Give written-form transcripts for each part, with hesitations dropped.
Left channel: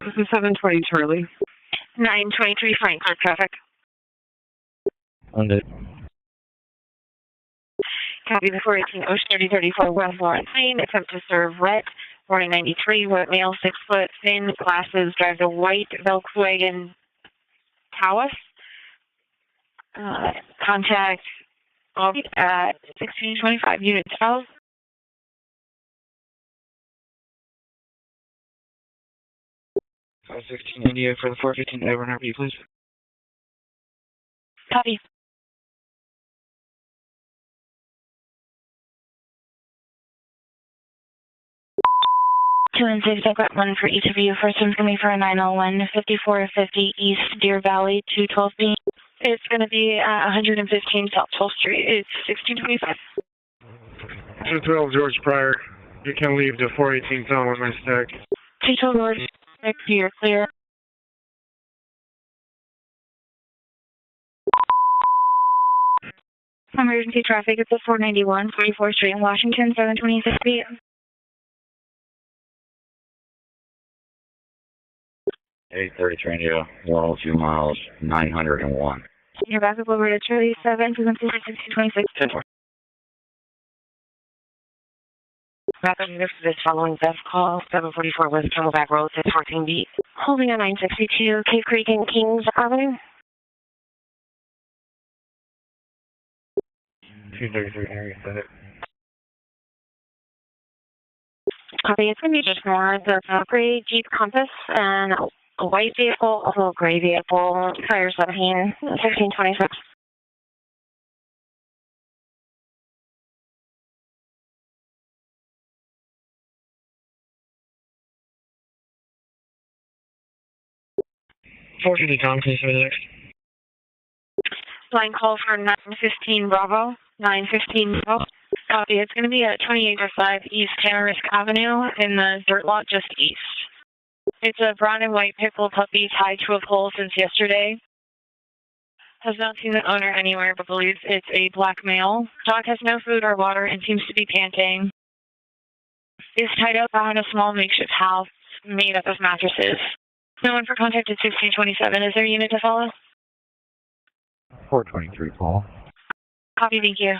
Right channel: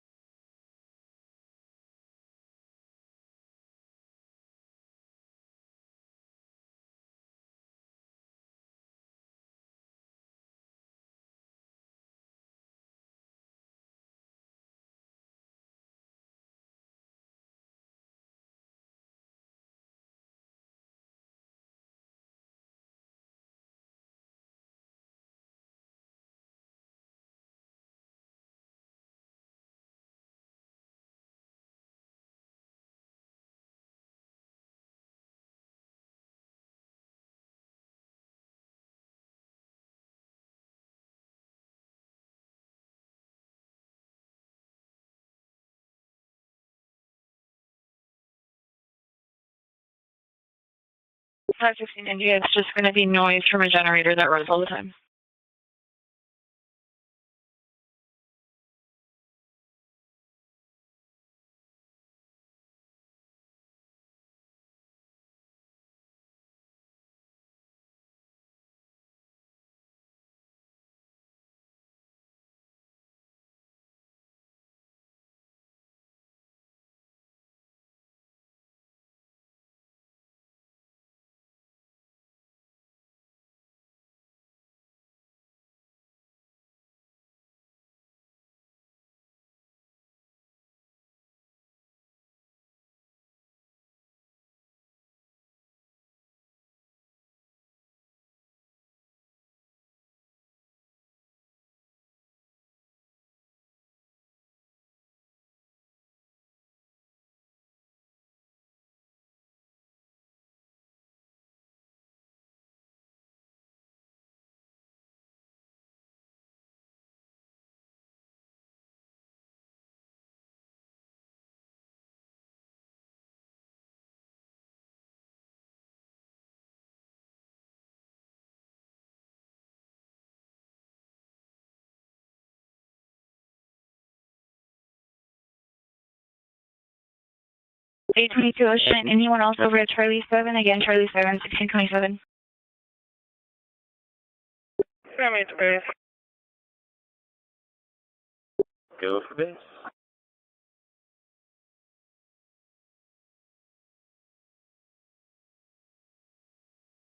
This is 720 Charlie. 923 Franklin traffic. Under. Copy the 418 Ocean 3034 West Lawrence Lane. Attempt to serve wet. Warning 93, wet male, 6 foot, thin, glasses, drives a white Volkswagen Taos. Contact at 1625 Unit 12. Five 16 India for the 415 over and RP, please. Copy. 2 and 6, I've got one for each of you. First one's going to be for a 901, 5450 East Deer Valley, 212B. It's going to be 115 South 12th Street. It's just going to be noise from a generator that runs over. 212 George Pryor. You can leave the 418 zone with my stack. 212 George, you're clear. Emergency traffic, it's at 491 44th Street in Washington, 726 feet. Eight 33 India, 102 miles, 901. You're back up over to Charlie 7, frequency 1626. 10-4. Back up here for this following theft call, 744 West Camelback Road, 614B. Holding on 962, Cave Creek and Kings Avenue. 233 area, set it. Copy, it's going to be just more. There's a gray Jeep Compass and a white vehicle, a little gray vehicle, fire 17, 1626. Tom, please for the next. Line call for 915 Bravo, 915 Bravo. Copy, it's going to be at 2805 East Tamarisk Avenue in the dirt lot just east. It's a brown and white pit bull puppy tied to a pole since yesterday. 822 Ocean, anyone else over at Charlie 7? Again, Charlie 7, a black male. Dog has no food or water and seems to be panting. Is tied up behind a small makeshift house made up of mattresses. No one for contact at 1627. Is there a unit to follow? 423, Paul. Copy, thank you.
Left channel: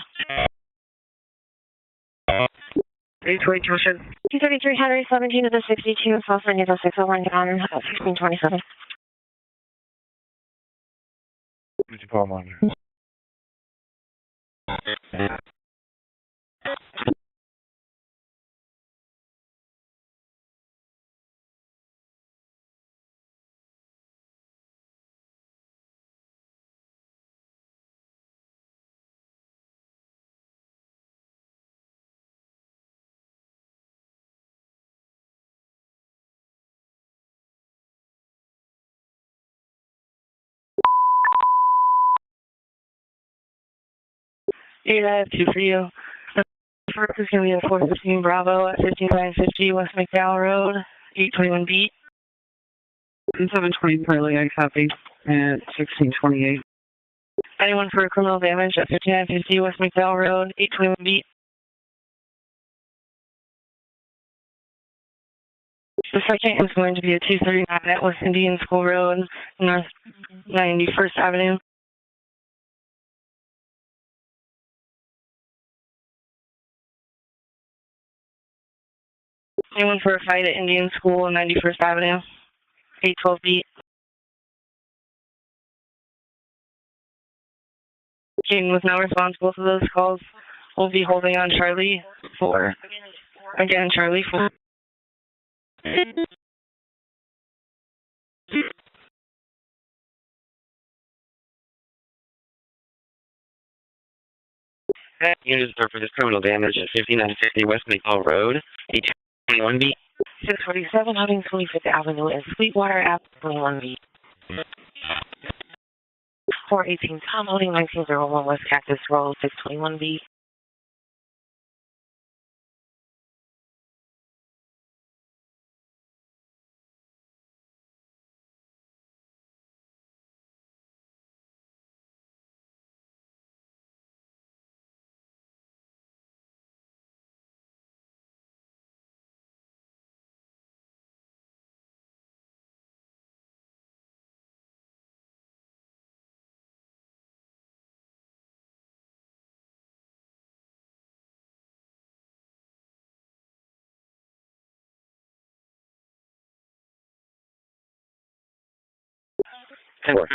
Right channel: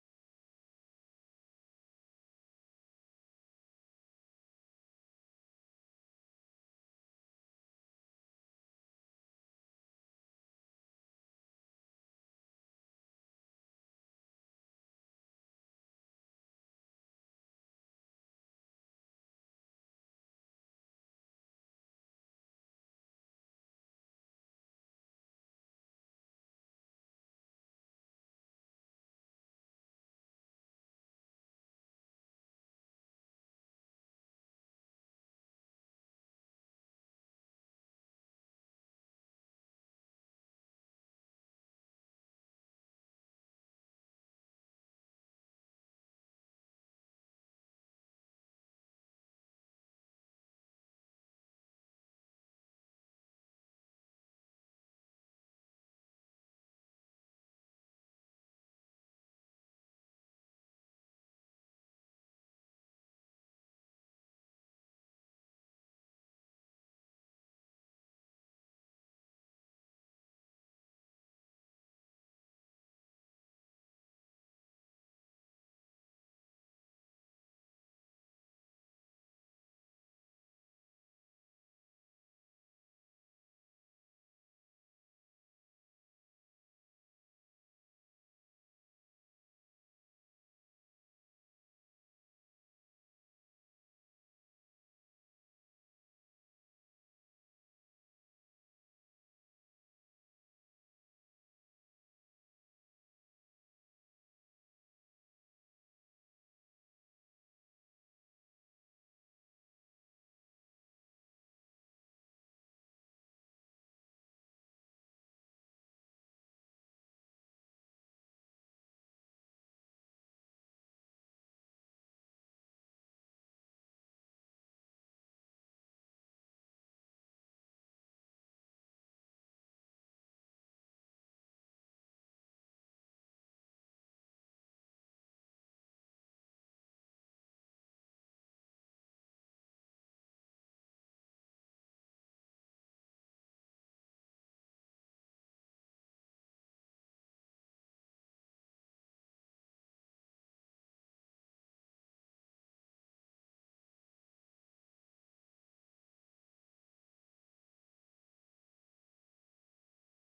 822 Ocean. 233 Henry 17 to the 62, Southern Eagle 601 down at 1627. Mr. Paul Monitor. I have 2 for you. The first is going to be a 415 Bravo at 5950 West McDowell Road, 821B. 720 Charlie, I copy, at 1628. Anyone for criminal damage at 5950 West McDowell Road, 821B. The second is going to be a 239 at West Indian School Road, North 91st Avenue. Anyone for a fight at Indian School on 91st Avenue, 812B. Jane was now responsible for those calls. We'll be holding on Charlie 4. Again, Charlie 4. Unit is for this criminal damage at 5950 West McDowell Road, 821B. 647 Hunting 25th Avenue and Sweetwater Ave, 21B. 418 Tom Holding 1901 West Cactus Road, 621B. 10-4.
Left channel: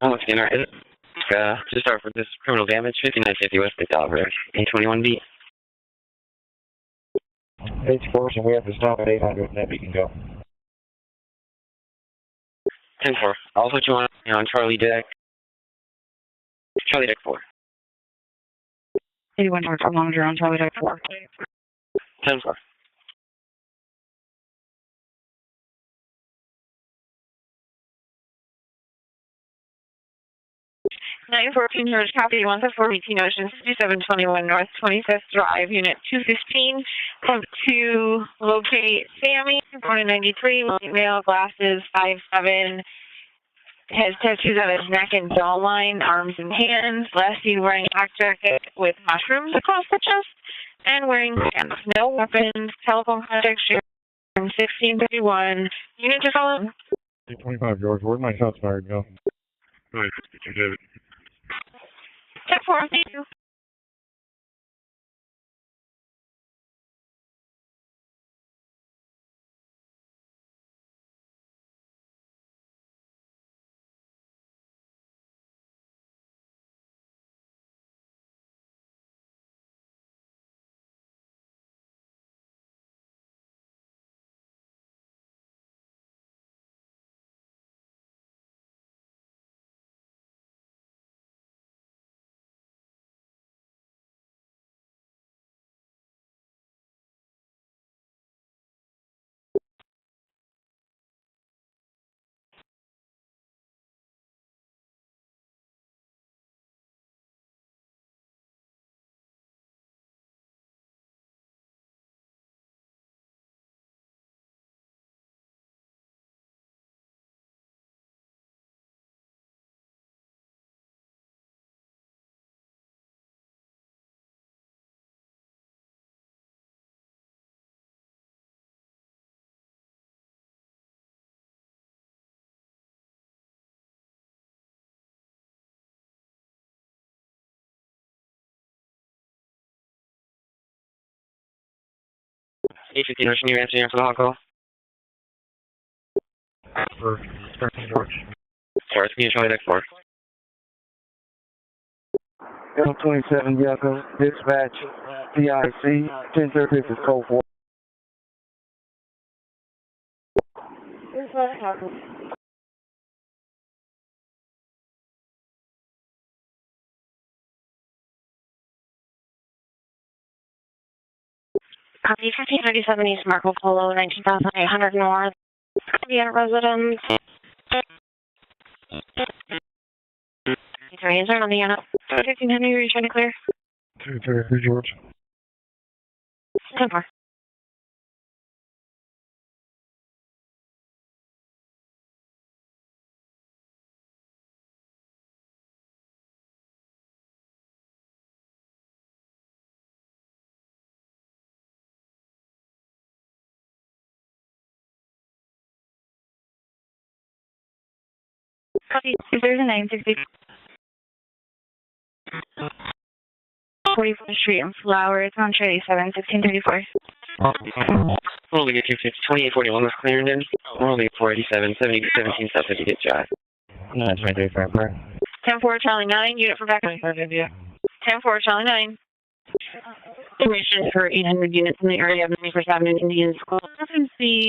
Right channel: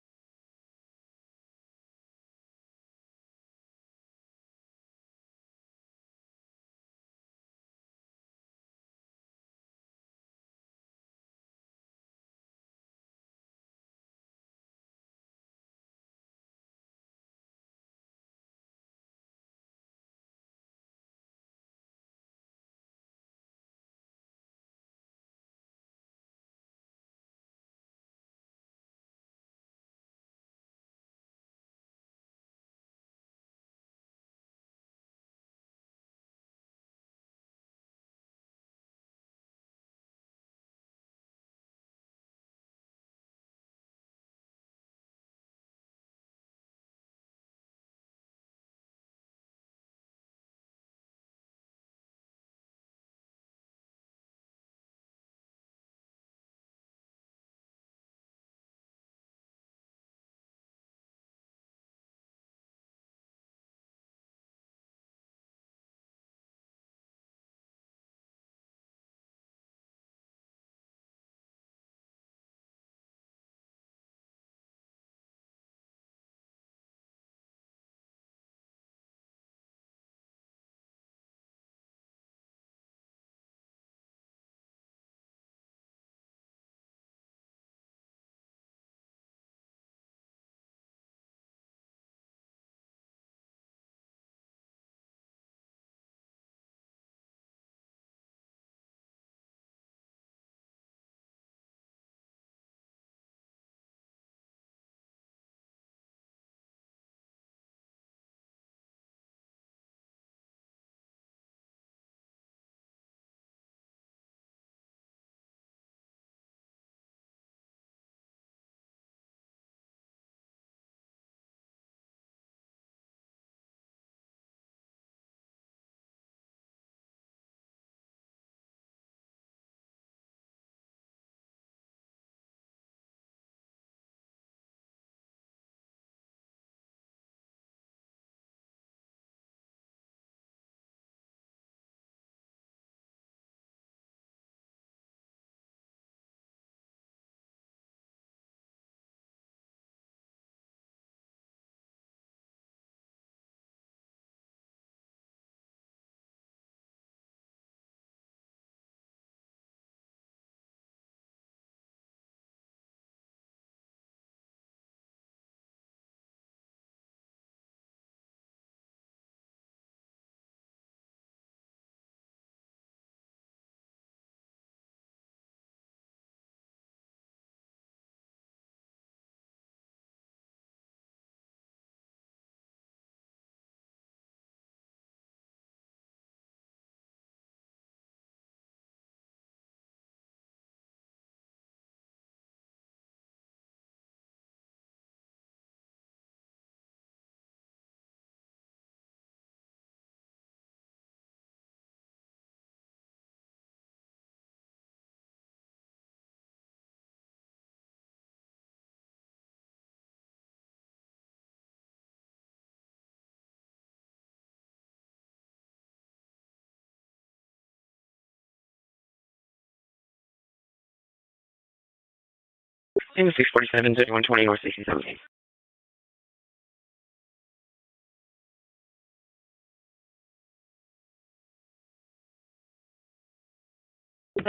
Once again, alright, just start with this criminal damage, 5950 West Decoded, A21B. H4, and we have to stop at 800, and then we can go. 10-4. I'll put you on Charlie Deck 4. 81 North Monitor on Charlie Deck 4. 10-4. Nine 14 George copy 114 Ocean 5721 North 25th Drive, Unit 215. Come to locate Sammy, born in 93, male, glasses, 5'7", has tattoos on his neck and jawline, arms and hands. Last seen wearing a black jacket with mushrooms across the chest, and wearing pants. No weapons. Telephone contact shared from 1631. Unit to call in. 25 George, where'd my shots fired go? Right, David. 10-4, thank you. A15 Ocean, you answering after the hot call? For 13 George. Sorry, it's me, Charlie Deck 4. L27 Yaco, dispatch, PIC, 1036 is code 4. Copy 1537 East Marco Polo, 19,800 North. Indiana residents. Sorry, is there on the unit? 1500, are you trying to clear? 233 George. 10-4. Copy 23960. 44th Street and Flower. It's on Cherry 7, 1634. We're only get 2841 West Clarendon. We're only at 487, 17 South 50 Drive. 647, 120 North 10-4 Charlie 9, unit for backup. 10-4 Charlie 9. Information for 800 units in the area of 91st Avenue Indian School. See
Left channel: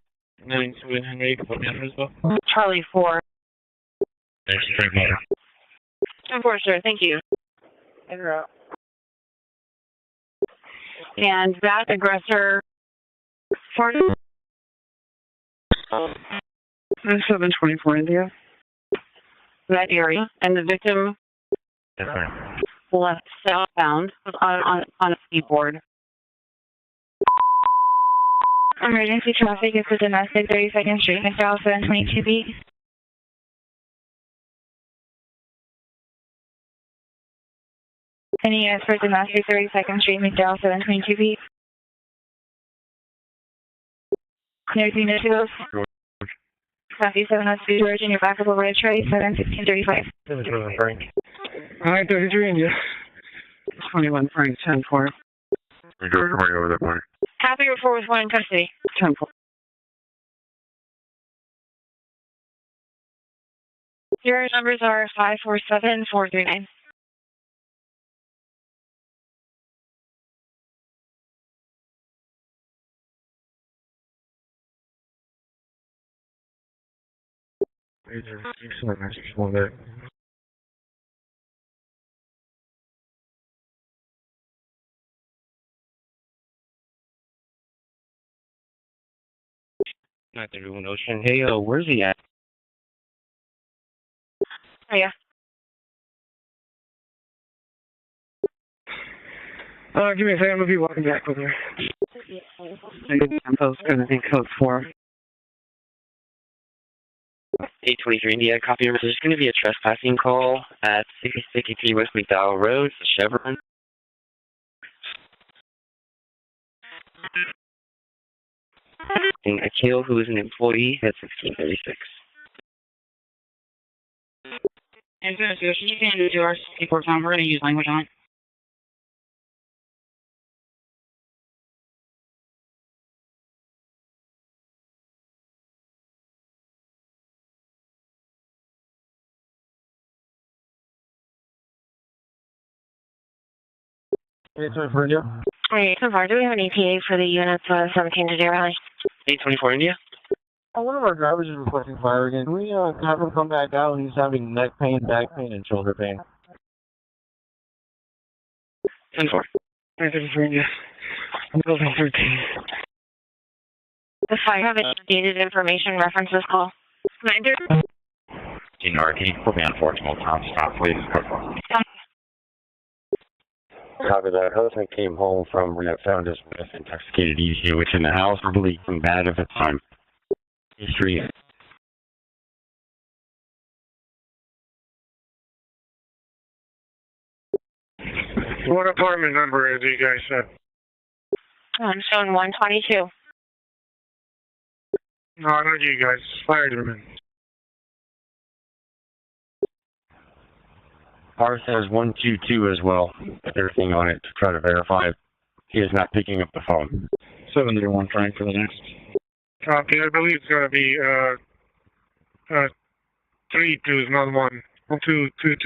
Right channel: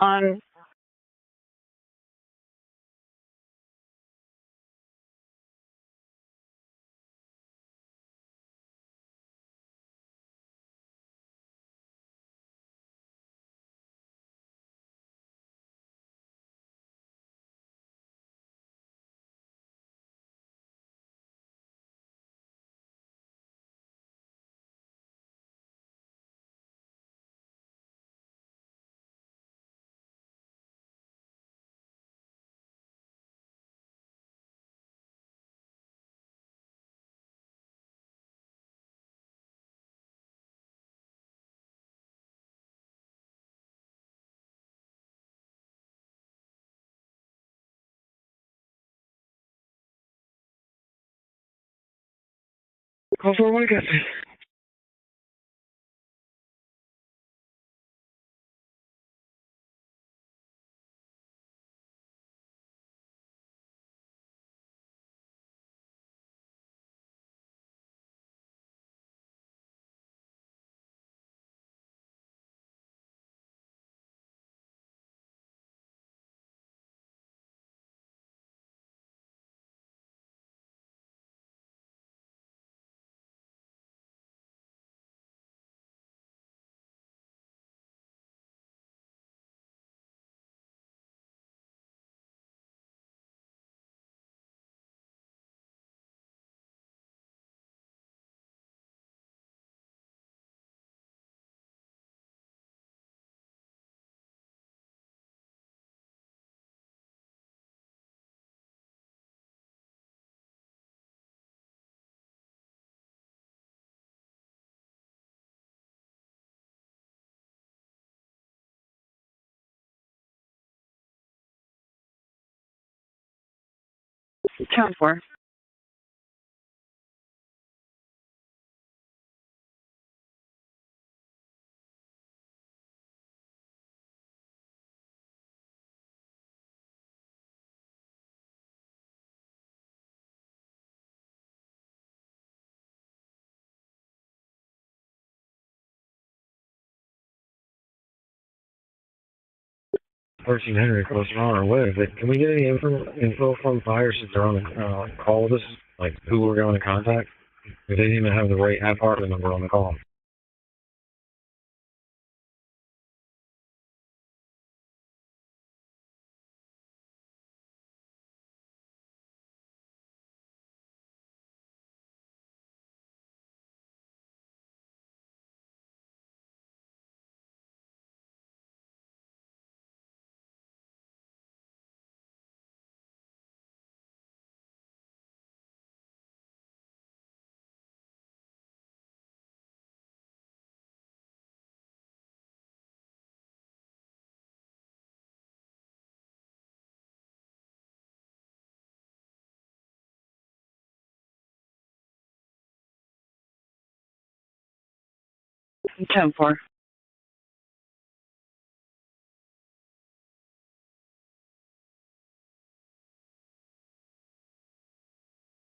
on 9-2 put me on as well. Charlie 4. Thanks, Frank Motor. 10-4, sir. Thank you. And that aggressor, 724 India. that area, and the victim Yes, ma'am. left southbound on a skateboard. Emergency traffic is the domestic 32nd Street, McDowell 722B. Any units for domestic 32nd Street, McDowell 722B. There's unit 2. Copy 702 George, and your back up over to Trey 71635. Frank. Alright, 33 India. Also, we got 21 Frank, 10-4. We go somebody over that point. Copy report with one in custody. 10-4. Your numbers are 547-439. One there. Not the Ruin Ocean. Hey, where's he at? Oh, yeah. Give me a second, I'm going to be walking back with her. Tempo's going to be code 4. 823 India, copy your message. There's going to be a trespassing call at 653 West McDowell Road, Chevron. And Akil, who is an employee, at 1636. 10-4. You can do our report time. We're going to use language on it. Hey, sir, for you. Hey, so far, do we have an ETA for the units 17 to 0? 824 India. Versus Henry was on our way. Called us on the thing. Who we're going to contact? They didn't even have the right half-hearted number on the call. I'm building 13. The fire have dated information reference this call. Commander? In RT, we'll be on 14 time. Stop, please. Copy that. Husband came home from rehab, found his wife intoxicated ECU, which in the house, really bad at the time. History. What apartment number is it, you guys said? I'm showing 122. No, not you guys. Fire department. Ours has 122 as well. Everything on it to try to verify. He is not picking up the phone. 701 trying for the next. Copy. I believe it's going to be 3 2s, not 1. 2 2 2.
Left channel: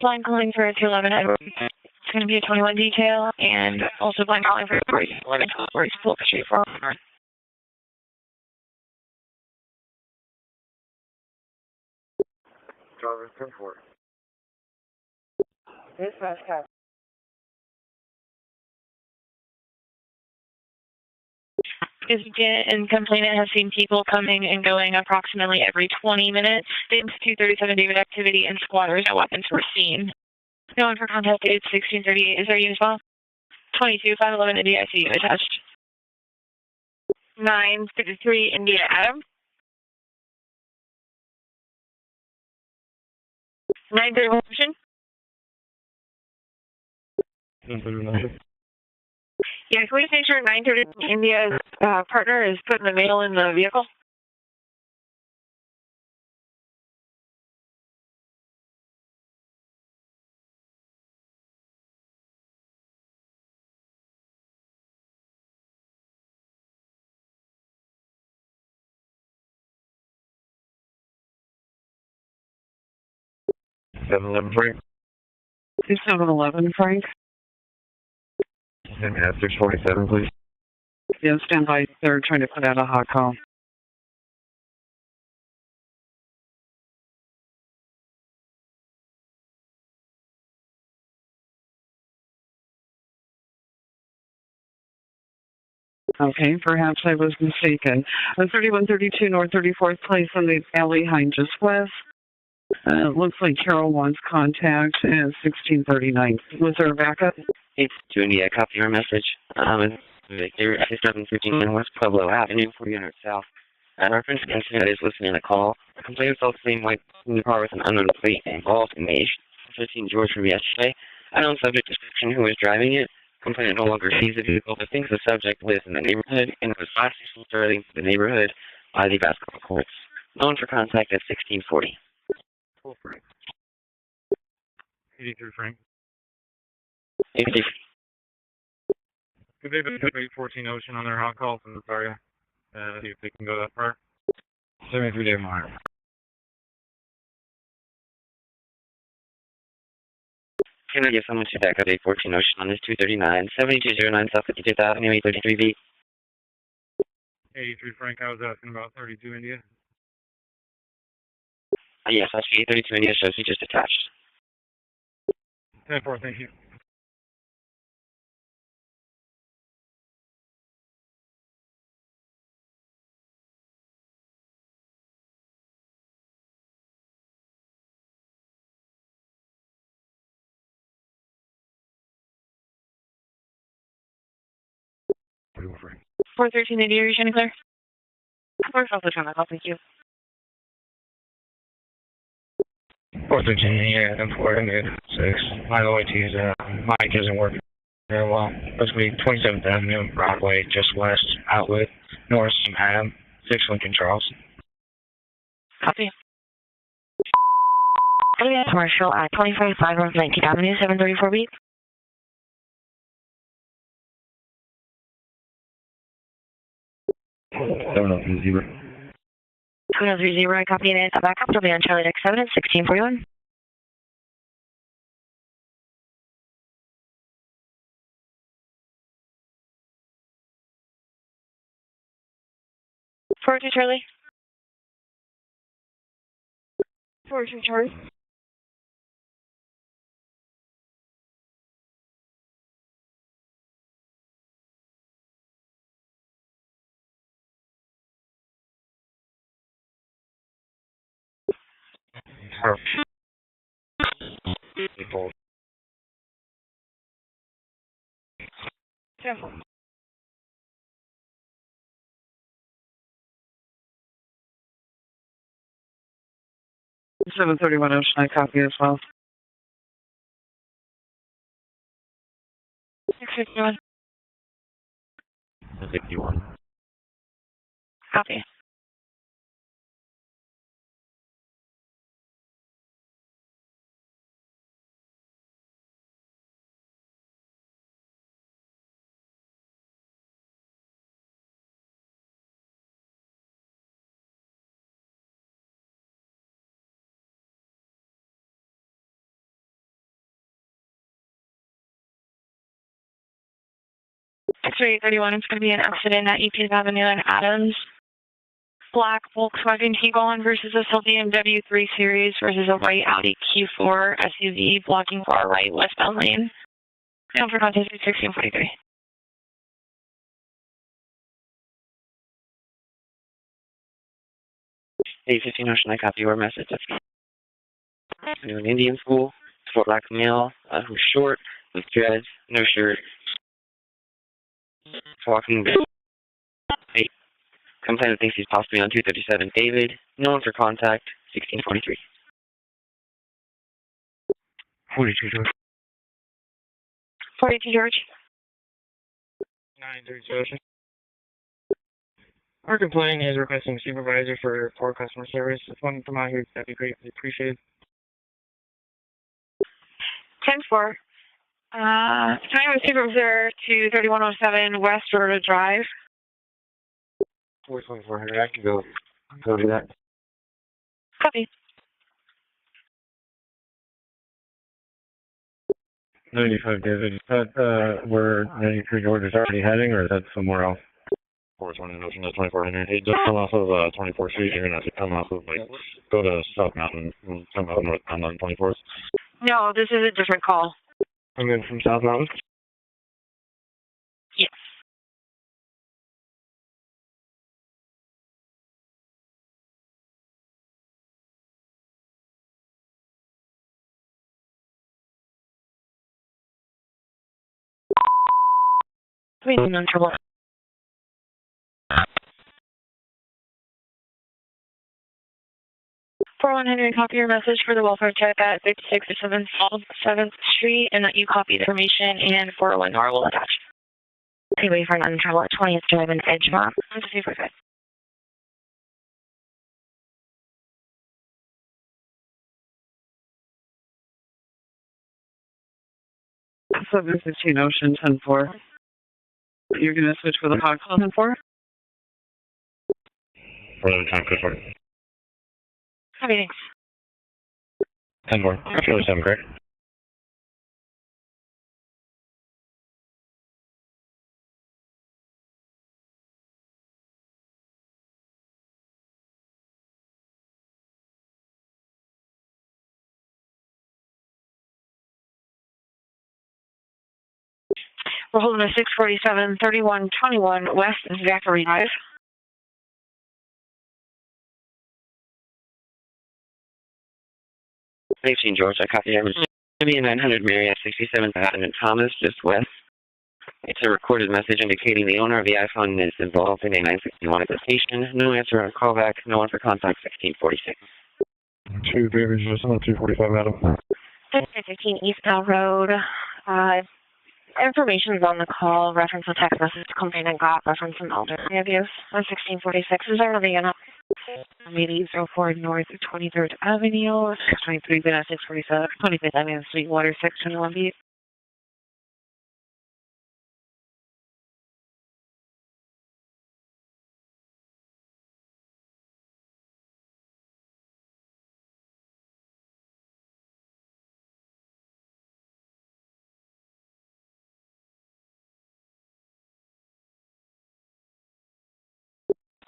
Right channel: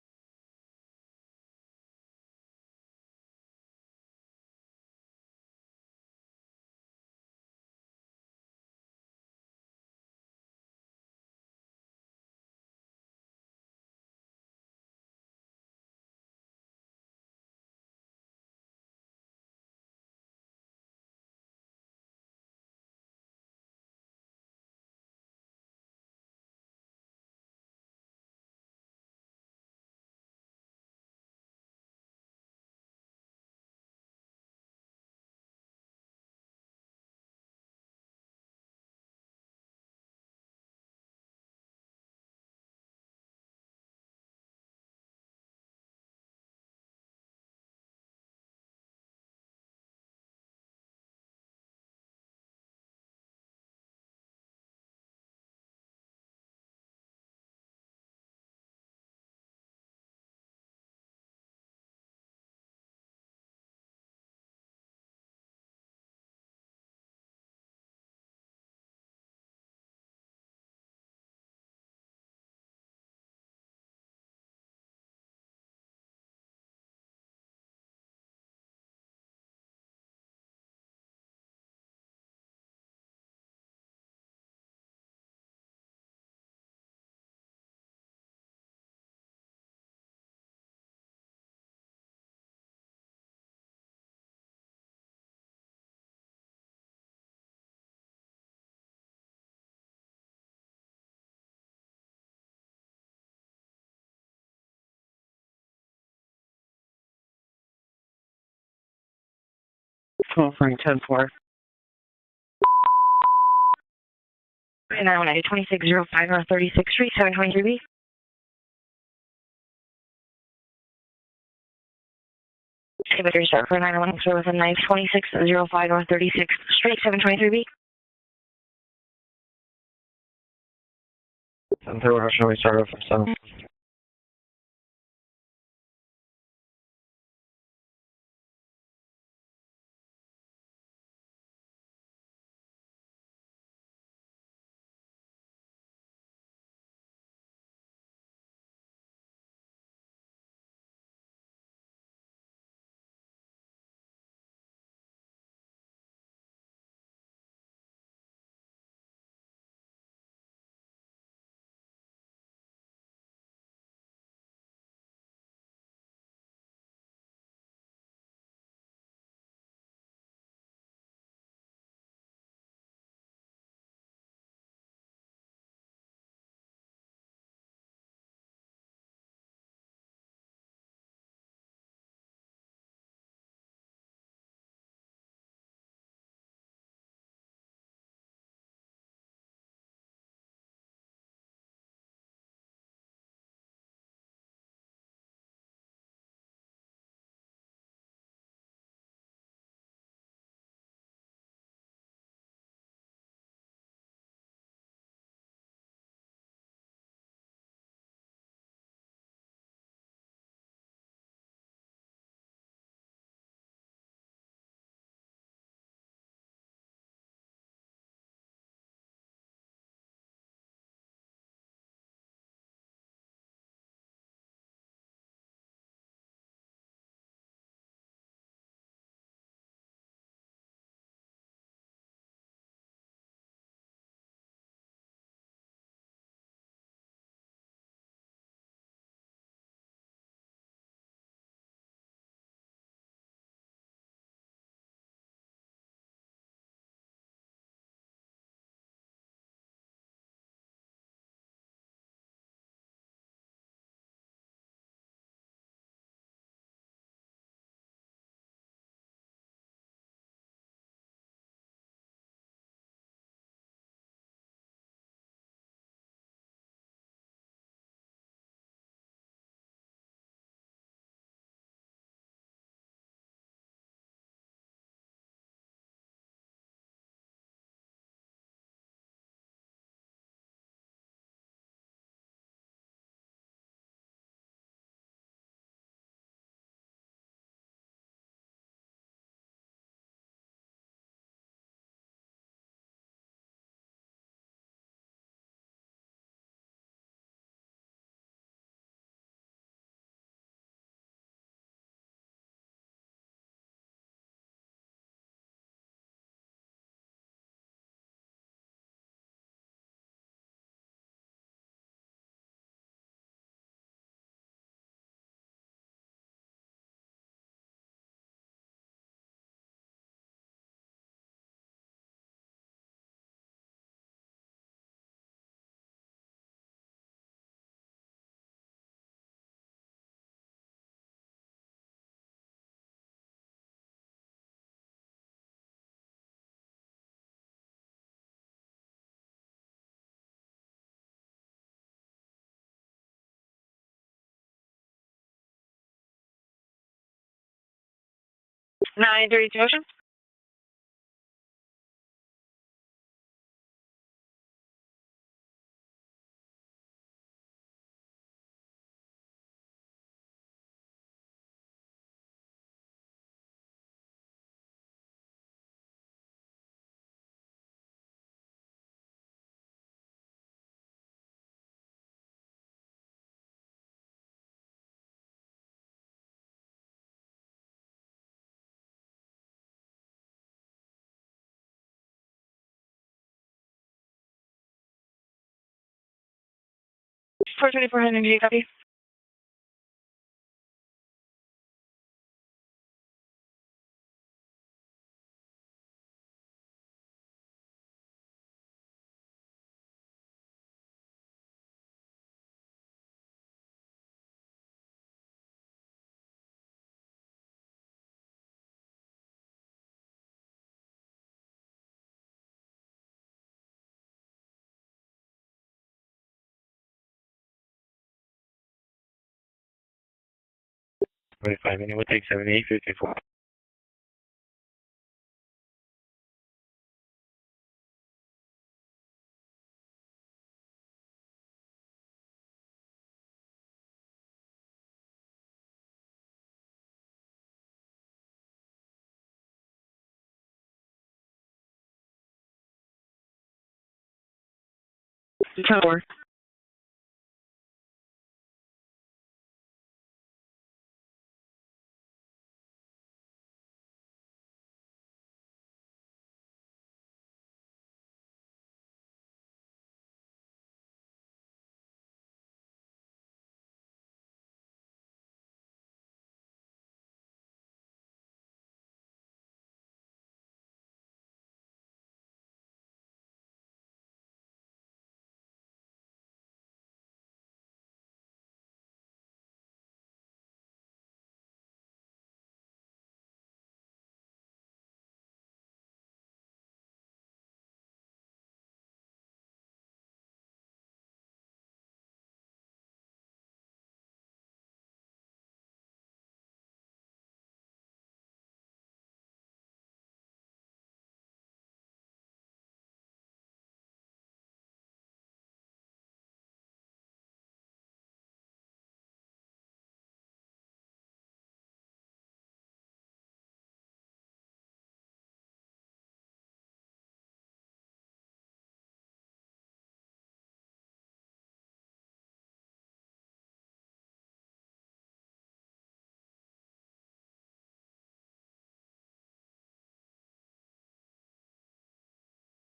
Blind calling for 211 Edward. It's going to be a 21 detail, and also blind calling for 11 where it's full street for Driver 10-4. Dispatch cap. And complainant has seen people coming and going approximately every 20 minutes. Since 237 David activity and squatters, no weapons were seen. No one for contact date 1638. Is there a unit as well? 22-511 India ICU attached. 953 India Adam. 931 motion. Yeah, can we just make sure 930 India's partner is putting the mail in the vehicle? Frank. 2711, Frank. And 647, please. Yeah, stand by. They're trying to put out a hot call. Okay, perhaps I was mistaken. 3132 North 34th Place on the alley behind just west. It looks like Carol wants contact at 1639. Was there a backup? 822 India, copy your message. Cool, Here thanks, at 15 West Pueblo Avenue, 400 South. Reference incident is listed in the call. 2605 North 36th Street, 723. Unknown plate involved in the age 15 George from yesterday. Unknown subject description who was driving it. Within 92605 North 36th Street, 723. The neighborhood by the basketball courts. Known for contact at 1640. Shall we start off from 7? 83 Frank. Could they put 814 Ocean on their hot call from the area? See if they can go that far. 73 day mark. Can I get someone to back up 814 Ocean on this 239, 7209 South 55th Avenue, 833B? 83 Frank, I was asking about 32 India. Yes, that's 832 India shows he just attached. 10-4, thank you. Pretty well, Frank. 413 India, are you trying to clear? We're also trying to call, thank you. 413, yeah, I'm 6. My OIT's mic isn't working very well. Supposed to be 27th Avenue, Broadway, just west, outlet, north, Adam, 6 Lincoln Charles. Copy. Commercial at 25-5 North 19th Avenue, 734B. 7030. 2030, I copy it. Back up, it'll be on Charlie X7 at 1641. Forward to Charlie. Forward to Charlie. People. 10-4. Seven 31 Ocean, I copy as well. 651. 51. Copy. X-ray 31, it's going to be an accident at EP Avenue and Adams. Black Volkswagen Tiguan versus a BMW 3 Series versus a white Audi Q4 SUV blocking far right westbound lane. Down for contact 1643. 815 Ocean, I copy your message. New an Indian school, for black male, who's short, with dreads, no shirt, walking. Complainant thinks he's possibly on 237 David. No one for contact, 1643. 42 George. 42 George. 932 Ocean. 932 Ocean. Our complaint is requesting a supervisor for poor customer service. If one can come out here, that'd be greatly appreciated. 10-4. Time of supervisor to 3107 West Road Drive. 42400, I can go do that. Copy. 95 David, is that where 93 George is already heading, or is that somewhere else? 420 Ocean, that's 2400. Hey, just come off of 24th Street. You're going to have to come off of, like, go to South Mountain. 42400, copy. No, this is a different call. I'm in from South Mountain? Yes. We need no trouble. 4100, copy your message for the welfare check at 5607 7th Street, and that you copy the information and 419R will attach. Okay, wait for an untrouble at 20th Drive in Edgemont. 245. 715 Ocean 10-4. You're going to switch with a hot call 10-4? For the time code for 10-4. Copy. 10-4. Charlie 7, correct? We're holding a 647-3121 West Zachary Drive. 19 George, I copy. I'm going to be in 900 Marriott, 67th Avenue, Thomas, just west. It's a recorded message indicating the owner of the iPhone is involved in a 961 application. No answer on callback. No one for contact. 1646. 2 Beavers, just on 245, madam. 15 Eastbound Road. Information's on the call. Reference a text message complainant got. Reference an elderly abuse. On 1646. Is there anything in it? 8804 North 23rd Avenue. 623 Vanessa 647. 25th Avenue, Sweetwater, 621 B.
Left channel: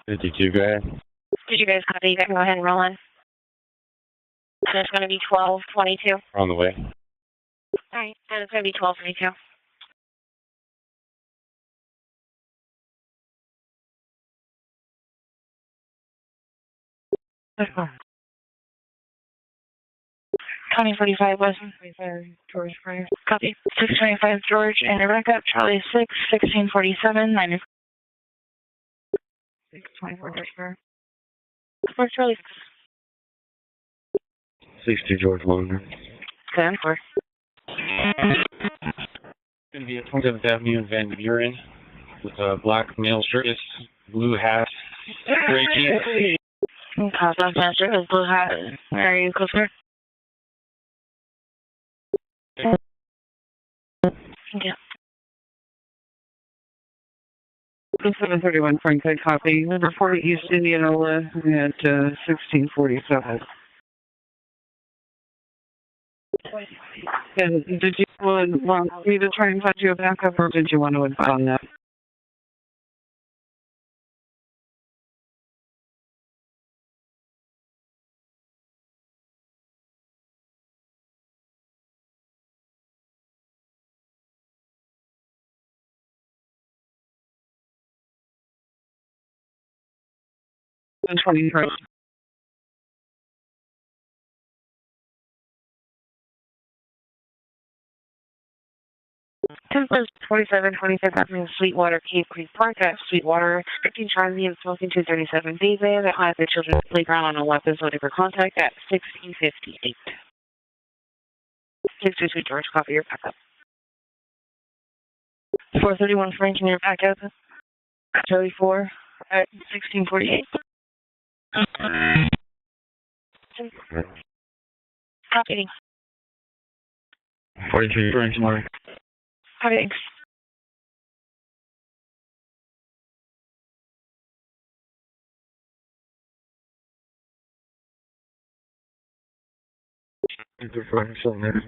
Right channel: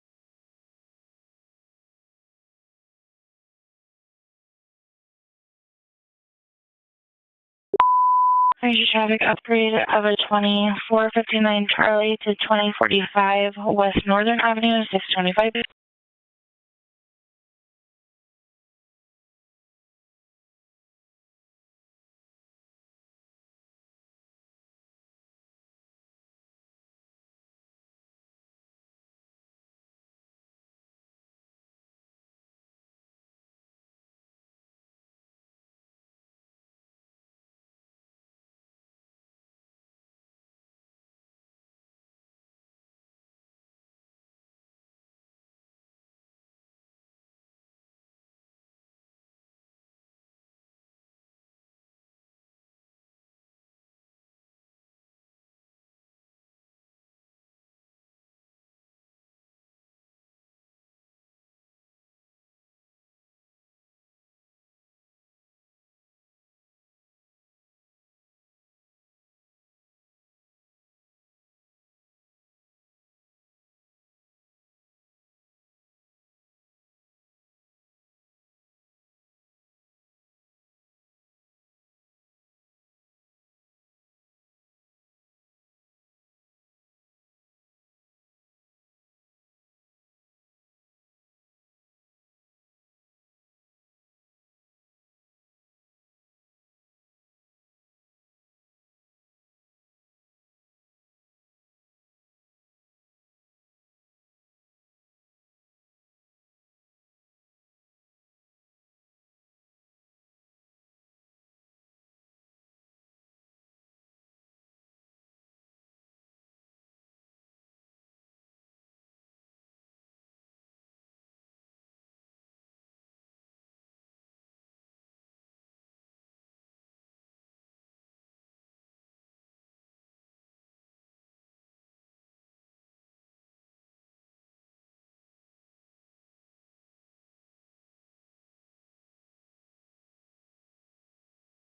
Fifty-two, go ahead. Did you guys copy? You guys go ahead and roll in. And it's going to be 1222. We're on the way. Alright, so it's going to be 1222. Upgrade of a 2459 Charlie to 2045 West Northern Avenue, 625. 2045 West 25 George Prior. Copy. 625 George and a backup. Charlie 6, 1647, 9. 624 George Prior. For Charlie 62 George Longer. 10 4. Going to be at 27th Avenue in Van Buren with a black male shirtless, blue hat, gray jeans. Cosmos Master with blue hat. Where are you, Coaster? Thank you. 731 Franklin, copy. Number 40 East Indianola at 1647. And did you want me to try and find you a backup, or did you want to advise on that? And 23. Templates 2725 Avenue, Sweetwater, Cave Creek Park at Sweetwater, 15 Charlie and Smoking 237 David at the Children's Playground on a weapons loaded for contact at 1658. 622 George, copy your backup. 431 Frank, your backup. Charlie 4 at 1648. Copy. 42 Frank, Mark. Copy, thanks. Enter Frank, something there.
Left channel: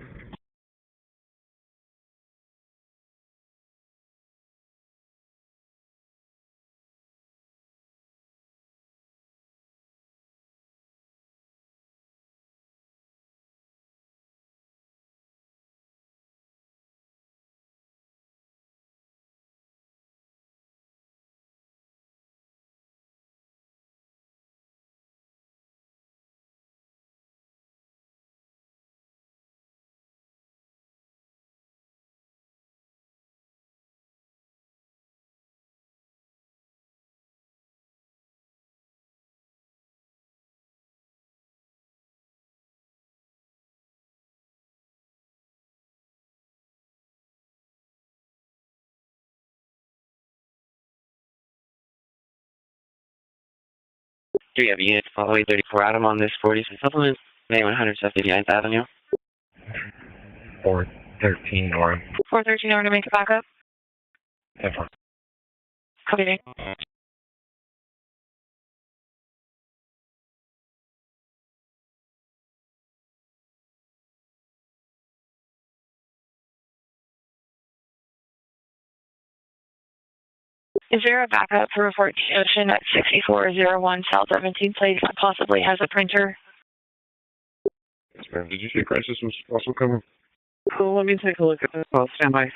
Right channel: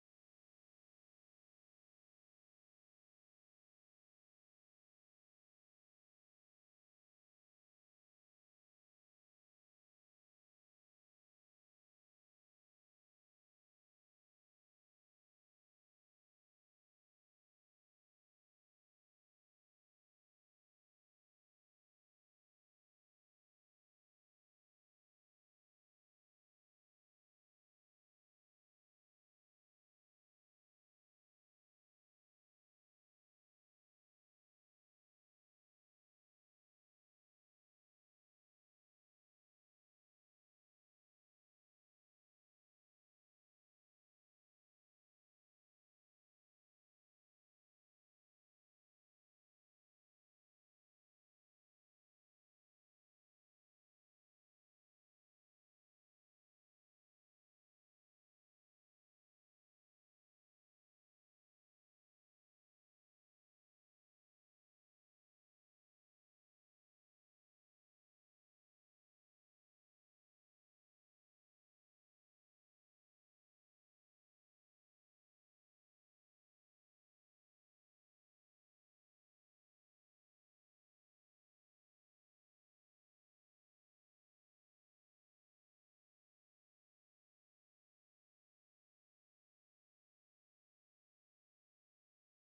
Do you have units following 34 Adam on this 40 supplement? May 179th Avenue. 4. 413 North. 413 North to make a backup. 10-4. Copy. Is there a backup for 14 Ocean at 6401 South 17th Place that possibly has a printer? Yes, ma'am. Did you say crisis was also coming? Cool, let me take a look at this. I'll stand by.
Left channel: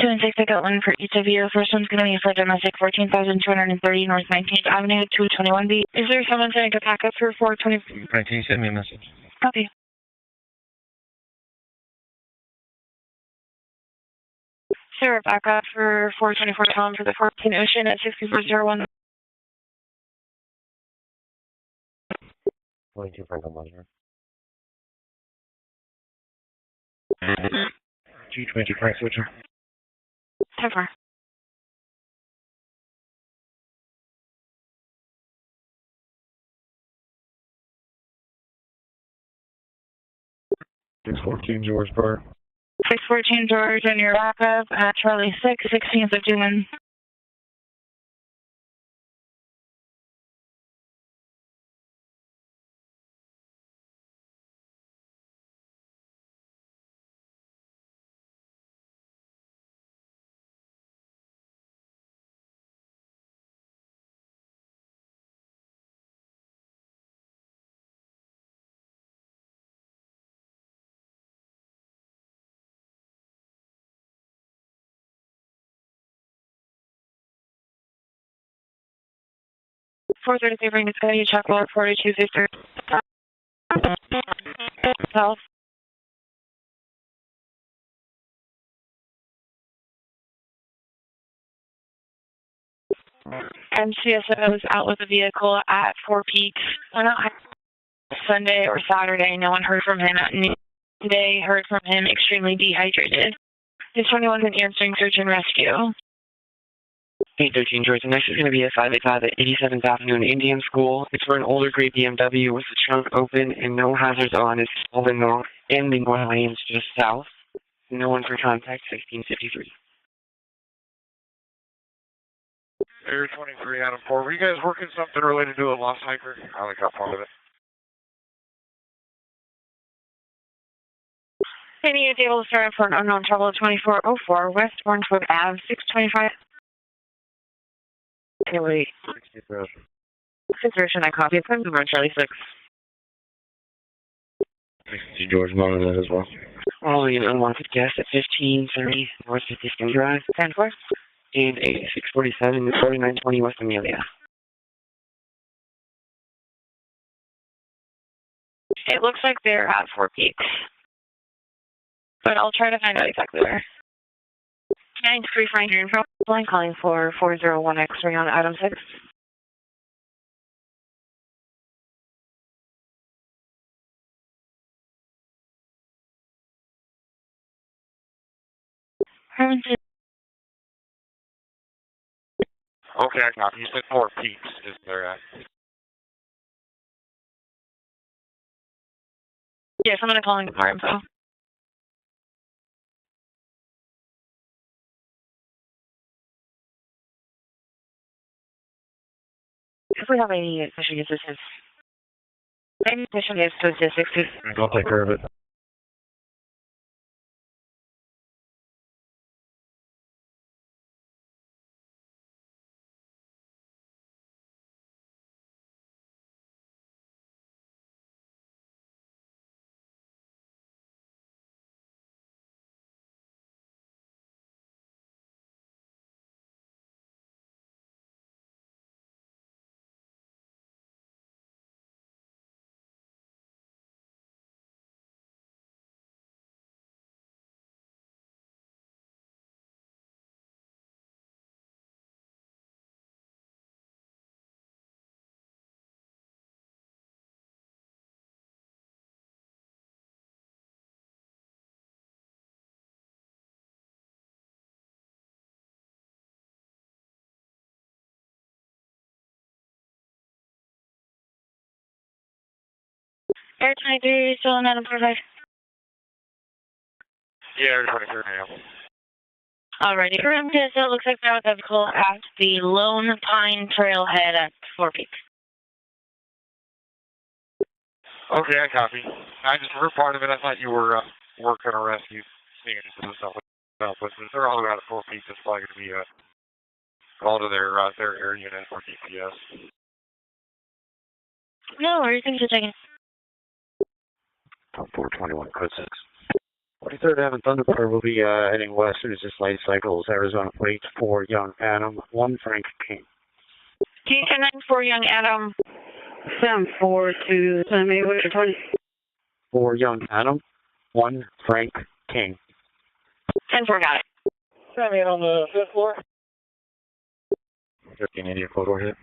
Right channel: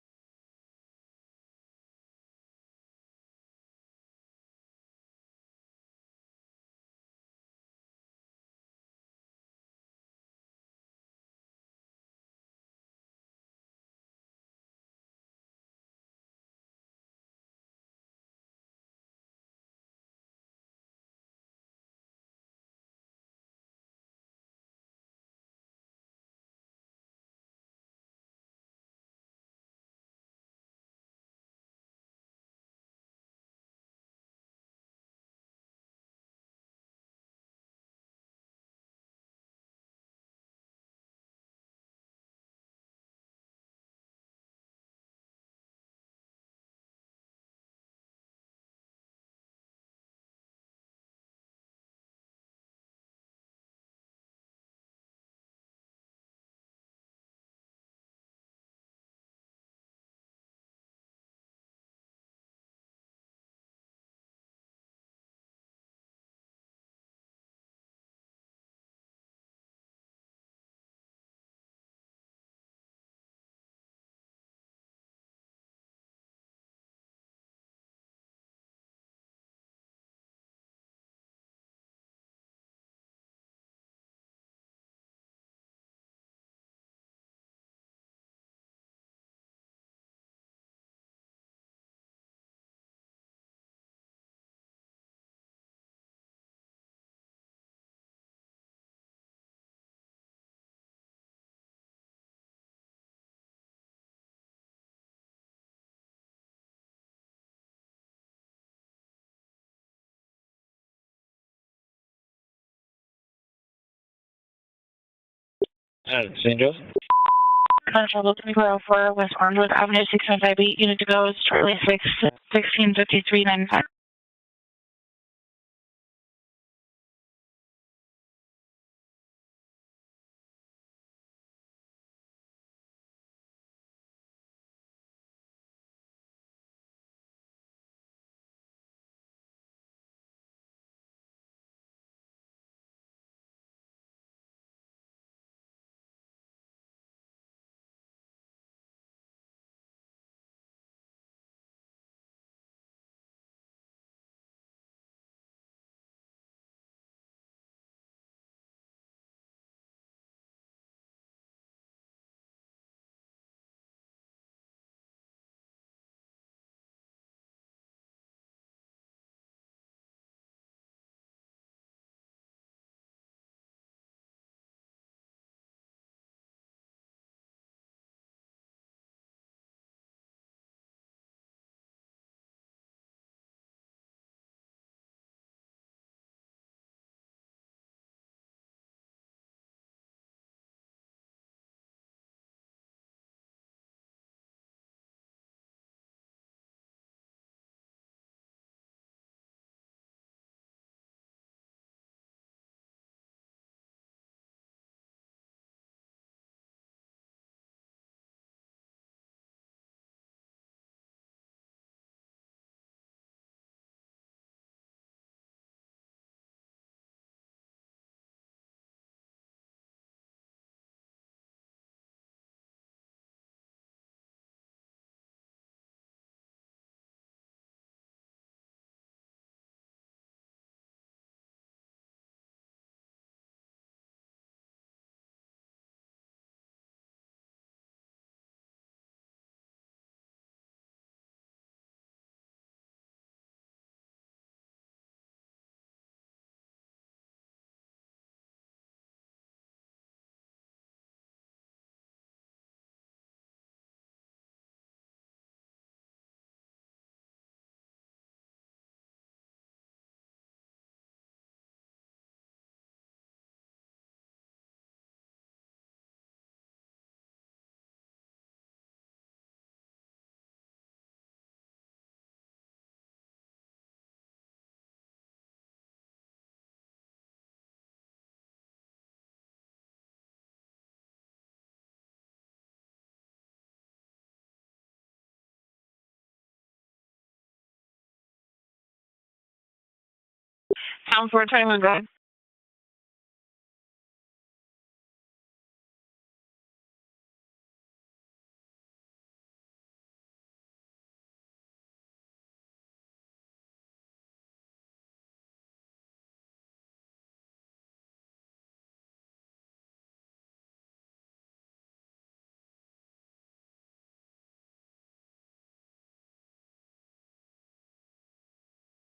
Two and six, I got one for each of you. First one's going to be for domestic 14,230 North 19th Avenue, 221B. Is there someone saying a backup for 420? Frank, can you send me a message? Copy. Is there a backup for 424 Tom for the 14 Ocean at 6401? 22 Frank on monitor. 220 Frank switcher. 10-4. Six 14 George Park. 614 George and your backup at Charlie 6, 16th of June. Four 33 bring this guy, check log 42 Victor. South. MCSO is out with the vehicle at 4 Peaks. Sunday or Saturday, no one heard from him at noon. Today, heard from him extremely dehydrated. This 21's an answering search and rescue. 813 George, the next is going to be a 585 at 87th Avenue in Indian School. It's for an older gray BMW with the trunk open and no hazards on. It's all the north and the one lane is just south. No one for contact. West Armwood Avenue 6158, unit to go is Charlie 6, 165395. Were you guys working something related to a lost hiker? I only got part of it. Any is able to start for an unknown trouble at 2404 West Orangewood Ave, 625. Okay, wait. 6 I copy. It's over on Charlie 6. George monitor that as well. Following an unwanted guest at 1530 North 52nd Drive. 10-4. And 8647 4920 West Amelia. It looks like they're at 4 Peaks. But I'll try to find out exactly where. 93 Frank, you're in front line calling for 401 X-ray on item 6. Okay, I copy. You said 4 Peaks is there at? Yes, I'm going to call in more info. If we have any fishing assistance, any fishing is to 60. I'll take care of it. Air 23, still in Adam 45. Yeah, Air 23 now. Alrighty, correct. So it looks like there was a vehicle at the Lone Pine Trailhead at 4 Peaks. Okay, I copy. I just heard part of it. I thought you were working a rescue scene and stuff like that. But since they're all around at 4 Peaks, it's probably going to be called to their air unit for GPS. Town 421, no worries, thanks for checking. Top 421, code 6. 43rd Avenue Thunderbird will be heading west as this light cycles. Arizona plate 4 Young Adam, 1 Frank King. T-10 for Young Adam. 7-4 to San Diego, 20. 4 Young Adam, 1 Frank King. 10-4, got it. Send me on the 5th floor. 1380 code order.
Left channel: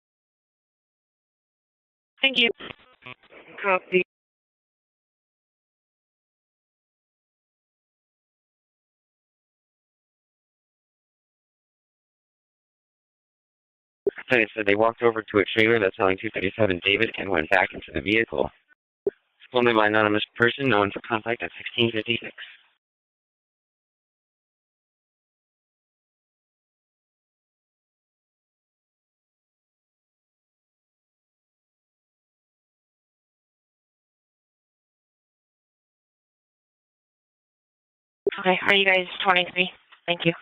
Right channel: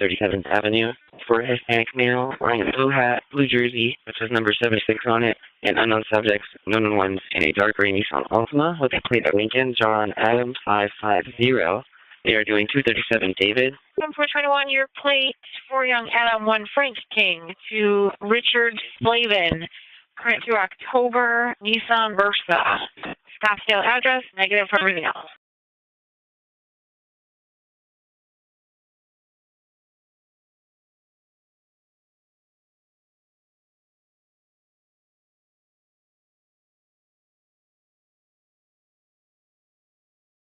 37th Avenue for a Hispanic male wearing a blue hat, blue jersey, which has number 76 on it, and unknown subjects, known ones in a dark gray Nissan Altima with a plate of Lincoln John Adams 550. They are doing 237 David. So they walked over to a trailer that's on 237 David and went back to the vehicle. Richard Slavin. Told me by an anonymous person known to contact the Nissan Versa. Scottsdale address, negative for everything else. Okay, are you guys 23? Thank you.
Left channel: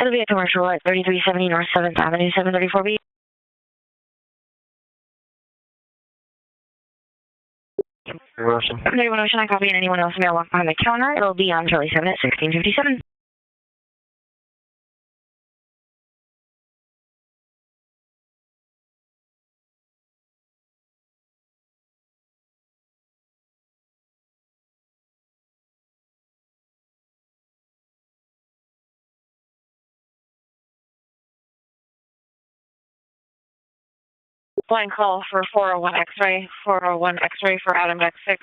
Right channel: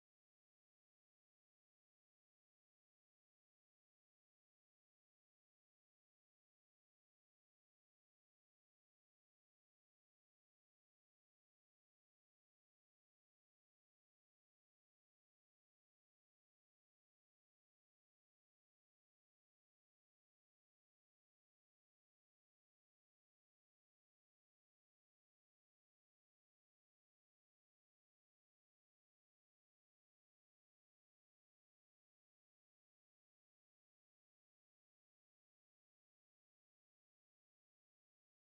It'll be a commercial at 3370 North 7th Avenue, 734B. Anyone else, I copy, and anyone else may walk behind the counter. It'll be on Charlie 7 at 1657. Blind call for 401 X-ray, 401 X-ray for Adam X6.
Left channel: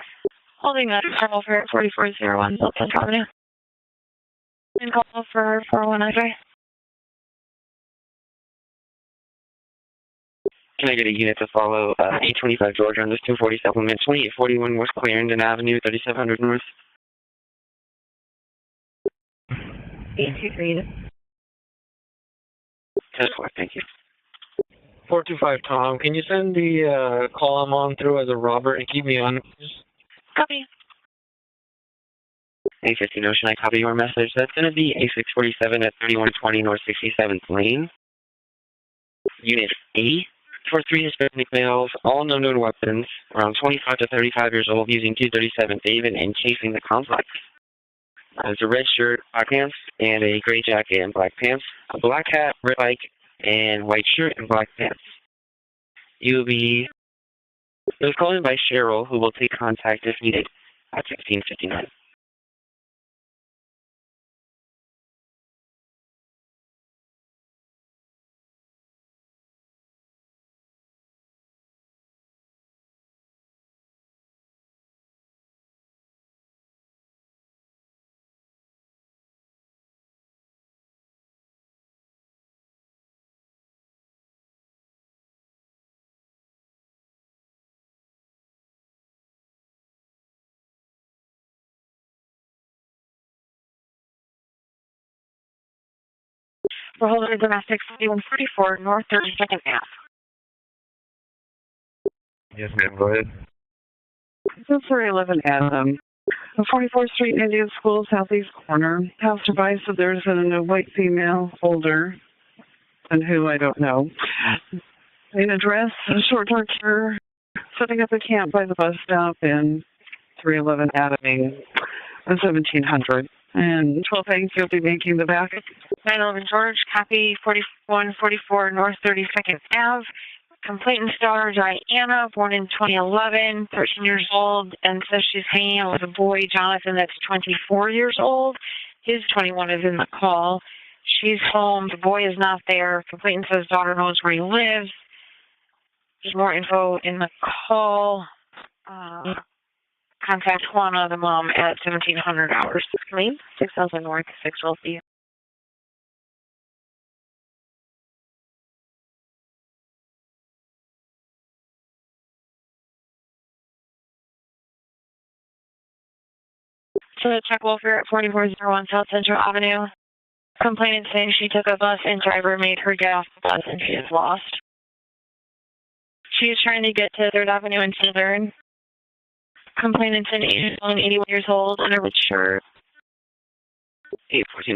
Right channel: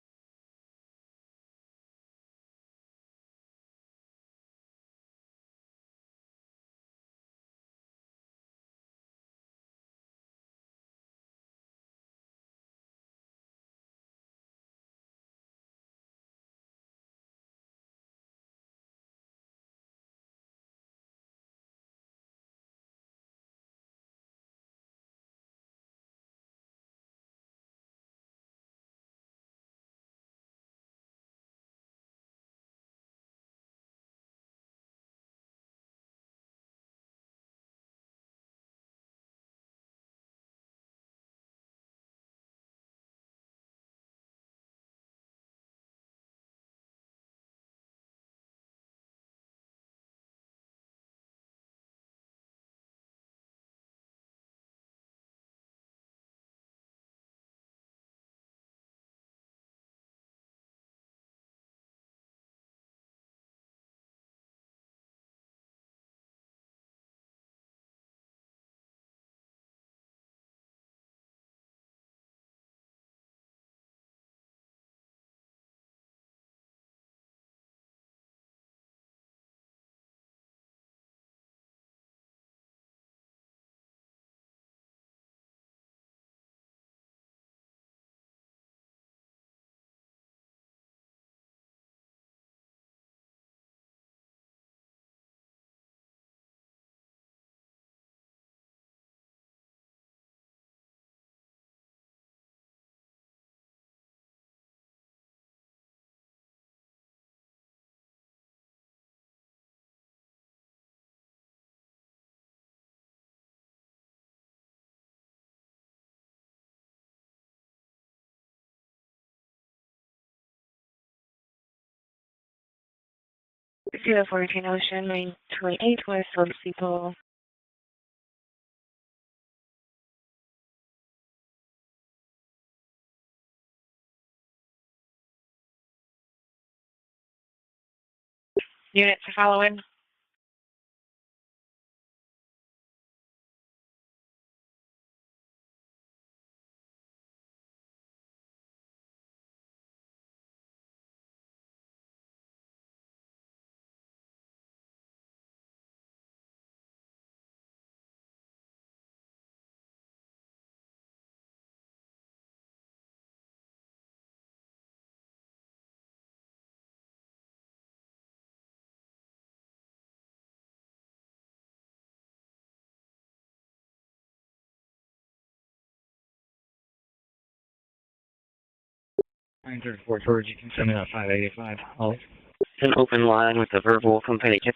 Holding that terminal for 4401 South Avenue. Blind call for 401 X-ray. Can I get a unit to follow 825 Georgia on this 240 supplement, 2841 West Clarendon Avenue, 3700 North? 823. 10-4, thank you. 425 Tom, can you send the call I'm on through as a Robert and keep me on? Copy. A15 Ocean, I copy your message. That's going to be A647 at 3120 North 67th Lane. Unit A for 3 Hispanic males, all known weapons, around 25 to 35 years old, using 237 David and chasing the complex. There's a red shirt, black pants, and a gray jacket and black pants, a black hat, red bike, and white shirt and black pants. It was called in by Cheryl, who will take contact if needed at 1659. For Holder Domestic 4144 North 32nd Ave. Yes, ma'am, go ahead. This is 311 Adam. 44th Street, Indian School, southeast corner. House advised that there's a white female holder, and who I don't know. An address, a short dark hair, setting up a camp by the bus stop in 311 Adam, 1700. And thank you'll be making the back. George, copy 4144 North 32nd Ave. Complainant star Diana, born in 2011, 13 years old, and says she's hanging out with a boy, Jonathan, that's 24 years old. Unit 21 is in the call. She's home. The boy is not there. Complainant says daughter knows where he lives. There's more info in the call. Contact Juana, the mom, at 1700 hours. Clean, 6000 North, 612 B. So check welfare at 4401 South Central Avenue. Complainant saying she took a bus and driver made her get off the bus and she is lost. She is trying to get to 3rd Avenue in Southern. Complainant said she's 81 years old and a red shirt. It's an open line with a verbal complaint to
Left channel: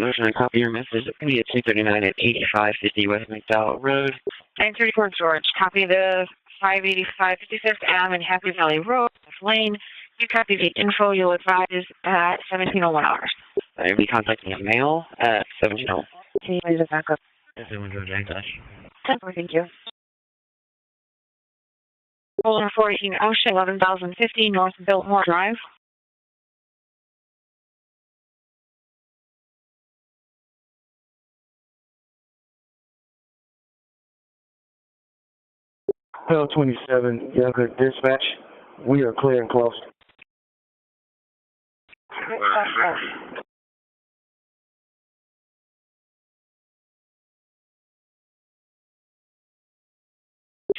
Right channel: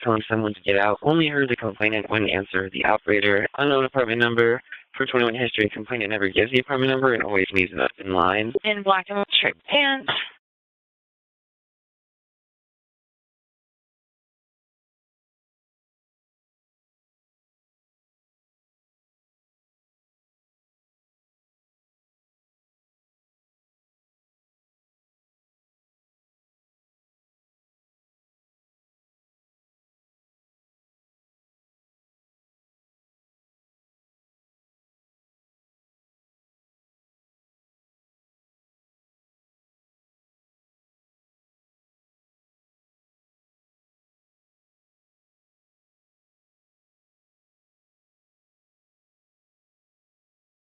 get out. Only the 339 and 25 operator. Unknown number. Thanks for storage. Copy the never gives you phone number and always leaves it in line. And she copies the info you'll advise at 1701 hours. I'll be contacting a mail at 1701. Can you please back up? Thank you. Rolling 14 Ocean, 11,050 North Biltmore Drive. Hill 27, Younger Dispatch. We are clear and close.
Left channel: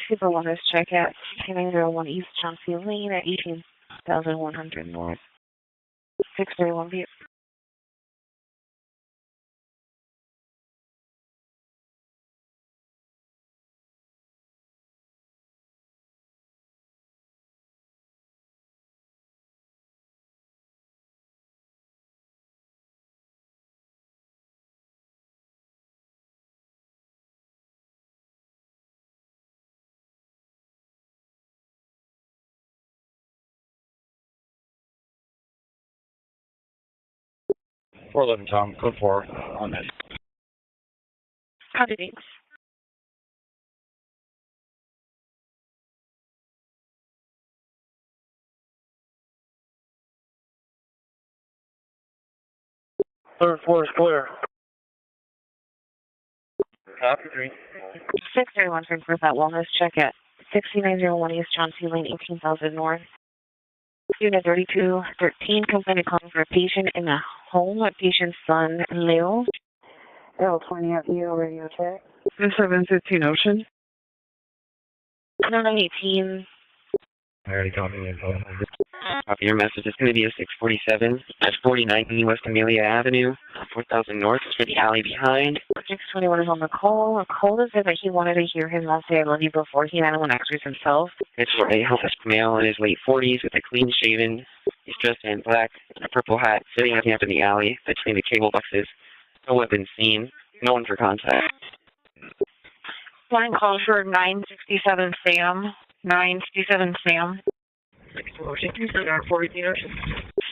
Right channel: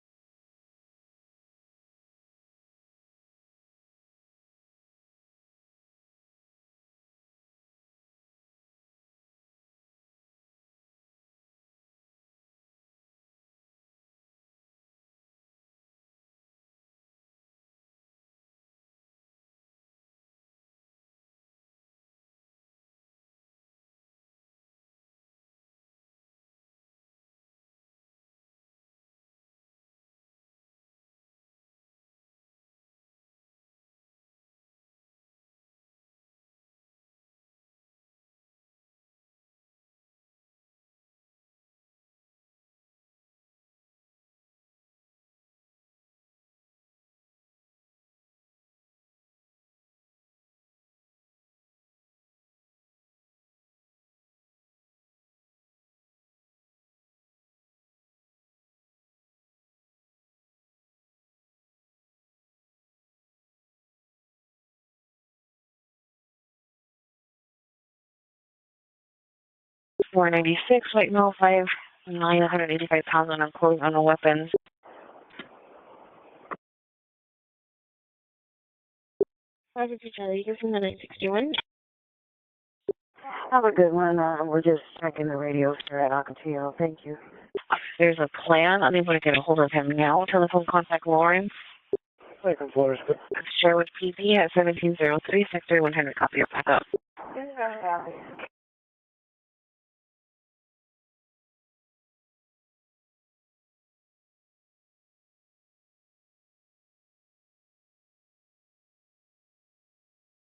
Super wellness check at 6901 East Chauncey Lane at 18,100 North. 631 B. Four 11 Tom, code 4 on that. Copy, thanks. Third floor is clear. Copy 3. 631 for that wellness check at 6901 East Chauncey Lane, 18,000 North. Unit 3213, complainant calling for a patient in a home. A patient's son, Leo, 496, like 05, 985 pounds on the weapons. 918. I already got the info. Copy your message. It's going to be a 647 at 49 West Amelia Avenue, 1000 North, to the alley behind. Anyone is on the call. A call is if there's a plan. I'll leave a people for now. Telephone contact Lauren. It's for a healthy male in his late 40s, clean shaven, dressed in black, purple hat, sitting at the end of the alley between the cable boxes. No weapon seen. No one for contact. Line calls for 967 Sam. 967 Sam.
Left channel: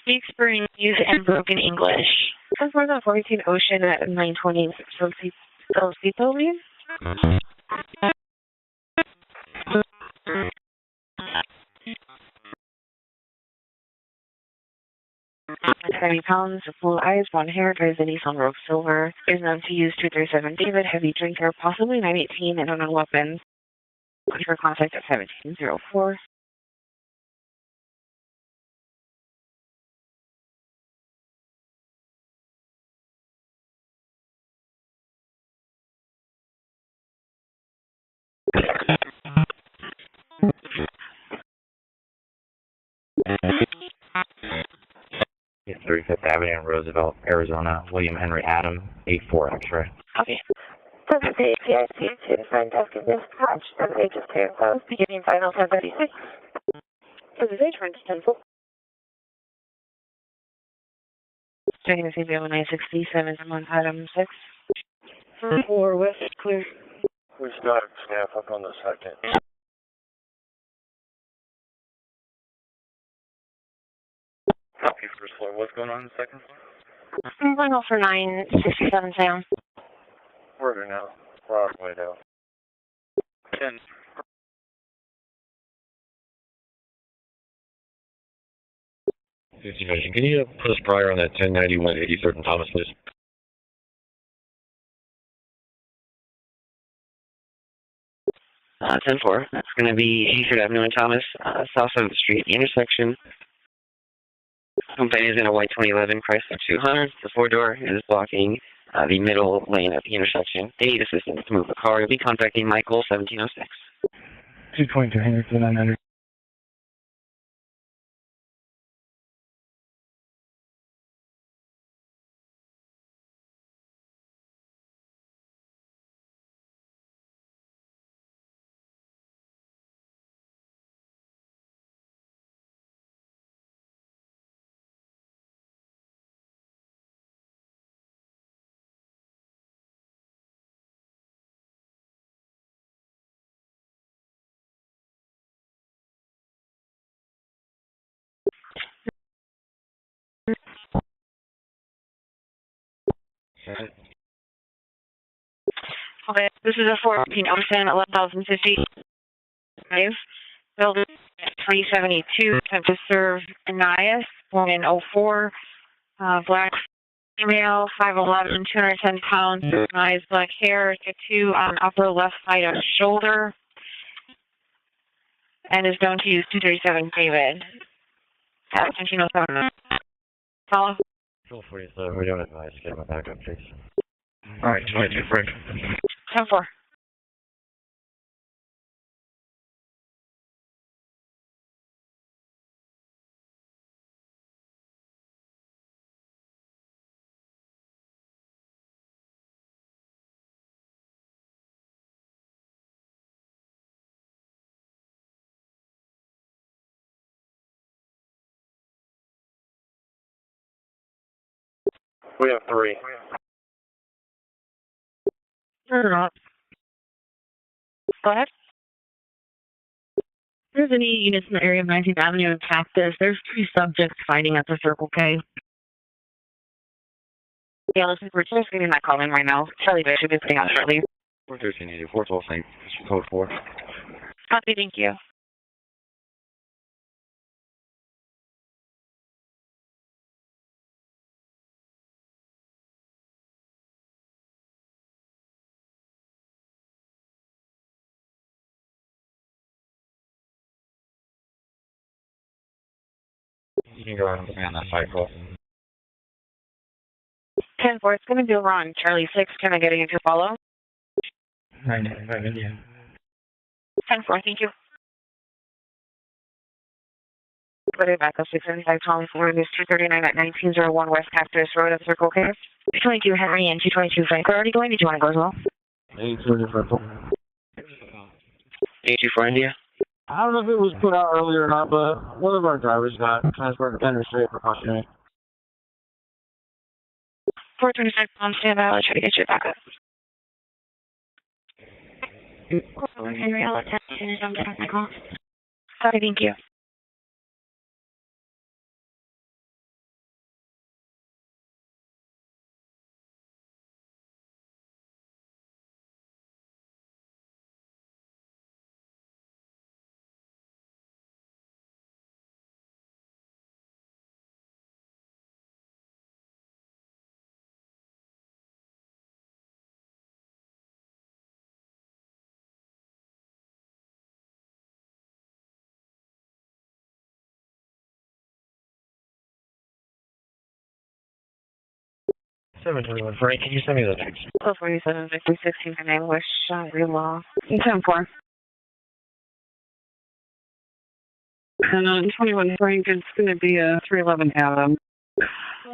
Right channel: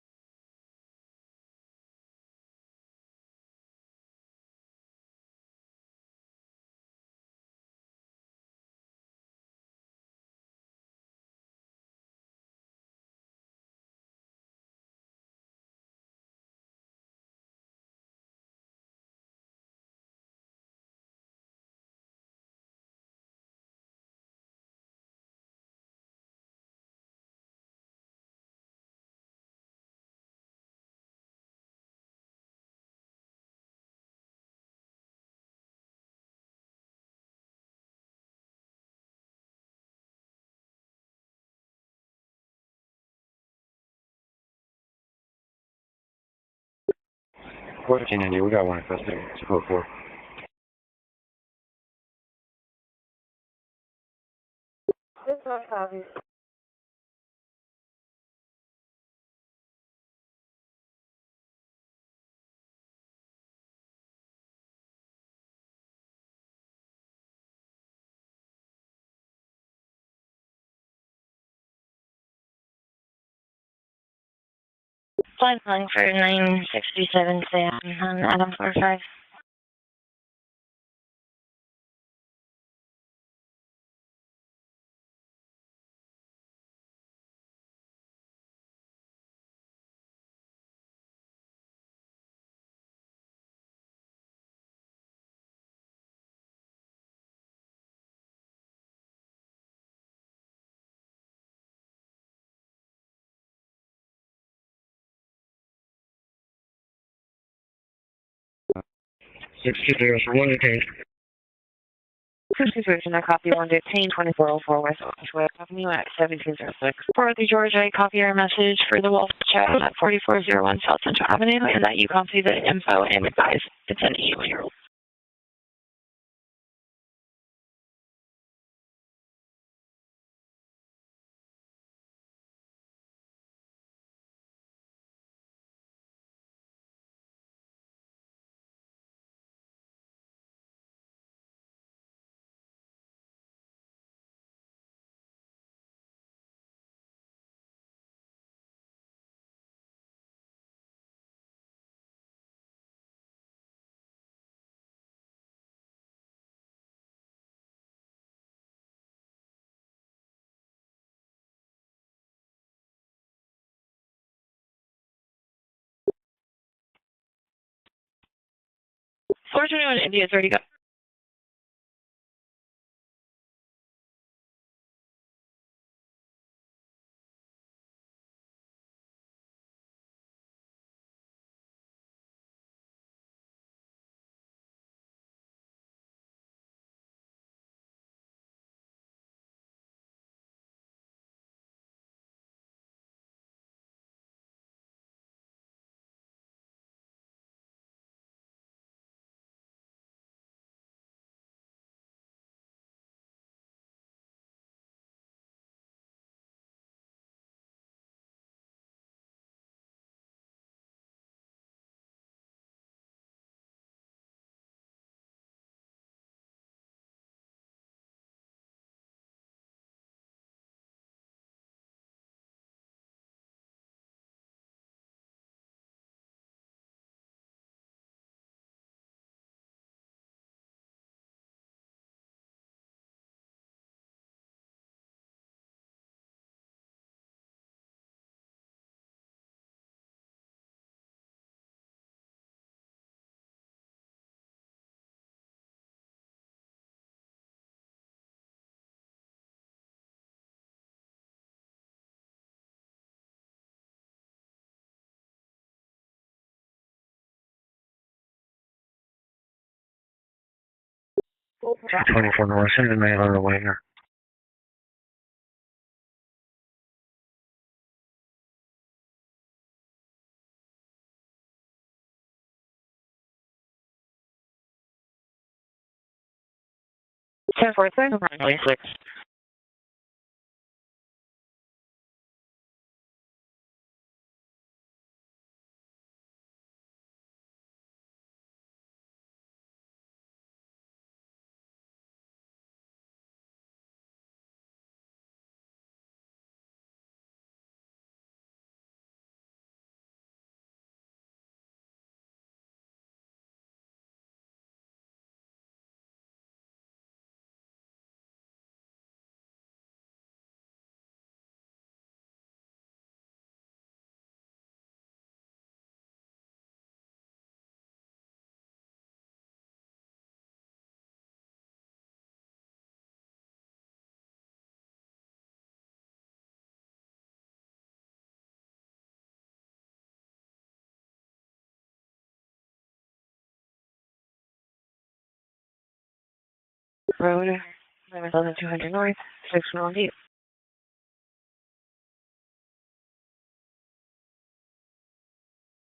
Speaks Burmese and broken English. That's more than 14 Ocean at 920 Rosito, please. 70 pounds, full eyes, blonde hair, drives a Nissan Rogue Silver, is known to use 237 David, heavy drinker, possibly 918, and unknown weapons. Looking for contact at 1704. It's 35th Avenue in Roosevelt, Arizona. William Henry Adam, 84. Oh, sure. Okay. 7-8 PIC to front desk and dispatch. 7-8 just clear close. Beginning final 1036. This is H. Stencil. Checking to see if you have a 967 on item 6. 4 West clear. We got staff up on the second. Copy Flight line for 967 Sam. For 967 Sam. Order now. Broadway now. 10. Can you put us prior on that 1091 83rd and Thomas, please? 10-4. That's going to be 83rd Avenue and Thomas, south of the street, the intersection. Complaint is in a white 2011 Chrysler 200. The four-door is blocking the middle lane of the intersection. They need assistance to move the car. You'll be contacting Michael. Copy 115, 2404 West 1706. For the Georgia, I copy your message for the Wolf chat at 4401 South Central Avenue, and that you copy the info and advise it's an issue. Okay, this is a 14 Ocean 11,050 building at 372. Time to serve Anais, born in 04. Black female, 5'11", 210 pounds. Eyes like hair, tattoo on upper left side of shoulder, and is known to use 237 David. Attention, follow. 47, we don't advise. Get my backup, please. Alright, 22, Frank. 10-4. We have 3. Go ahead. There's any units in the area of 19th Avenue and Cactus. There's 3 subjects fighting at the Circle K. Yeah, listen, we're just getting that call in right now. Charlie Bay should be putting out shortly. 41384, 12 St. Code 4. Copy, thank you. You can go ahead and put me on that side call. 10-4, it's going to be over on Charlie 6. Can I get you to follow? 924 North, send a man on the way here. 10-4, thank you. Put it back up 675 Thomas Road, is 239 at 1901 West Cactus Road at Circle K. 22 Henry and 222 Frank. We're already going. Did you want to go as well? 834. 10-4, sir. 824 India. I don't know if it was put out earlier or not, but one of our drivers got transported to interstate precautionary. 426 on standby. I'll try to get you back up. Henry, I'll attend as soon as I'm done with my call. Sorry, thank you. Frank, can you send me the text? 1247 Victory 16 for 9 West Real Road. 10-4. 200 North, 618. And on 21 Frank, it's going to be a 311 Adam.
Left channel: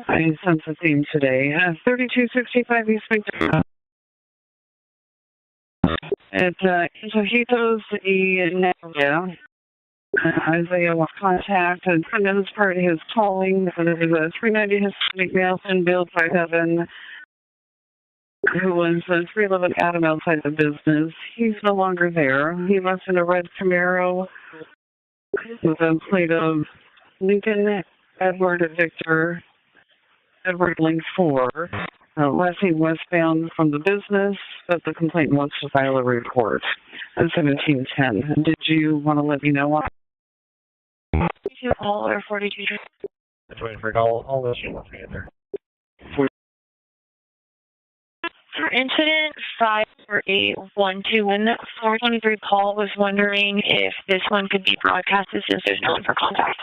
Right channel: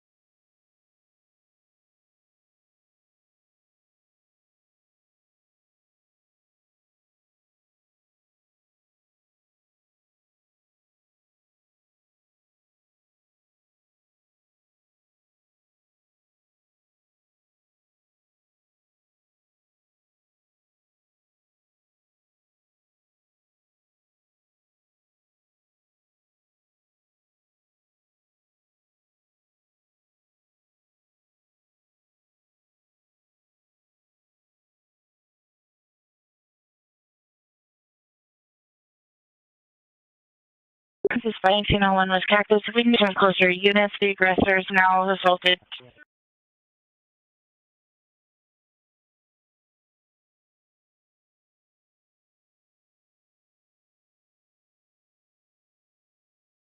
I sense a theme today. 3265 East Victoria. At Antojitos y Nevia. Isaiah will contact and send in as part of his tolling. And it was a 390 Hispanic male, thin build, 5'7", who was a 311 Adam outside the business. He's no longer there. He left in a red Camaro with a plate of Lincoln Edward Victor, Edward Link 4, last seen westbound from the business, but the complainant wants to file a report on 1710. Did you want to let me know what? Despite one was carried to significant closer units, the aggressor is now assaulted. For incident 54812, 423 Paul was wondering if this one could be broadcasted since there's no one for contact.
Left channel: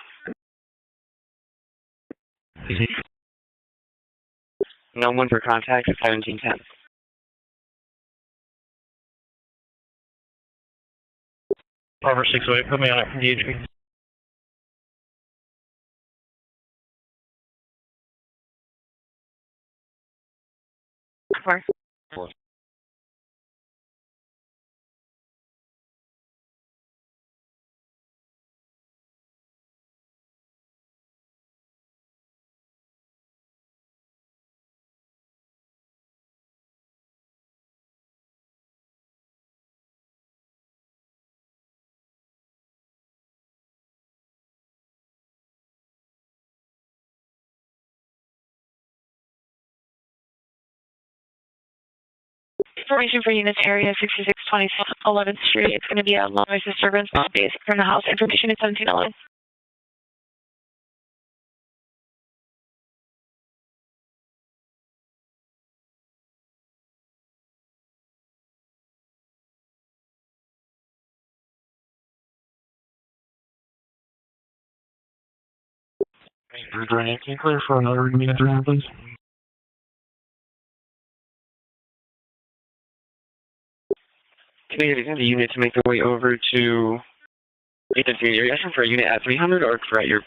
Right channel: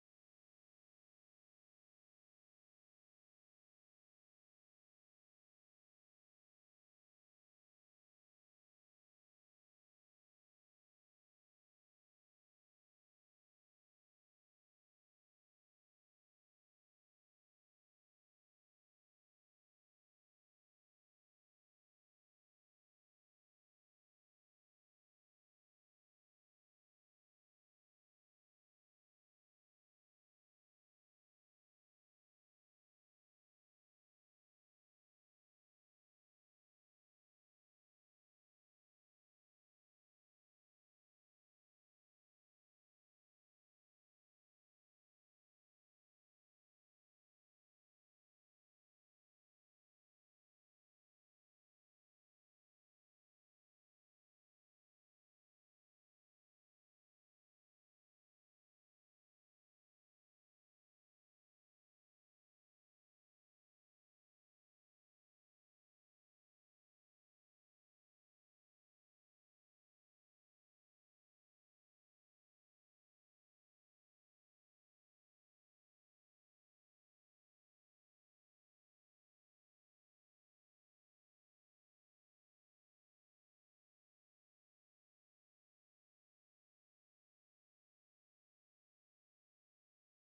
No one for contact at 1710. Over 608, put me on it from DHP. Four. Information for units area 6620 11th Street. It's going to be a low noise disturbance based from the house. Information is 1711. Can you clear for another unit 300, please? Can we get the unit to make their way over to agency? Are you asking for a unit at 300 or for at your...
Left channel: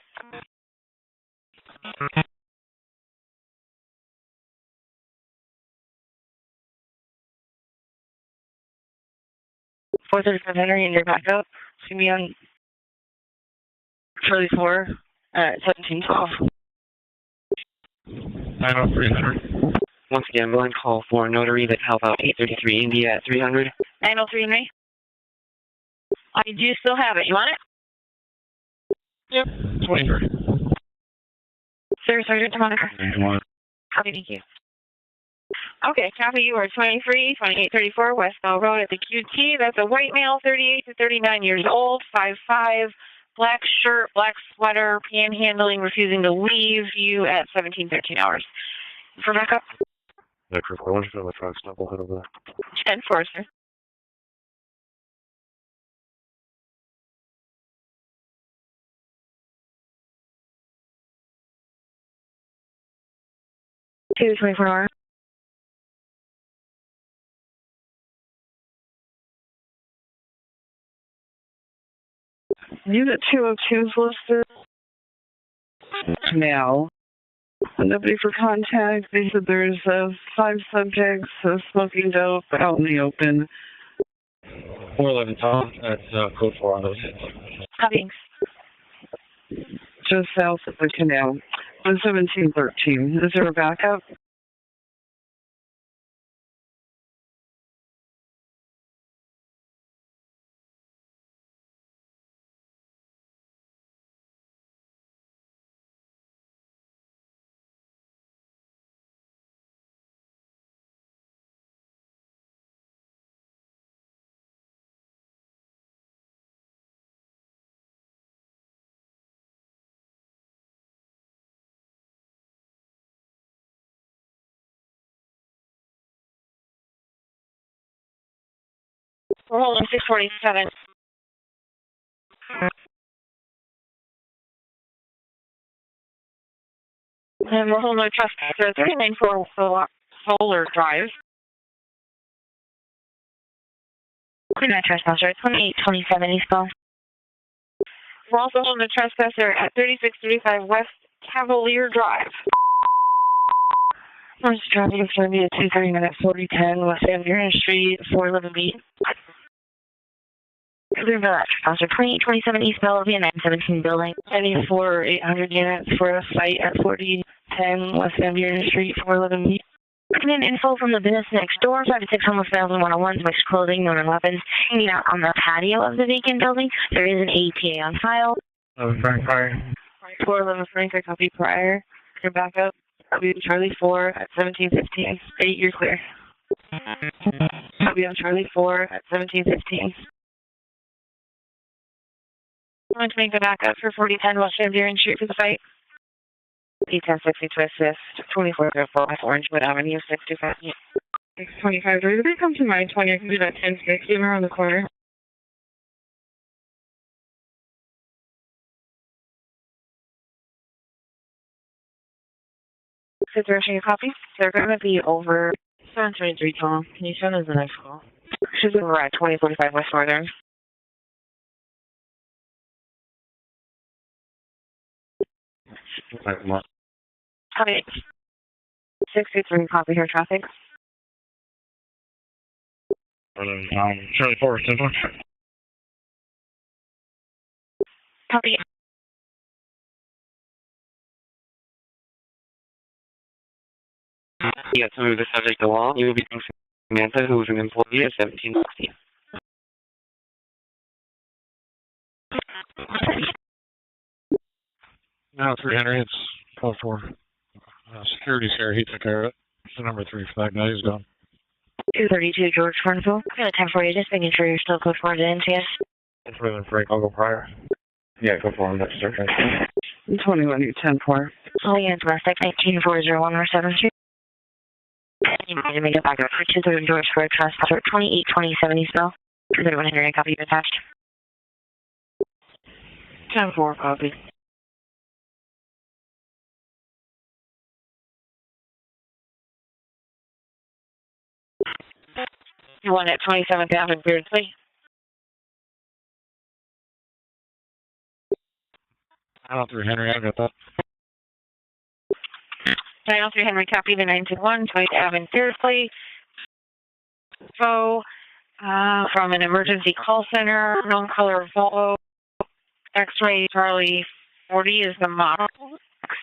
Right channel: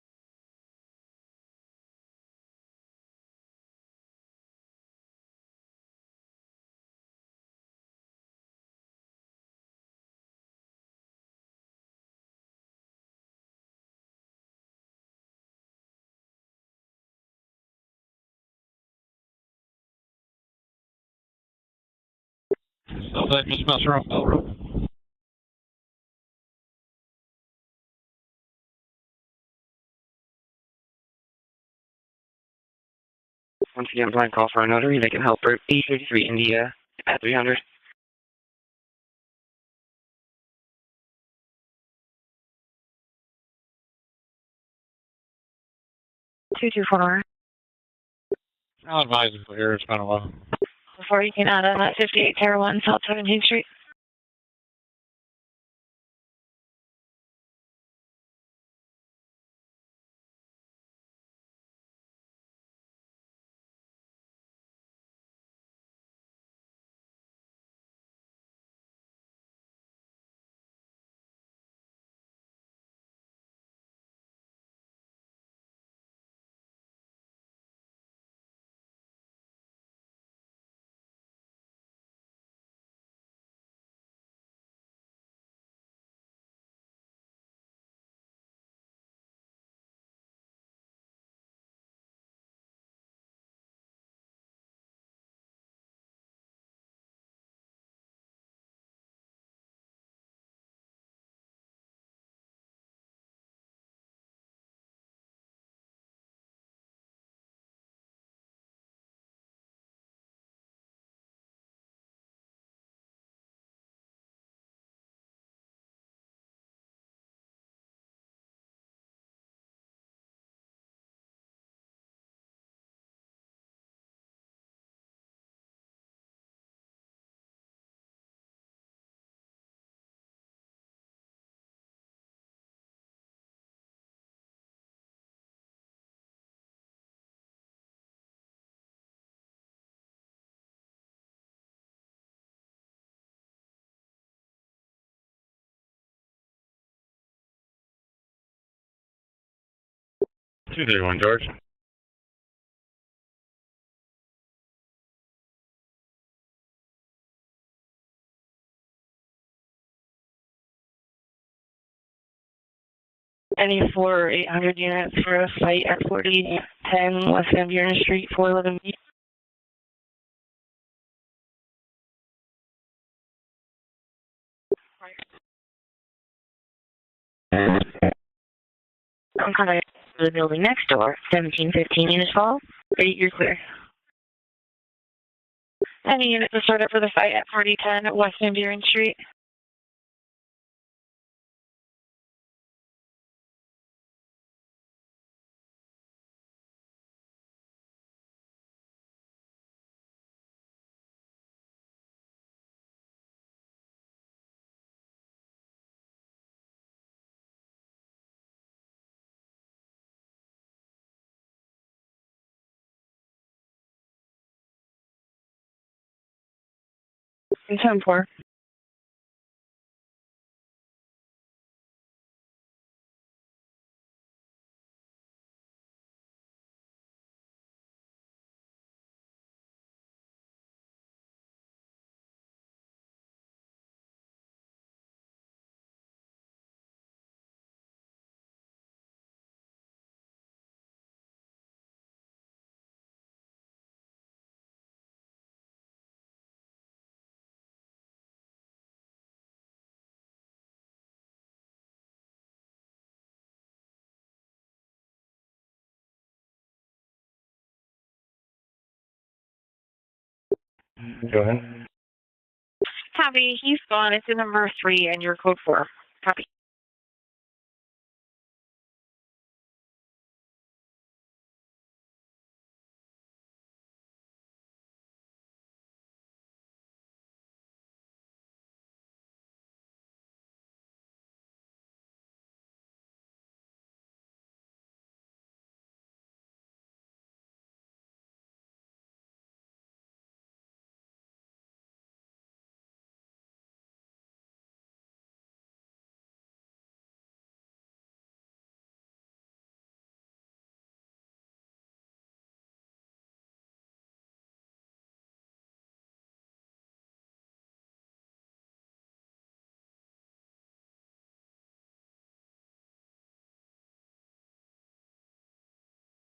.435 Henry and your backup. It's going to be on Charlie 4 at 1712. 903 Henry. Once again, one call for notary that help out 833 India at 300. 903 Henry. I do still have it. You want it? Yep. 23. Sir, Sergeant Monica. Once again, blind call for a notary that can help her 833 India 23, 2834 West Bell Road at the QT. That's a white male, 38 to 39 years old, 5'5", black shirt, black sweater, panhandling, refusing to leave you at 1713 hours. I'll advise you here, it's kind of low. Before you can out on that 58 Terra 1, 14 Street. Two 24-hour. Unit 202 is listed now. Nobody for contact. They said there's 5 subjects smoking dope out in the open. 411 Tom, that's code 4 on those. Copying. Just south of the canal. 1713. Is there a backup? We're holding 647. And we're holding a trespasser, 394 Solar Drive. Clear that trespasser, 2827 Eastbound. We're also holding a trespasser at 3635 West Cavalier Drive. First traffic is going to be at 239 at 4010 West Van Street, 411B. Clear that trespasser, 2827 East Bellevue, 917 West Van Street, 411B. Looking in info from the business next door, 5-6 homeless males and one-on-ones, mixed clothing, known in weapons, hanging out on the patio of the vacant building. There is an AT on file. The building next door, 1715 unit call. 8 Charlie 4 at 1715. 8, you're clear. Any unit to start up for the fight at 4010 West Van Buren Street. 1715. I'm going to make the backup for 4010 West Van Buren Street for the fight. P1060 to assist, 2404 West Orangewood Avenue, 625. 625. If they come to my 20, I can do that 1060 around the corner. Situation, you copy? They're going to be over 723, Tom. Can you send us the next 10-4. She's over at 2045 West Northern. Copy. 63, copy here, traffic. Charlie 4, 10 4. Copy. Yes, move the subject along. You will be Samantha, who is an employee at 1760. Now 3 Henry, it's call for security's here. He took care of it. It's the number 3 flag. Now he's gone. Go ahead. 232 George Farnsville. Copy. Temporary signature. You're still preferred in TS. Cleveland Frank, I'll go prior. Yeah, go for him. That's sir. 21, 10-4. Only in domestic 19401 or 72. You might make it back up for 230 George for a trespasser 2827 Eastville. 231 Henry, copy attached. 10-4, copy. You want at 27th Avenue, Beardsley? 3 Henry, I got that. 903 Henry, copy the 921, 20th Avenue, Beardsley. So, from an emergency call center, known color Volvo, X-ray Charlie 40 is the model,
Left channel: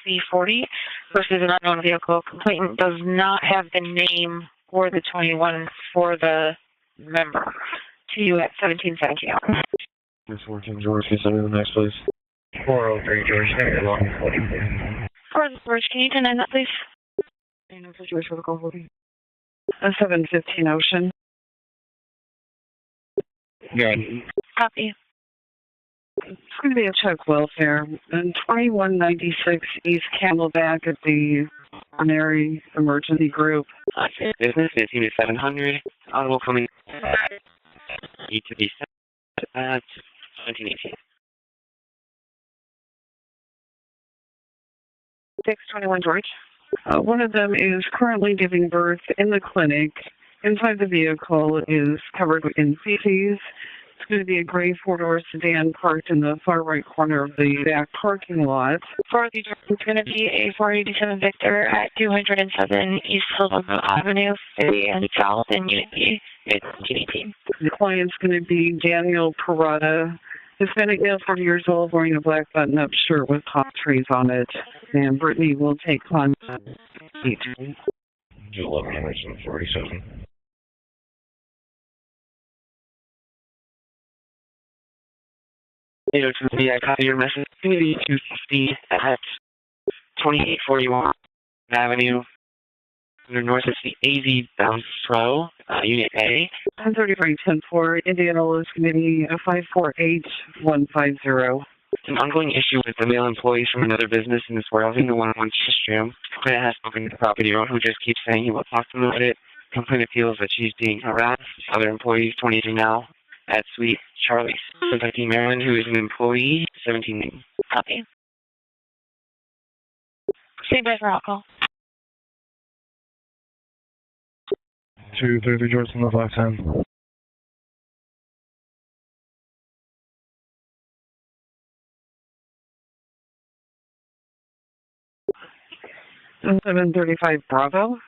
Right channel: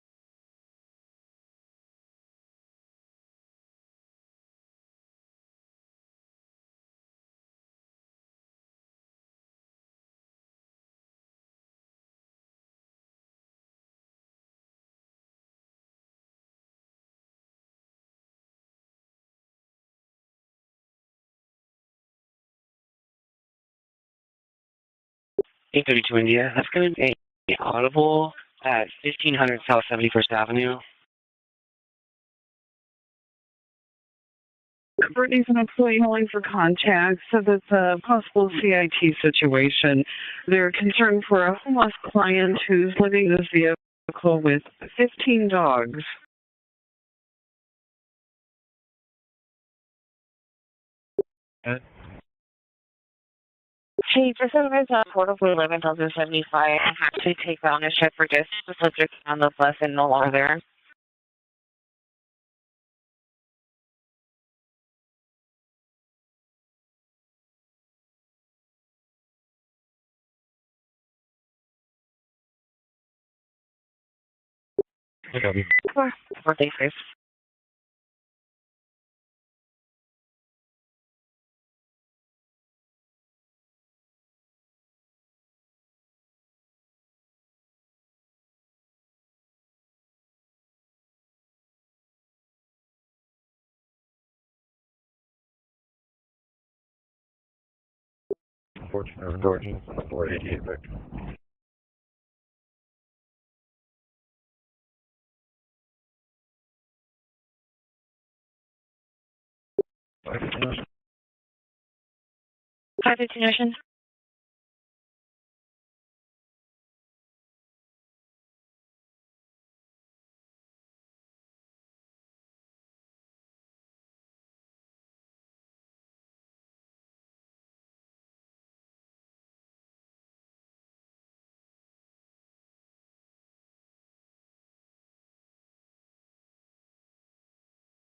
XC40, versus an unknown vehicle. Complainant does not have the name or the 21 for the member. To you at 1770. Miss 14 George, can you send me the next, please? 403 George, thank you. George, can you deny that, please? George, for the call 40. 715 Ocean. Yeah. Copy. 832 India. Check welfare. And 2196 East Camelback at the Primary Emergency Group. Business 15700. For contact, because it's a possible CIT situation. They're concerned for a homeless client who's living in this vehicle with 15 dogs. One of them is currently giving birth in the clinic. Inside the vehicle is covered in feces. There's a gray four-door sedan parked in the far right corner of the back parking lot. 487 Victor at 207 East Silverville Avenue, City and South in Unity. The client's going to be Daniel Parada. Hispanic male, 40 years old, wearing a black button-up shirt with palm trees on it. And Brittany will take contact. 1147. I copy your message. 250 at 2841 Avenue. North is the AZ bound Pro, Unit A. 133-10-4, Indianapolis Committee 548150. An ongoing issue with the male employees from another business in this warehousing, the one on Tristram. Complainant has spoken to the property owner who just keeps saying he will talk to them about it. Complainant feels that she's being harassed. Other employees, 22 now, at Suite Charlie's. Suspecting Maryland, who is an employee, 17. Copy. Stay by for alcohol. 230 George on the 510. And 735 Bravo.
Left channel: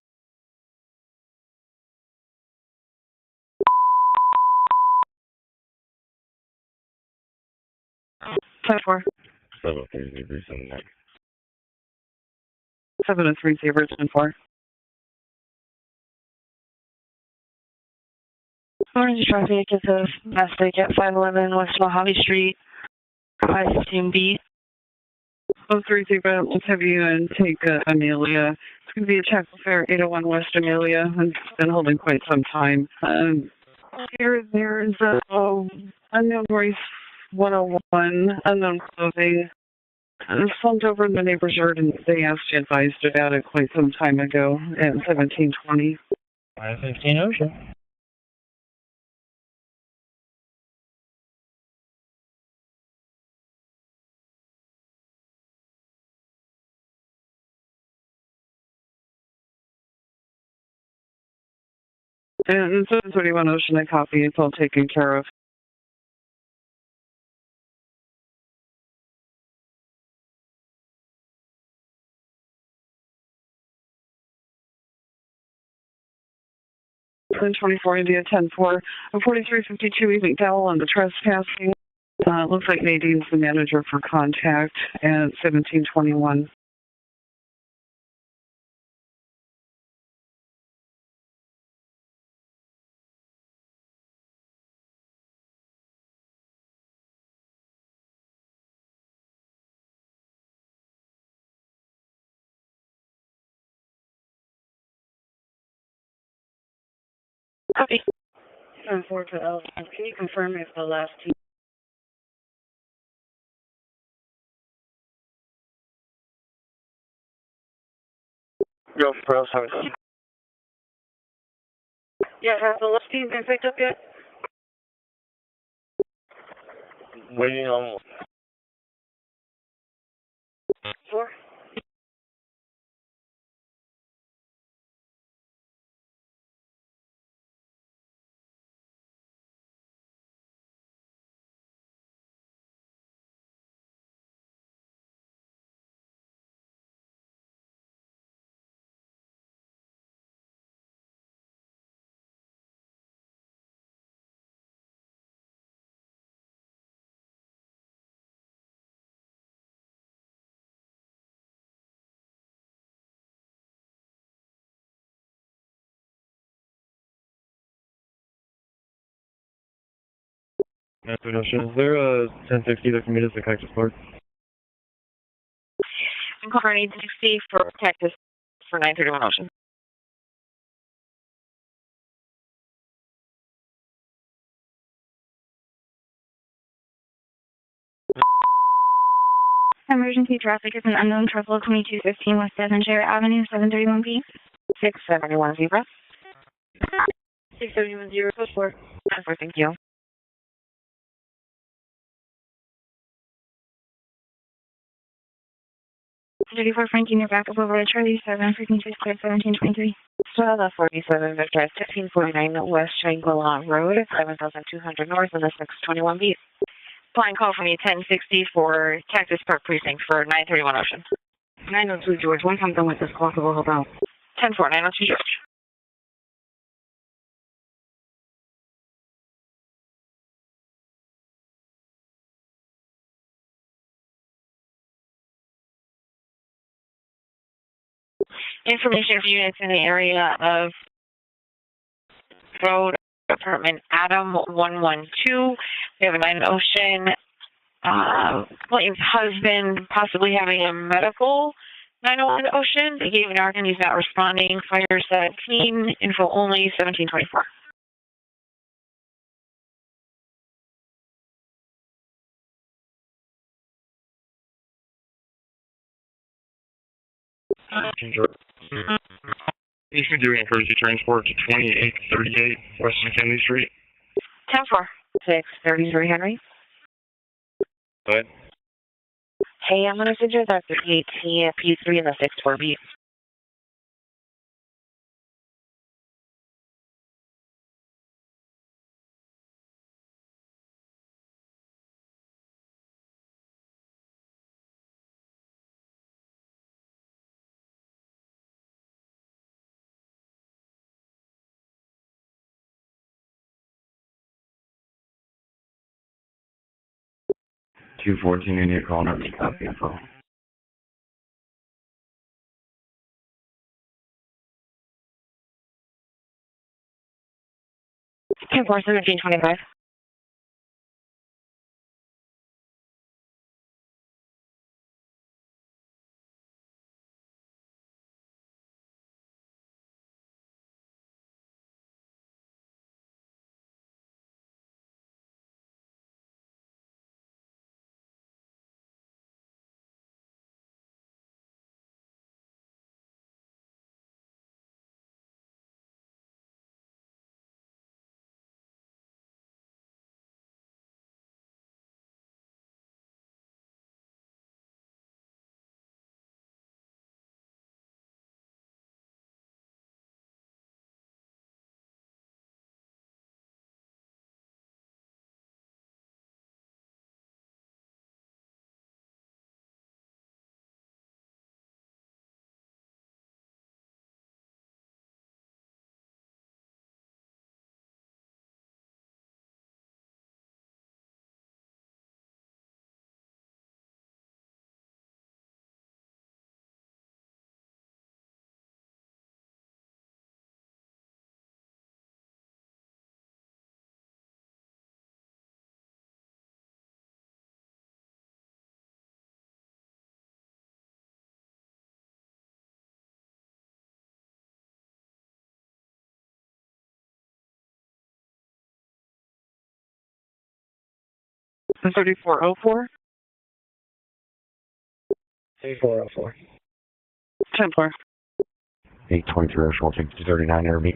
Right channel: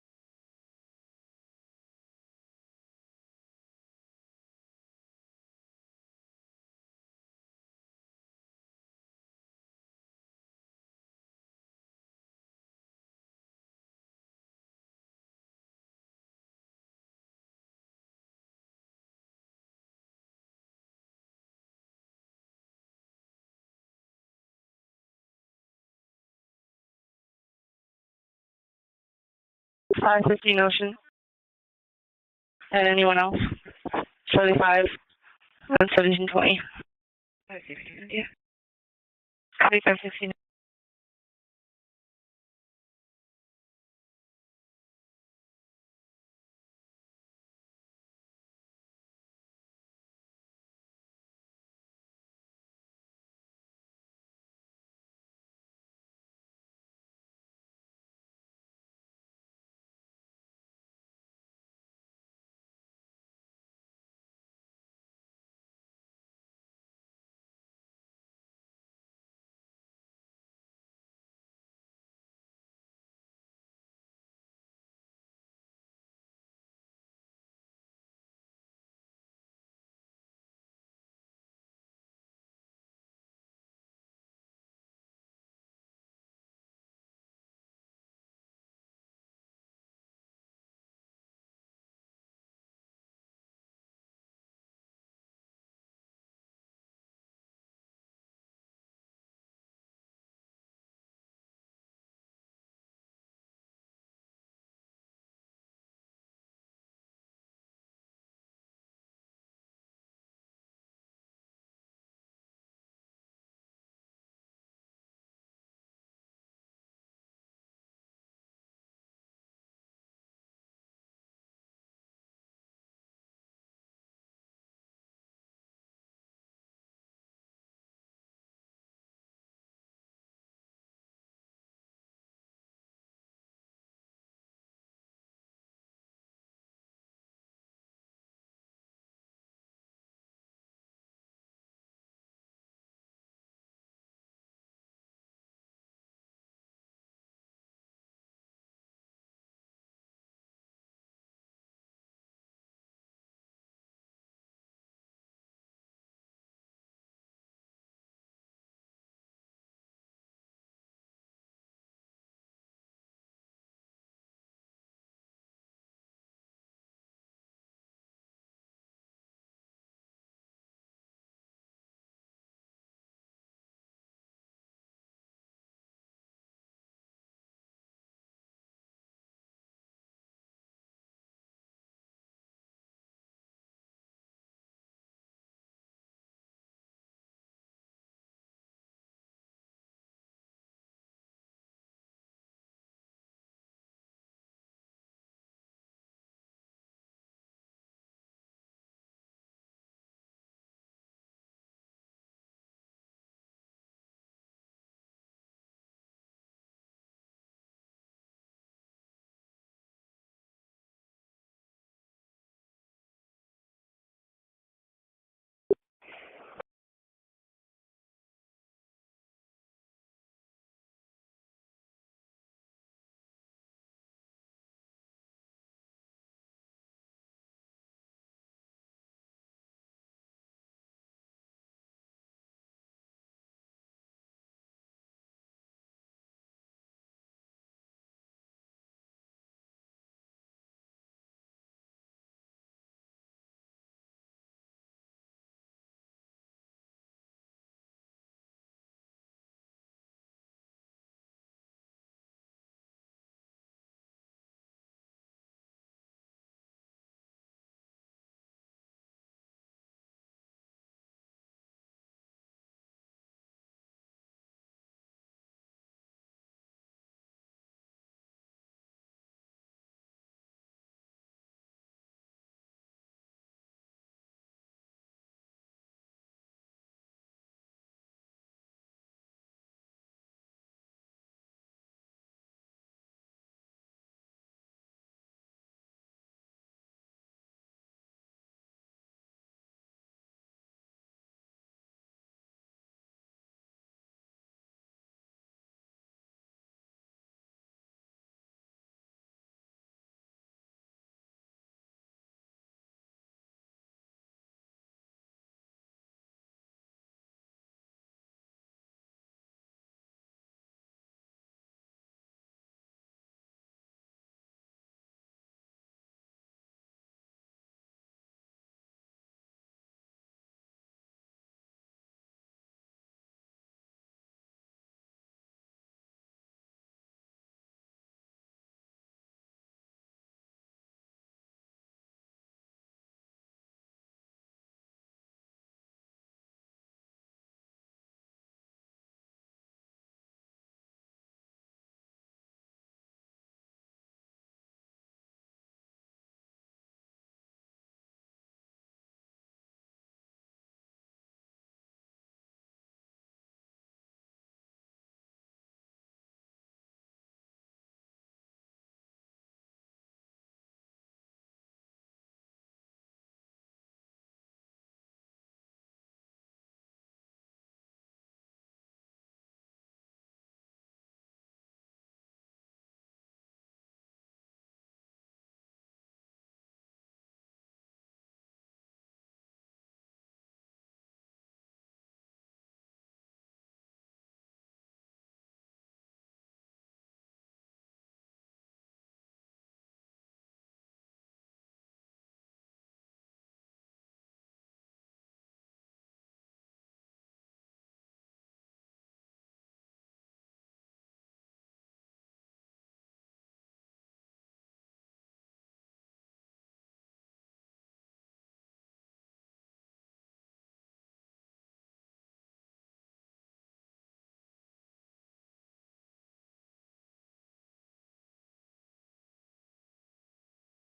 Time for 703 Zebra 10-4. Orange traffic is a mistake at 511 West Mojave Street, 515B. 03 Zebra, let's have you take Amelia. It's going to be a check for 801 West Amelia, and it's been holding quite some time. Anyone else? Here's 101, unknown clothing. It's filmed over in the neighbor's yard, and they asked you advised about it quite some time ago at 1720. 515 Ocean. And 731 Ocean, I copy. It's all taken care of. Then 24 India 10-4, 4352 East McDowell on the trespassing. Looks like Nadine's the manager for contact at 1721. Copy. 10-4 to L. Can you confirm if the last team? Go for us. Yeah, has the last team been picked up yet? Waiting on 4? Ocean, is there a 1060 that can meet us at Cactus Park? Incorporating 60 for Texas for 931 Ocean. Emergency traffic is an unknown triple 2215 West Devonshire Avenue, 731B. 671 Zebra. 671 0, code 4. 10-4, thank you. $34 Frankie near back up over to Charlie 7 frequency clear 1723. So the 47 Victor 1549 West Shangri-La Road, 7200 North in the 621B. Flying call from you 1060 for Cactus Park Precinct for 931 Ocean. 902 George, once I'm done with this call, we'll help out. 10-4, 902 George. Information for units in the area of Road Apartment Adam 112. We have a 9 Ocean. William's husband possibly having a medical 901 Ocean. They gave an argon. He's not responding. Fire set clean. Info only 1724. You should do emergency transport to 2838 West McKinley Street. 10-4. 633 Henry. Go ahead. Hey, I'm going to suggest that the P3 and the 64B. $214 in your call number. Copy info. 10-4, 1725. 3404. 3404. Templar. 823 short 639 Airbeat.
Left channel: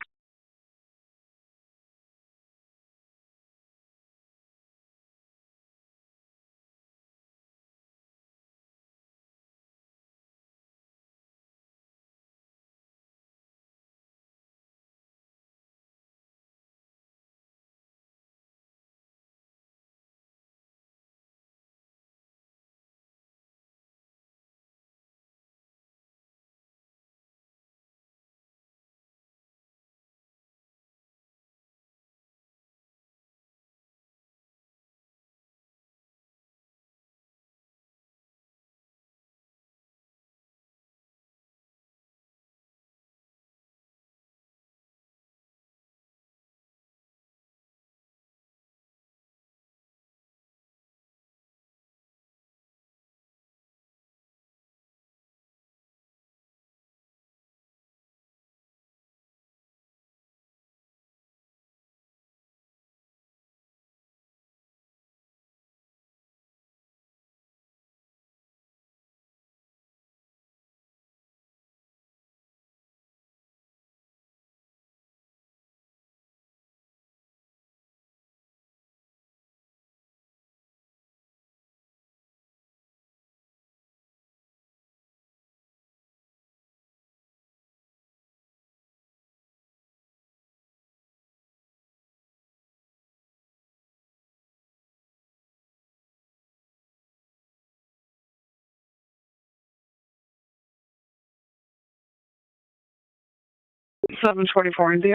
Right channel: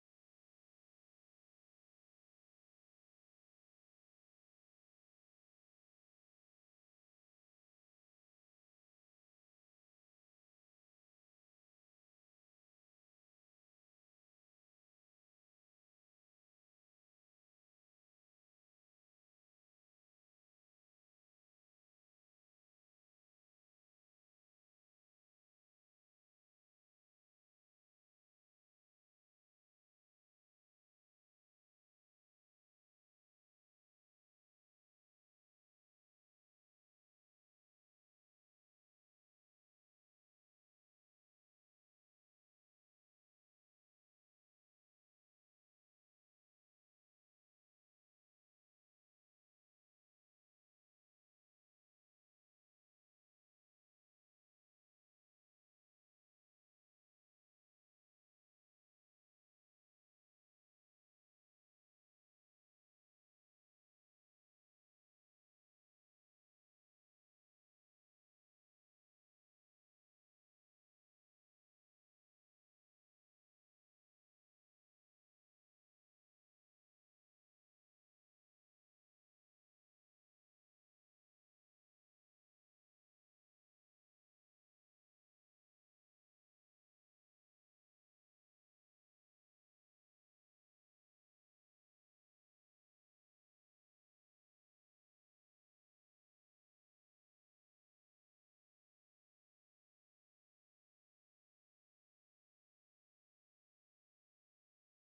Seven 24 India.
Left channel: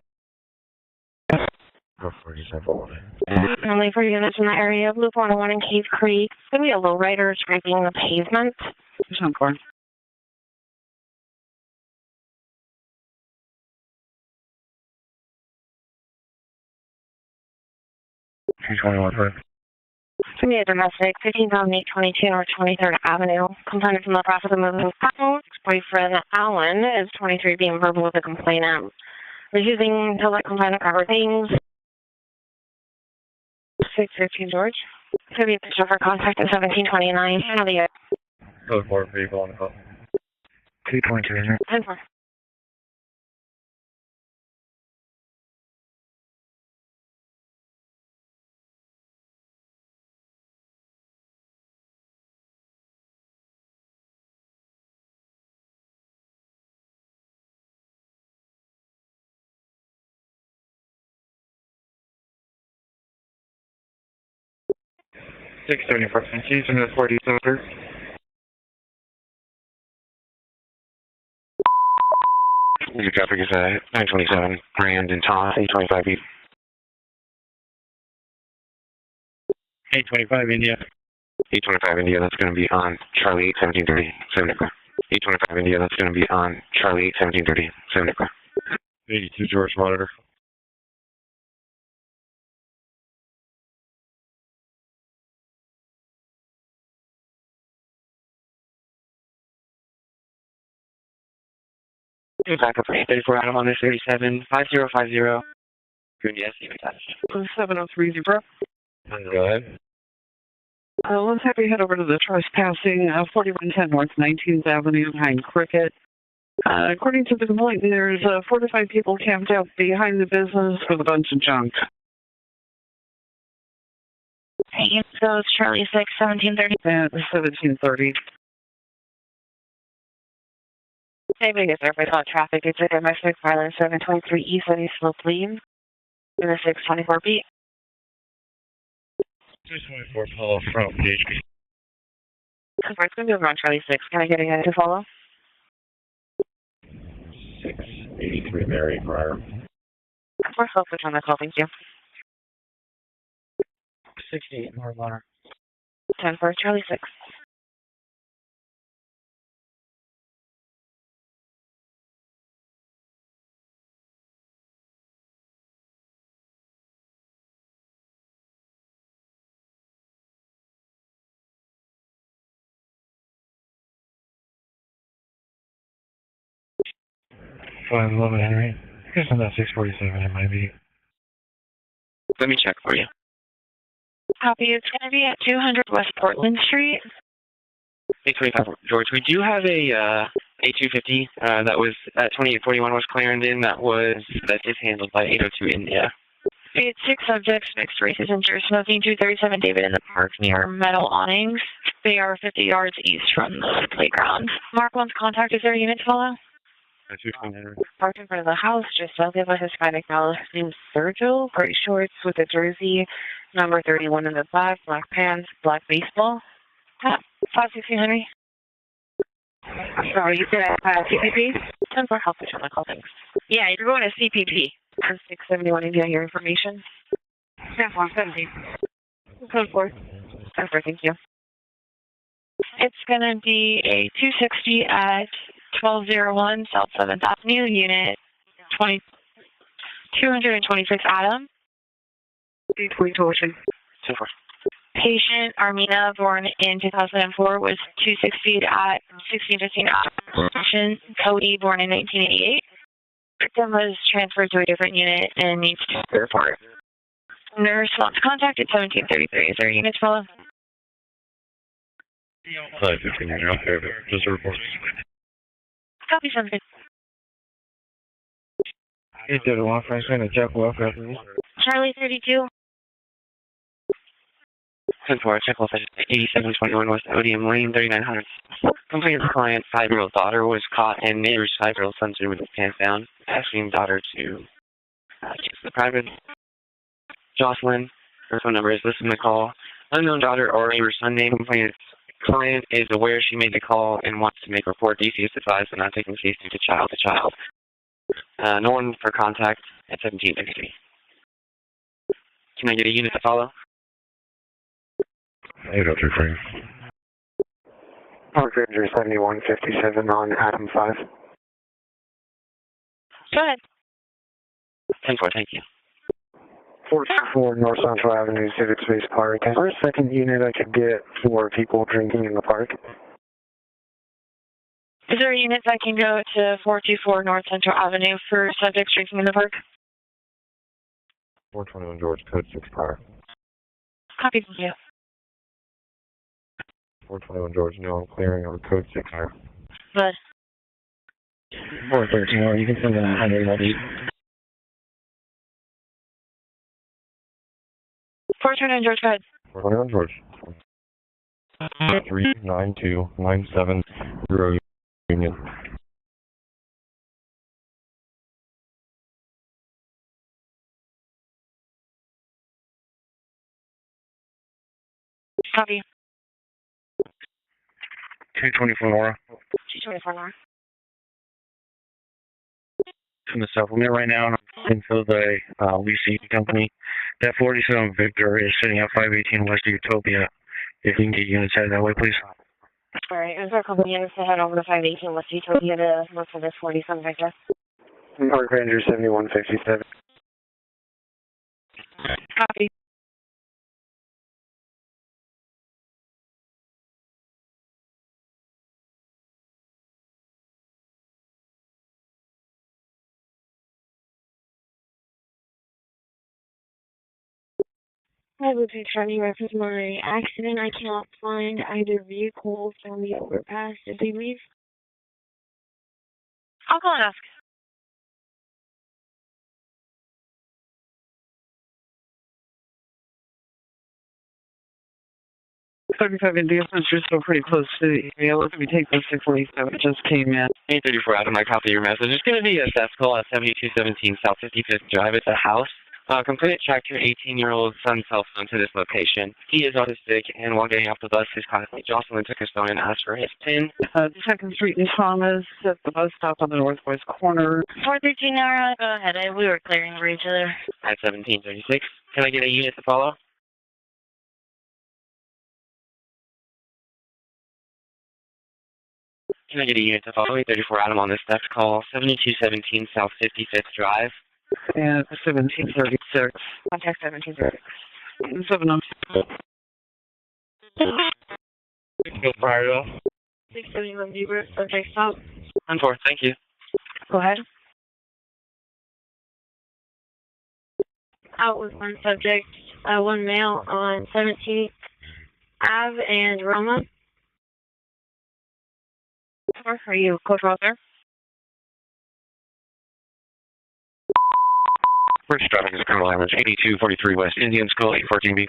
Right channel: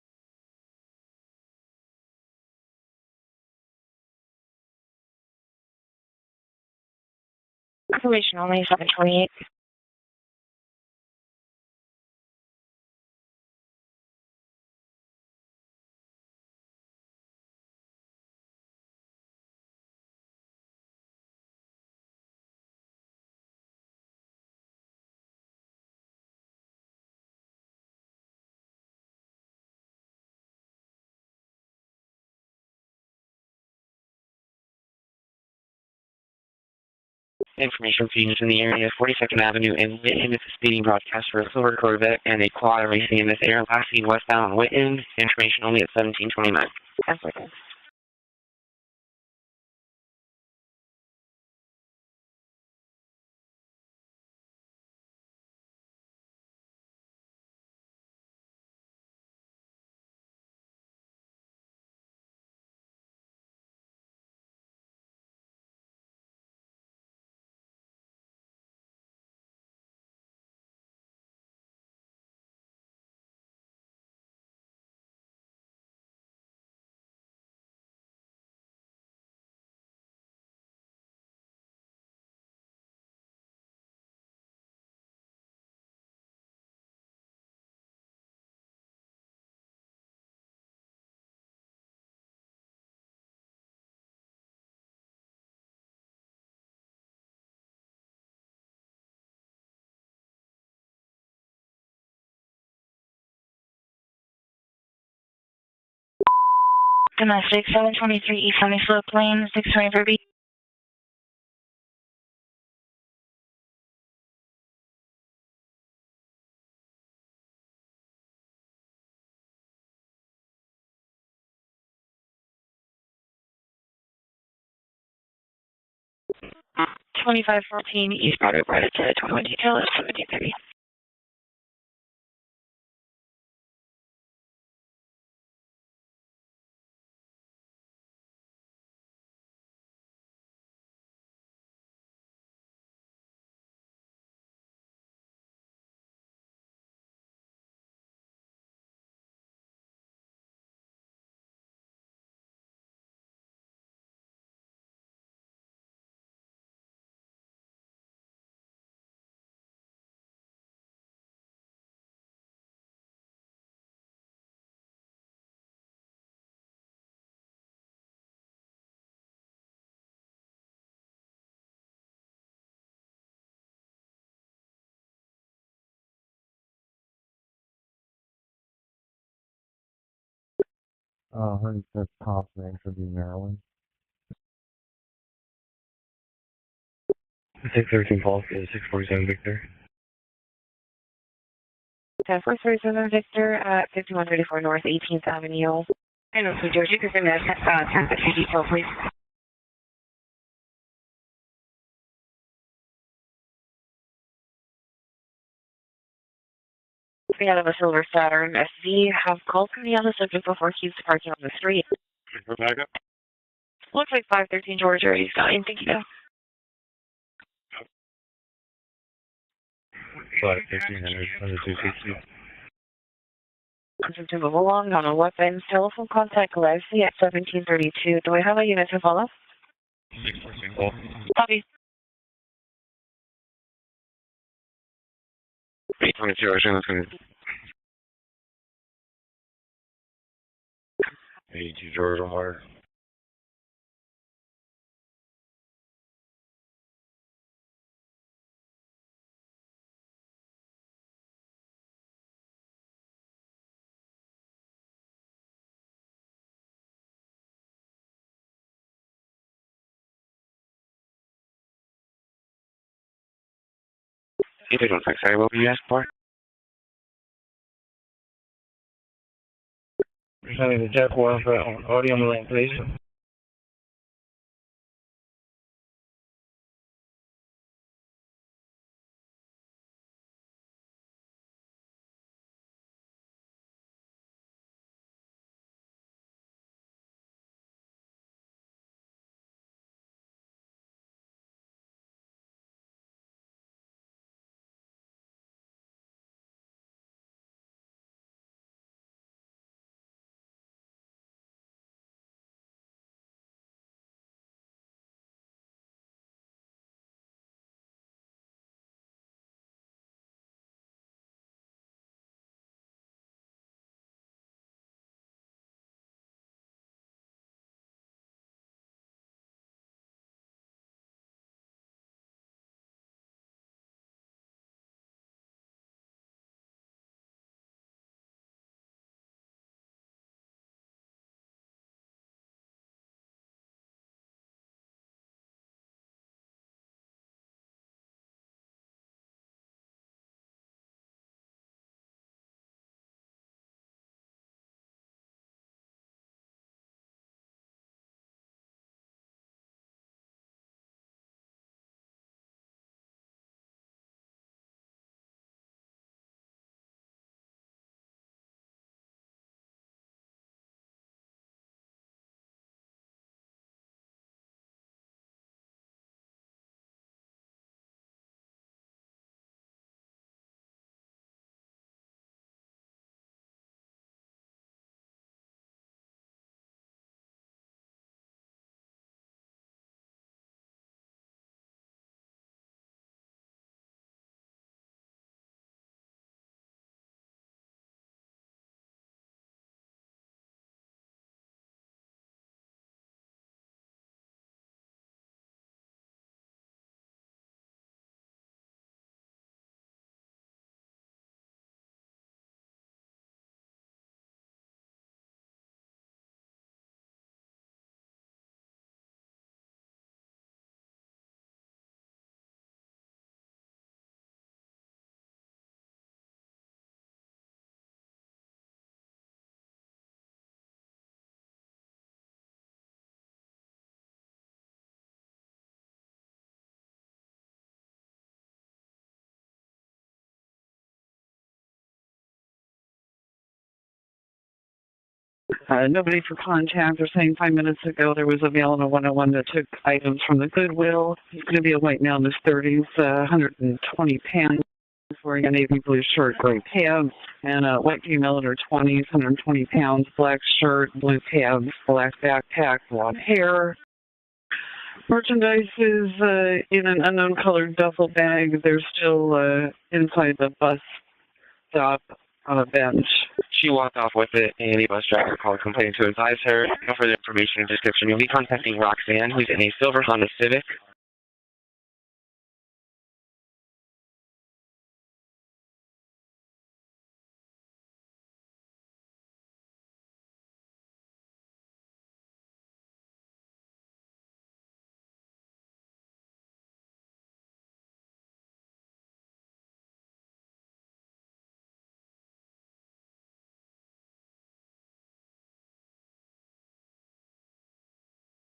47. Only for units in the area of Loop 101 in Cave Creek. It's going to be a lowrider scraping the pavement. Only 728. Templar. 221 for It's going to be a domestic, 15,822 North 23rd Avenue. Complainant from the process of moving out. Boyfriend Alan is 23 being verbal with the complainant. Refusing to let complainant cover things. 615 George. Could be a picture for contact at 1729. Information Phoenix in the area, 42nd Avenue and Whitten. It's a speeding broadcast for a silver Corvette and a quad racing in this area. Last seen westbound on Whitten. Information only at 1729. That's okay. Six 74 Keys in the 40 center. Your traffic is 927 Grand and Thomas, 825 East. 825 India. 825 India, that's going to be on Charlie 8 1730, 7 o'clock. 825 India, that's going to be on Charlie 8 1730, 7 o'clock. 82 George Monitor. Backup for 34 Adam on this 37 5050. Yes, And then 6723 East Sunny Slope Lane, 624 B. Let's have you head over to the trespassing, 4110 North 19th Avenue behind Cricket. According to the complaint, there's 4 to 5 people camped out behind the business with a bunch of junk. Hey, so it's Charlie 6, 1730. At 1730. East Broadway, right to 21 detail at 1730. Hey, Vegas, everybody call traffic. It's a domestic violence, 723 East Sunny Slope Lane, in the 624 B. 224 Paul from PHP. Confirm, it's going to be around Charlie 6. Can I get a guy to follow? 683 Mary Prior. Confirm, focus on the call, thank you. 68 North Runner. 10 for Charlie 6. Fine, 11 Henry. Here's on that 647, it might be. Let me check for you. Maryland. Copy. It's going to be at 200 West Portland Street. Take 13 calls. George, we do have a A250 that was at 2841 West Clarendon that is handled by 802 India. I know. 86 subject smoking 237 David in the park near metal awnings. They are 50 yards east from the playground. Mark 1's contact. Is there a unit to follow? We have a silver Saturn SE, active with Hispanic male, before he's cartel, gray shorts with a jersey, number 31 in the back, Georgia, and black baseball. 516 Henry. Sorry, you said TPP? Yeah, you're going to CPP. Along on the west side of the information at 1732. Do we have a unit to follow? Code 4. Thank you. Copy. It's going to be a 260 at 1201 South 7th Avenue, unit 226 Adam. 82 Georgia Water. Patient Armina, born in 2004, was 260 at 1615 Adam. Cody, born in 1988. Victim was transferred to a different unit and needs to report. Nurse wants contact at 1733. Is there a unit to follow? 515 out there, but just a report. Sorry, what were you asking for? Copy, sounds good. You did a 157 and check one. Charlie, 32. Please. 10-4, check off at 8721 West Odium Lane, 3900. Complainant's client, 5-year-old daughter, was caught and neighbor's 5-year-old son with his pants down, asking daughter to check the private. Jocelyn, her phone number is listed in the call. Unknown daughter or neighbor's son name. Complainant's client is aware she made the call and wants to make a report. DC is advised on not taking case due to child to child. No one for contact at 1733. Can I get a unit to follow? 803 Park Ranger 7157 on Adam 5. Go ahead. 10-4, thank you. 424 North Central Avenue, Civic Space Park. Is there a second unit I could get for people drinking in the park? Is there a unit that can go to 424 North Central Avenue for subjects drinking in the park? 421 George, code 6 car. Copy, thank you. 421 George, no, I'm clearing on code 6 car. Good. 413, you can send in 100 maybe. 429 George, go ahead. 421 George. 392970 Union. Copy. 224 Nora. 224 Nora. In the supplement right now, until the leasing company. That 47 Victor is sitting at 518 West Utopia. If you can get units out that way, please. All right, is there a couple units to head over to 518 West Utopia to look for this 47 Victor? Park Ranger 7157. Copy. I would be trying to reference my accident. I cannot find either vehicle from the overpass. Did they leave? I'll call and ask. 35 India, since you're still pretty close to the area, let's take the 647. It just came in. 834 Adam, I copy your message. It's going to be a theft call at 7217 South 55th Drive. It's a house. Nobody could contact the same 5 minutes ago. There was a mail on the 101 that took items from the Goodwill. It's going to be a light now in the 30s, 120 10th Street in Thomas. We're going to be short for the tab corner and let you know there's 20 pounds black shirt, the tab, black backpack, black hair. Merchandise is in an unknown colored duffel bag. They're still inside the bus. Adam on this theft call. 7217 South 55th Drive with it. And bus driver called complaint to advise her. For further information and description, you'll be contacting Roxanne, who's in a silver Honda Civic. 671 Zebra, subject stop. 10-4, thank you. Go ahead. Out with one subject. one male on 17th Ave and Roma. Are you code brother? First traffic is Colonel Average 8243 West Indian School 814B.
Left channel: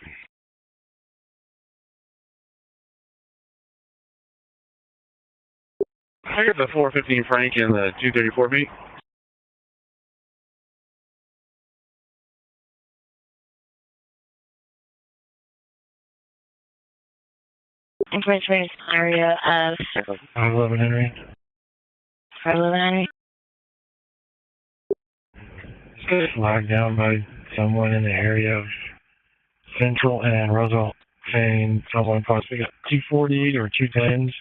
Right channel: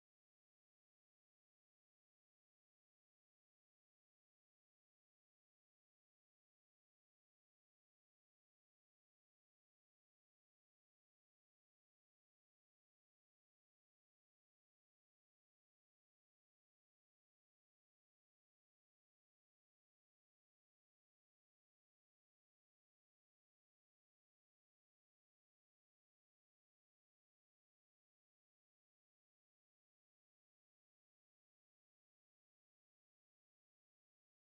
I got the 415 Frank and the 234B. Information area of 511 Henry. 511 Henry. Locked down by someone in the area of Central and Roosevelt saying someone possibly got 240 or 210s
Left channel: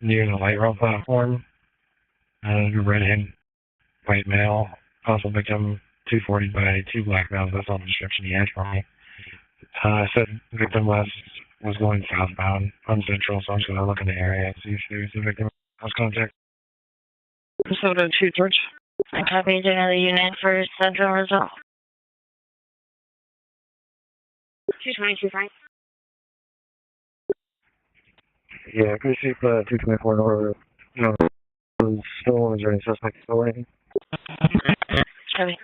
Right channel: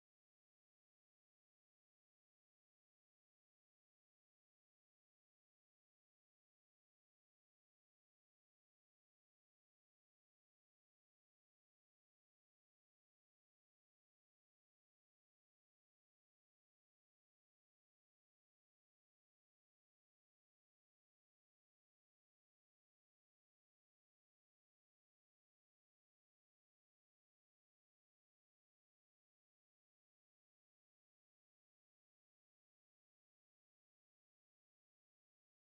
near the light rail platform. Redhead, white male, possible victim 240 by 2 black males. That's all the description he had for me. Said victim was going southbound on Central, so I'm just going to look in the area and see if there's a victim. House contact. 702 George. I copied another unit for Central Result. 222 Frank. Yeah, could you see 224 North? No, stolen. Is there any suspect still waiting? Copy.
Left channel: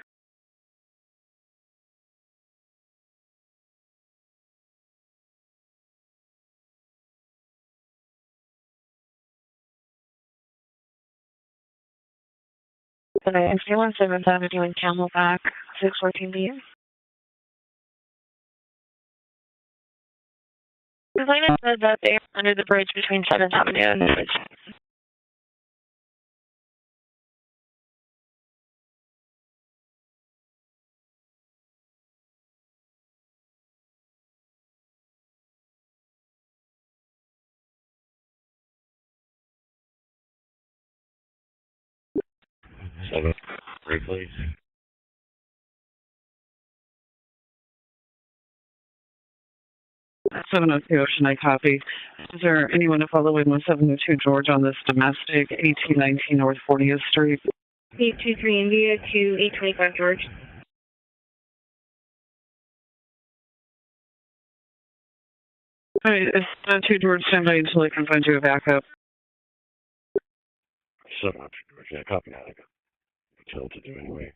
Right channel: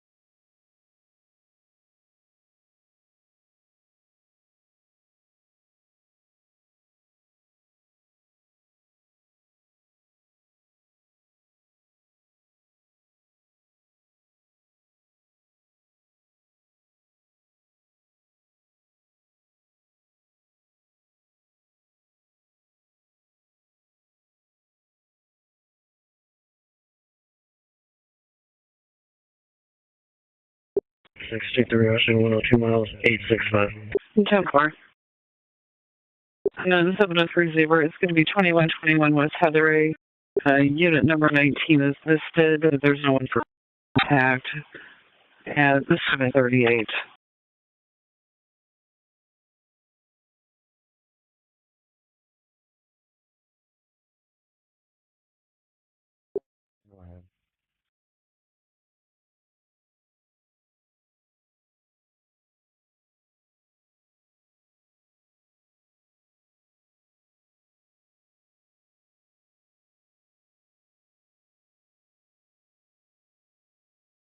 Today, MC 17th Avenue in Camelback, 614B. The plaintiff said that they are under the bridge between 7th Avenue and the bridge. 63 Ocean, 102 miles, 865. 10-4. And then 703 Zebra, it's going to be 2121 West Heatherray. Unit number 19 is listed. There's no contact at 738. 702 Ocean, I copy. Is there anyone to follow in with 702 George on this domestic, 1819 North 40th Street? 823 India to 825 George. All right, is 702 George stand by until I can find you a backup? 702 George, yeah, copy that. I got until to do anyway.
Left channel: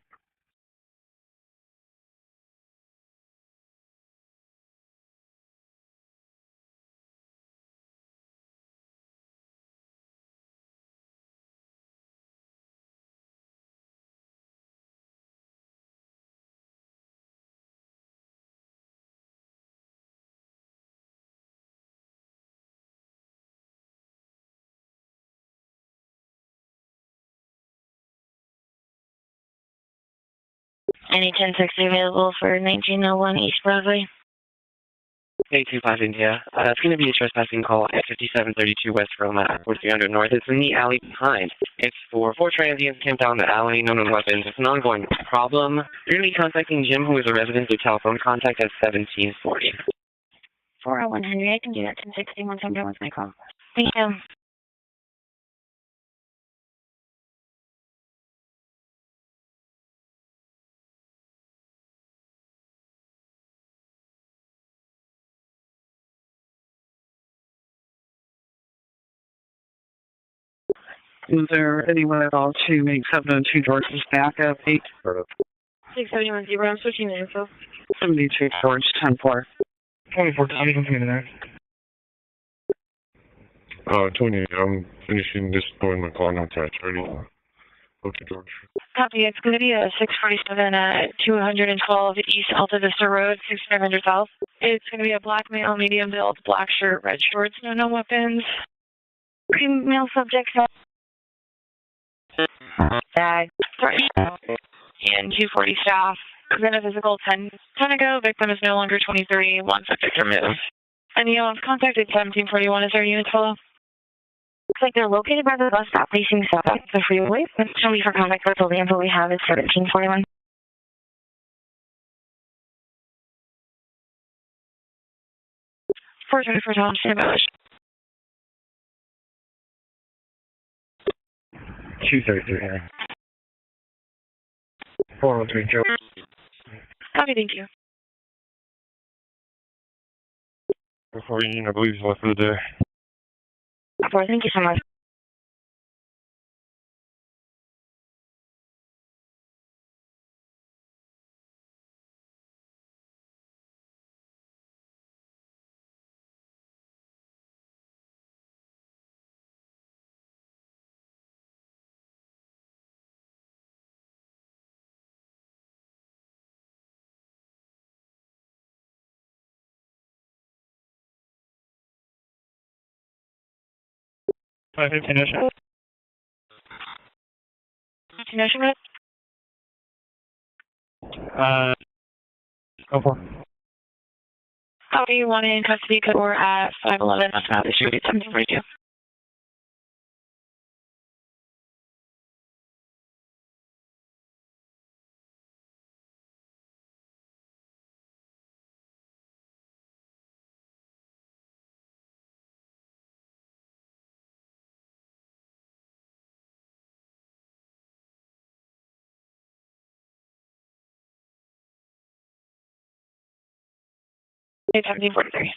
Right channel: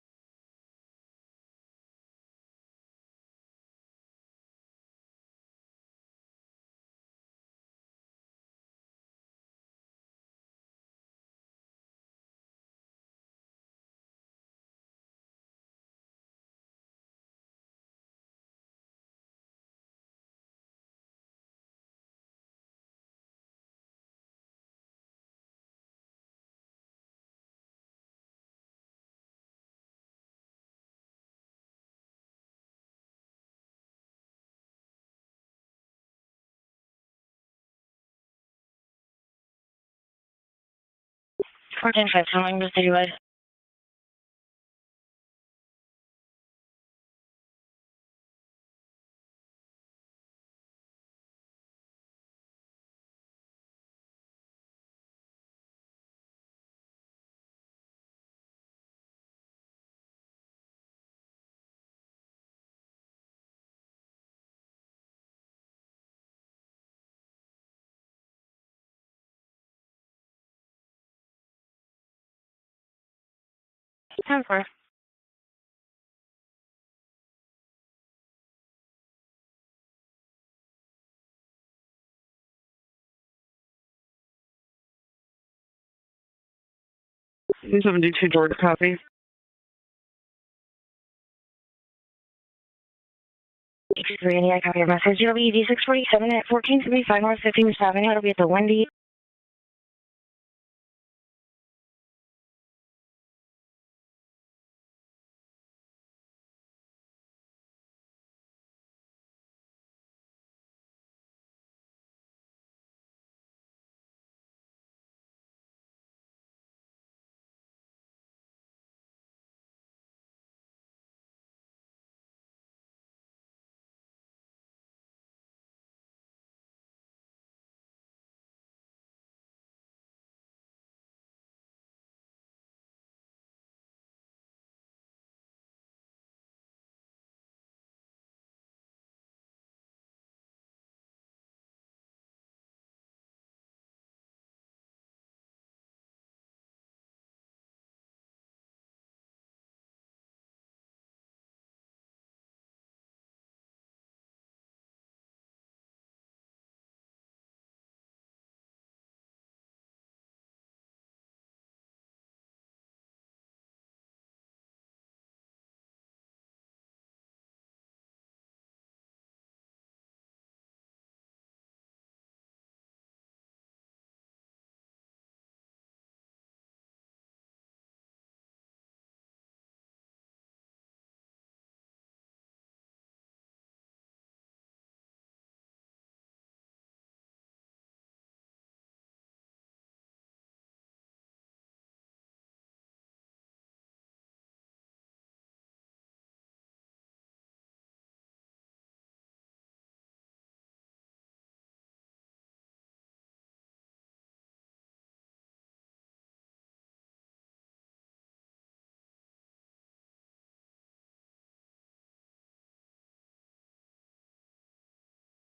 Any 1060 available for 1901 East Broadway? 825 India. It's going to be a trespassing call at 5732 West Roma, 4300 North. It's in the alley behind. Four transients came down the alley, no known weapons. It's an ongoing problem. You're going to be contacting Jim, who is a resident, through telephone contact at 1740. 401 Henry, I can do that 1060 once I'm done with my call. Thank you. Is there anyone at all to make 702 George's backup? 671 Zebra, I'm switching the info. 72 George, 10-4. 24, I'm in there. 20, I'm finishing this going my call now to 30. 72 George, copy. Copy, it's going to be a 647 at 212 East Alta Vista Road, 6500 South. It's going to be a black male medium build, black shirt, red shorts, no weapons. Female subject, bag, and 240 staff. Then a physical 10 ago. Victim is no longer 23. One subject removed. Any contacted 1741. Is there a unit follow? Looks like they're located by the bus stop facing south up the freeway. Show me for contact. That's all the info we have is 1741. For Tom, stand by. 233 here. 403 Joe. Copy, thank you. Before you, I believe he's left for the day. Thank you so much. Continuation, right? Go for it. How do you want in custody? Code we're at 511. That's not the issue. 1742. It's 1743.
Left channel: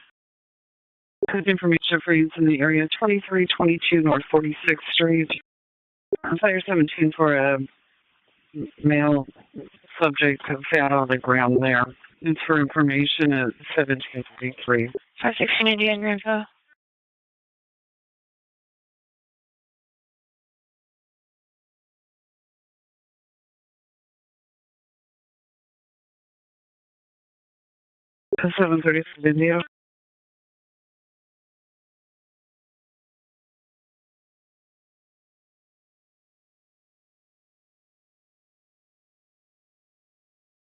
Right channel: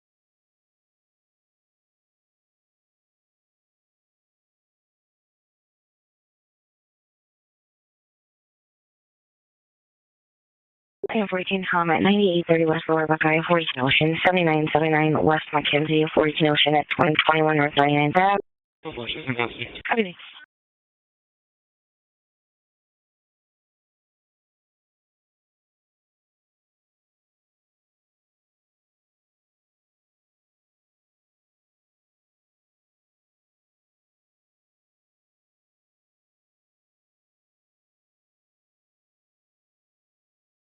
Good information for you in the area 2322 North 46th Street. Fire 17 for a male subject found on the ground there. Comment 98 for information at 7979 West Activity 14 Ocean at 2021 North 99. Copy. 730 video.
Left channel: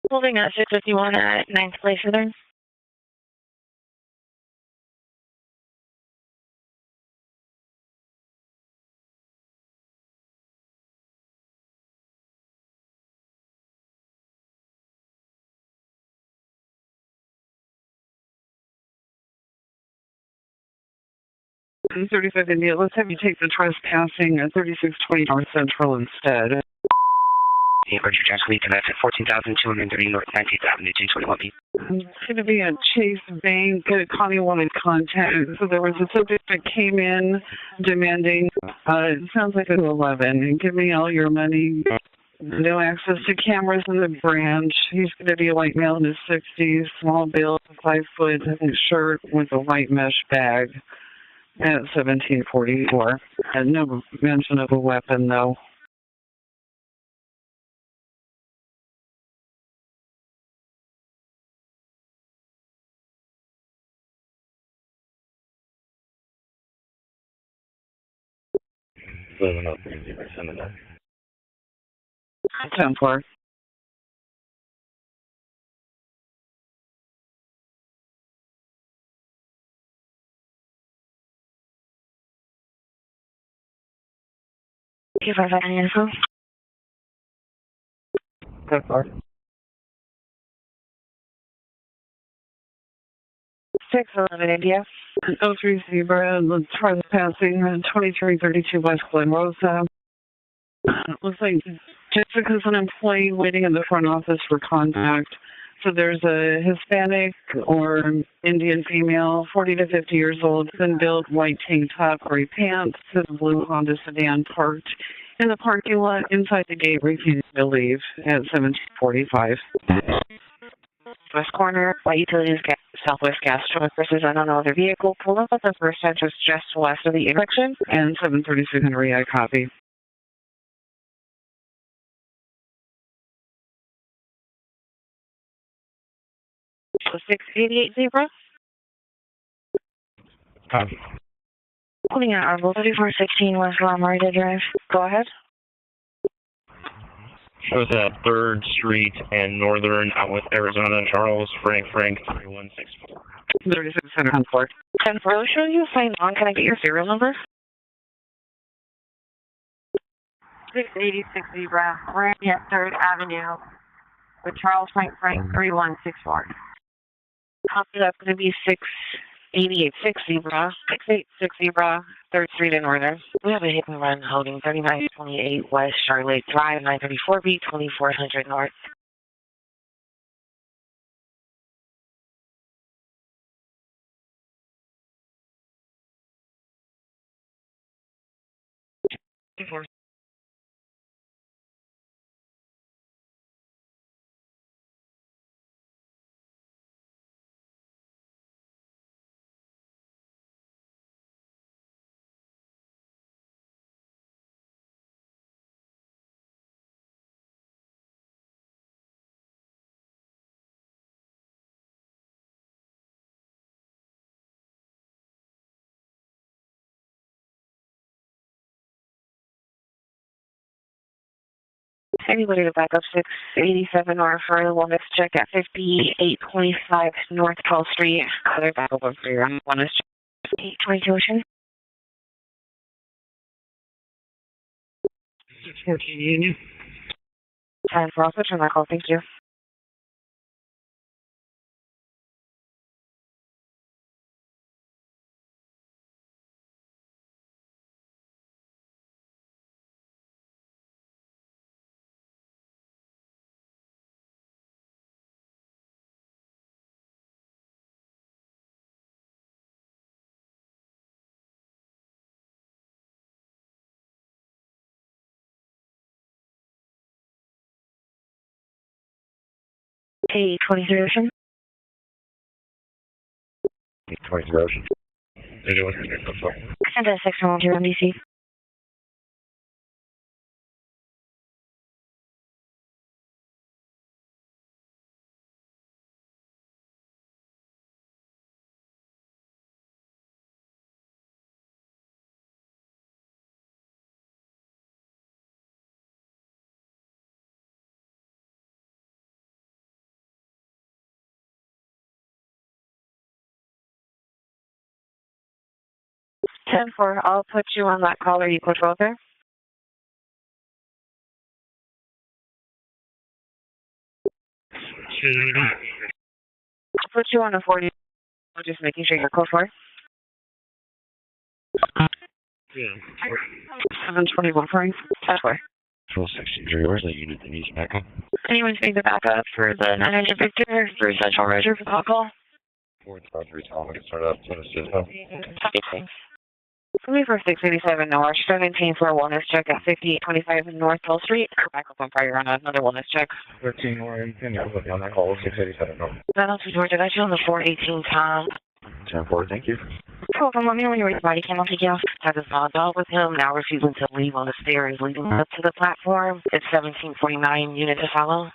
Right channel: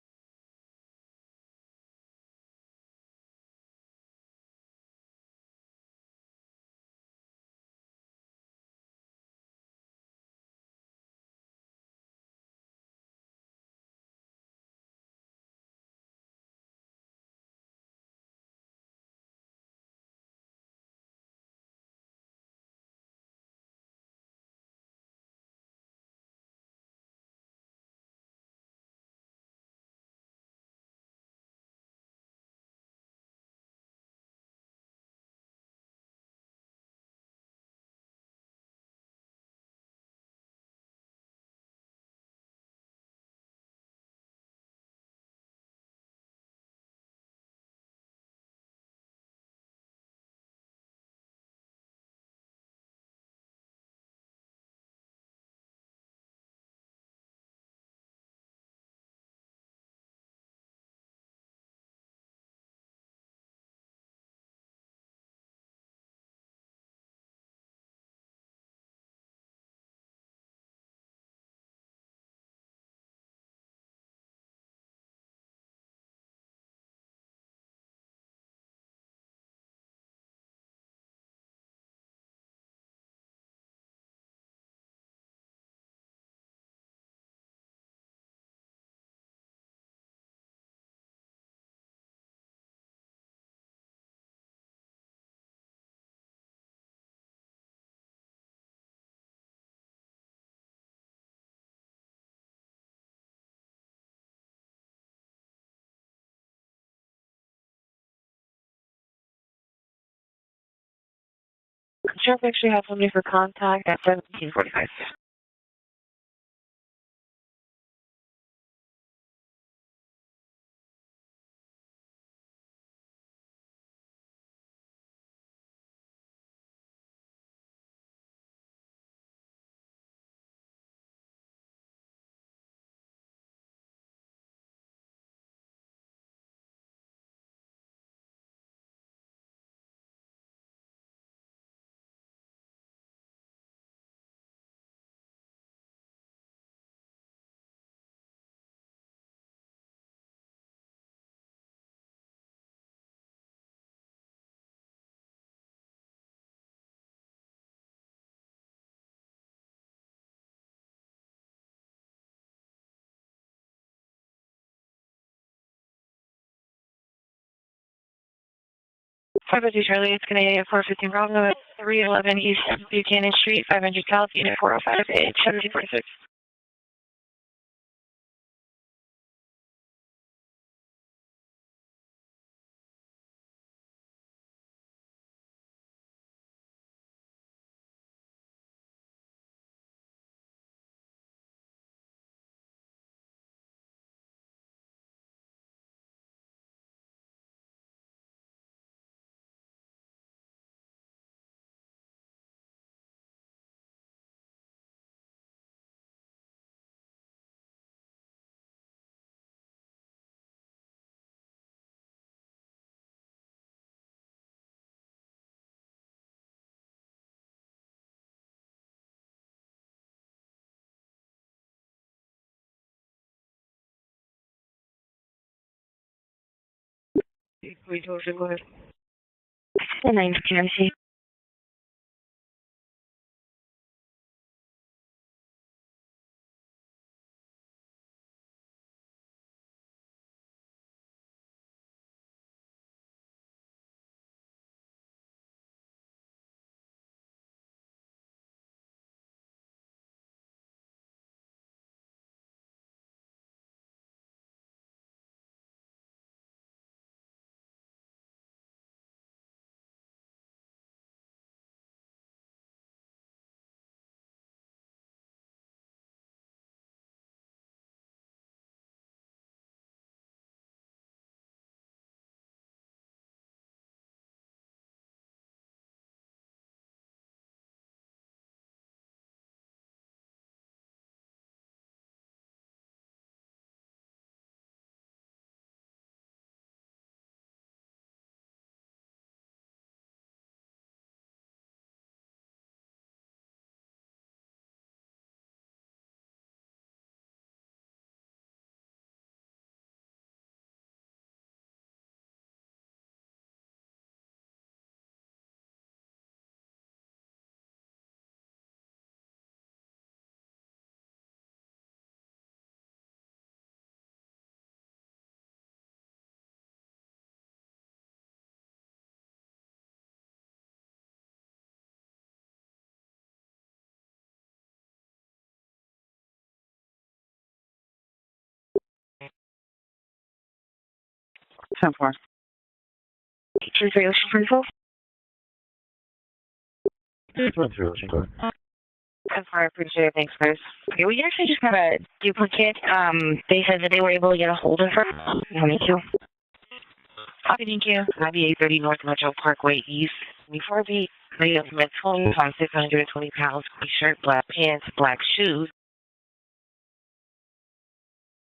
Holding at 651 at 9th Place Southern. 35 India, let's have you take the trespassing at 3620 North Central instead. The Virgin Translate to that's at 14,230 North 19th Avenue, 221B. It's going to be a Chase Bank. Connie wanted contact. So there was a subject that came in demanding, it sounds like a 11, and give me all your money. No access to cameras in the branch. He's going to be a white male in his 60s, small build, 5 foot shirt with a white mesh bag at 1744. And no mention of a weapon, though. Living up in the cemetery. 10-4. Give us any info. Go for it. 611 India. 03 Zebra, trespassing, 2332 West Glen Rosa. Looks like Jessica's an employee waiting in the front office for contact. So there's a Hispanic or Indian female, 40 to 50 years old, thin built, white tank top, gray pants, and blue Honda sedan parked in the parking lot inside the gate, refusing to leave at 1745. West corner, white utilities, Southwest gas truck versus unknown other vehicle. Pull up at the first entrance just west of the intersection. And 732 Henry, I copy. So 688 Zebra. Copy. Pulling out Arbol 3416 West Lamarita Drive. Go ahead. Shows at 3rd Street and Northern out with Arizona, Charles, Frank, 3164. 3600 on Fort. 10-4, show you sign on. Can I get your serial number? 686 Zebra, we're at 3rd Avenue with Charles Frank 3164. Copy, that's going to be 688 Zebra, 311 East Buchanan Street, 70 South, 45 West Charlotte Drive, 934B, 2400 North. Anybody to back up 687 or for the one that's check at 5825 North 12th Street. Back up for your 9 QIC regulation. 14 Union. 10 for also turn that call. Thank you. Hey, 23 Ocean. 23 Ocean. Send a 612 MDC. Ten four. I'll put you on that call. Are you code for there? I'll put you on a 40. Just making sure you're code for. Yeah. 721 Frank. 10-4. 1263, where's that unit that needs backup? Anyone need the backup for the 900 Victor for Central Road? Sure, Call. 23 Ocean Principal. For me for 687 North, 1741 is check at 5825 North 12th Street. Duplicate, they said that they were able to get a hold of her. 22. That also Georgia, I got you on the 42, 2830 North Metro Parkway East. Oh, I'm wondering when you were providing me the phone. Now receiving certainly on the stair and black shoes. The platform, it's 1749 unit to follow.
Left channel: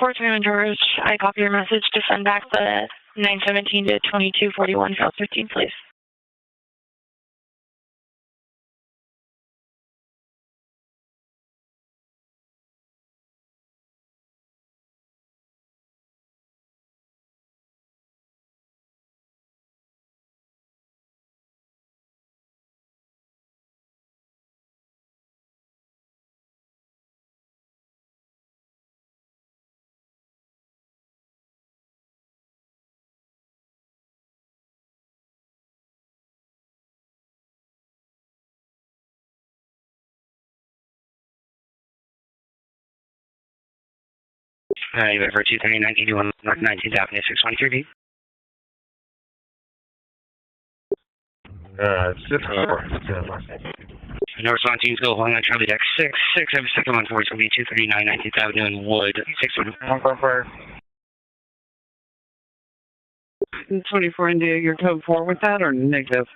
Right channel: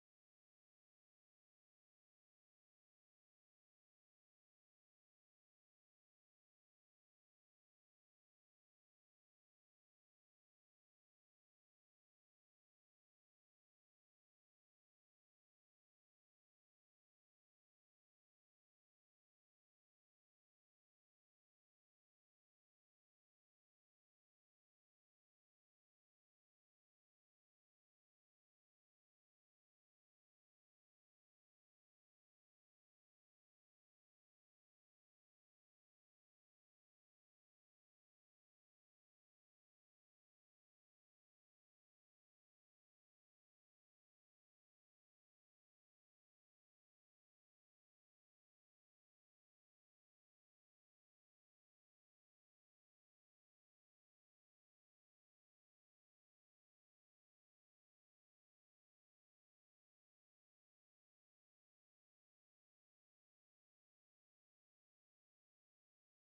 Fort Simon George, I copy your message to send back the 917 to 2241 South 15, please. You went for 23981 North 19th Avenue, 623B. No response, teams go along on Charlie Deck 6. I have a second one for it's going to be 239 19th Avenue in Wood, 6. 24 India, your code 4 with that or negative?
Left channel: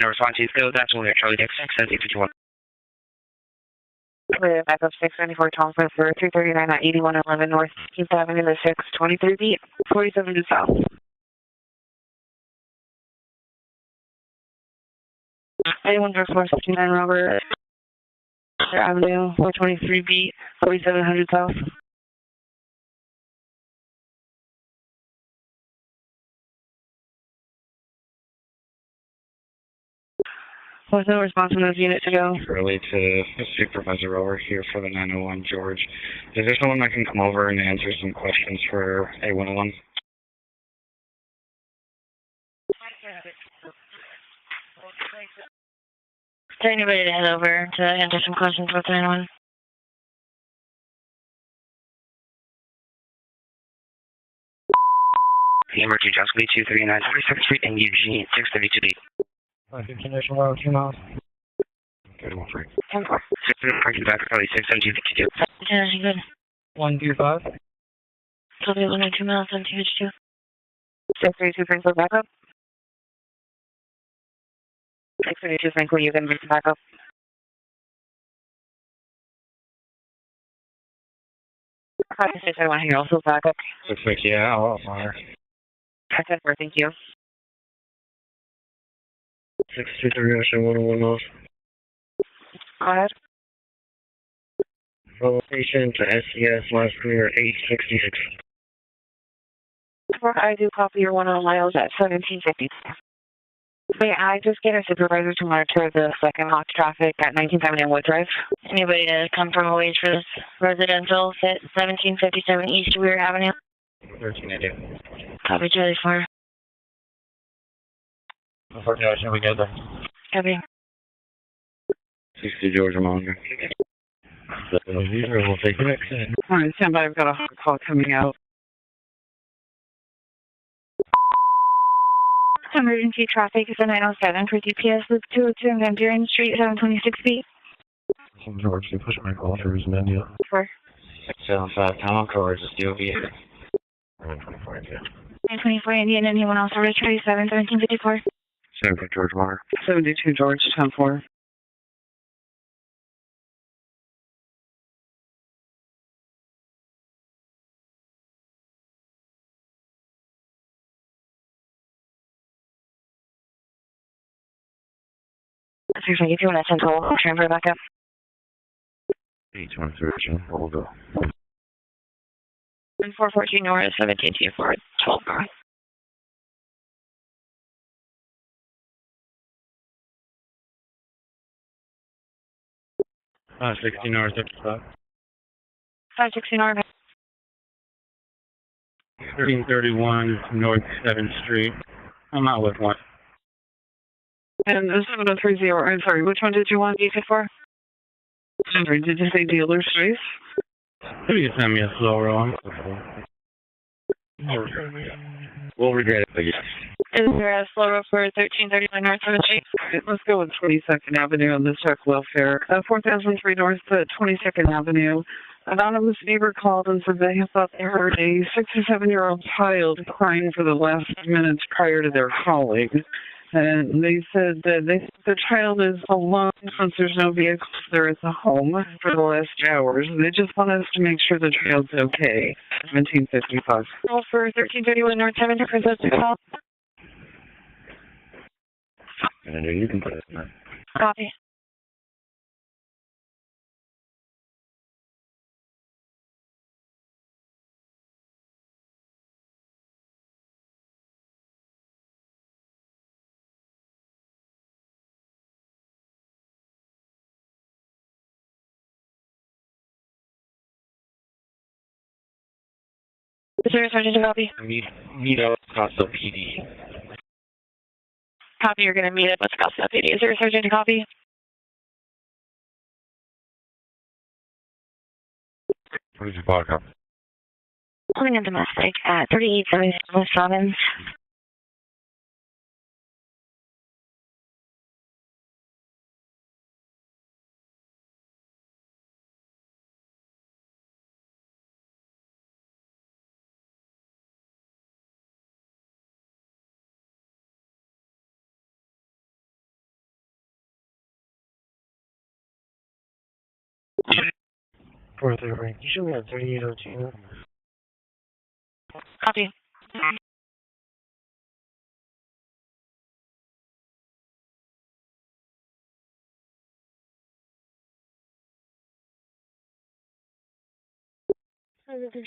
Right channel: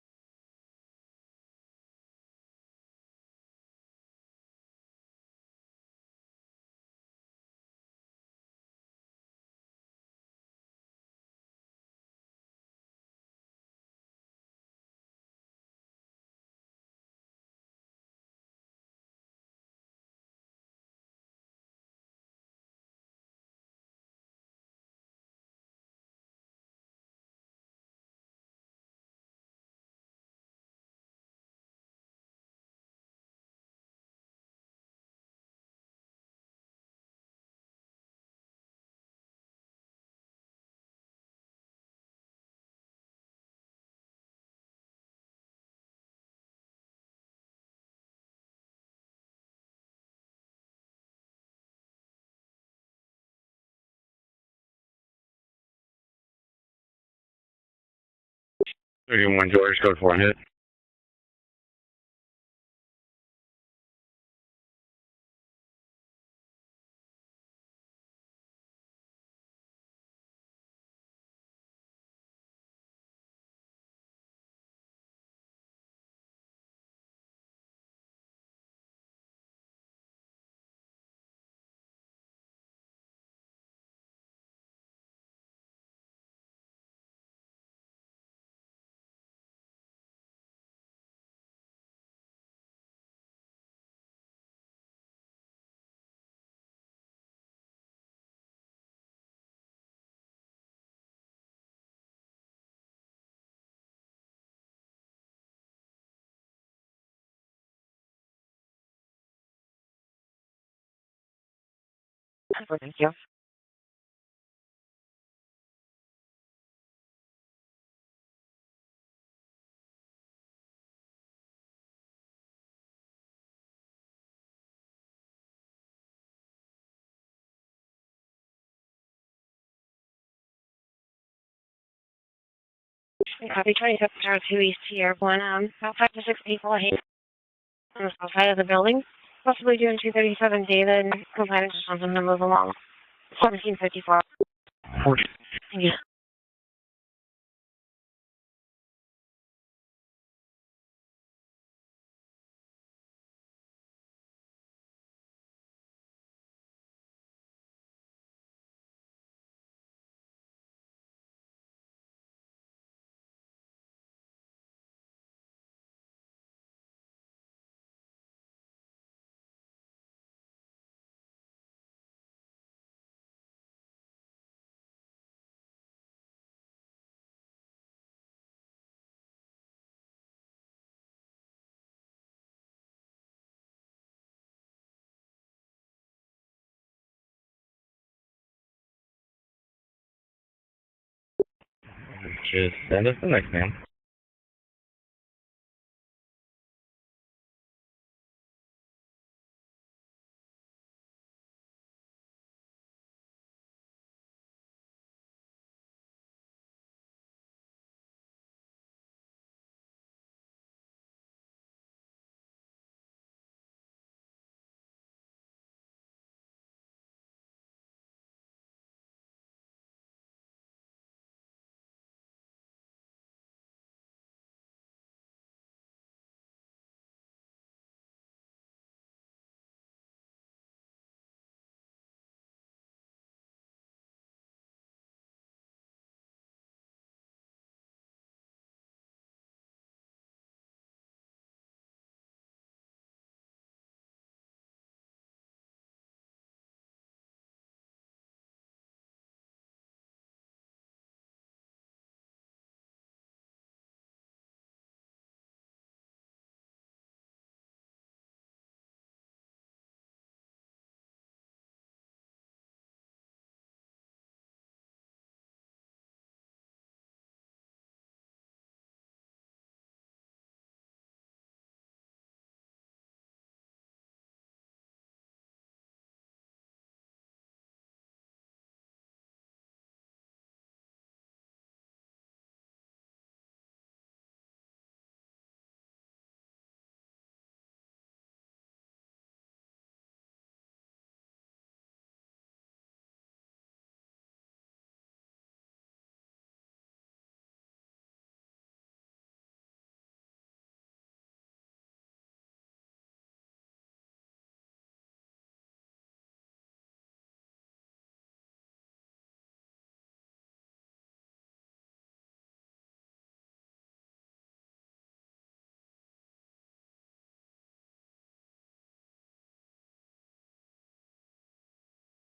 No response, teams go. That's only at Charlie Deck 6, 851. Backup 694 Tom for 339 at 8111 North 15th Avenue, the 623B, 47 to South. Anyone for 469 Robert Avenue, 423B, 4700 South. With no response on those units to go. Early to the supervisor over here for the 901 George. Is there someone that can come over and answer some questions for A101? Is there anybody to head over to answer some questions with anyone? Emergency Jocelyn 239 42nd Street and Eugene 632. 31 George, code 4 hit. 31 free. 6 parking back, probably 672. Yeah, good. 125. Copy, 192 miles on TH2. 632 Franklin, backup. 632 Franklin, you can bring backup. Copy, 631 here, also backup. Looks like, yeah, I'll fire. Okay, thank you. 623 Ocean 101 North. Go ahead. Location to SCS, last clear 866. I do copy your 101 miles at 1750. May I just get a supervisor to monitor the second hawk traffic at 19th Avenue and Wood Drive? Anybody to come from a wage for this residential at 1757 East Weir Avenue? 1380. Copy, Charlie 4. Unfortunately, we get there. Copy. 60 George Monger. We'll take the next thing. All right, stand by. I've got a hot call coming out. Emergency traffic at 907 to EPS 202 Venturing Street, 1760. Outside of the building. Possibly doing 237 David. Compliance from the number 1754. 24 Indian. Anyone else over to 37, 1754? 7 George Monger. 72 George, 10-4. Seriously, if you want to central transfer back up. 823 hold up. 414 North, 1724, 12 North. 60 North, 55. 560 North. 1331 North 7th Street. I'm out with one. That's the next name. And 7030, I'm sorry, which one did you want? You for? Sorry, did you say dealer's choice? Maybe you send me a slow roll. We'll regret it, but yes. Is there a slow roll for 1331 North 7th Street? Let's go with 22nd Avenue on the check welfare. 4003 North 22nd Avenue. Anonymous neighbor called and said they thought they heard a 6 or 7-year-old child crying for the last minutes prior to their calling. And they said that the child is alone since there's no vehicles there at the home for the last hours. They just want us to make sure the child's okay. 1755. Roll for 1331 North 7th for those to call. And you can put it in there. Copy. Is there a sergeant to copy? Meet up Scottsdale PD. Copy, you're going to meet up with Scottsdale PD. Is there a sergeant to copy? What is your backup? Holding a domestic at 3877 Robbins. For the range, you should have 3802. Copy.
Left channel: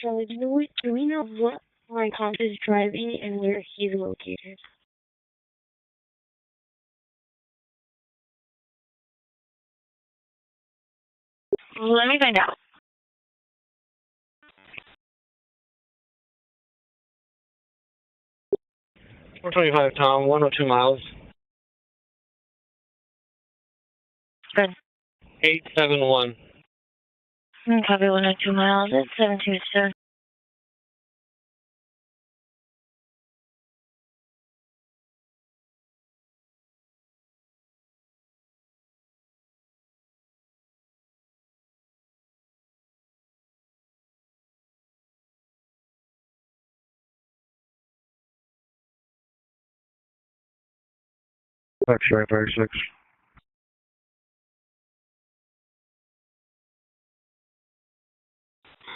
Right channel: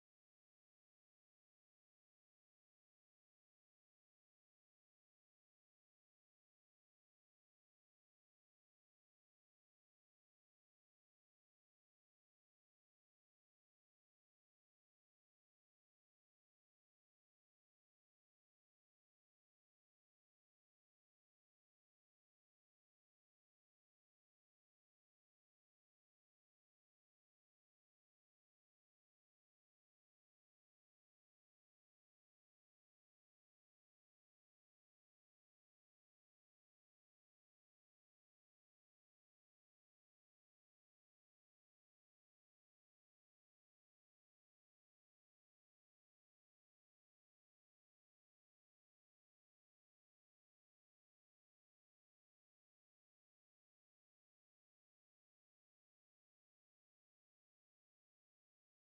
Charlie, do we know what my comp is driving and where he's located? Let me find out. 425, Tom, 102 miles. Good. 871. Copy 102 miles. It's 727. X-ray 36.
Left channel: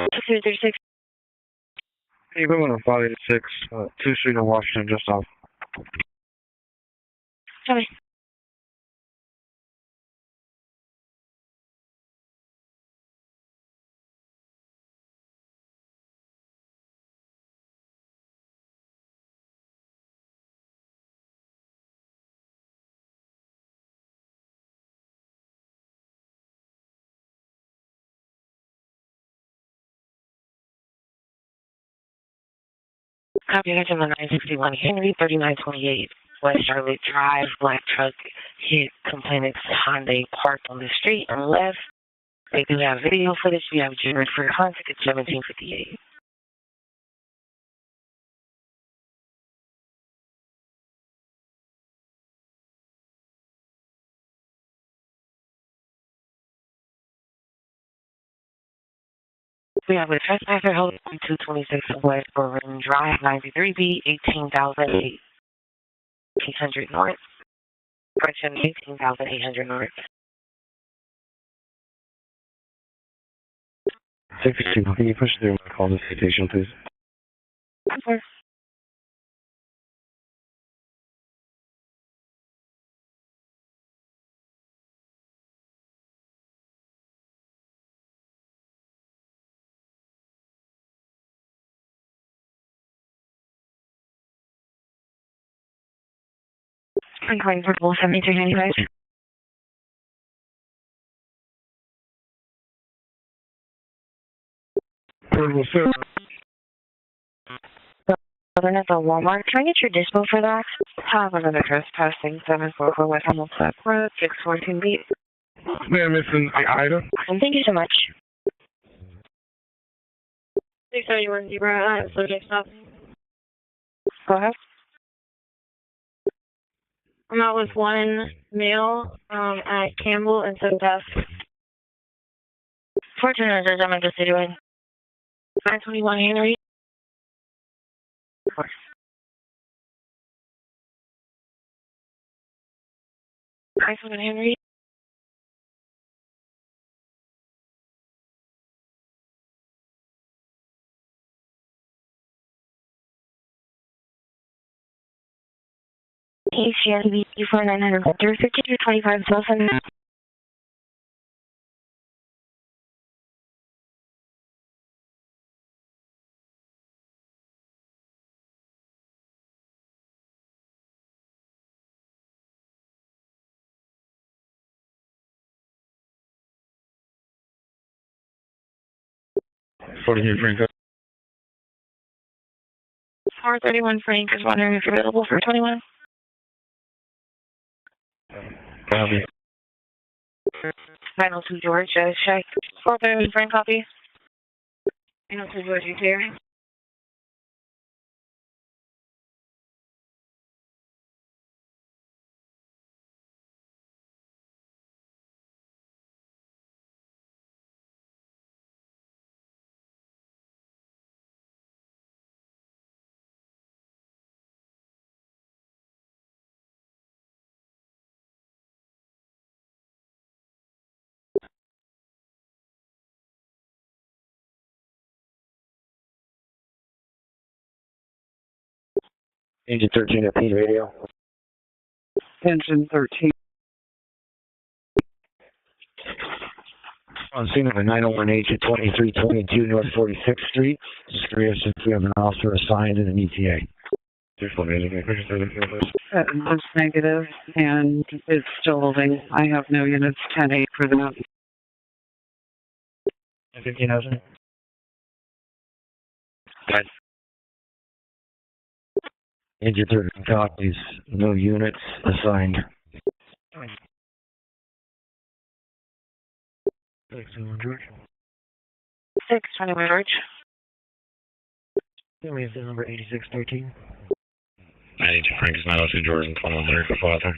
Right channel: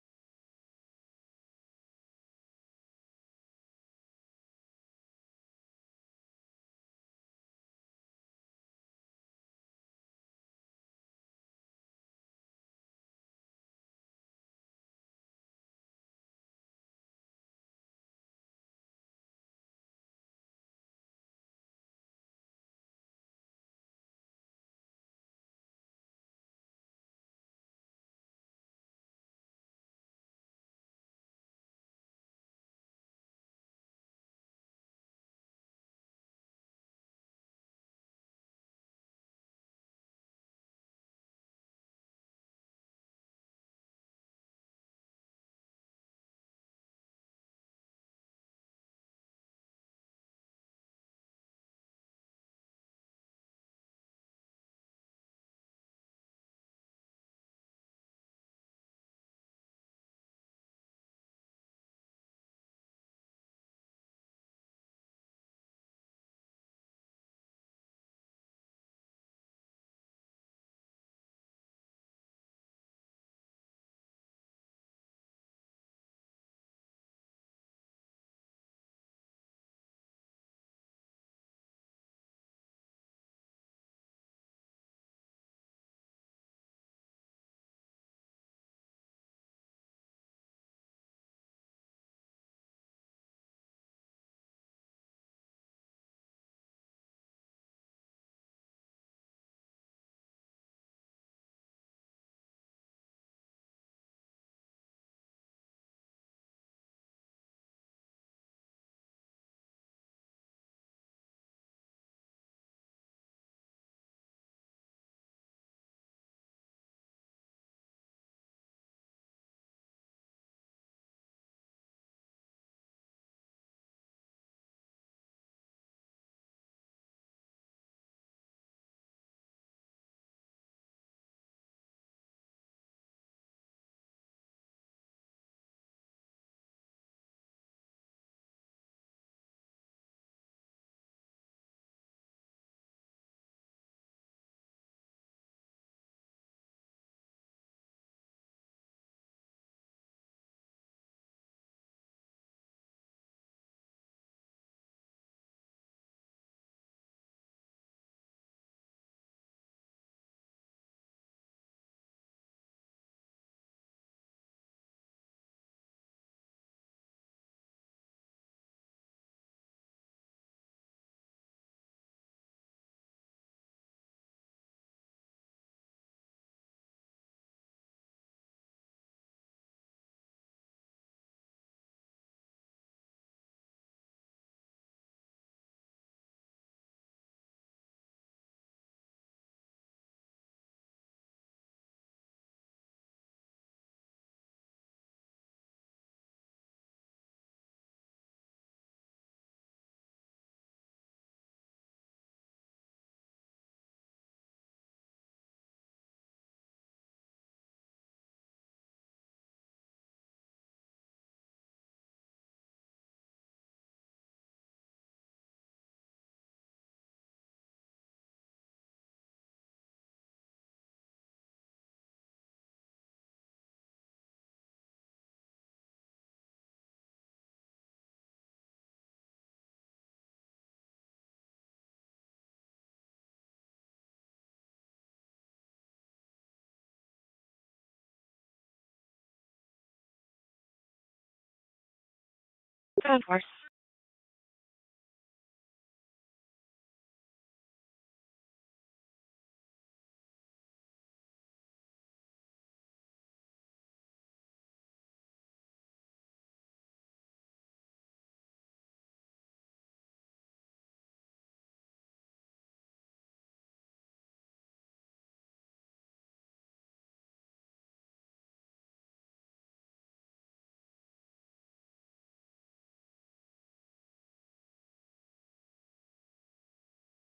X-ray 36. Hey, we went on 586, 2 Street in Washington, just off. Copy. Copy, I got him on 961 Henry, 3928 West Charlotte Drive. Black truck hit complainant's Hyundai parked on the street and left. They do have video footage. We have generated for contact at 1758. We have a trespasser held 226 West Berlin Drive, 93B, 18,800 North. Correction, 18,800 North. 62, can you push through my call to citation, please? Of course. I'm calling for Bull 7395. Southern at the Walmart. Can I get your dispo for that? Have another trespassing 744 West Hamilton Road, 614 beat. Ma'am, it's an Ida. Thank you so much. 631 Zebra, subject stop. Go ahead. I'm out with one male at Campbell and South F. 1400, I'm interested in 921 Henry. Of course. Henry. HCSB 4900 5225 Wilson. Frank. 431 Frank is wondering if you're available for 21. Copy. 902 George, check. 431 Frank, copy. 902 George, you clear? Engine 13 at P radio. Engine 13. On scene of a 901H at 2322 North 46th Street. Just curious if we have an officer assigned to the EPA. It looks negative, and it's still holding. I have no units 10-8 for that. 15,000. Guys, Agent 30 copies. No units assigned. 621 George. 621 George. We have the number 8613. Agent Frank is 902 George and 2100 for Father.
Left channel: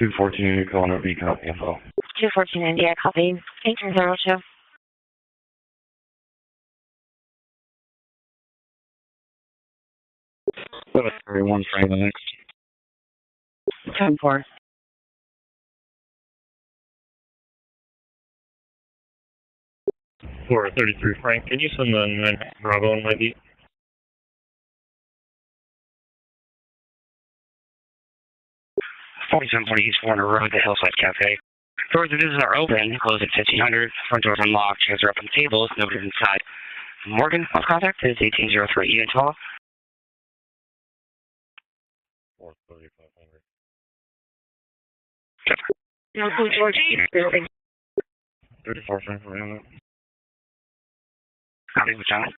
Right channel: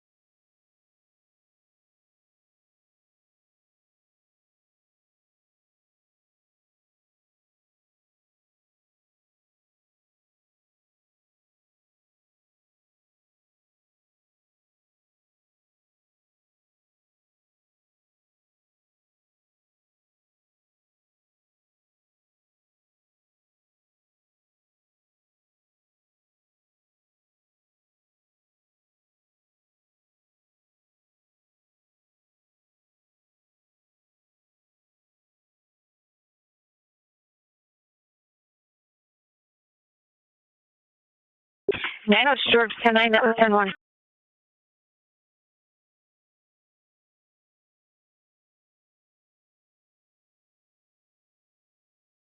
$214 calling up, copy info. 214 India, copy. 1802. Everyone, Frank, the next. 10-4. For 33 Frank, can you send the 9 Bravo on my beat? 4740 East Warner Road, the Hillside Cafe. Doors of business are open, closed at 1500. Front doors unlocked, chairs are up on tables, nobody inside. Morgan, on contact is 1803 Ian Tall. 902 George, 109, that was 101. No, George, building. 34 Frank, for him. Copy, Lieutenant.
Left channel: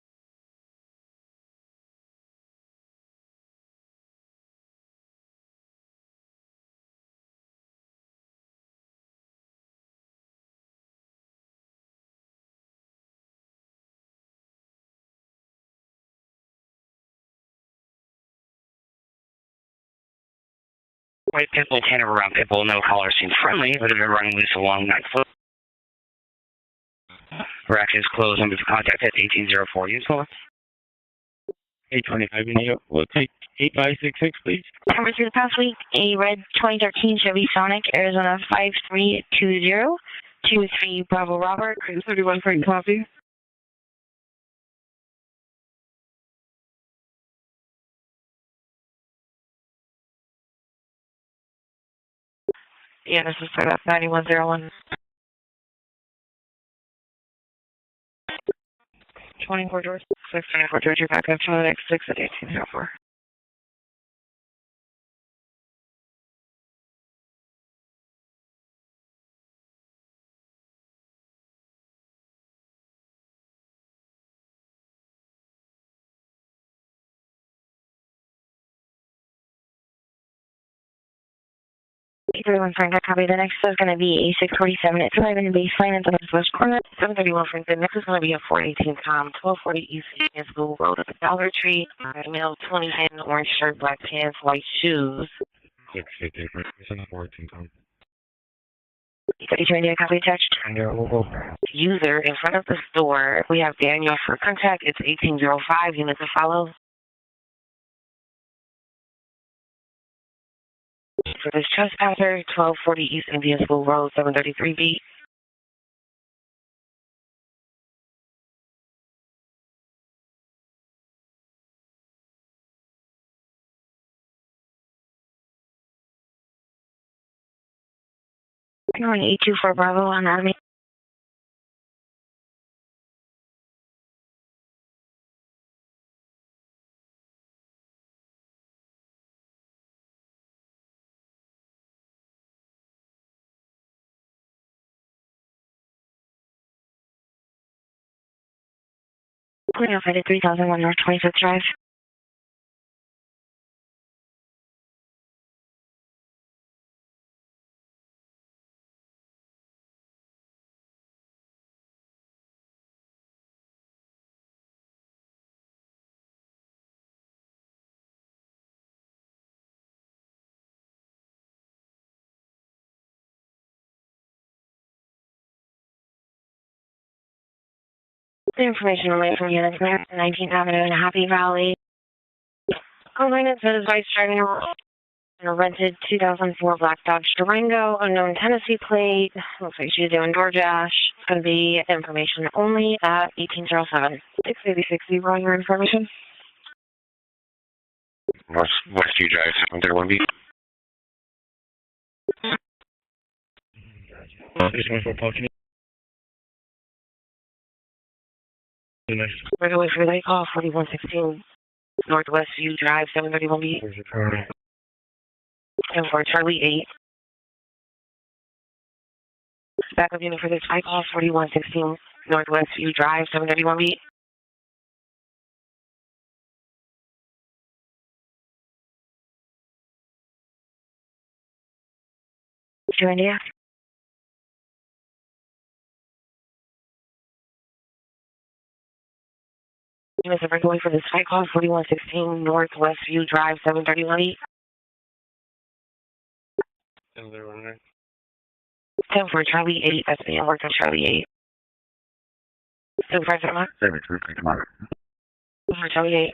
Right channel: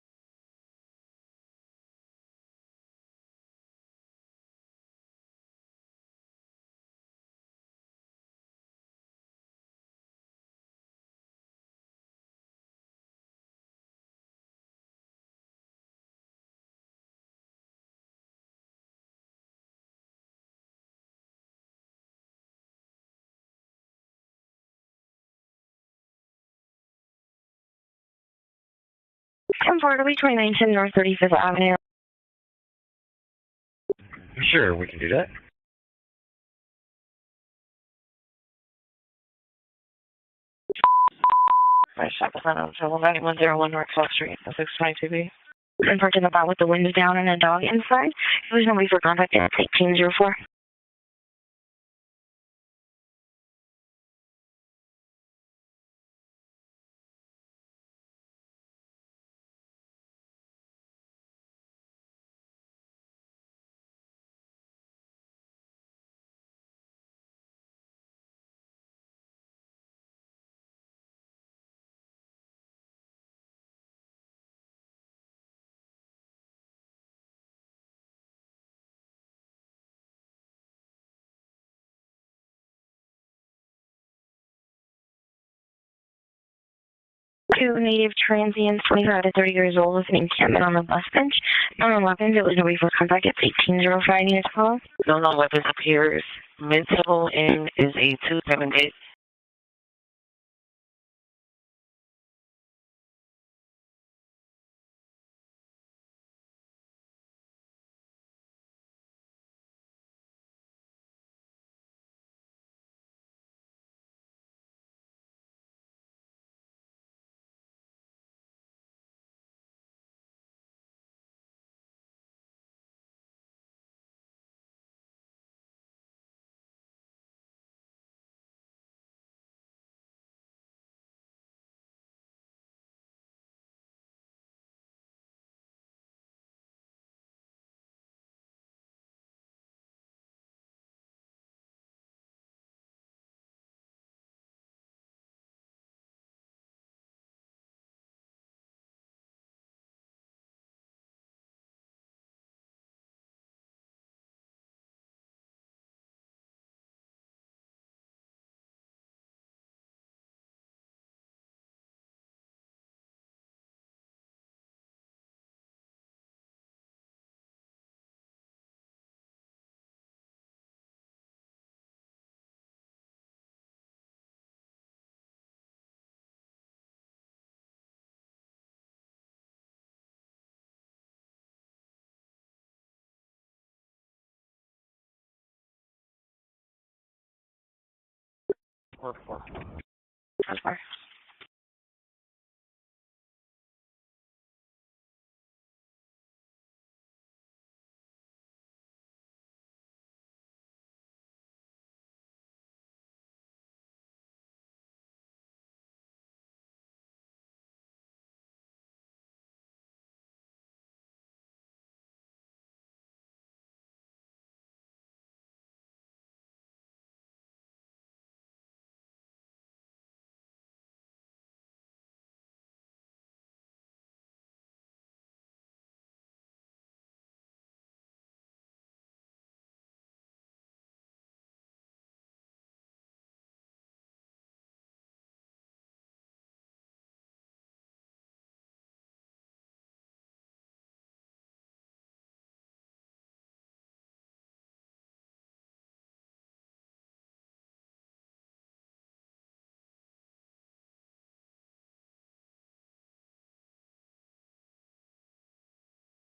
White Pitbull, Tanner around Pitbull, no caller seems friendly, but have been running loose along that foot. Rack is closed, number to contact at 1804. 2910 North 35th Avenue. 825 India, we'll take 8566, sure, we can Number do 2 that. past week, a red 2013 Chevy Sonic, Arizona 5320. 23 Bravo Robert. 31 Frank, copy. 9101 North 12th Street, 622B. And parked in the back with the windows down and a dog inside. There was nobody for contact at 1804. Yeah, this is for that 9101. 24 George. 624 George, you're back up to the next 6 at 1804. Everyone, Frank, I copy. The next is going to be A647. It's arriving in baseline at the northwest corner. 731 Two native transients, 25 to 30 years old, with an encampment on the bus bench. Unlocking, there was no reason to contact at 1805 units call. Don't know what disappeared. Municipal in is a 278. 32 India, copy attached. User in front of the store. We have Daniel for contact. It's 1805 units to follow. For this trespasser, 1240 East Indian School Road, 733B. You're on 824 Bravo on Army. Clearing off at 3001 North 25th Drive. The information related from units there, 19th Avenue in Happy Valley. Online it says vice driving in a rented 2004 Black Dodge Durango, unknown Tennessee plate. Looks like she's doing DoorDash. It's going to be information only at 1807. 686, you brought your information? Westview Drive, 731B. Nice. Right away for the call, 4116. Northwest View Drive, 731 B. Where's your Charlie? 10 for Charlie 8. Backup unit for this high call, 4116 Northwest View Drive, 731 B. To India. Units are going for this high call, 4116 Northwest View Drive, 731 B. 10 for Charlie 8, that's being worked on Charlie 8. Supervisor, come on. 733, come on. For Charlie 8.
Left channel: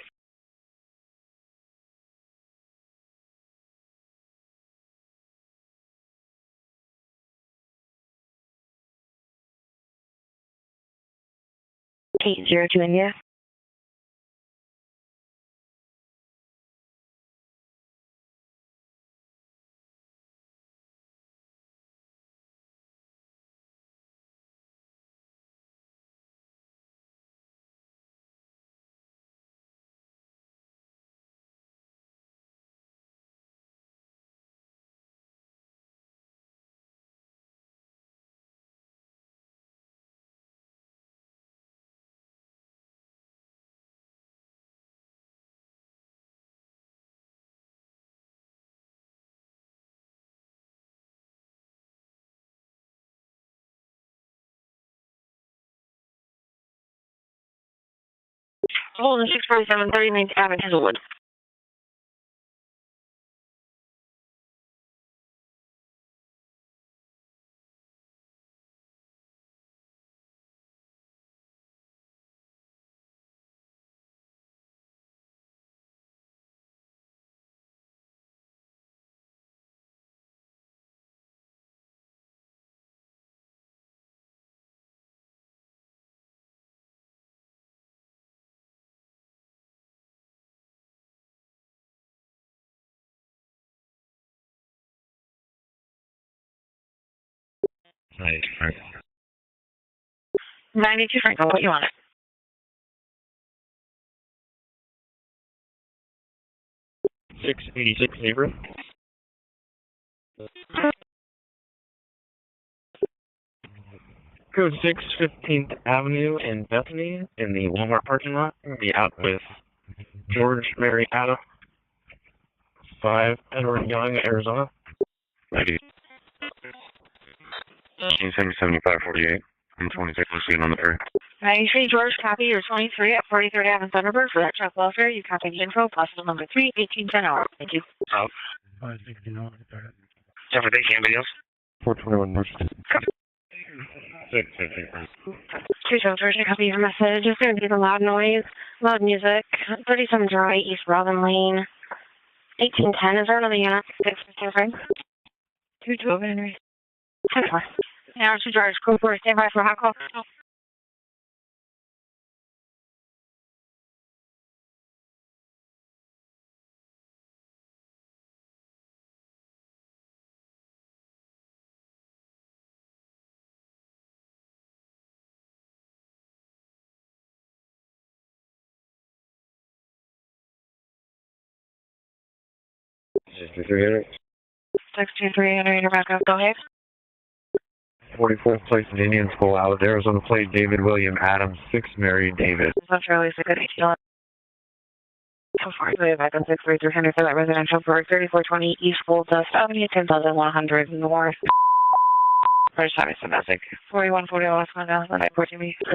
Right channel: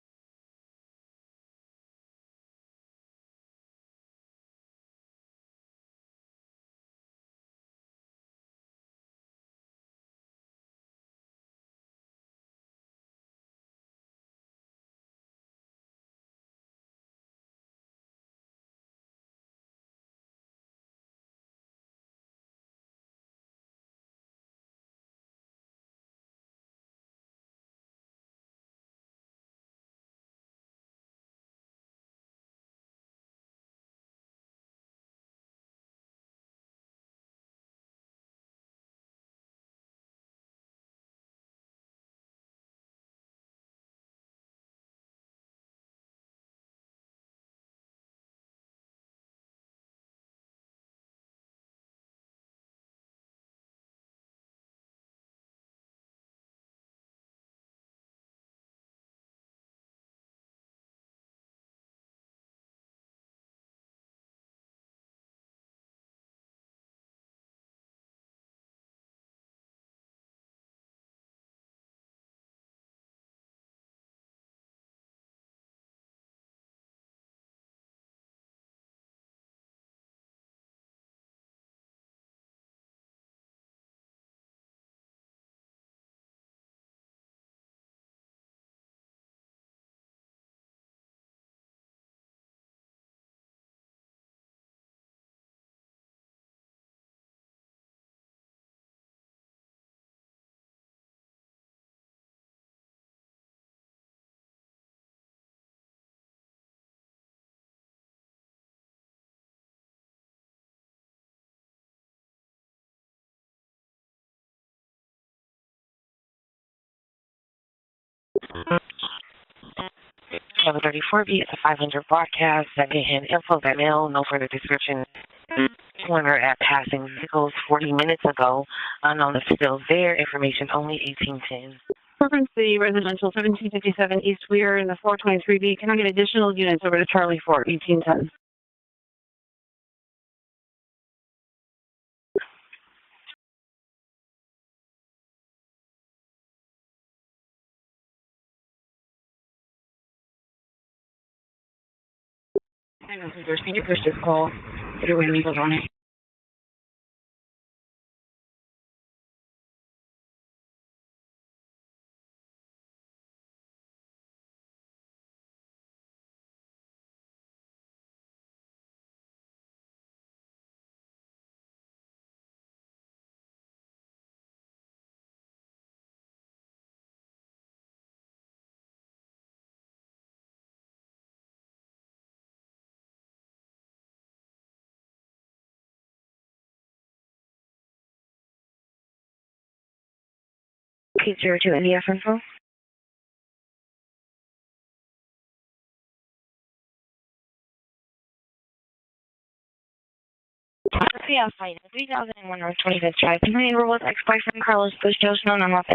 to India. Hold on 647 39th Avenue, Hazelwood. Nice, Frank. 92 Franco, what you want? It? 686 Zebra. Code 6, 15th Avenue in Bethany, in the Walmart parking lot. Be out with George Mary Adams. 500 broadcast, 78 program ill, no further description. Corner at passing vehicles 40 minutes ago. Unknown is still there. Information only 18. 93 George, copy your 23 at 43rd Avenue, Thunderbird. We are in the 423 can I get additional units over to Charlie Court, 1810. Anybody else? 421 North. 6, 2 George, copy your message. It's going to be the loud noise, loud music. 37 Dry, East Robin Lane. 1810, is there another unit for 6 call? Your way legal on it. 212 Henry. 10-4. Now, 2 George, crew for stand by for hot call. Text 23, enter your backup, go ahead. 44th place in Indian School, out of Arizona plate, David William Adams, Mary David. That's Charlie, so good. So far, we have back on 63300 for that residential for 3420 East Gold Dust Avenue, 10,100 more.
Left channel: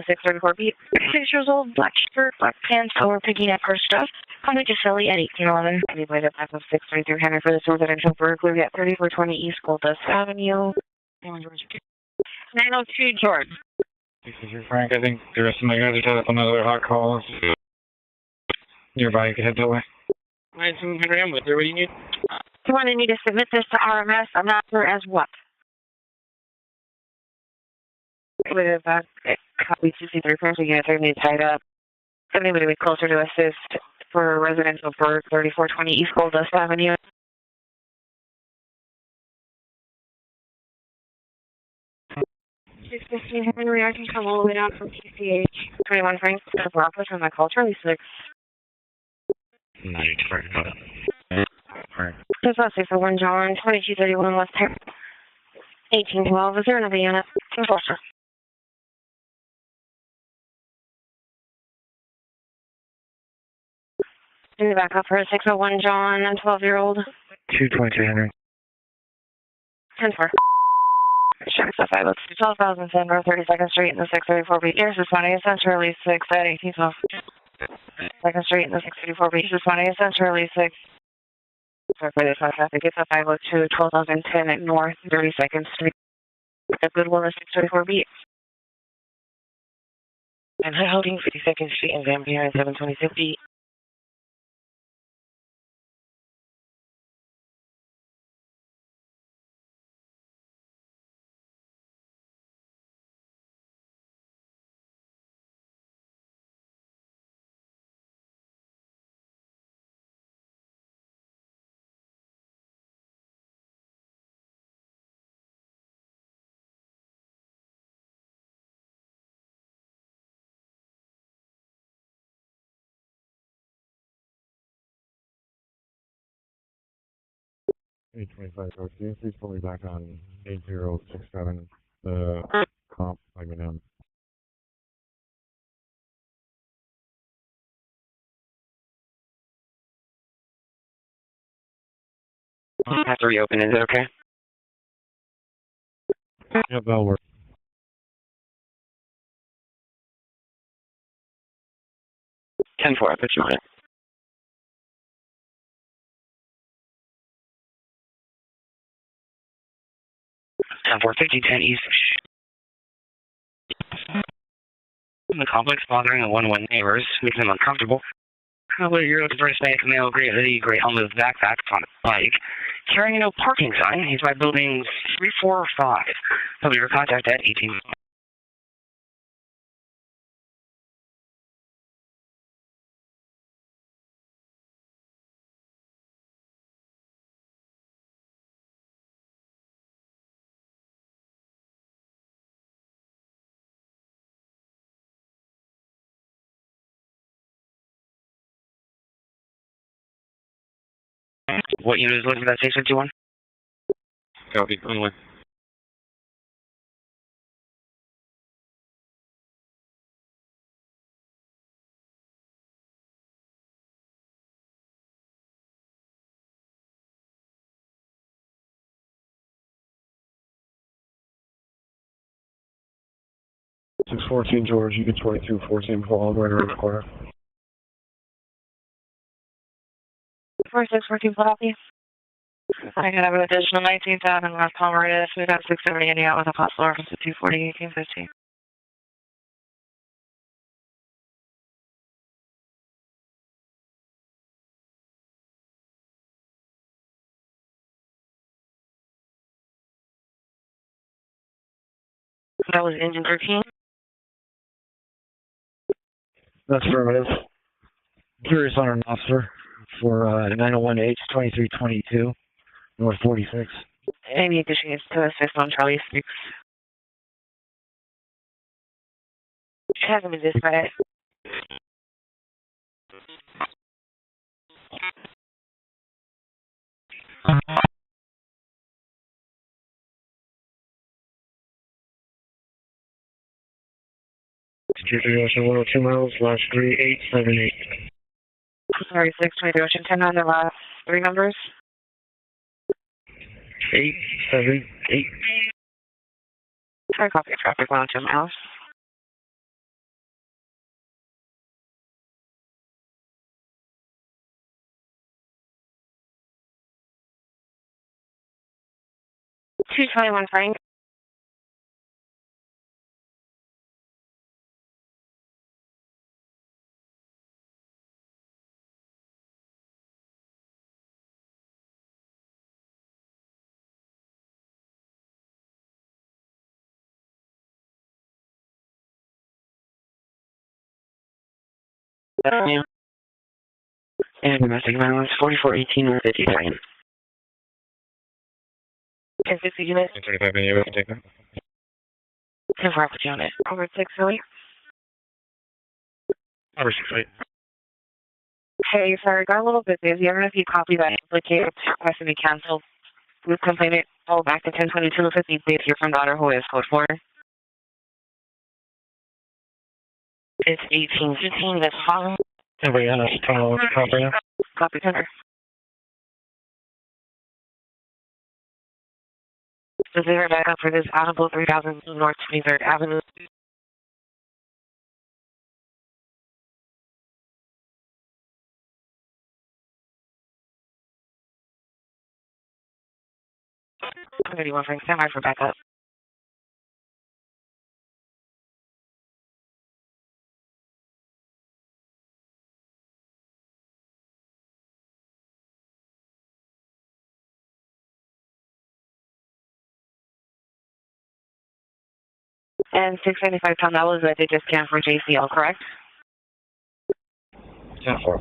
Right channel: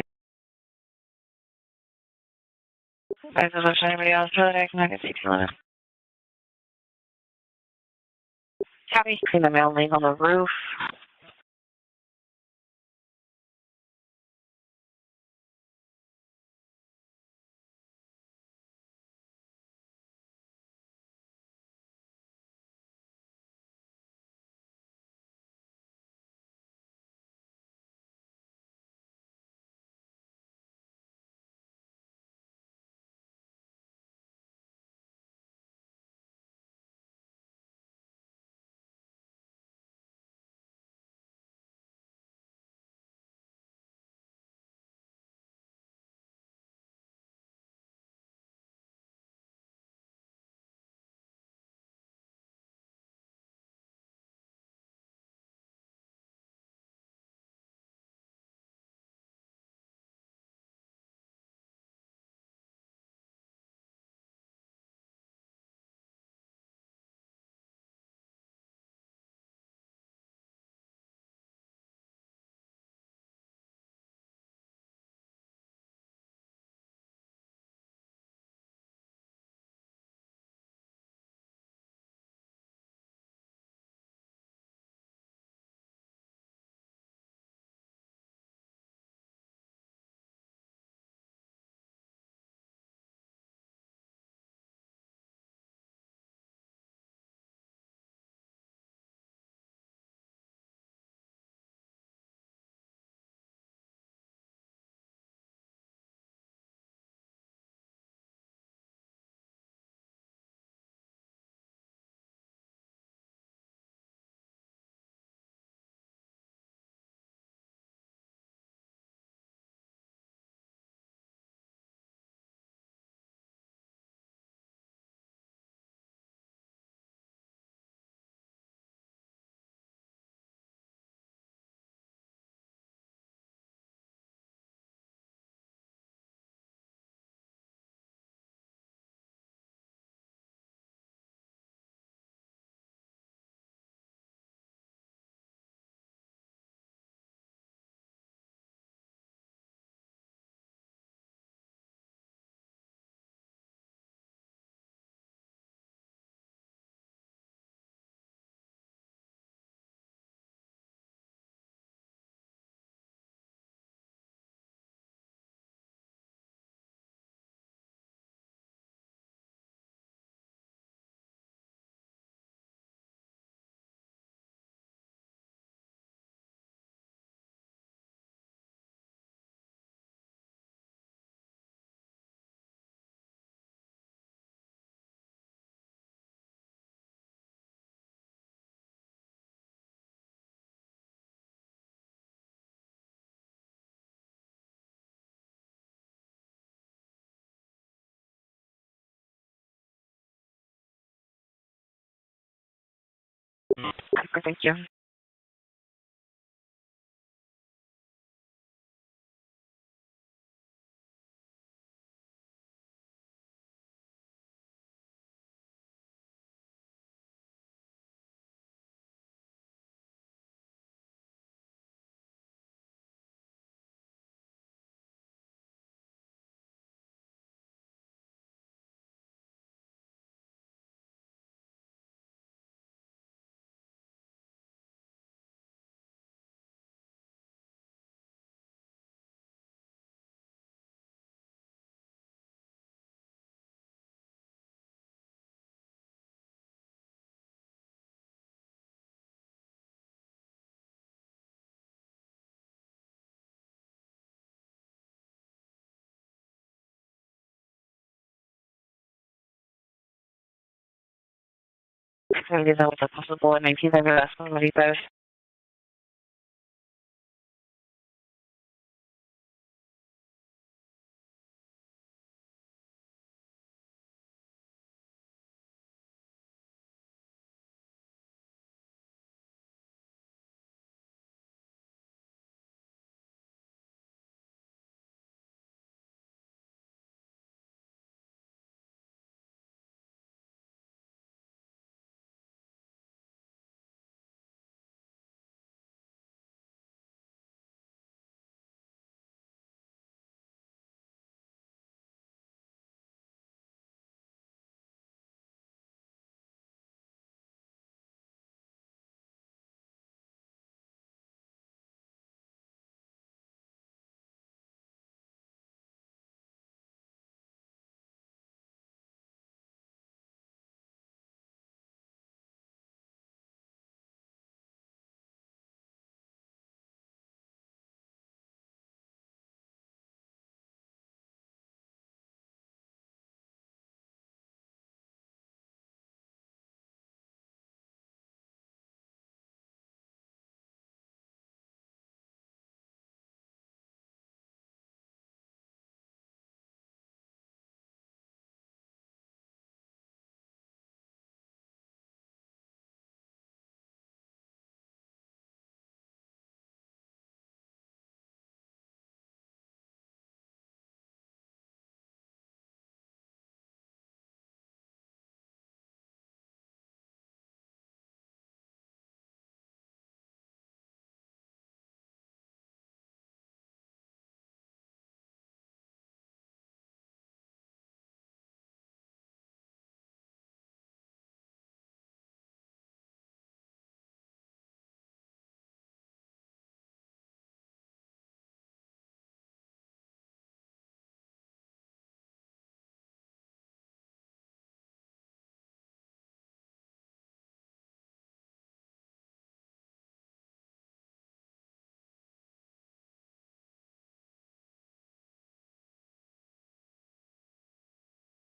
634 beat. 6 years old, black shirt, black pants, over picking up her stuff. How much is Philly at 1811? Anybody to back on 63300 for this residential for we got 3420 in the mail, on the roof. 902 George. This is your Frank. I think the rest of my guys are set up on other hot calls. Nearby, you can head that way. 9-2 Henry, I'm with you. What do you need? You wanted me to submit this to RMS? I'm not sure as what. With copy 2C3 Franklin unit 30 tied up. If anybody would be closer to assist for residential for 3420 East Gold Dust Avenue. Henry, I can come all the way down from PCH. 21 Frank, for office from my call, Charlie 6. Just last 601 John, 2231 West Terrace, 1812. Is there another unit? Enforcer. In the back up for 601 John, 12-year-old. 222 Henry. 10-4. Check the 5 12,010 North 32nd Street in the 634 beat. Here's responding essentially 6 at 1812. 2nd Street in the 634 beat. Responding essentially 6. Sorry for this traffic. It's a 502 12,010 at North 32nd Street. The Goodwill is 634 beat. And high holding 52nd Street in Vampire 726 beat. P25-2, please pull me back on 8067, the comp, I have to reopen, is it okay? Yep, that'll work. 10-4, I put you on it. 10-4, 5010 East. The complex bothering the 1-1 neighbors, making them uncomfortable. Probably you're looking for a Hispanic male, gray hoodie, gray helmet with backpack on a bike, carrying a no parking sign. He's by buildings 3, 4, or 5. He'll be your contact at 18. What unit is looking for that 651? Anyway. Six 14 George, you get 22 14 fall right around the corner. 4614 Philadelphia. I have an additional 19,000 West Palmeritas. We got 670 India out with a possible reference to 240 1815. That was engine 13. That's affirmative. Curious on an officer for 901H 2322. North 46. I need you guys to assist on Charlie 6. It hasn't been dispatched. Security Ocean 102 miles, last 3878. Sorry, 623 Ocean 10 on the last 3 numbers. 878. Sorry, copy of traffic 102 miles. $221 Frank. Yeah. And domestic violence 4418 North 53. Is this a unit? 35 minutes, you can take that. 10-4 with unit. Over 6 Philly. Over 6 8. Hey, sorry, got a little bit busy. I don't know if you copied that duplicate request to be canceled. We've complained all back to 102250. Please hear from daughter who is code 4. It's 1815. That's fine. Brianna, copy. Copy center. So they are back up for this Audible 3000 North 23rd Avenue. I'm 31 Frank, stand by for backup. And 675 pound, that was a digit scan for JCL, correct? 10-4.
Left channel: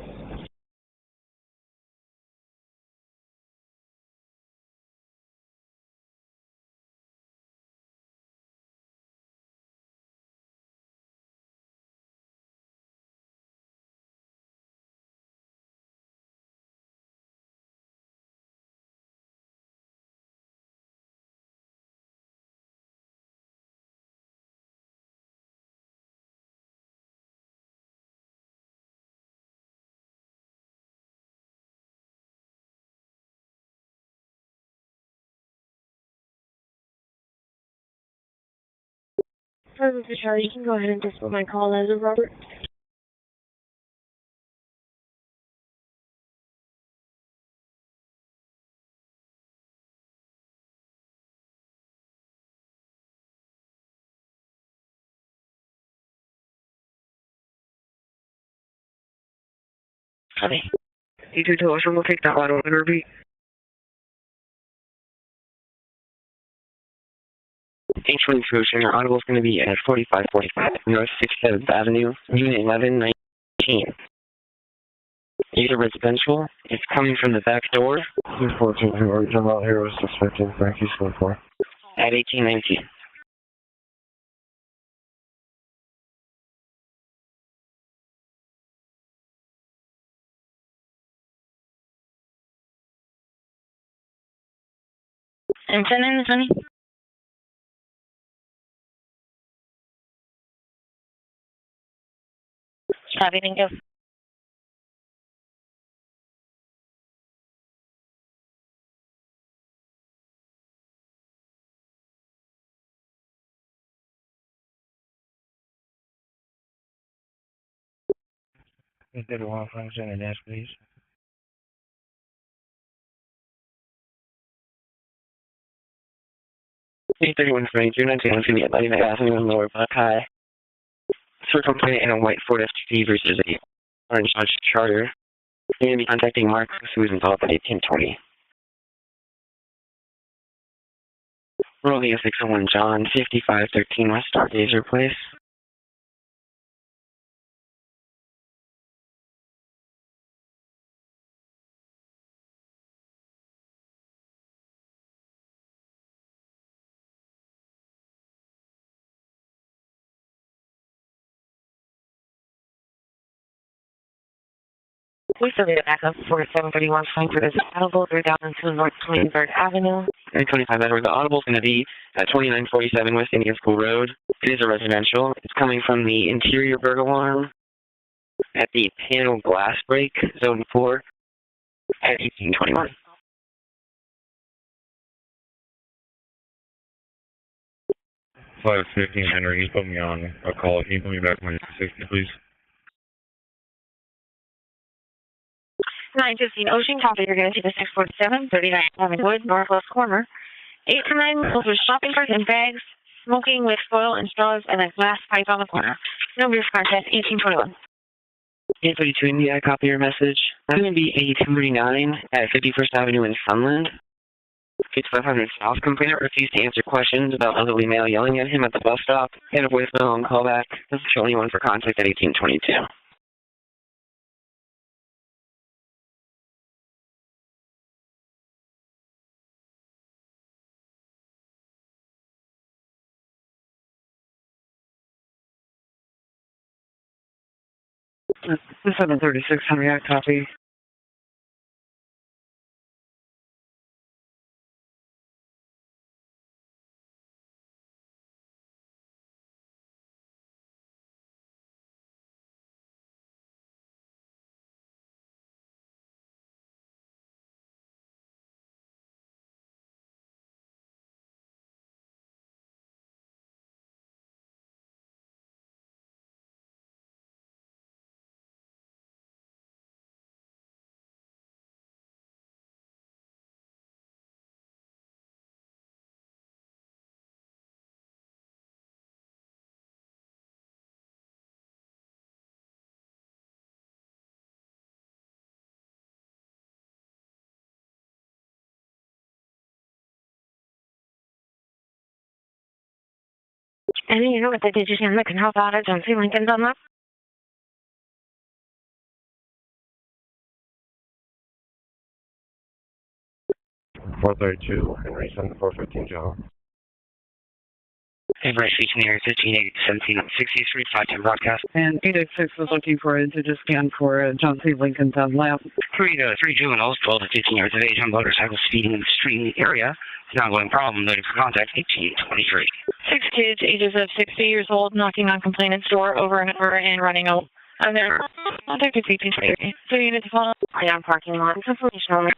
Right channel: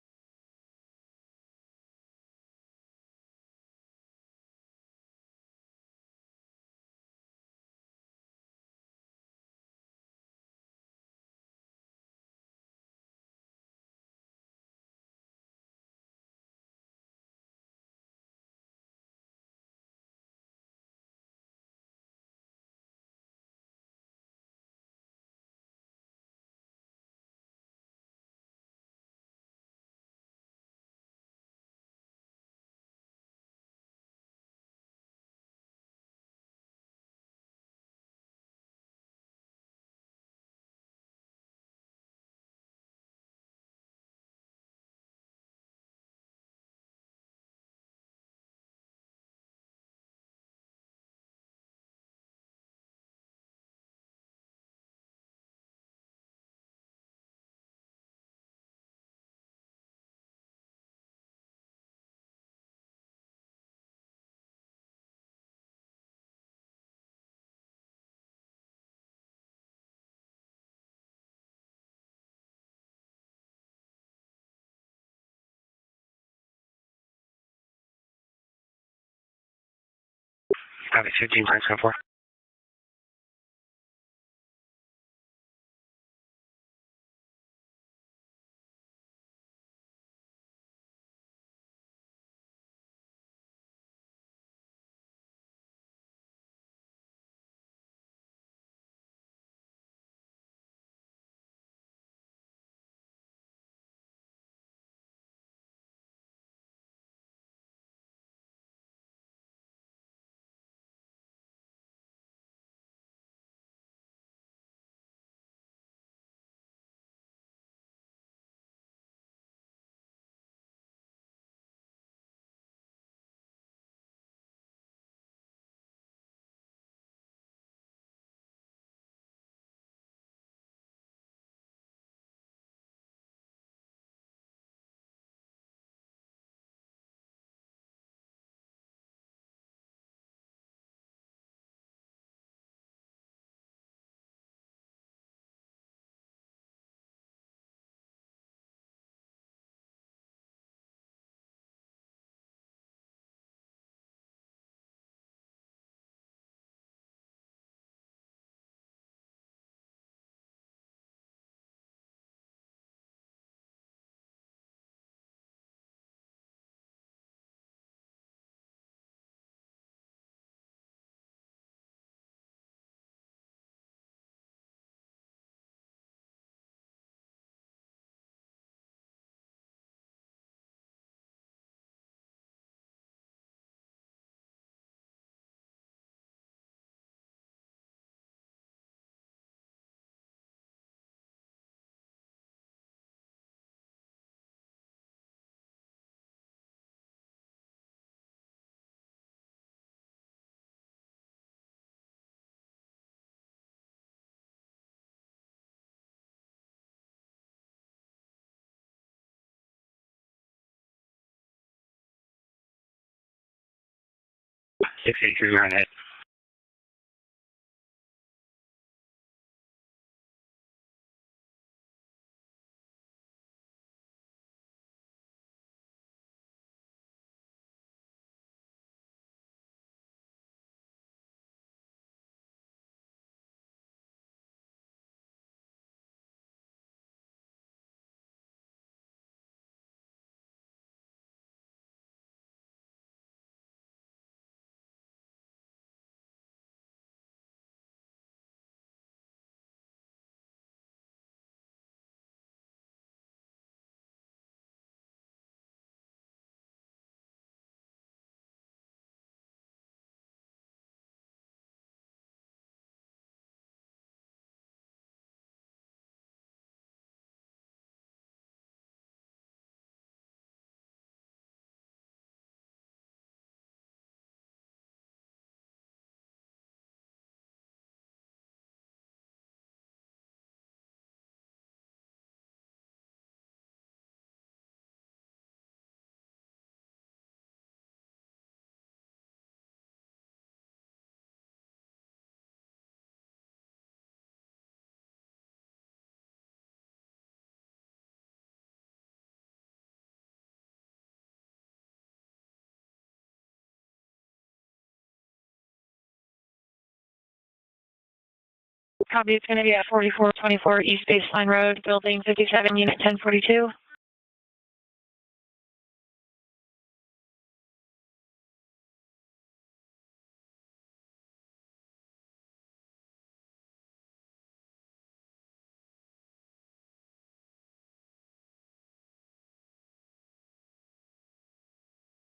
Sorry, Mr. Charlie, you can go ahead and just put my call as a Robert. Okay. You two us, we'll take that one over, repeat. H1 Cruiser, your audible is going to be at 4545 North 67th Avenue, Unit 1119. User residential. It's coming from the back door. 214, who are you talking about here was suspected Frankie so far? At 1819. And send in the Sunny. Copy, thank you. You did one function and dash, please. P31 22, 19, to the Atlantic Avenue in Lower Buck High. Circle complaint in a white Ford FTP versus a orange Dodge Charger. You're going to be contacting Mark, who is involved at 1820. Rolling 601 John, 5513 West Stargazer Place. Please delete it back up for 731 Frankfurt is Audible 3002 North 23rd Avenue. 25 Edward. The audible is going to be at 2947 West Indian School Road. It is a residential. It's coming from the interior burglar alarm at the panel glass break, zone 4, at 1821. Flight 15 Henry, you put me on a call. Can you put me back on 60, please? 915 Ocean, copy, you're going to see the 647, 39 Wood, northwest corner. 8 to 9 miles with shopping carts and bags, smoking with foil and straws, and a glass pipe on the corner. No brief contest, 1821. 832 India, copy your message. I'm going to be 8239 at 51st Avenue in Sunland. 5500, your house complainant refused to answer questions about elderly male yelling at him at the bus stop. Had a voicemail and callback. This is the only one for contact at 1822. The 736 Henry, copy. Any unit with the digit that can help out at John C. Lincoln's on that? 432, Henry, 7415 John. Hey, Bryce, reaching the area Copy, it's going to be at 4424 East Baseline Road, And Building 57, Unit 1042. Scan for John C. Lincoln's on left. 3 juveniles, 12 to 15 years of age on motorcycle speeding in the street in the area. It's an ongoing problem. Notice for contact 1823. 6 kids, ages of 60 years old, knocking on complainant's door over and over and running out. And they're contacted 1823. So you need to follow. On parking lot. Information only.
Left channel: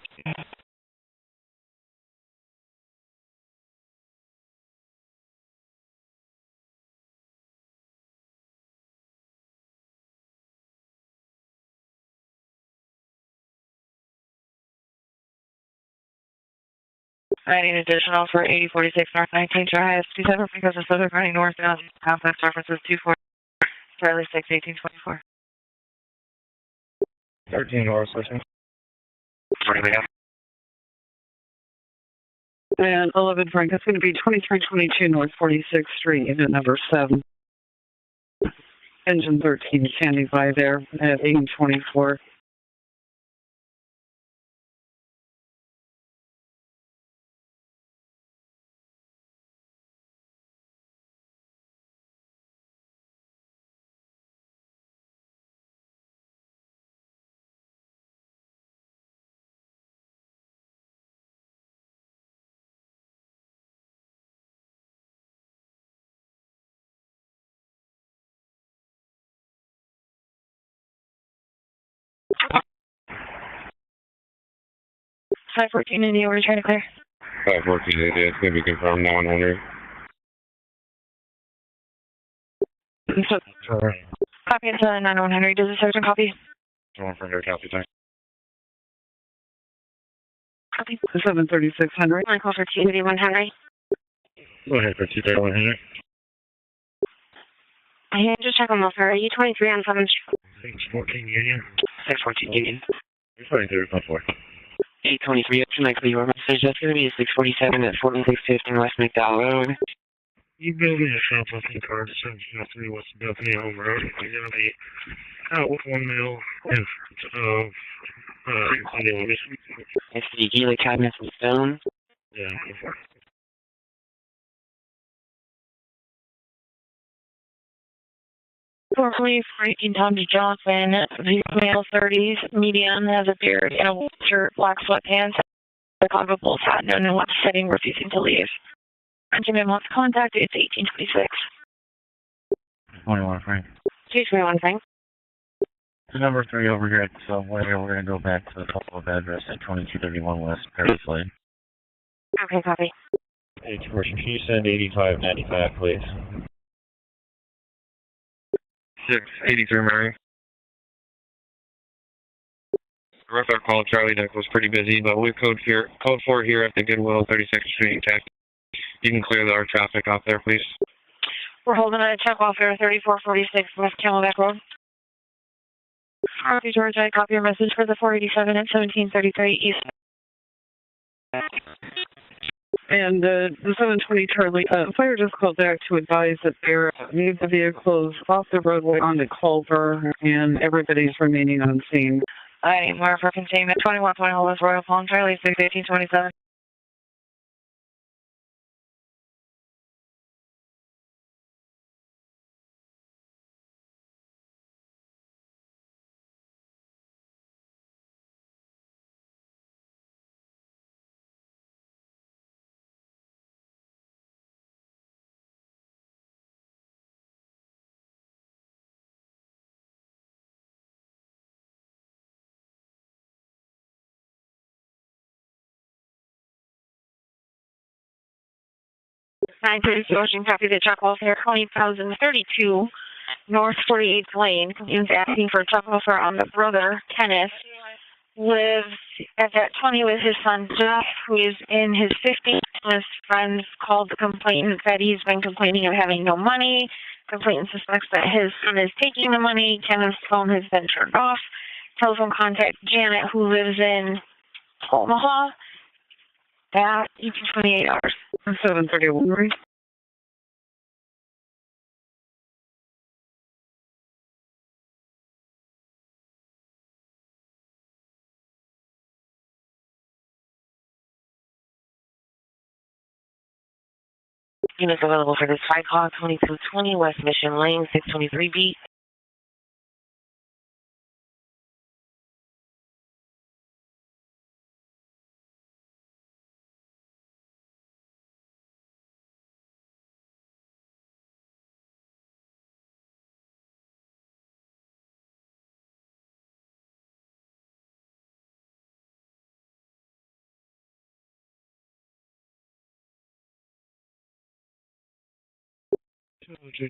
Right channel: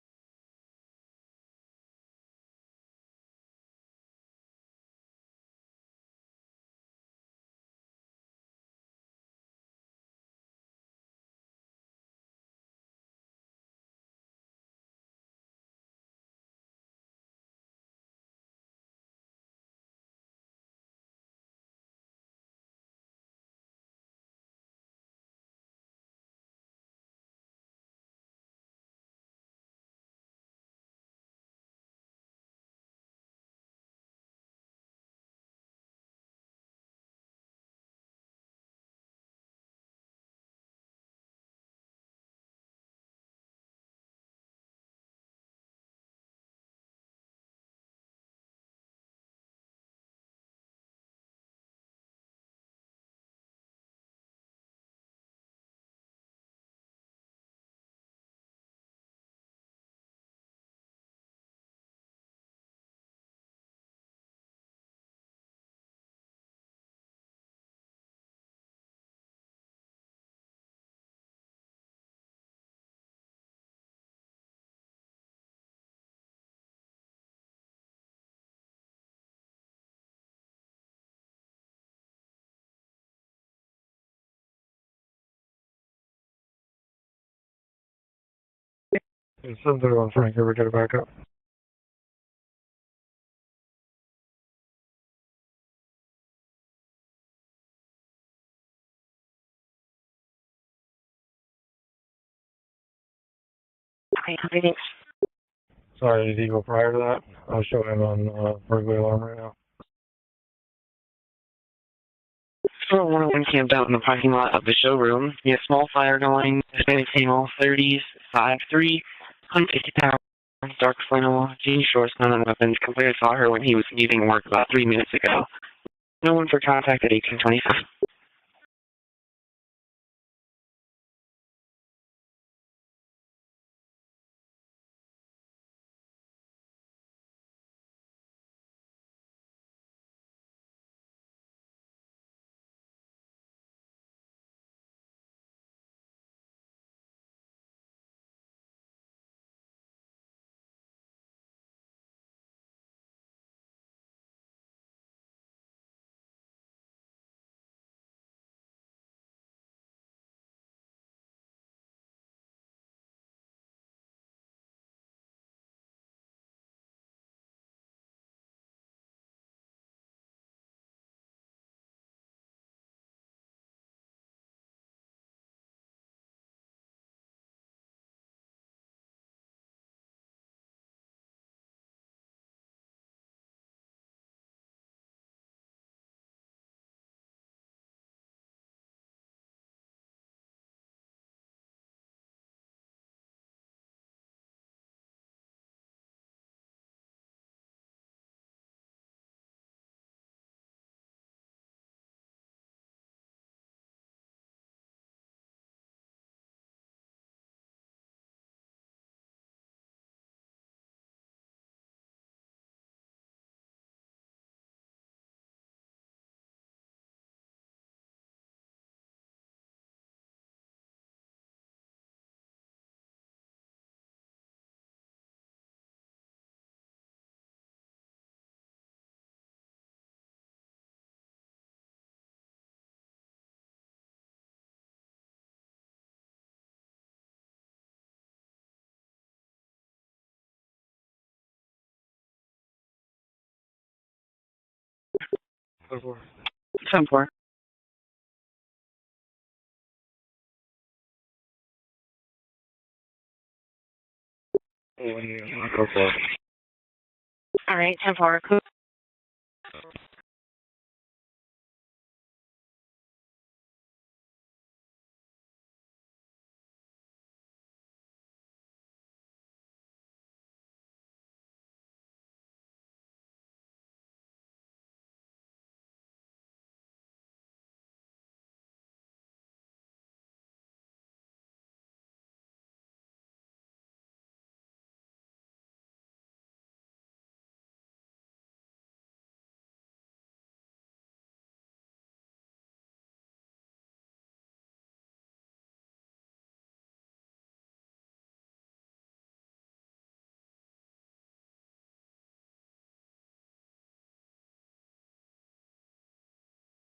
I need additional for 8046 North 19th Drive, 27 because of Southern running north and complex references 24, Charlie 6, 1824. 13 North Station. And 11 Frank, it's going to be 2322 North 46th Street, unit number 7. Engine 13 standing by there at 1824. Side 14 in the order, trying to clear. 514, it's going to be confirmed now 100. So, Copy into 9100. Does the sergeant copy? 1 for copy time. 731 Frank, here we got it back up. 736 Henry. I call for 281 Henry. Go ahead for 231 Henry. I can just check on welfare. Are you 23 on 7th Street? 614 Union. 614 Union. You're 23, 4. Okay, copy, thanks. 823, tonight, clear message at 647 at 4650 West McDowell Road. You building a shoplifting car, So one of them camped out in the parking lot of the showroom near small fire going, Hispanic female, 30s, 5'3", 155 sneaky, like cabin stone, shorts, none of weapons. Compared saw her when he was leaving work about 3 minutes ago. No one for contact at 1825. Formerly Frankie Tommy Johnson, male 30s, medium, has a beard and a white shirt, black sweatpants, a Chicago Bulls hat, known in what setting, refusing to leave. Benjamin wants contact, it's 1826. 21 Frank. 221 Frank. Number 3 over here at Subway. We're going to go back to the follow-up address at 2231 West Paris Lane. Okay, copy. Can you send 8595, please? 683 Mary. Rough out call, Charlie Deck was pretty busy, but we code 4 here at the Goodwill 32nd Street Tech. You can clear our traffic off there, please. We're holding a check welfare 3446 West Camelback Road. Copy, George. I copy your message for the 487 at 1733 East. And the 720 Charlie, fire just called back to advise that they're moved the vehicles off the roadway onto Culver, and everybody's remaining on scene. I need more for containment. 21 Point Hollis Royal Palm, Charlie 6, 1827. 932 Ocean, copy the truck welfare, 20,032 North 48th Lane. Complainant's asking for truck welfare on the brother, Kenneth. Lives at that 20 with his son Jeff, who is in his 50s. His friends called the complainant, said he's been complaining of having no money. Complainant suspects that his son is taking the money. Kenneth's phone has been turned off. Telephone contact Janet, who lives in Omaha. That, each 28 after 4. 731, right? Units available for this site call, 2220 West Mission Lane, 623B.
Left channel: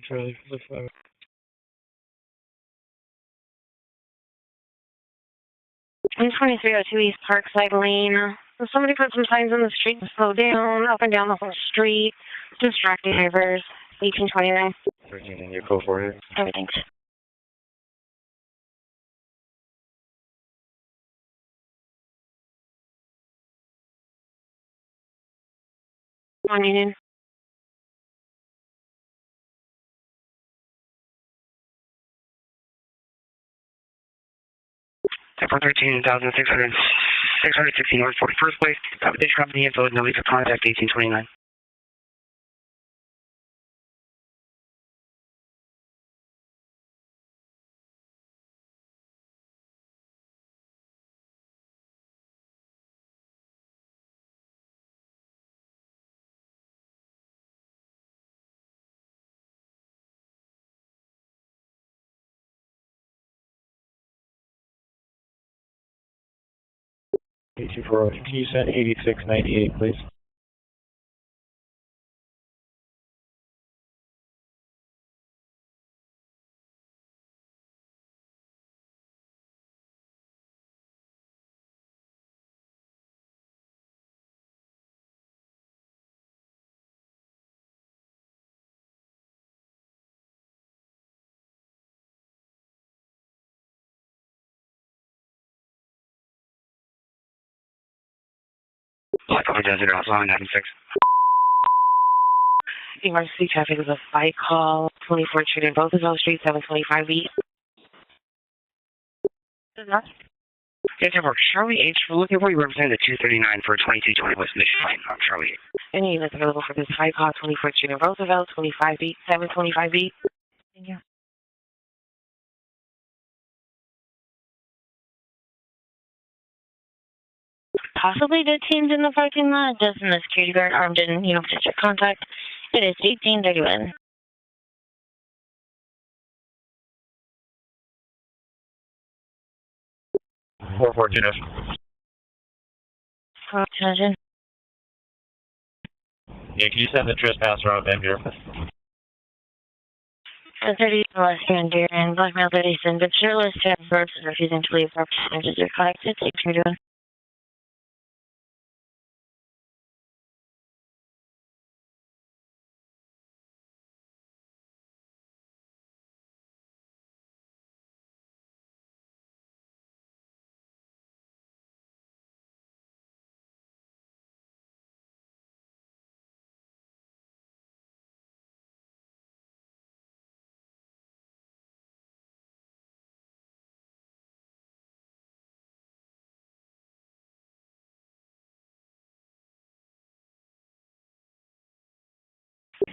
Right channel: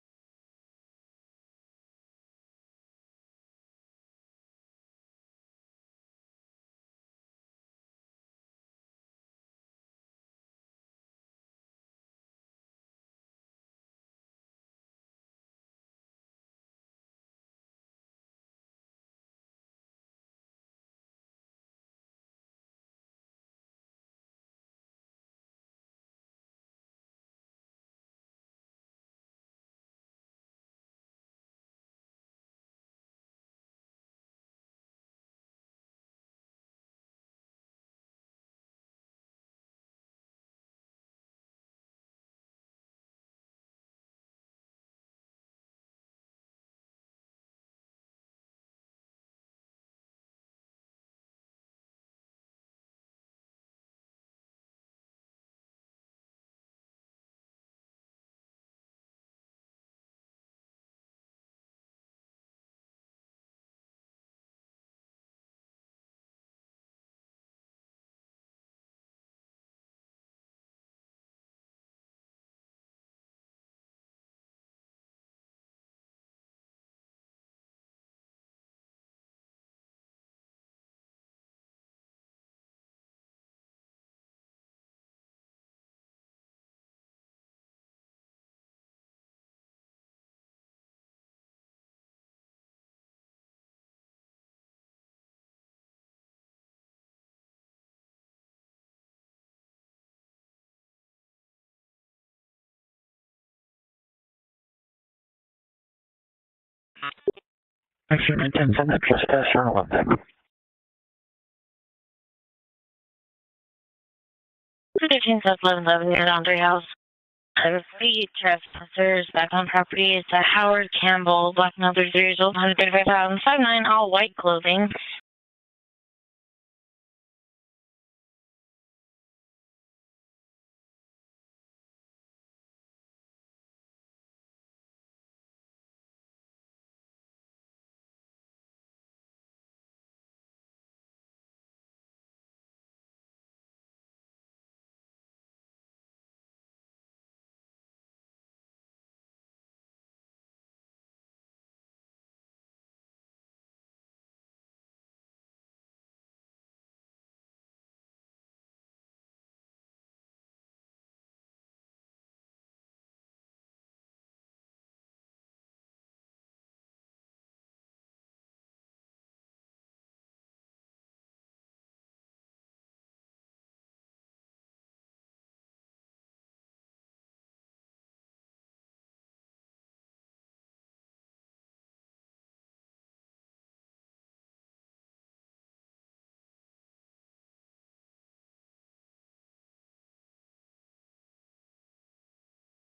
Charlie, for the 5. In 2302 East Parkside Lane, somebody put some signs on the street to slow down, up and down the whole street, distracting drivers. 1829. 13 in your code for it. Everything's. On Union. 616 North 41st Place. This company info, no leave of contact, 1829. Can you send 8698, please? I apologize, it was on 96. Emergency traffic is a fight call, 24 Trinity Roosevelt Street, 725B. Actually, 10, send that trespass Charlotte. Yes, sir, Charlie H. We're looking for you represented 239 for 2220 West Mission. Fight call, 24 Trinity Roosevelt, 25B, 725B. It's a Howard Campbell, black male, 33 years old, 135,059, all white clothing. Possibly detained in the parking lot, just in the security guard armed and, potential contact. It is 1831. 414 Attention. Yeah, can you send the trespass route down here? 30 West Reindeer and black male 37, but shirtless to have verbs refusing to leave representatives are collected. 1831.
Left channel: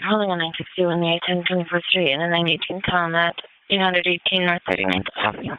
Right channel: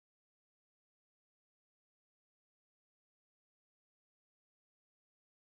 Holding a 962 in the 810 Street and a 918 Combat, 818 North 39th Avenue.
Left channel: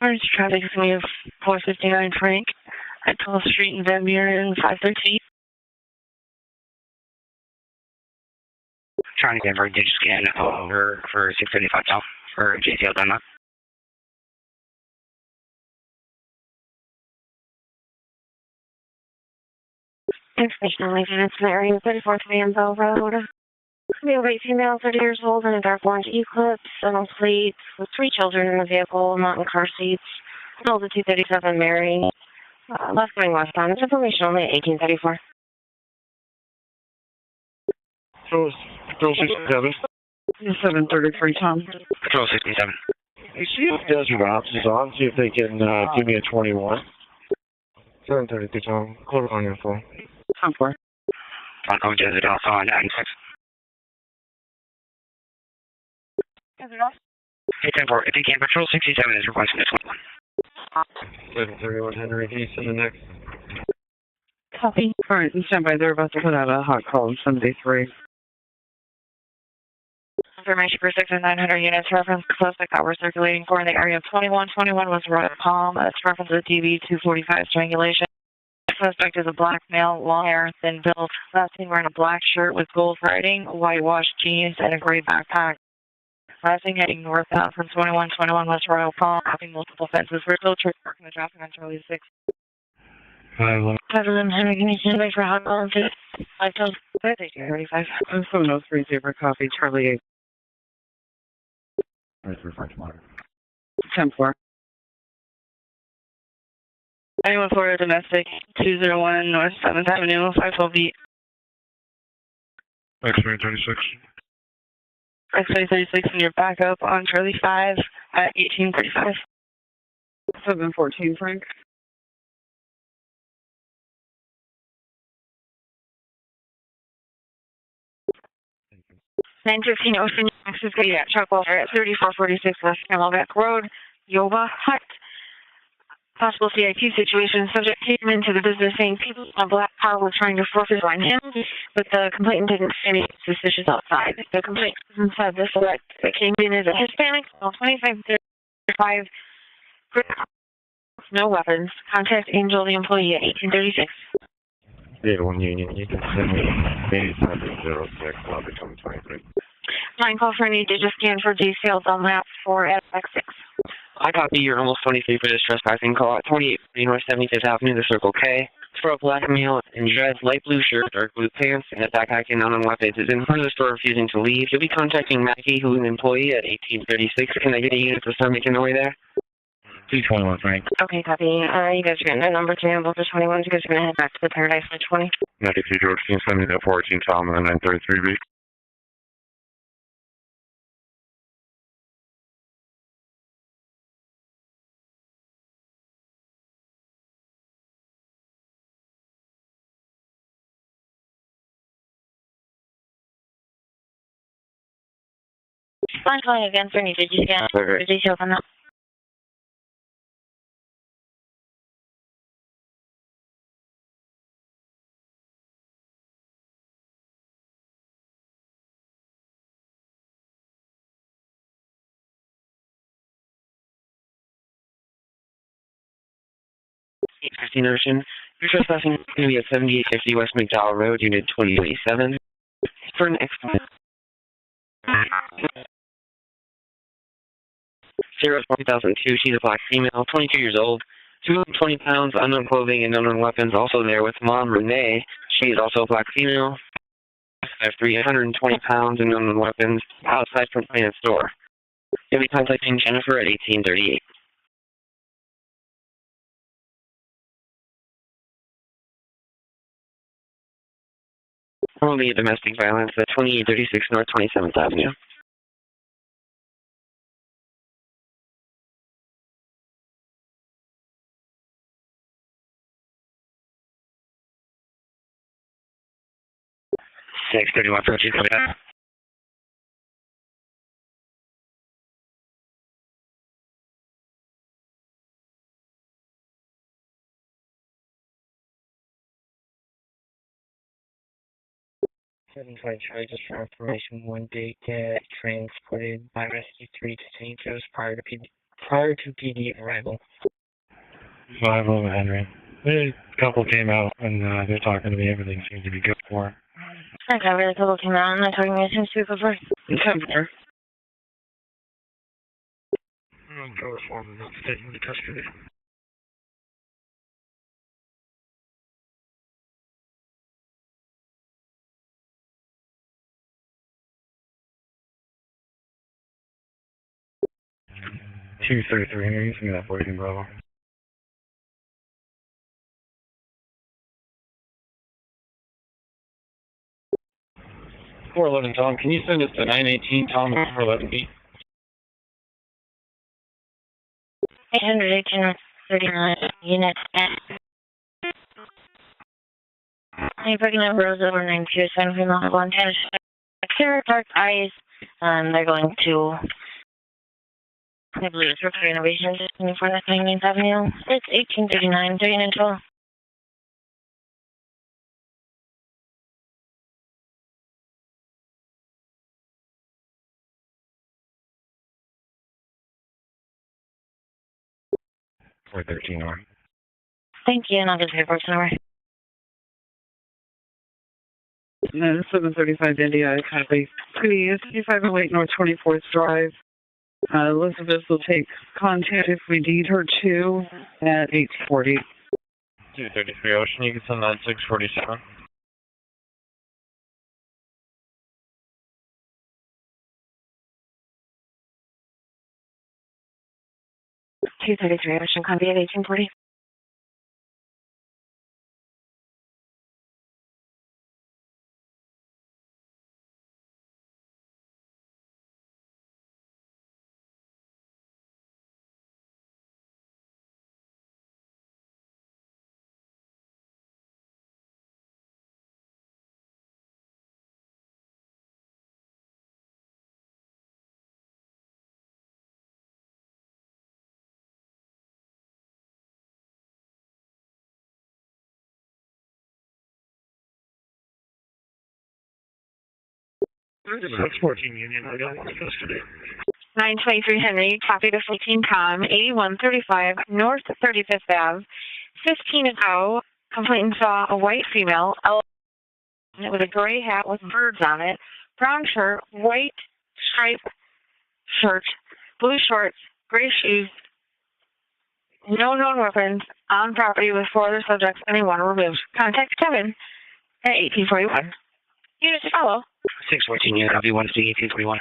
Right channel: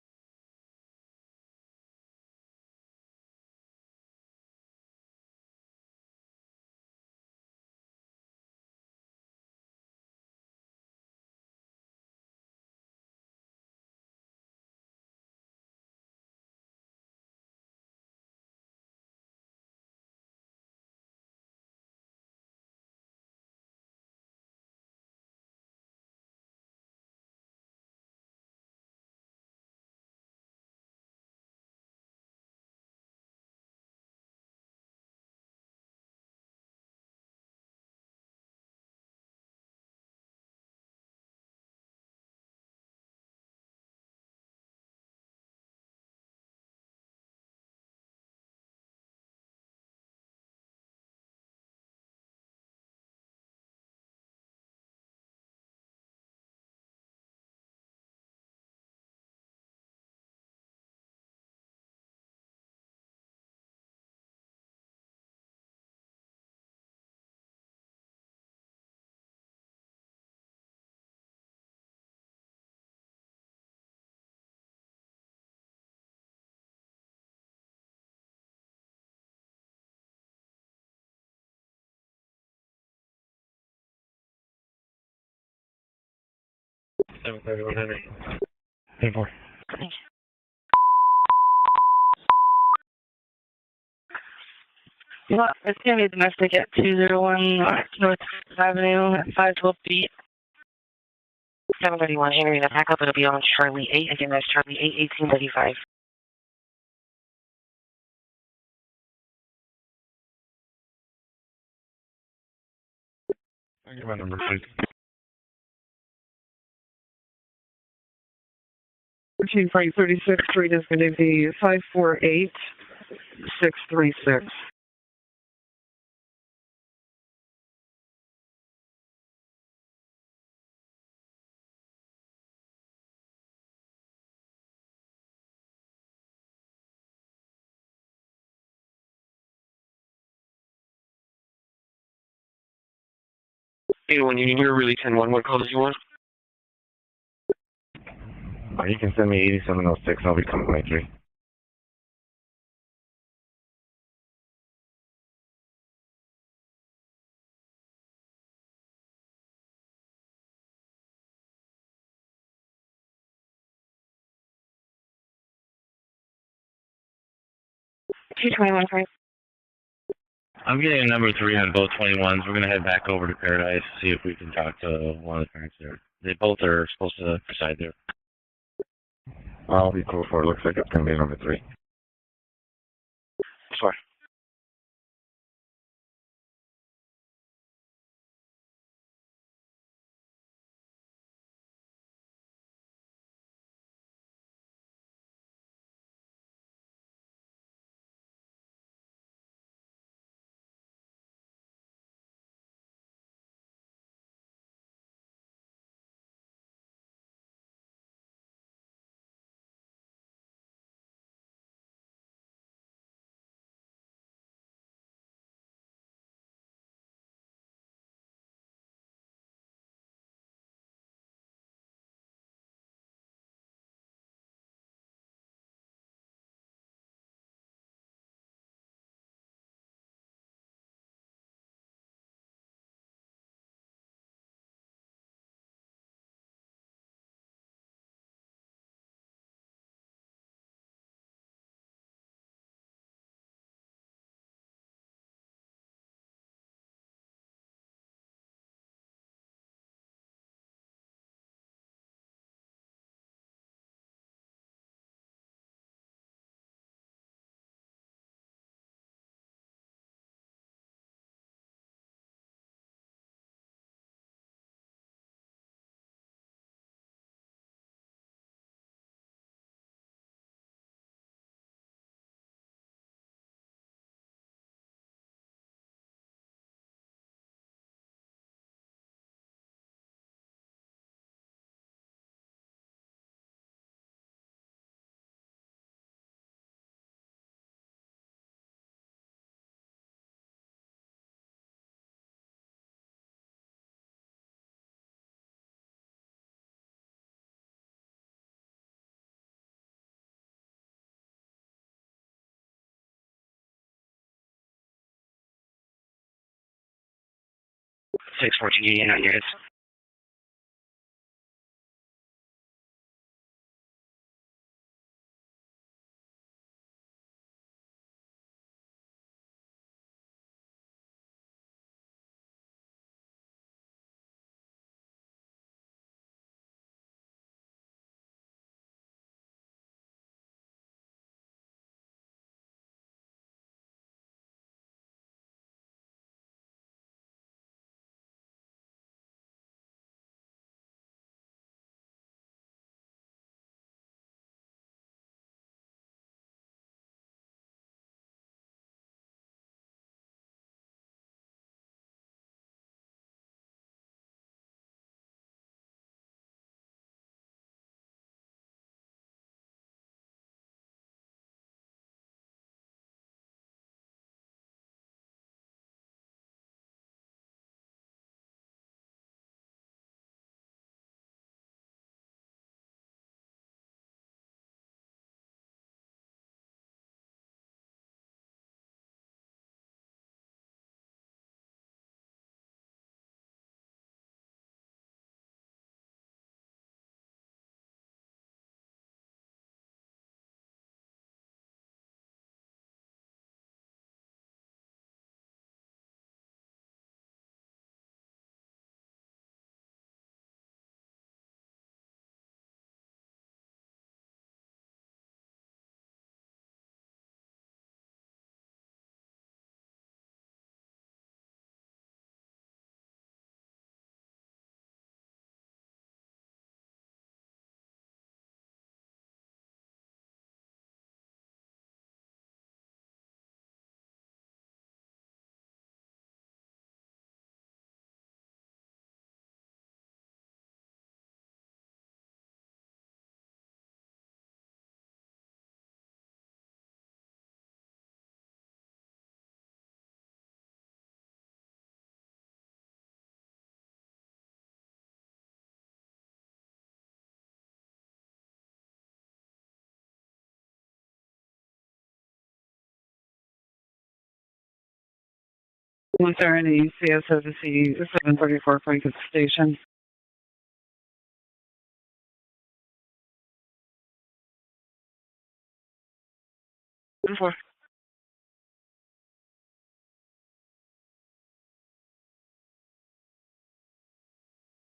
Orange traffic is going to 459 Frank at 12th Street in Van Buren, 513. Trying to get a digit scan over for 635 South for JTL Denmark. Information only units in the area, 34th Vanville Road. Male, white female, 30 years old, in a dark orange Eclipse, dental plates, with 3 children in the vehicle, not in car seats. Still the 237 Mary. Left going westbound. It's information only at 1834. Control 67. 733, Tom. Control 67. Hey, see if Desert Ops is on. See if they can give me a 21. 732, Tom. Close on your phone. Tom 4. Bronco Desert Ops on 96. Desert Ops. Hey, 10-4. If you can, Patrol 67 is requesting a 21. 731 Henry, can you send the next? Copy. All right, and stand by. They're about to put out a hot call on 73. Information for 6 and 900 units. Reference suspect that we're circulating for in the area of 2121 was Red Palm. It's reference to DB 245 strangulation. Suspect is a black male, long hair, thin built. Last seen wearing a black shirt with gold writing, whitewashed jeans, and a gray backpack. Last seen heading northbound from 2121 West Royal Palm, having multiple fences. We're still traffic on Charlie 6. President Henry, can you stand by for hot call? This is going to be a domestic at 201 Avenue, 512 731 Henry, the backup will be on Charlie 8, again, that's Charlie 8, 1835. Anyone for a domestic, 201 North 7th Avenue, 512 feet. X-ray 36, my number, please. X-ray 36 in your backup on Charlie 5 at 1835. 1336, 548, 636. 915 Ocean Access Gate at Chuck Walter at 3446 West Camelback Road, Yoba Hut. Possible CIT situation. Subject came into the business saying people in a black car were trying to forfeit on him, but the complainant didn't say anything suspicious outside. Hey, when you're really 10-1, what calls you want? That came in as a Hispanic, 2535. You can send me 8706, I'll be coming right through. No weapons. Contact Angel, the employee, at 1836. 81 Union, you can send me 8706, I'll be coming 23. 9 call for any digit scan for details on map 4 at X6. I copy. You're almost 23 for this trespassing call at 28 North 75th Avenue, the Circle K. For a black male in dress, light blue shirt, number 3 on both attack acting on the basis in front of the store refusing to leave. You'll be contacting Matthew, who's an employee at 1836. Can I get a unit to start making their way there? Okay, copy. You guys are getting a number 3 on both the 21s. You guys are going to head back to the Paradise for 20. 92 George, can you send me that 14 Tom and the 933B? Fine, calling again for any digit scan for details on that. Ocean. You're trespassing going to be at 7850 West McDowell Road, Unit 2087. For an expert. 0-2002, she's a black female, 22 years old, 220 pounds, unknown clothing and unknown weapons. Also there with Mom Renee. She is also a black female, 320 pounds and unknown weapons, outside from Planet Store. You'll be contacting Jennifer at 1838. Only domestic violence at 2836 North 27th Avenue. Six 31 approaches. Charlie, just for information, one day get transported by Rescue 3 to St. Joe's prior to PD. prior to PD arrival. 511 Henry. The couple came out and they're talking to me. Everything seems to be good for her. Okay, really cool came out and I told me Go reform and not taken into custody. Two 33 Henry. You see that boy in Bravo. 411 Tom, can you send us to 918 Tom 411B? 839 units at I'm picking up Rose over 92, 7 female, 1 10. Clear dark eyes, they're going to, I believe it's Rookery Innovations, 24 North 19th Avenue. It's 1839, 3912. R. Thank you, and I'll just report to number. 735 India, I copy. Pretty ESTE 508 North 24th Drive. Elizabeth will take contact if we need her to at 840. 233 Ocean, you can send that 647. Ocean, copy at 1840. That's 14 Union. I got one custody. 923 Henry, copy to 14 Com, 8135 North 35th Ave, 15-0. Complainant saw a white female, with a gray hat with birds on it, brown shirt, white striped shirt, blue shorts, gray shoes, no known weapons, on property with 4 other subjects, anyone removed. Contact Kevin at 1841. Units to follow. 614 Unit, copy 1 C 1841.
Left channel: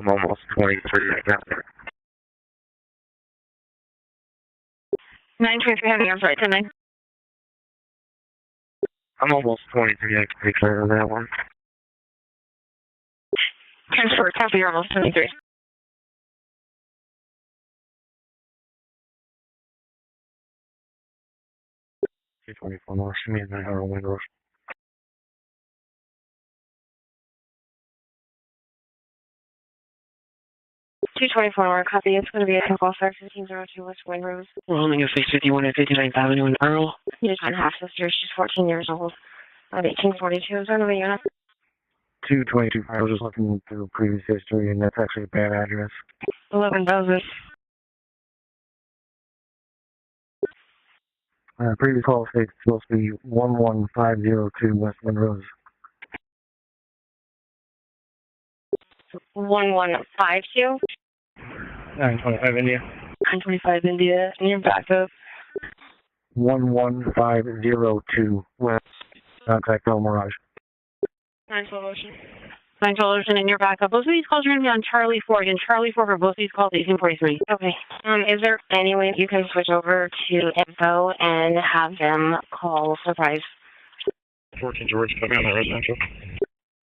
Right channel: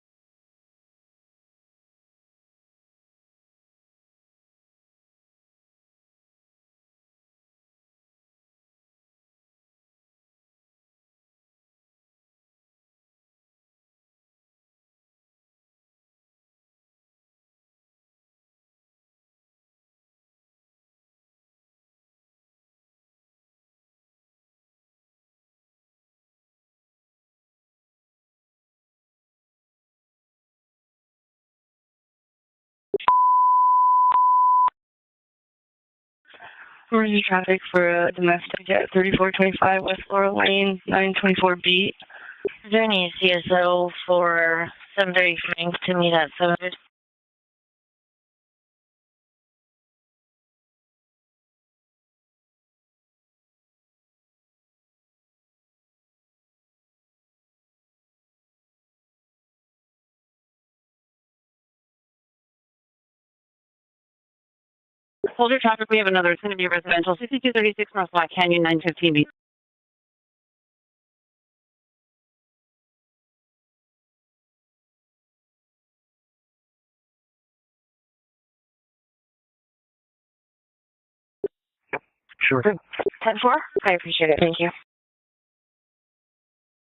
I'm almost 23 right now. 923 Henry, I'm sorry, 10-9. I'm almost 23. I can take care of that one. Transfer, copy, you're almost 23. 224 North, show me 900 Windows. 224 North, copy. It's going to be a call star 1502 West Wayne Rose. We're holding a 651 at 59th Avenue in Earl. Or you can ask for 3425 West 924B. 223. There needs CSO for 730 to meet at 11,000. Previous call states it's supposed to be 11502 West Monroe. 1152. 925 India. 925 India, and you're back up. Hold your traffic, we have another near residential, 6236 North Lot Canyon, 915B. Contact El Mirage. 912 Ocean. 912 Ocean, and you're back up. Both of these calls are going to be on Charlie 4. Again, Charlie 4 for both these calls, 1843. Okay. Is there any way you can switch over to info and have them call surprise? 10-4? I appreciate it. Thank you. George, put me on the residential.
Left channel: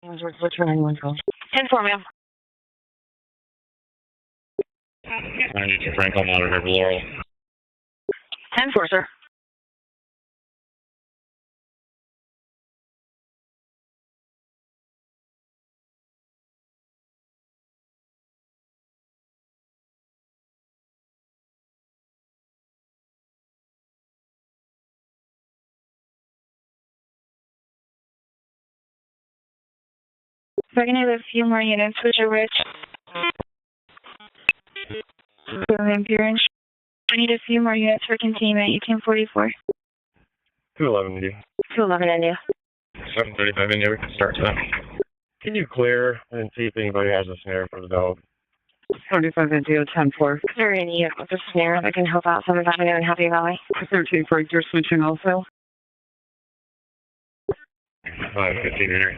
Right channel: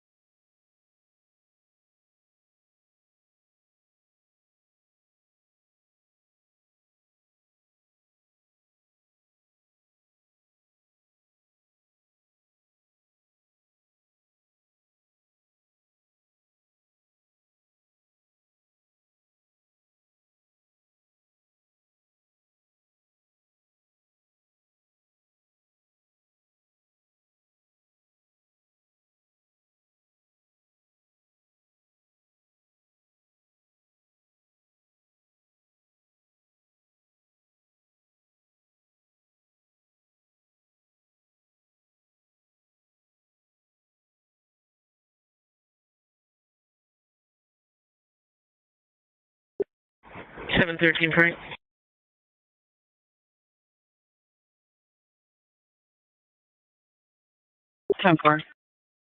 What's your 911 call? 10-4, ma'am. I need to Franklin monitor for Laurel. 10-4, sir. If I can have a few more units, which are rich. Appearance. I need a few more units for containment, 1844. 211 India. 211 India. 735 India, we can start that. Can you clear and see if anybody has a snare for the dog? 35 India, 10-4. Sure, India, for the snare. I can help out 7th Avenue and Happy Valley. 13 for you're switching also. 10-4. 515 Henry.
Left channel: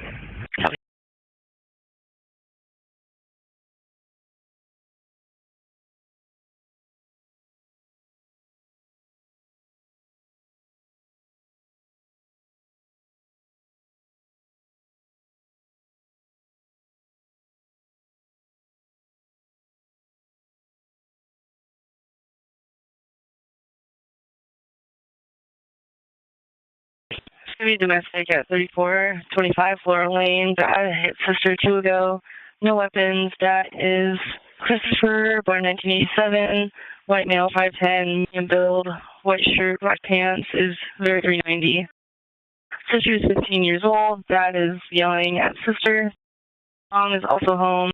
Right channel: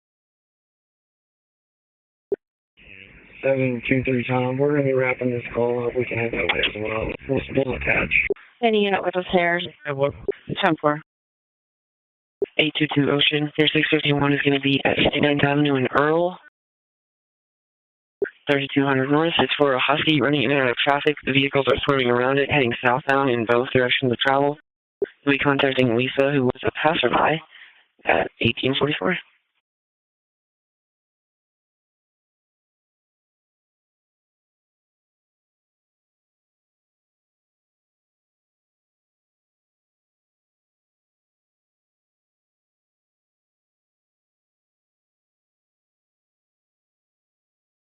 723 Tom, we're going to be wrapping this call up. We can have that way as well. We'll still attach. Any unit with the snares. 10-4. 822 Ocean, 3651 is going to be at 59th Avenue in Earl. 3200 North, it's for a Husky running in and out of traffic. The vehicles are swerving around it, heading southbound in both directions of travel. We'll be contacting Lisa, who was a passerby. It's going to be domestic at 3425 Flora Lane. That hit sister 2 ago. No weapons. That is Christopher, born 1987. White male, 5'10", medium build, white shirt, black pants, is 0390. Sister is 15 years old. Dad is yelling at sister. Mom is also home.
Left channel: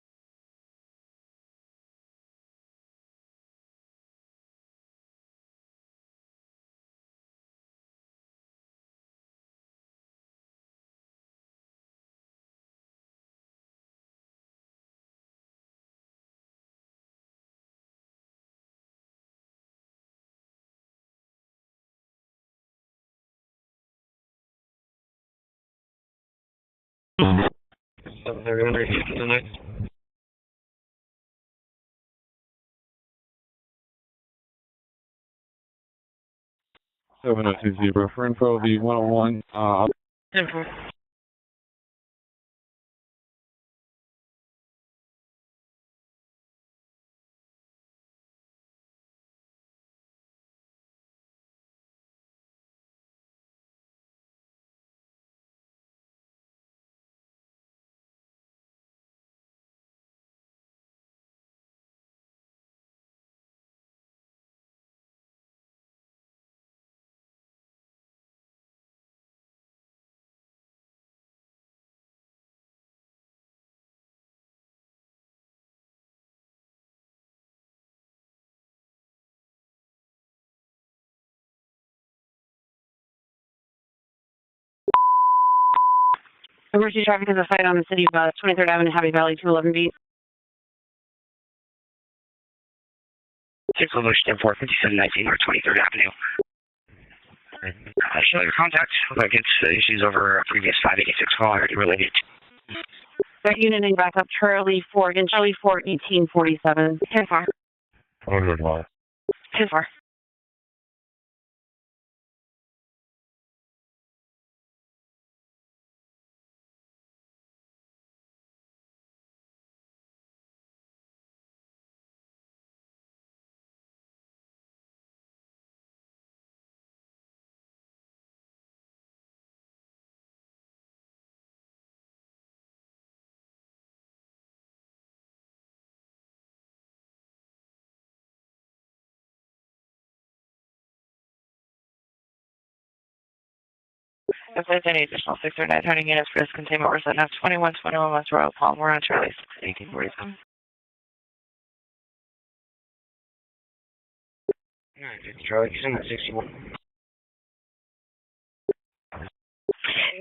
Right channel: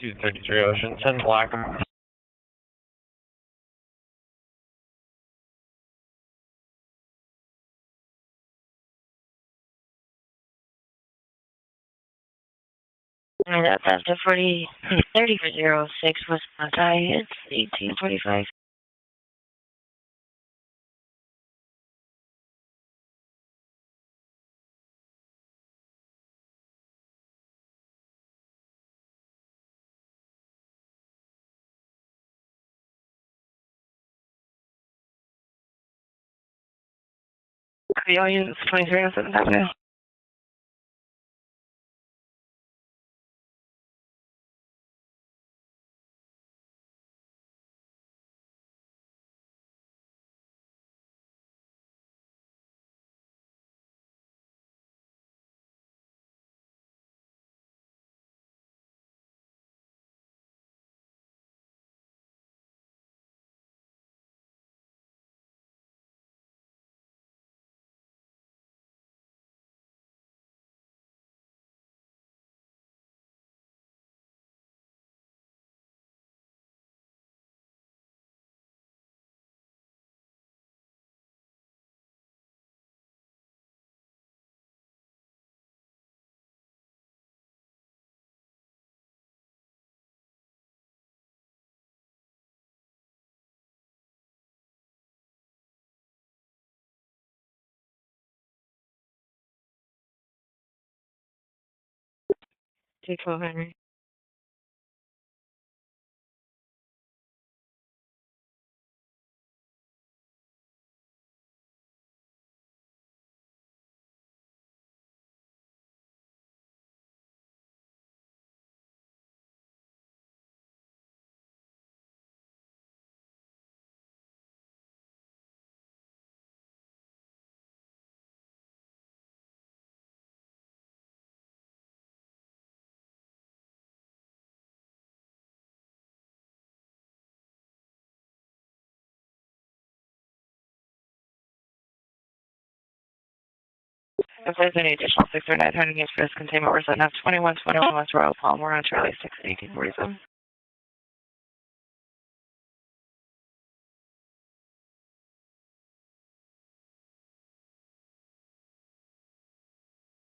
233 Ocean, 10 Black. And that's after 30 for 06 was my guy. It's 1845. Tonight. Emergency traffic is a fight on the city bus, 23rd Avenue, Happy Valley, 211B. 6 Evolution 45719 or 23rd Avenue. Show your contact. Looks like it's issues over a previous 586 call already related. That unit name back up, Charlie 4, again, Charlie 4, 1847. 10-4. Oh, good one. 10-4. Charlie, 61.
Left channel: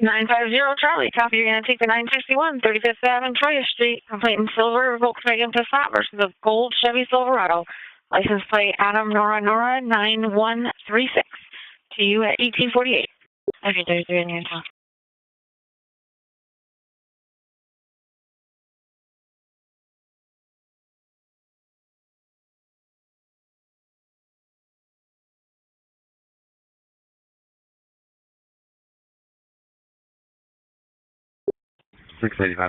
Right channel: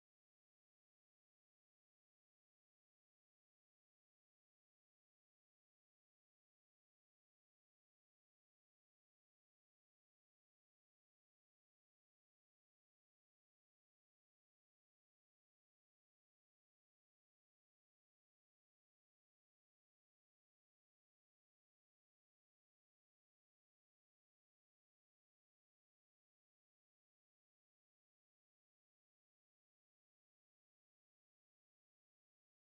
950 Charlie, copy. You're going to take the 961, 35th Avenue, Troy Street. Complaint in silver, Volkswagen Passat versus a gold Chevy Silverado. License plate Adam Nora 9136. To you at 1848. Okay, 33 in your town.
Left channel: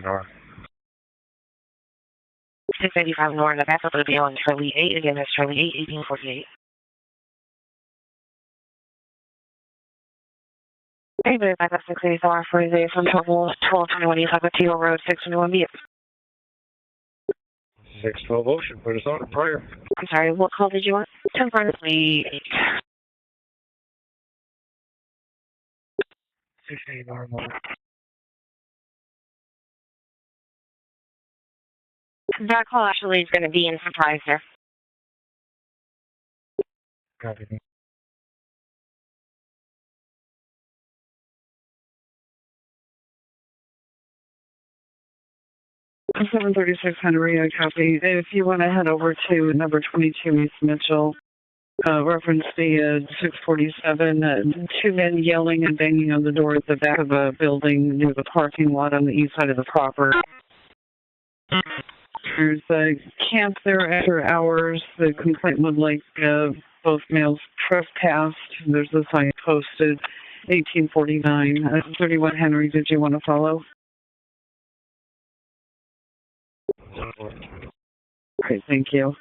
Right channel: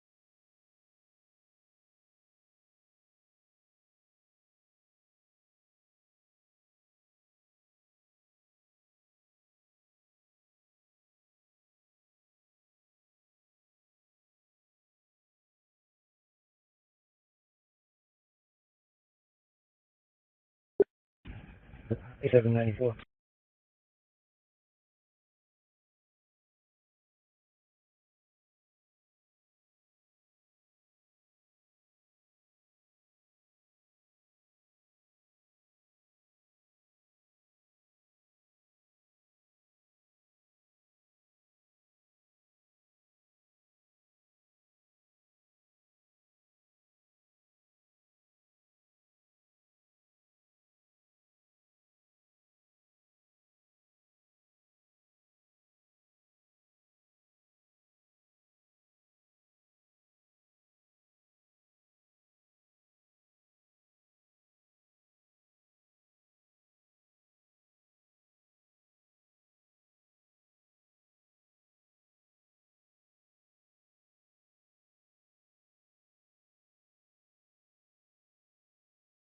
North. 685 North, the backup will be on Charlie 8. Again, that's Charlie 8, 1848. Hey, but backup 684 for the from 1221 East Aquatino Road, 621B. 612 Ocean, put us on prior. I'm sorry, what call did you want? 10 front. 16 normal. That call actually is going to be in surprise, sir. Copy. 736 Henry, I copy. If you want to head over to number 22 East Mitchell, reference the 647, two men yelling and banging on the door at the back of a building near the parking lot on the east side of the property. There's a camp there after hours. The complaint would like both males trespassed. There's a sign posted, 1849. 31 Henry, did you want to follow? Great, thank you.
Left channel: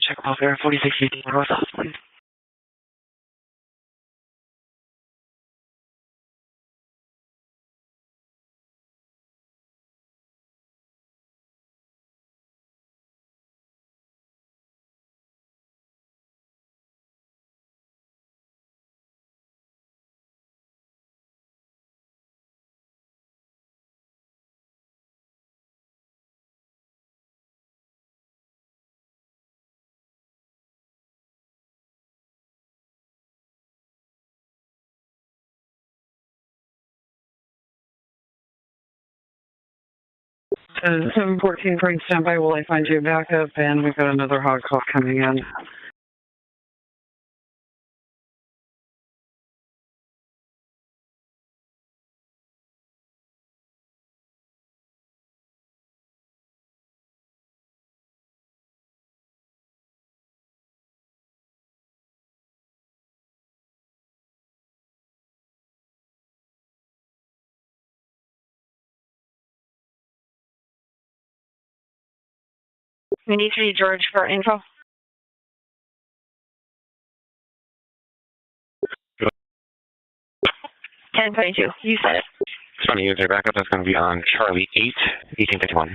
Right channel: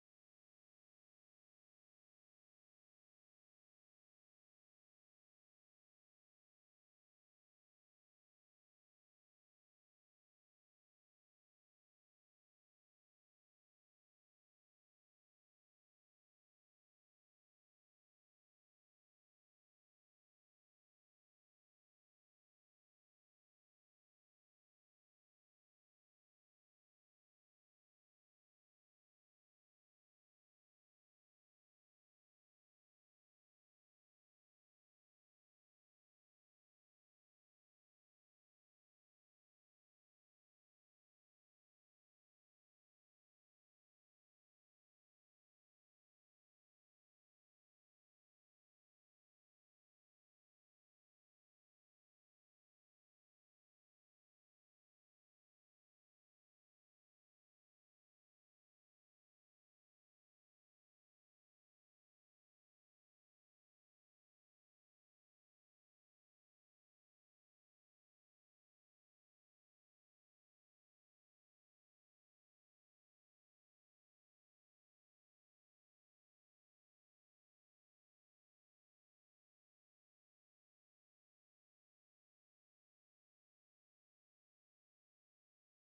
Check off air 4650 North South, please. Uh, 714 Frank, standby while I find you a backup, and we've got another hot call coming in. We need 3 George for info. Good. 1022, you said it. Trying to use their backup. That's going to be on Charlie 8, 1851.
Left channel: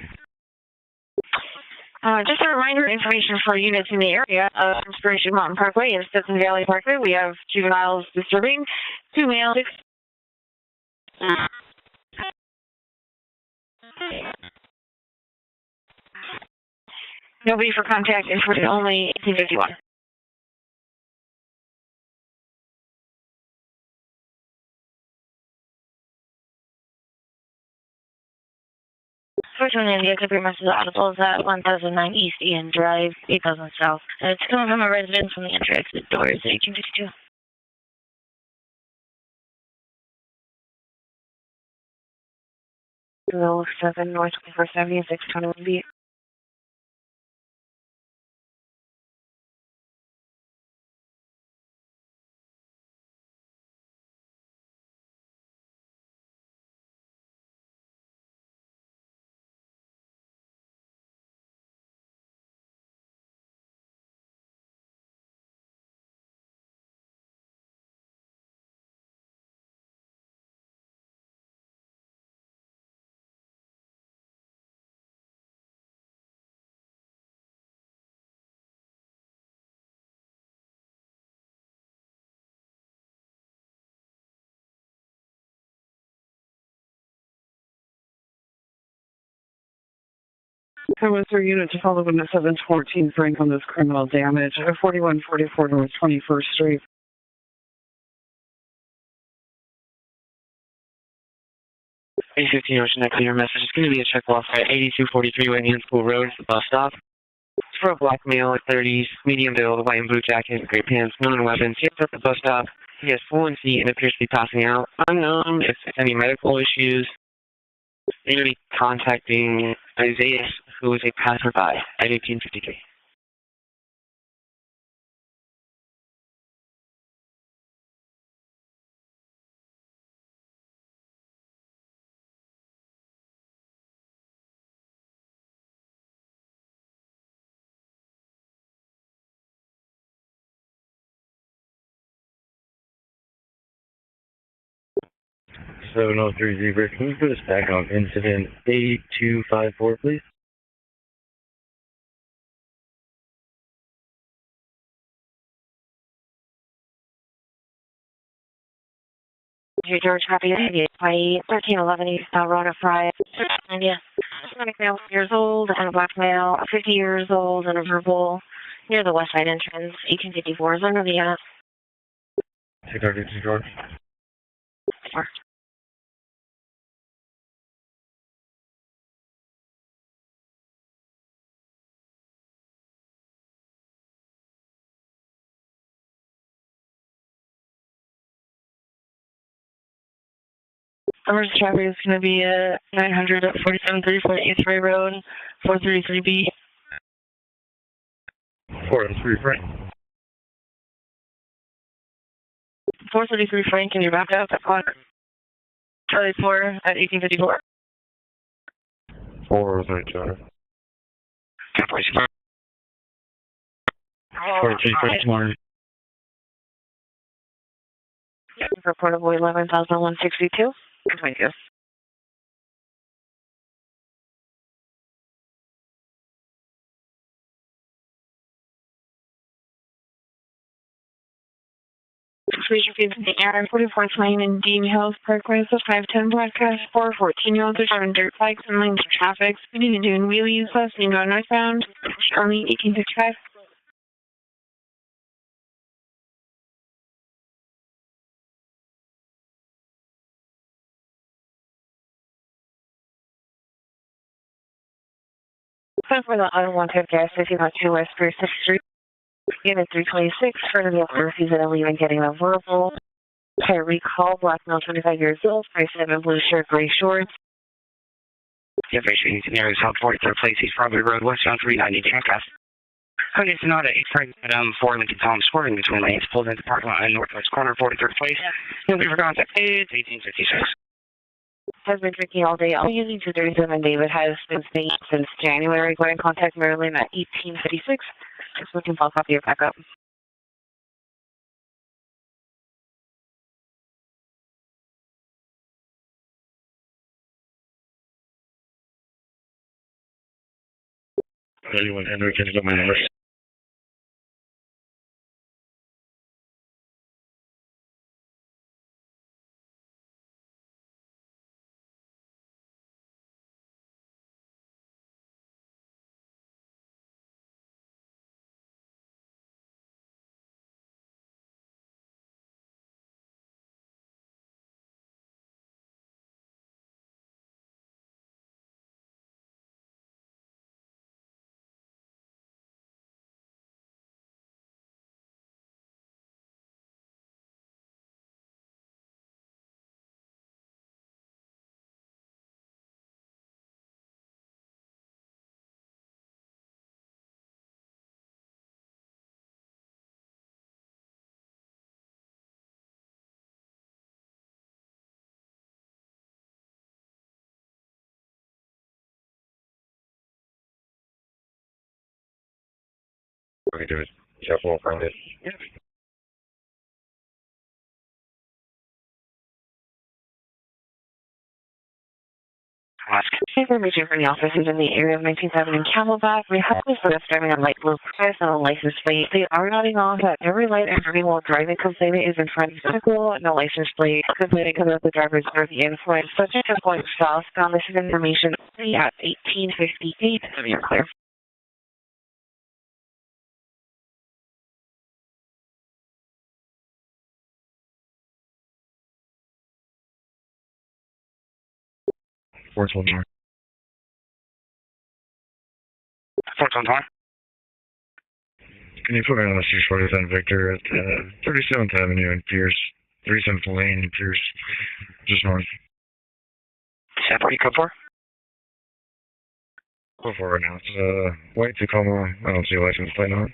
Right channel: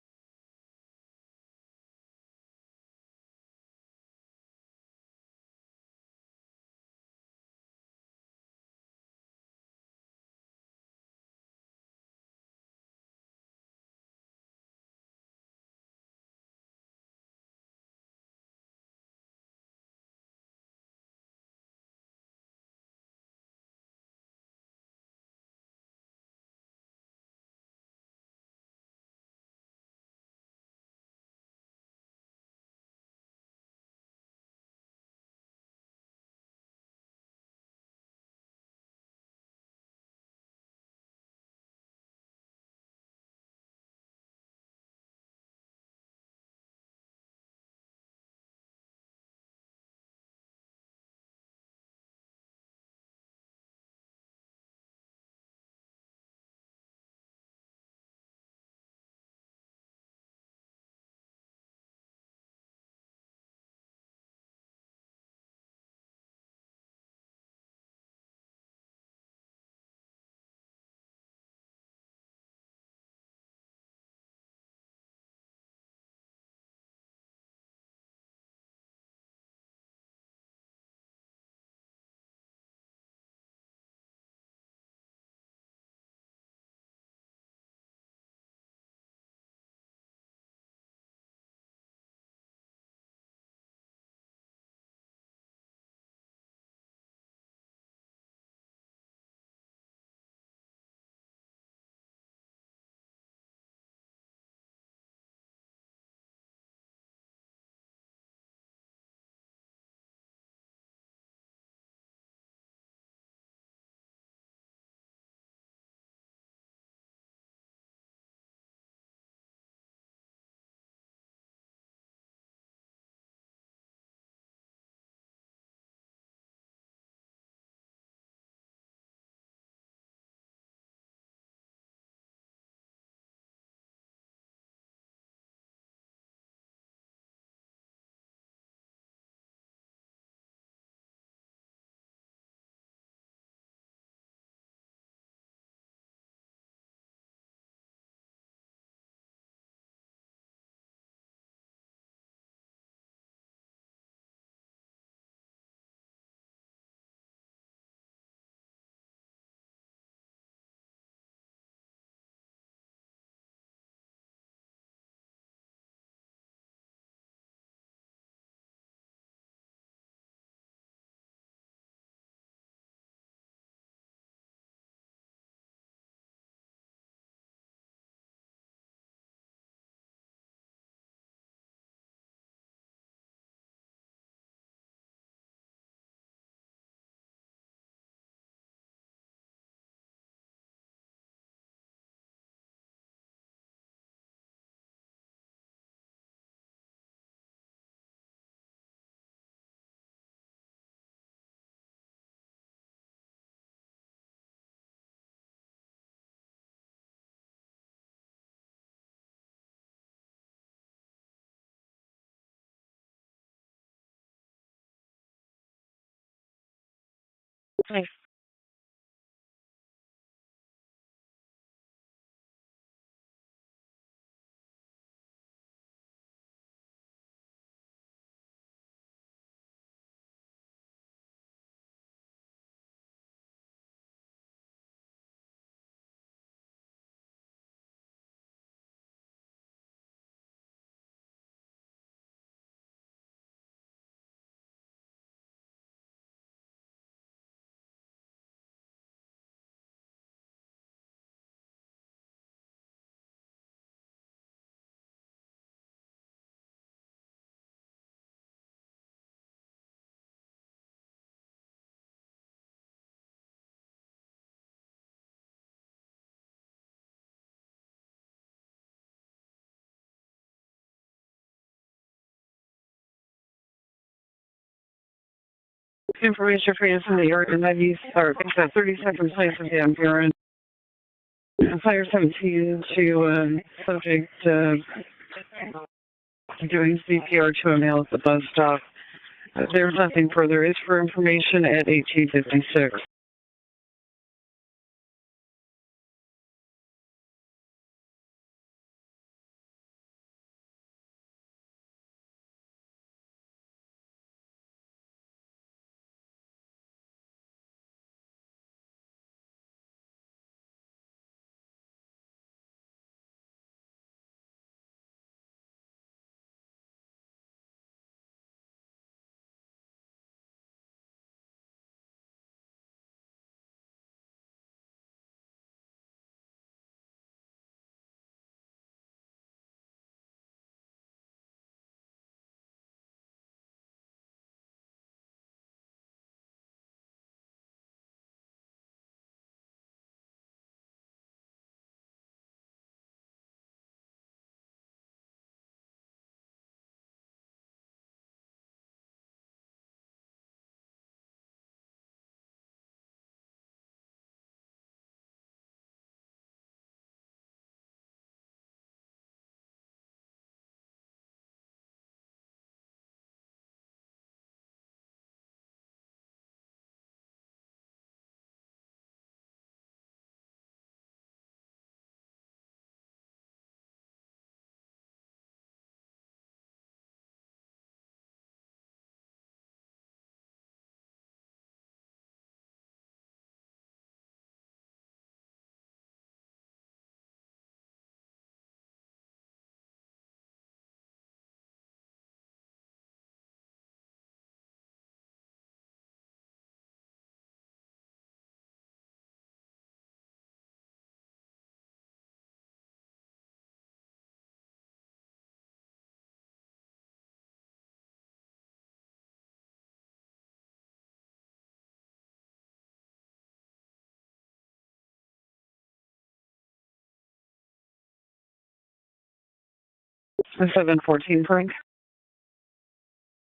Just a reminder, information for units in the area of Inspiration Mountain Parkway and Stetson Valley Parkway. We have juveniles disturbing, 2 males. Nobody for contact, information only, 1851. Fortunately, the exit message audible is at 1009 East Ian Drive, 8000 South. It's coming from a residence from the entry-exit doors, 1852. Row 7 North 21st Avenue, 621B. There was their unit to follow in the 714 Frank on this criminal damage, 4144 North 21st Street. A15 Ocean X, your message is going to be a check off at 8243 Wayne School Road, the bus stop. It's for a black male, 30s, medium build, white and blue jacket, gray pants, known weapons. He is at the bus stop. He has fallen feet and appears to be passing out. Unknown if any medical issues. They're going to be contacting Isaiah, who is a passerby at 1853. So, 703 Zebra, can you put us back on incident 8254, please? George, copy of Hawaii, 1311 East Road Fry. Yeah. Hispanic male, 50 years old, and a black male, 50 years old, and a verbal near the west side entrance, 1854 is under the Decoded, George. Sure. Emergency traffic is going to be 900 at 4734 East Ray Road, 433B. 433 Frank. 433 Frank, can you wrap up at clock? Charlie 4 at 1854. 432. 14 Frank, morning. Reportable 11,162. Thank you. Please repeat the air 44 Lane in Dean Hills Parkway, so 510 broadcast 414-year-olds are driving dirt bikes and lanes of traffic, speeding and doing wheelies, lessening going northbound, only 1855. For the unwanted gas station on 2 West 36th Street, Unit 326, for the vehicle refusing to leave and getting a verbal. Tire recall, black male, 25 years old, 5'7", blue shirt, gray shorts. Information scenario South 43rd Place, East Broadway Road, westbound 390 Jackass. Okay, Sonata 8 Frank, 4 Lincoln Tom swerving between lanes. Information for you corner 43rd Place. Fire 17 all day, all day, and David has since January. Go ahead and contact Maryland at CPR toenails at the bus stop. There's nothing further. It's for information at 1856. Anyone, Henry, can you get my number? Okay, do it. Careful, find it. Yeah. Information from the officers in the area of 19th Avenue in Camelback. We have this list driving on light blue cars on a license plate. They are nodding off at every light and every while driving complainant is in front of the vehicle, no license plate. Complaining because of the driver's under the influence. Subject is going southbound. This is information at 1858. You're clear. Fourth one more. 411. Can you put me on the 647 Victor at 37th Avenue and Pierce, 37th Lane and Pierce, just north. Separate code 4. Go for it. 714 Frank. White Tacoma. I don't see a license plate on it.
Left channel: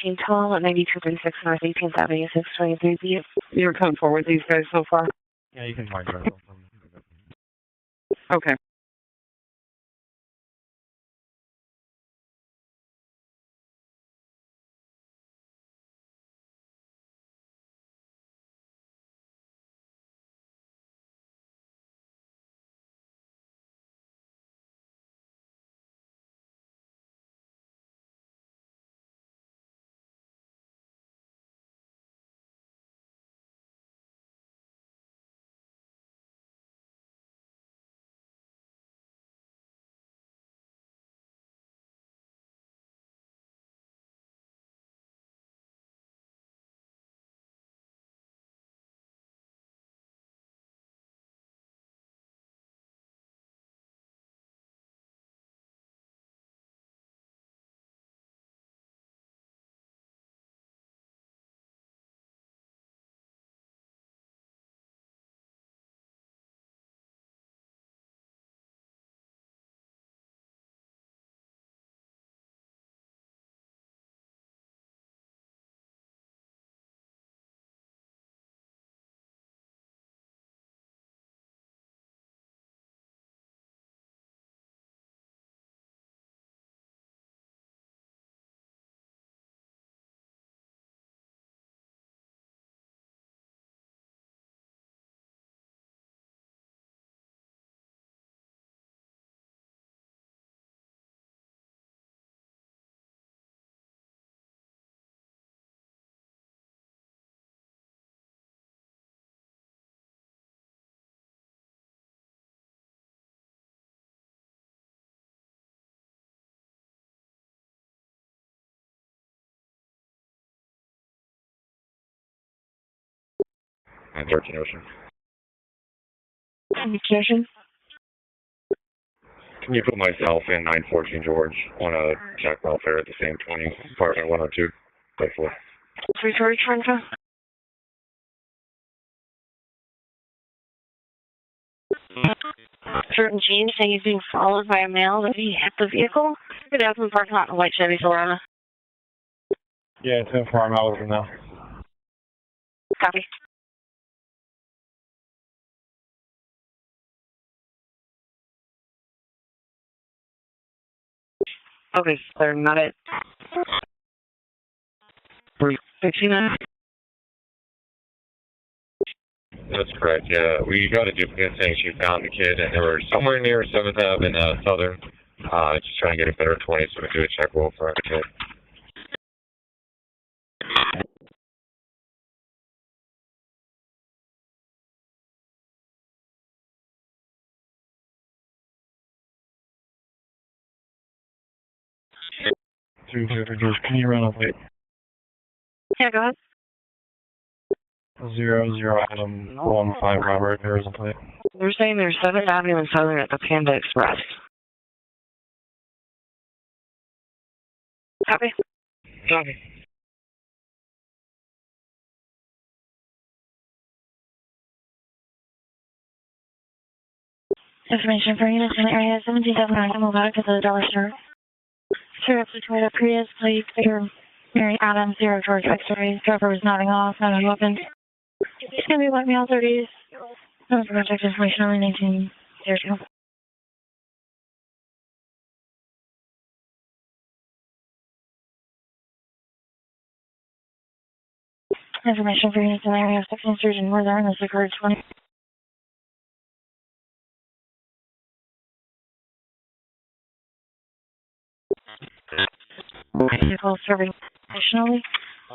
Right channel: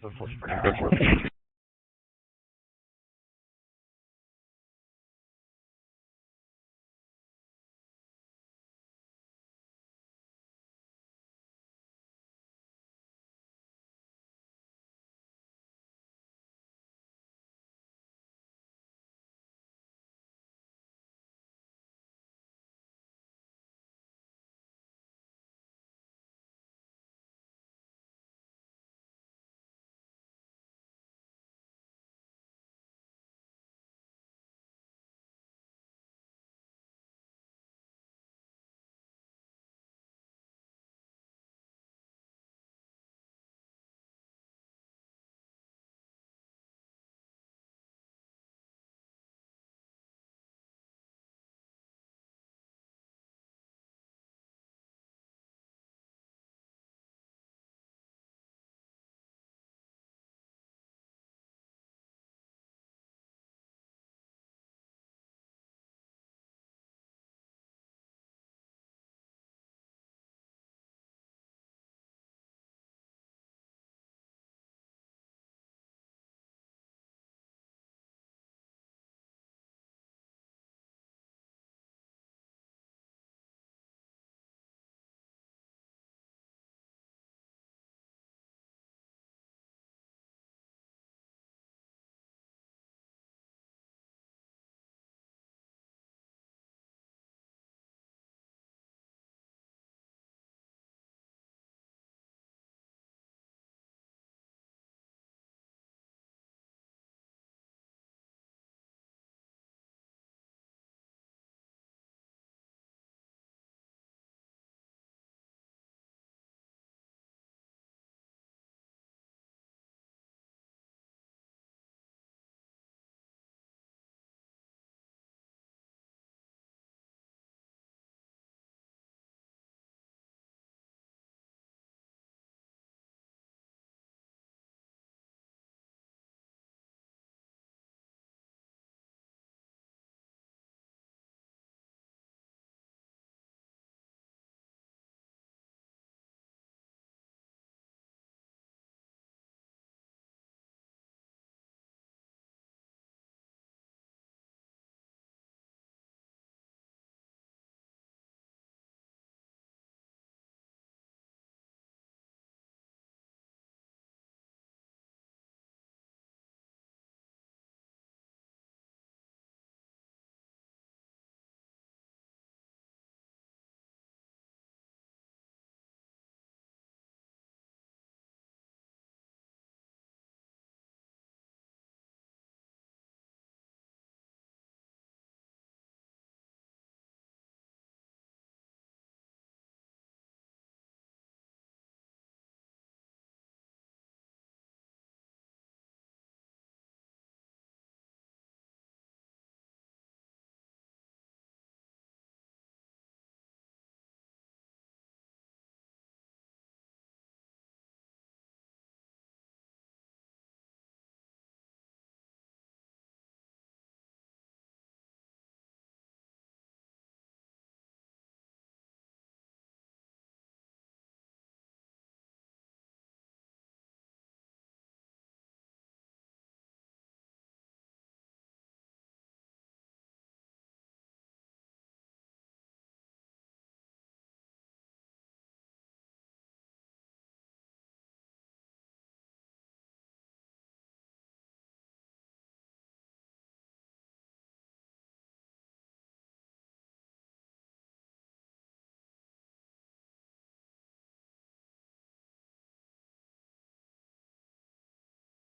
1812 at maybe 236 North 18th Avenue, 623B. You're comfortable with these guys so far? Yeah, you can find it. Okay. 913 Ocean. Communication. Can you put myself in 914 George on a check welfare at the same 20, apartment 102, plate 4? 3 Trenta. Certain Gene saying he's being followed by a male that he hit the vehicle. Good afternoon, parking lot in a white Chevy Silverado. Yeah, 10-4, I'm out with him now. Copy. Okay, sir, not it. 369. That's correct, yeah. We got a duplicate saying she found the kid, and they were somewhere near 7th Ave in Southern. Just trying to get a better 20 so we can do a check roll for the kid. Can you run up late? Yeah, go ahead. 00 Adam 15 Robert, there is a plate. They're saying there's 7th Avenue and Southern at the Panda Express. Copy. Copy. Information for units in the area 1779 move out to the Dollar Store. Sir, up to Toyota Prius, plate Victor Mary Adams, 0 George X-ray. Driver was nodding off, not a weapon. It's going to be white male 30s. No contact information only 1902. Information for units in the area 16 Surgeon Northern, the Decoded 20. Vehicle serving additionally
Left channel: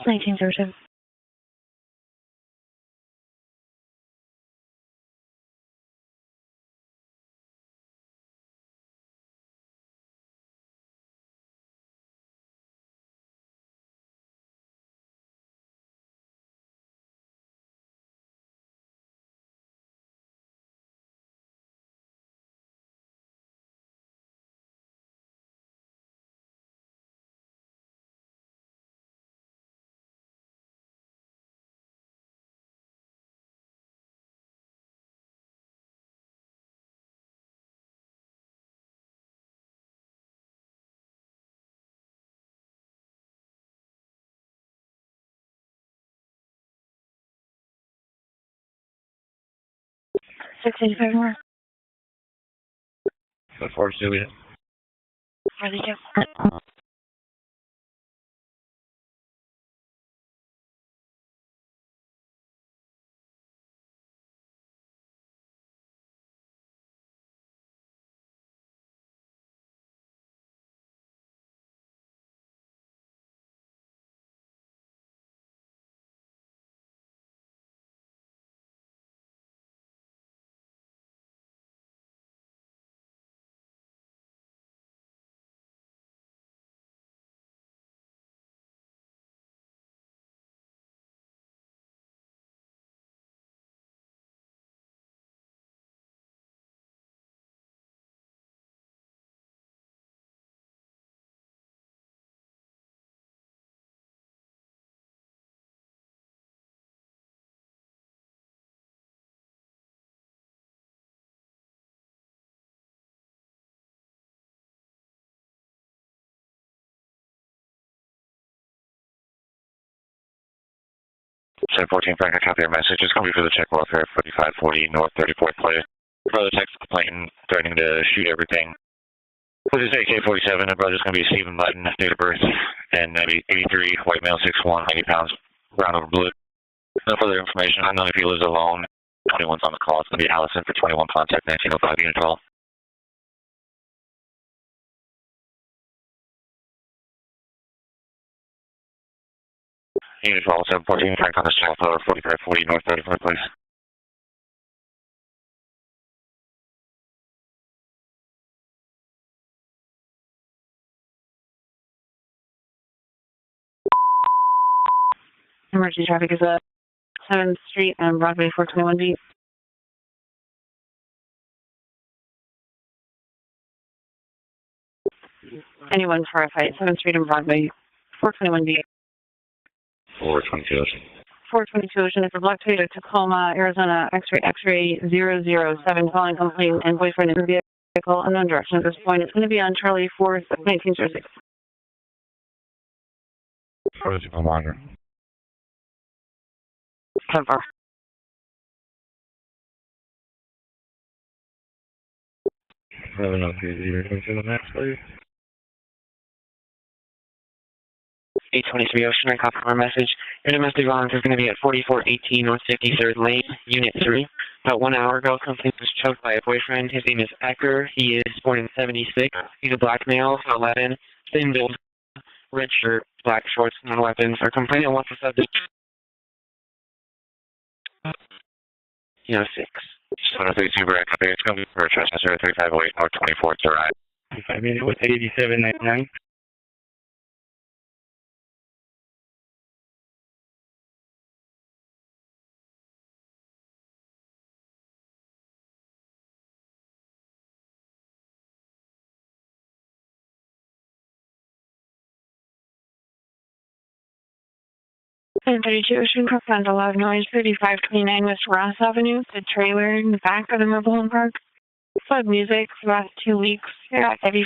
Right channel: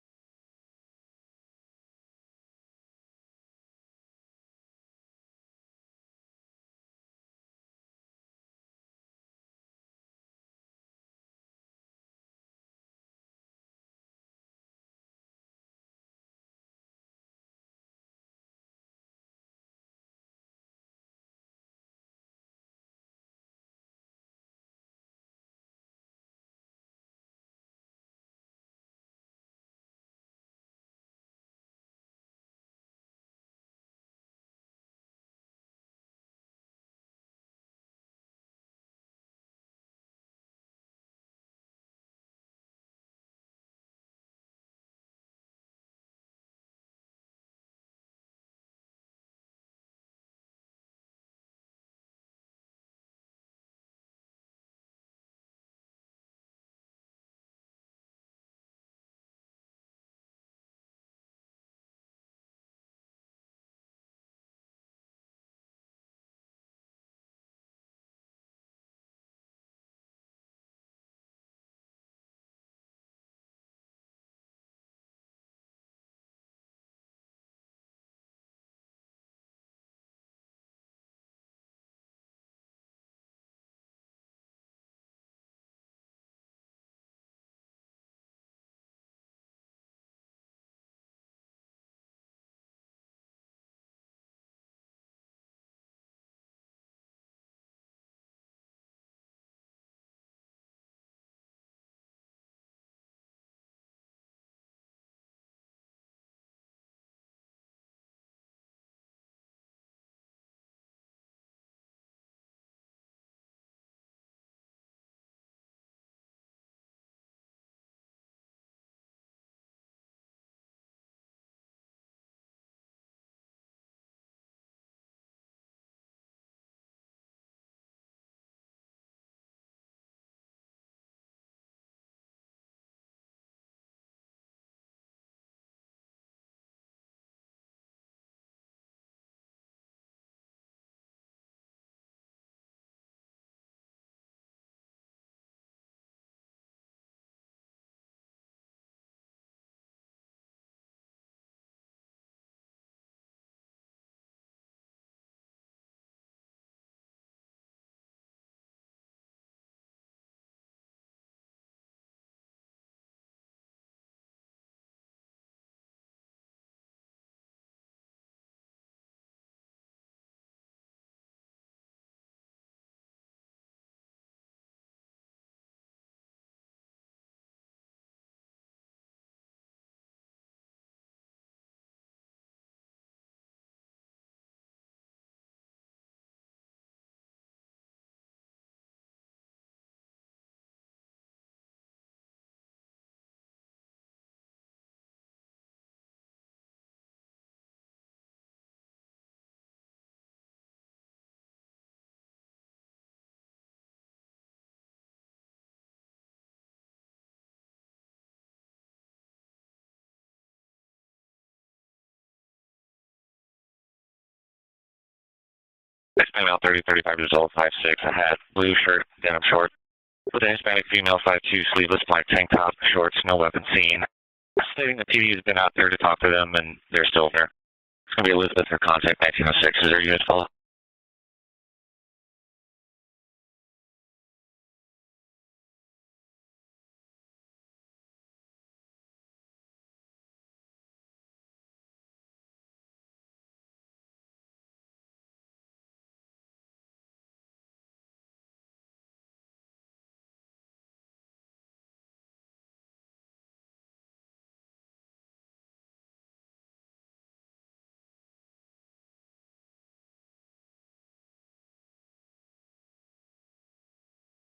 1902. More. That's for Juliet. Where they do. Set 14 Frank, I copy your message. It's going to be for the check welfare, 4540 North 34th Play. Brother text complaint threatening to shoot everything. This is AK-47, the brother's going to be Stephen Button, date of birth, and 83, white male, 6'1", 90 pounds, brown over blue. No further information. I don't know if he lives alone. 21's on the call. It's going to be Allison for 21, contact 1905, unit 12. Unit 12, 714, Frank on the south, 4540 North 34th Place. Emergency traffic is 7th Street and Broadway 421D. Anyone for a fight, 7th Street and Broadway 421D. 422 Ocean. 422 Ocean is a black Toyota Tacoma, Arizona, X-ray 007, calling complaint and boyfriend in the vehicle, unknown direction at this point. It's going to be on Charlie 4th, 1906. Protocol monitor. Cover. I don't know if you're going to the max, please. 823 Ocean, I copy our message. Your domestic violence is going to be at 4418 North 53rd Lane, Unit 3. About 1 hour ago, complaint was choked by a boyfriend. His name is Hector. He is 4076. He's a black male with 11. Female 5 sleeveless black tank top, shorts, no weapons seen. No weapons. Our complainant wants TV's been out there to talk to them, and they're still there. It's going to be Elizabeth, her contact, 1906. Is there units 732 Brad? It's going to be for trespasser 3508 North 24th to ride. 5 minutes with 8799. And 32 Ocean Park found a loud noise, 3529 West Ross Avenue. The trailer in the back of the mobile home park. Flood music for the last 2 weeks. Yeah, heavy.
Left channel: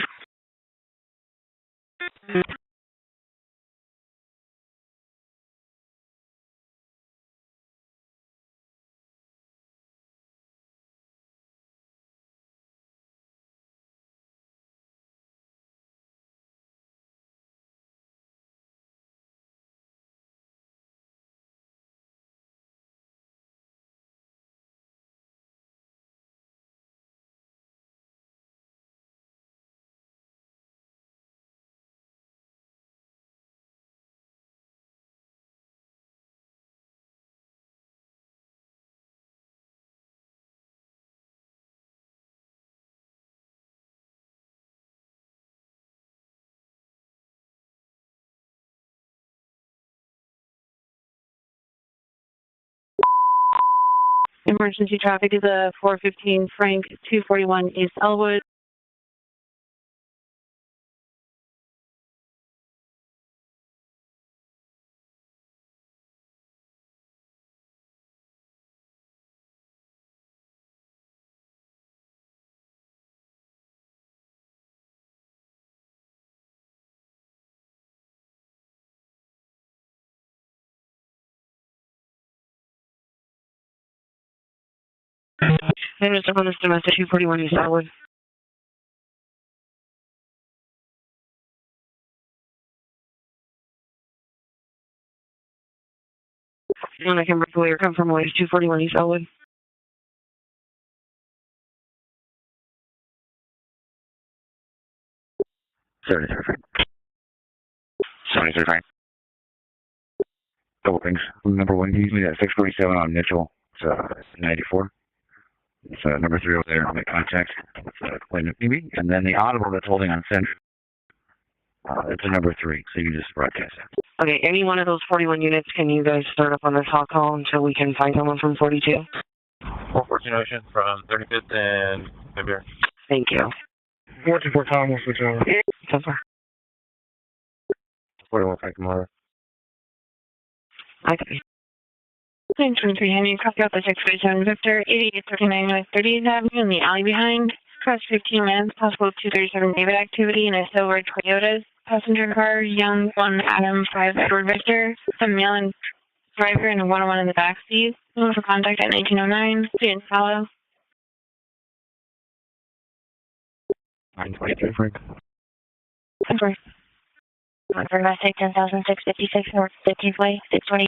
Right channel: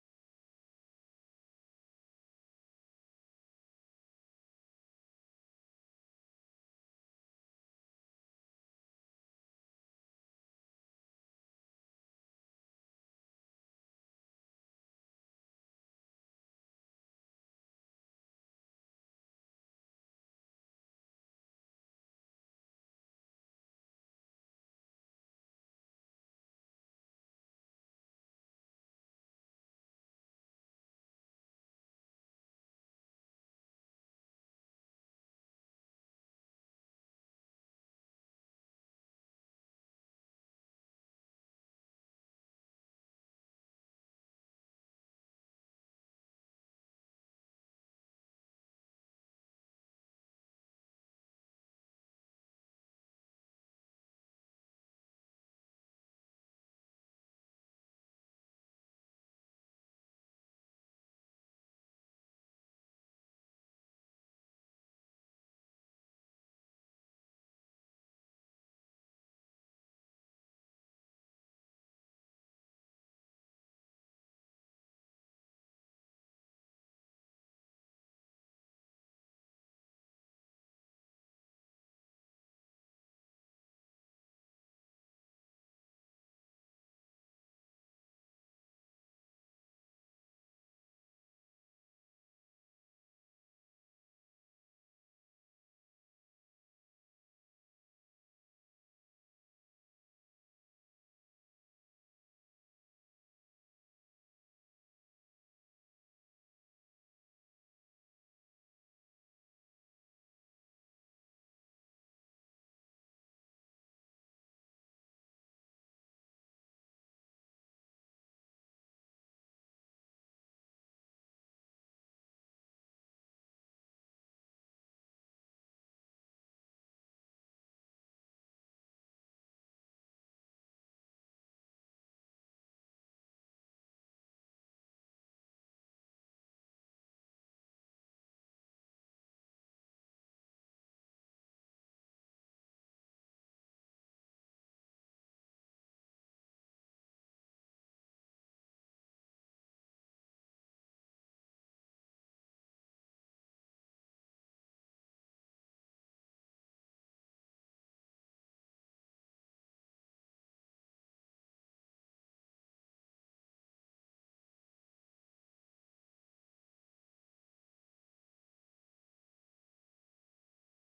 Emergency traffic is a 415 Frank 241 East Elwood. And Mr. Honest Domestic 241 East Elwood. And I can break away or come from away 241 East Elwood. Frank. 73 Frank. Couple things. Number one, usually at 647 on Mitchell. It's 94. It's number 3 over there. I'll make contact with complainant maybe. And then the audible that's holding on Central. It's a number 3, so you can just broadcast that. Okay, any one of those 41 units, can you guys start up on this hot call until we can find someone from 42? 414 Ocean from 35th and February. Thank you. 424 Tom will switch over. Cover. 41 Frank tomorrow. I copy. 923 Henry, copy out the 647 Victor, 8839 North 30th Avenue in the alley behind. Across 15 minutes, possible 237 David activity in a silver Toyota. Passenger car, Young 1 Adam 5 Edward Victor. Some male and driver and a 101 in the back seat. Known for contact at 1909. Student follow. 923 Frank. Confirm. For Mass 10,656 North 15th Way, 620.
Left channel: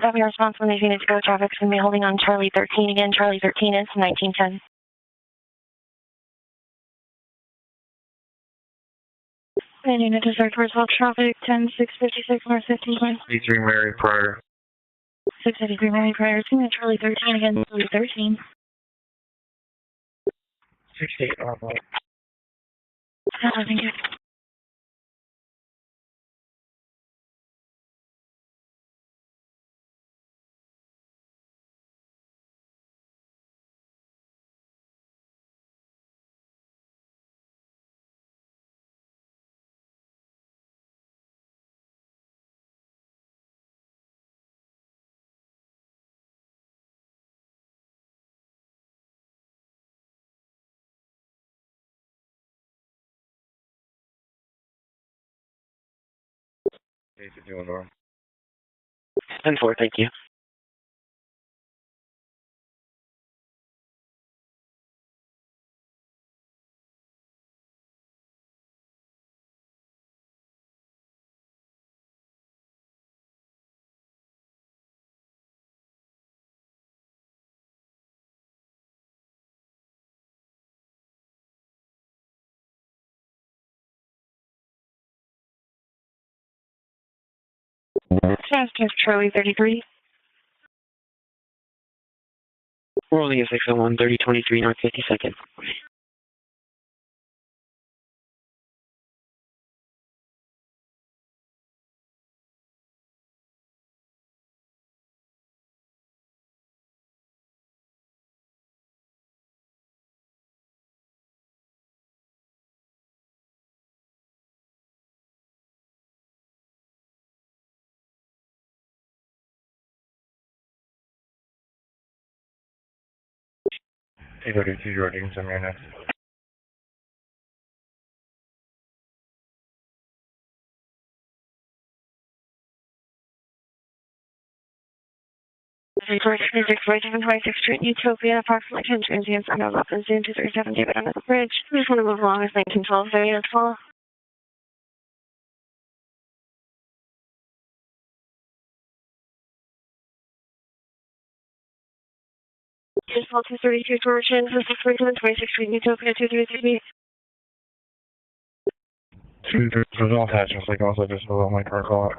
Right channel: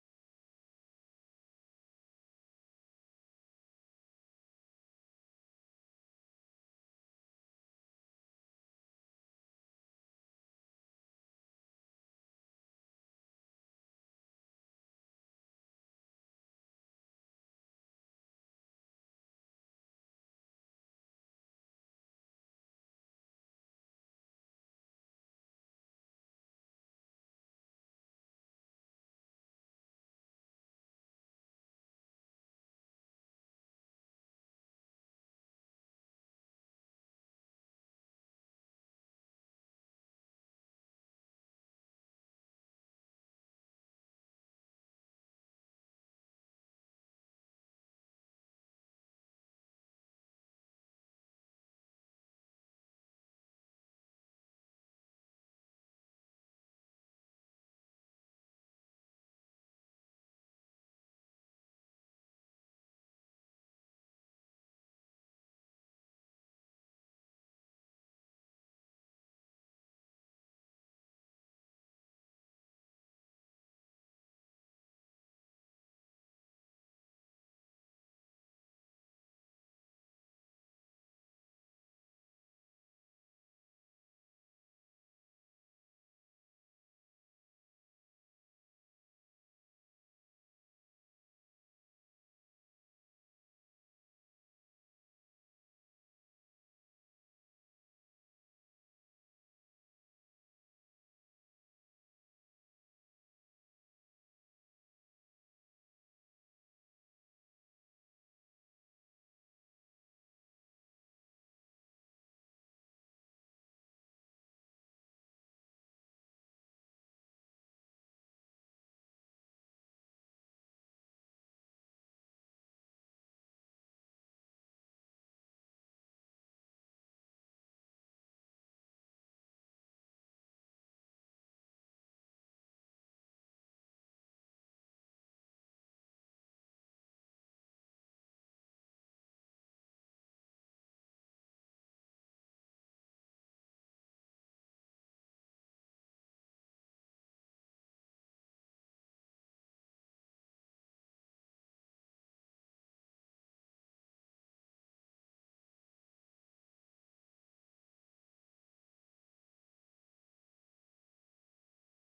Copy your response when these units go. Traffic's going to be holding on Charlie 13 again. Charlie 13 is 1910. And unit to search for assault traffic 10656 North 15th Way. 63 Mary Pryor. 653 Mary Pryor, Charlie 13 again, Charlie 13. 68 Thank you. 10-4, thank you. Charlie 33. Rolling at 601, 3023 North 52nd. Decoded to your ratings on your next. Street, Utopia, approximately 10 transients under Lupin, Zoom 237, David under the bridge. We just want to move along as 1912 area as well. Just 232 Torsion, 647, 26 Street, Utopia, 233B. There's all attachments, like also just below my car call.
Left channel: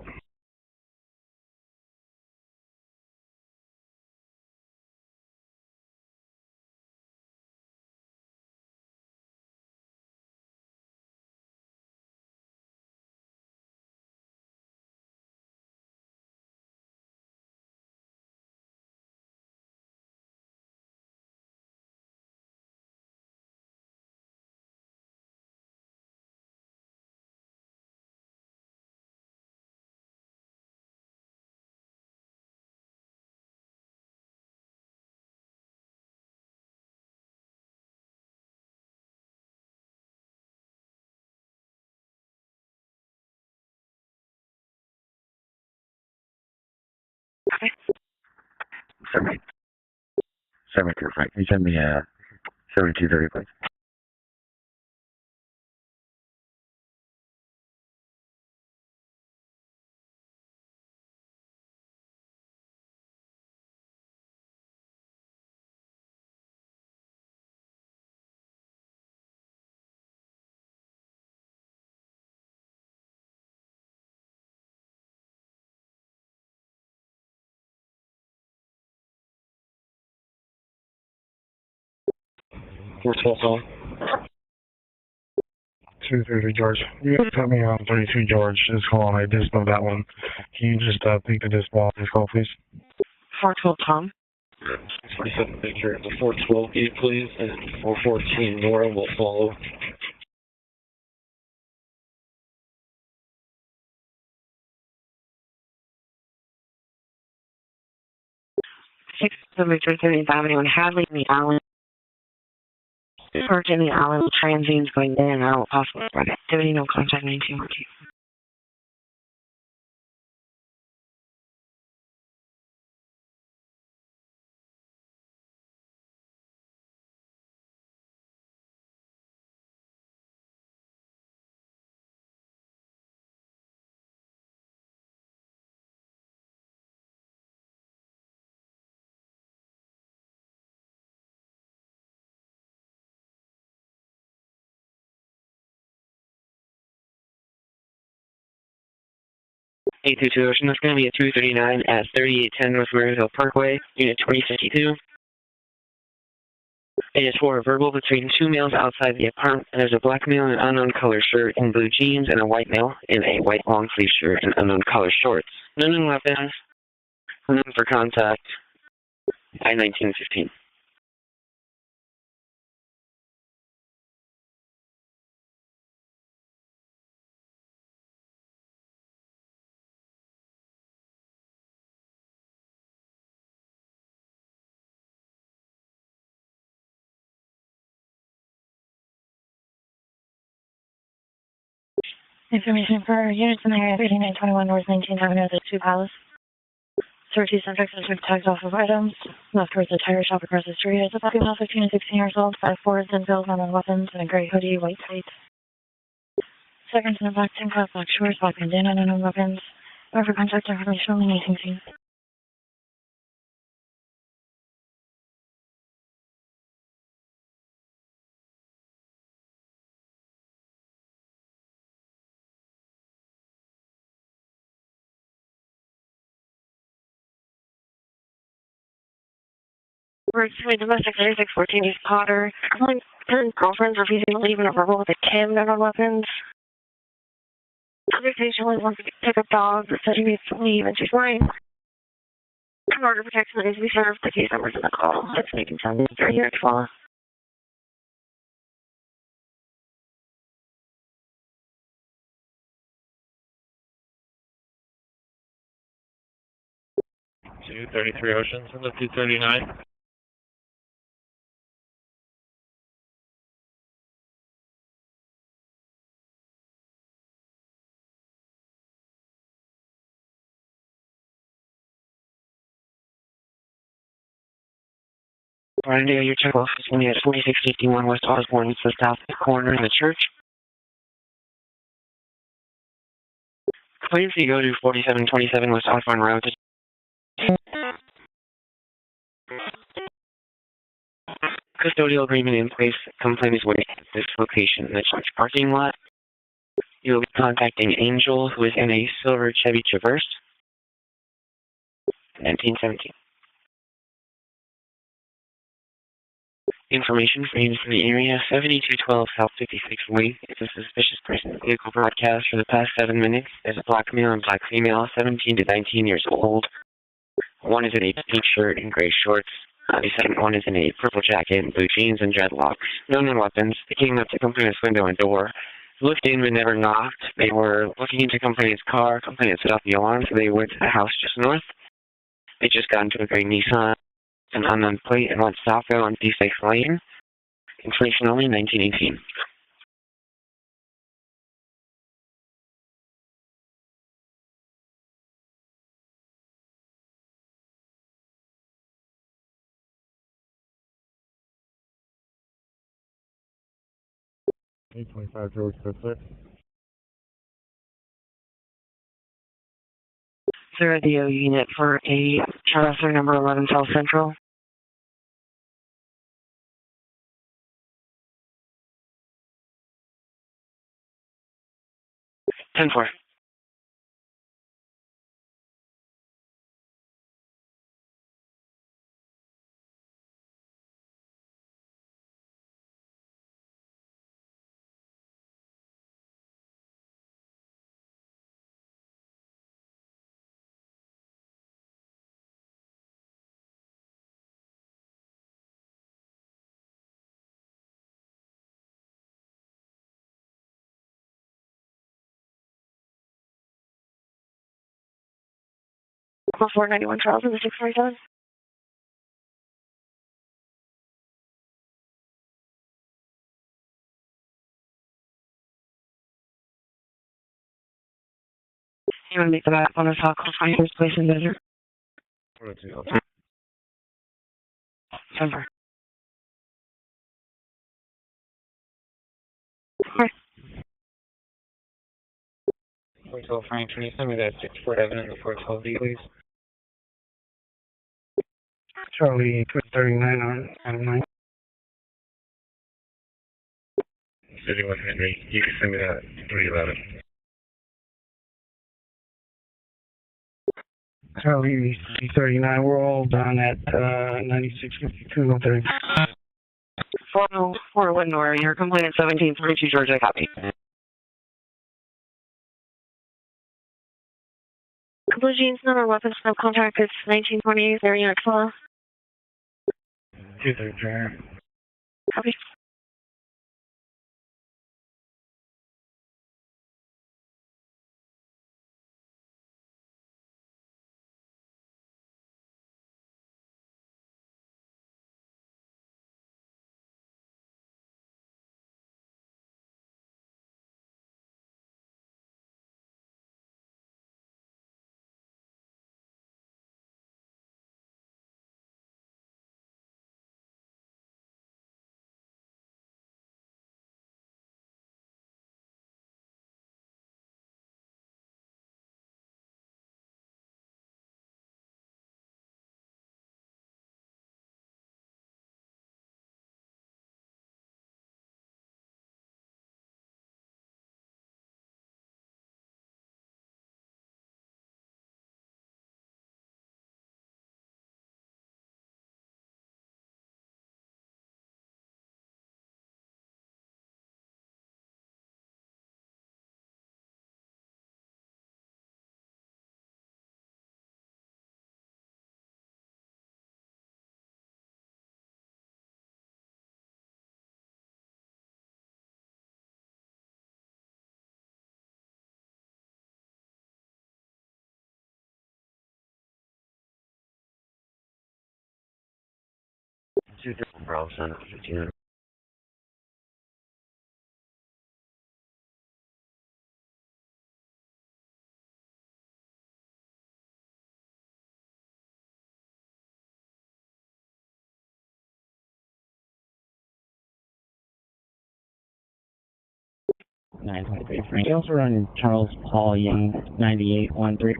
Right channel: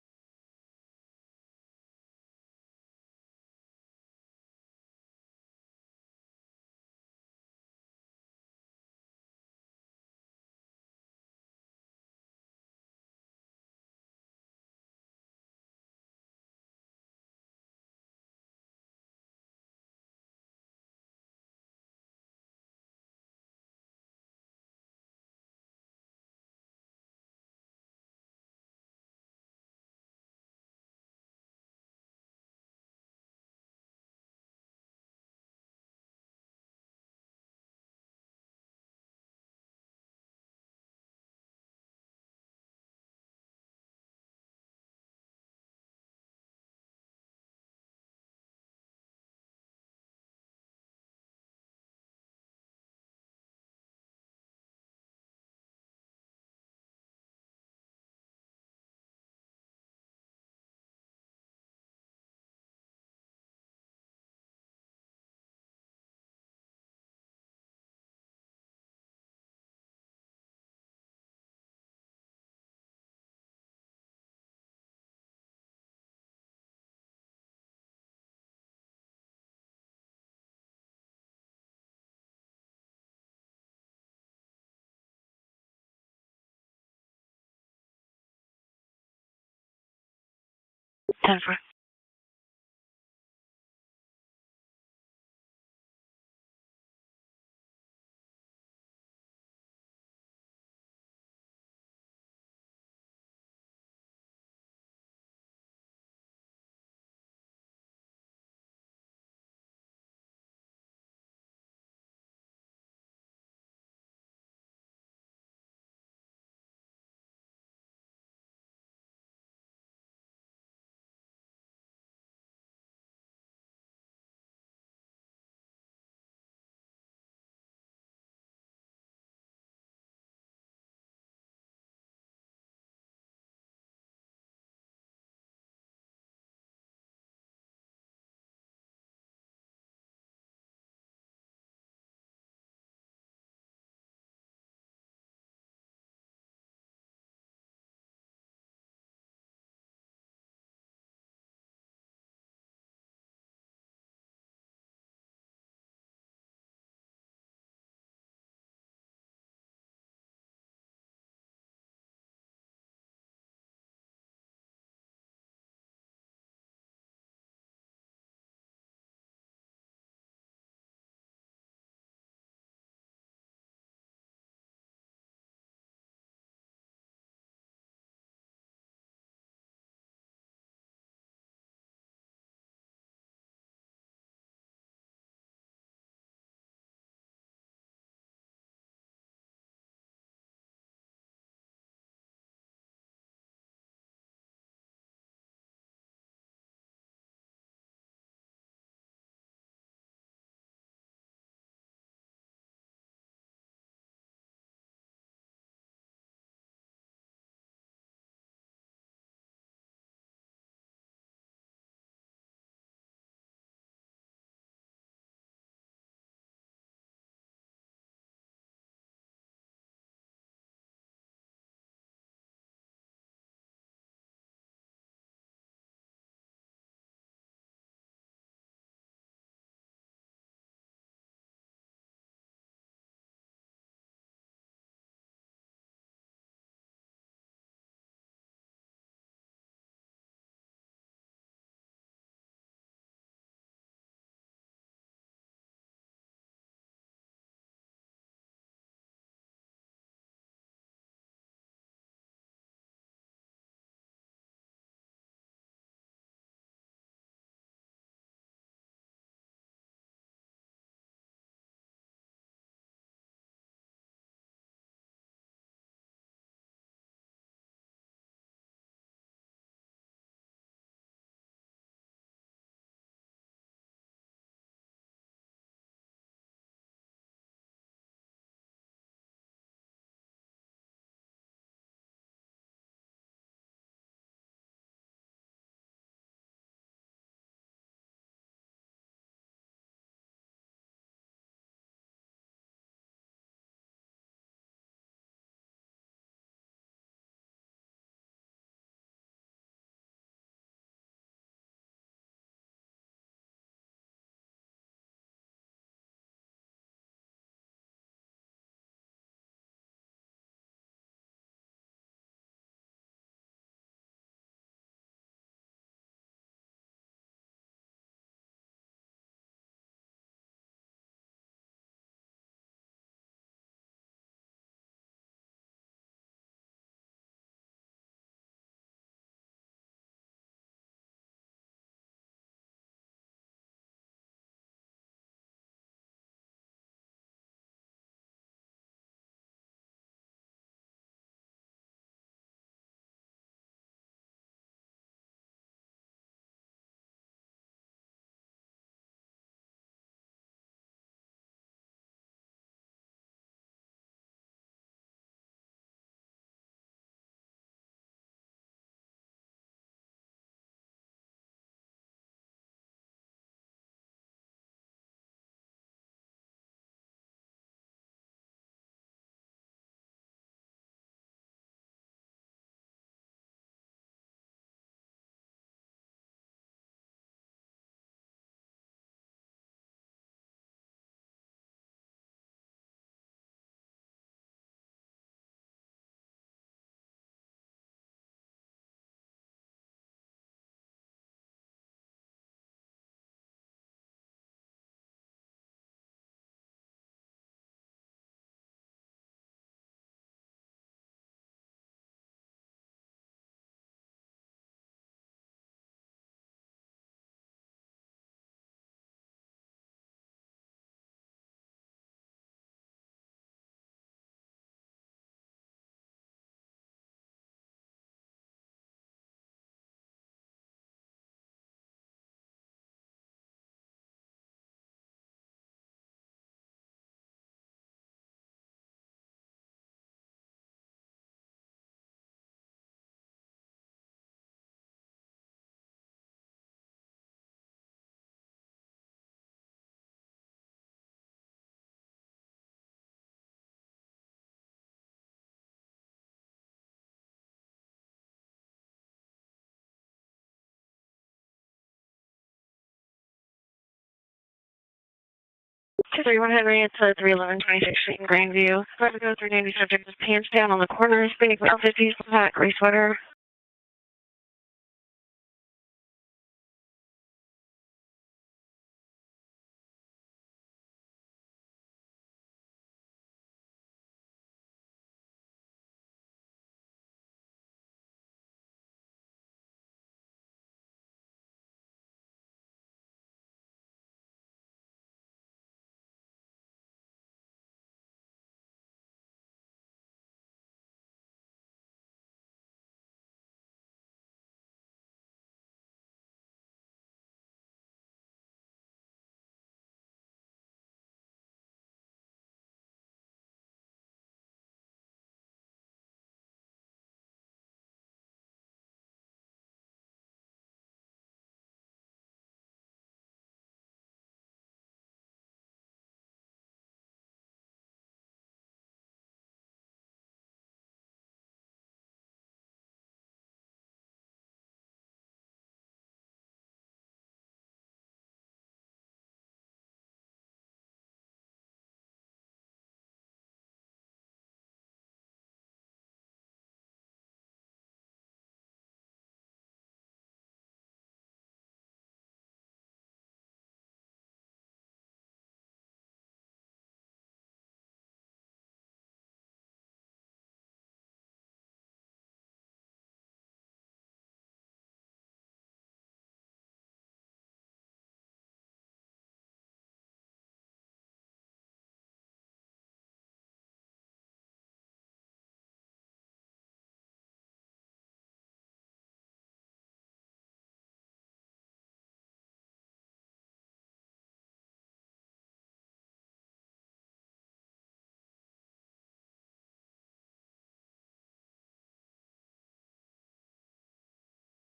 Okay. 72, Frank. Can you send me 7230, please? Four 12 call. 230 George. You guys put me on 32 George. Just call on. I just know that one. Can you just please this call, please? 412 Tom. 27 picture of the 412 gate, please, and 414 Nora will follow. Six Victor 30th Avenue and Hadley in the Allen. Parked in the Allen, transients going in and out, possible threat activity, no contact 1914. A22 Ocean, that's going to be a 239 at 3810 North Maryville Parkway, Unit 2052. It is for a verbal between two males outside the apartment. There's a black male in an unknown color shirt and blue jeans, and a white male in a white long sleeve shirt and unknown color shorts. None weapons, none for contact. I-1915. Information for units in the area 3921 North 19th Avenue, the 2 Palace. Search two subjects and took tags off of items. Left towards the tire shop across the street. It's a female 15 and 16 years old, 5'4", thin build, on weapons, and a gray hoodie, white tights. Seconds in the black tank top, black shorts, black bandana, and no weapons. Or for contact information only 19. We're doing domestic 3614 East Potter. Calling 10 girlfriends refusing to leave in a verbal with a cam gun on weapons. Other station only wants to pick up dog that said he needs to leave and she's lying. Order protection that needs to be served. The case numbers in the call. That's making sense. They're here to follow. Two 33 Oceans and the 239. Randy, your check office is at 4651 West Osborne. It's the south corner in the church. Please you go to 4727 West Osborne Road. Custodial agreement in place. Complaint is waiting at this location in the church parking lot. You will be contacting Angel, who is in a silver Chevy Traverse, 1917. Information for units in the area, 7212 South 56th Way. It's a suspicious person vehicle broadcast for the past 7 minutes. There's a black male and black female, 17 to 19 years old. One is in a pink shirt and gray shorts. The second one is in a purple jacket and blue jeans and dreadlocks. No known weapons. They came up to complainant's window and door. Looked in but never knocked. They were looking into complainant's car. Complainant set off the alarm, so they went to the house just north. They just got into a gray Nissan, an unknown plate, and went southbound on D6 Lane. Information only 1918. P25-2 Specific. Sir, the O unit for a Charter number 11 South Central. 10-4. Call 491 Charles in the 647. You want to make the back on the top call for your place in desert? 10-4. Frank, can you send me that 647 and the 412D, please? Charlie 239 on Adam 9. City 1 Henry, you can send me that 311. Charlie 39, we're all down at 9652 on 30. 31 Henry, it's 311 Portland, Oregon. Your complaint at 1742 Georgia. Hands down on the corner, big L50s, hat, gray sweater. Blue jeans, no weapons, no contact. It's 1920, there unit 12. 233. Copy. 2 Bravo Center, 15. 923 Frank. You also run Charles Paul Young, 9813.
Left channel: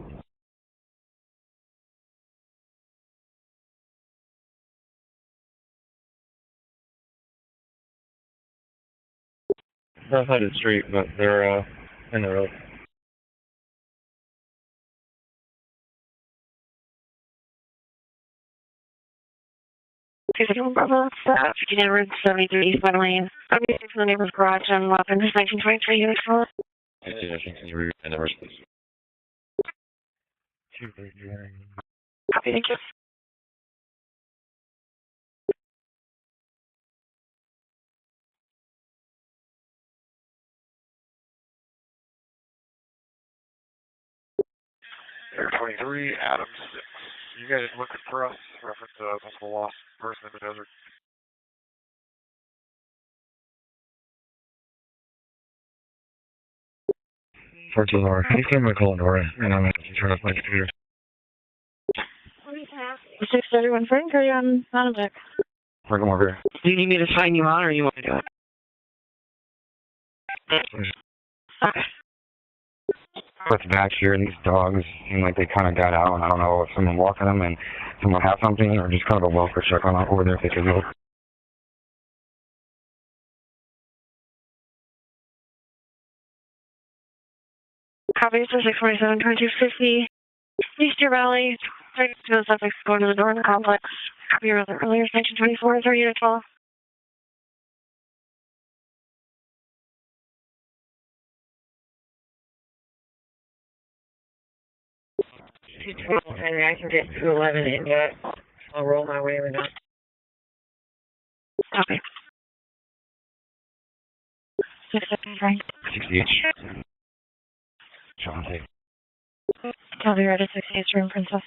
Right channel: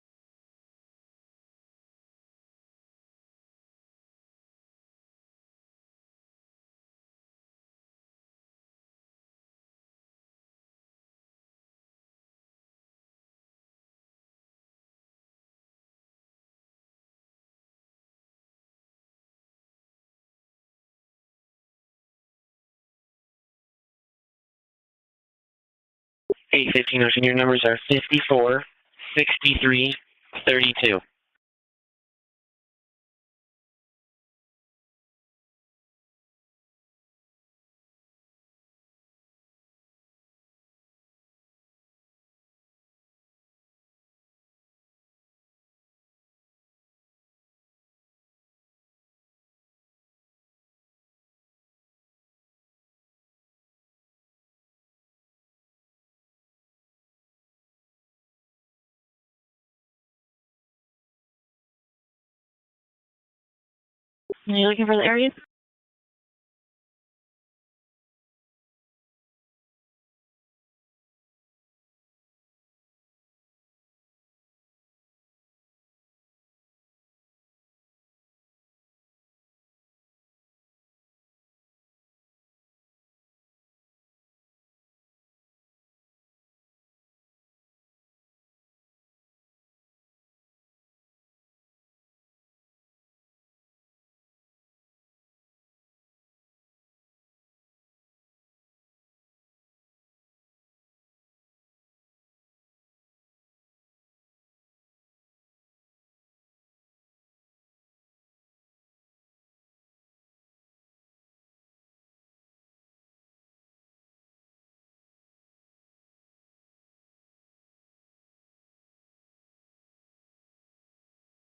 Outside the street, but they're in the road. Okay, so Bravo, 1573 East West Lane. Okay, from the neighbor's garage on weapons, 1923 units. 815 Ocean, your numbers are 54, 63, 32. Copy, thank you. Air 23, Adam 6. You guys looking for us? Reference to a possible lost person in the desert. RTL-SDR. Can you send my call Dora? And I'm going to turn off my computer. 631 Frank, are you on the area? Bring them over here. Do you need me to sign you out or you want to do it? Okay. What's back here, these dogs seem like they kind of got out, and I don't know if someone walking them and someone has something, or just kind of a welfare check on over there if they could go. Copy, so 647, 2250, East Deer Valley, 32 suspects going to the door of the complex. Copy your earlier, 1924, 30 to 12. And I can get to 11 and I'll roll my way or not. Copy. 670 Frank. 68. John, take. Copy, right at 68 room, Princess.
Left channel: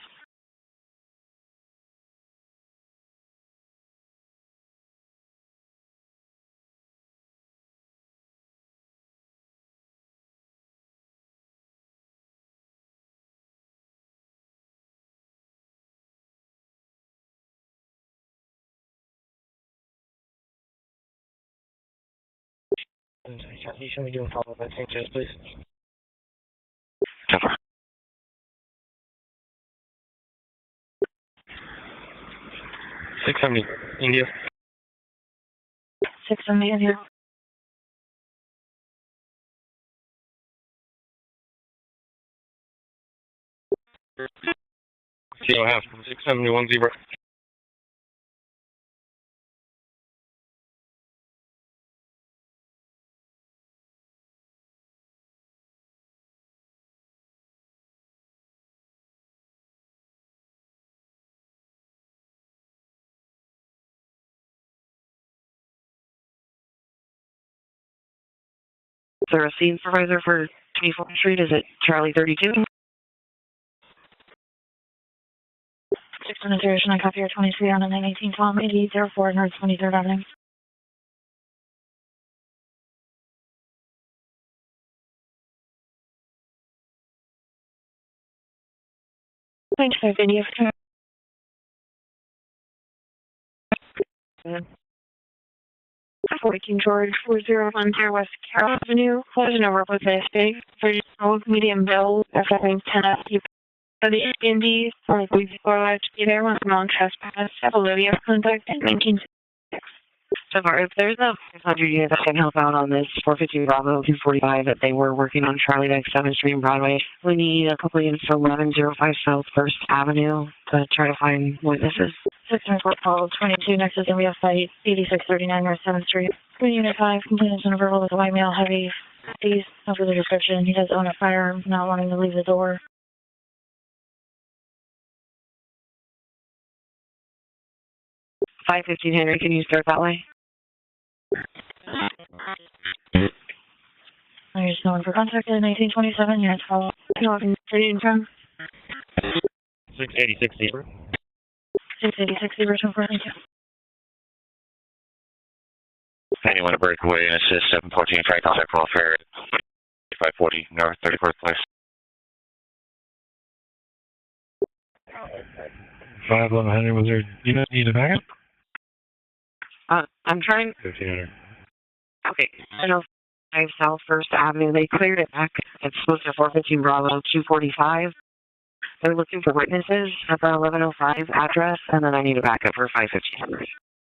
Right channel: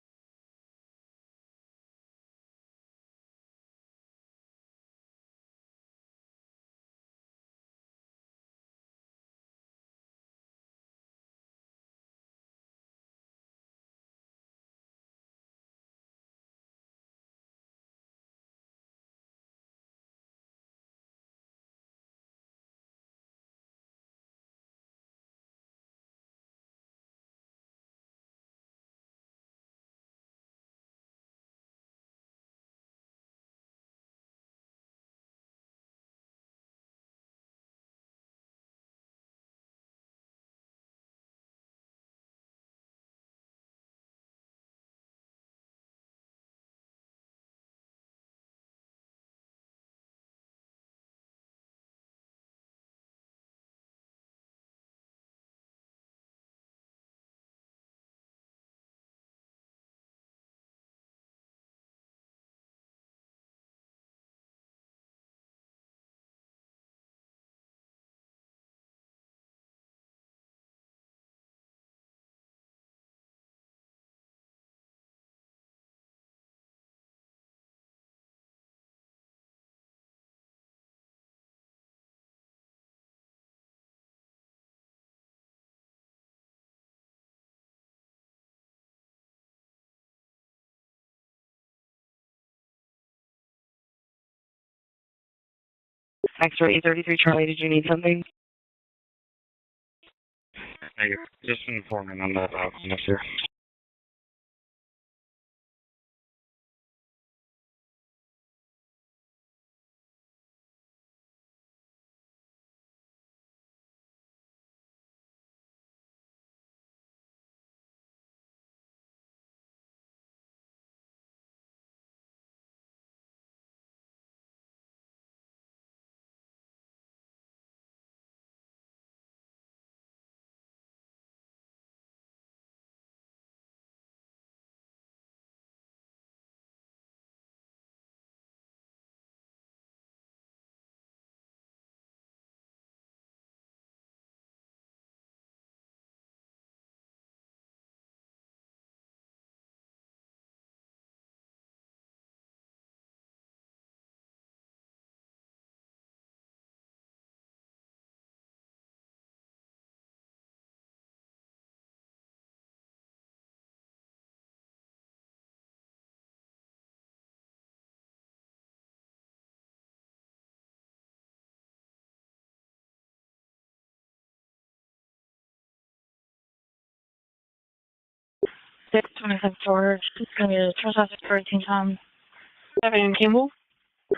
Should we do a follow-up at St. Joe's, please? 670, India. 670 in here. Kilo half, 671 zebra. Is there a scene supervisor for 24th Street? Is it Charlie 32? 610, I copy your 23 on the 918 Tom 8804 North 23rd Avenue. Thanks, sir. Video. Thanks for George, Charlie, did you need something? West Carroll Avenue, closing over with ESTE, 30 medium bill, second 10 for the Indies, or we to be there once long trespass, have a Olivia contact in 1966. So far, if there's a 500 unit that can help out on this 450 Bravo 245 that they were working on Charlie Dyke 7th Street and Broadway, we need a couple units for 1105 South 1st Avenue to try to find witnesses. 604 Paul 22 next to the area site, 8639 North 7th Street. Green Unit 5, complainants on a verbal with a white male, heavy, 50s, no further description. He does own a firearm, not wanting to leave the door. $515 Henry, can you start that way? I'm just going for contact at 1927, units follow. You walking city in front? 686 zebra. 686 zebra, 24, thank you. anyone to break away and assist 714 Frank contact welfare 540 North 34th Place. 511 Henry, was there, you don't need a backup? I'm trying. 1500. Okay, I know 5 South First Avenue. They cleared it back. It's supposed to 415 Bravo 245. They're looking for witnesses at the 1105 address, and then I need a backup for 515.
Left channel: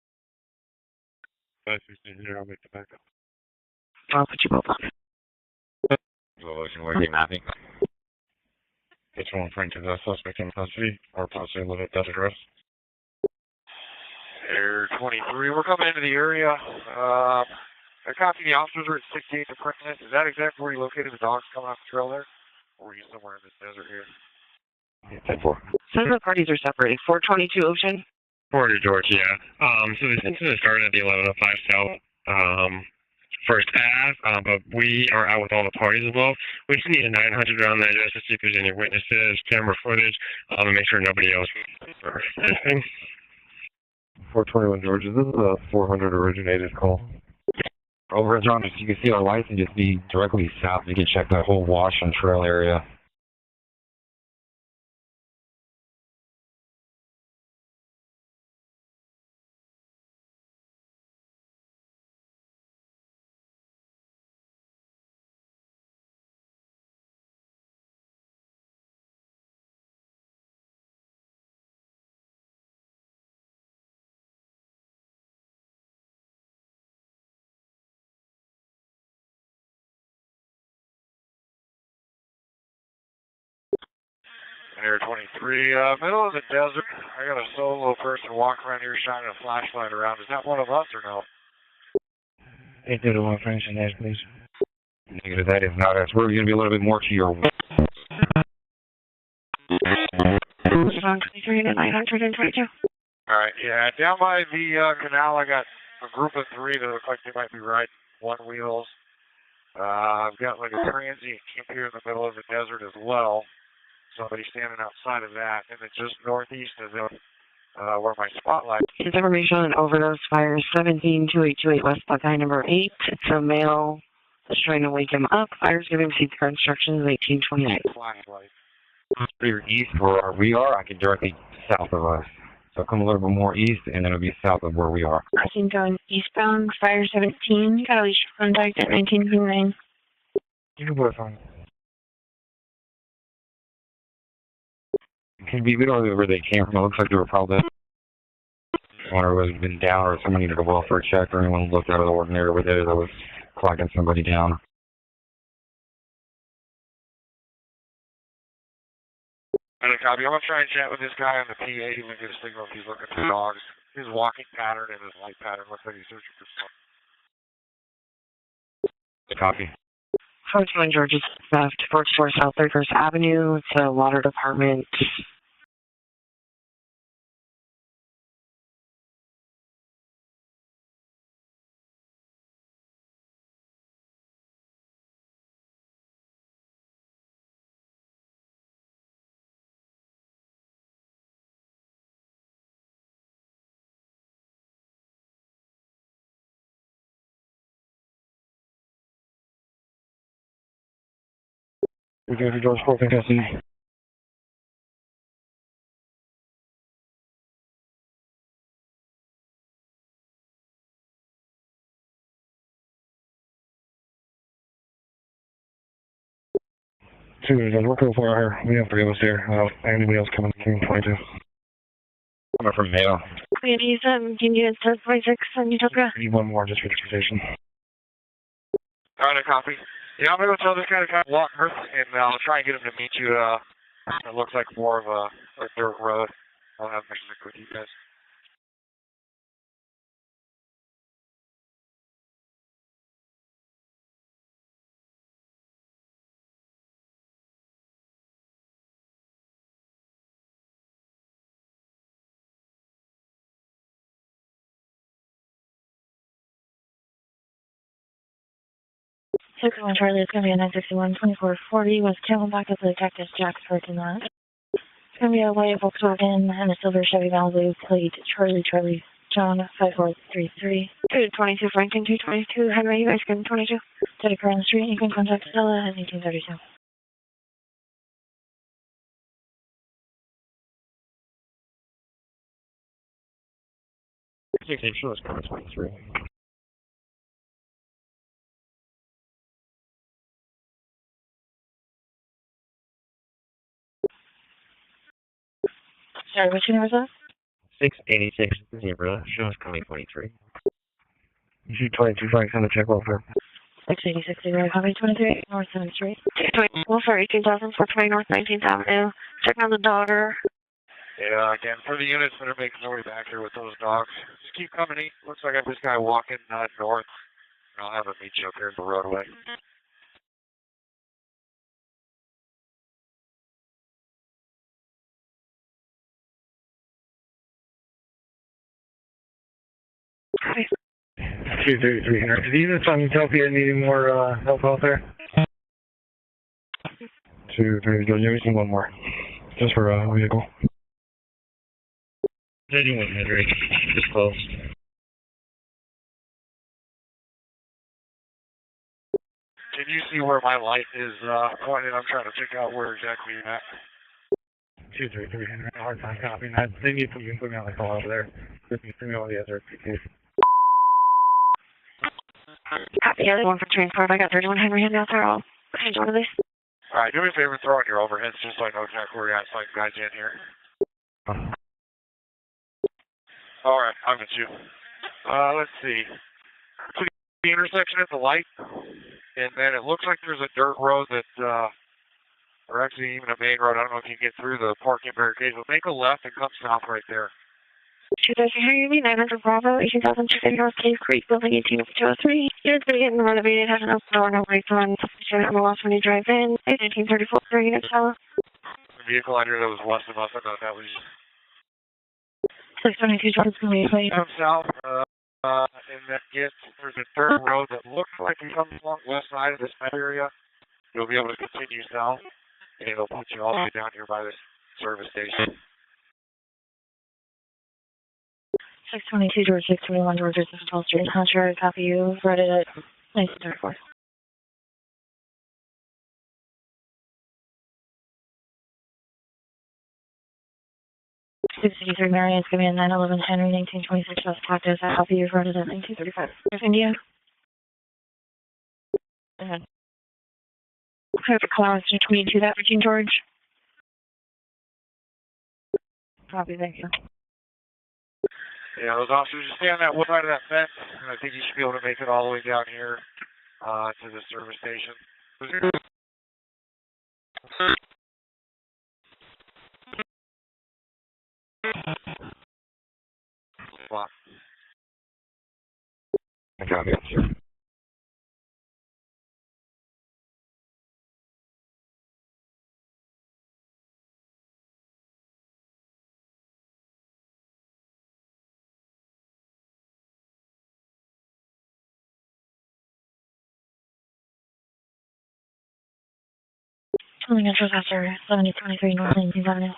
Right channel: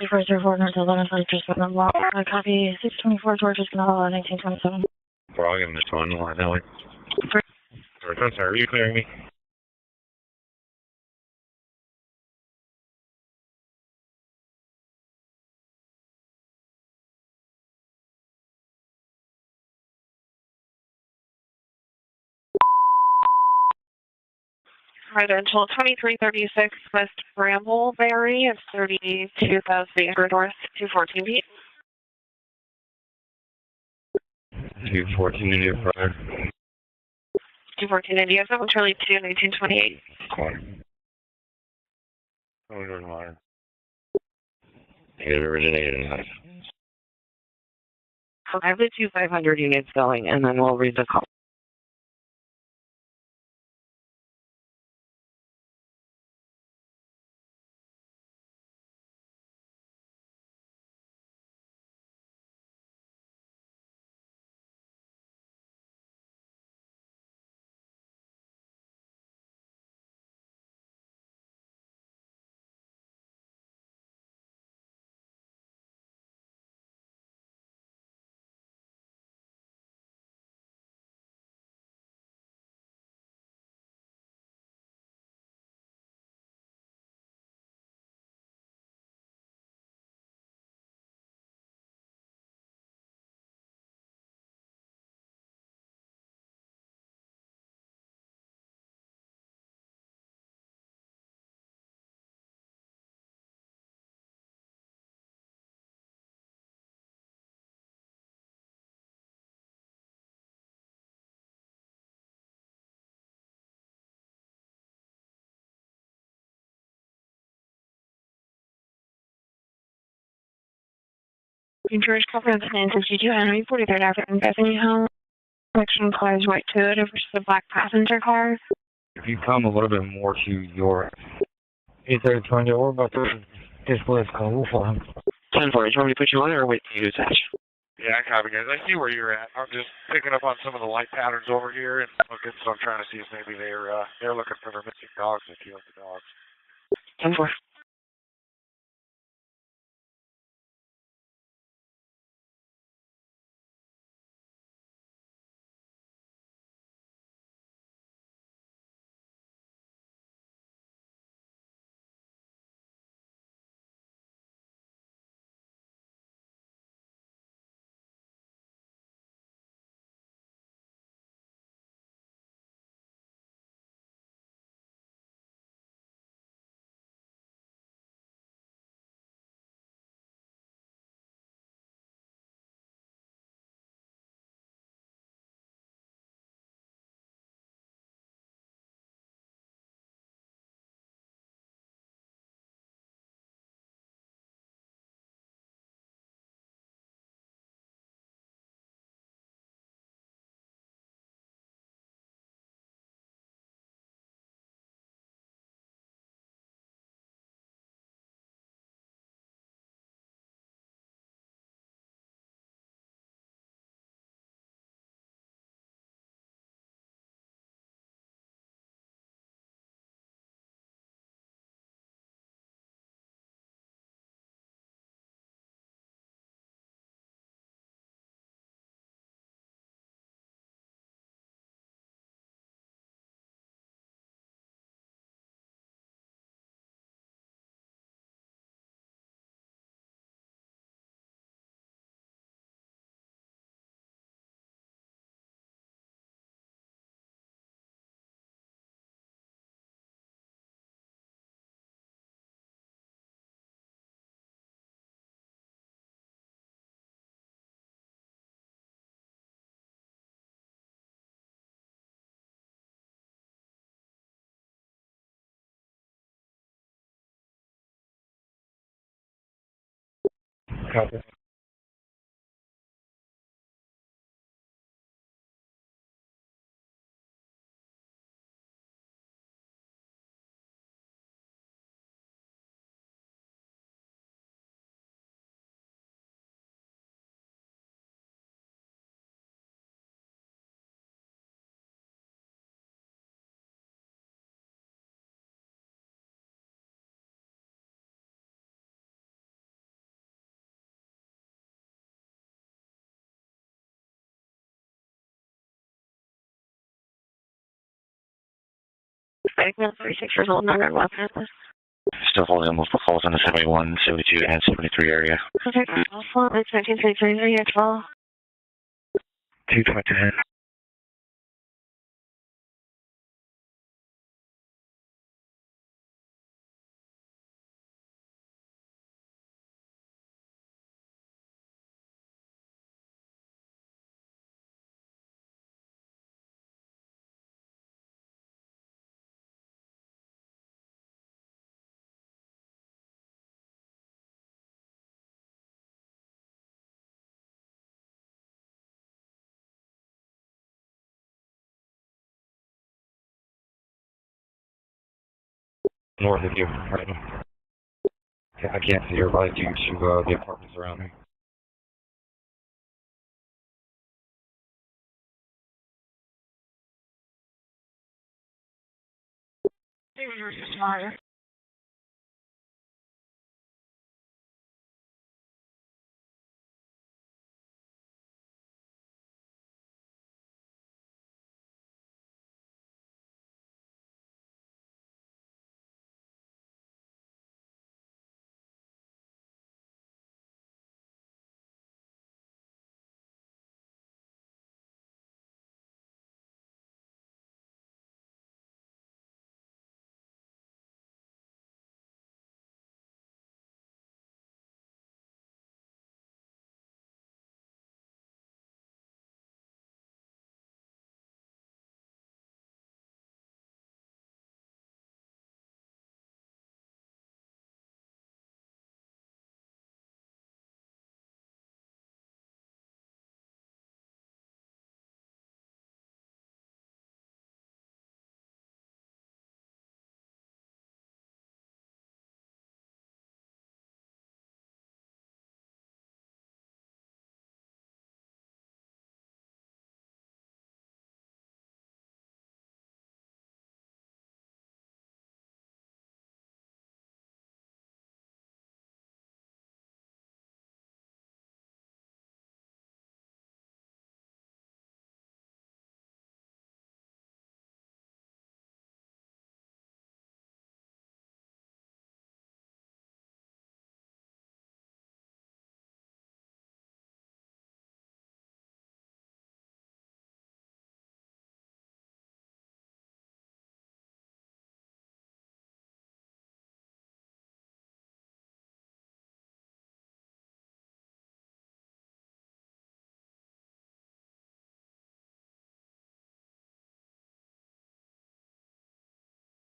3404 North 11 just with them walk. Copy 624 George is going to hold on. Well, I'll give him this one. I know we can work it out. Sorry, are you clearing me? It's one referring to the suspect in custody or possibly live at that address. Air 23, we're coming into the area. I copy the officers are at 68 Department. Is that exactly where you located the dogs coming off the trail there? Or are you somewhere in this desert here? Residential 2336 West Brambleberry. 40 George, yeah. So this is the start of the 1105 South, First Ave, but we are out with all the parties as well. We just need a 900 around there. Camera footage. Make sure nobody else. 421 George, is this where 400 originated call? Over as long as you can see a light, you can see directly south, you can check that whole wash and trail area. Air 23, middle of the desert. I got a solo person walking around here shining a flashlight around. Is that one of us or no? 821 French and Nash, please. Negative, that is not us. We're going to be a little bit more to your... 23 to 922. Alright, yeah, down by the canal I got a group of 3 that look like they might be riding one wheels. I've got like a transient camp here in the middle of the desert as well. Somebody standing outside of that, and then just northeast of them, where my spotlight. His information on overdose fires 172828 West Virginia number 8. The male is trying to wake him up. Fire 17 construction 1828. Passenger car. You come a little bit more. We are directly south of us. Come a little bit more east, and then we'll be south of where we are. Fire 17, got a contact at 1929. I'm just picking up on some of the light patterns over here, and looking, so I'm trying to see if maybe they're looking for their missing dog. We don't know where they came from. It looks like they were probably one or was been down, or someone needed a welfare check, or anyone looked out of the ordinary over there that was clocking somebody down. And a copy. I'm going to try and chat with this guy on the PA and get a signal if he's looking for dogs. His walking pattern and his light pattern looks like he's searching for something. Copy. 421 George's theft, 44 South 31st Avenue. It's a water department. We go to George 4th custody. We're cool for her. We have 3 of us here. Anybody else coming from 22? Coming from Mayo. Ladies, can you start 26 on Utopia? I need one more just for transportation. Alright, a copy. Yeah, I'm going to go tell this guy to kind of walk north, and I'll try and get him to meet you. It looks like more of a dirt road. I'll have next week with you guys. Charlie, it's going to be a 961 2440 West Camelback with the Cactus Jack's in that. It's going to be a white Volkswagen and a silver Chevy Malibu plate Charlie. John 5433. 222 Franklin 222 Henry, you guys can 22. Steady car on the street, you can contact Stella at 1832. 16 shows coming 23. Sorry, which name was that? 686 Zebra, shows coming 23. Issue 22 flags on the check welfare. 686 Zebra, copy 23 North 7th Street. Welfare 18,000, 420 North 19th Avenue. Check on the daughter, result number and left. Yeah, again, for the unit. Still holding multiple calls on the 71, 72, and 73 area. Okay, well, that's 1933 at 12. Have a meet you up here at the roadway. 222. Copy. 233 Henry. Did the units on Utopia need any more help out there? 230, you're missing one more. Just for a vehicle. 31 Henry. Just close. Can you see where my light is pointed? I'm trying to figure out where exactly you're at. 233 Henry. Hard time. No, they need some equipment like all out there. I can't see your light due to the apartments around me. Copy, the other one for transport. I got 31 Henry Hand out there. I'll change one of these. All right, do me a favor, throw on your overheads just so I know exactly where you're at, so I can guide you in here. All right, I'm with you. Let's see. So the intersection at the light, and then it looks like there's a dirt road that, or actually even a main road. I don't know if you can get through the parking barricades, but make a left and come south right there. 2,000 Henry, 900 Bravo, 18,250 North Cave Creek, Building 18203. Unit's going to get renovated, has an open door, no brakes on. Substitute on the loss when you drive in. 1934, unit cell. The vehicle under that was less than us. I thought that was 622 Jordan's going to be come south, and that gets, there's a dirt road that looks like it comes along the west side of this area. You'll be able to continue south, and it'll put you all the way down here by the service station. 622 George 621 George 12th Street. Contrary copy, you read it at 1934. 683 Marion, it's going to be a 911 Henry 1926 West Cactus. I copy, you read it at 1935. There's India. Go ahead. Clear for clouds to 22 that Virgin George. Copy, thank you. Yeah, those officers just stay on that one side of that fence, and I think you should be able to make it all the way down here to the service station. I got it, sir. Something interest after 7023 North 19th Avenue.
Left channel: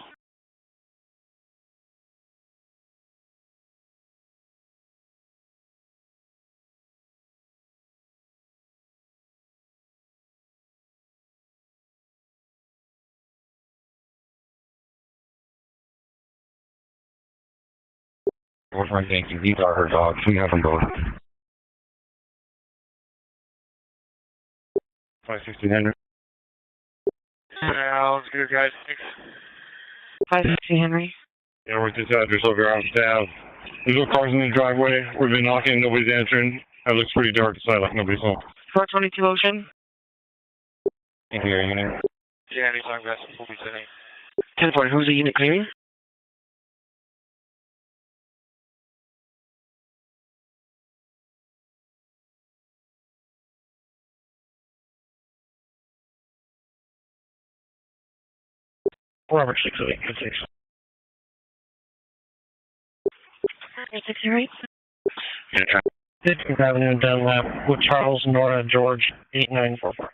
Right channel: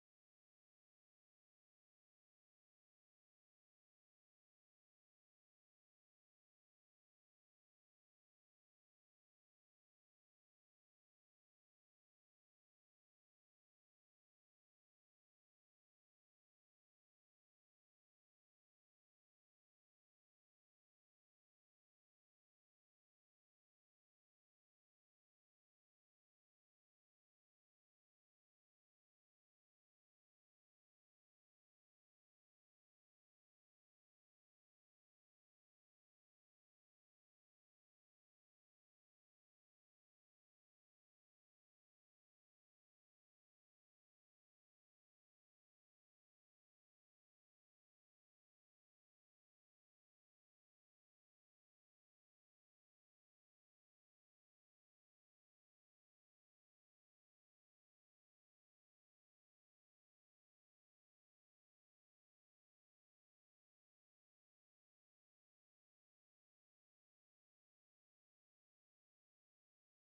What's my thinking? These are her dogs. We have them both. 560 Henry. Sounds good, guys. Thanks. 560 Henry. Yeah, we're at this address over on staff. There's no cars in the driveway. We've been knocking, nobody's answering. It looks pretty dark inside, like nobody's home. 422 Ocean. Can't hear you now. Yeah, anytime, guys. We'll be sitting. 10-4, who's the unit clearing? Robert 608, 608. Yeah, try. 15th Avenue, Dunlap, with Charles, Nora, George, 8944.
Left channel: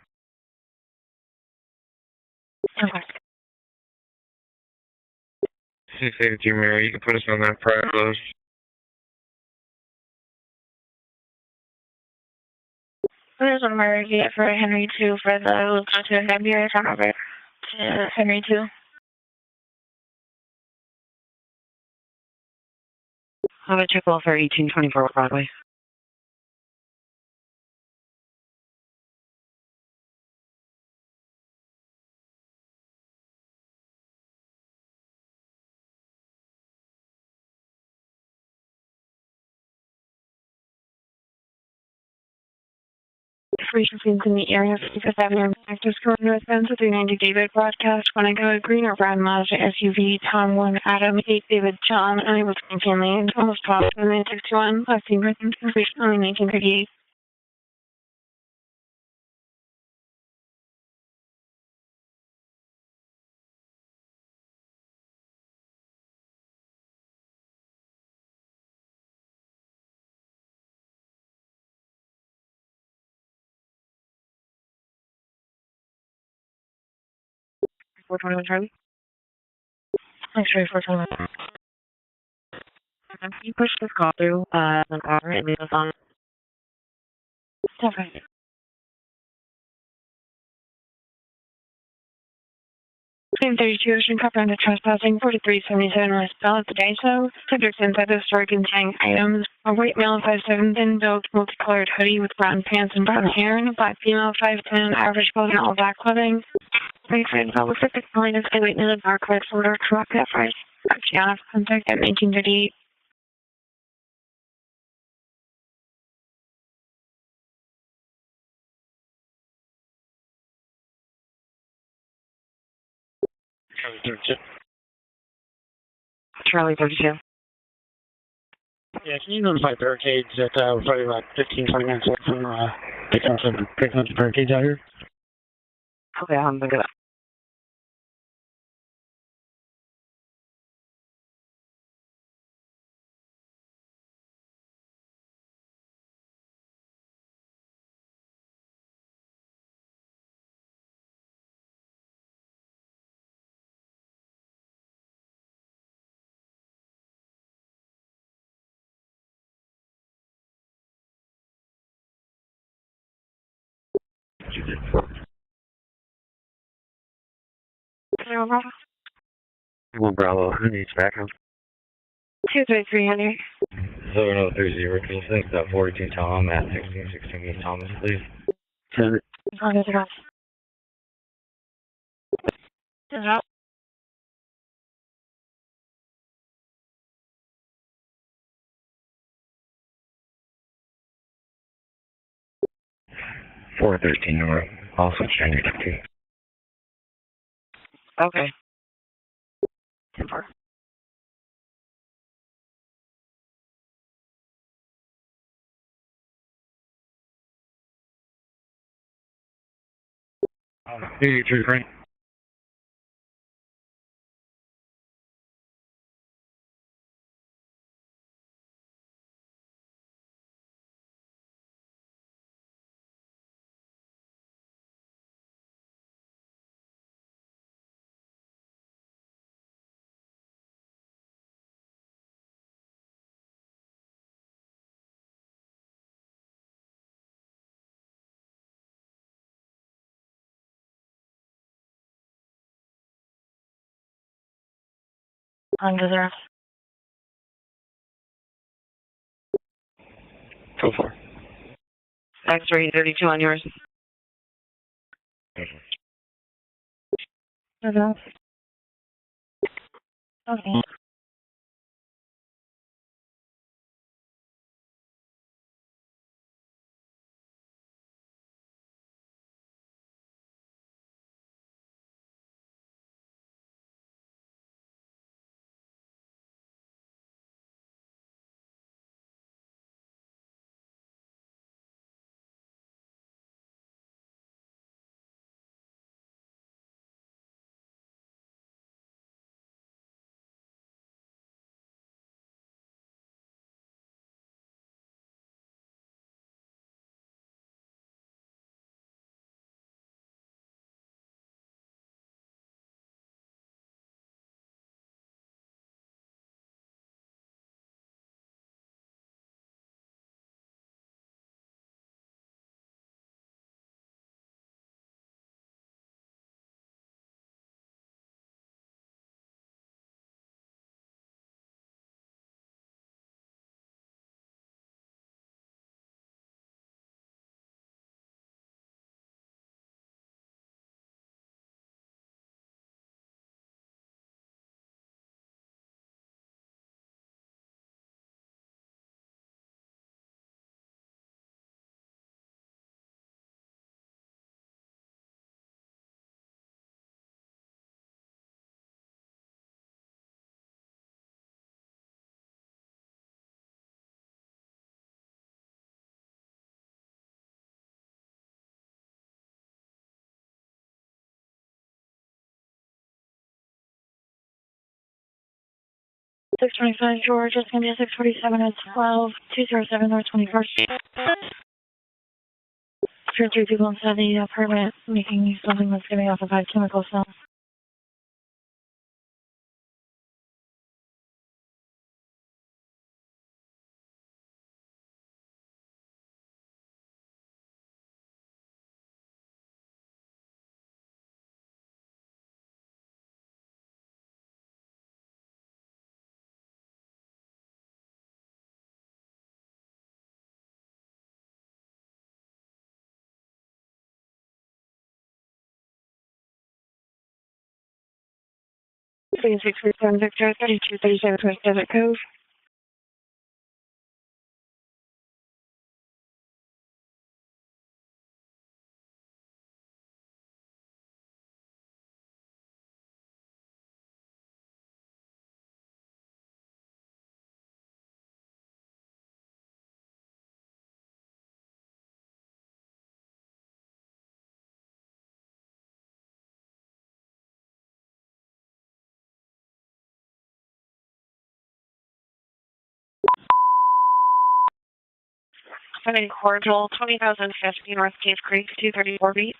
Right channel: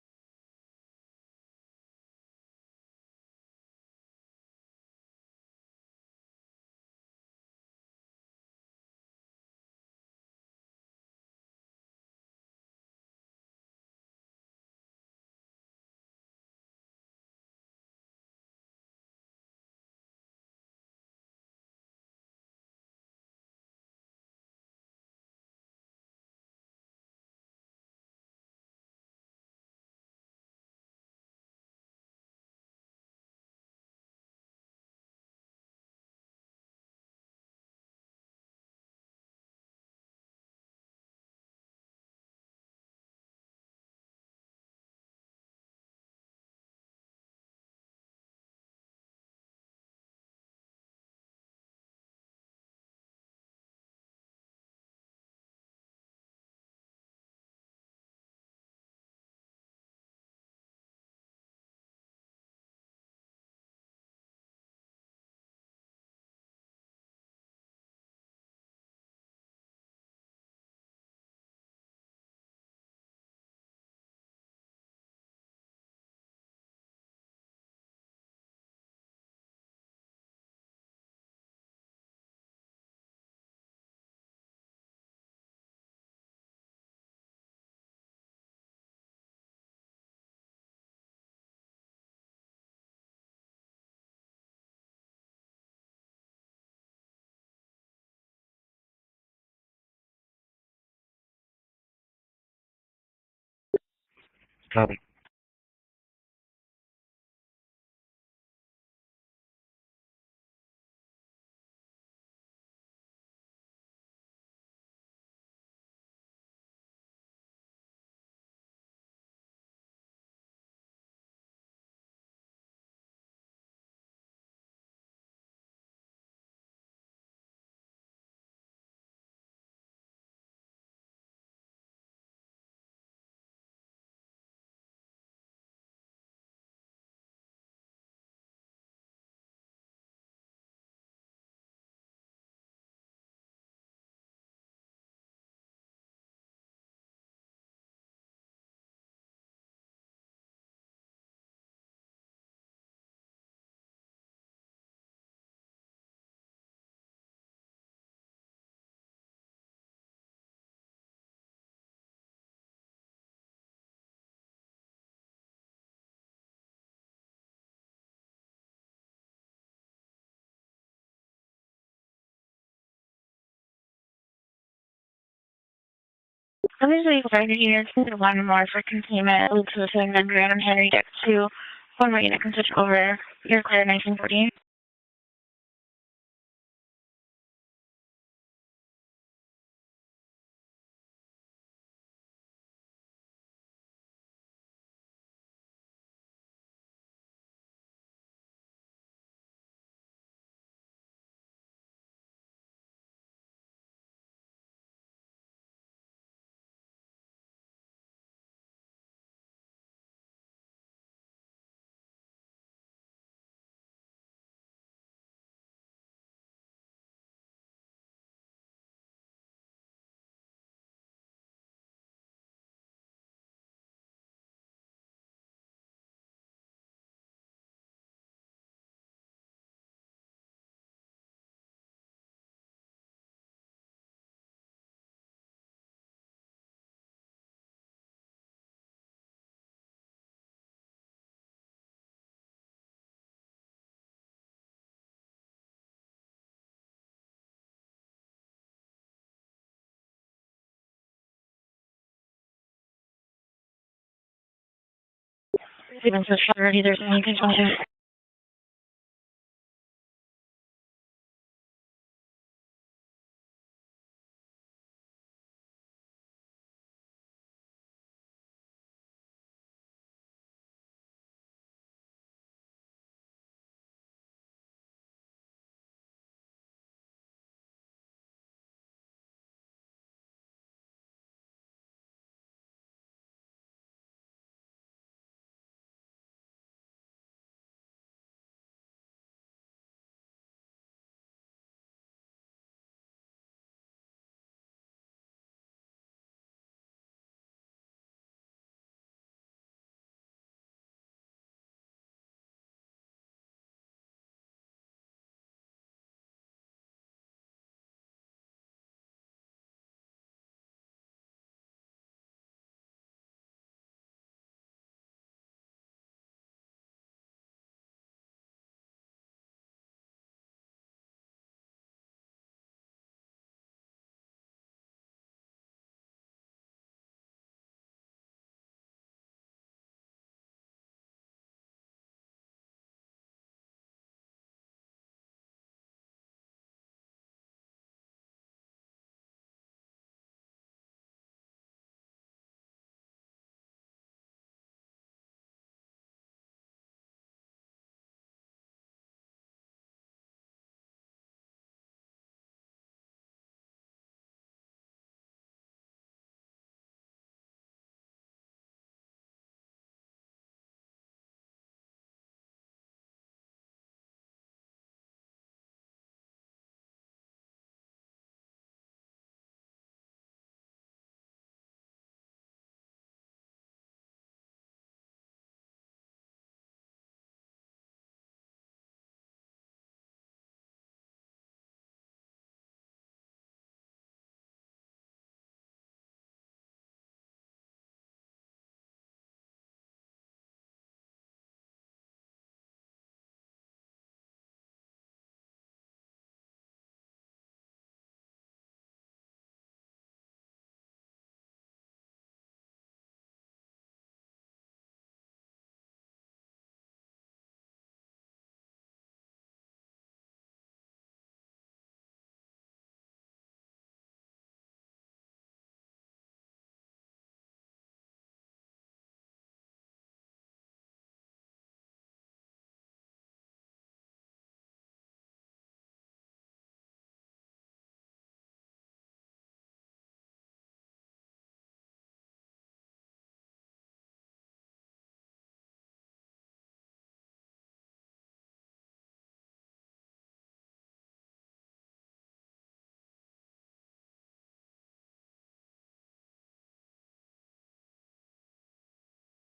Okay. 682 Mary, you can put us on that prior close. There's an emergency for Henry 2 for the to February, turn over to Henry 2. How about check welfare 1824 Broadway? Information scenes in the area of 55th Avenue. Actors current northbound to 390 David broadcast. When I go a green or brown Mazda SUV, Tom 1, Adam 8, David John, unable to maintain lanes, almost crossed in 961, last seen written completion only 1938. Charlie. Thanks, Ray, 421. Can you push this call through the car and leave us on? Definitely. Claim 32 Ocean Cup under trespassing, 4377 West Bell at the Daiso. Subjects inside the store containing items. A white male 5'7", thin-built, multicolored hoodie with brown pants and brown hair, and a black female 5'10", average clothing, all black clothing. Looks like the calling is a wait in the dark red folder, correct that price. Gianna, contact at 1938. Charlie 32. Yeah, can you notify barricades that we're probably about 15-20 minutes away from picking up the barricades out here? Okay, I'm gonna get up. Well, Bravo, who needs background? 23300. 7030, can you think that 42 Tom at Let me leave over here. One more for containment. 100 Adam Henry Deck 2. One more unit can switch over. You're clear 1948. 413 North, also Chinese 2. Okay. 10-4. Hey, True Frank. Undeserved. Go for X-ray 32 on yours. Even so already there's anything on here for them. Okay. 625 George, it's going to be a 647 at 12, 207 North 21st Street. There are 3 people inside the apartment making something that's giving off a bad chemical smell. Please 647 Victor, 3237 West Desert Cove. I'm in Cordial, 20,050 North Cave Creek, 234 beat.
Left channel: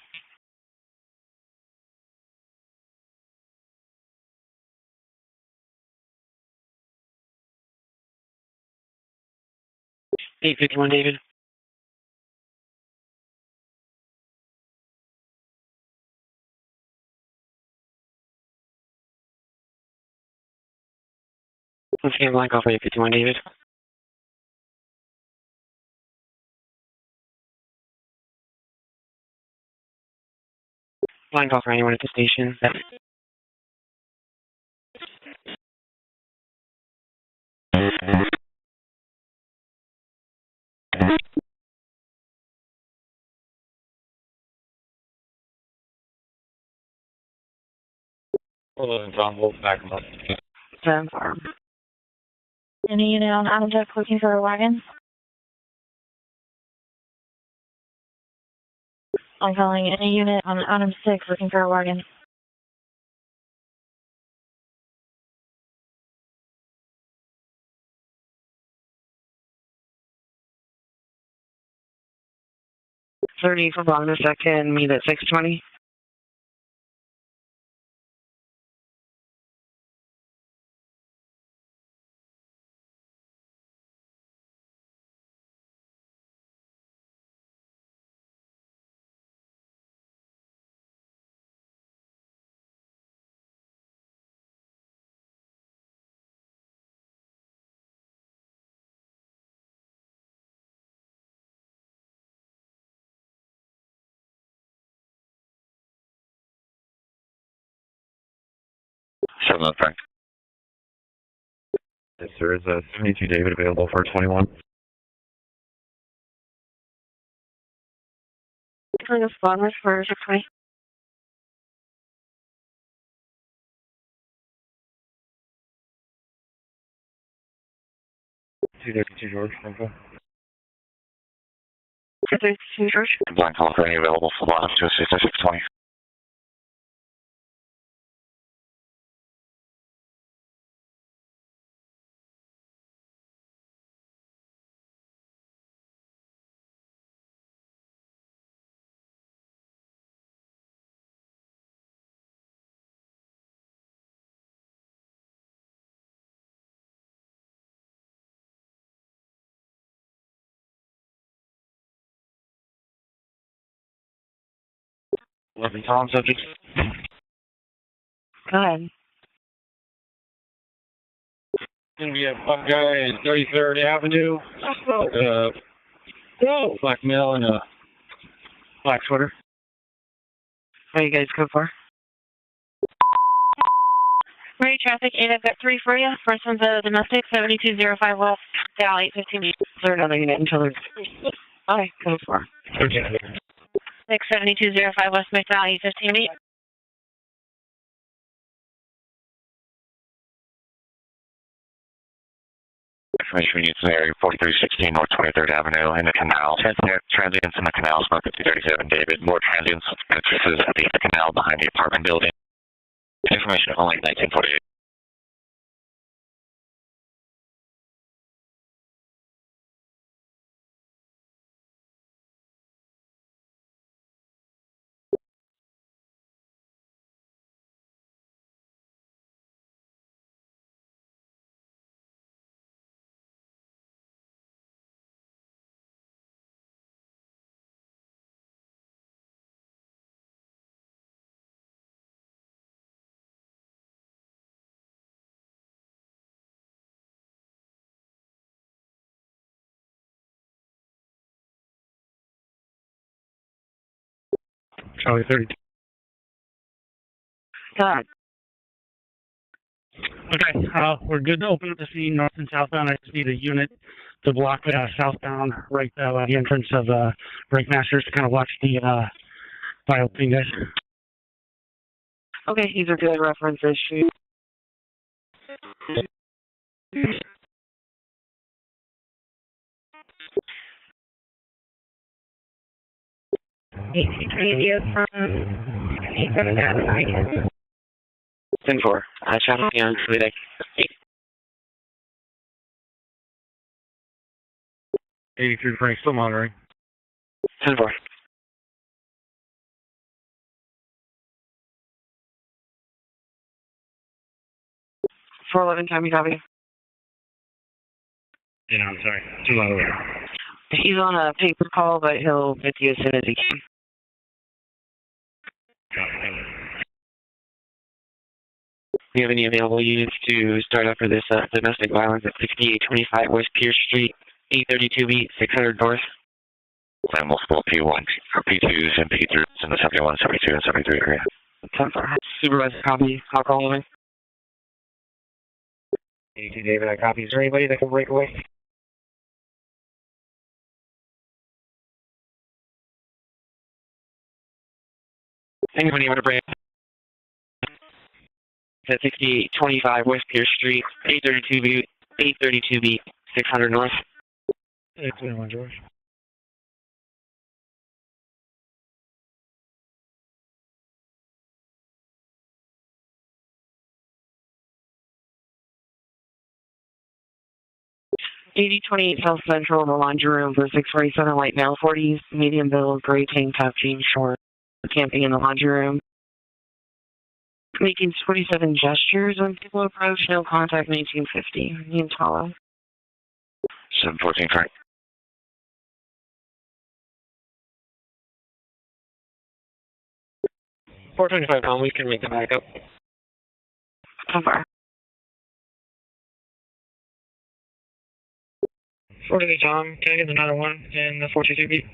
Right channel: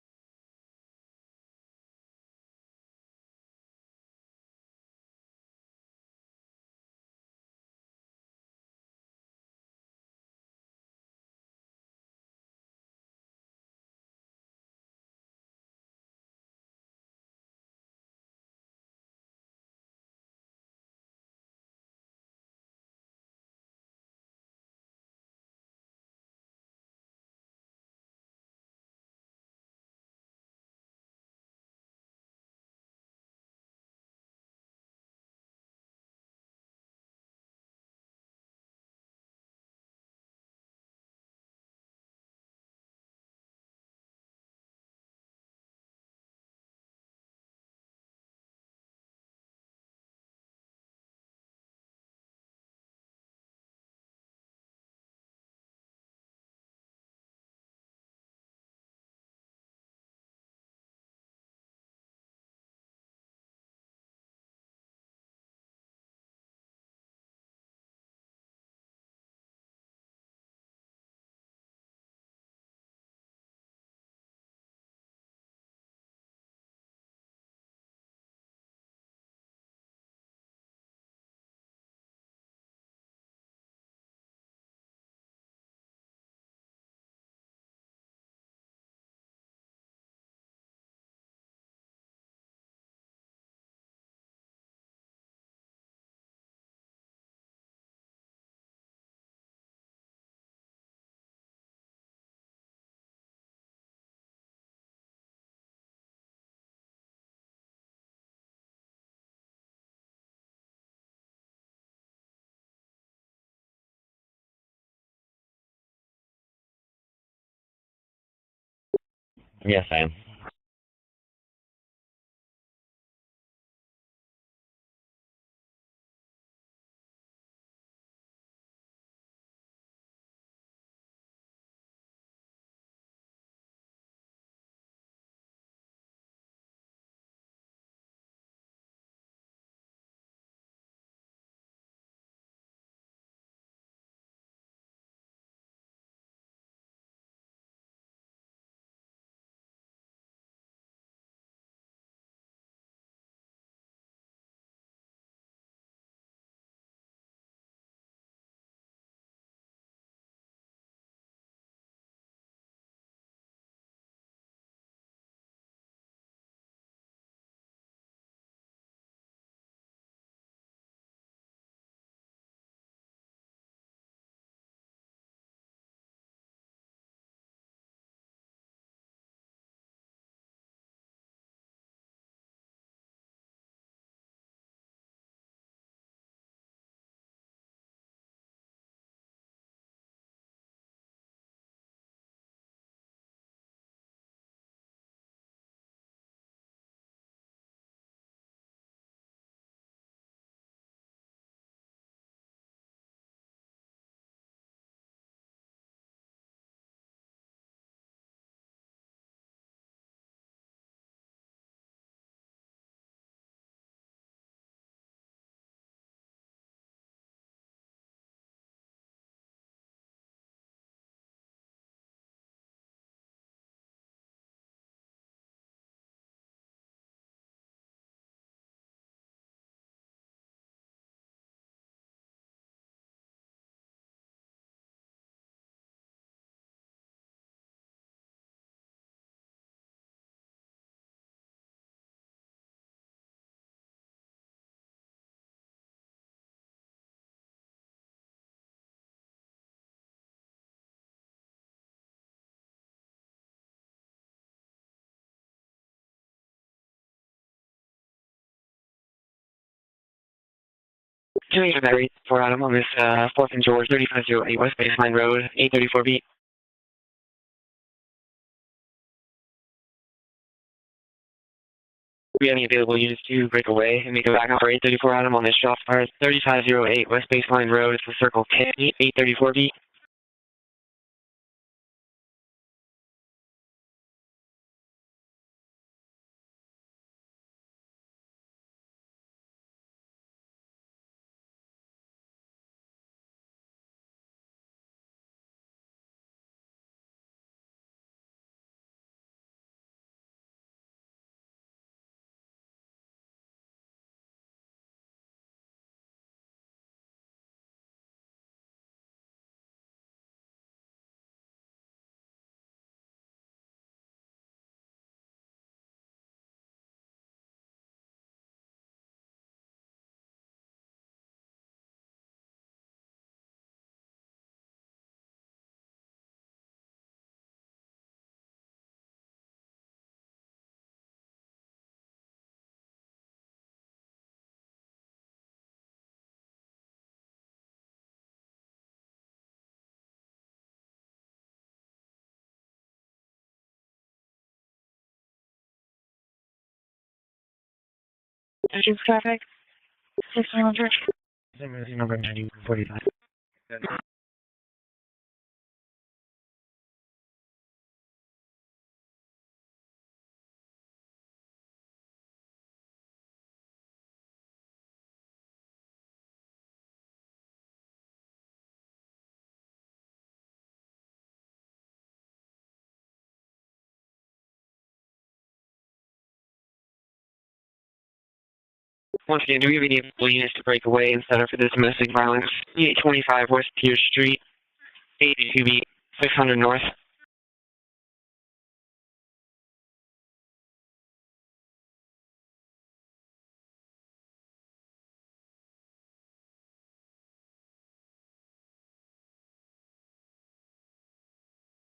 $851, David. Let's get blank off 851, David. Blank off for anyone at the station. Hold on, John, hold back up. 10 farm. Any unit on Adam Jeff looking for a wagon? I'm calling any unit on Adam 6 looking for a wagon. $30 for Bond a second, meet at 620. Seven on Frank. Yes, sir. Is 72 David available for 21? For the spawn, Yes, for ma'am. 620. $232 George, info. 232 George. Blind call for any available for bottom to assist at 620. Lovely Tom, subject. Go ahead. Gonna be a black guy at 33rd Avenue. Black male and a black sweater. What do you guys go for? Ready traffic, 8, I've got 3 for you. First one's a domestic, 7205 West, Dow 815. Is there another unit until there's... Okay, go for. 67205 West McDowell 815 beat. Information units in the area 4316 North 23rd Avenue in the canal. Transients in the canal, smoke at 237 David. More transients entrances at the canal behind the apartment building. Information only 1948. Charlie 32. Got it. Okay, we're good. Doing a very for animal, Miss 4th and George, 3508 West Baseline Road, 834B. The entrance of Breakmasters to kind of watch the bio thing, guys. We have any available units to break away and make a backup for 834 Adam on this shop car 3508 West Baseline Road. It's the Circle K, 834B. 10-4. Traffic on Toledo. 83 Frank, still monitoring. 10-4. 411, Tommy, copy. Yeah, I'm sorry. Too loud away. He's on a paper call, but he'll get to you as soon as he can. Do you have any available units to start up for this domestic violence at 6825 West Pierce Street, 832B, 600 North? And multiple P1s, P2s, and P3s in the 71, 72, and 73 area. 10-4. Supervisor, copy. I'll call over. 82 David, I copy. Is there anybody that can break away? Anybody want to break? 6825 West Pierce Street, 832B, 600 North. 821, George. $8028 South Central in the laundry room for 647 white male, 40s, medium build, gray tank top, jeans short, camping in the laundry room. Making 47 gestures. Once again, do we have any units to break away and set up for this domestic violence? 825 West Pierce Street, 832B, 600 North. 425 pound, we can make the backup. How far? 48 Tom, can I get another one in the 422B?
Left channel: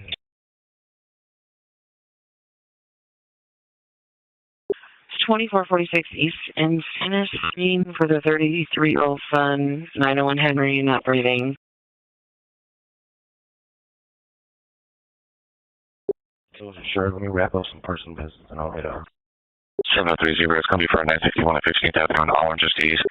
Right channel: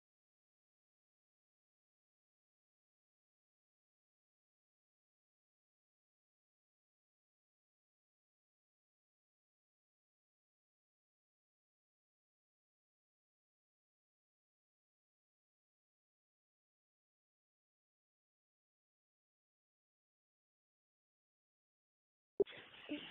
It's 2446 East Encina Street for the 33-year-old son, 901 Henry, not breathing. So sure, let me wrap up some personal business and I'll get 7030. It's going to be for 961 at 15th Avenue on Orange just East.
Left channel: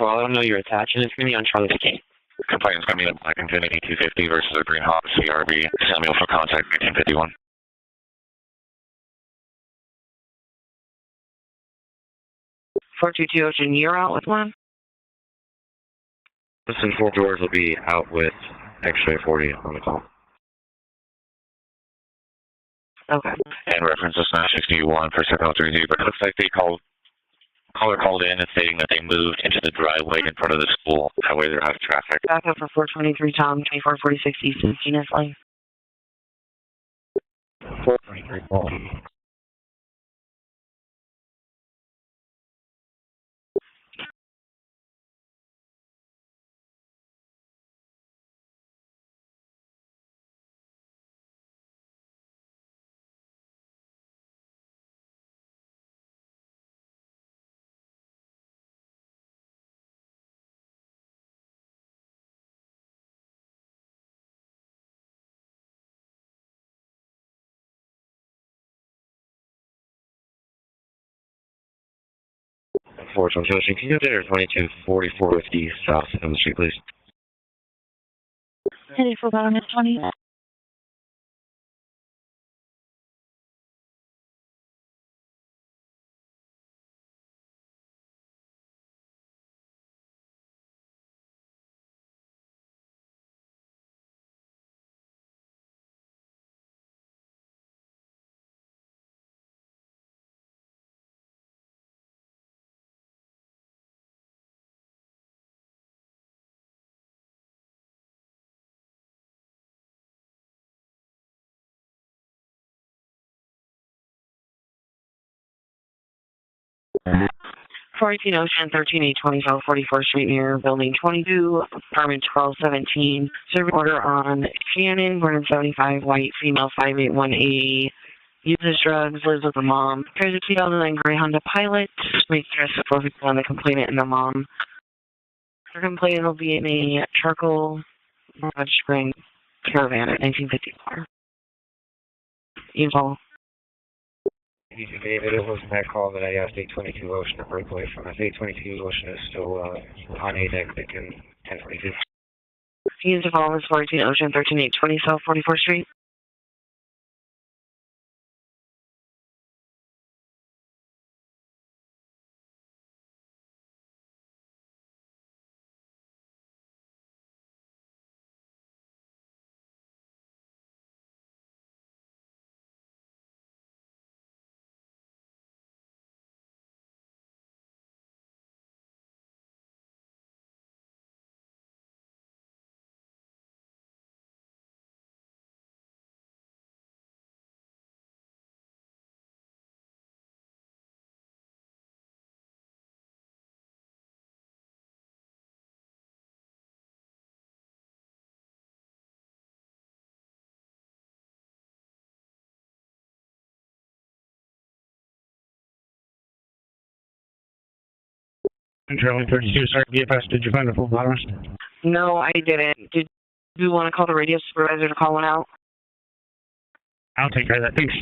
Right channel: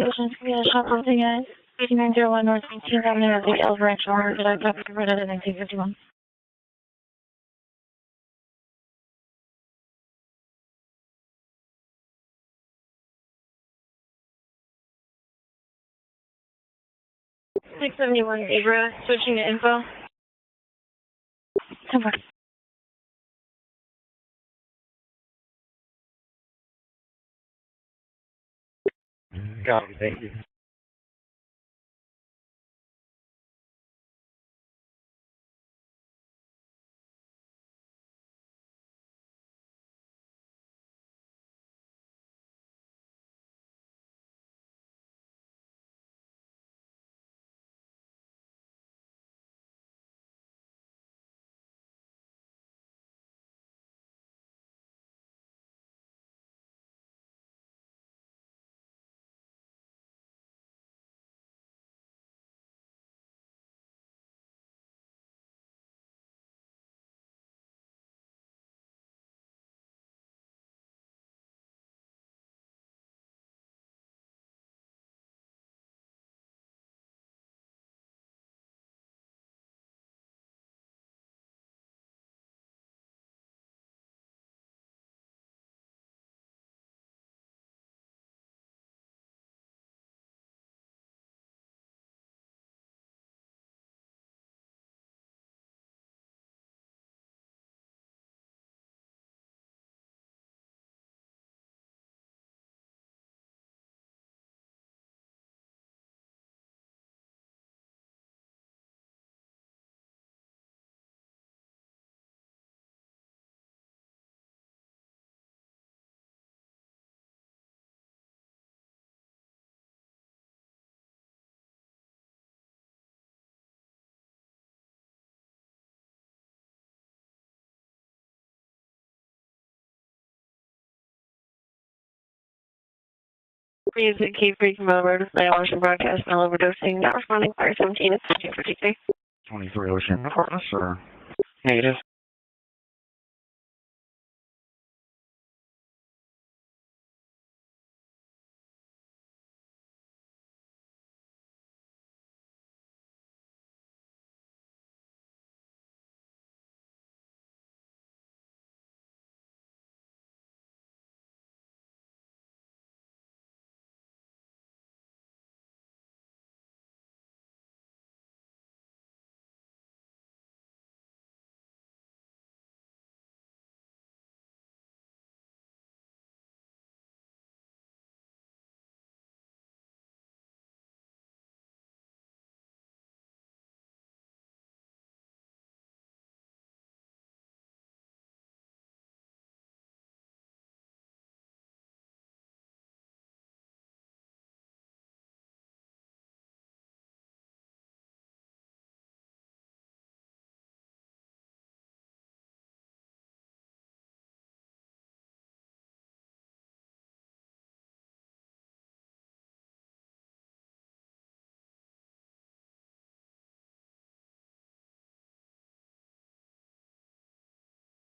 Well, I don't know your attachment. It's going to be on Charlie Street. Complaint's going to be on 250 versus the Green Hawk CRV. Samuel for contact 1851. Ocean, you're out with one? Listen, 4 doors will be out with X-ray 40. Okay. And reference is 961 for 7030, but it looks like the caller called in and stating that they moved into the driveway in front of the school. That way they're out of traffic. Backup for 423 Tom, 2446 East Encina Lane. 423 Paul. Can you get there 2244 with the south on the street, please? Headed for bottom at 20. Ocean, 13820 South 44th Street near Building 22, apartment 1217. Service order on Shannon, born in 75, white, female 581A, uses drugs, lives with a mom. There's a 2009 gray Honda Pilot. Makes arrests for people on the complainant and the mom. Keep freaking over. They always forgot to It'll be a charcoal string caravan. Negative. Evil. David, it was that call that I asked 822 Ocean to break away from us. 822 Ocean is still on ADEC in 1042. Used to follow 14 Ocean 13820 South 44th Street. Charlie 32, sorry, BFS, did you find a full bottomist? No, I didn't. Did you want to call the radio supervisor to call one out? I'll take care of that, thanks.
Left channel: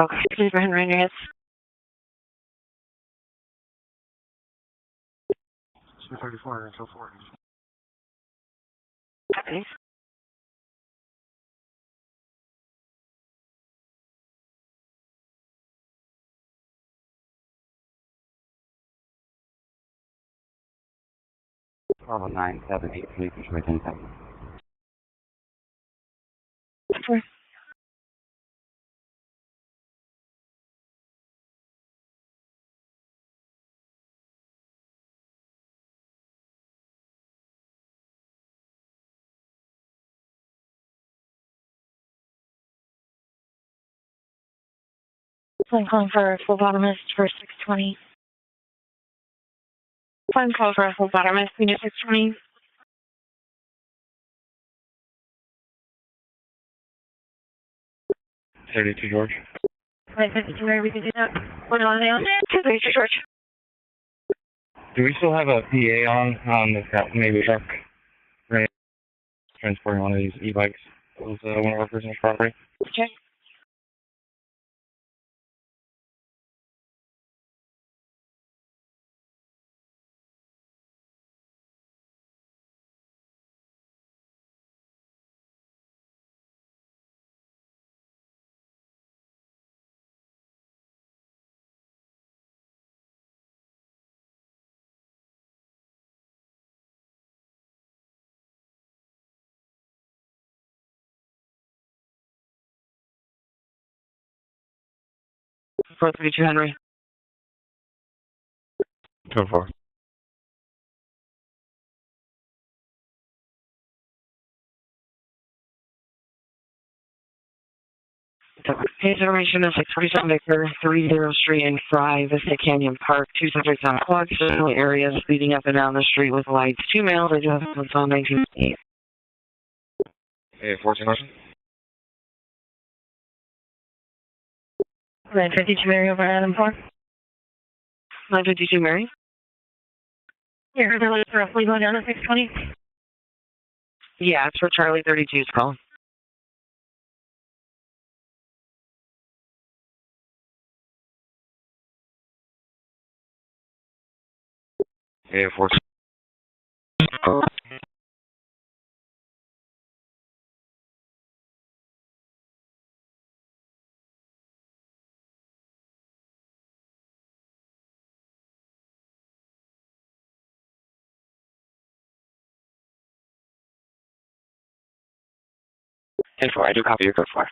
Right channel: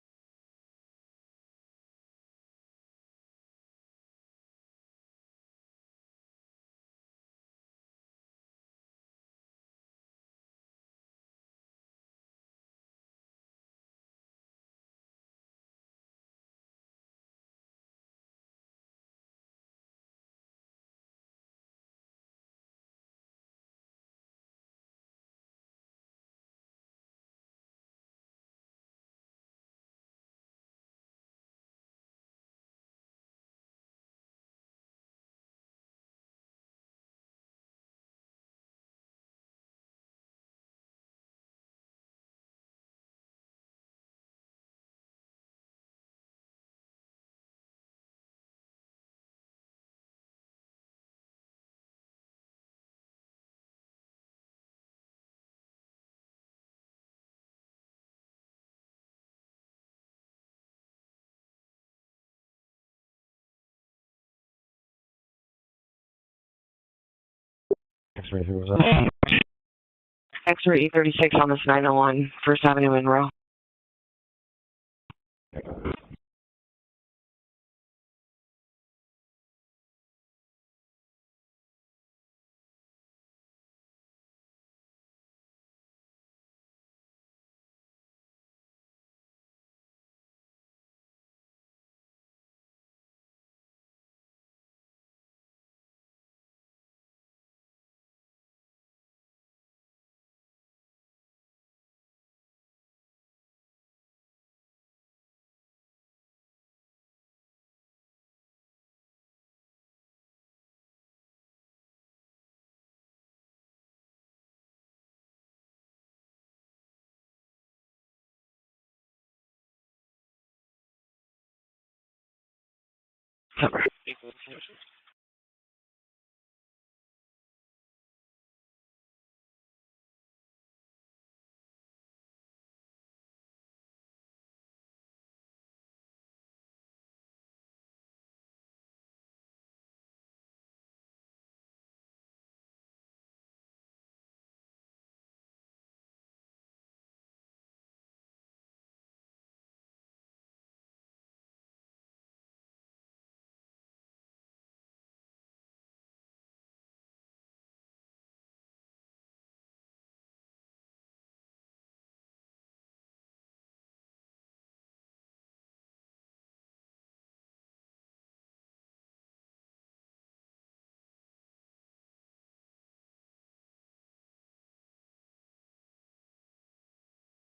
Okay, please go ahead and raise your hands. 234 until 40. Okay. Bravo 9783, Detroit 10,000. Sure. So I'm calling for a full bottomist for 620. I'm calling for a full bottomist, we need 620. 32 George. 952, where we can do that. What on the 232 George. Do we still have a PA on this maybe truck? Transporting one of these e-bikes. Extra E36 on the 901 First Avenue Monroe. For 32 Henry. 204. His information is 647 Victor, 30 Street and Fry, Vista Canyon Park, 2 subjects on clock, general areas leading up and down the street with lights. 2 males, I do have what's on 1988. Hey, 14 Ocean. 952 Mary over Adam Park. 952 Mary. Yeah, they're looking for a flea going down to 620. Yeah, it's for Charlie 32's call. Hey, 14. 10-4, I do copy your code 4.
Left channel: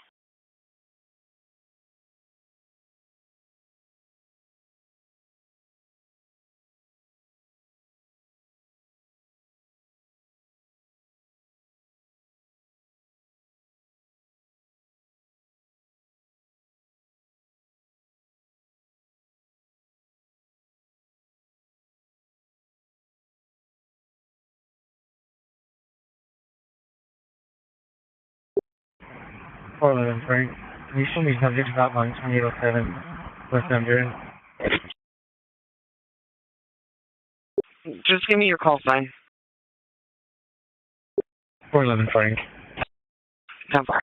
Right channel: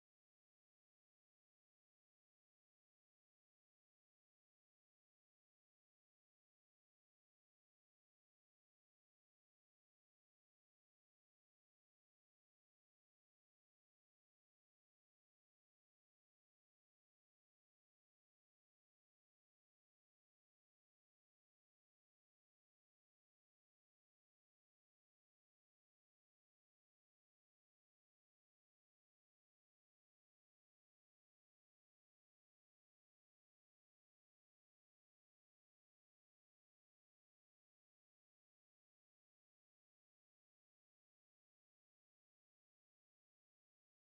Frank. Can you show me subject hotline 2807 West End? Just give me your call sign. 411 Frank. 10-4.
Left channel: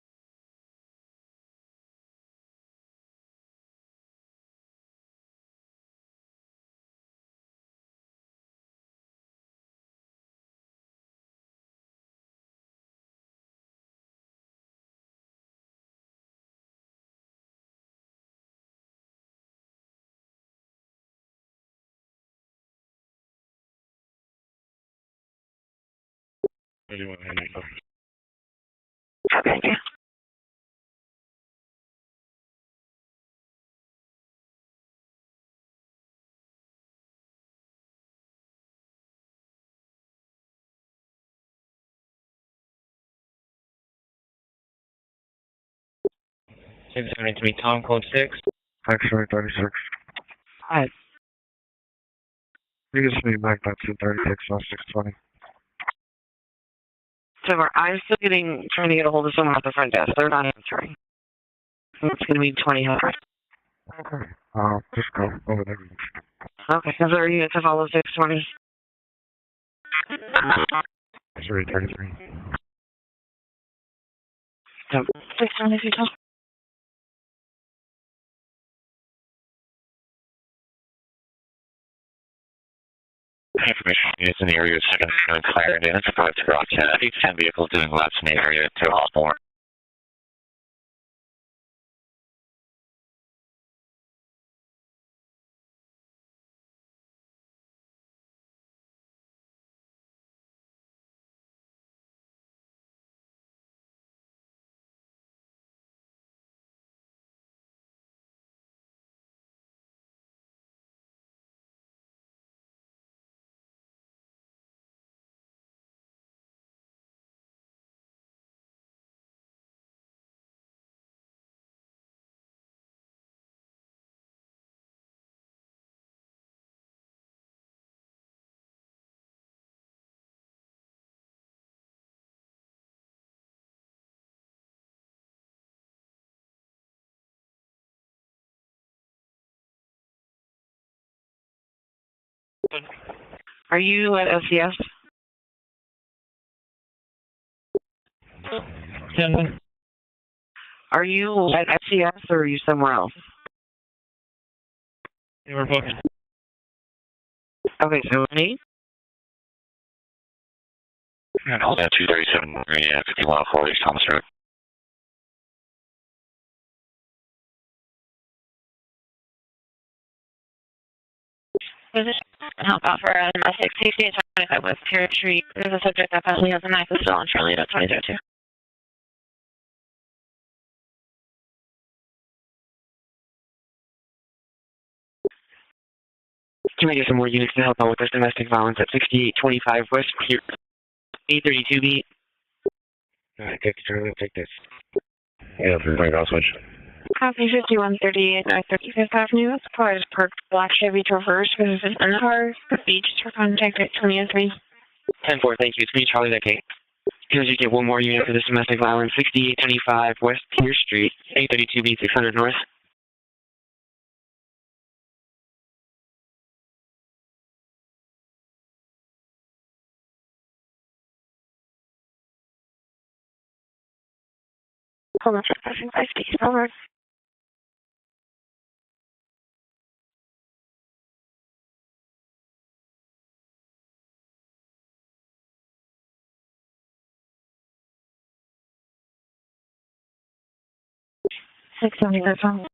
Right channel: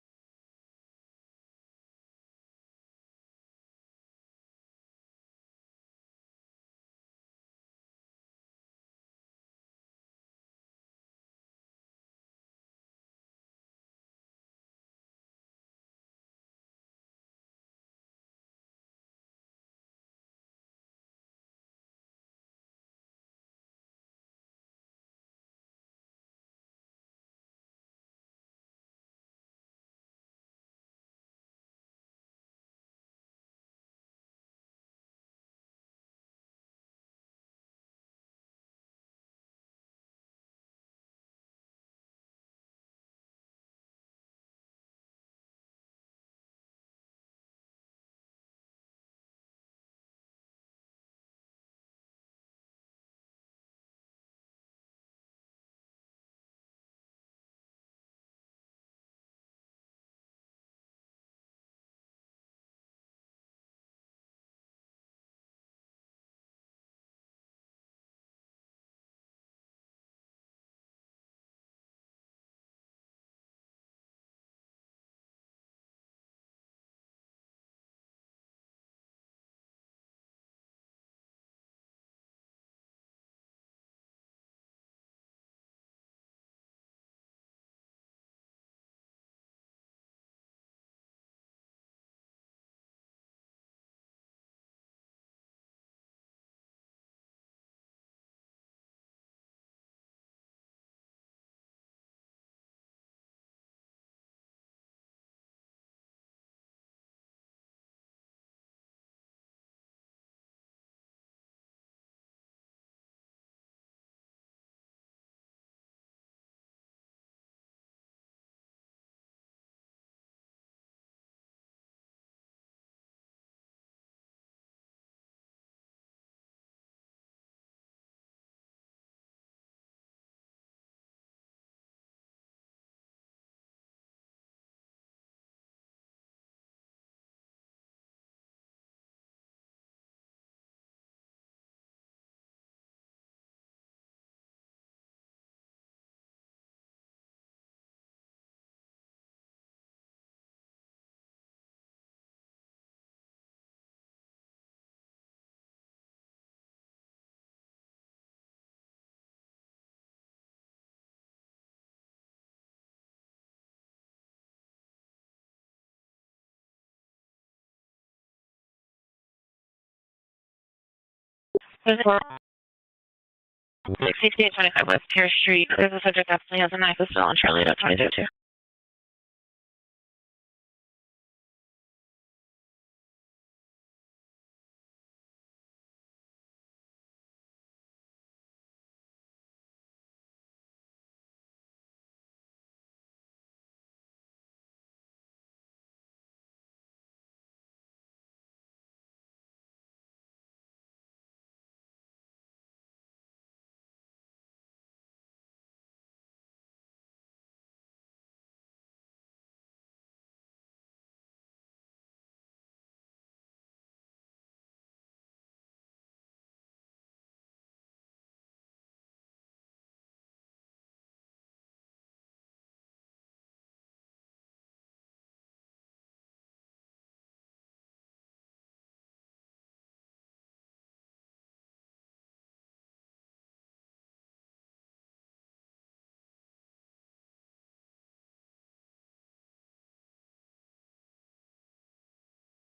Thank you. To me, Tom, code 6. X-ray 36. Hi. You just need back that 236, not 620. So I'm still trying to get a hold of someone at the front desk. They're not answering. It's going to be 2000. Okay. Just go over there. Okay. Is there a unit to follow 620? X-ray 33. 620 if you tell. Information units in the area of 2nd and Clarendon. It's a 5-10 vehicles doing laps in the area to Osborne. Are you at SES? Are you at SES or are you somewhere else? Yeah, we're booking. Okay, so me? And hold that 237, 5104 East Thomas Road. Help out for a domestic safety over Cherry Street. The subject of family on the $9. Can we get some more units to help out with this domestic violence at 6825 West Pier 832 beat? Alright, take the turn, take this. Yeah, Frank, I'll switch. Copy 5138 North 35th Avenue. Car is parked black Chevy Traverse with an car. Beach for contact at 2003. 10-4, thank you. It's me, Charlie that Kate. Can you get one more unit for this domestic violence? 6825 West Pier Street, 832 beat 600 North. Hold on, passing 5 feet forward. Six 70, that's on.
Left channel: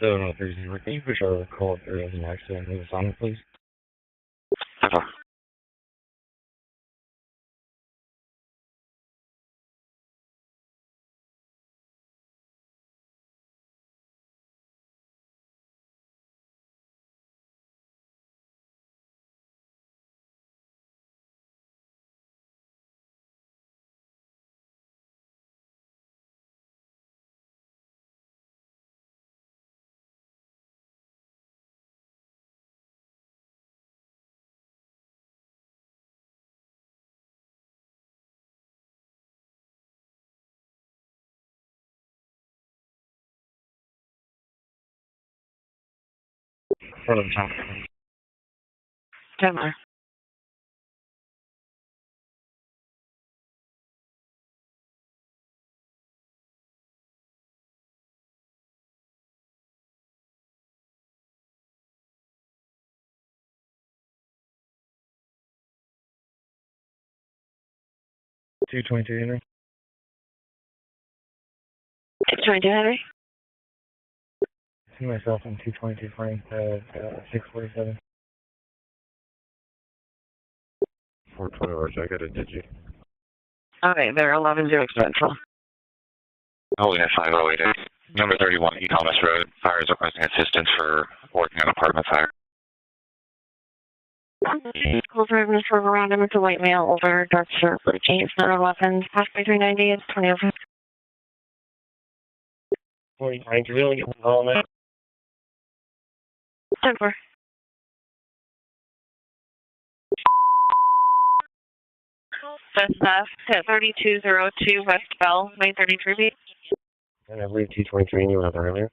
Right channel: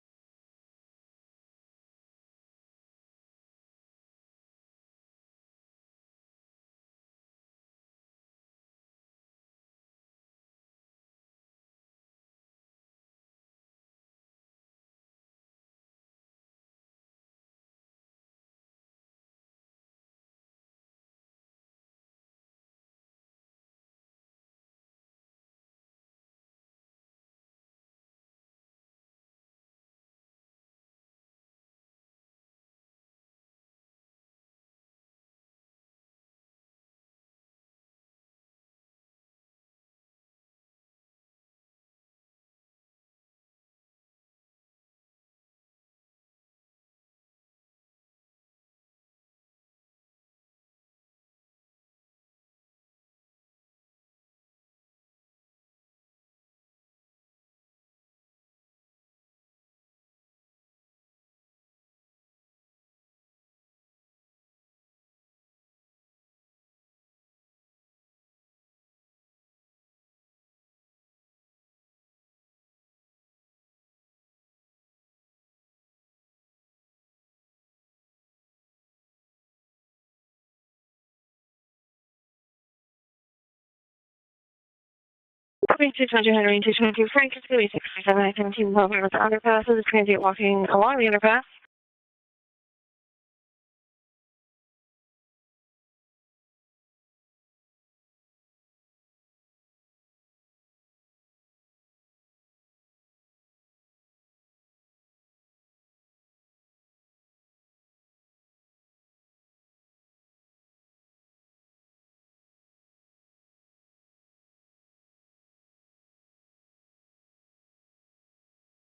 7030, can you push our call if there is an accident in the Sonic, please? Front of the top. 10 more. Two 22 Henry. 22 Henry. See myself in 222 Frank, 647. 420 hours, I got a digi. Okay, they're 11 to Central. 220 Henry, 222 Frank. Number 31, Thomas Road. Fire is requesting assistance for working on apartment fire. School driven for around him. It's a white male, older, dark shirt, blue jeans, none weapons. Passed by 390, it's 2005. 40 Frank, you really get all that? 10-4. That's 3202 West Bell, 933 B. And I believe 223 and you went up earlier.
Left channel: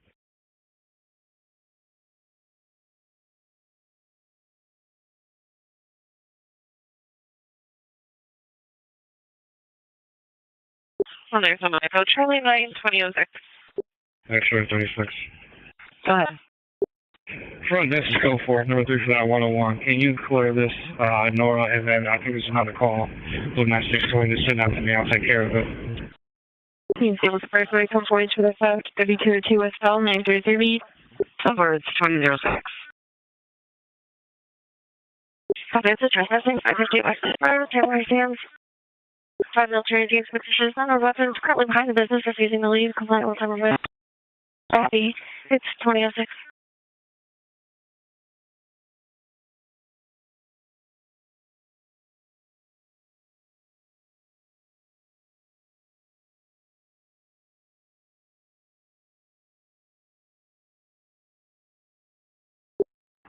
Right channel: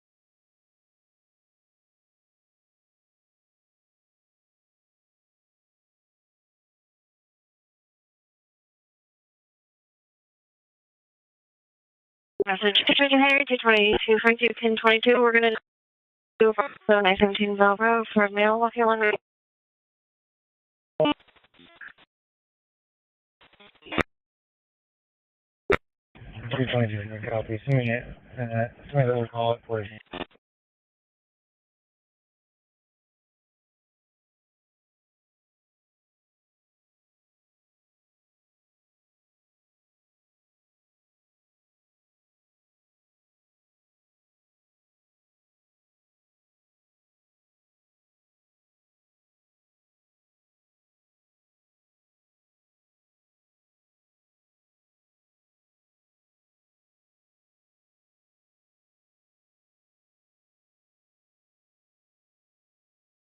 Oh, there's a micro. Charlie, 220 Henry, 222 Frank, 222. We're going to go ahead. So 917 Bravo. This is go for number 101. Can you clear this, Nora, and then I think there's another call. Blue 9620 to send out to me. I'll take care of it. 32 to the south, 32 West Bell, 933 B. Somewhere it's 2006. That's a trespassing, 558 West Bell, temporary stands. 5 military teams, petitions, none of weapons, currently behind the business, refusing to leave, compliant with time of it. Happy, it's 2006.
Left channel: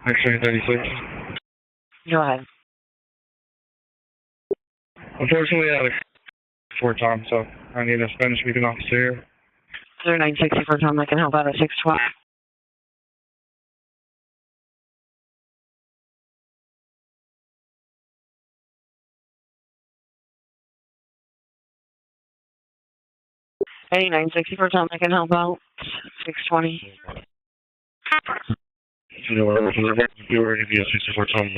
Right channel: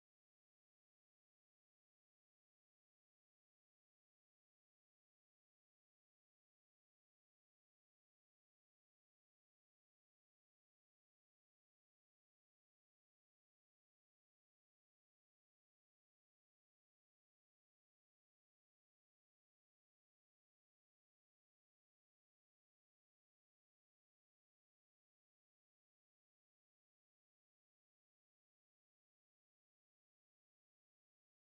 Actually, 36. Go ahead. Unfortunately, I had a short time, so I need a Spanish-speaking officer here. 0960 for Tom, I can help out at 612. Hey, 960 for Tom, I can help out. 620. You know, whatever, you were going to be a 64 Tom.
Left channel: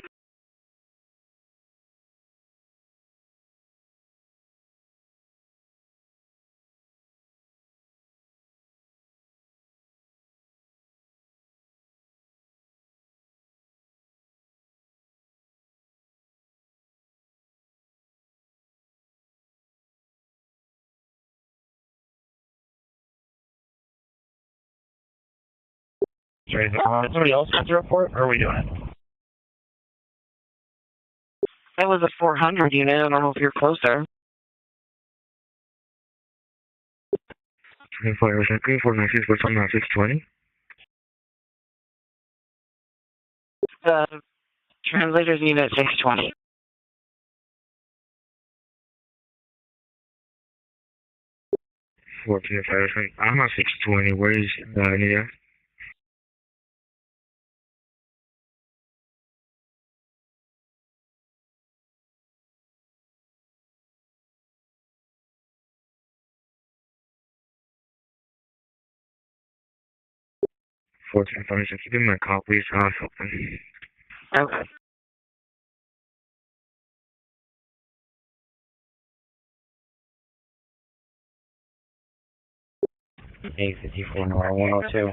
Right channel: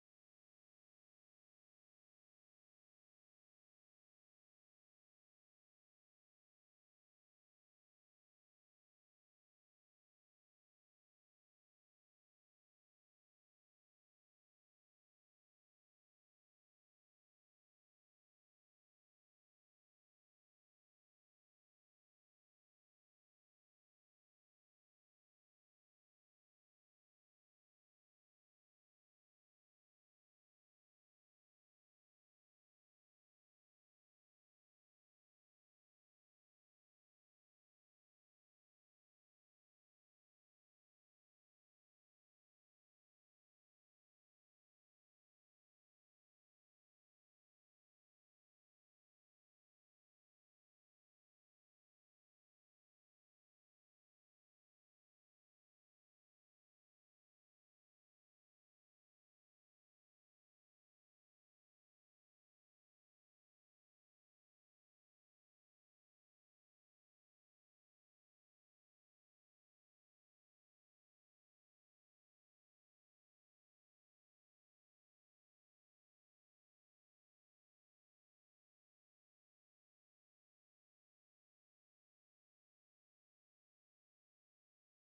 Somebody else got the report, or are we doing it? That was a 400 unit. I don't know if you're closer. 496, but I'm not 620. The translator's unit 620. I'm at 620. Where is Nia? Give me a call, please. Something. Okay. A54 Nora 102.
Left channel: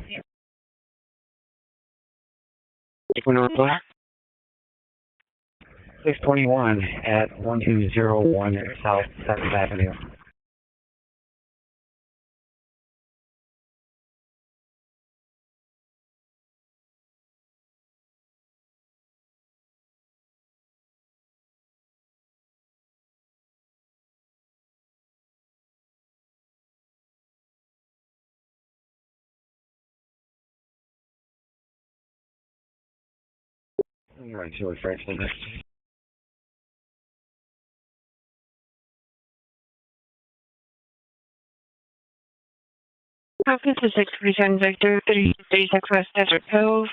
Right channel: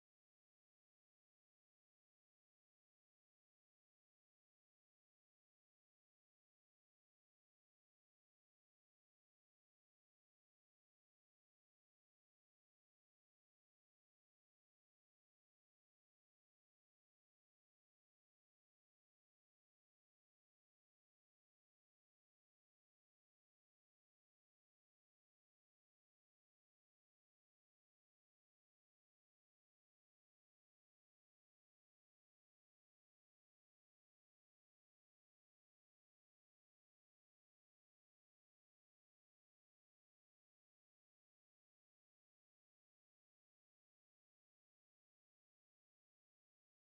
NINGUNA. 621 at 1201 South 7th Avenue. All right, so it's right for the next. Focus is 647 Victor, 36 West Desert Cove.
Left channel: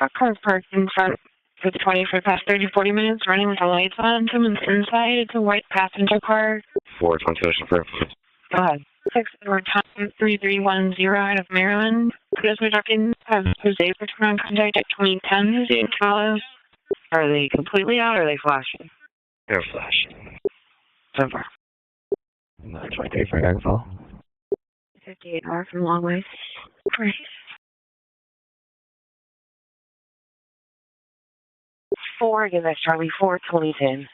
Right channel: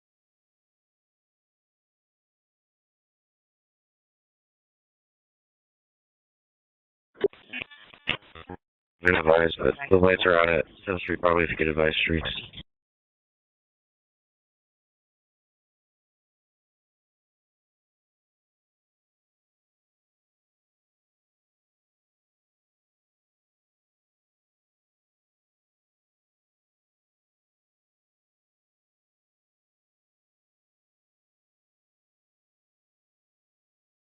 A car parked in front for the 20 for the past 30-40 minutes, running with the lights on. Someone's inside. It's a white passenger car. 427 Fairfield. Go ahead. The lights are 3310 out of Maryland. Yes, we're talking Jose for turn on contact at 2010. Is he in follow? Are they completely out or are they flashing? They're flashing. So far. That's my day for info. 58 R from Long Way. Great. 4, again, that's Charlie 4, 2010.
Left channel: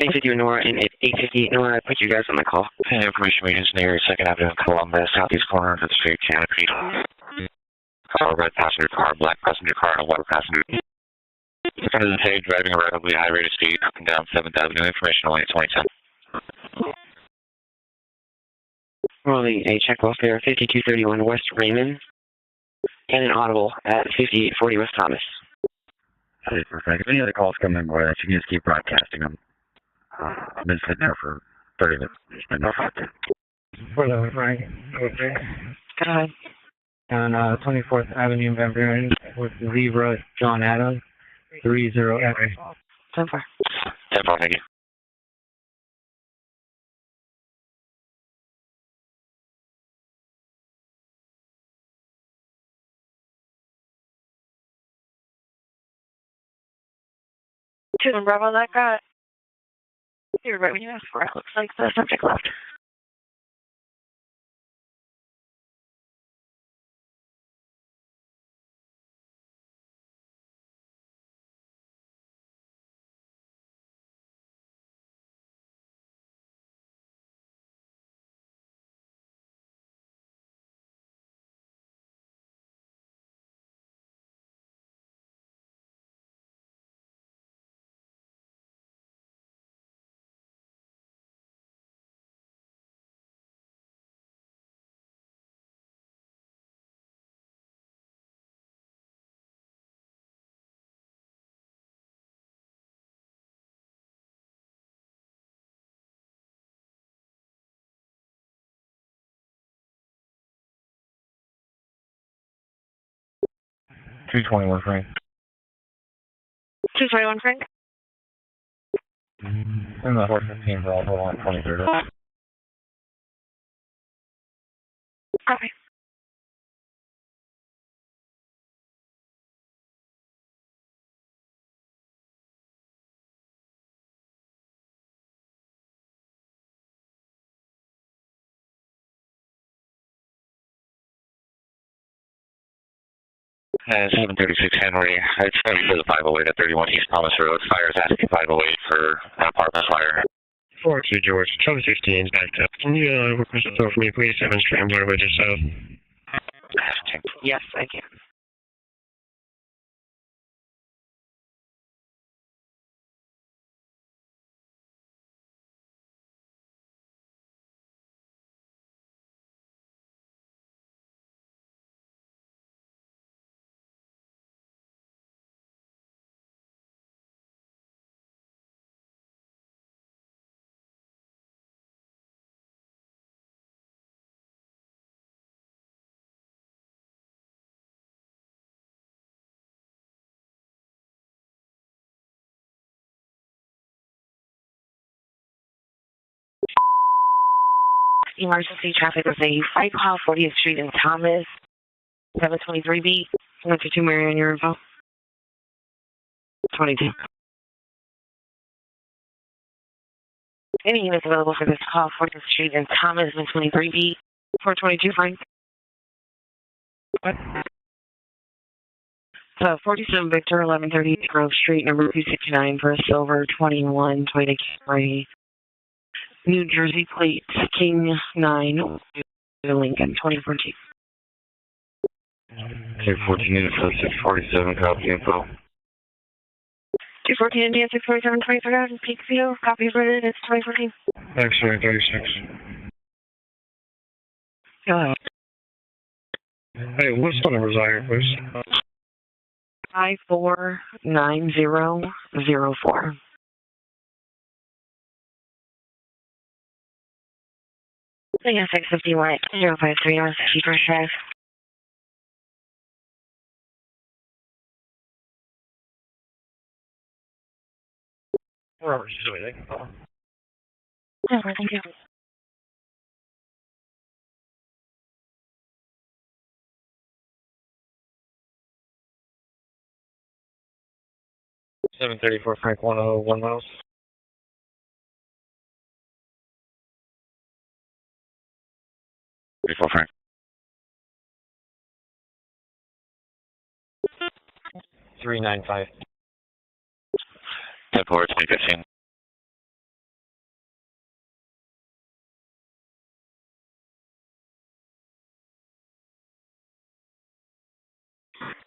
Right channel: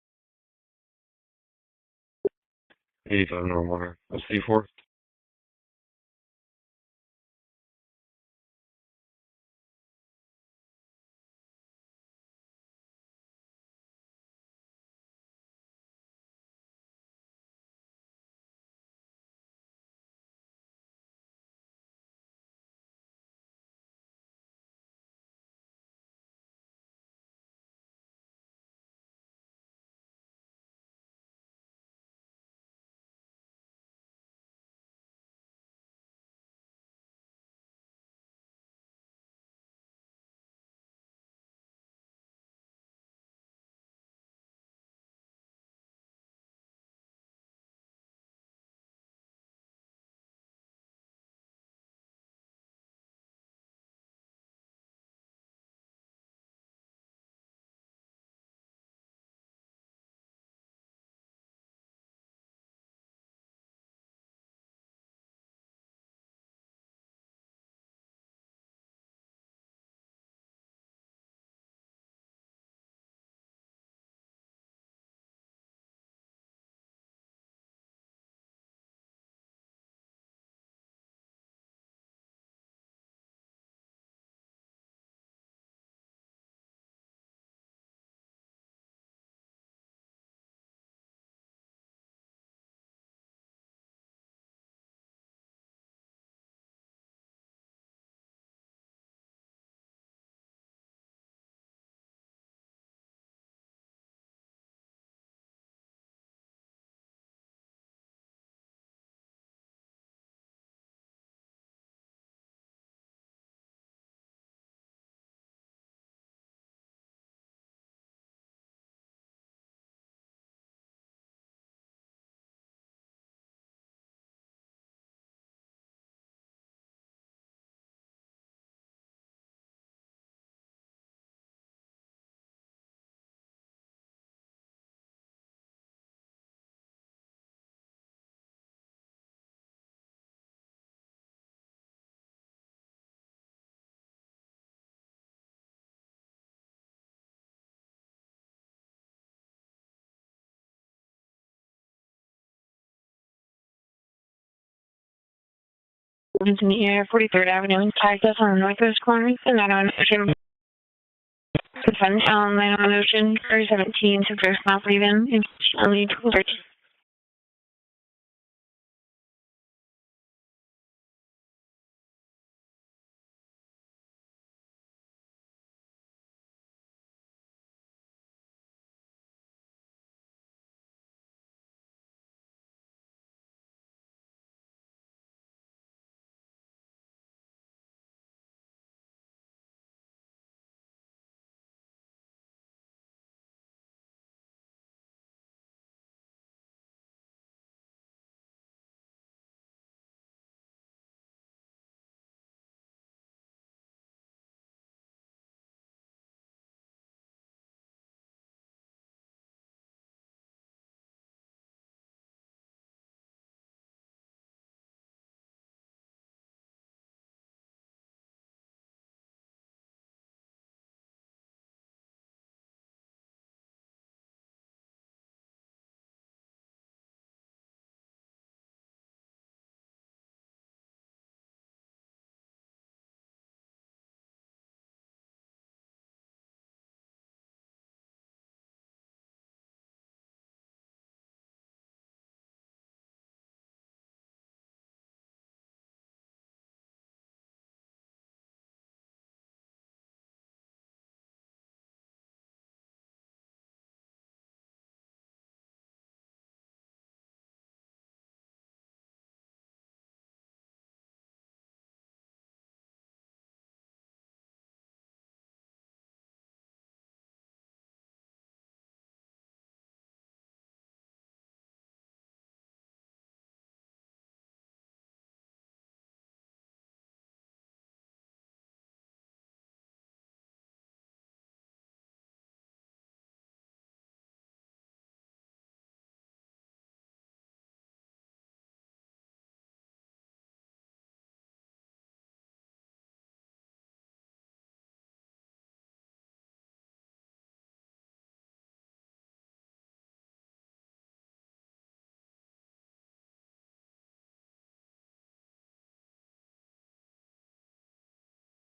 850 Nora and 850 Nora, I put you guys on the call. Information is near 2nd Avenue, Columbus, southeast corner of the street, Canopy. Car, red passenger car, black passenger car, and a white passenger. In front of the page, driving a relatively high rate of speed up and down 7th Avenue. Information only at 2010. Rolling a check welfare 5231 West Raymond and an audible at 5840 West Thomas. Okay, perfect. If any other calls come in, boy, you can just keep broadcasting them. I've been sitting there for 30 minutes. There's been no fact. Hello, Frank. Okay. Go ahead. On 24th Avenue, Beverly, with Zebra, John Adams, 30F. So far. 10-4, thank you. To the Bravo, that got. You're right when you asked for it. Looks like the subject left. $221, Frank. 221, Frank. And the 415 for Alpha on 23rd. Copy. And 736 Henry. It's going to be for the 508 at 31 East Thomas Road. Fire's asking 508 for an apartment fire. 42 George, Charlie 16 is backed up. Can you request a tow for me, please? 7 Scrambler, which is south. Yeah, 43rd Avenue. Tagged us on the northwest corner. And then on Ocean. Suntown, then on Ocean. 317 to first not leaving. Only 12. Emergency traffic was a fight call, 40th Street in Thomas, 723B. 152 Marion, your info. 22. Any units available for this call, 40th Street in Thomas, 723B. 422, Frank. 47 Victor, 1130 Grove Street, number 269 for a silver 21 Toyota Camry, New Jersey plate, King 9, Lincoln, 2014. K14 unit for 647, copy info. 214 India 647 23rd, peak view, copy printed, it's 2014. X-ray 36. Hey, what's the numbers on here, please? 549004. Yeah, 651 053 North First Drive. Robert, you do anything? Yeah, thank you. $734 Frank 101 miles. Frank. 395. Deport 2015.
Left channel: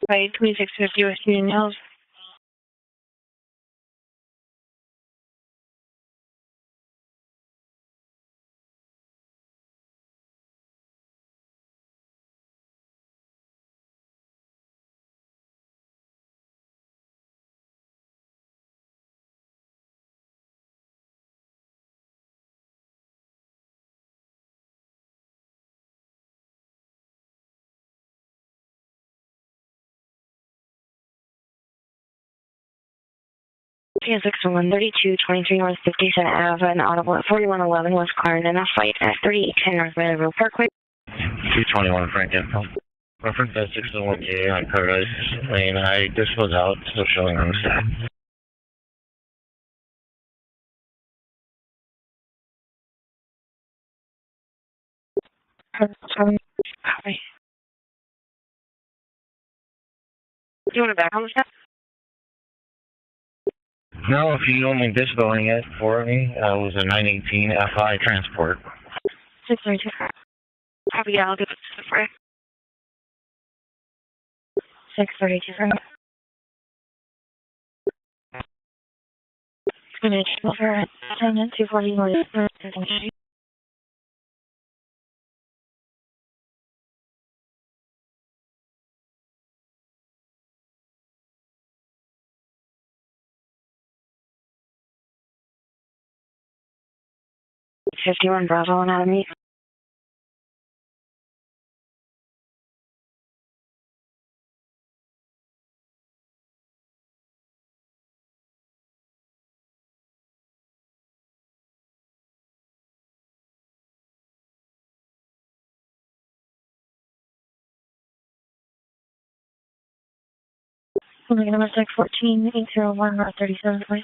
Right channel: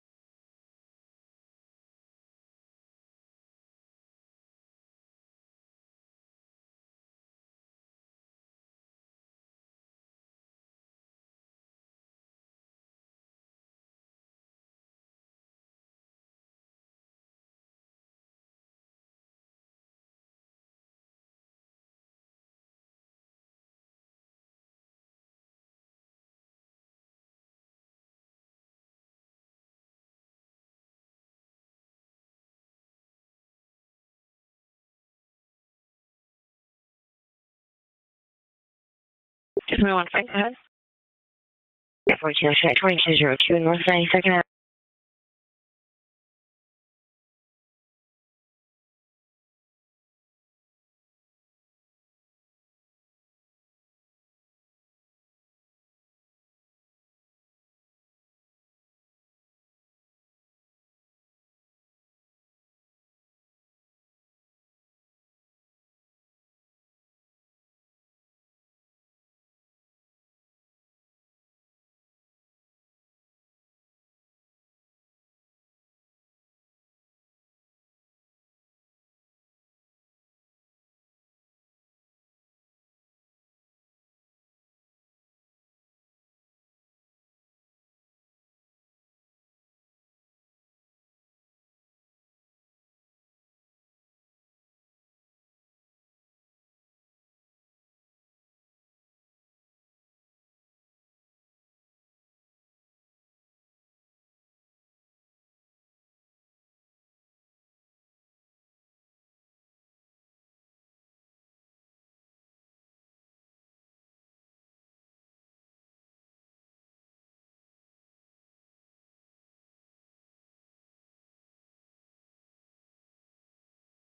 By 2650 West Union Hills. PSX132, 23 North 57 Ave, an audible at 4111 was cleared in a fight at 3810 North Parkway. 221 Frank. 2202 North 92nd Ave. On Paradise Lane, this was out, still showing on the side. Copy. Do you want to back on the step? No, if you only disabiling it for me, it was a 918 FI transport. 632. Copy, yeah, I'll do it for you. 632 Frank. Finish over at 241. $51 Bravo Anatomy. Number 614 801 North 37, please.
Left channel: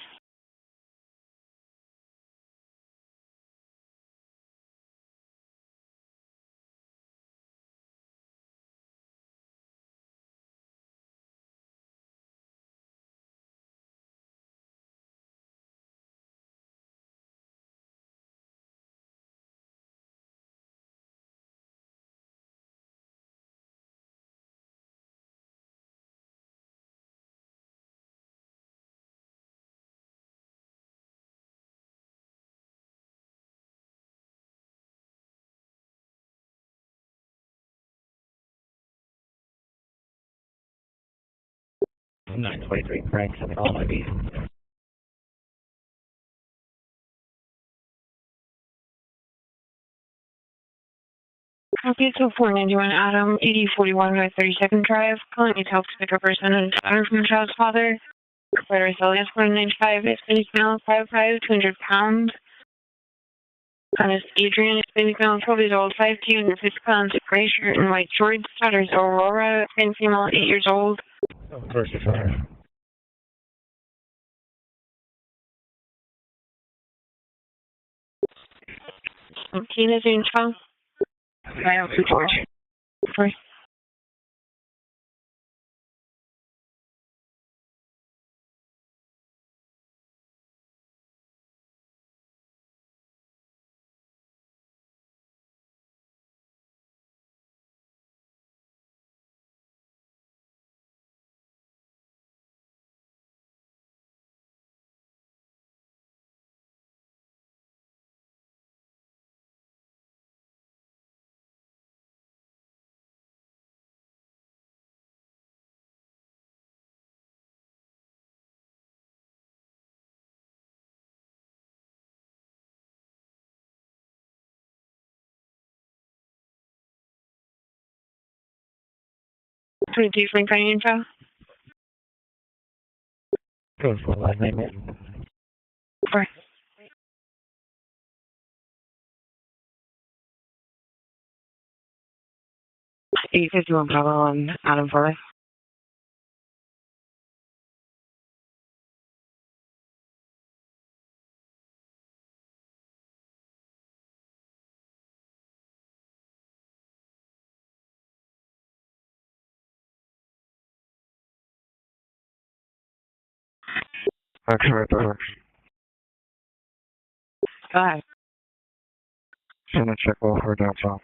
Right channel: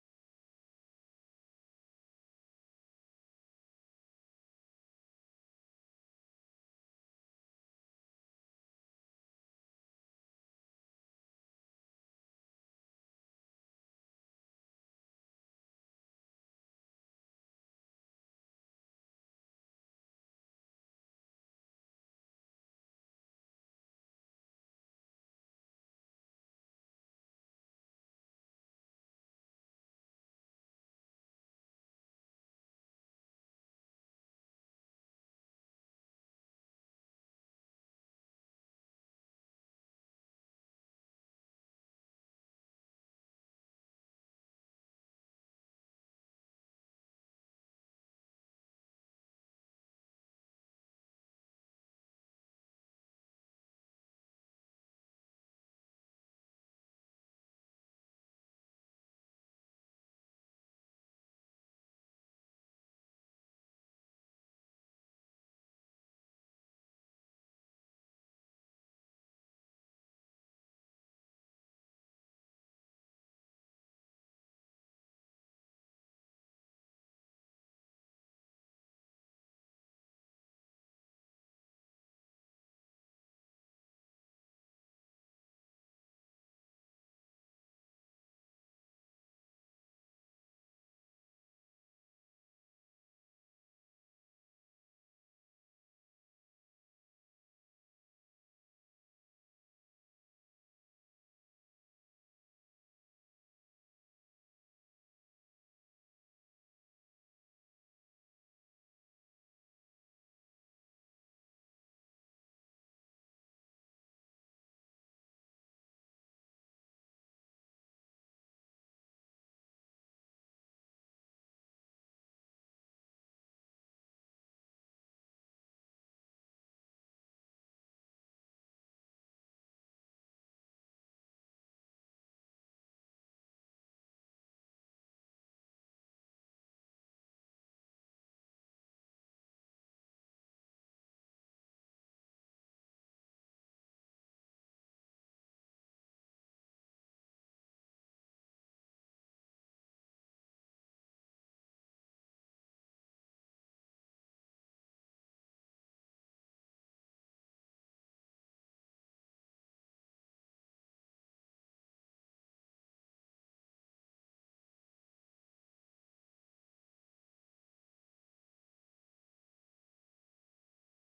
I'm 923 Frank, all my beef. Copy, so 491 Adam, 8041 North 32nd Drive. Calling needs help to pick up person daughter from the child's father. Provider Celsius 195, Hispanic male, 5'5", 200 pounds. Son is Adrian, Hispanic male, 12 years old, 5'2", 150 pounds, gray shirt and white shorts. Daughter is Aurora, Hispanic female, 8 years old. Of course, it's fine. Tina's in child. I have 2 4. 22 Springtime info. Code 4-1, Right. E51 Bravo on Adam 4. Okay, right there. Go ahead. Send a check over downtown.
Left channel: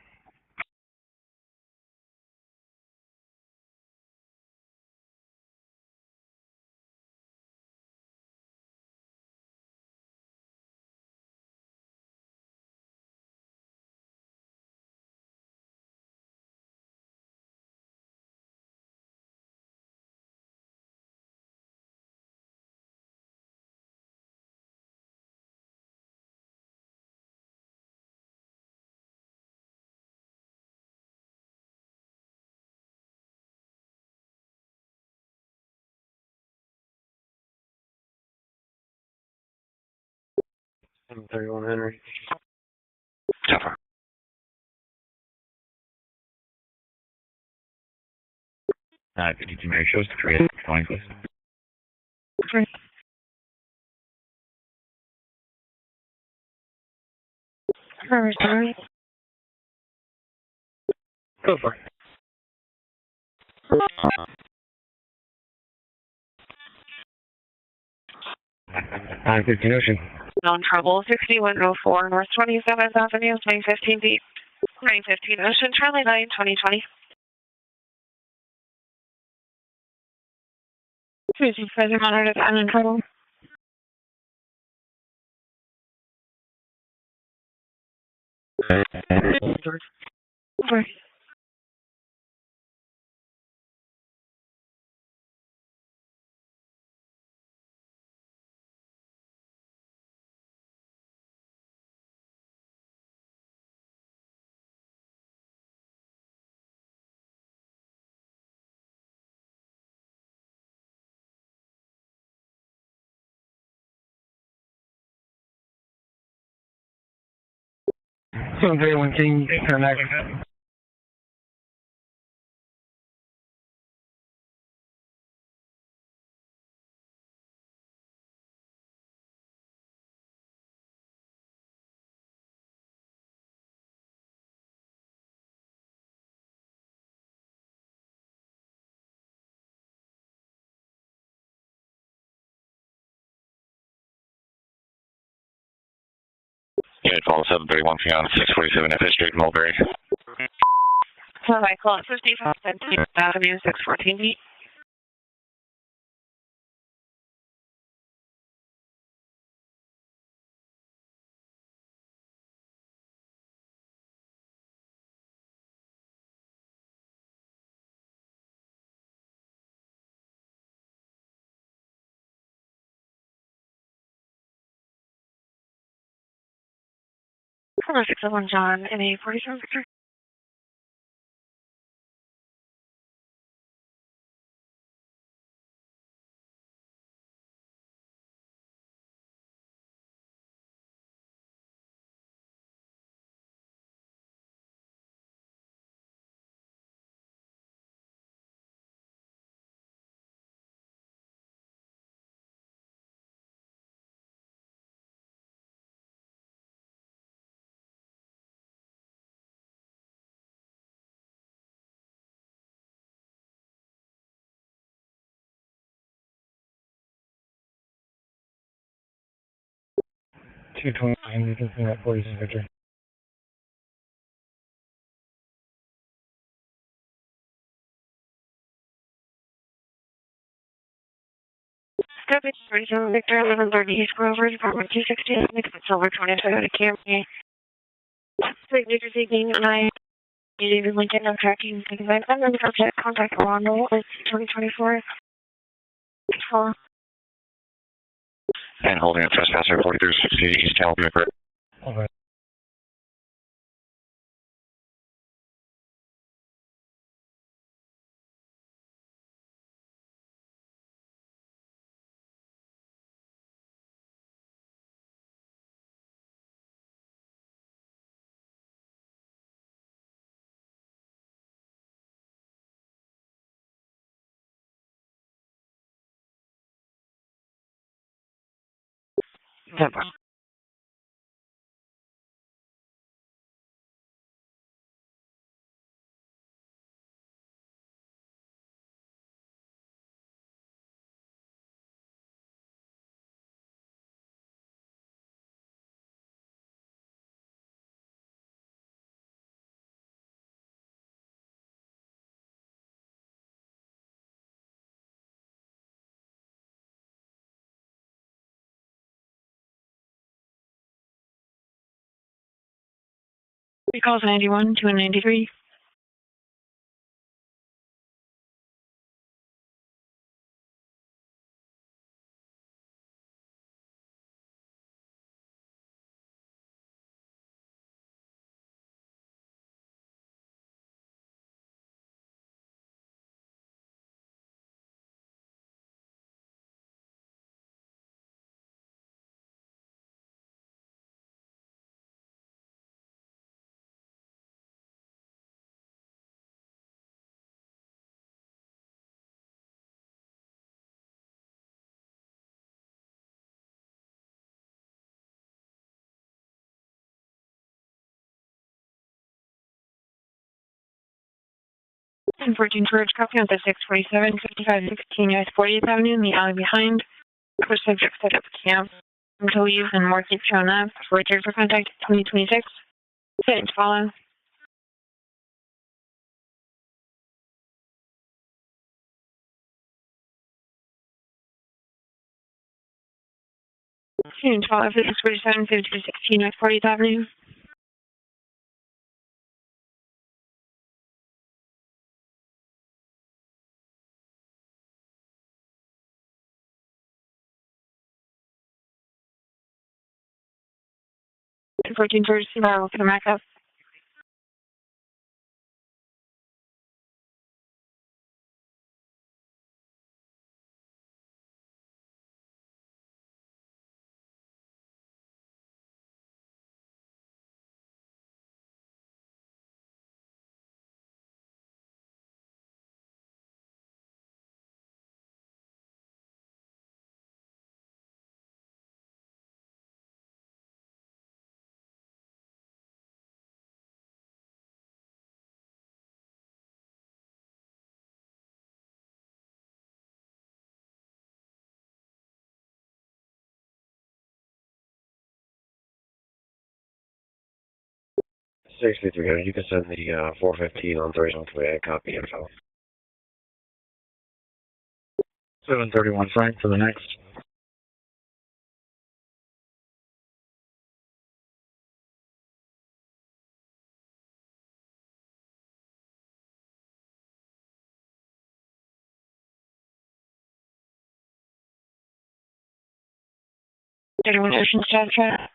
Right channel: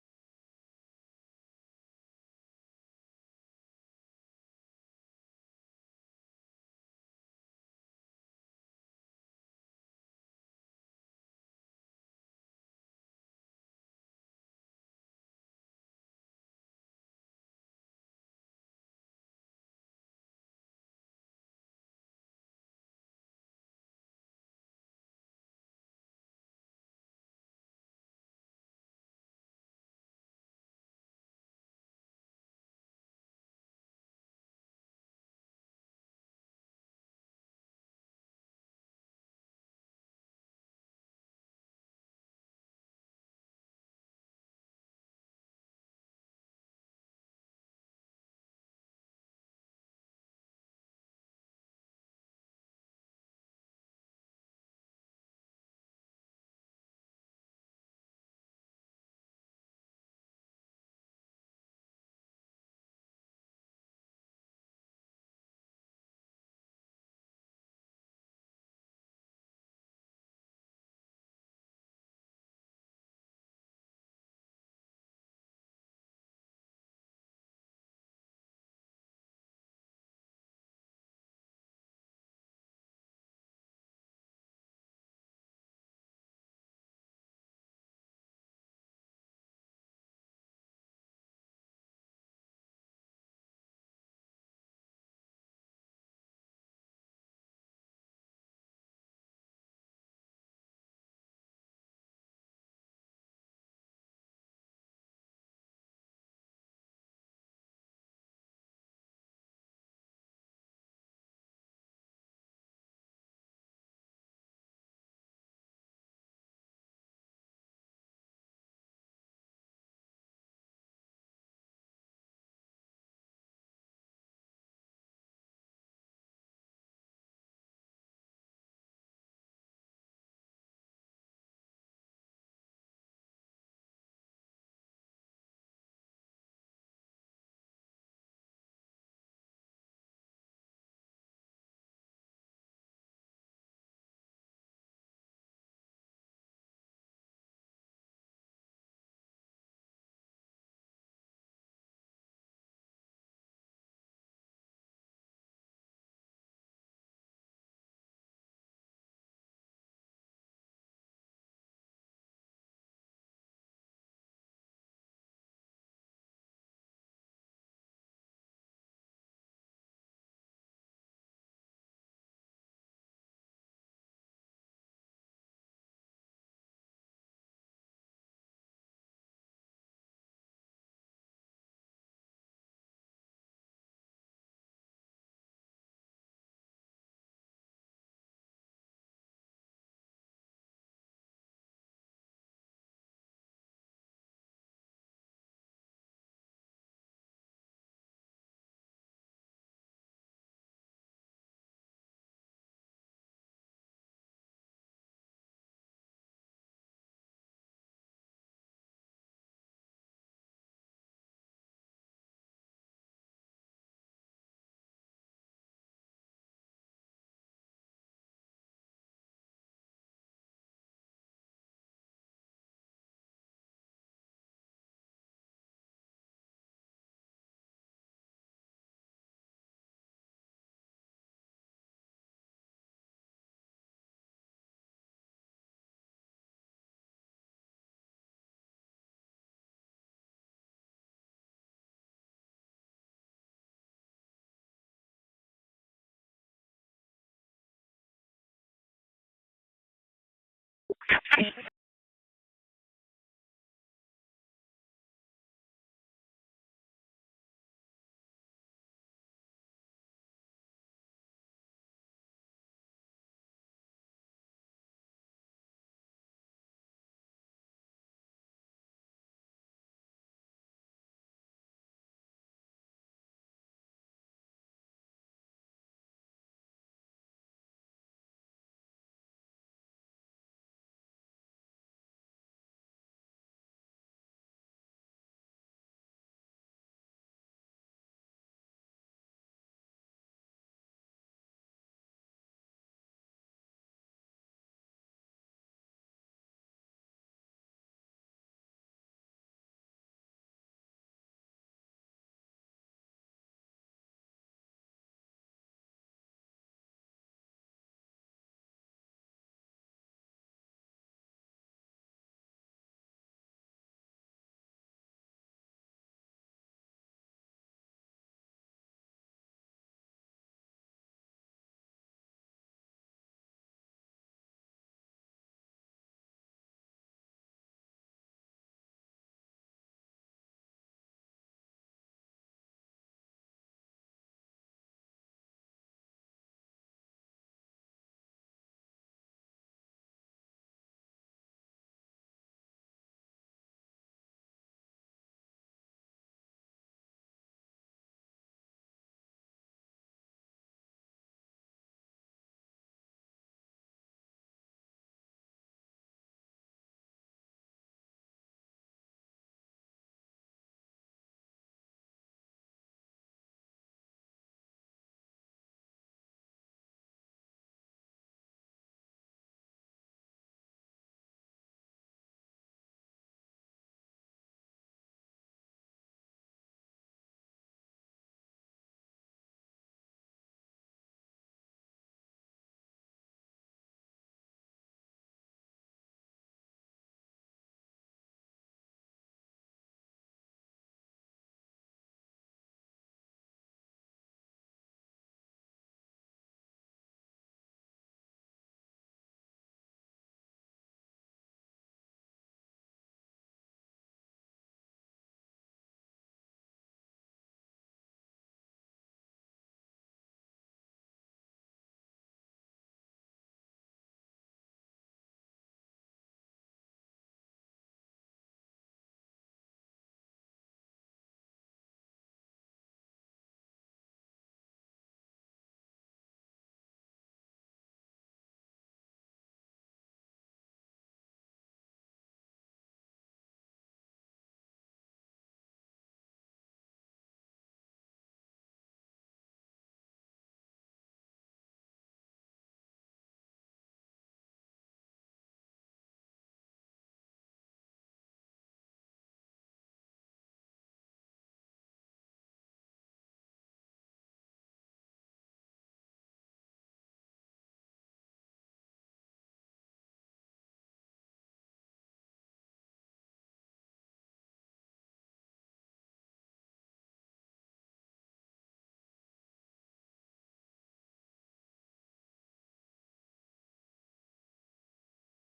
$731 Henry. Tougher. 52 Mary shows the 320, please. Right. Sorry. Go for it. Ocean. Known trouble, 6104 North 27th Avenue, 915 feet. 915 Ocean, Charlie 9, 2020. Cruising further monitored and in trouble. Over. So, very one thing, turn back. Unit call 731 Fion 647 FS Street, Mulberry. So I call it 55 Avenue, 614 feet. Hello, 601 John, NA 47 Victor. $229, this is at 46 Victor. Step 47 Victor, 1130 East Grover, Department 260, Nixon Silver 20 Toyota Camry. Sweet New Jersey, being and I, David Lincoln, I'm tracking 55. I'm going to contact Orlando, 2024. 4. And holding a trespasser 4360 East Calvary for Over. 10-4. Calls 91 to 93. And 14 Courage, copy on the 647, 5516 US 40th Avenue in the alley behind. For subject set up camp. Employees and market shown up. Return for contact 2026. Settings follow. Settings follow for 647, 5216 US 40th Avenue. To 14 Courage, I'll come back up. Seriously, 300, you can send the 415 on Thursday to a copy info. 731 Frank for the next. Everyone Ocean Staff Chat.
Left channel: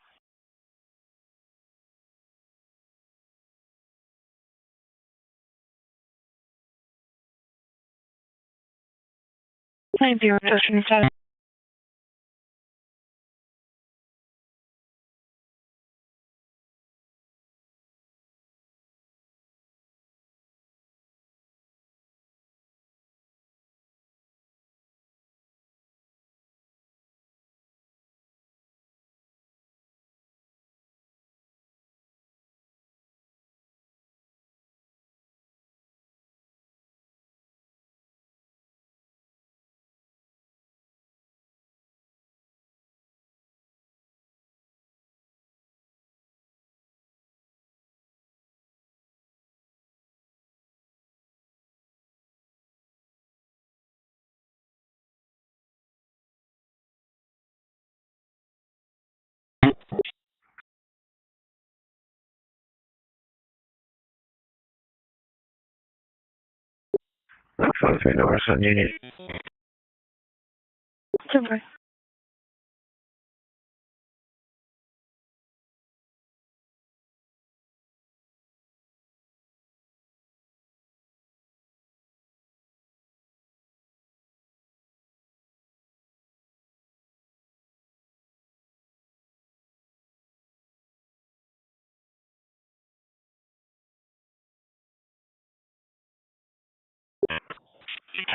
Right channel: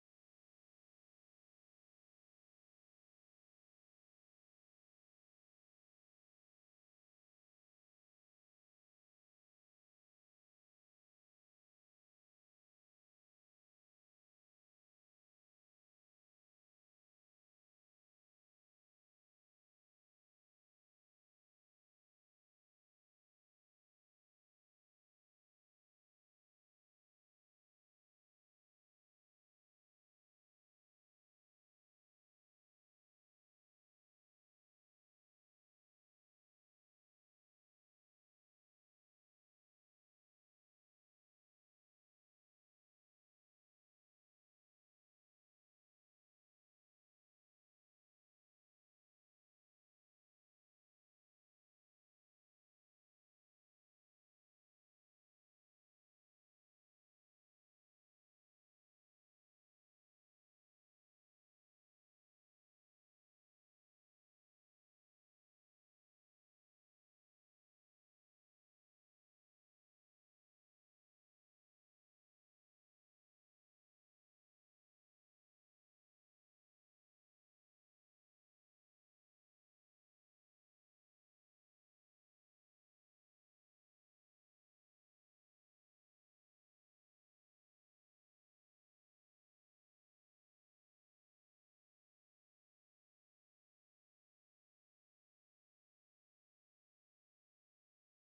Thank you, Ocean Staff. Phone 3 numbers on Union. Super.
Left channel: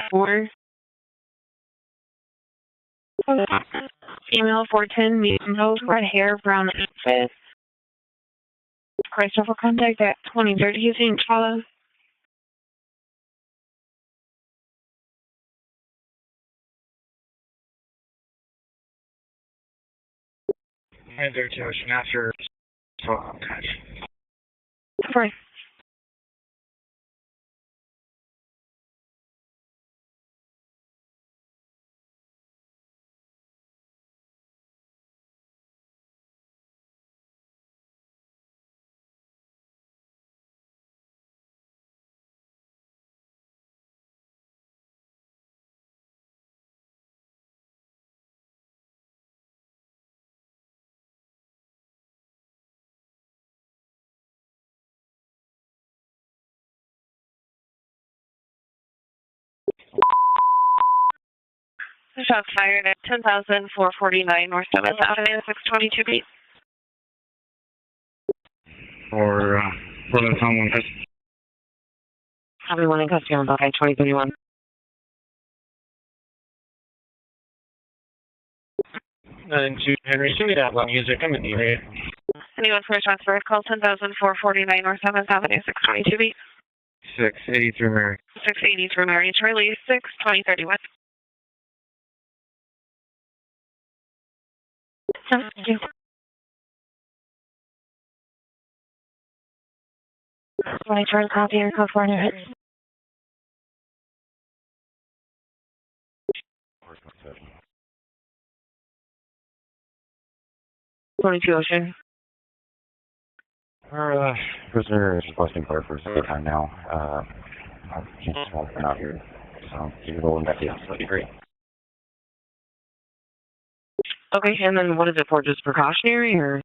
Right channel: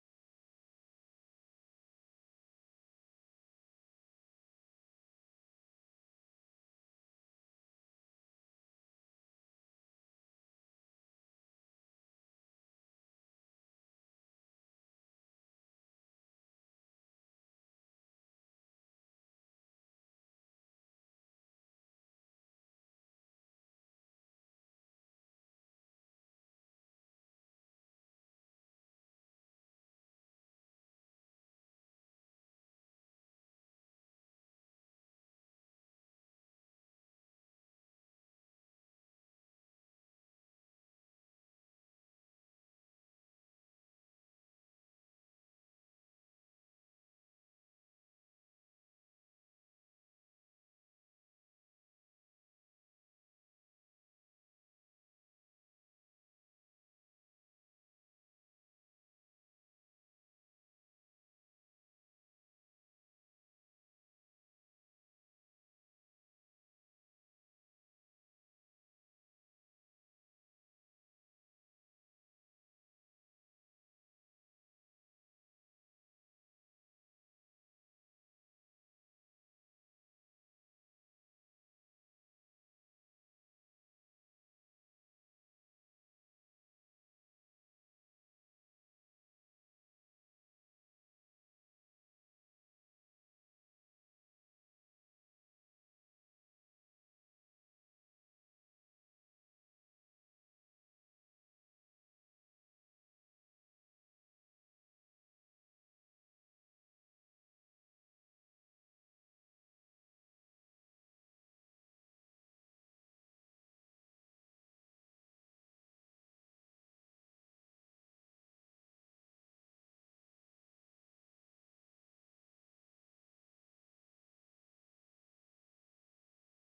Four. Female 410, medium nose, red hair, brown outfit. Christ over contact at 2030 using Chala. And there's an after. Right. Shots fired at 10,449 North 7th Avenue, 622 feet. Or, for the someone. Everyone in custody on Buckeye 2031. Nothing to Henry. Send me that loud music. I'm in the area. Anyone for a transfer, call 10,449 North 7th Avenue, 622 feet. 680 through Mary. 680 through Mary Charlie, 62031. Thank you. When I turn copy your code 400. Ocean. Our prisoner is requesting court for a second time now. I can't tell if they're not here. So, you can go and back to that'd be great. Okay, and then what is it for? Just precautionary or?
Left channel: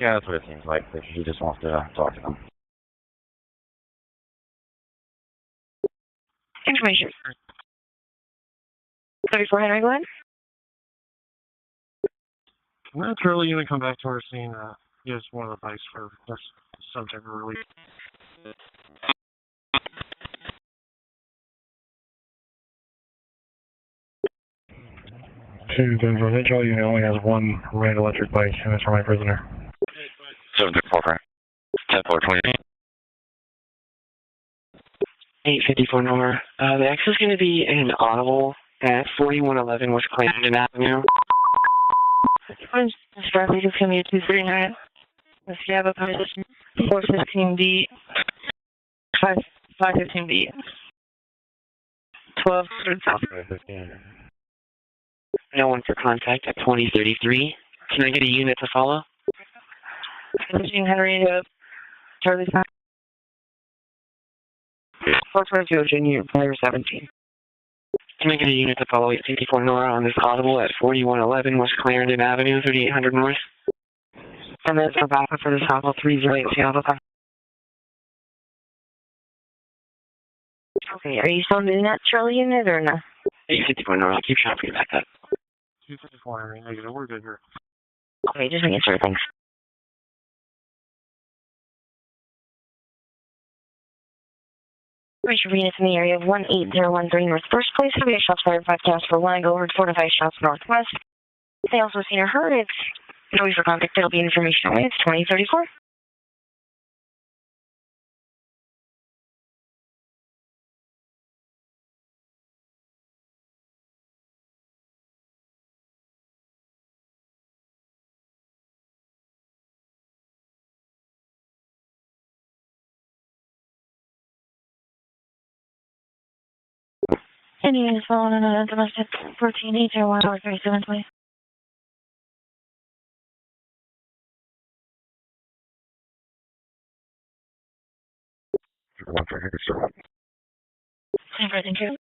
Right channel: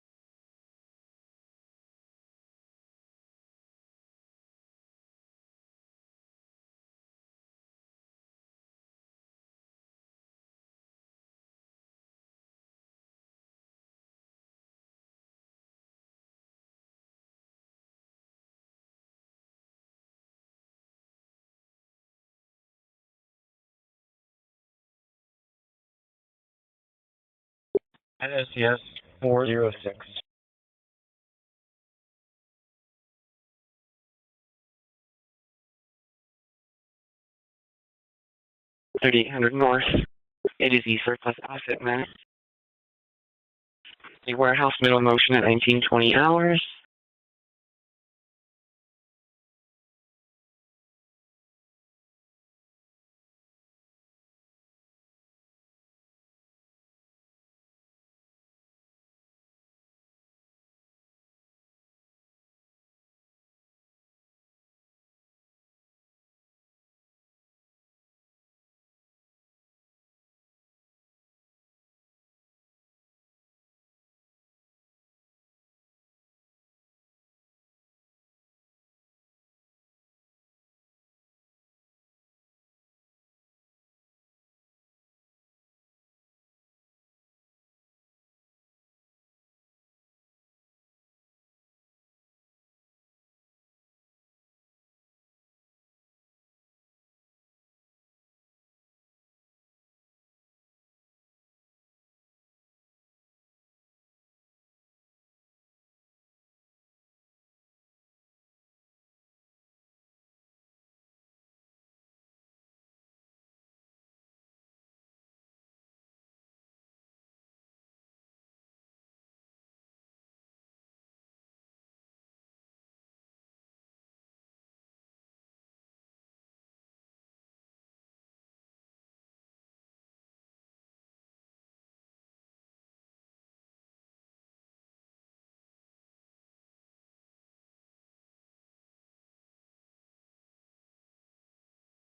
Yeah, that's what it seems like. He just wants to talk to them. Information. 34 Henry, go ahead. That's really going to come back to our scene. Use one of the bikes for some type of relief. Provincial, you only has one red electric bike. That's for my prisoner. 406. 734. 10-4-20. 854 North. The X is going to be an audible at 4111 West Clinton Avenue. Directly to commute 239. Warehouse middle motion at 1920 hours. 415B. 515B. 1200 South. No one for contact at 2033. Can I get a unit to follow? Machine Henry to Charlie 5. 422 Ocean, unit player 17. Can I get a unit to follow 854 Nora on this audible at 4111 West Clarendon Avenue, 3800 North? And then for backup for this audible 308 Seattle. Okay, are you still doing that Charlie unit or no? 854 Nora, I'll keep trying to back up. 254 Henry, negative. We're good here. Okay, just making sure, thanks. Racial units in the area of 18013 North First Place. Have a shots fired 5 tasks for 1. Go over 4 to 5 shots northwest. They also seen or heard. It's noise for contact. It'll be information only. It's 2034. Any units following another domestic 14-801 or 37, please. Thank you.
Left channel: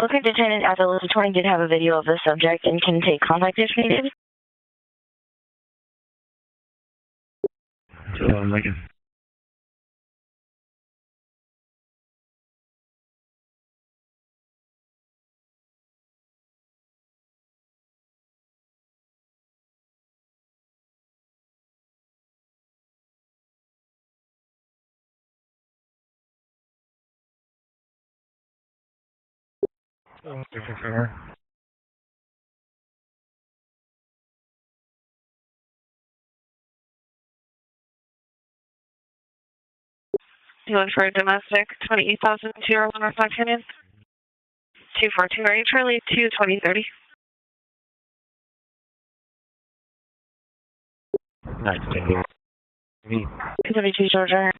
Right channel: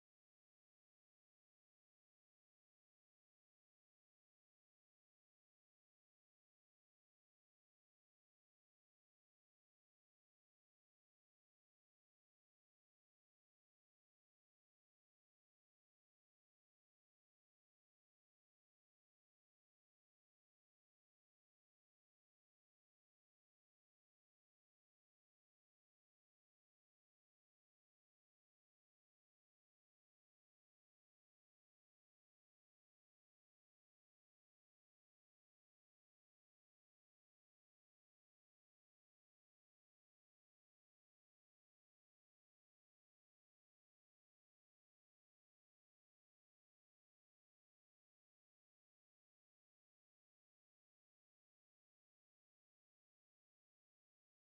Looking Lieutenant at the list 20 did have a video of the subject and can take contact if needed. Lincoln. You look for a domestic 28,001 reflection in 242, are you Charlie 22030? 232 Georgia.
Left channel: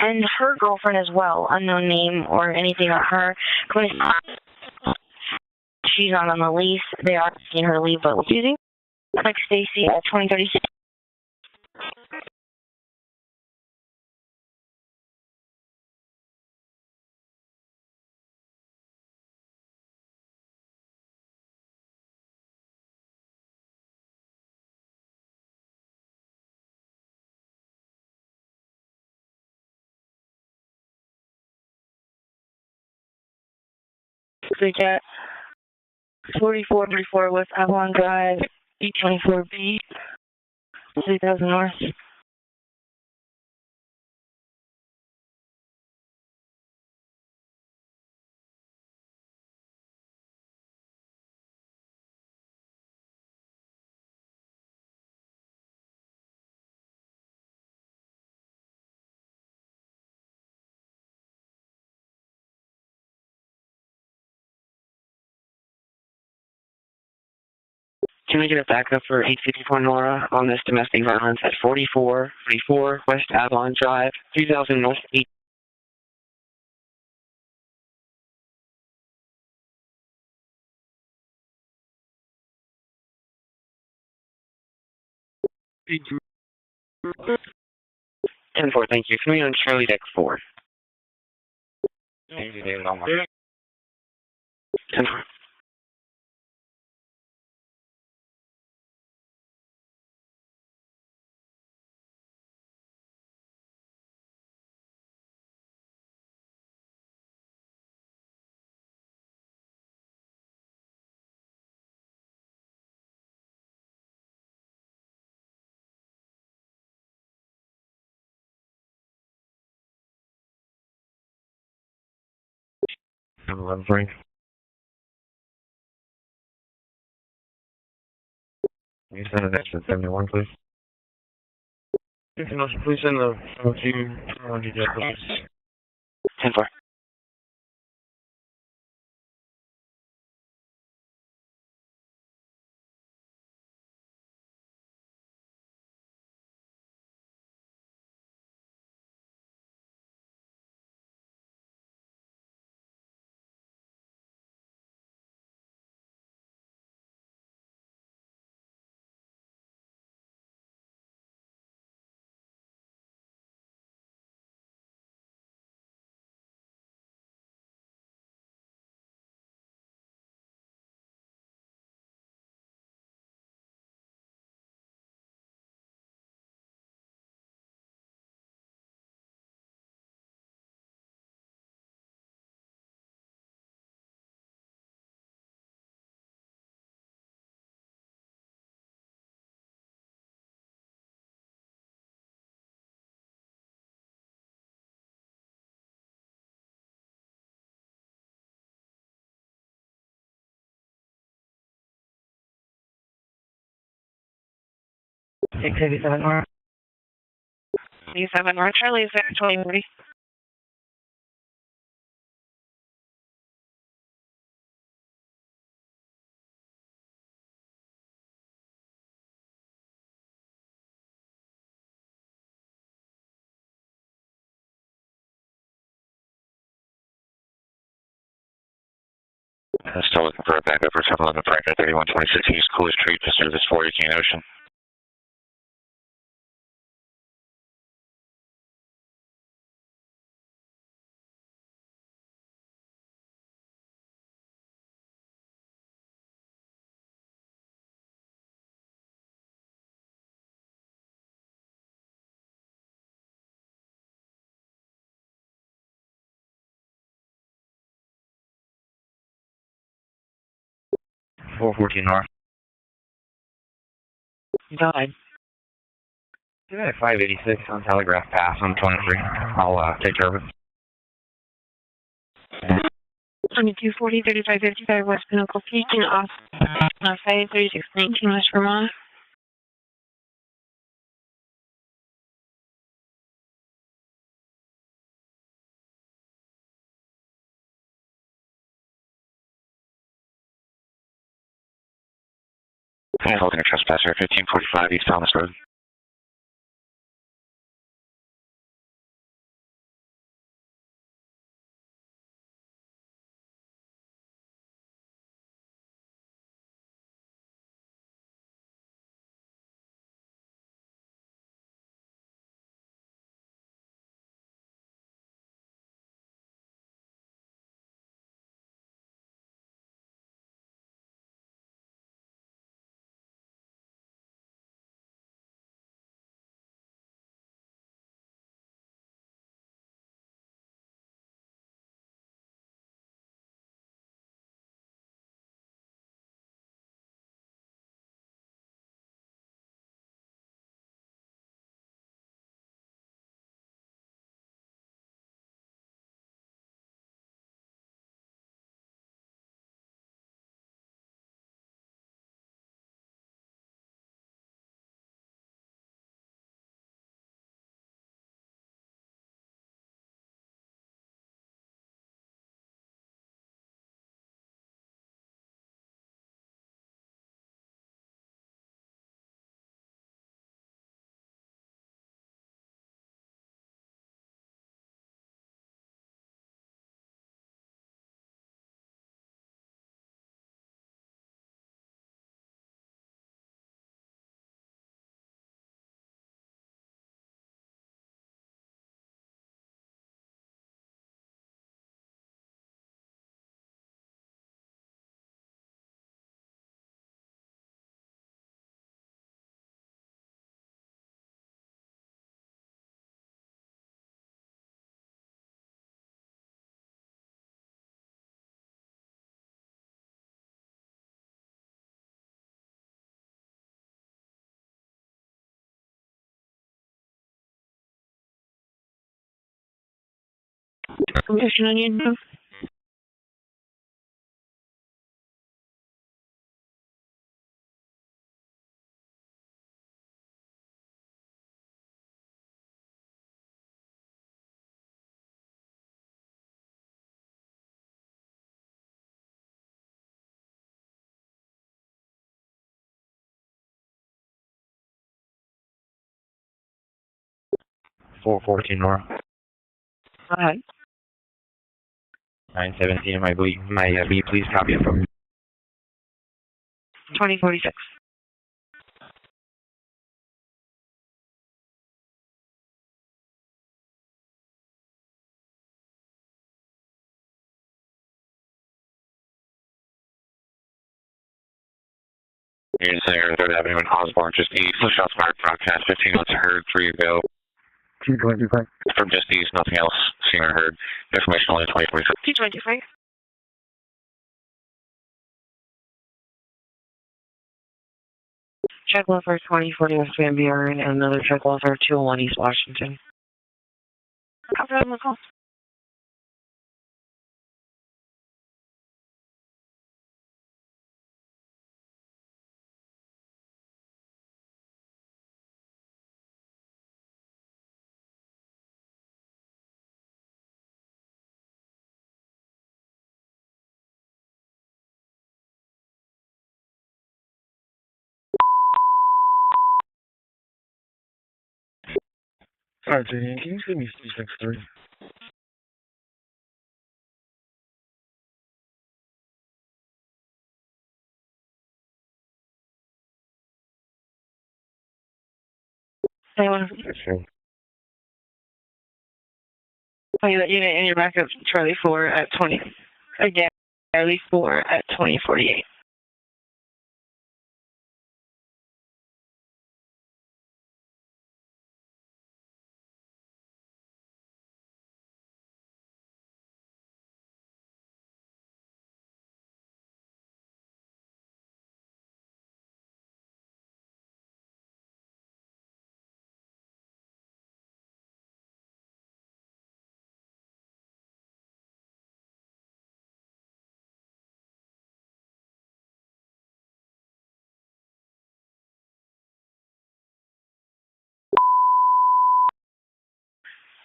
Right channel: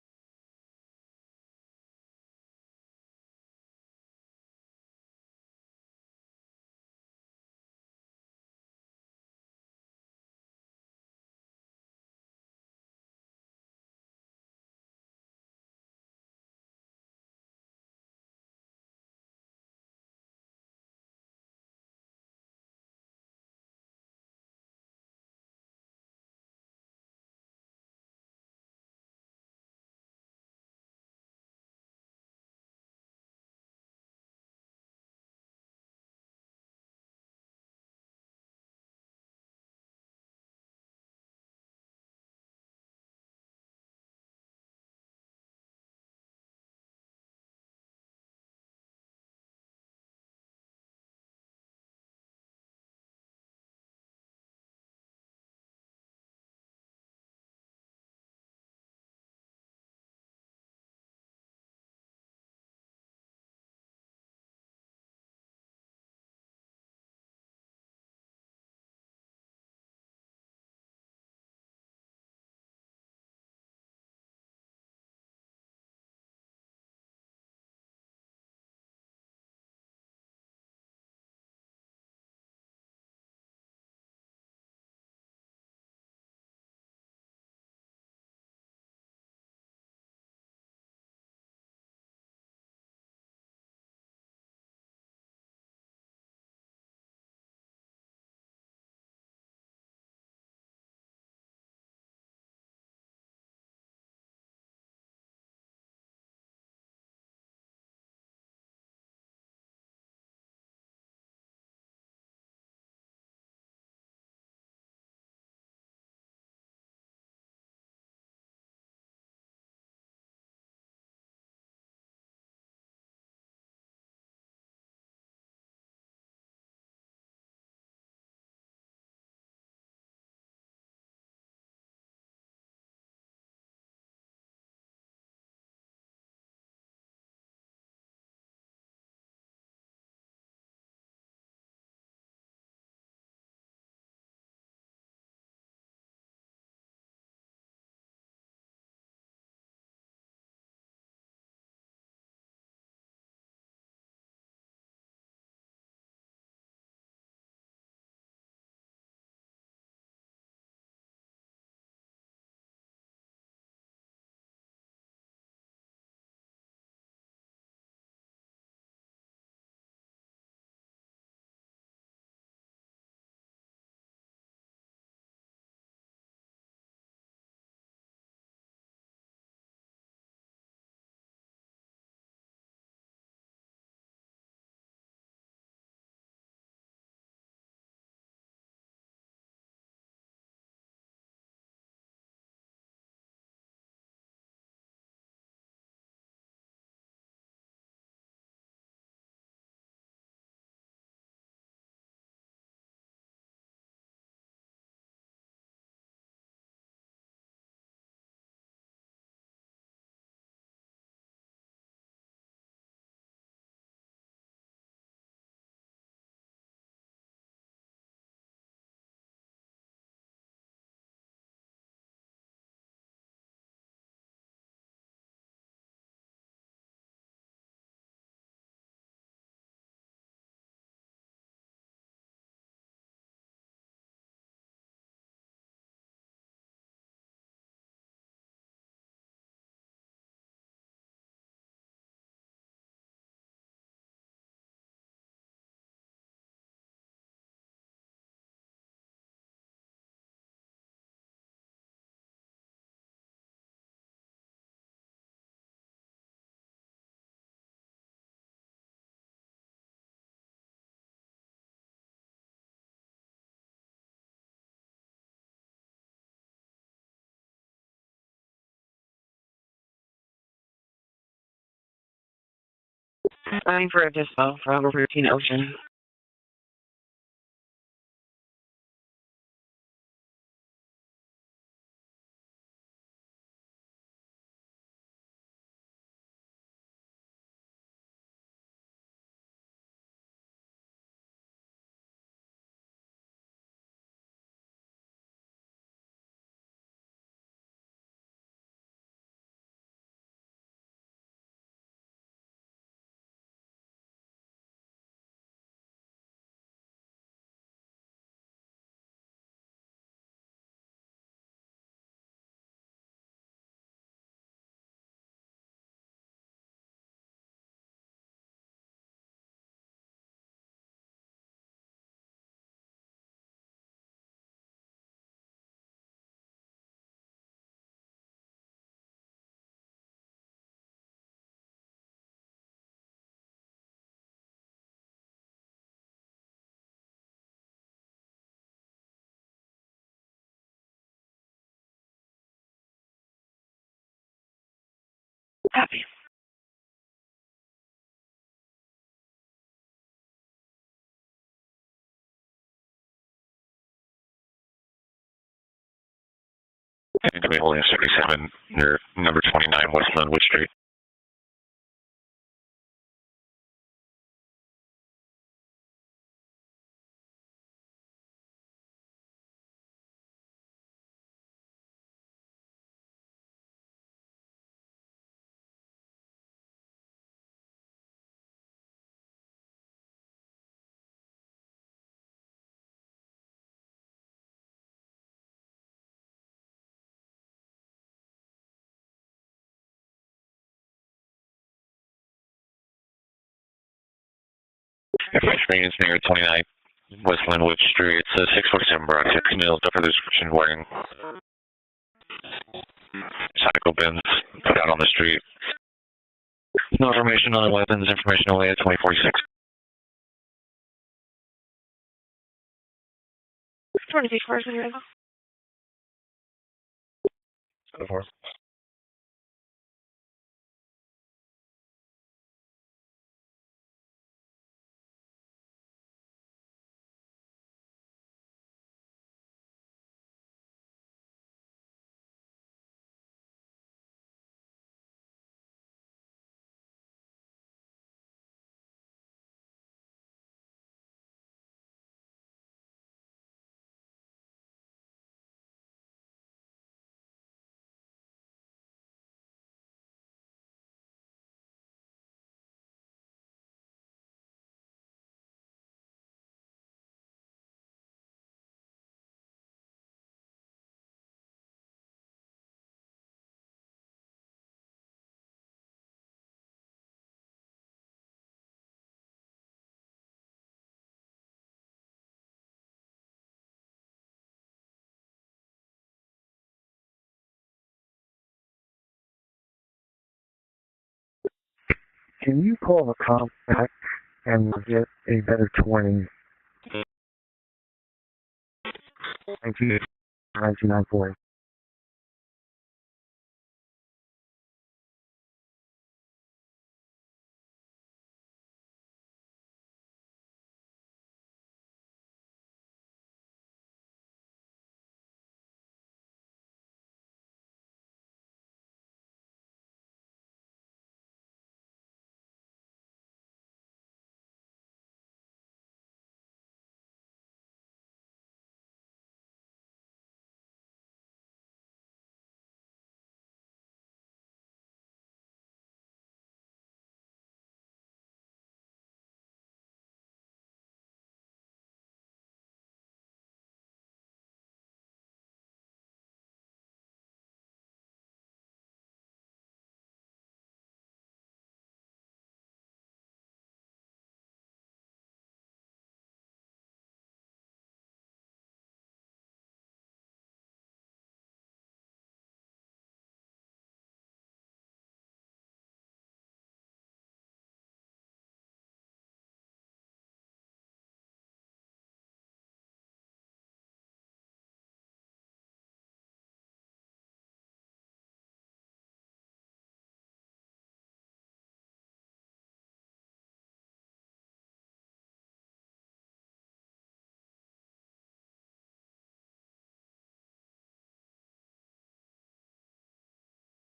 And her girlfriend as well, unknown name or anything on her. She's not on the lease. They are asking her to leave, but what's using? Like Stacy at 2036. We got 4434 West Avalon Drive, E24B, 3000 North. Can we get a backup for 854 Nora on this domestic violence at 4434 West Avalon Drive, 3000 North 8? Ten four, thank you. Can we on Charlie Deck 4? 10-4. Frank. Can you send an extra 71, please? Please send the team details, please. 10-4. Six 87 North. 87 North, Charlie is there, 2030. Still looking for a backup for 711 Franklin 3126 East Cooley Street, to service 418 Ocean. Four 14 North. Died. Yeah, 586 on Telegraph Pass on 23. I'll take care of it. 240, 35, 55, West Local Beacon, off 53619 West Vermont. Hi, holding a trespasser, 1545 East Thomas Road. Copy. And to be holding 77 near number 29 West Linwood Street. French Marines near 29 West Linwood Street. It's a 647 Broad 6 Nils. Up for the description wearing cycle bins put out on the street. No information on the weapons, information away at 2046. 26 cars in here. Go for it. Information on you. Four 14 North. Hi. 917, my B, please copy it from 2046. Units there, 3rd Avenue and Osborne, just east. No shots fired, broadcast 15 notes heard, 3 ago. 225. From just east, nothing else seen or heard. Information only 2046. Can you call the cop back and get a better 20? Check one for 2041 Van Buren and another check one for 201 East Washington. Copy on the call. Alright, JD, can you give me 363? They want that unit in your backup, Charlie 4 at 20. Again, Charlie 4 at 2048.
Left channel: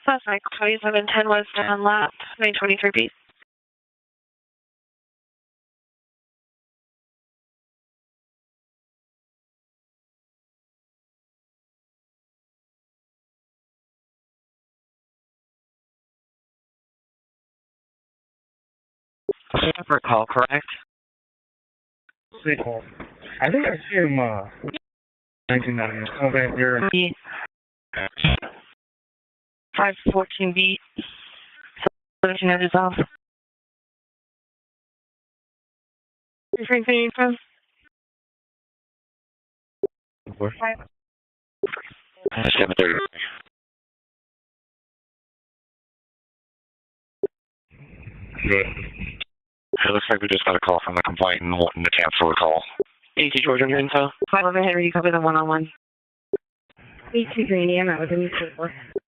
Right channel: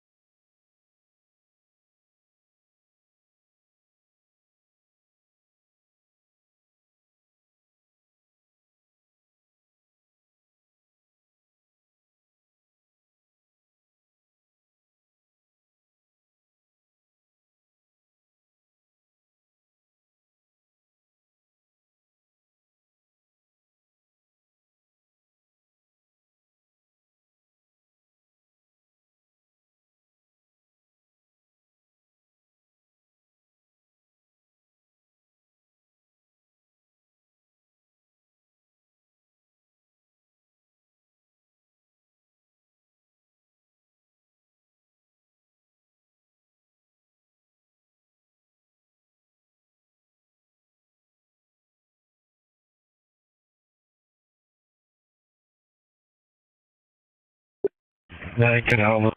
Suspect 2710 was down lap, 923 beat. Separate call, correct? Sweet call. I think I see him, 1990. Okay, you're... 514 beat. Solution is off. Refrain from? Where? 7:30. Good. It looks like we just got a call from the complainant wanting to cancel the call. 80 Georgia, your info. 511 Henry, you copy the one-on-one. 82 Green, that was in. Yeah, I can help.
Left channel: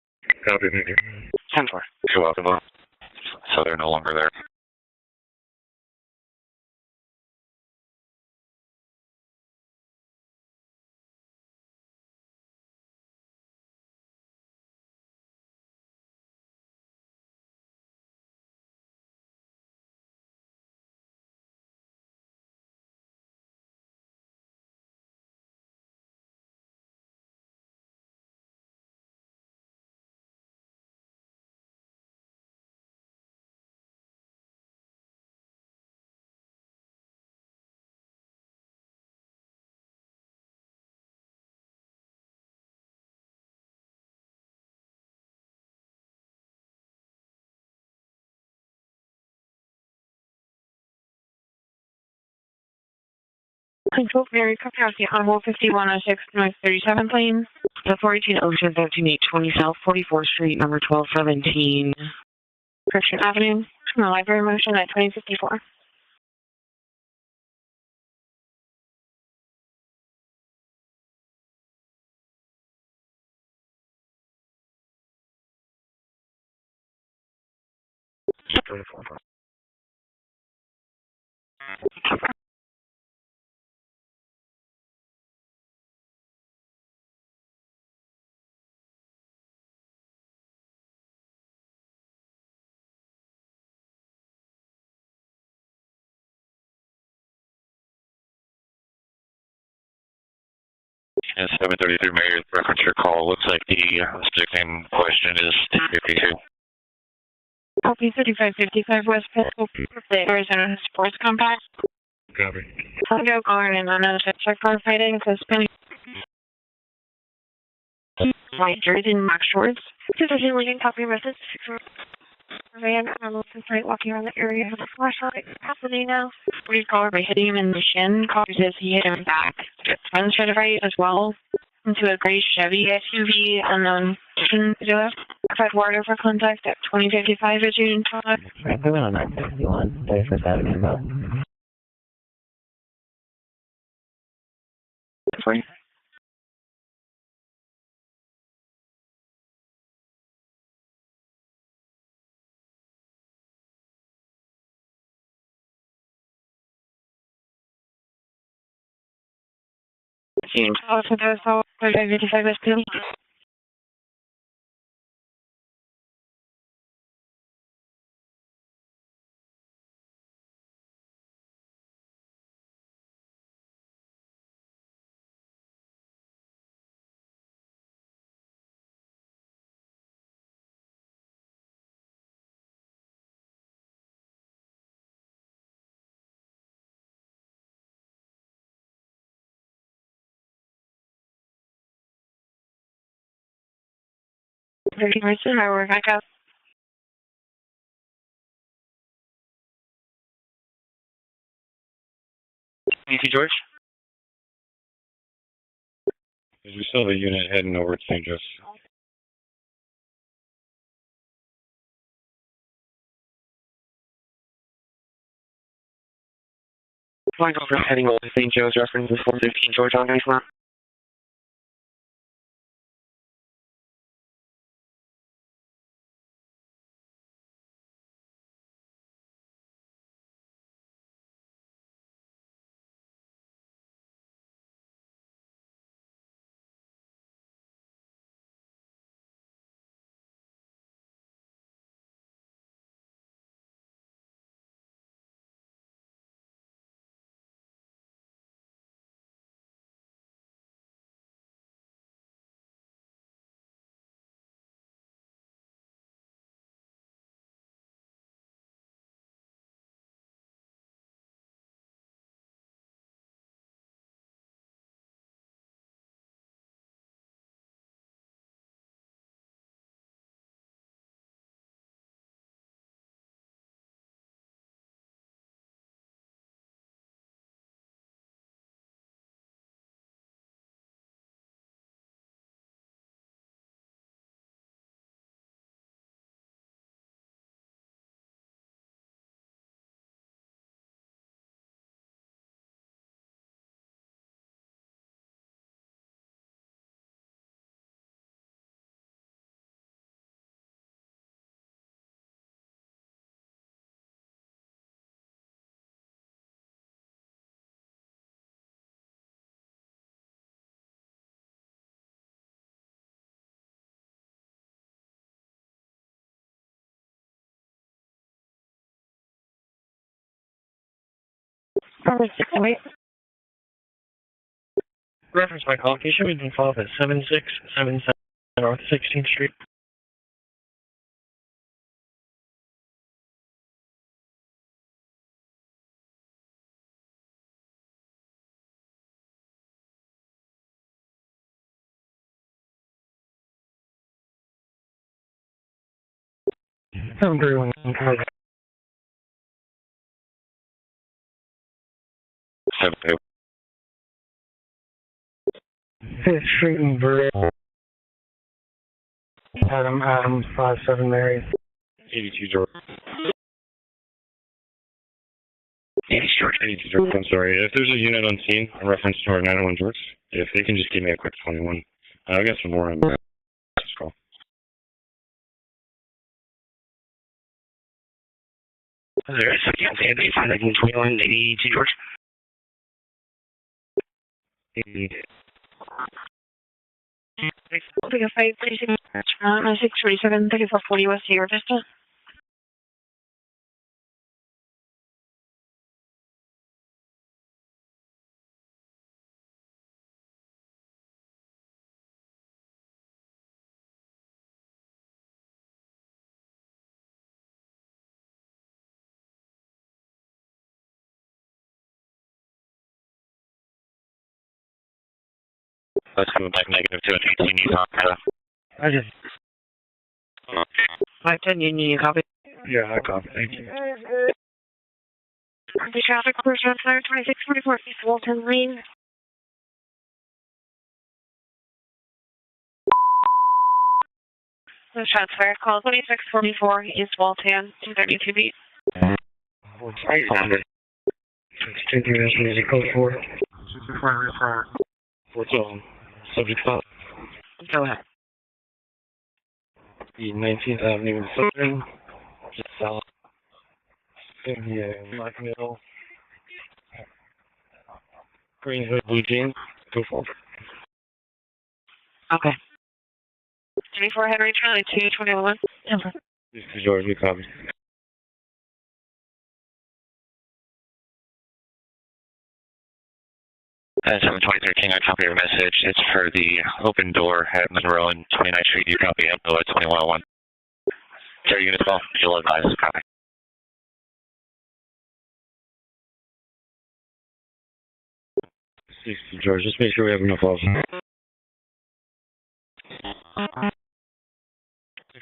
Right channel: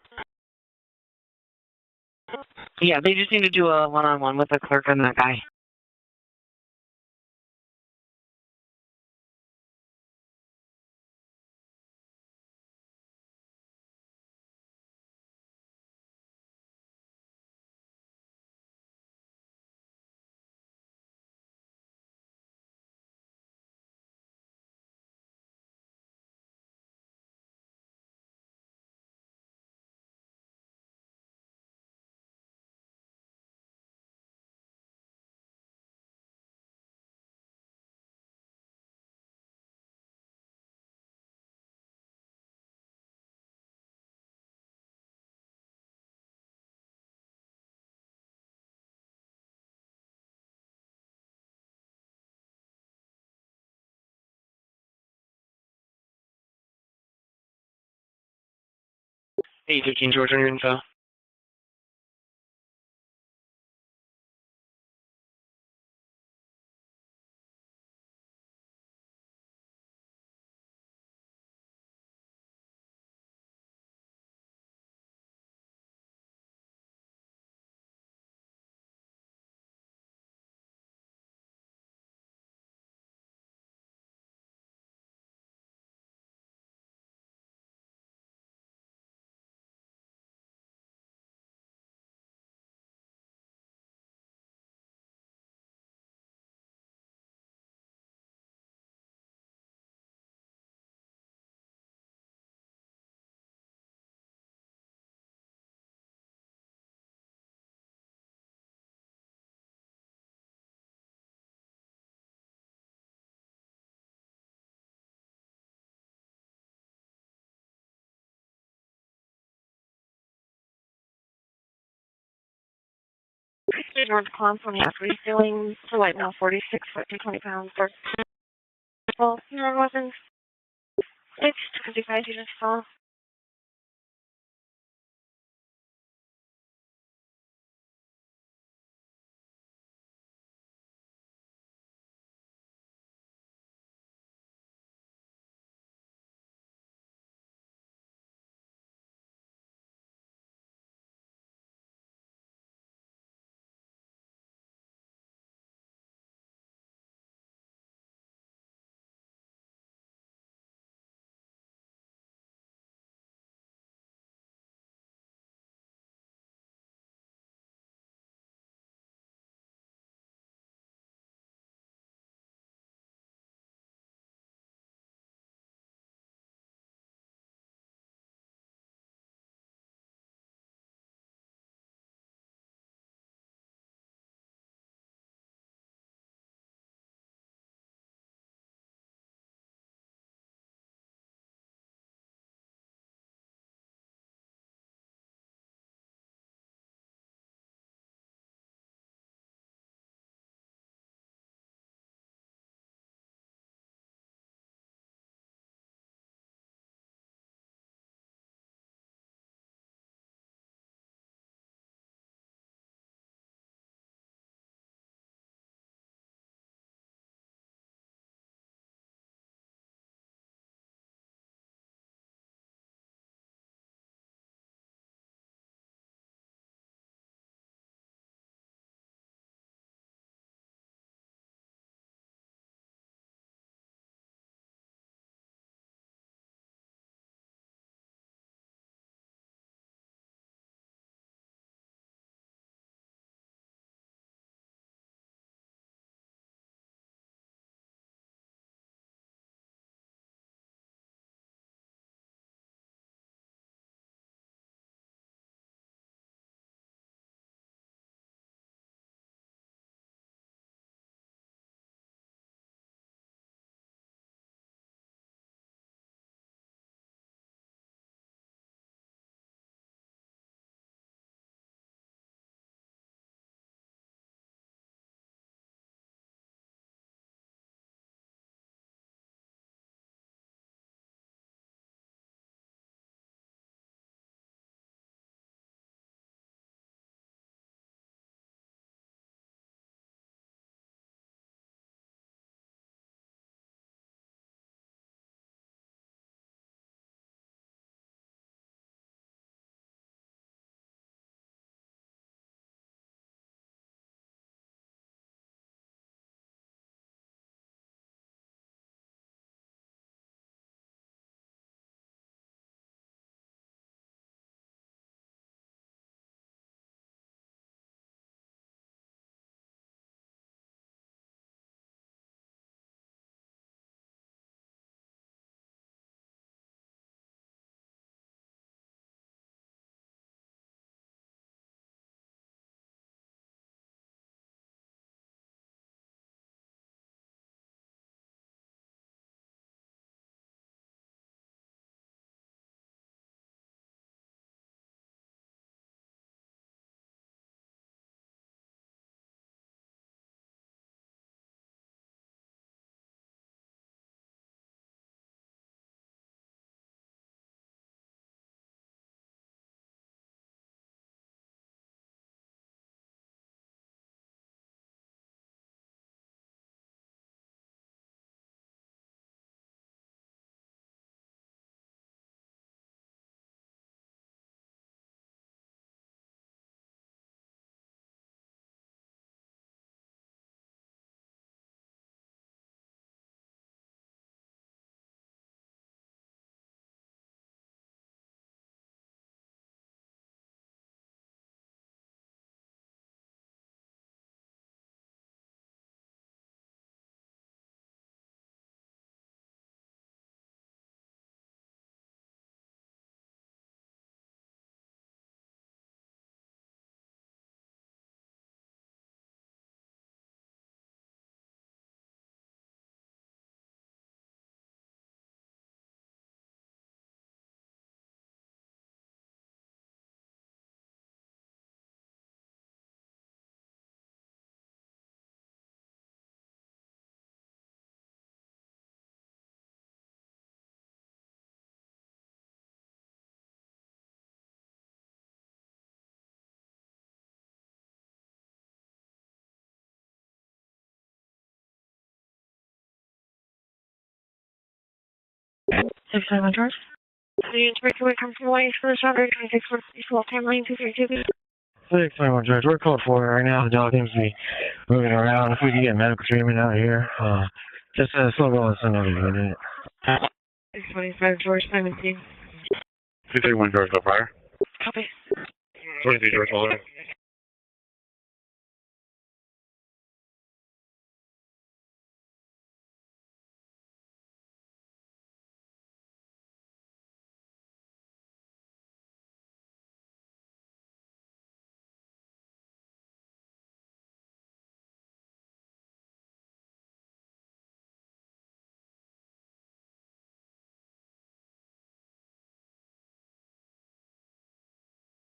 Copy, thank you. 10-4. You're welcome. Yeah, they just need to do a one-on-one with the clerk and that guy. Control Mary, copy out the Honorable 5106 North 37th Lane. The 418 Ocean 13820 South 44th Street, number 1217. Christian Avenue, from the library motion at 2054. And 733 Mayor, reference your call. Looks like the stick in question is 52. Copy 3555 West Pisco, the Arizona Sports Compact. Copy. Go guard and unknown check car fighting, suspending. White jersey and black shorts. Position leading copy message. Van, walking around the area. Right now, 43 car hitting him in the shin. Says he hit him back. Front to the right as well. Into a gray Chevy SUV unknown. I've had word over contact at 2055 at June 5. Right, we went on 951. 35th Avenue, about. Sorry. June 12, 3555 West We're back up. You see George? We still have a unit heading over to St. Joe's. Flying over heading over to St. Joe's, reference is 415 George on ice now. Reference my call. Can you show me the follow-up at 7677 North 16th Street? I'm very well. 7-2. 5th Street and Burr. Adam, 57 Mary. 82 George. 80 George. 82 George, I'm sorry. If there's a unit on scene, in reference to our 901 George, if they can just give me a quick 21. I got some more on this call. There's a campaign, 521, 82 George. 80. Take a 536, 647, 3440 West Sierra Vista. Let's come back negative 2 and 18 Utah. I just... 510 Union, you copy? Yeah, I copy. Thank you. The traffic person on fire 2644 East Walton Lane. The shots fired. Call 2644 East Walton, 232 feet. What's 800? 623 code 4. 4 2. 675. Please breakaway come from White for the shot 2644 East Walton Lane, 232 feet. We're close for it right now. The dog seems to be moving around. If we can get medical treatment out here, just slow going. 625 George 17. Okay. 231 George, go fire. Henry Charlie 221. 23 George, all right, George, you copy. That's 723 King, I copy your message. It's for the open door at Monroe and 29th Street. You copy info at 2101. Carry unit 12, you'll advise. Copy. George, just make sure we have enough officers.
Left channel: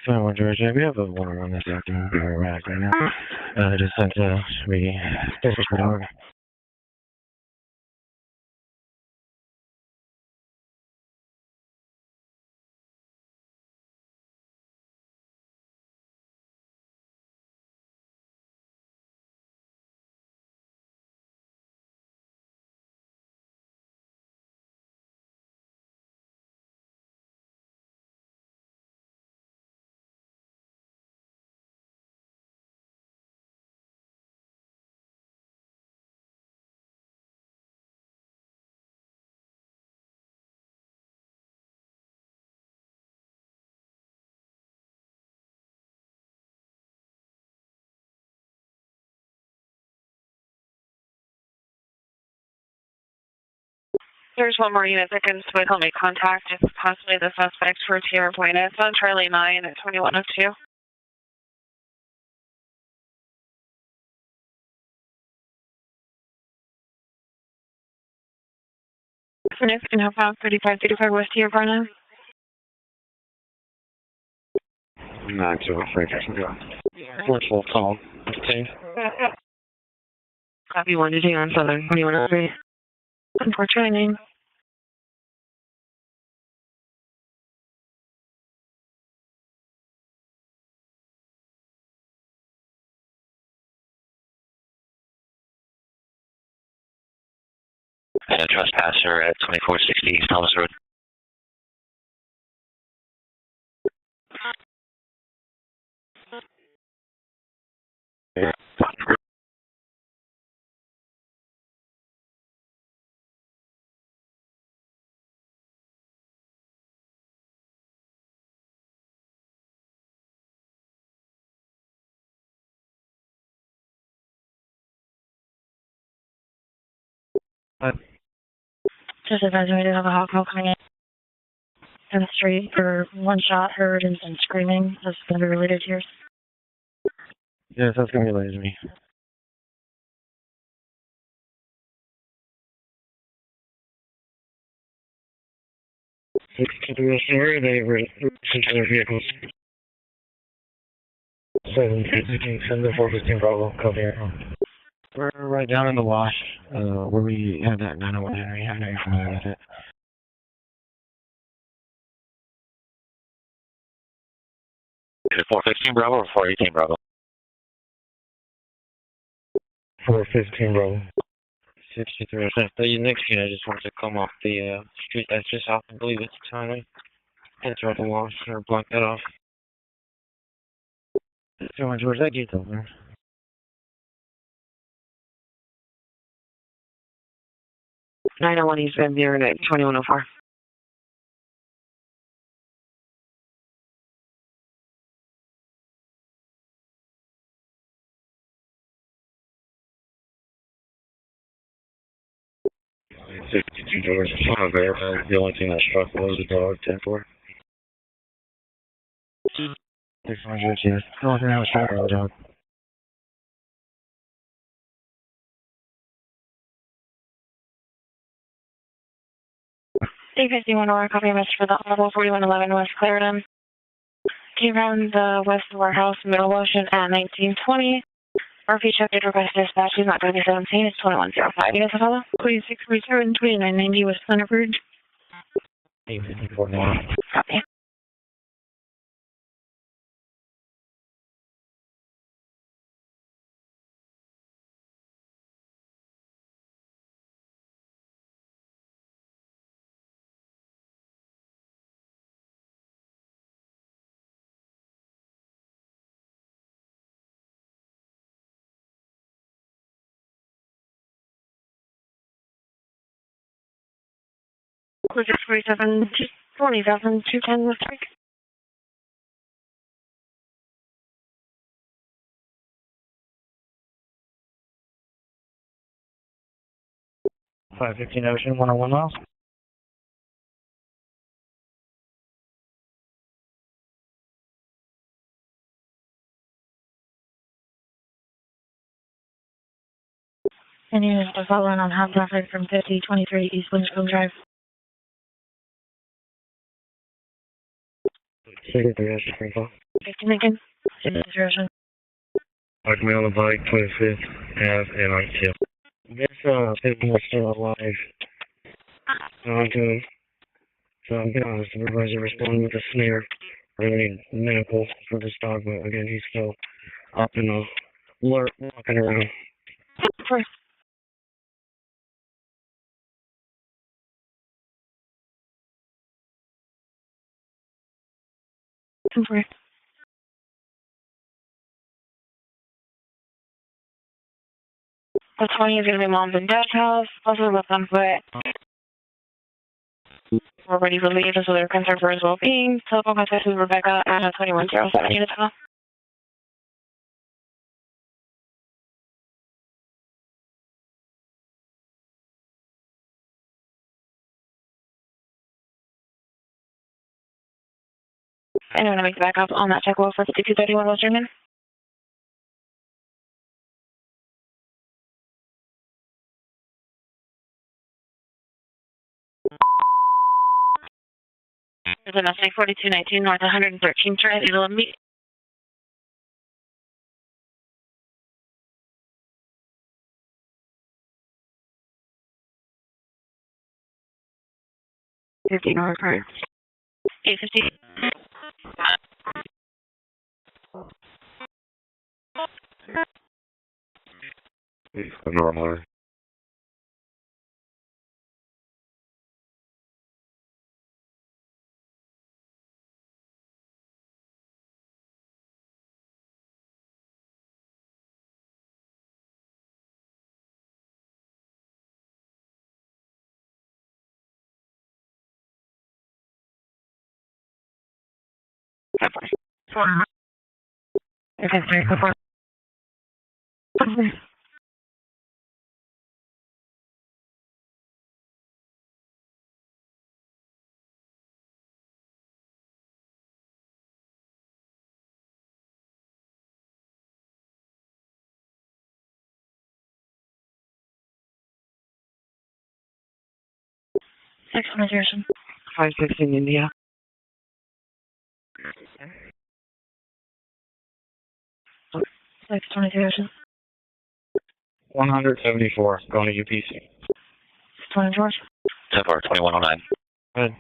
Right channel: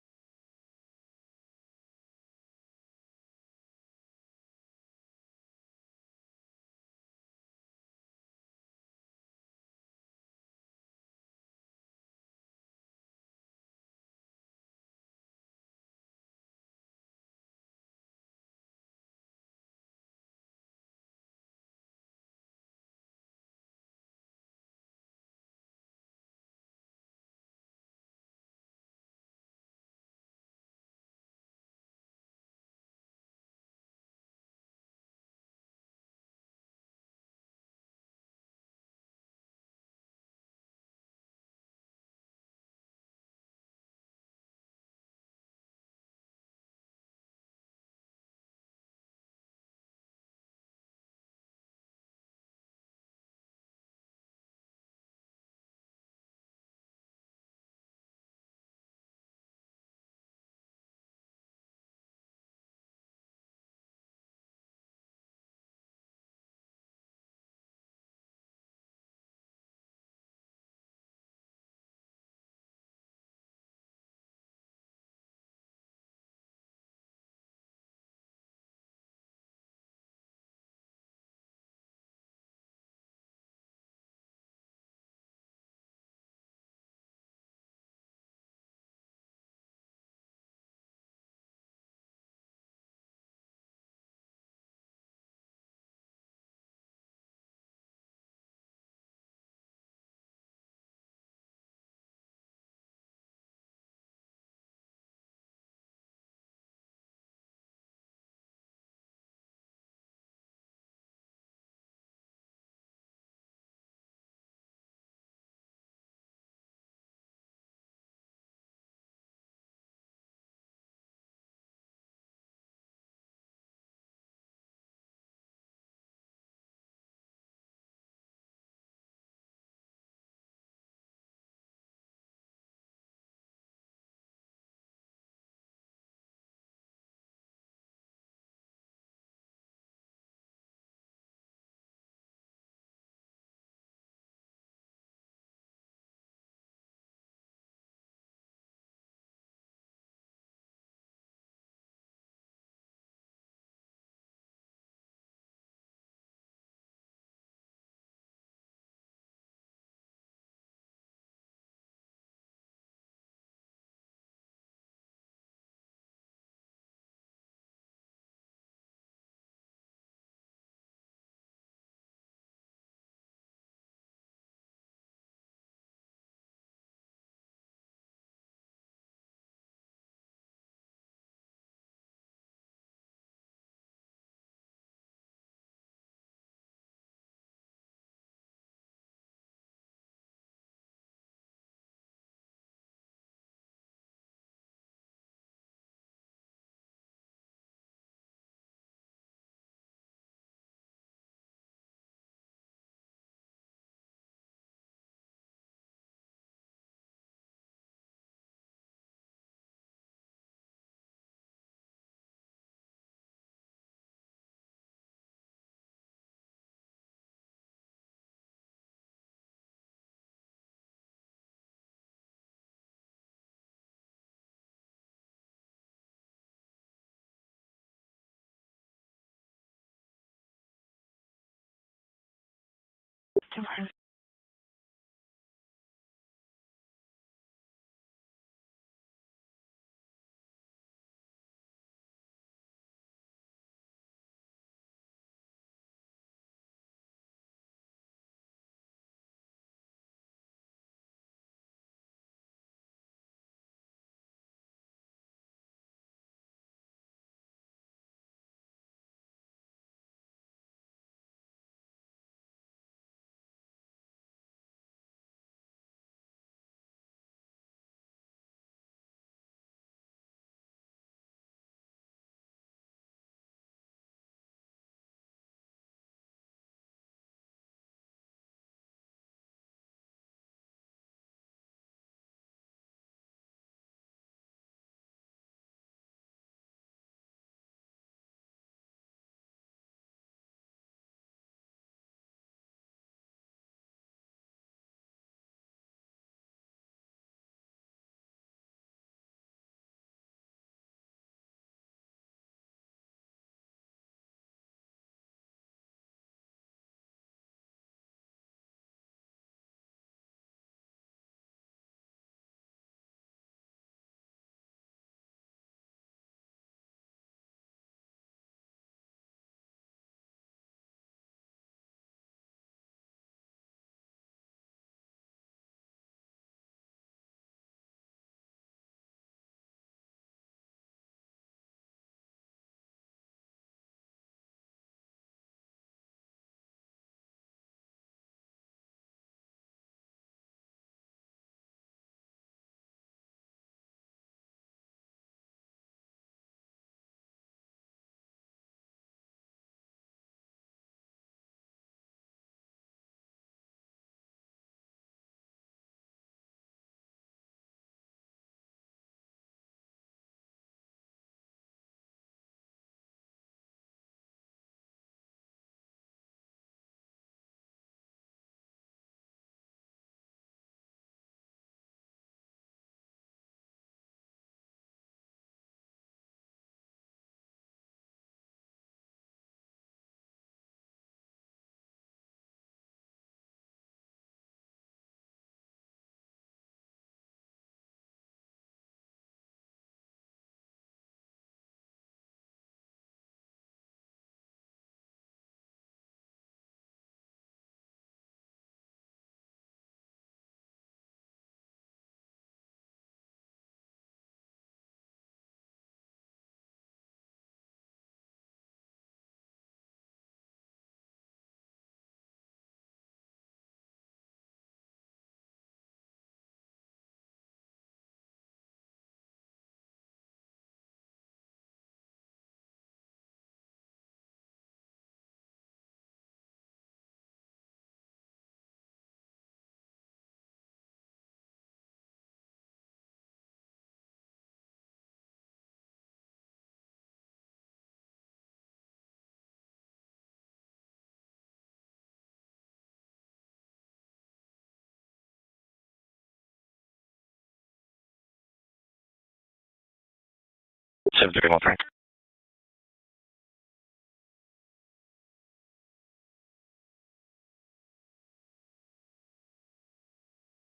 21 Georgia, we have a warrant on this afternoon. We're erratic right now. Just sent to be district order. There's one more unit that can still make contact. It's possibly the suspect for Tierra Buena. It's on Charlie 9 at 2102. Next, can help out 3535 West Tierra Buena. Not too afraid. Virtual call. Copy 1 to 2 on Southern 2103. For training. And a trespasser at 2460 East Thomas Road. Just advising we do have a hot call coming in the street for one shot heard and some screaming. That's going to be related to yours. Yes, that's going to be related to me. They were into their vehicles. 7-415 Bravo, copy. We're right down in the wash, where we have that 901 Henry. I know you're familiar with it. Is it 415 Bravo or 418 Bravo? 415 Bravo. 63%. The next unit just wants to come off the street that's just off. I believe it's Tommy. Enter the wash or block that off. So, George, that gate's open. .901 East Van Buren at 2104. $62 on there. The only thing that struck was the dog, 10-4. 600, yes. The only thing that was shot was the dog. D51 or copy a message for the Audible 4111 West Clarendon. Came around the west warehouse, middle ocean at 1920. RP check did request dispatch. He's not going to be 17. It's 2105. You guys follow? 2637 2990 West Thunderbird. Copy. Cruiser 47 20,210 West Creek. .515 Ocean, 101 miles. And units are following on hot traffic from 5023 East Windscombe Drive. 63, info. 15 Lincoln. 607. Park me on the bike, 25th Ave, and RTL. This, people are still alive. So I'm getting on the supervisor responding with a snare. Really medical for this dog, but again, he's still up in a alert, walking around. First. First. The 20 is going to be mom's and dad's house. Also with them, but we're ready for leave, so they're concerned for his well-being. Telephone contact with Rebecca at 2107 units call. And I'm going to make back up on that check roll for 5231 Western Main. There's an SA 4219 North 113th Drive, it'll meet. $15 card. 850. It's normal. Excellent, Harrison. 516 India. 731 Frank. 622 Harrison. 174, going to UPC. 20 George. 2109. Good.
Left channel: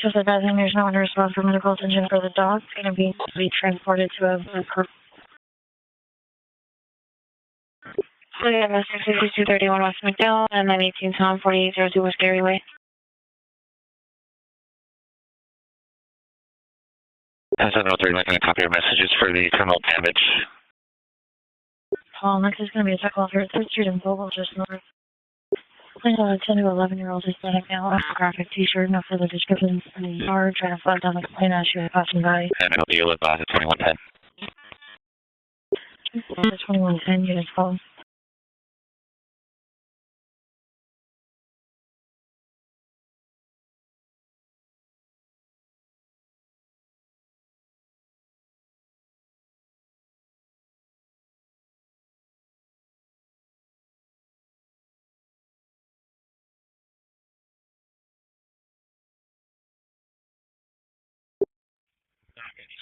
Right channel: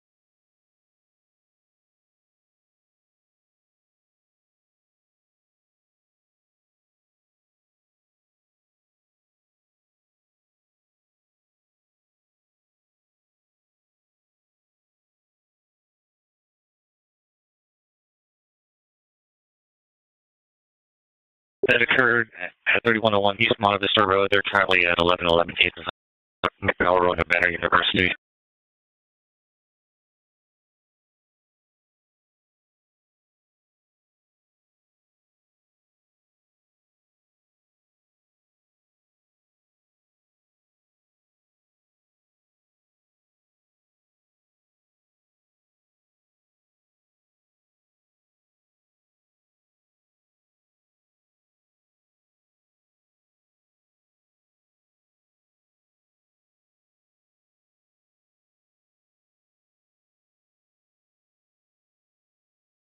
Just advising there's no one to respond for medical attention for the dog. It's going to be transported to a So yeah, Mr. 6231 West McDowell and 918 Tom 4802 West Gary Way. And 703, making a copy of messages for the criminal damage that occurred at 3101 East Montefiore Road. They're currently at 1111 East Road, Banner University. Graphic t-shirt, no further descriptions in the yard, trying to flag down the complaint as she was passing by. And it'll be a live at 2110. 2110, units called.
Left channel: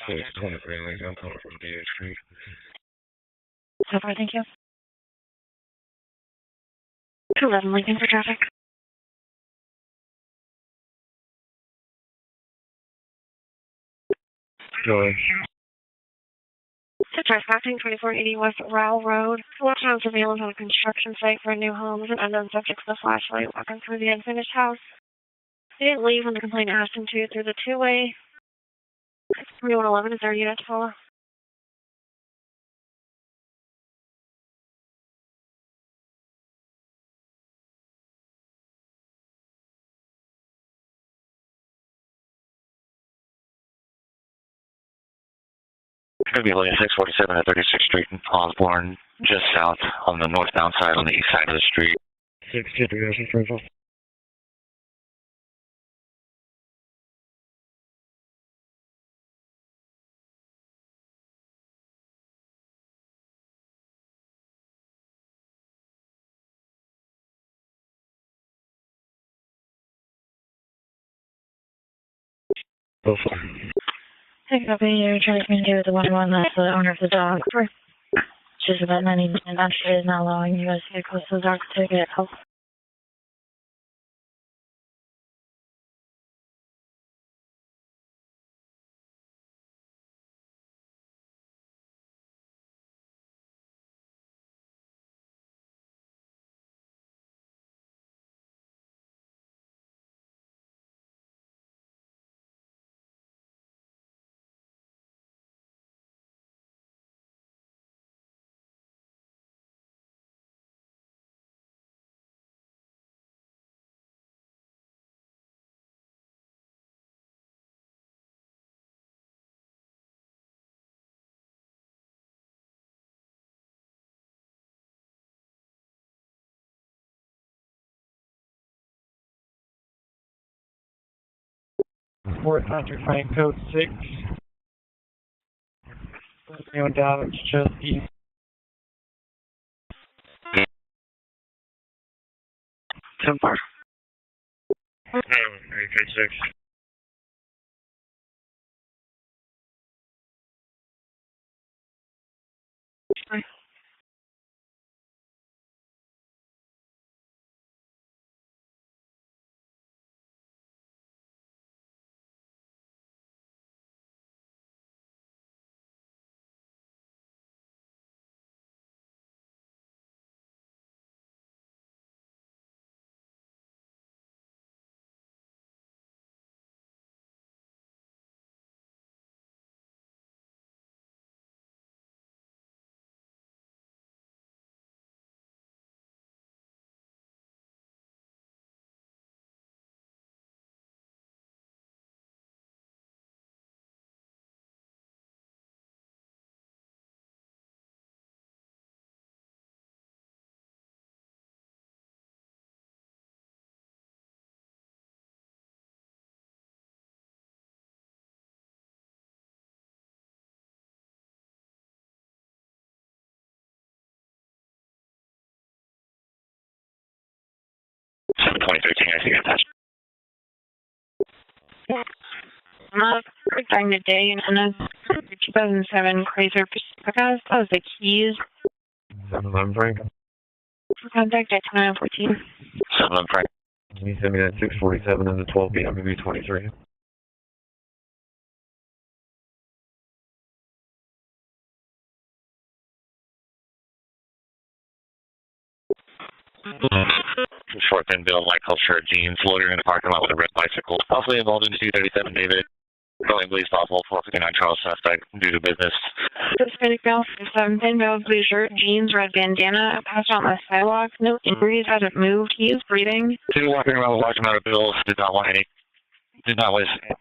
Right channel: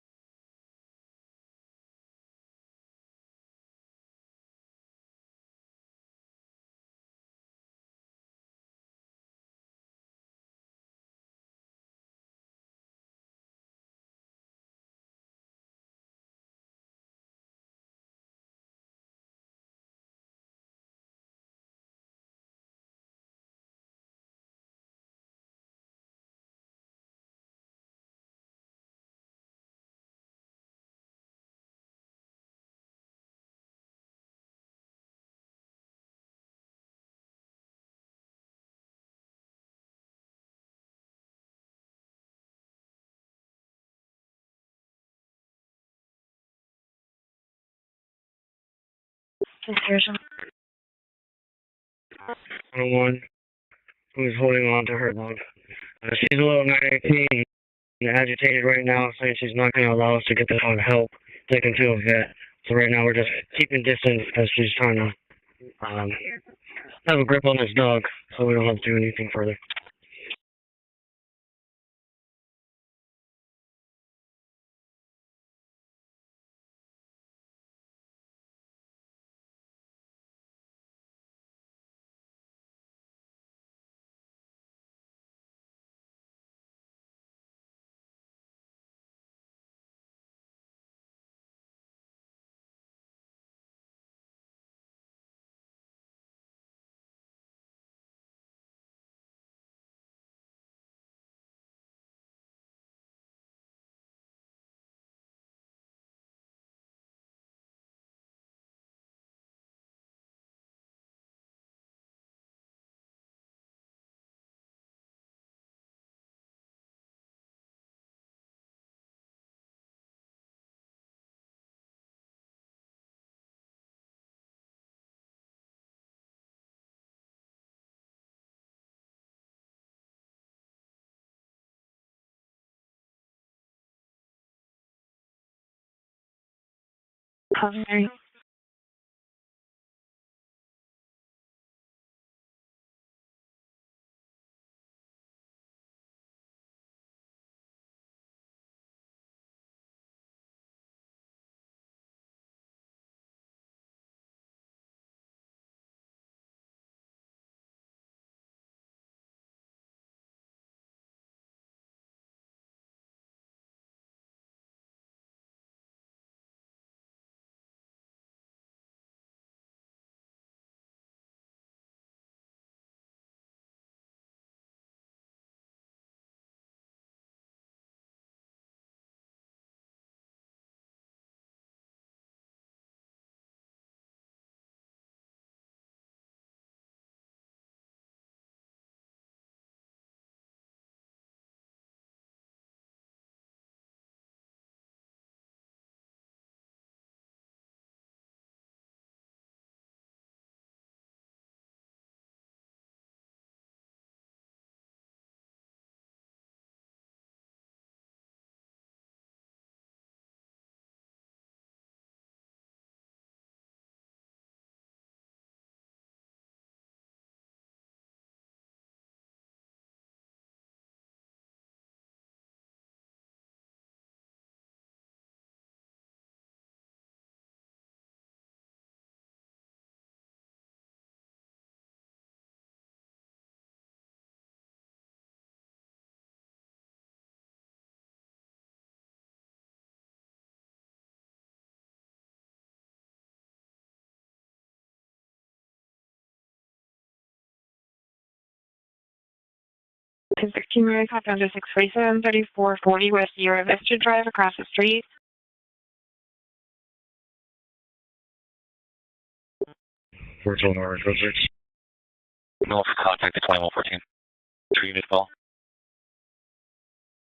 So it's 23, like I'm calling from DH Street. So far, thank you. 211 Lincoln for traffic. Joy. Trespassing 2480 West Rowell Road. Watch on surveillance on a construction site for a new home with an unknown subject with a flashlight walking through the unfinished house. He didn't leave when the complainant asked him to through the two-way. 3111 is our unit to follow. Going to be looking at 647 at 36th Street in Osborne, just south on the northbound side on the east side of the street. 621, who's holding on to her dog. She's a little 19 and agitated right now, saying she's not going to allow us to get the dog help taken to a vet. So right now we're just keeping distance because she's trying to have a grip on this dog, so we don't have to do anything further. So far. Hey, copy. You're trying to communicate with the 1-1. That's the owner of the dog. Just about 90 and actually is not allowing you guys to get close to the dog to get help. Fort Hunter Frank Code 6. Anyone down at Chelsea? So far. Code 6. I think that's During the day in a 2007 Chrysler Pacifica. That was the keys. 7-11 Frank. For contact at 2914. 7-11 Frank. Can you send me that 647 and the 12 BWB 23? Short thin bill, light color shirt, jeans, loitering in the parking lot with a red bicycle. Also involved in 237 David. 440 with your to drive across the street. Due to business. Hispanic male, 7-pin male, blue shirt, jeans, red bandana, passed out on the sidewalk. No injuries, hasn't moved. He's breathing. Still walking around with a large amount of bills. Did not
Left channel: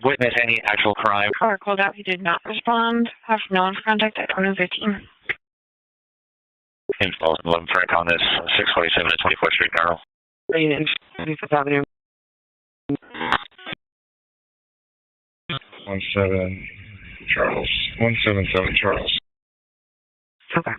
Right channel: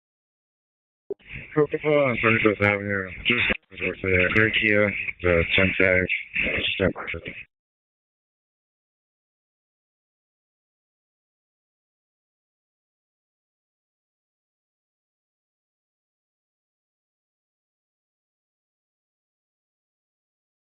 witness any actual crime. Or called out did not respond. Have no one's contact at 1015. The 10 11 Frank on this 647 at 24th Street, Carl. 25th Avenue. 17 Charles. 177 Charles. Okay.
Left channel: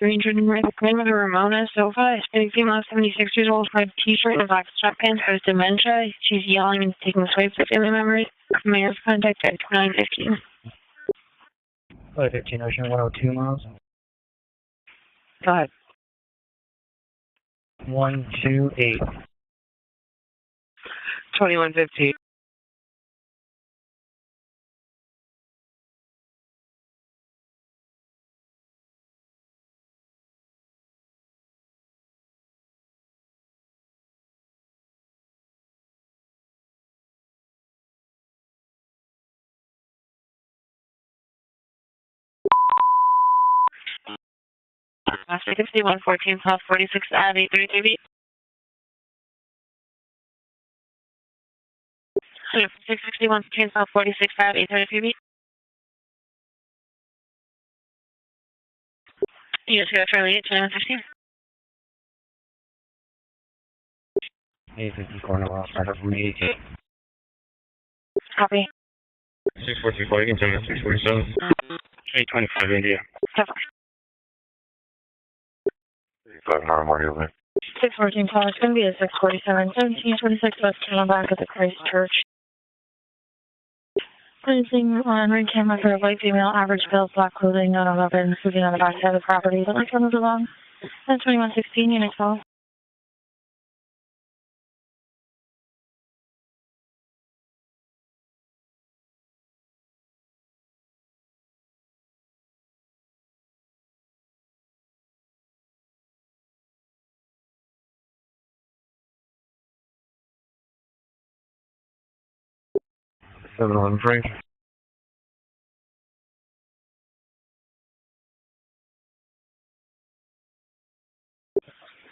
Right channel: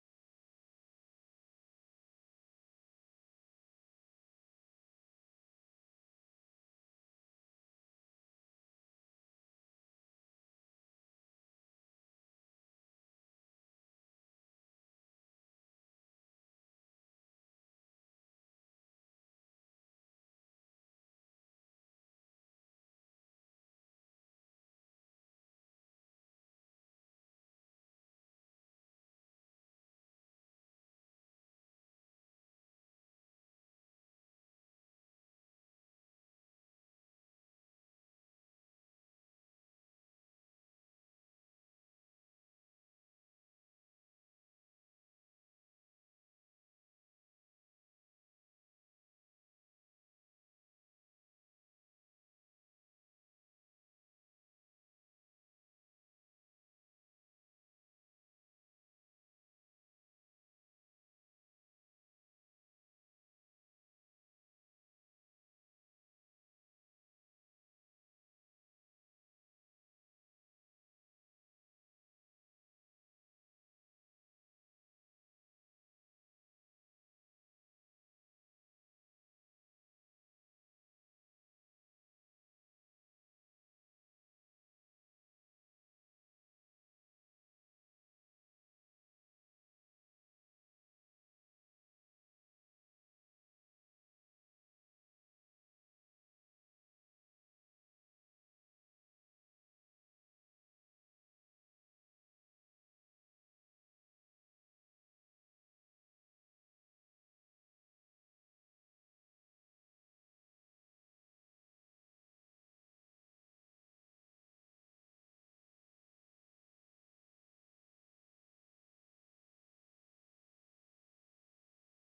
Green driven right behind with a Ramona sofa. Hispanic female, 76 years old, red t-shirt and black sweatpants, has dementia. She's yelling and taking swipes at family members. Mayor's contact at 2915. 15 Ocean 102 miles. Go ahead. 128. 2115. Last 6114 South 46 at 833 feet. 661 South 46 at 833 feet. You just got Charlie at 2915. 850 corner loss, started from 80. Copy. 644, you can send me 647. 825 India. 5 Memorial there. 614 call. It's going to be a 647, 1726 West Channel back at the Christ Church. Placing on ring camera for a white female, average build, black clothing, not 11, moving on the back side of the property. The lights move along. 102116, unit 12. Seven on Frank.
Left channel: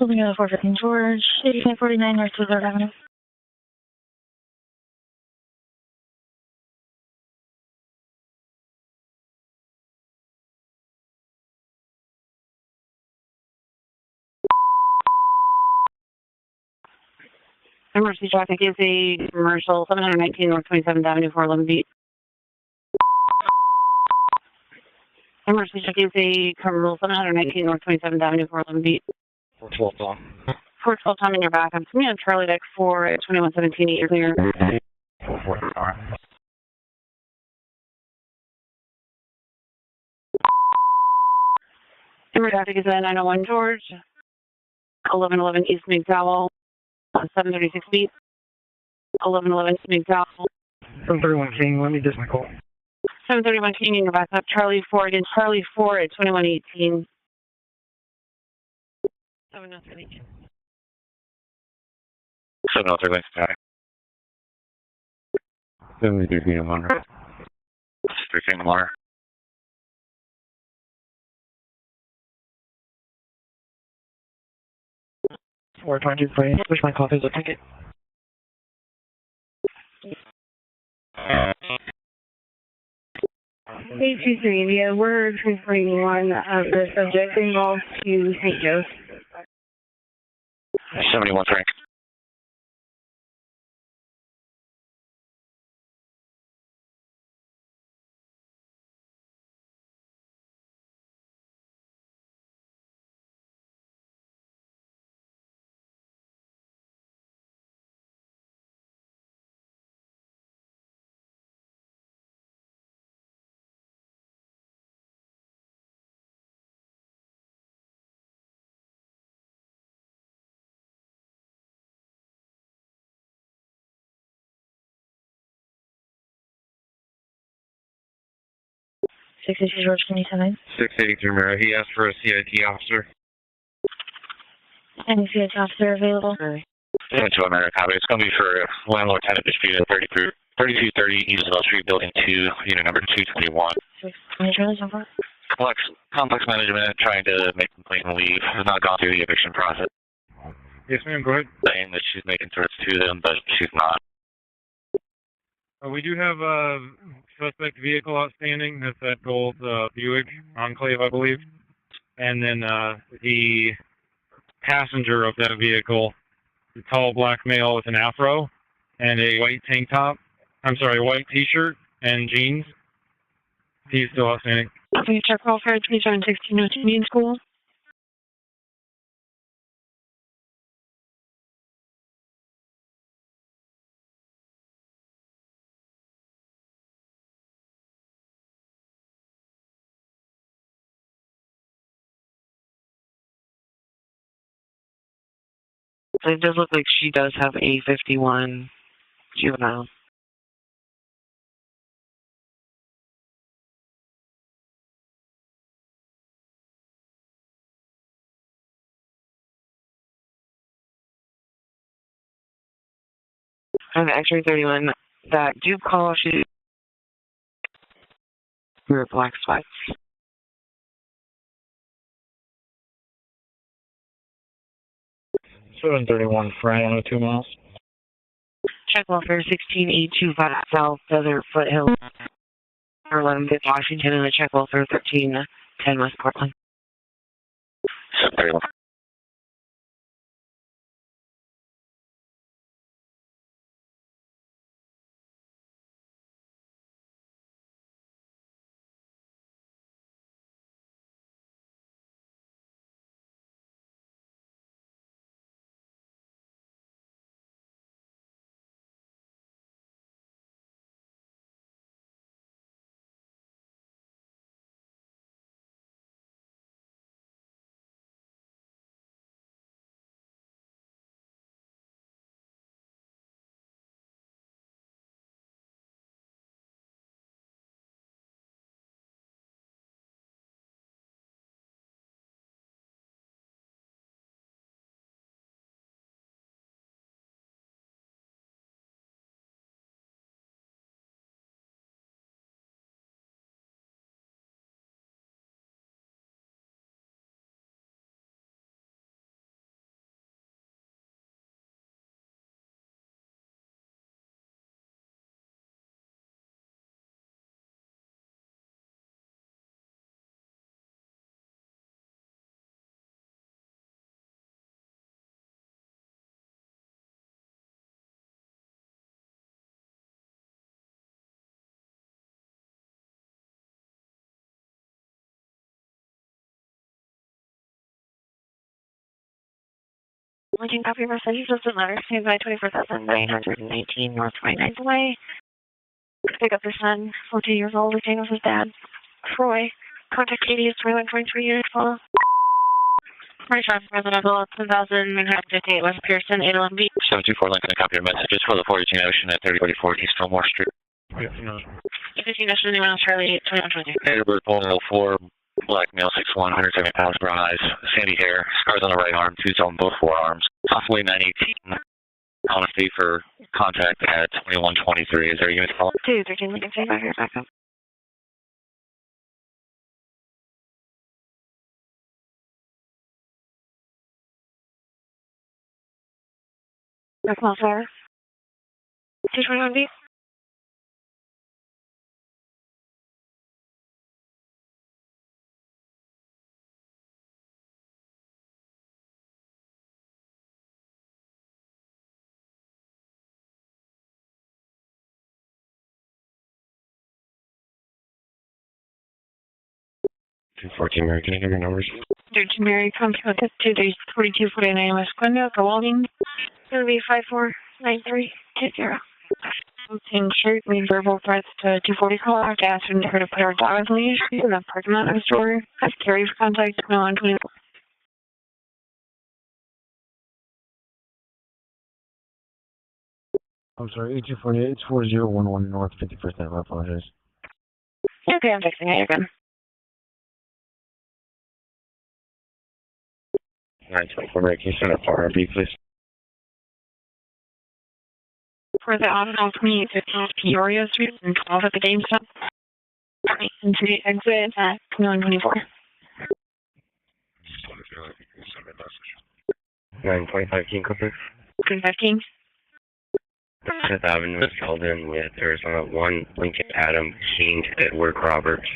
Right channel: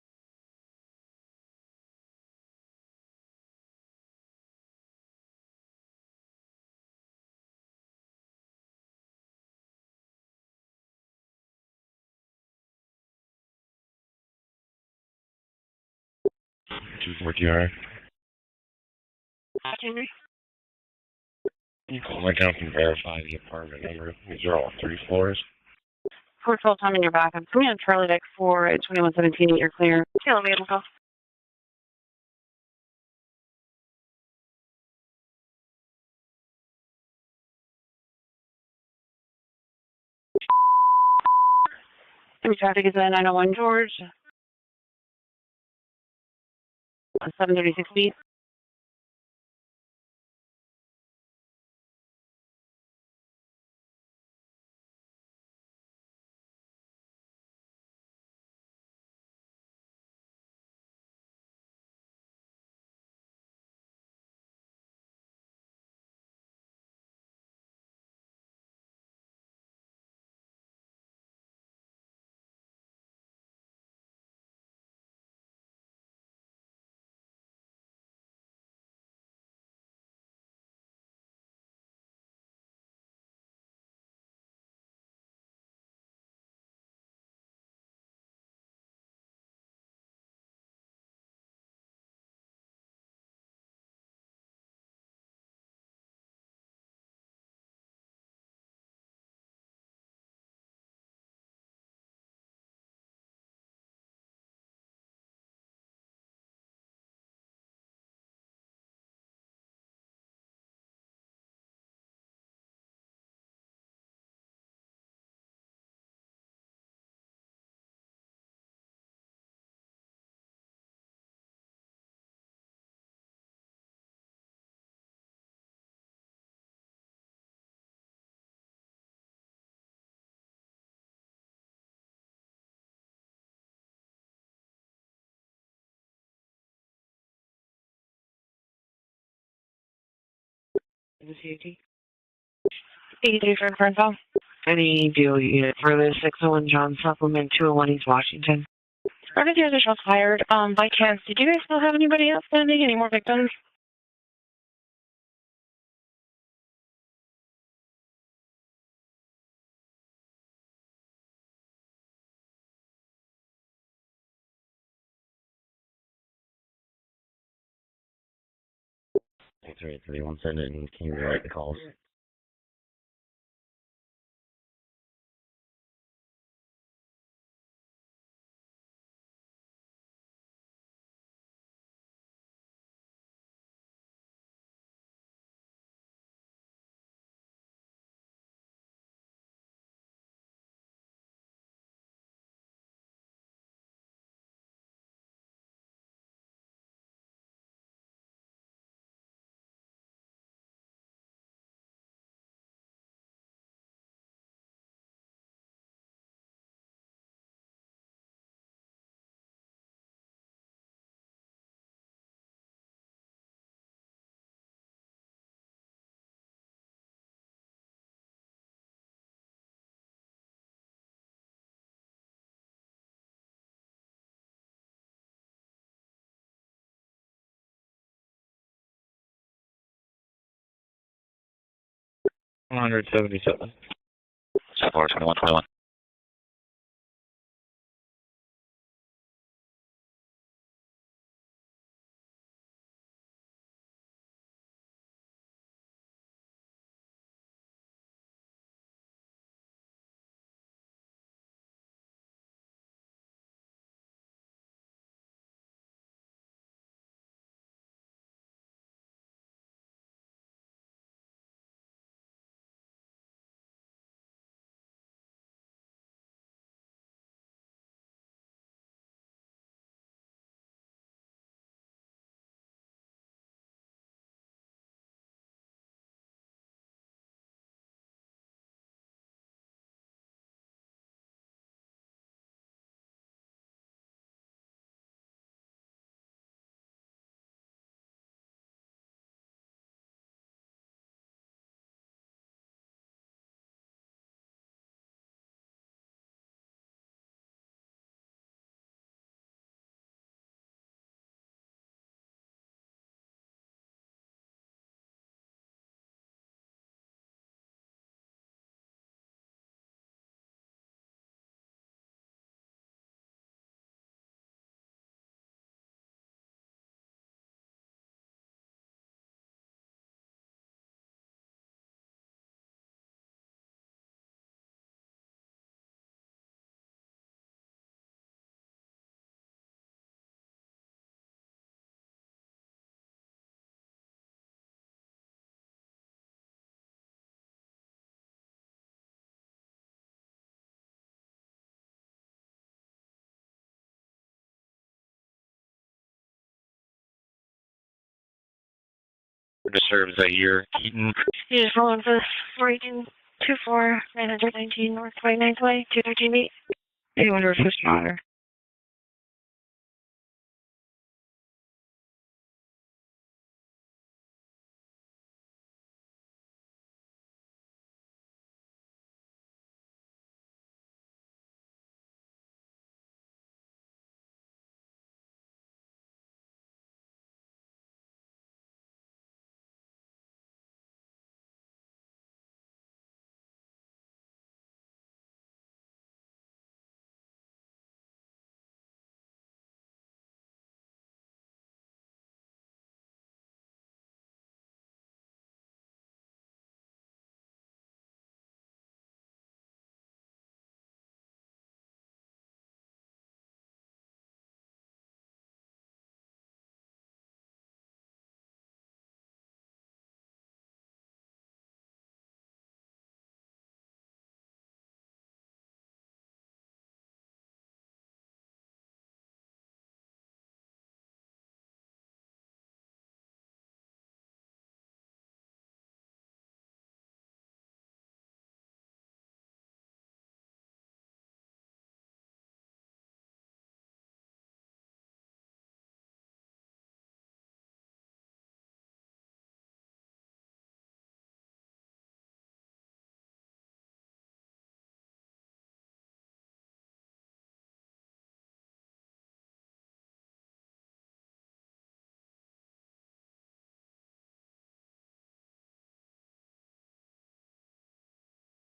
Moving on to 415 George, 1849 North 3rd Avenue. What you are? Emergency traffic is a commercial 719 North 27th Avenue, 411 Beach. My account can verify the apartment number. These are all 3 floors. Emergency check is a commercial 719 North 27th Avenue, 411 Beach. 2117, you're clear. 412 time in your back. I'm coming on Charlie deck 4 at 2117, you're clear. Emergency traffic is at 901 George, 1111 East McDowell, 736 feet. 1111 McDowell. 731 King, let me just my call. 731 King in your backup. Charlie 4 again. Charlie 4 at 2118. 703. 703, got 73 feet of Monroe. 3 feet in the water. 422, please. Push my copies of ticket. A23, yeah, we're transferring one of the subjects involved to St. Joe's. 71, Frank. George, can you come in? 683 Mara. He asked for a CIT officer. Any CH officer available? 72 America, copy. It's going to be for landlord-tenant dispute at 3230 East Wall Street, Building 2, unit number 221. Any deal you get for this? Complex management trying to make leave. Has not gone through the eviction process. Shots fired. By chance, do you guys still have anybody outstanding in more victims? She's not. We do have a suspect vehicle outstanding. That's that gold Buick Enclave, I believe. And then the passenger of that vehicle, the tall black male with an afro and a white tank top. I'm sorry, white t-shirt and jeans. He's still outstanding. Can you check welfare 2716 Union School? It does look like she does have a 51 juvenile. And X-ray 31, that Duke call, she wear black sweats. Seven 31 Fry, 2 miles. Check welfare 16825 South Desert Foothill. 100. 11 Washington, and the check welfare 1310 West Portland. 31. Looking copy message, doesn't matter. Stand by 24,918 North 29th Way. Pick up your son, 14 years old, staying with his dad. Troy. Contact Katie is 2123 units follow. 25 Presidential, 10,000 Manhattan 58 West Pearson, 811 B. 724 Lincoln, a copy of messages for the 42 Ocean at 3044 East Washington. You just roll into the 15 Ocean, Charlie 824. Neighbors 104, black male 6'1", 170 pounds, brown eyes, sandy hair, scars on the right arm, twos on both forearms, possibly 918. Honesty for contact at 2123. Is there a unit call? 213 Lincoln, stay back here, back up. That's not fair. 221 B. Mary, can I have your numbers? 13 Mary, contact 24249 West Glendale for welding. It's going to be 549320. In shirt, made verbal threats to 240 caller to ask him to put our dog on leash in the parking lot of the store. Have carry for contact 2120. I'm sorry, 8248, it's 4011 North 51st Avenue, I apologize. Okay, I'm fixing it, you're good. 924 Mary, can you send up RB, please? For the Auto 2815 Peoria Street and 12 at the GameStop. Into the exit at 2124. 925 King Clipper. 215. 10th Avenue was called in with Arizona 1 Lincoln Adam King Edward Roberts.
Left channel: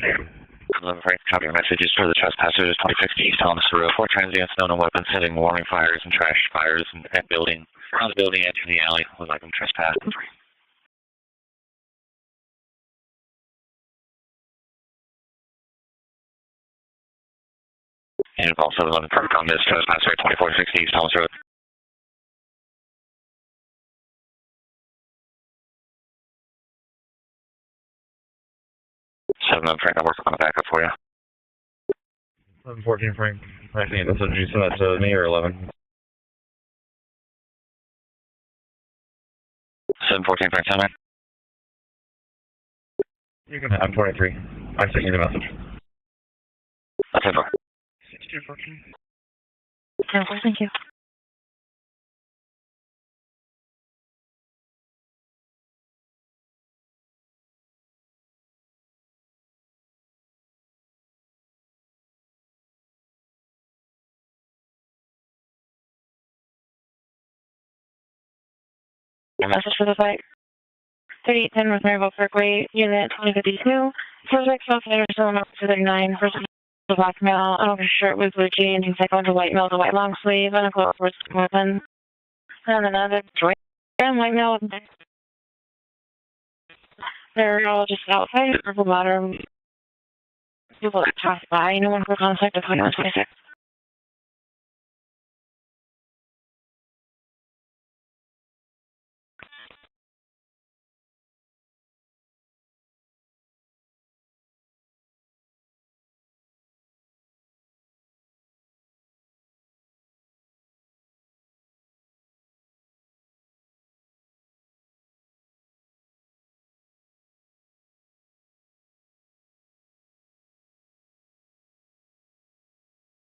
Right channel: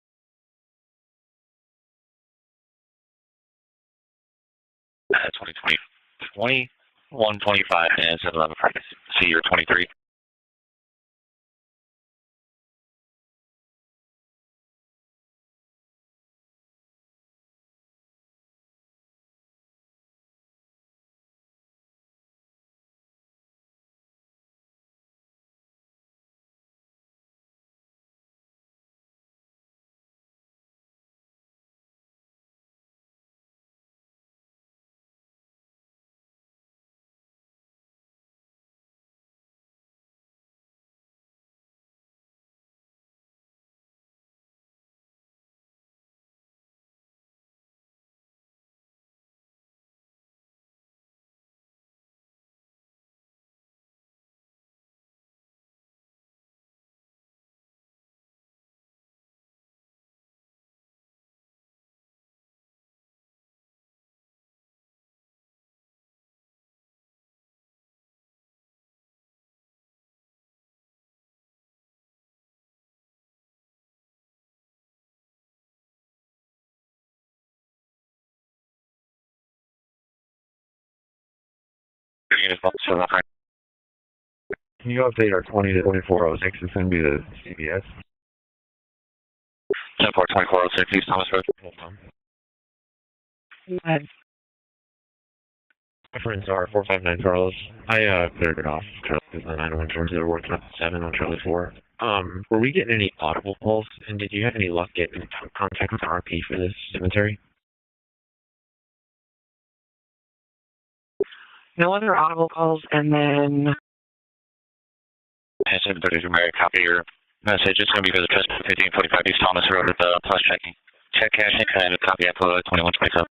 Copy your messages for the trespassers 26 East Thomas Road. 4 transients, known weapons, setting warning fires and trash fires and 125 and building into the alley. See your 23. And also 11 perfect on this trespasser 2460 East Thomas Road. Frank, I'm working on a backup for you. 14 Frank. I think that's what you sent that to me or 11. 714 Frank, tell me. You can have 23. I sent you the message. That's it. 6214. Thank you. Message for the site. 3810 with Maryville Parkway, unit 2052. Subject outside Arizona 239. Person with black male, an open shirt with blue jeans, and cycle into white male with a white long sleeve, and a close weapon. And white male. Can you update our 20 to 2406 and send me the... They're all just outside, purple bottom. 10-4-2406. By no one for contact of 2126. Go ahead. Friends are 459 Carlos. I cleared it off. Charlie 901 George, they were working up 7 on Charlie 4. Were we getting any audible calls? And did you have any luck getting contact with RP for this cemetery? No other audible calls, and then... And 732 Mary, copy your message. It's going to be for the test 1545 East Thomas Road with the plus checking. Check caching and a copy at 2127.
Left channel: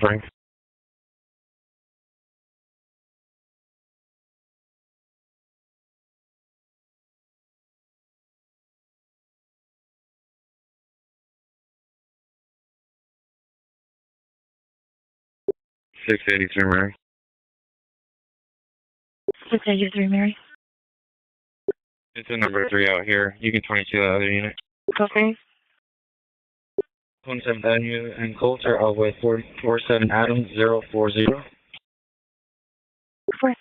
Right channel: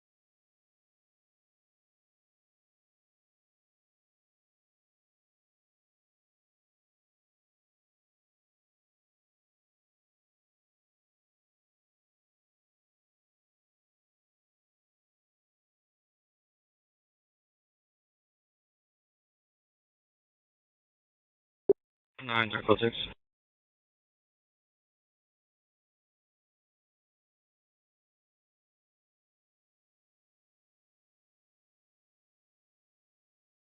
Frank. $683 Mary. 683, Mary. It's number 3 out here. You can 22 out of the unit. Okay. 27th Avenue and Coulter, all with 447 Adam 040. Four.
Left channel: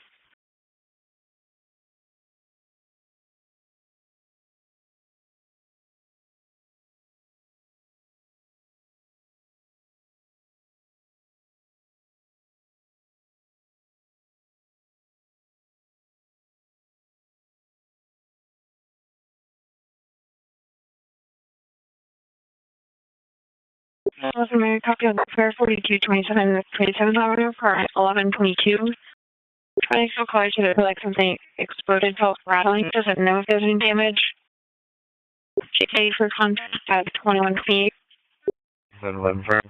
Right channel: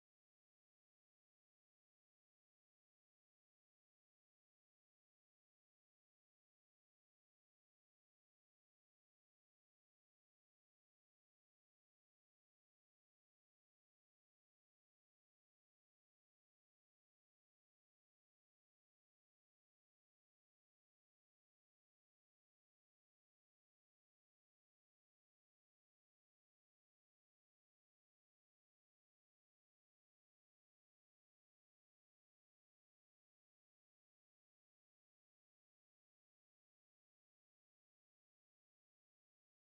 Listen, Mary, copy of Fair 4227 27th Avenue for 1122. Trying to call you to like something exploded, felt rattling. Doesn't know if there's any damage. GK for contact at 21 feet. 711 firm.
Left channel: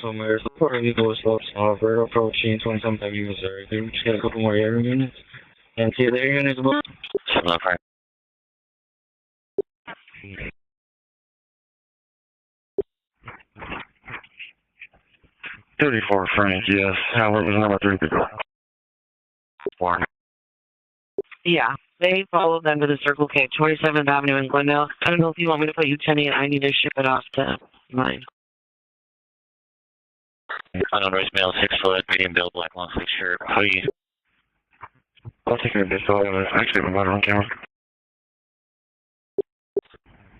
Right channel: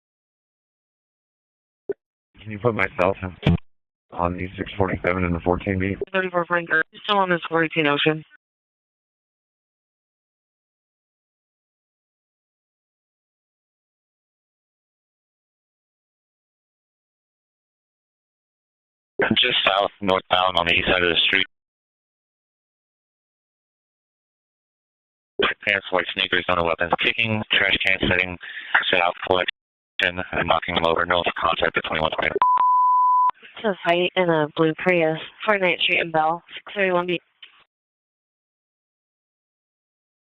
So Mayor, support legal assault offer approaching 27 Missouri. Just get a couple more here. 47 and the 14. Still on this 14 Ocean. $34 Frank, yes. Howard was number 3 to go. Just south, northbound on the east side of the street. Yeah, they followed them to the Circle K, 27th Avenue in Glendale. I don't know if you want me to put you sending it. I need to ship it out. Trash can setting, set out collection, and knocking them over. North Mill, 6 foot, medium build, black long sleeve shirt. It's white in a blue Prius. 49th Street and Bell.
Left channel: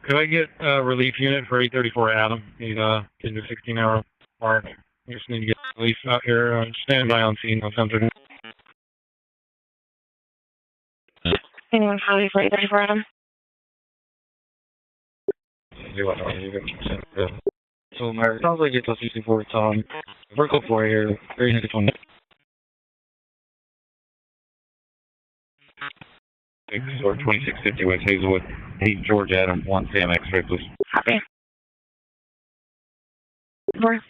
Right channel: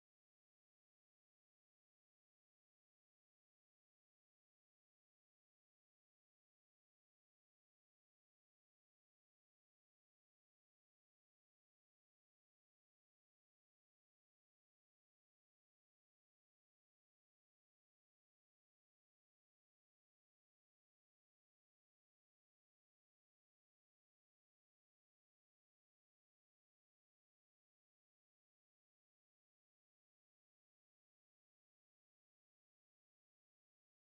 Could I get a relief unit for 834 Adam? Need to 16-hour mark. We just need to get relief out here. Stand by on scene on something. Anyone for relief for 834 Adam? So my sounds like it's a 64 on vertical 4 here, 320. Or 2650 West Hazelwood, 8 George Adam, 1 Sam X-ray, please. Okay. 4.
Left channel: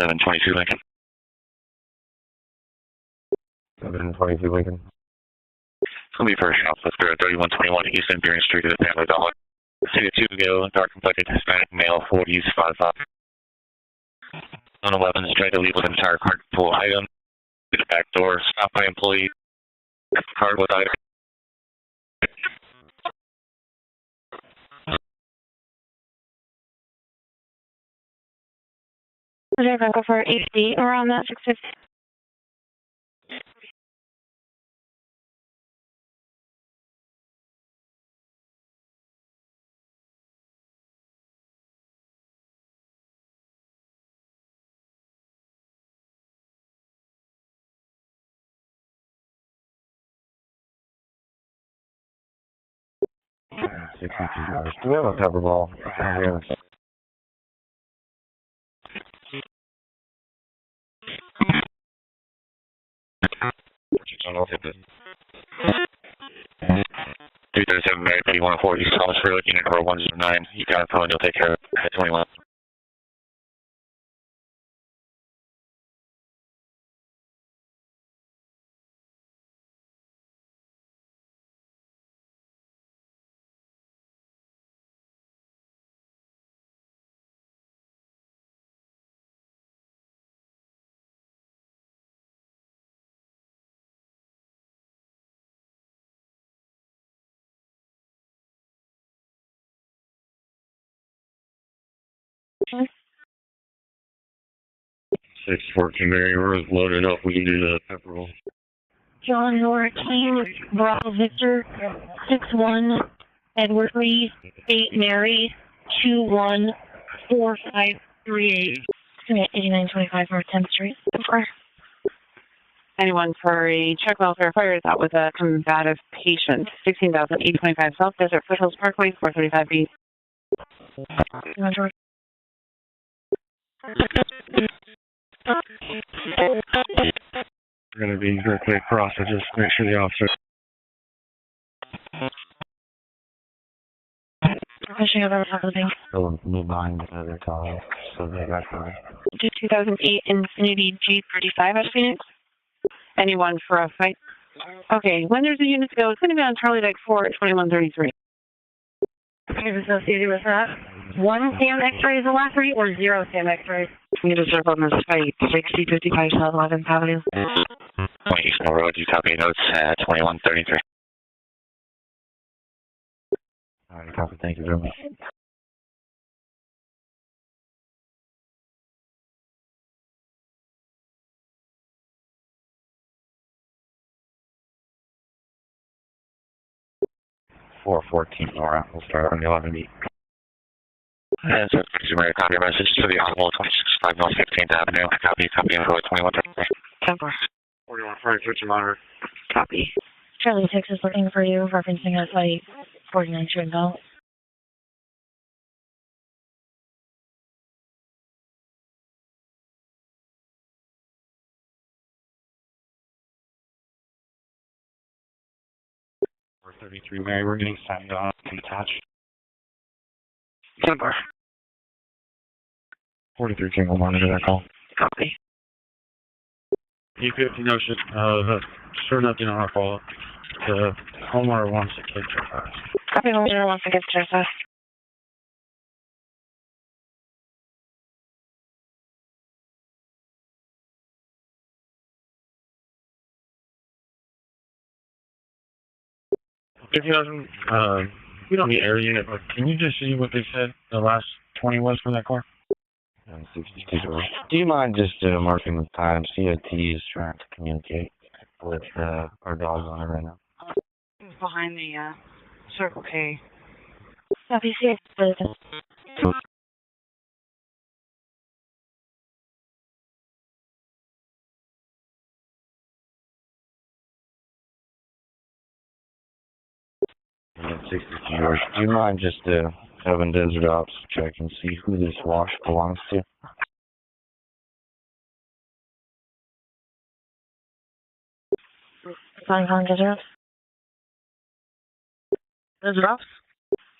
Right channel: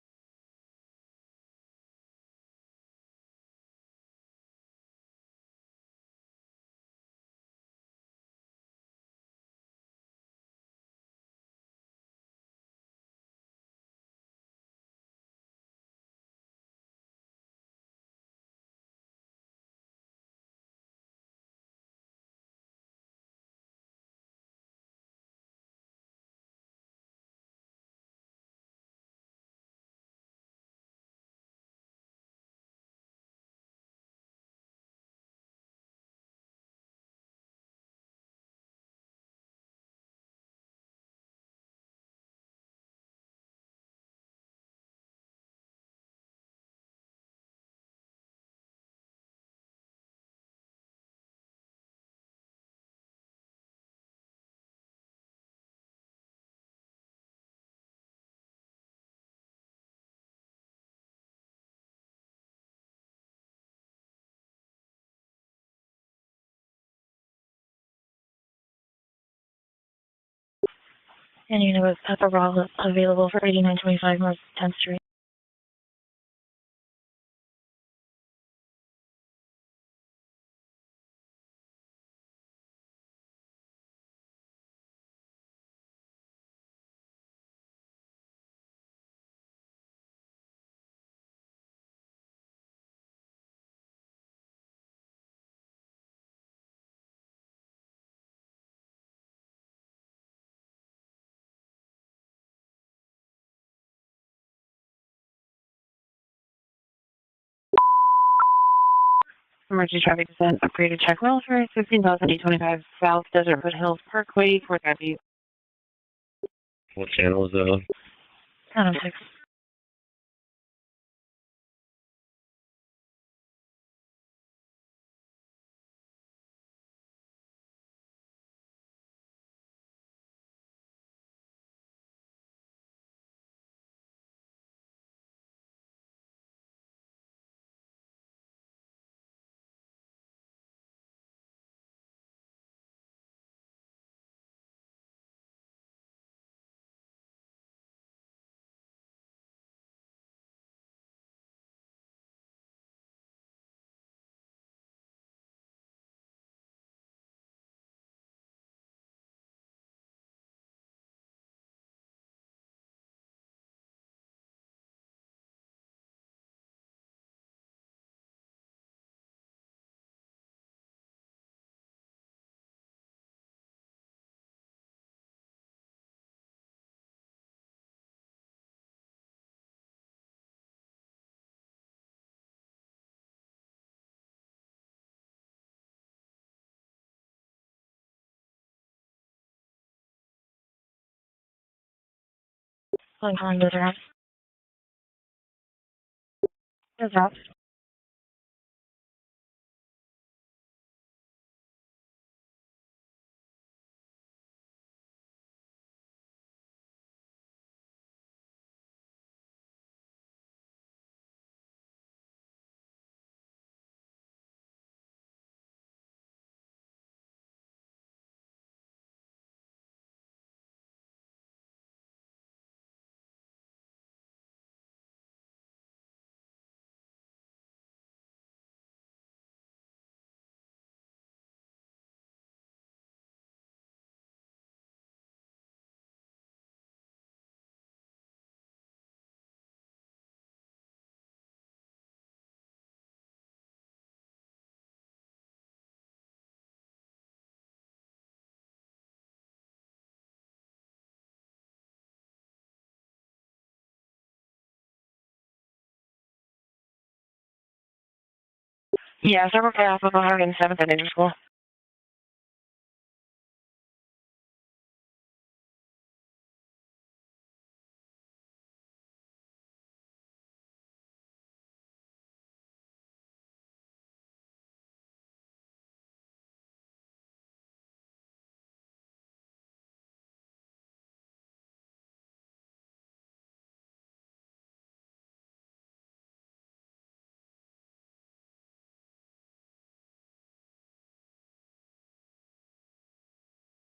$722 Lincoln. 722 Lincoln. It's going to be first shoplifter at 3121 East Imperial Street at the Family Dollar. City of Tugo, dark complected Hispanic male, 40s, 5'5". On 11, is trying to leave with an entire card full item. To the back door, stopped by employee. Card with item. Is there a go for 8 around that 650? $62. Do we have a cover ball? I'll hit this. 337 Mary Petty 104 East Thomas Road, unit number 109. You got a phone, you'll take care of it. And you know there's a cover available for 8925 North 10th Street. Okay. 614 Mary Rose loaded up. We can do the cover ball. John, your team, Roger, 61, South Desert Edward Reed, 8 Mary, 214538. 8925 North 10th Street. Anyone for a check welfare fire is out with a combative patient. 16,825 South Desert Foothills Parkway, 435B. George. We're going to be directly across, so just make sure the officer. Pushing over top of the bank. Still move behind the car, so they got for 2008 Infinity G35 at Phoenix. Anyone for a fight? Okay, when there's a unit to go, it's going to be on Charlie Deck 4 at 2133. Is associated with that? 1 SAM X-ray is the last 3 or 0 SAM X-rays? We need to circle on this fight, 6055 South 11th Avenue. 20 East Mill Road, you copy notes at 2133. All right, copy. Thank you very much. Four 14 Nora. We'll start on the 11 beat. And so, Mary, copy your message to the Honorable 5 North 15th Avenue. Copy, info at 2133. 41 Friday, switch your monitor. Copy. Charlie 6 is looking for you, referencing a site 49 Trinville. We're 33 Mary, we're getting signed off and attached. 43 King will monitor that call. Copy. E50 no shit. Sure nothing on our follow-up. The homeowner wants to catch your fast. Copy, homeowner wants to get to us. If you doesn't, we don't need air unit, but can you just see what they said the last 20 was for that car? 62. Do you mind just marking the time? COT is trying to communicate with yeah, Circle K off of 107th at Interschool. Behind the Circle K. Copy, see it. And 60 yours. Do you mind just having Desert Ops check and see who this wash belongs to? Flying on Desert Ops. Desert Ops?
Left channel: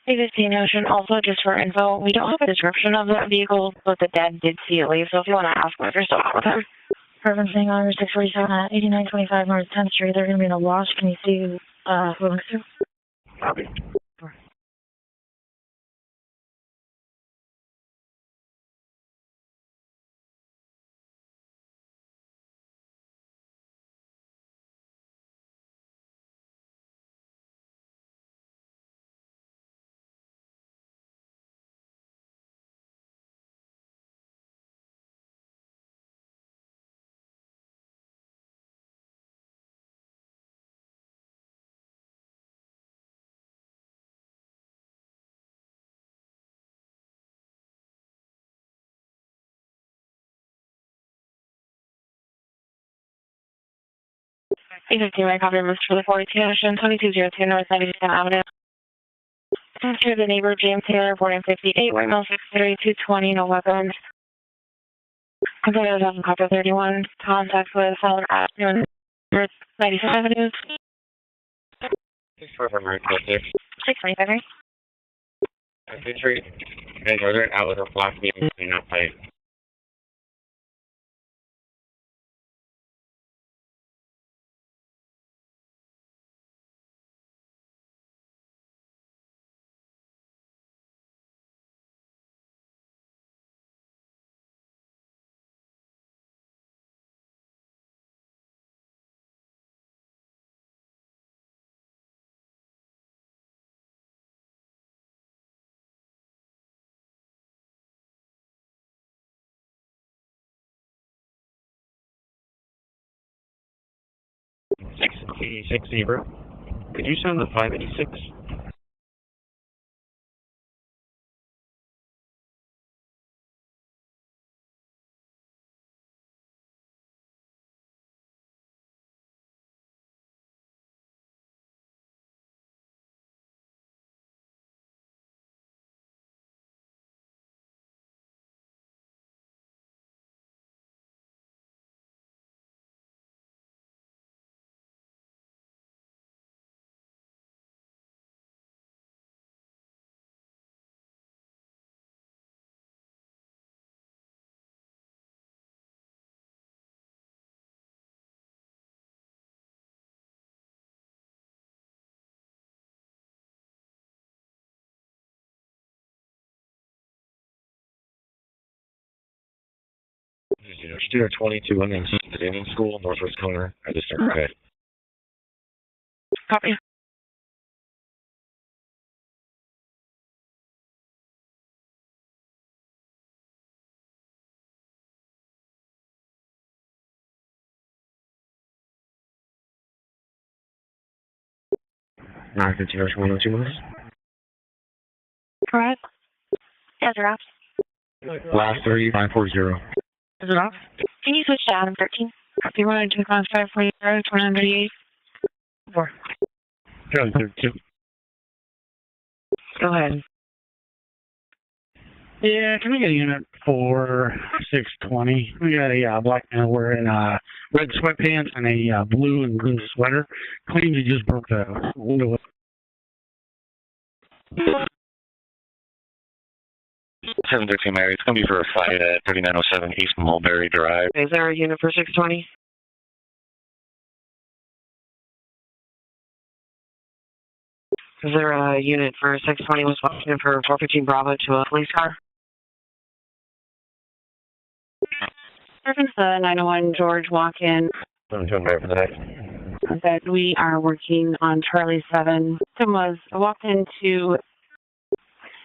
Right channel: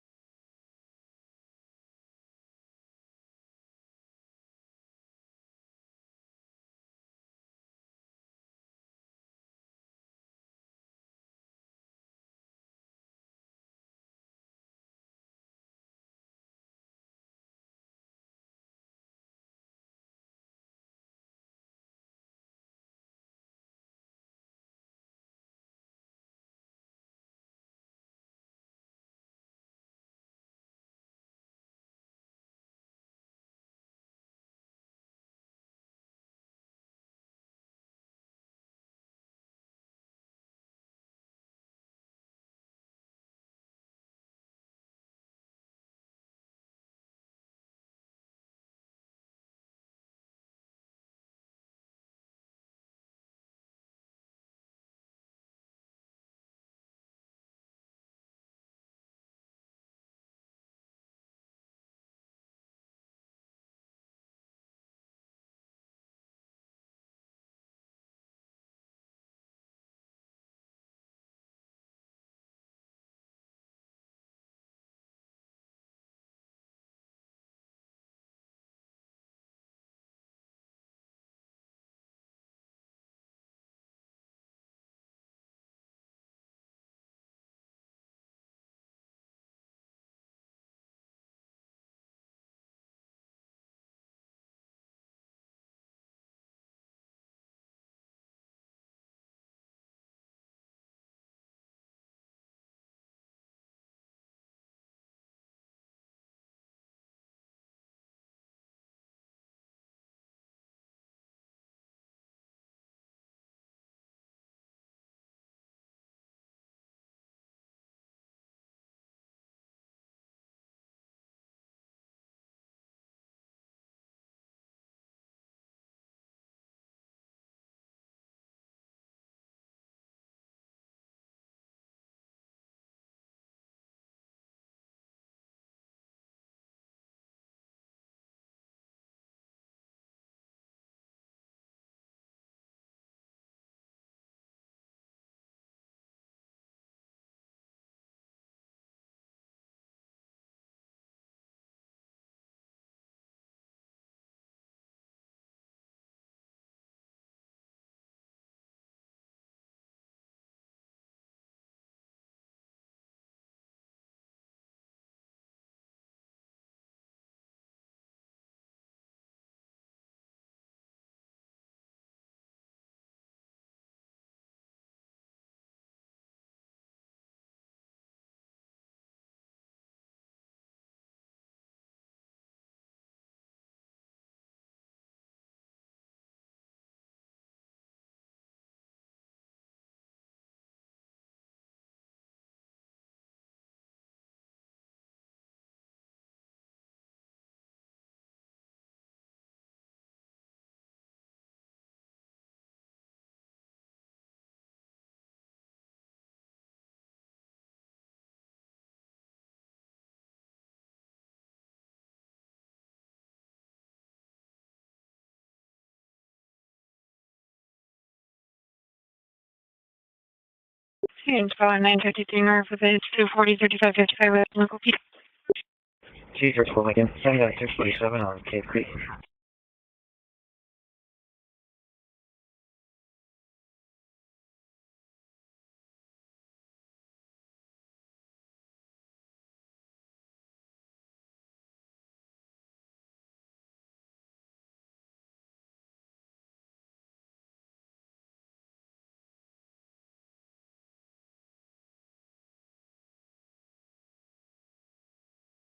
A15 Ocean, also just for info, we don't have a description of that vehicle, but the dad did see it leave, so if you want to ask him if you're still out with him. Referencing on 647 at 8925 North 10th Street, they're going to be in a wash. Can you see who belongs to? Copy. A15, my copy removed for the 42 Ocean, 2202 North 92nd Avenue. After the neighbor, James Taylor, born in 58, white male, 6'3", 220, no weapons. Container is on copy 31, contact with Fowler Avenue, North 92nd Avenue. 645 Mary, 6. 625, right? Entry, and Northern out with a flash beam, not fight. $686 Zebra. Could you send the 586? Steer 22 and then Stadium School, Northwest Corner, at the start. Okay. Copy. Nine 102 miles. Correct. Yes, they're off. Last 3540. Is it off? Can you switch to Adam 13? Copy 102, class 540, 238. 4. Charlie 32. Go ahead. Yeah, can we get a unit for 620? We got a black man wearing red sweatpants and a blue and green sweater. Claims he just booked a 952 north with age 240, 3555. G34 again. 713 Mary. It's going to be for a flight at 3907 East Mulberry Drive. Is there a unit for 620? Is there a unit for 620 was walking for 415 Bravo to a police car? Reference the 901 George walk-in. 721 Mary for the next. That we are working on Charlie 7. Victim was walked into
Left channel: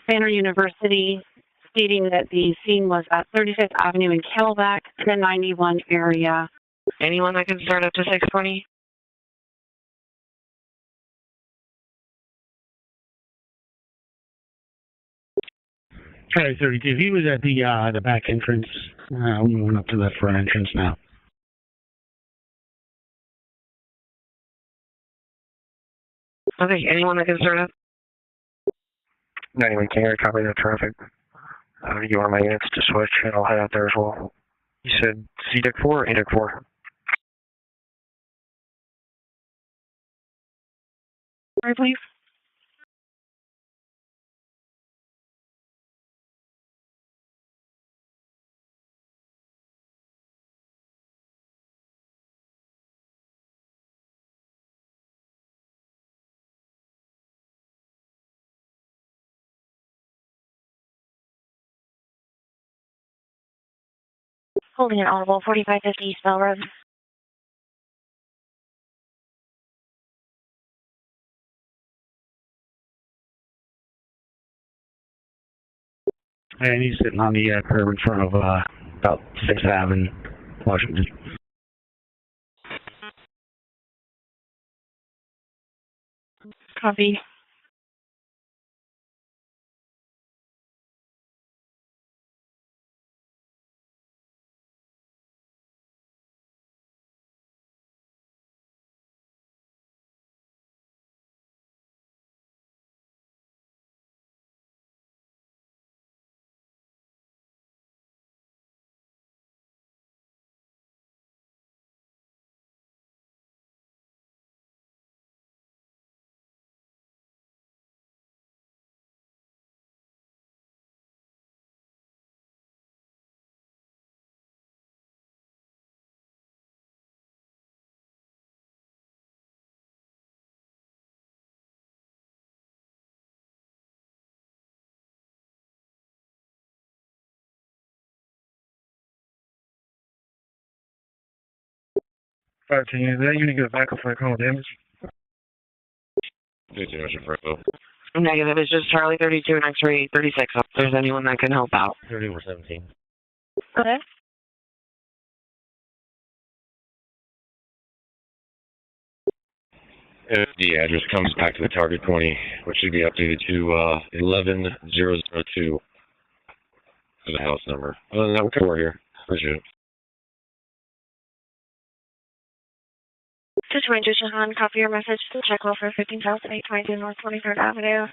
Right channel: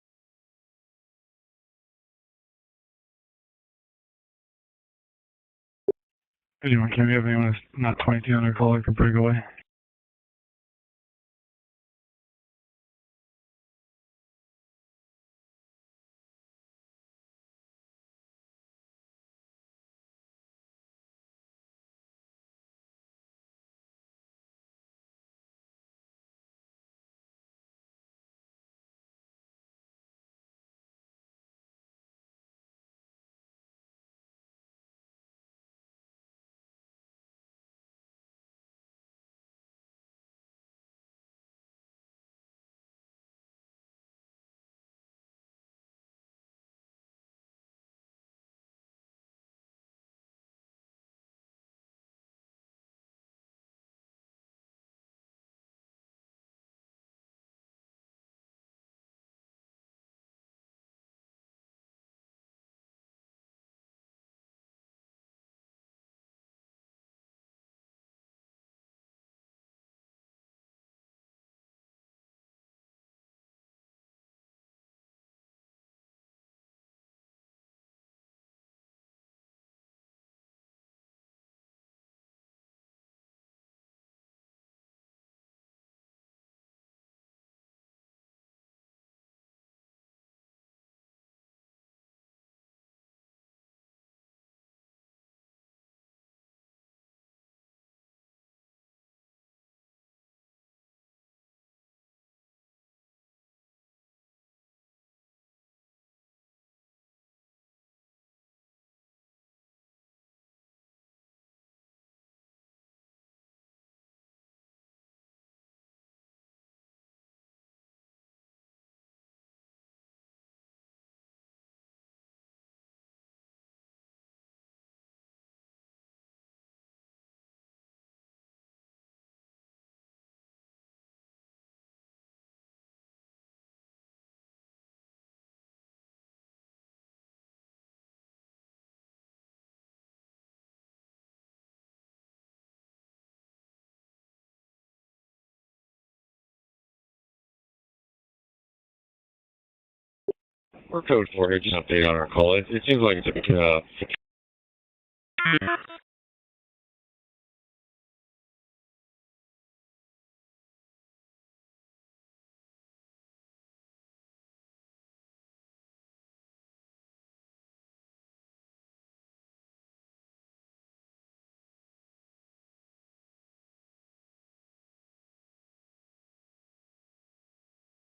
Banner University, stating that the scene was at 35th Avenue in Camelback, the 91 area. Anyone that can start up to 620? Charlie 32. He was at the back entrance. We went up to that front entrance now. Okay, anyone that can start up? 91 King, copy the traffic. You are my units to switch, and I'll head out there as well. You said C-Deck 4 or A-Deck 4? Sorry, please. Holding an audible 4550 East Bell Road. And he's sitting on the curb in front of about 6th Avenue, Washington. Copy. Can you that unit get back up for a call damage? Negative, it's just Charlie 32 and X-ray 36. If there's anyone that can help out. It seems like it's Okay. if the address comes back to the target 20, which should be updated to 11002 for the house number. Other than that, we're cool here. Appreciate it. Situation Shahan, copy your message to check off for 15,822 North 23rd Avenue.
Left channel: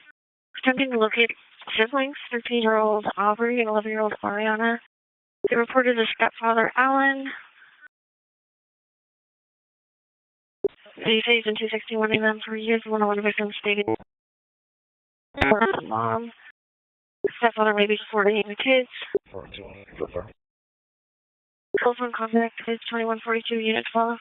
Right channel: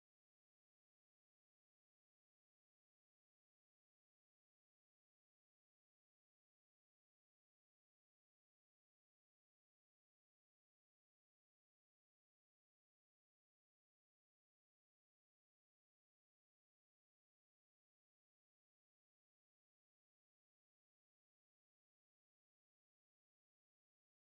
Attempting to locate siblings, 13-year-old Aubrey and 11-year-old Ariana. They reported a stepfather, Alan. They saved in 261 a.m. for years. One of the victims stated mom. Stepfather may be supporting the kids. Telephone contact is 2142 unit 12.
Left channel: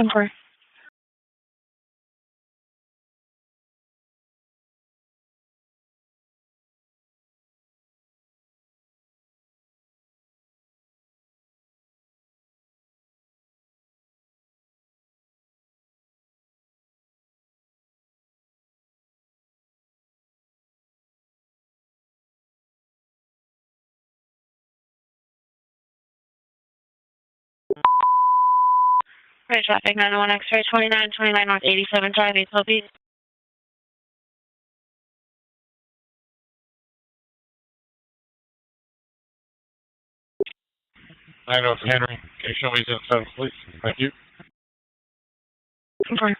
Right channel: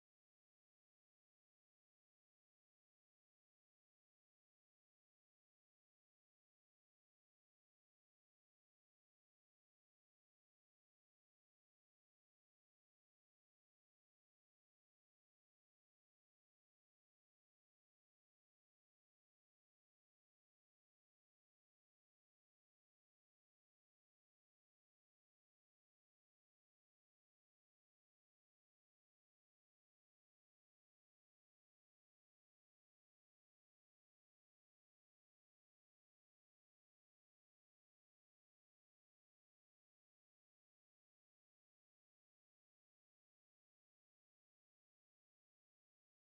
Inquiry. Right, traffic 901 X-ray 2929 North 87 Drive, East Lobby. I know it's Henry. Can you show me the 7, please? Thank you. Inquiry.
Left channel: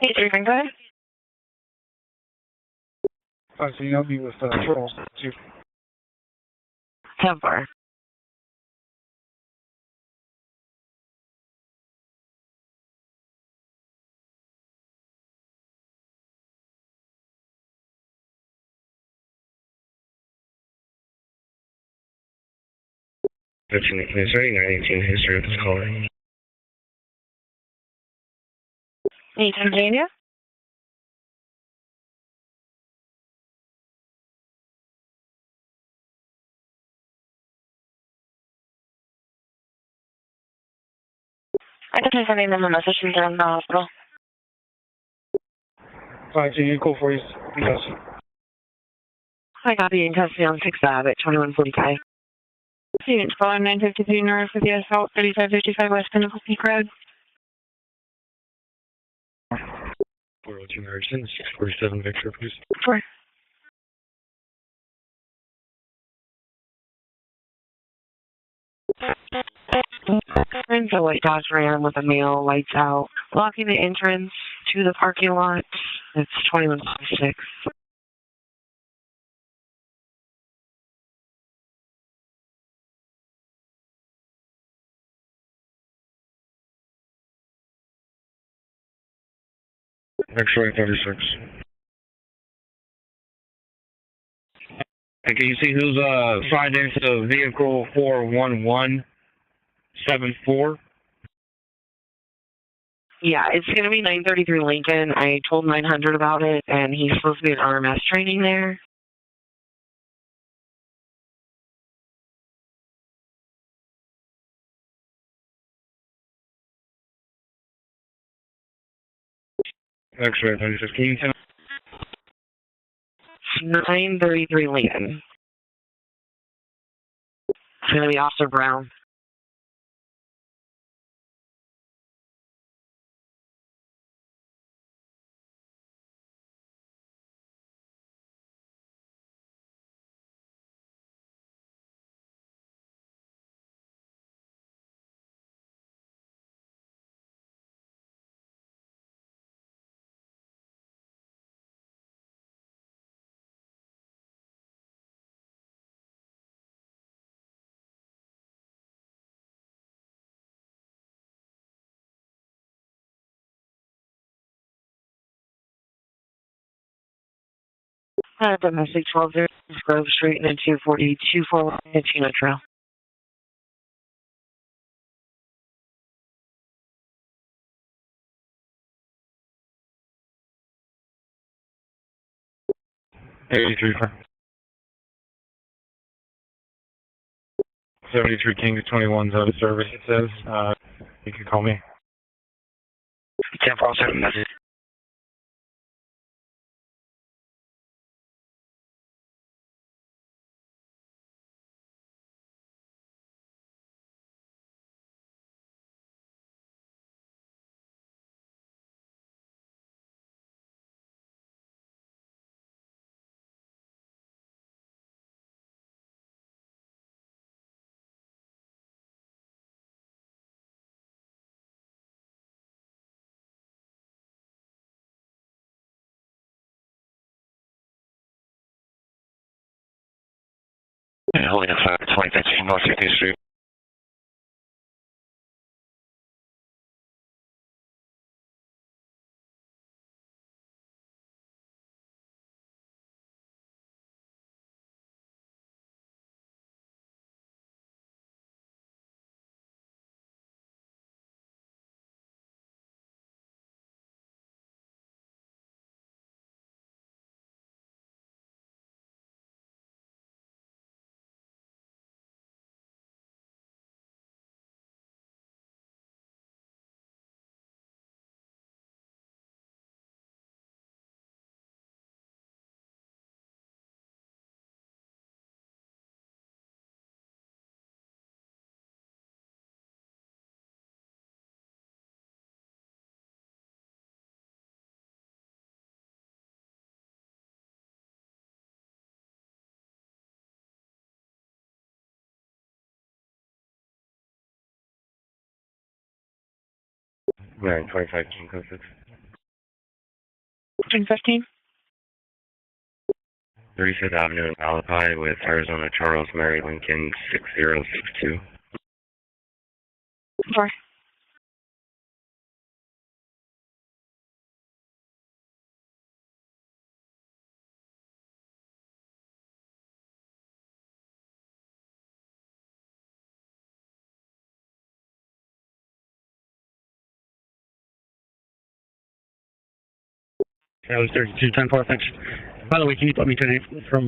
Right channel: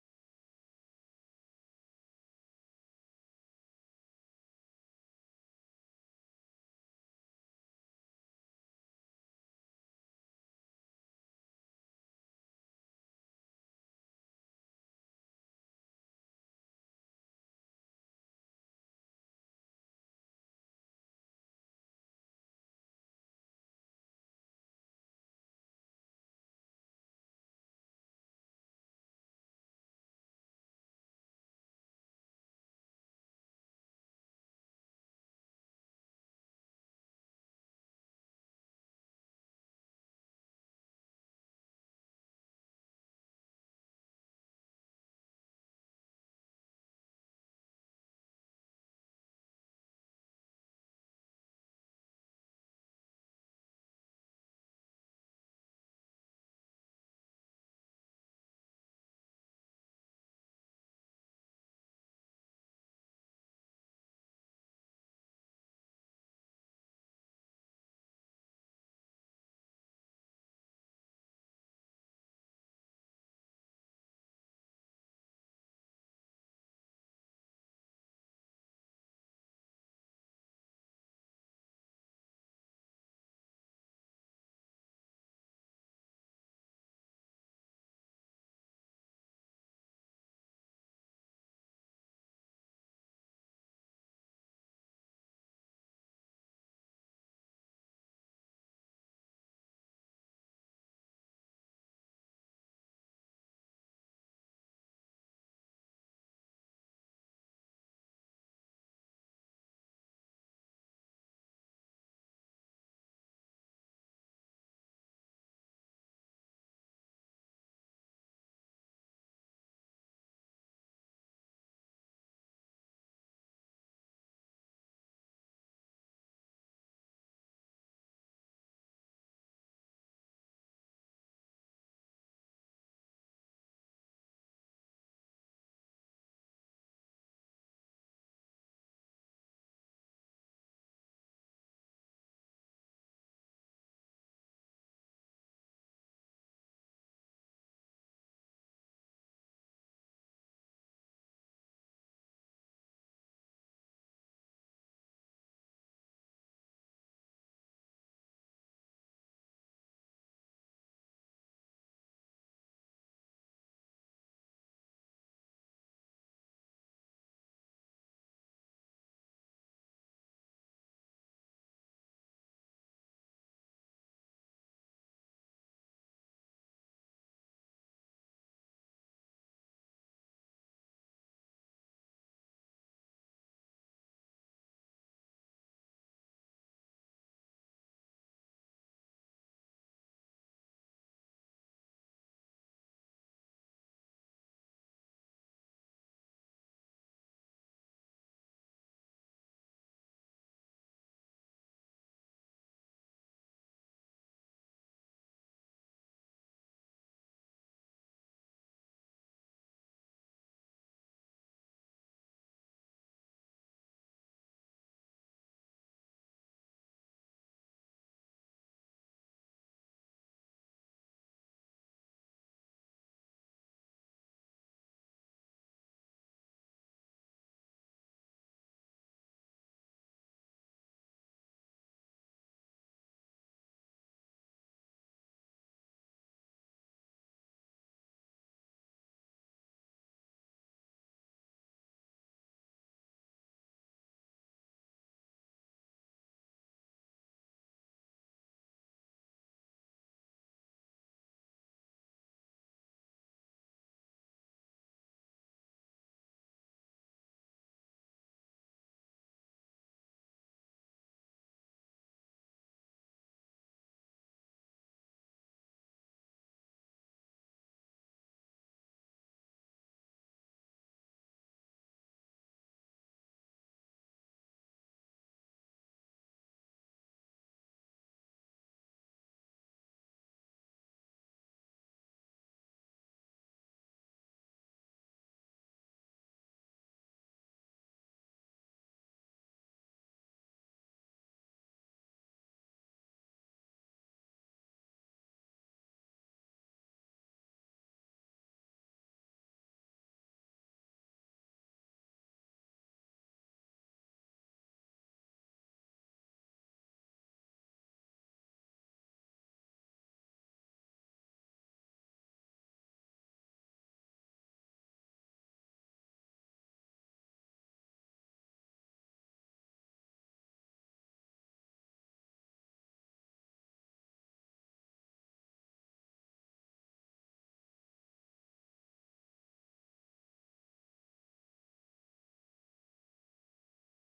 Hey, 3 go ahead. So you help me with Charles, too. 10-4. Is there any 918 history of this caller? Anytime, Virginia. I can take her name in the message from down the hospital. 5G, call for you. Yes. I got the in custody on 6th Ave at 2145. Students calling 953 North with the assault 3555 West Pinnacle Peak Road. 402 Harrison, 647 Victor, please. 4. And the white Dodge Ram with a male, lights out, blocking the entrance to the parking lot. It's 2156. X-ray 36. And can you see who's signed into vehicle 41174? Yeah, it's going to be 933 Lincoln. I told 900 about it, and he's supposed to be at RMS training there. X-ray 36. Can you tell? 933 Lincoln. It's going to be Officer Brown. Domestic 12 Grove Street and then 24241 Chino Trail. $83 for 73 King 21's out of service, it says. You can call me. 10-4, 7 message. Holding a 2015 North 50th Street. Right, 25 code 6. 1515. 35th Avenue in Malachi with Arizona Charles Mary Lincoln 6062. Sorry. That was 3210 thanks. By the way, can you put me to from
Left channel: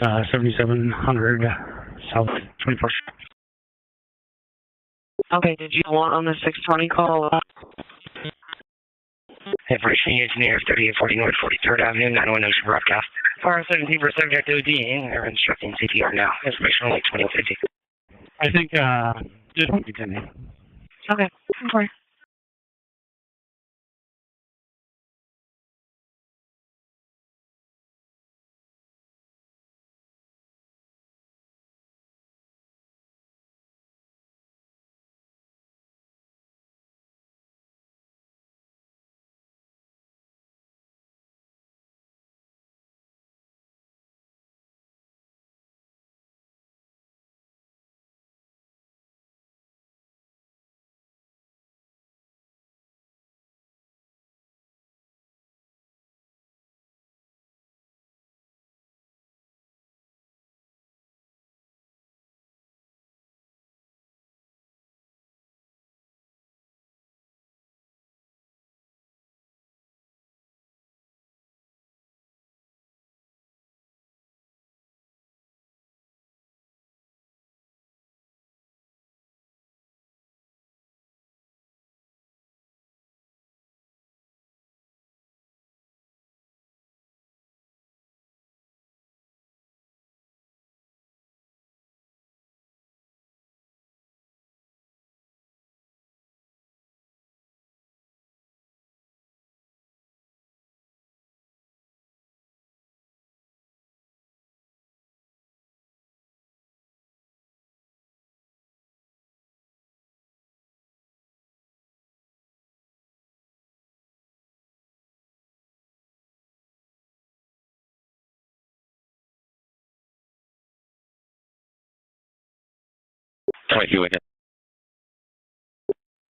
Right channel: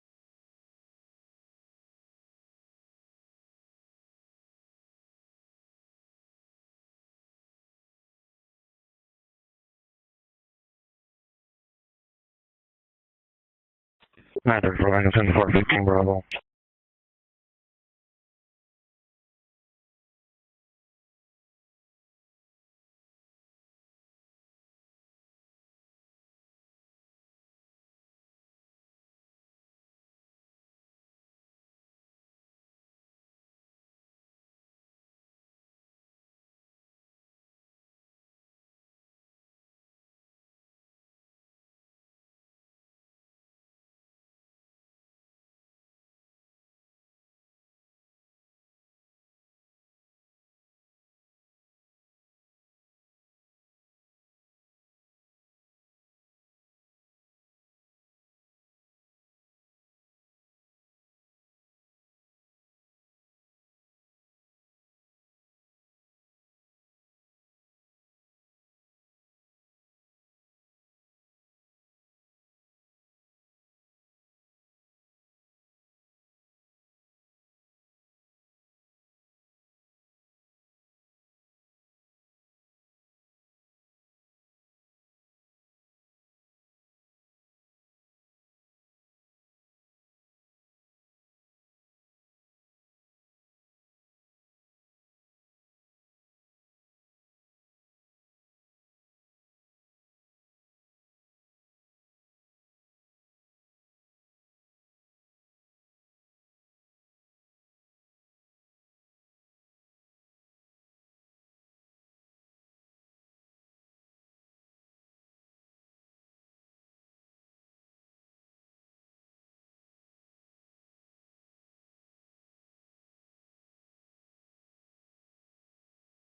7700 South 21st? Okay, did you want on the 620 call? Information engineer 3840 North 43rd Avenue, 910 broadcast. Fire 17 for subject to the here now. Information only 2050. I think, just put me to me. Okay. Sorry.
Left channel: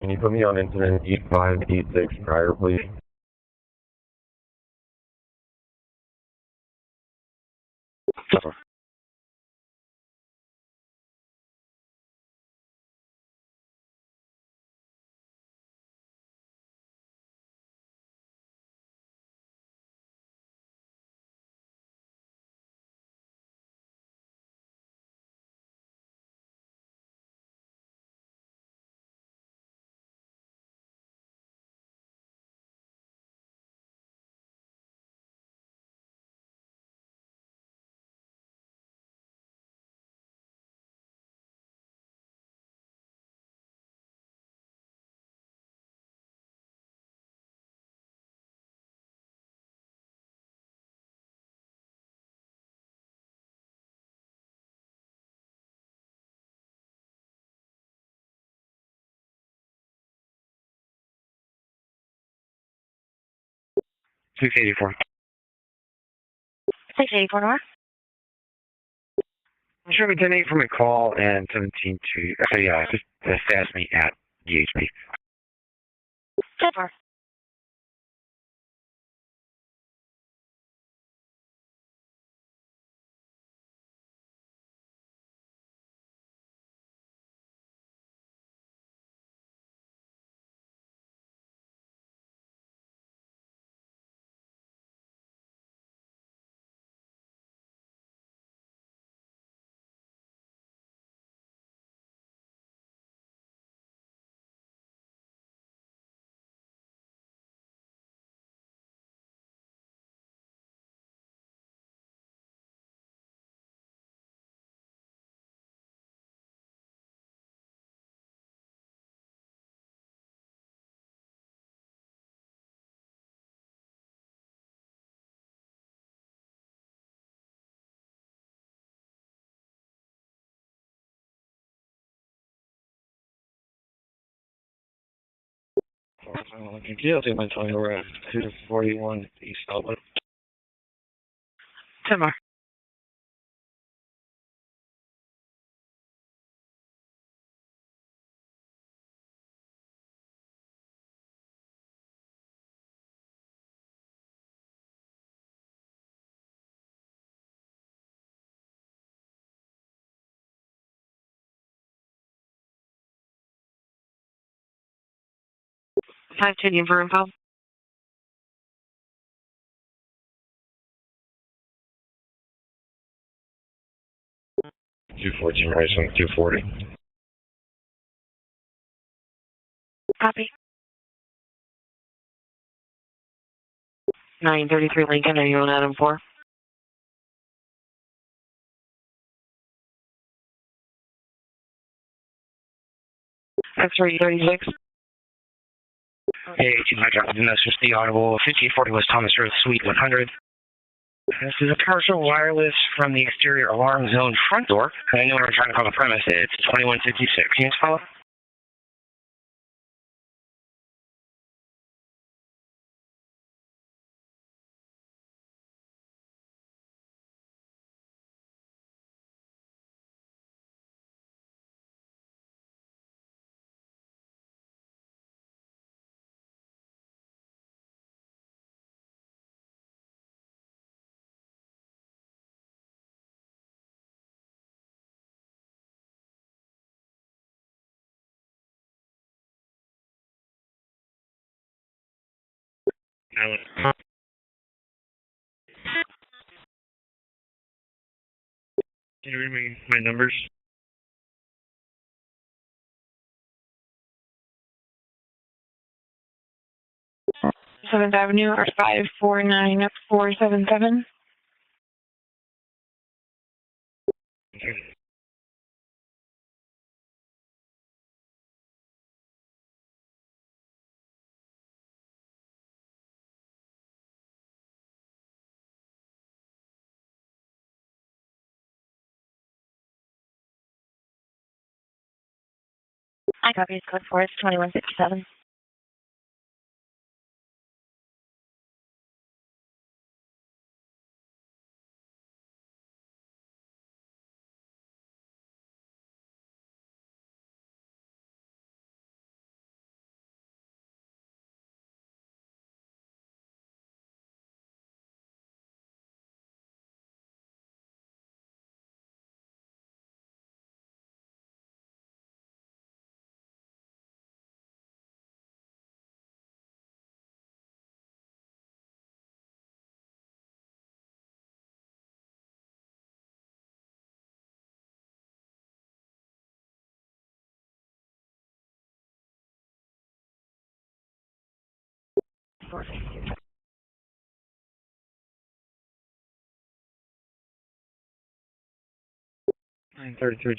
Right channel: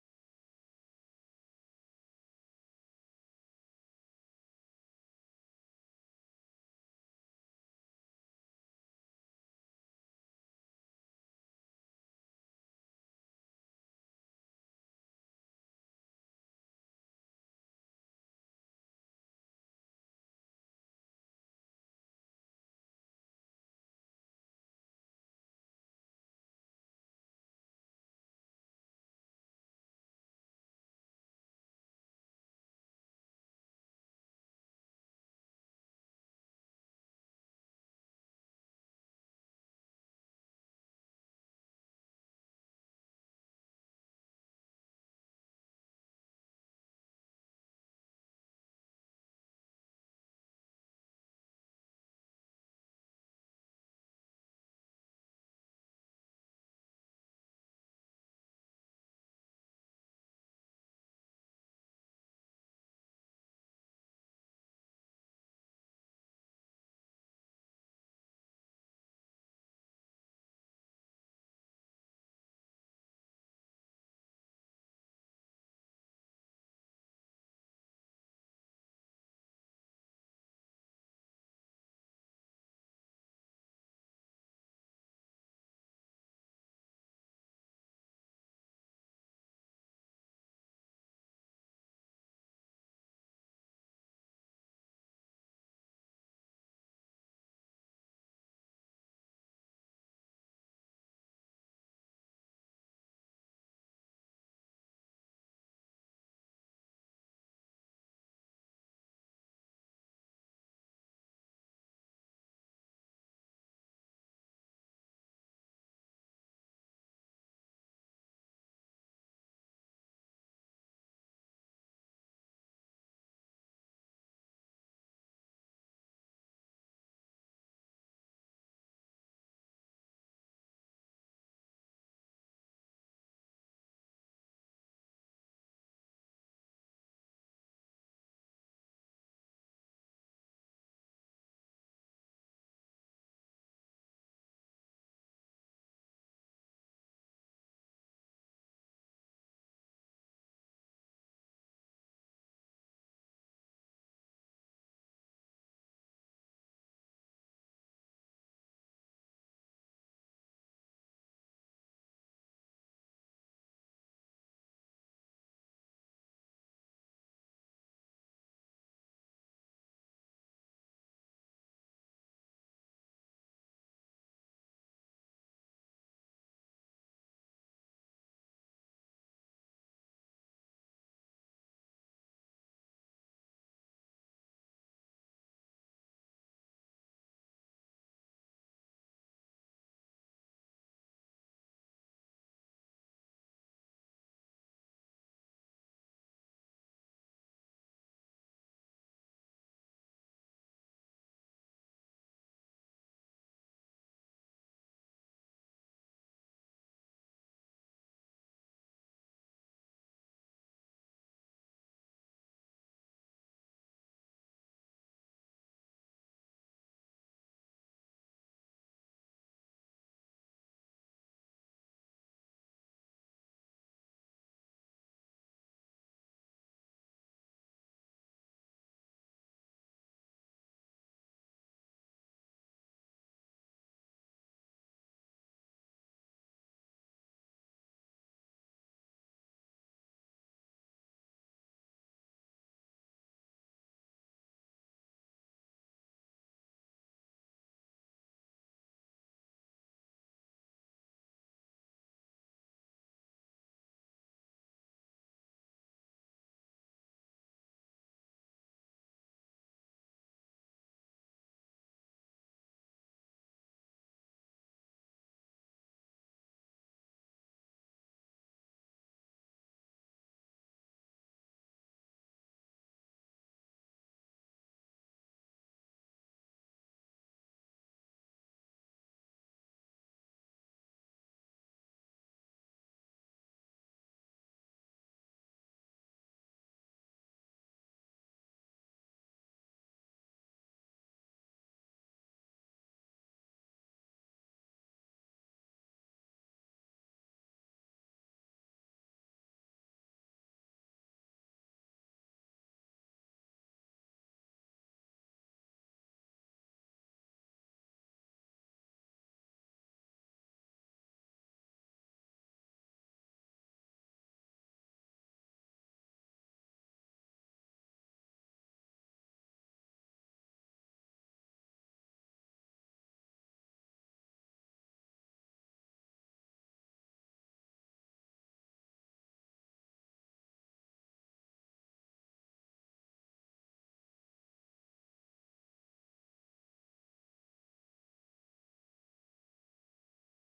Can you put me on incident 8586 prior, please? Six 684 North. I'm sure we did from a call and 17 to, actually, just status me at DHP. 10-4. Yeah, I'll take my time. We're at 241 East Outlet. 10 more. Five tuning for info. 214 Rising 240. Copy. 933 Lincoln, are you on Adam 4? X-ray 36. Hey, 200, and that's just the audible 5840 West Thomas Road, Suite 100. This is a partial wireless from the exterior alarm zone front door. And I know we're trying to call the premise. It's 2156. Can you just follow? Can you read me my numbers? 7th Avenue or 549477. I copy code 4, it's 2157.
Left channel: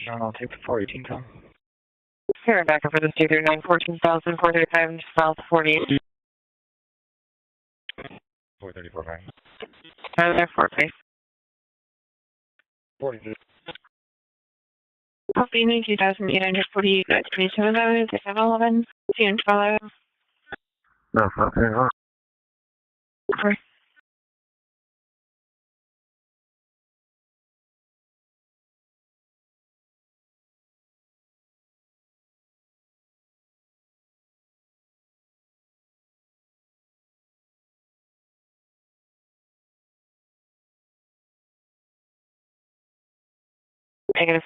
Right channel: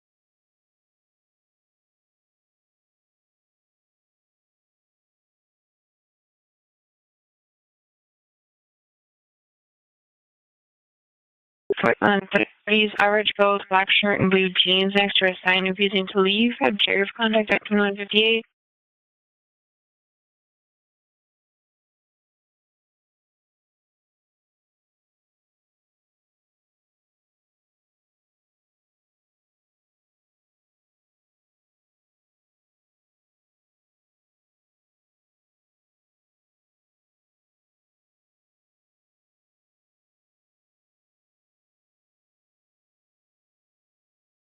John, I'll take the 418 call. Here, back up for this 239 14,435 South 48. 434 High. There, 4 base. Please, average gold, black shirt, and blue jeans. Next to a sign if you didn't believe it. Please, contact 711. See you in 12. No, okay. Negative.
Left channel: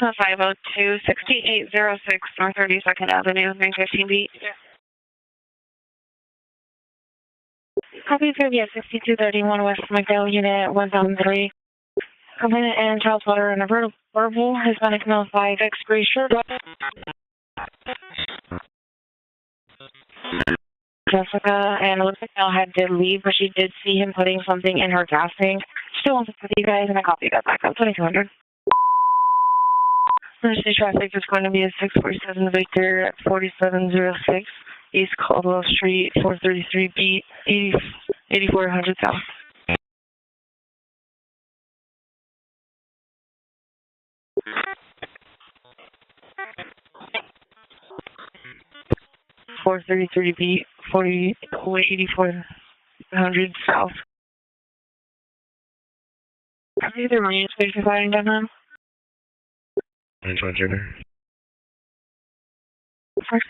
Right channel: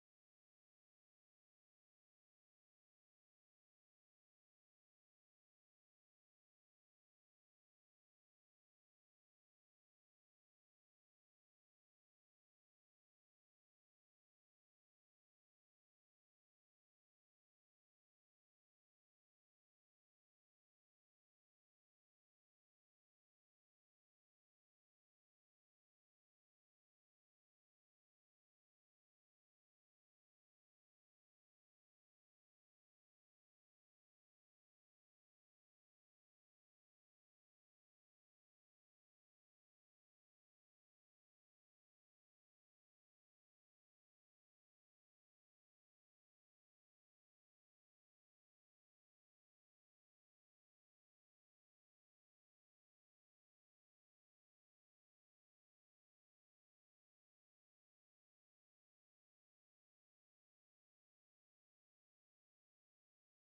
So 502 6806 North 32nd Avenue, 915 beat. Copy for the 6231 West McDowell Unit 1003. Complainant and child's letter and a verbal Hispanic male 5X gray shirt. Jessica, and it looks like Mel had to leave, but she did see him putting something in her gas tank. Still wants to put you guys, and I copy that back up, 2200. Emergency traffic is going to be a 647 Victor at 4706 East Caldwell Street, 433 B, 8400 South. $433 8400 South. Are you the Marine Space providing down home? That's what you're there. First.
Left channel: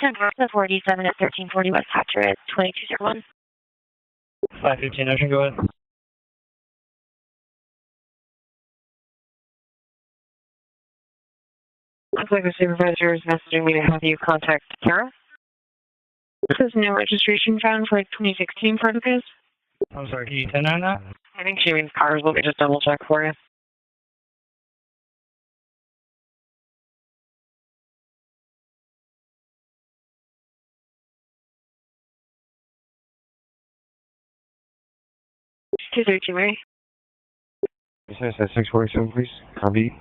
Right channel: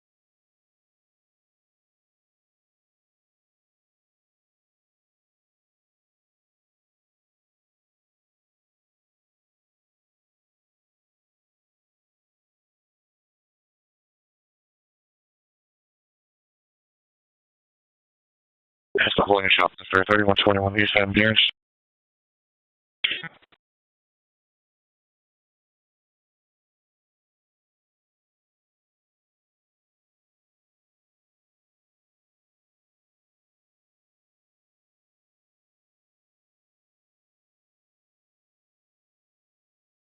Temporary 487 at 1340 West Hatcher at 2201. 515, Ocean, go ahead. Looks like the supervisor is messaging me to have you contact Kara. This is no registration found for 2016 for the case. Holding shop, 3121 East MDRs. I think she means cars. Let me just double check for you. Two 32, right? This is at 647, please. Copy.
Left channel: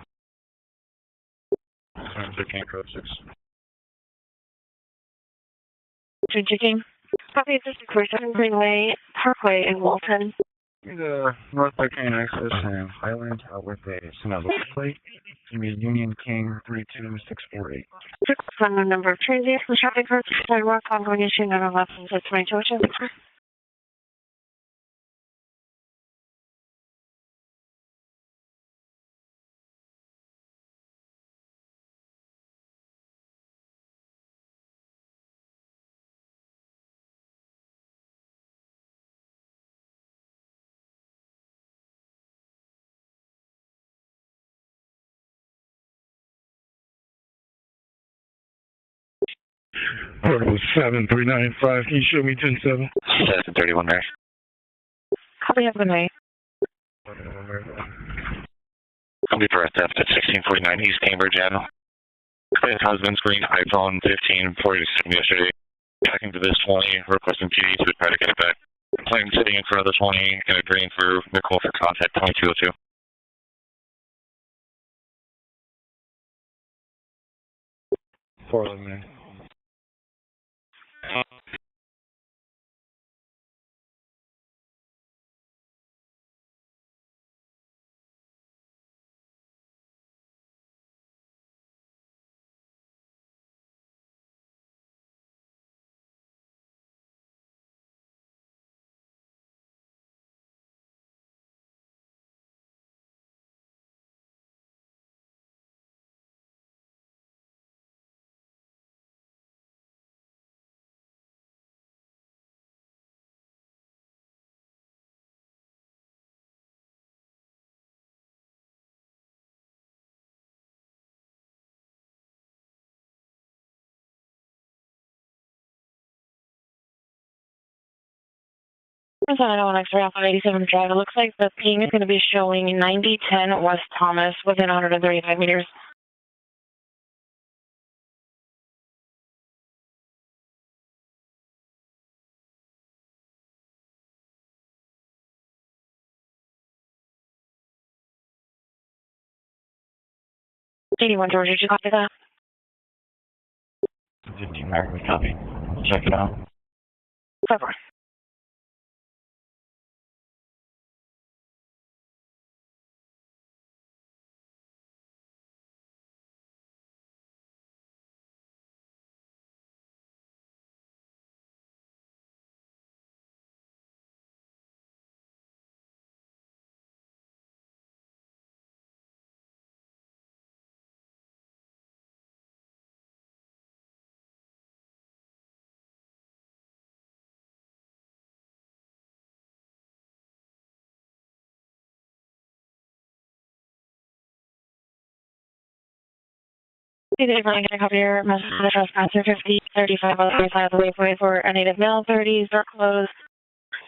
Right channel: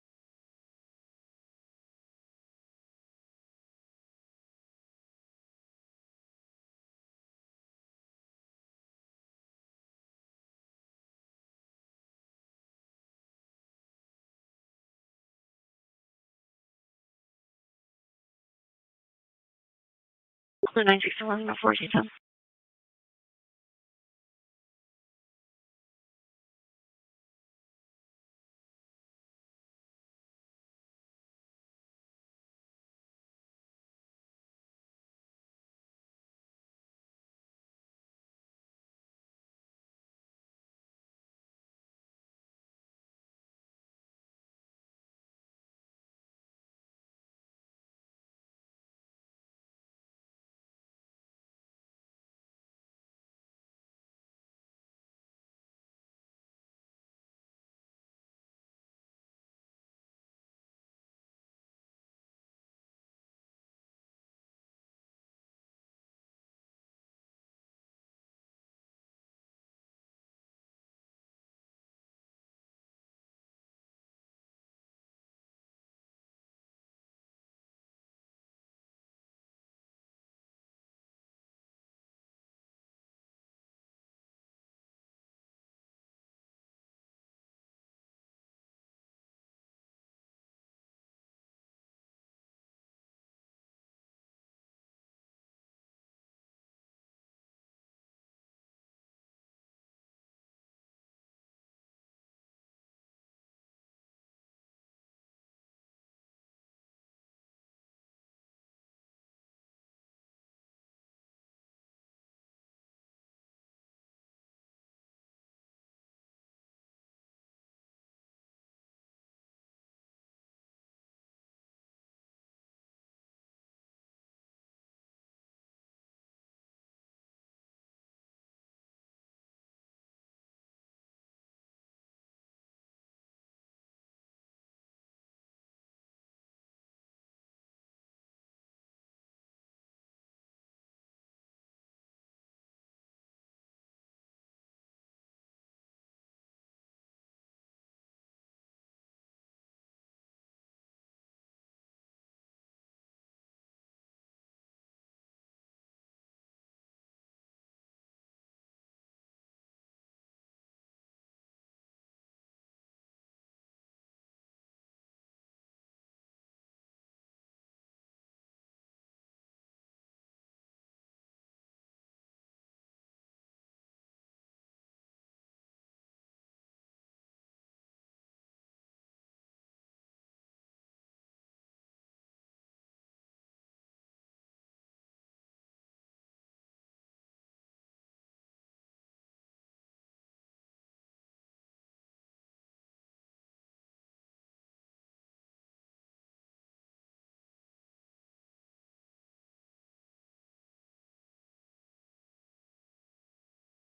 13 code 6. Twin checking. Copy, this is 647 Greenway Parkway in Walton. The North by Train access and Highland with a Sonoma plate. Give me Union King 32648. From the number of transients, the traffic routes, sidewalk, combination, and left hand at 2202. Portable 7395, can you show me 107? 731 there. Copy, have a good night. Company for a theft at 1649 East Cambridge Avenue. His husband's green iPhone 15 47 yesterday. Tracking to this 20, requesting PD to try to get it back. Plane sitting in front of the 20 and agreeing for Nicole for contact 2202. $411. There's an 901 Alpha 87 Drive. It looks like the ping is going to be showing 9010 West Thomas within 135 meters. '81 Georgia, did you copy that? 50 American copy. Check it out. 5-4. Hey, Dave, can I copy your message to the trespasser 5035 on the side of the waypoint for a native male, 30s, door closed,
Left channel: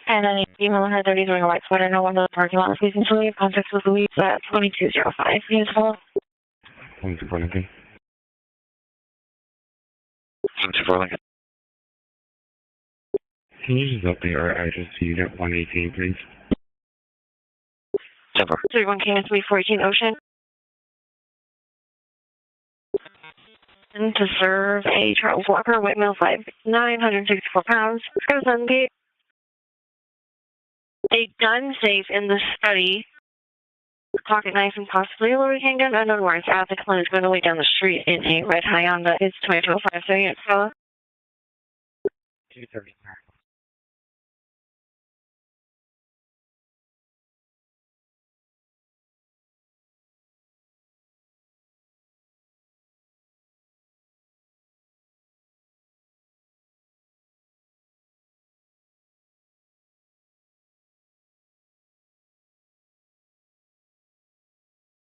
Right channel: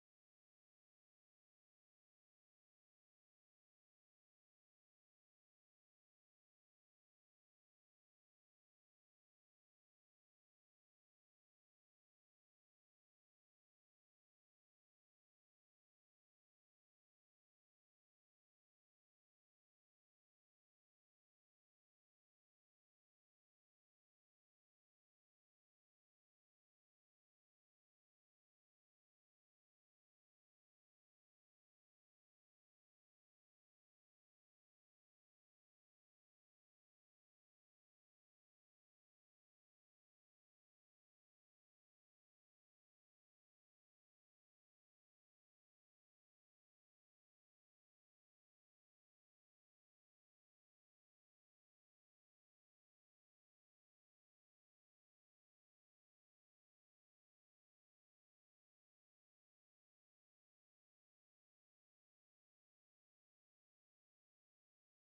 and a female in her 30s wearing a white sweater, no one in the parking lot, refusing to leave. Contact with Louise at 2205. Useful. 24 Lincoln. 74 Lincoln. Can you just update our address to Unit 118, please? 31 King and 3418 Ocean. And to serve a Charles Walker, white male, 5'9", 164 pounds. It's going to be a gun safe in the study, pocket knife, and possibly a loaded handgun. Unknown where it's at. The client is going to wait down the street in a red Hyundai. It's 2205, so yeah, fella. 230.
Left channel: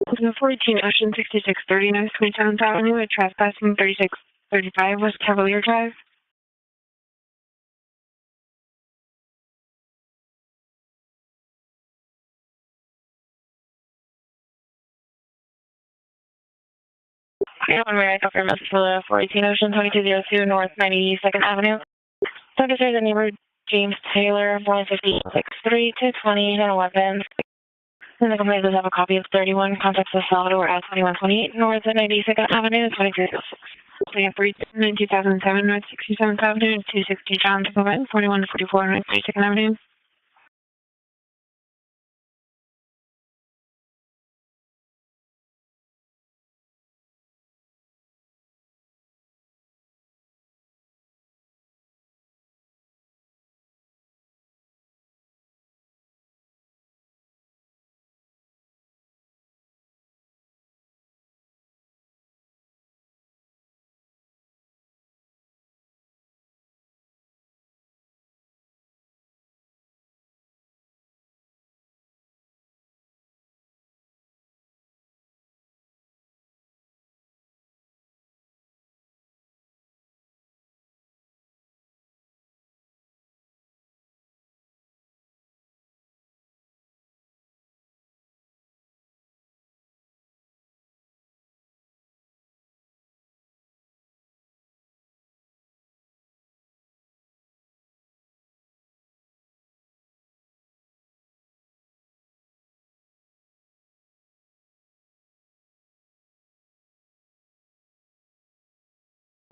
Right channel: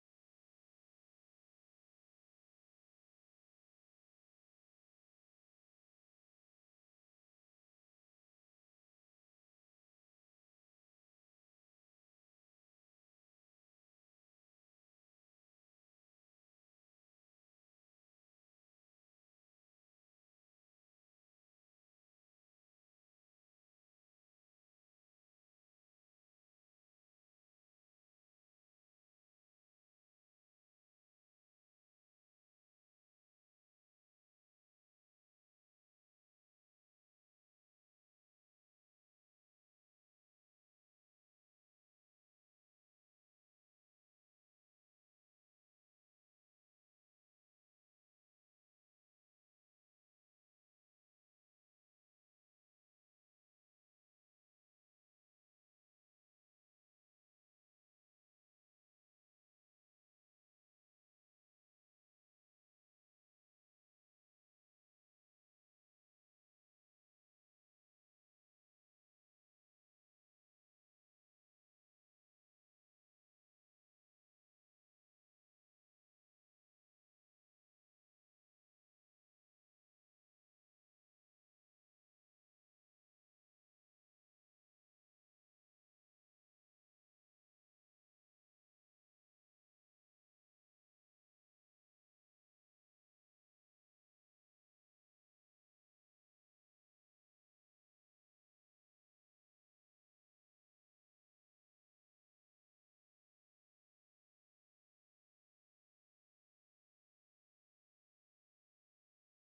The 14 Ocean 6630 North 27th Avenue at trespassing 3635 West Cavalier Drive. Yeah, one way I copy your message for the 418 Ocean 2202 North 92nd Avenue. Focus there's a neighbor, James Taylor, 15063 220 and a weapon. And the complaint does have a copy of 31 contacts of Salvador at 2128 North 92nd Avenue, 2306. We have 3 2007 North 67th Avenue and 260 John Decoded, 4144 North 92nd Avenue.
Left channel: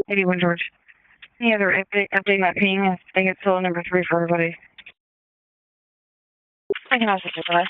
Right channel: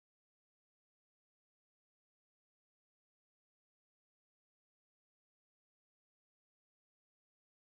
Maybe one George. Any other update that ping? I think it's still number 3 for everybody. I can also do that.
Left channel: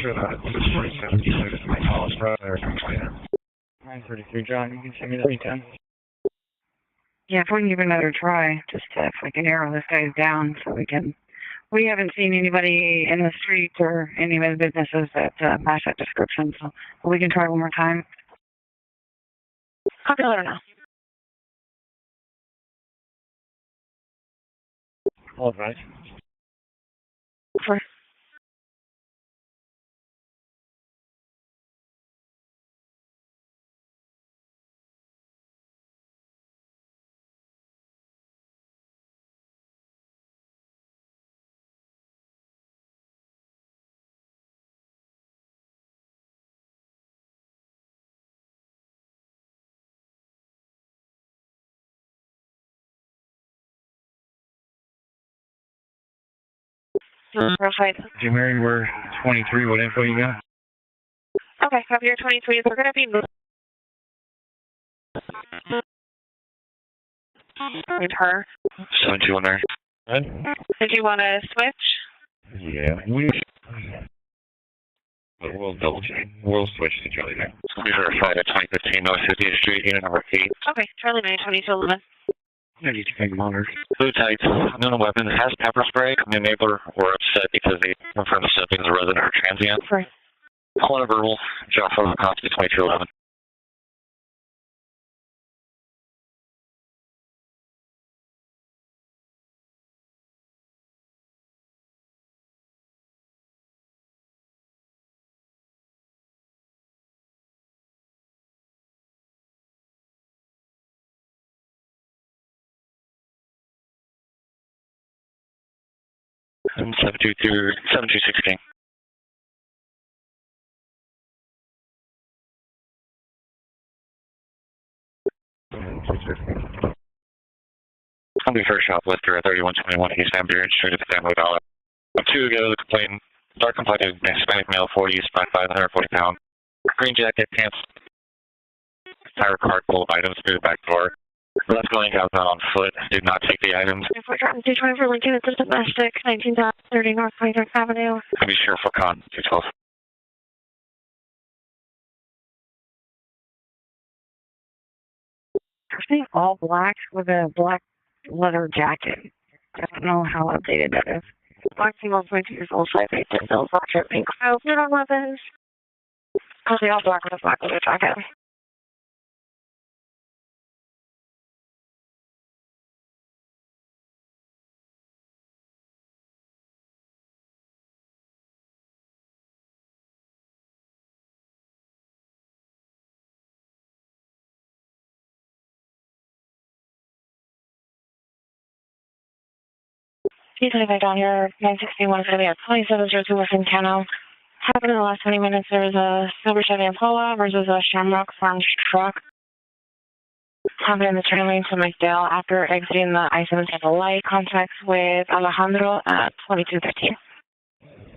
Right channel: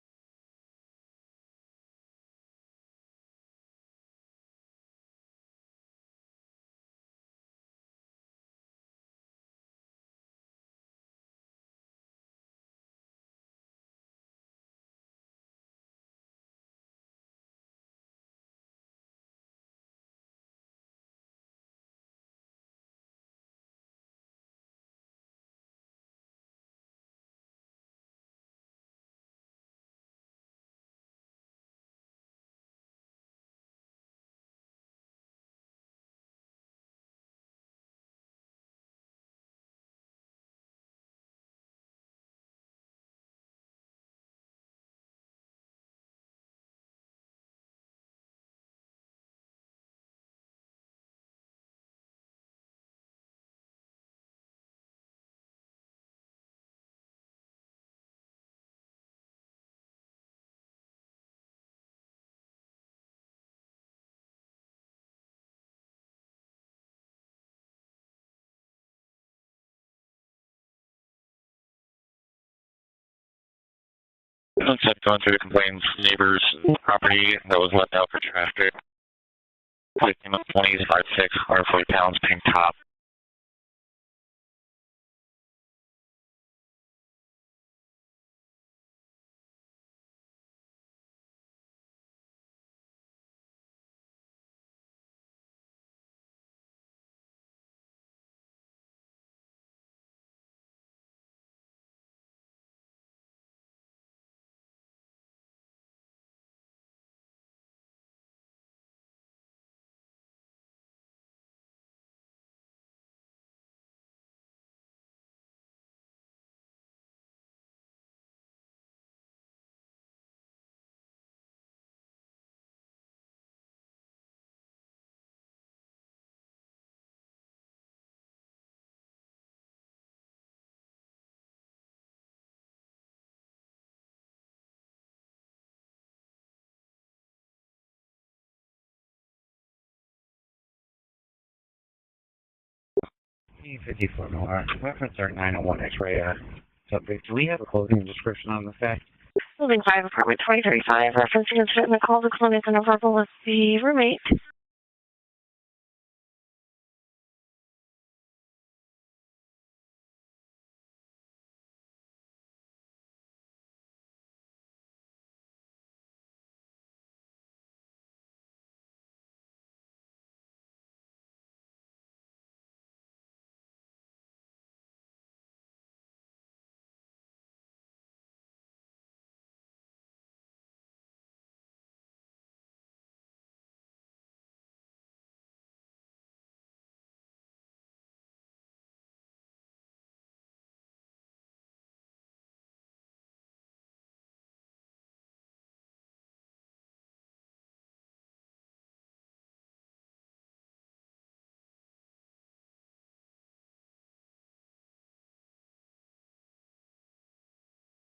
Sure that it's 47 my college brother. 933 John, you can send me that weekend. Yeah, if we can give it another try, just if we can narrow this guy down so we haven't seen anybody in the street or any of the businesses that match that description, so we can try one more time. Copy letter now. All right. For Verified. Jim Mary, we're 23. What info you got? Okay, copy your 23. They're going to be with her. 721 there. Did you want to switch? Yeah. Let's have gone through the complaint of neighbor's property that was left outside of 15 North 50th Street, Unit 20, 56, 140 pounds, pink top. Blue tights, no weapons, has pepper spray. The neighbor were upset because they confirmed the subject is a resident or transient. Right. Call in a verbal, drop photo copy to 2211. And 7216. Company first shoplifter at 3121 East Ambulance Street at the Family Dollar. 2 ago, the complaint, dark complected Hispanic male, 40, spent 540 pounds, green jacket, pants, tire cart full of items through the back door. Left going outbound on foot, did not take the items. D20 for Lincoln, Assistant West 6, 1930 North 23rd Avenue. Be sure for con, 212. Building 5, apartment 2035, referencing incident in the call to clinic and a verbal with the roommate. Person all black with a black leather jacket. I don't know how updated that is. Black female, 22 years old, 5'8", built, rocket, pink clothes, no weapons. Mostly all black with a black leather jacket. P25 down here, 961 for the 2702 Western Cano. Happened in the last 20 minutes. There was a silver Chevy Impala versus a Shamrock Farms truck. Happened in the turn lane to McDale after exiting the I-77 light. Contacts with Alejandro at 2213.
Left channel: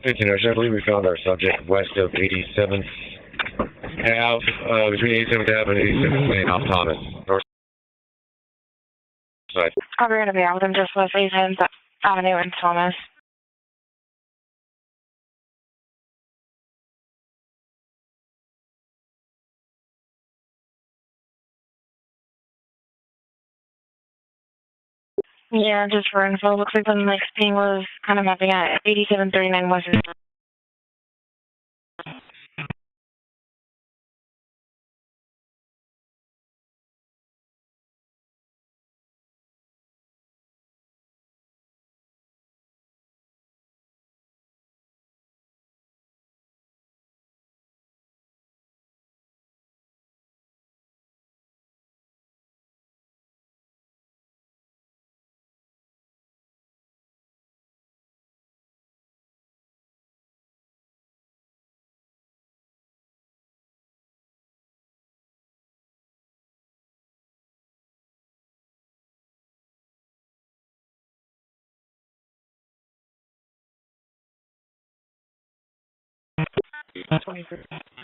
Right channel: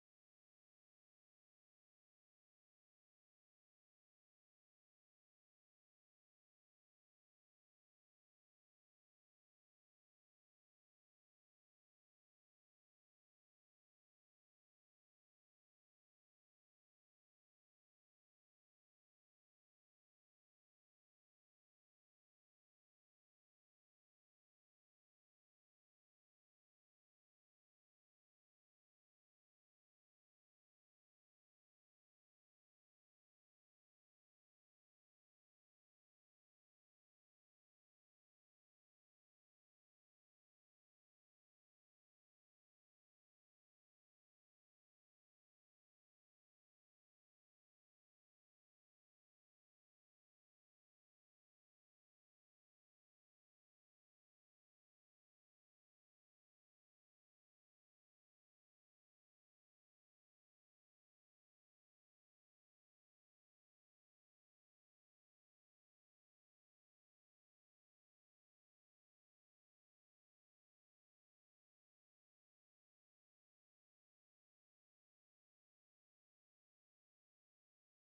15 I believe we found our subject west of 87th Ave, between 87th Ave and 87th Lane off Thomas. North side. We're going to be out with him just west 87th Avenue and Thomas. Yeah, just for info, looks like the next ping was kind of mapping at 8739 West.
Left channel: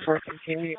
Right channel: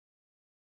For continue.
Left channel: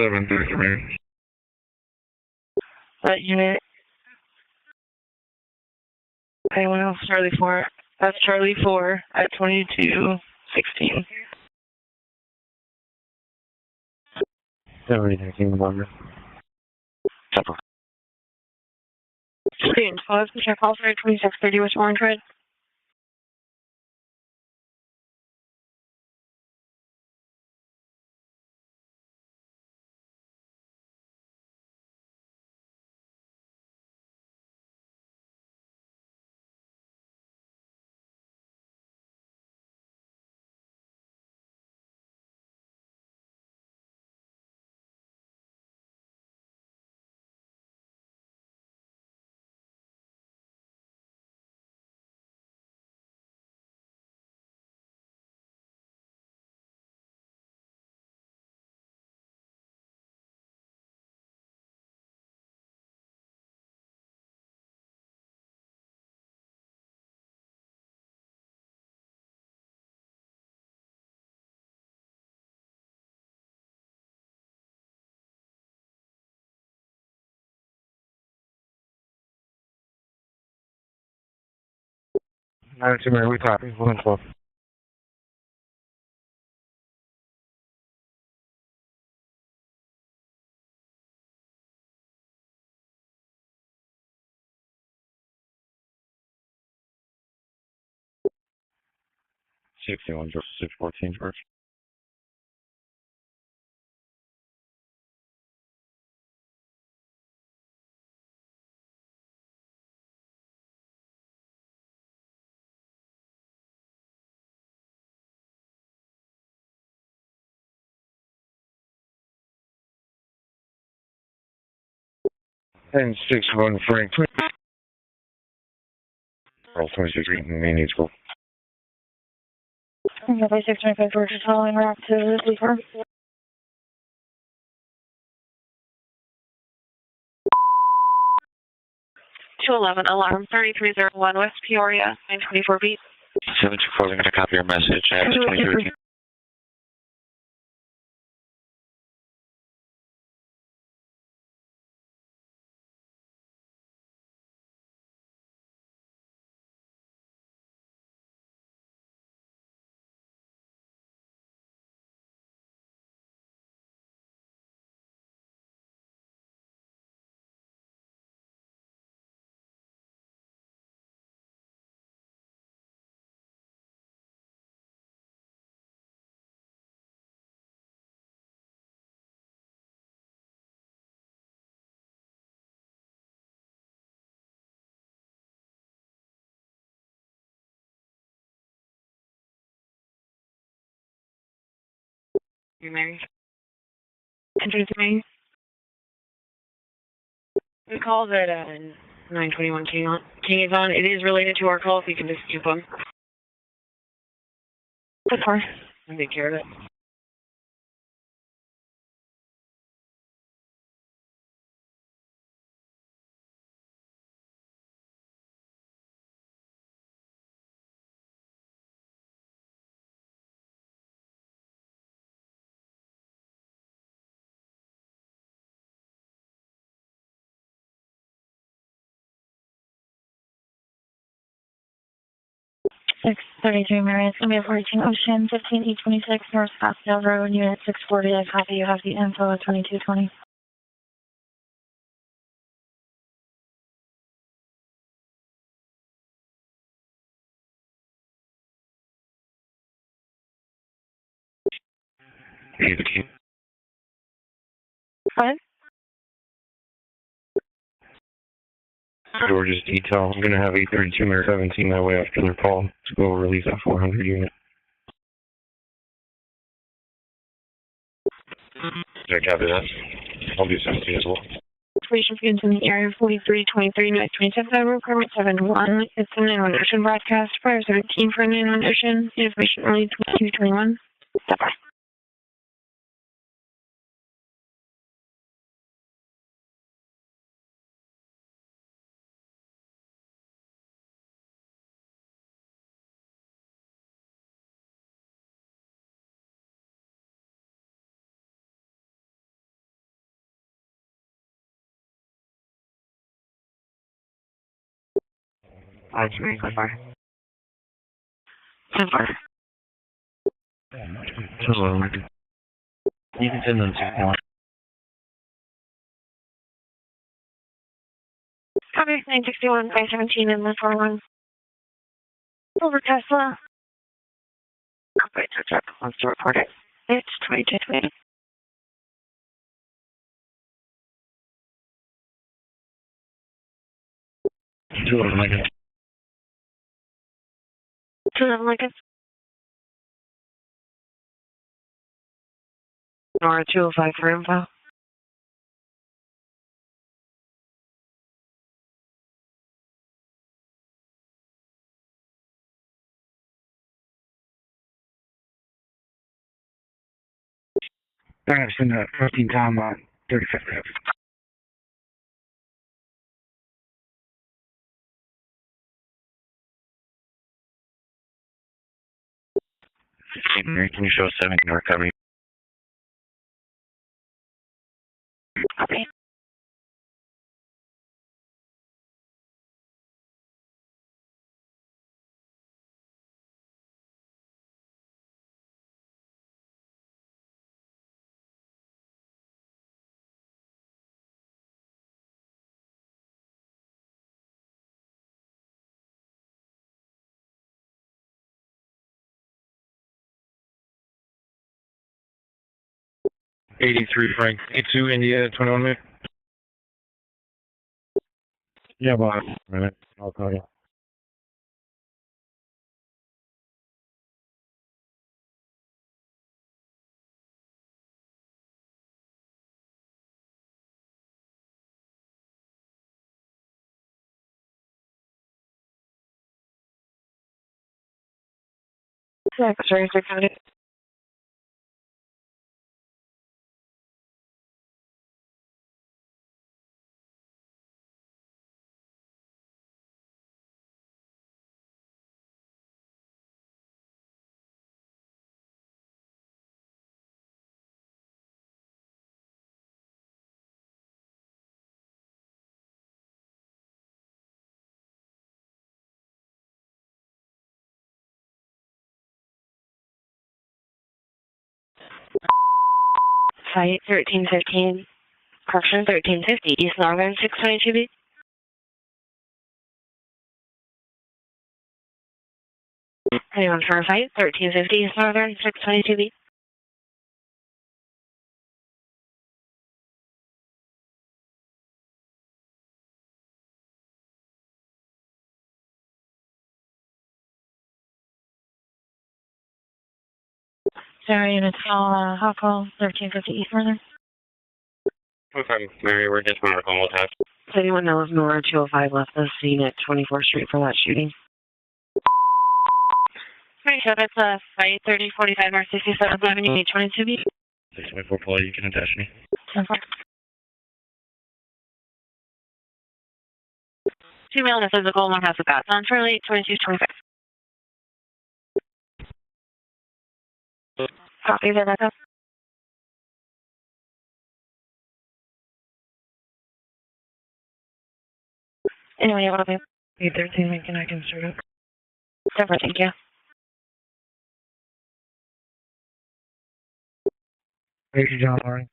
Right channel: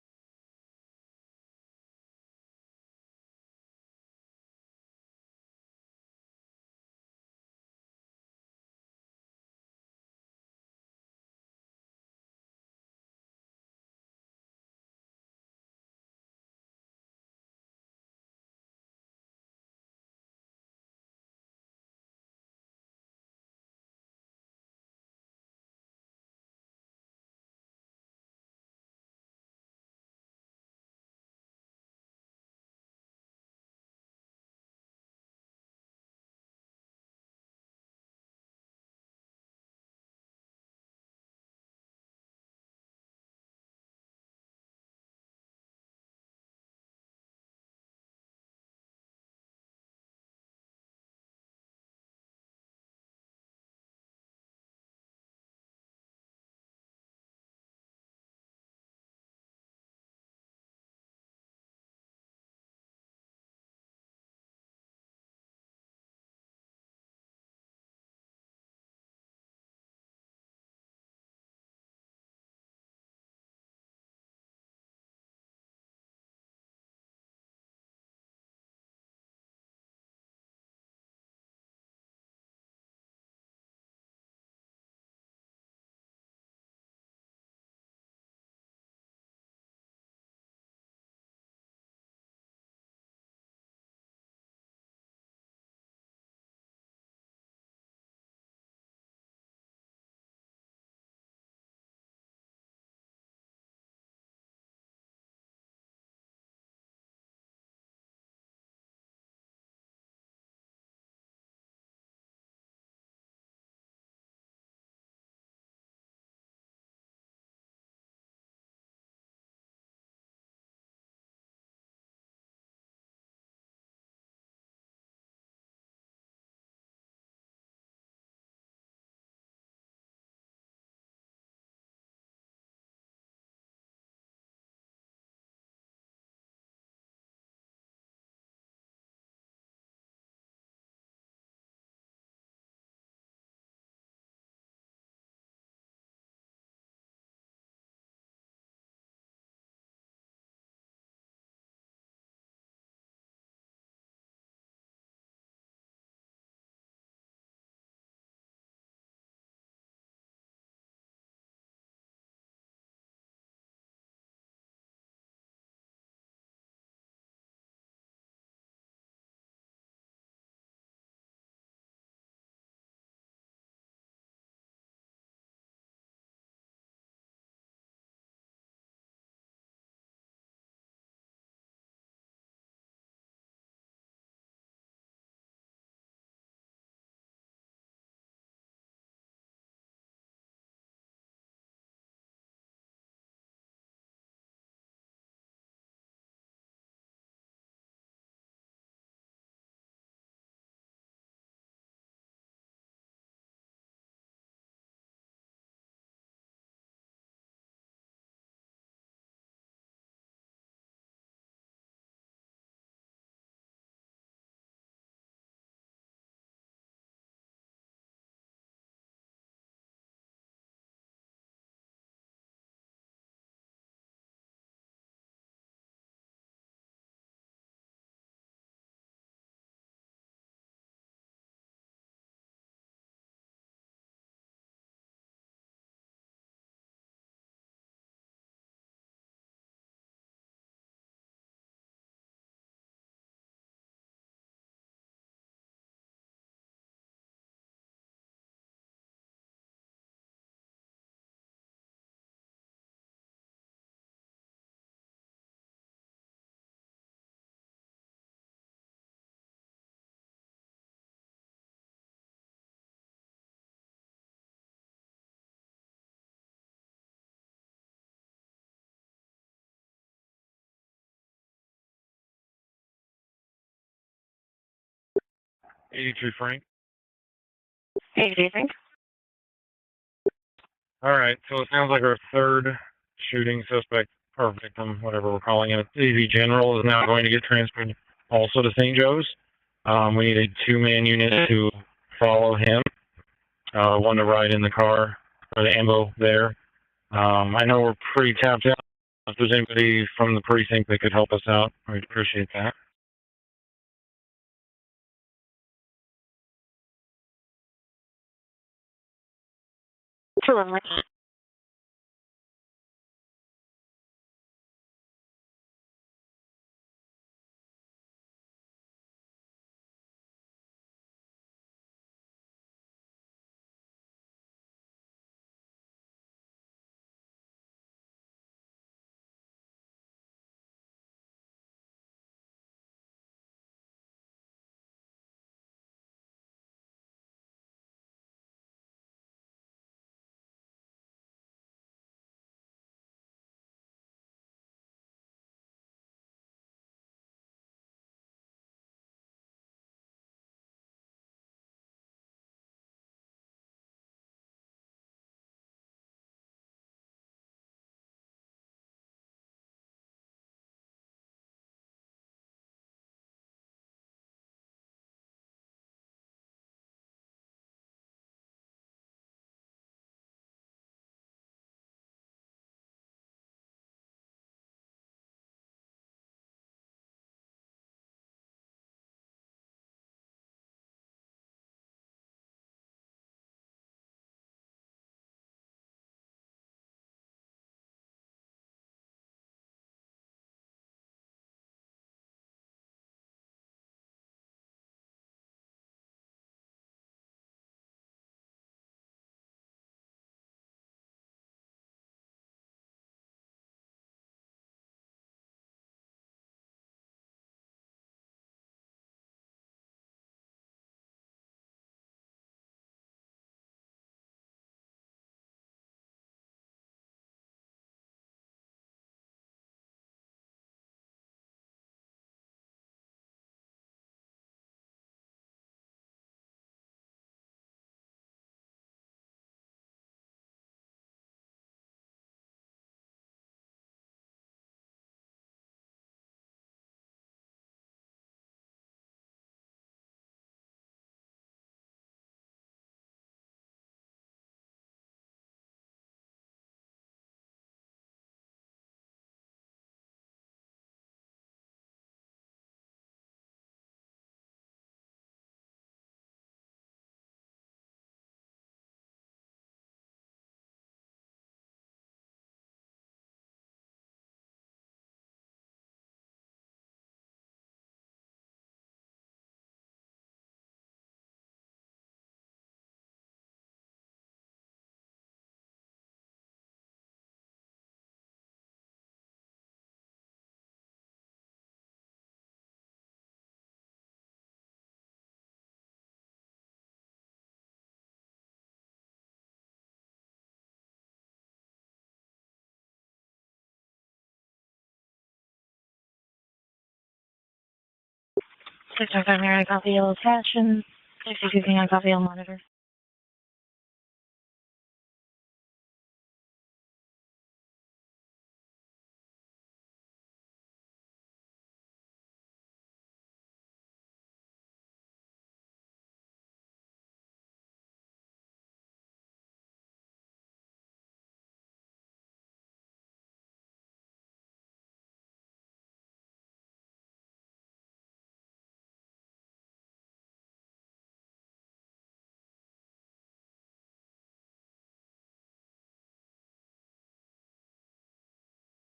733. That unit. Anyone else? Charlie 4. That's Charlie 4 at 2216. 7019 number. Student 12, check call for 2630 West Orange Red. We copy. 112. $61 versus $614 first. And 61 Frank. All 26 main needs go. Okay, 625 versus following route to Sleeper. 211, alarm 3301 West Peoria, 924 beat. 724, I'm going to copy your message at 23. You Mary? Entry to me. We called at 921 King is on. It is related to our call, if you can just keep on. Good for. I'll take care of it. Six 33 Marriott, it's going to be approaching Ocean 15826 North Scottsdale Road, Unit 640. I copy. You have the info at 2220. What? George's detail. I'm going to have 832 Mayor 17 that way after their call to go release that 400 unit. Did I copy that? I'll do 17 as well. Information begins in the area 4323 North 27th Avenue, permit 71. It's a 911 Ocean broadcast. Prior 17 for 911 Ocean. Information only 2221. All right, so it sounds like our third shooting suspect, or victim, whatever we're calling it, AV General, is now going to get transferred also to St. Joe's. We need a two-man unit to follow him, one to ride in the car, or the ambo there. I know we're pretty tapped out If there's anybody from the precinct that could help us out, we'd appreciate that. I'm sorry, so far. 10-4. 211. 211. You can send them to one. Copy 961, 517, and 141. Over Tesla. Operator truck wants to report it. It's 2220. Lincoln. 211 Lincoln. Nora 205 for info. I've seen 14 Tom 35. Can you show us 7 in recovery? Okay. Frank. 82 India 21 minutes. Yeah, boss. A minute. I'll call you. Sorry, Decoded. Site 1315. Correction 1350. East Northern 622B. Anyone for a fight? 1350 East Northern 622B. Sorry, and it's all Hawkall 1350 East Northern. Okay, Mary, we're just medical. We'll have. Does anyone know if Nora 205 left was seen at 24th Street for that shooting? Excuse me, I copy on monitor. Alright, so that's Fight 3045 or 67th Avenue 822B. 624 Poli, you can attach me. 10-4. 2 male and a physical, 1 has a bat. On Charlie 2225. Copy that. Anyway, what will be 13 Lincoln, I can start up. Super, thank you. Thank you, John Lauren.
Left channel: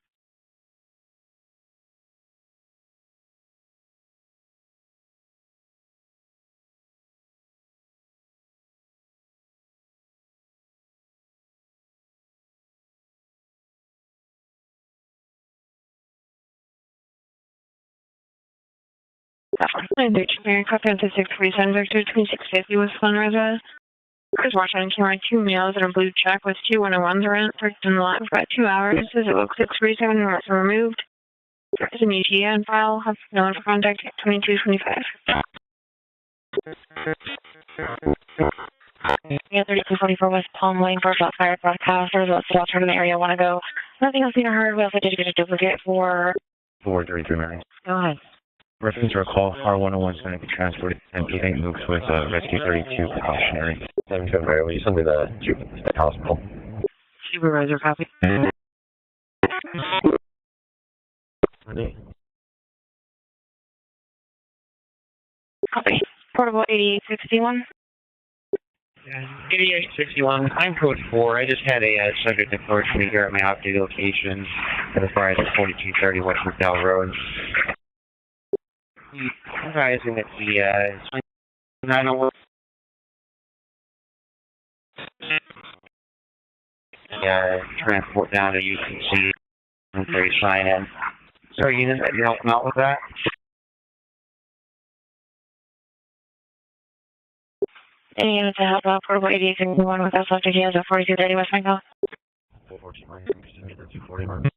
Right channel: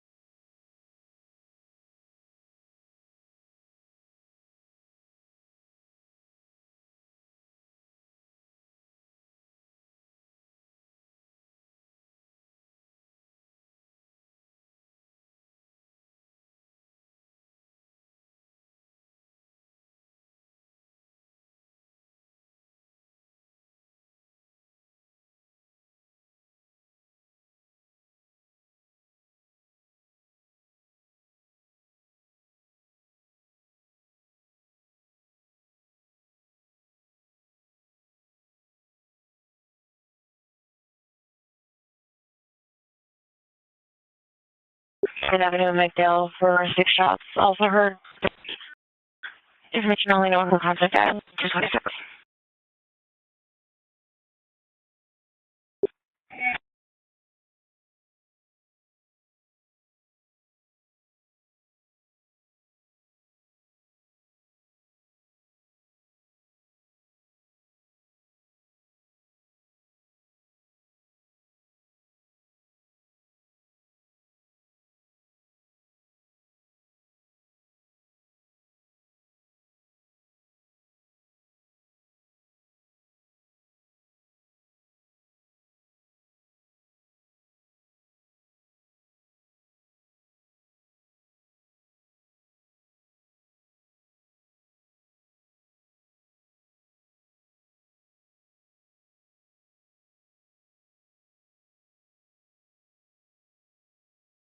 I'm Mary Coffin to 647 Victor 2650 with Sunrise. Chris watching camera 2 males in a blue check with 2 101s around parked in the lot for about 2 hours. Says it looks 637 and was removed. There's an ETA on file. Have no one for contact at 2225. Yeah, 3244 West Palm Lane for about fire broadcasters. Let's get out to the area. Want to go? Nothing else seen or heard. We also did get a for 6 shots. Also heard. Reference or call R101 with Rescue 32 precautionary. 7-2 Mary, will you send me the hospital? Supervisor copy. Copy. Portable 8861. 8861, I'm code 4. I just had a subject approach me here at my off-duty location as far as 4230 West McDowell Road. Advising that the 901 transport down to UCC and for you sign in. So you didn't help them out with that? Any unit to help out portable 8861 with us after he has a 4230 West McDowell? 240.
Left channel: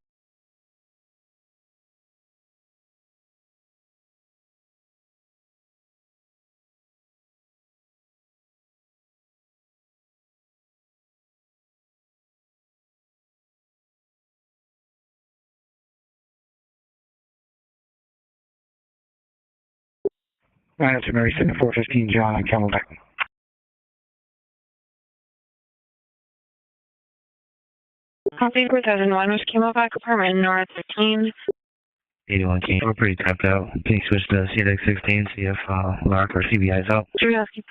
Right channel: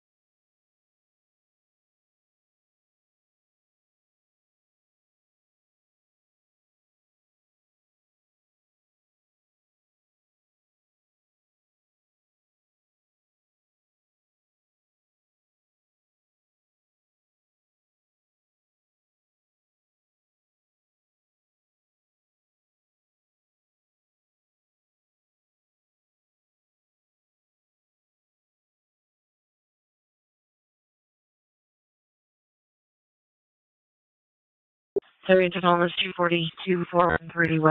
That's Mary 7415 John on Camelback. Copy 4001 was Camelback apartment north 15. 81 King. We're pretty tapped out. Can you switch to CDX 16? Mark for CBI's out.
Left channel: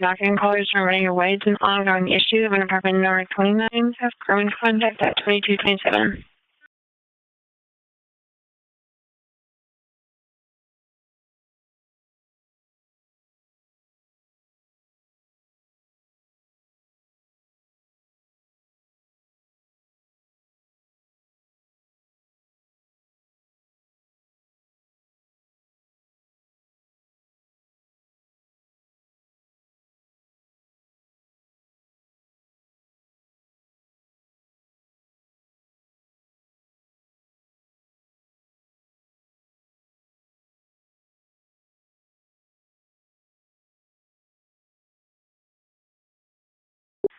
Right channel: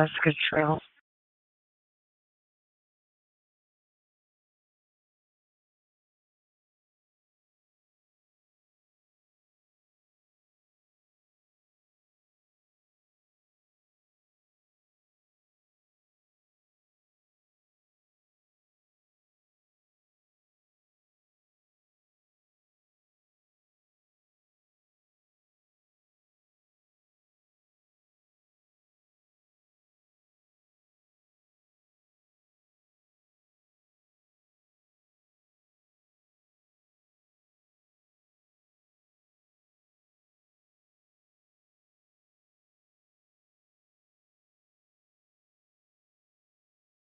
Background callers from running your way. It's an ongoing issue of an apartment north 29. Have current contact at 2227.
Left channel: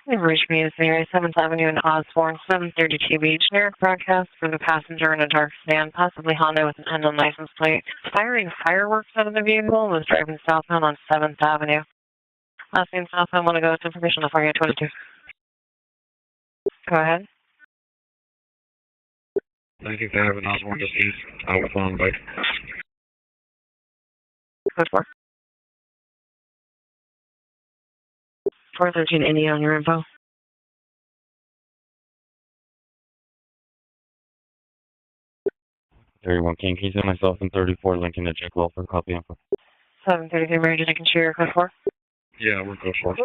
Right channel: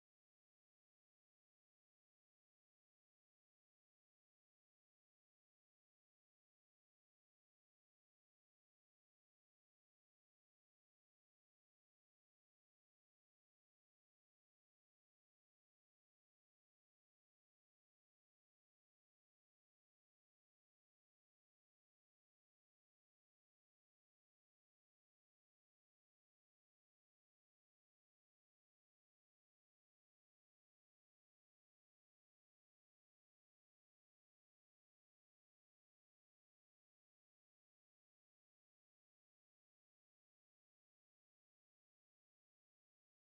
You've reached me at area 7th Avenue in Osborne, 732 Beach. Generic broadcast for the passenger in a dark sedan, possibly Honda with an unknown license plate. Firing fireworks out of the vehicle and was driving southbound on 7th Avenue. Last name southbound, want to go with information off area 22. Go ahead. 19th Avenue, Osborne, just east, outbound bike. Code 4. 413 Indy on your info. One King, can you send myself in 34 Lincoln to check well for copy info? 733 Mary, did I can share your code 4? Yeah, we're code 4.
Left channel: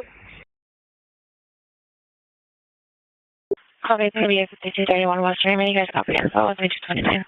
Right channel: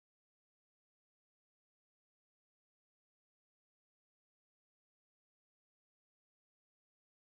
Copy, it's going to be a 5231 West Raymond. You guys copy info with 229.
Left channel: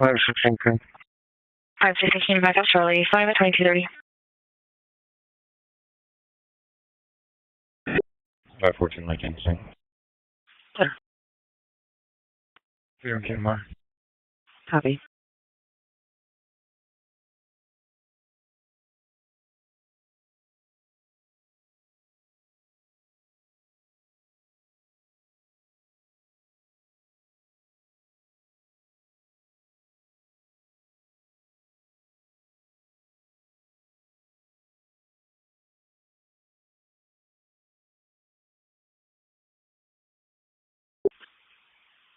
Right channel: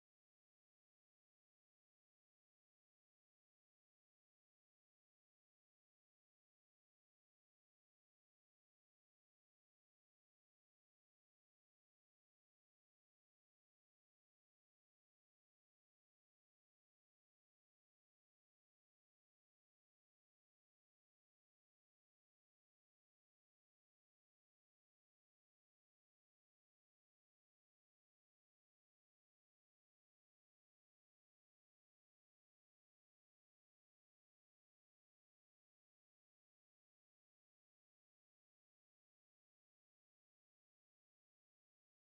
Where's 16 King? 516 back up Charlie, 5 at 2230. 514 Lincoln, same. You're okay, Mark. Copy.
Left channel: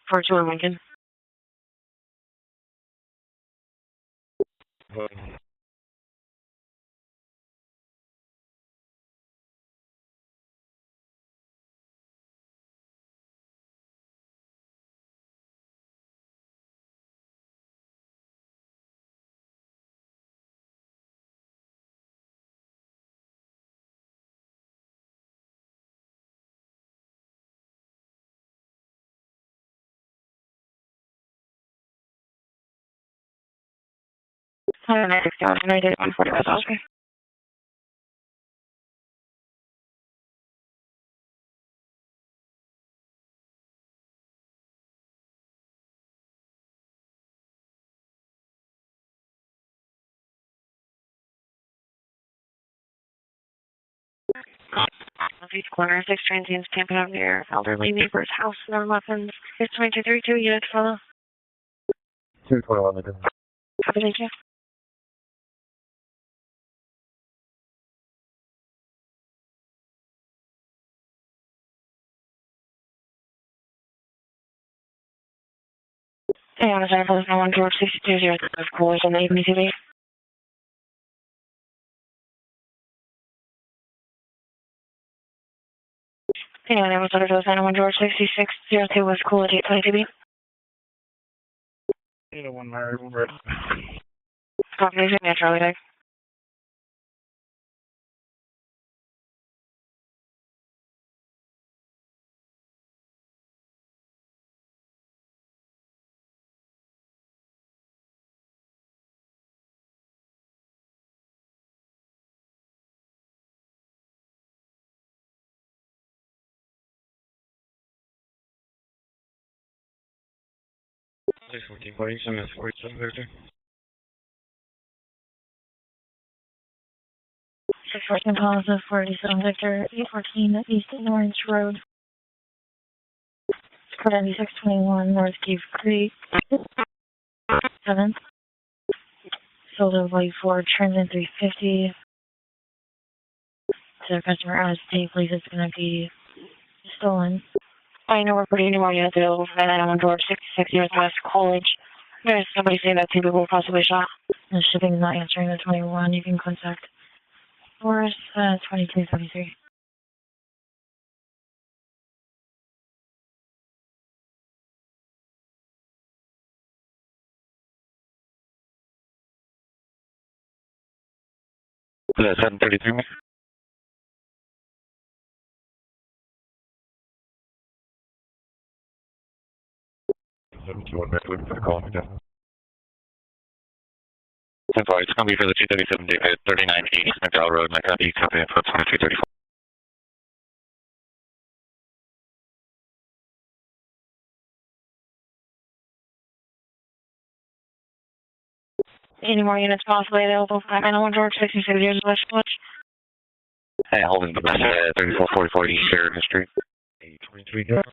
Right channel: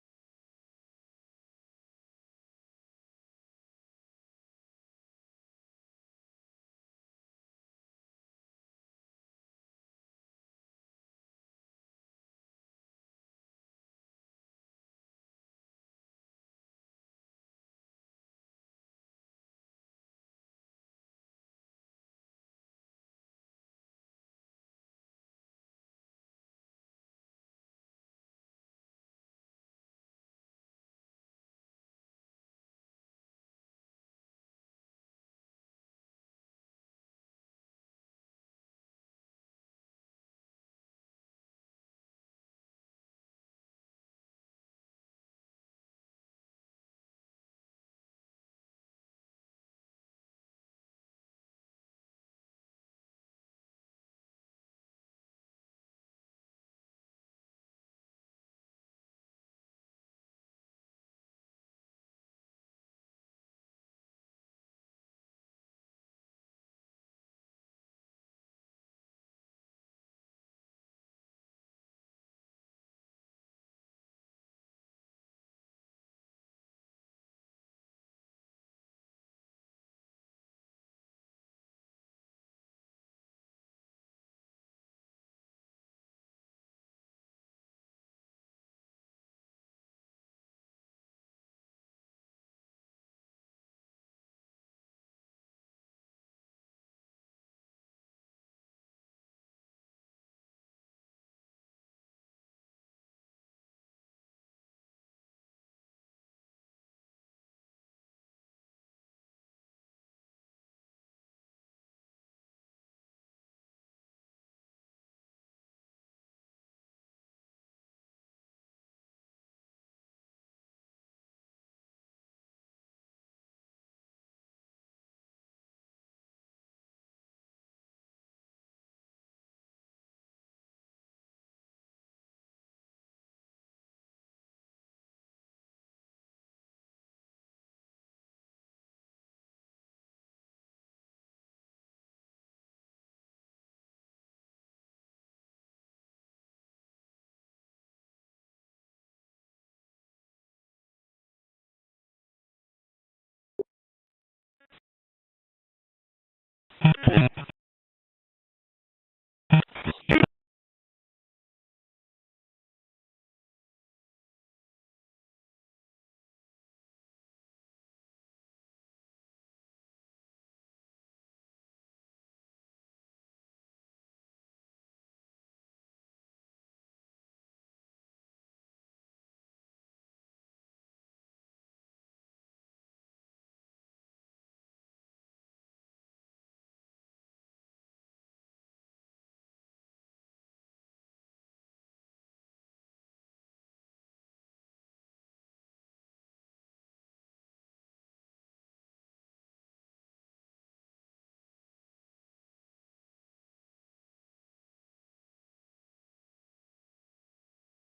Fortune Lincoln. I did 140 was okay. East corner, 6 transients camping out near elderly neighbor's house, no weapons. It's 2232, units follow. 221 Lincoln. Copy, thank you. Hey, on the center, police 91 George 620, of course, on the evening TV. Hey, on the center, police 91 George 6602 was cool at 820 TV. 801 Mary, Red. Copy, thank you, Charlie, thanks. Police 1447, that's 4730. 614 positive 47 Victor, 814 East Orange Road. Code 9621 North Cave Creek. 7th. Sold of Light Ford, Transit 350. To the customer as they believe it's going to be stolen. I know we're putting any more units available for that item on George 66 North West College. There's somebody saying that 2 people were possibly shot. The shipping is not answering the 21. You can contact Forest 2233. Yeah, 733, man. 721 Mac, looking for the call, yeah. That's all right, it's going to be for the 237 Decode, 3980 McDowell Road, Mecca, East, copy info, 2234. Any more units possibly available for that on George 66 years West College? Hey, holding the best 3444 East Sheridan Street. 823, go.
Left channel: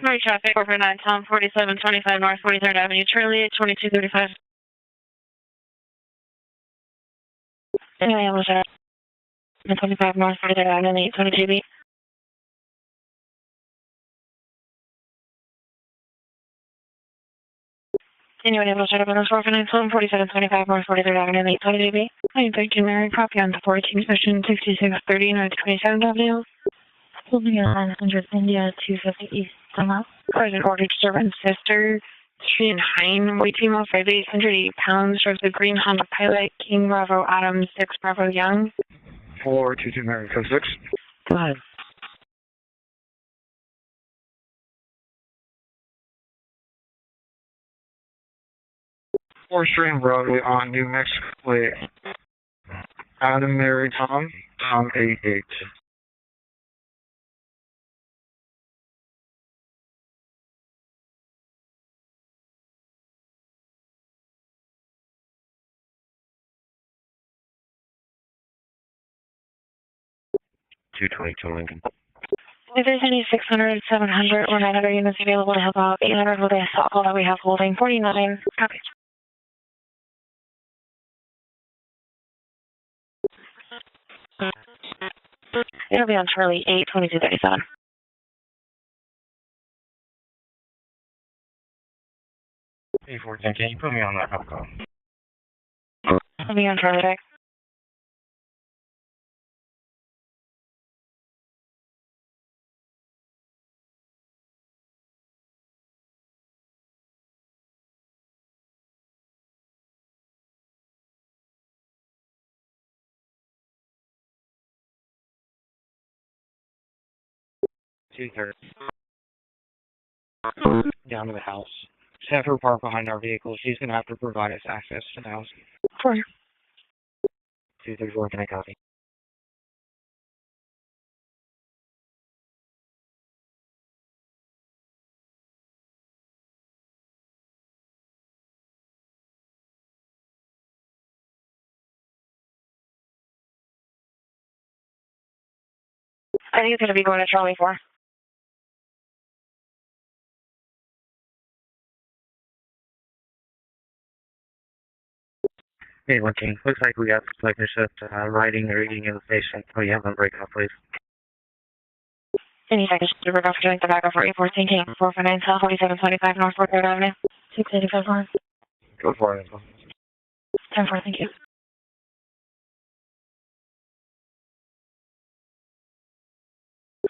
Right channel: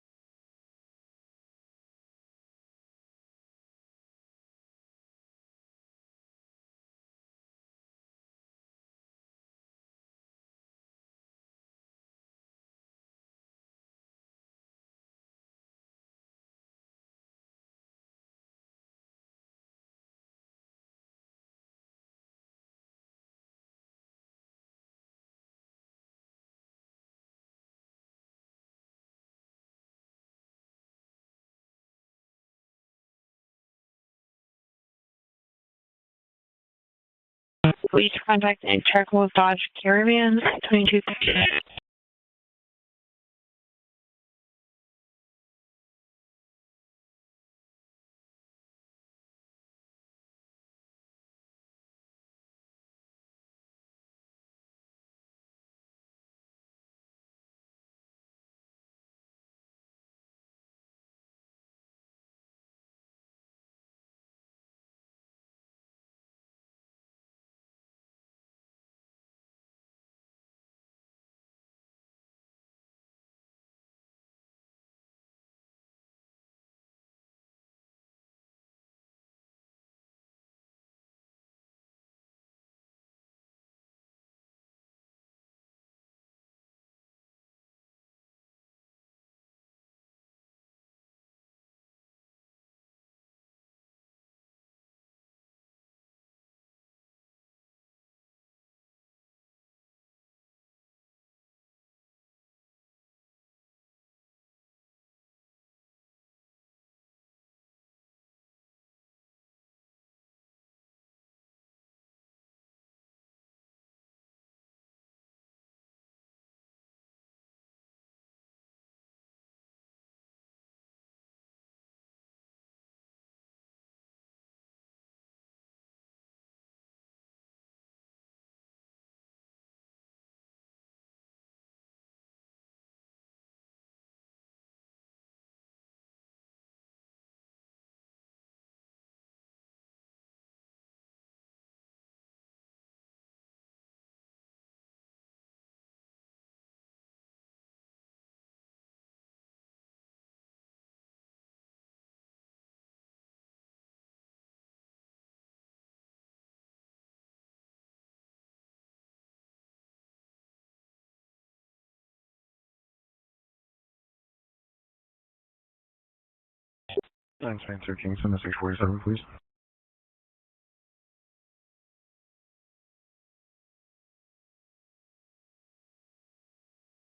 Sorry, traffic, over 9, Tom, 4725 North 43rd Avenue, Charlie, 2235. Anyway, I was at 25 North 43rd Avenue, 822B. Anyway, I was at 4725 North 43rd Avenue, 822B. Hi, thank you, Mary. Copy on the 14 session 6630 North 27th Avenue. Holding at 900 India 250 East Summer. Present order to servant sister. Street and Hine, weight female 5'8", 180 pounds, drives a green Honda Pilot, King Bravo Adam 6 Bravo Young, and charcoal Dodge Caravan, 2215. Fourth Street and Broadway on New Mexico. Adam, Mary, Tom, 88. 222 Lincoln. If there's any 600, 700, or 900 units available to help out, 800 will be a stop call that we have holding 49. Copy. It'll be on Charlie 82237. Hey, 14, can you put me on that help call? It'll be on Charlie Deck. Down to the house. Just have her park behind our vehicle. She's going to have to provide us access to the house. 234, can I copy? I think it's going to be going to Charlie 4. Hey, 14, looks like we got suspicious writing or eating in the station. Oh, you have them break off, please. Any seconds to break off joint the backup for 814 King 449 South 4725 North 4th Avenue. 685 North. 10-4, thank you.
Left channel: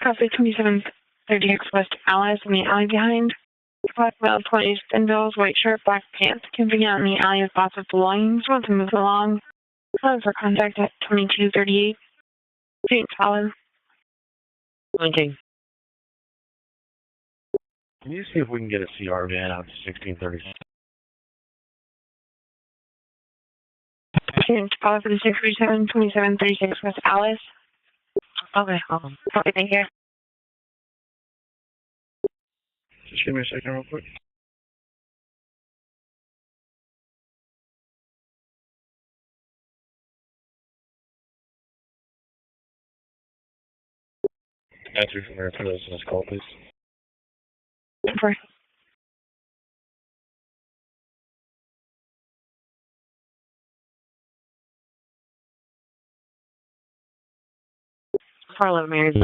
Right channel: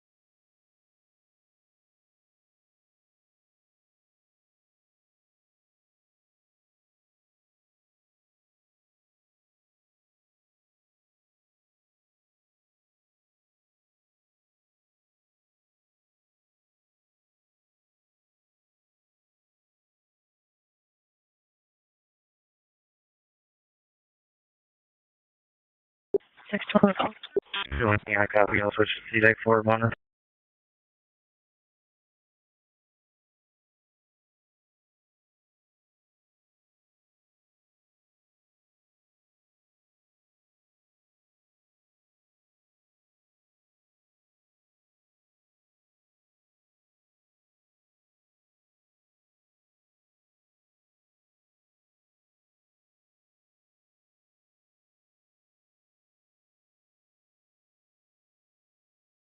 Copy 2730 West Alice in the alley behind. Black belt, 20s, thin bills, white shirt, black pants. Camping out in the alley with lots of belongings. Want to move along. Calling for contact at 2238. St. Solid. Linking. Can you see if we can get a CR van out to 1630? St. Solid for the 637, 2736 West Alice. I copy. Okay, thank you. Just give me a second real quick. Answer from there for this call, please. 10-4. Carlo Mary.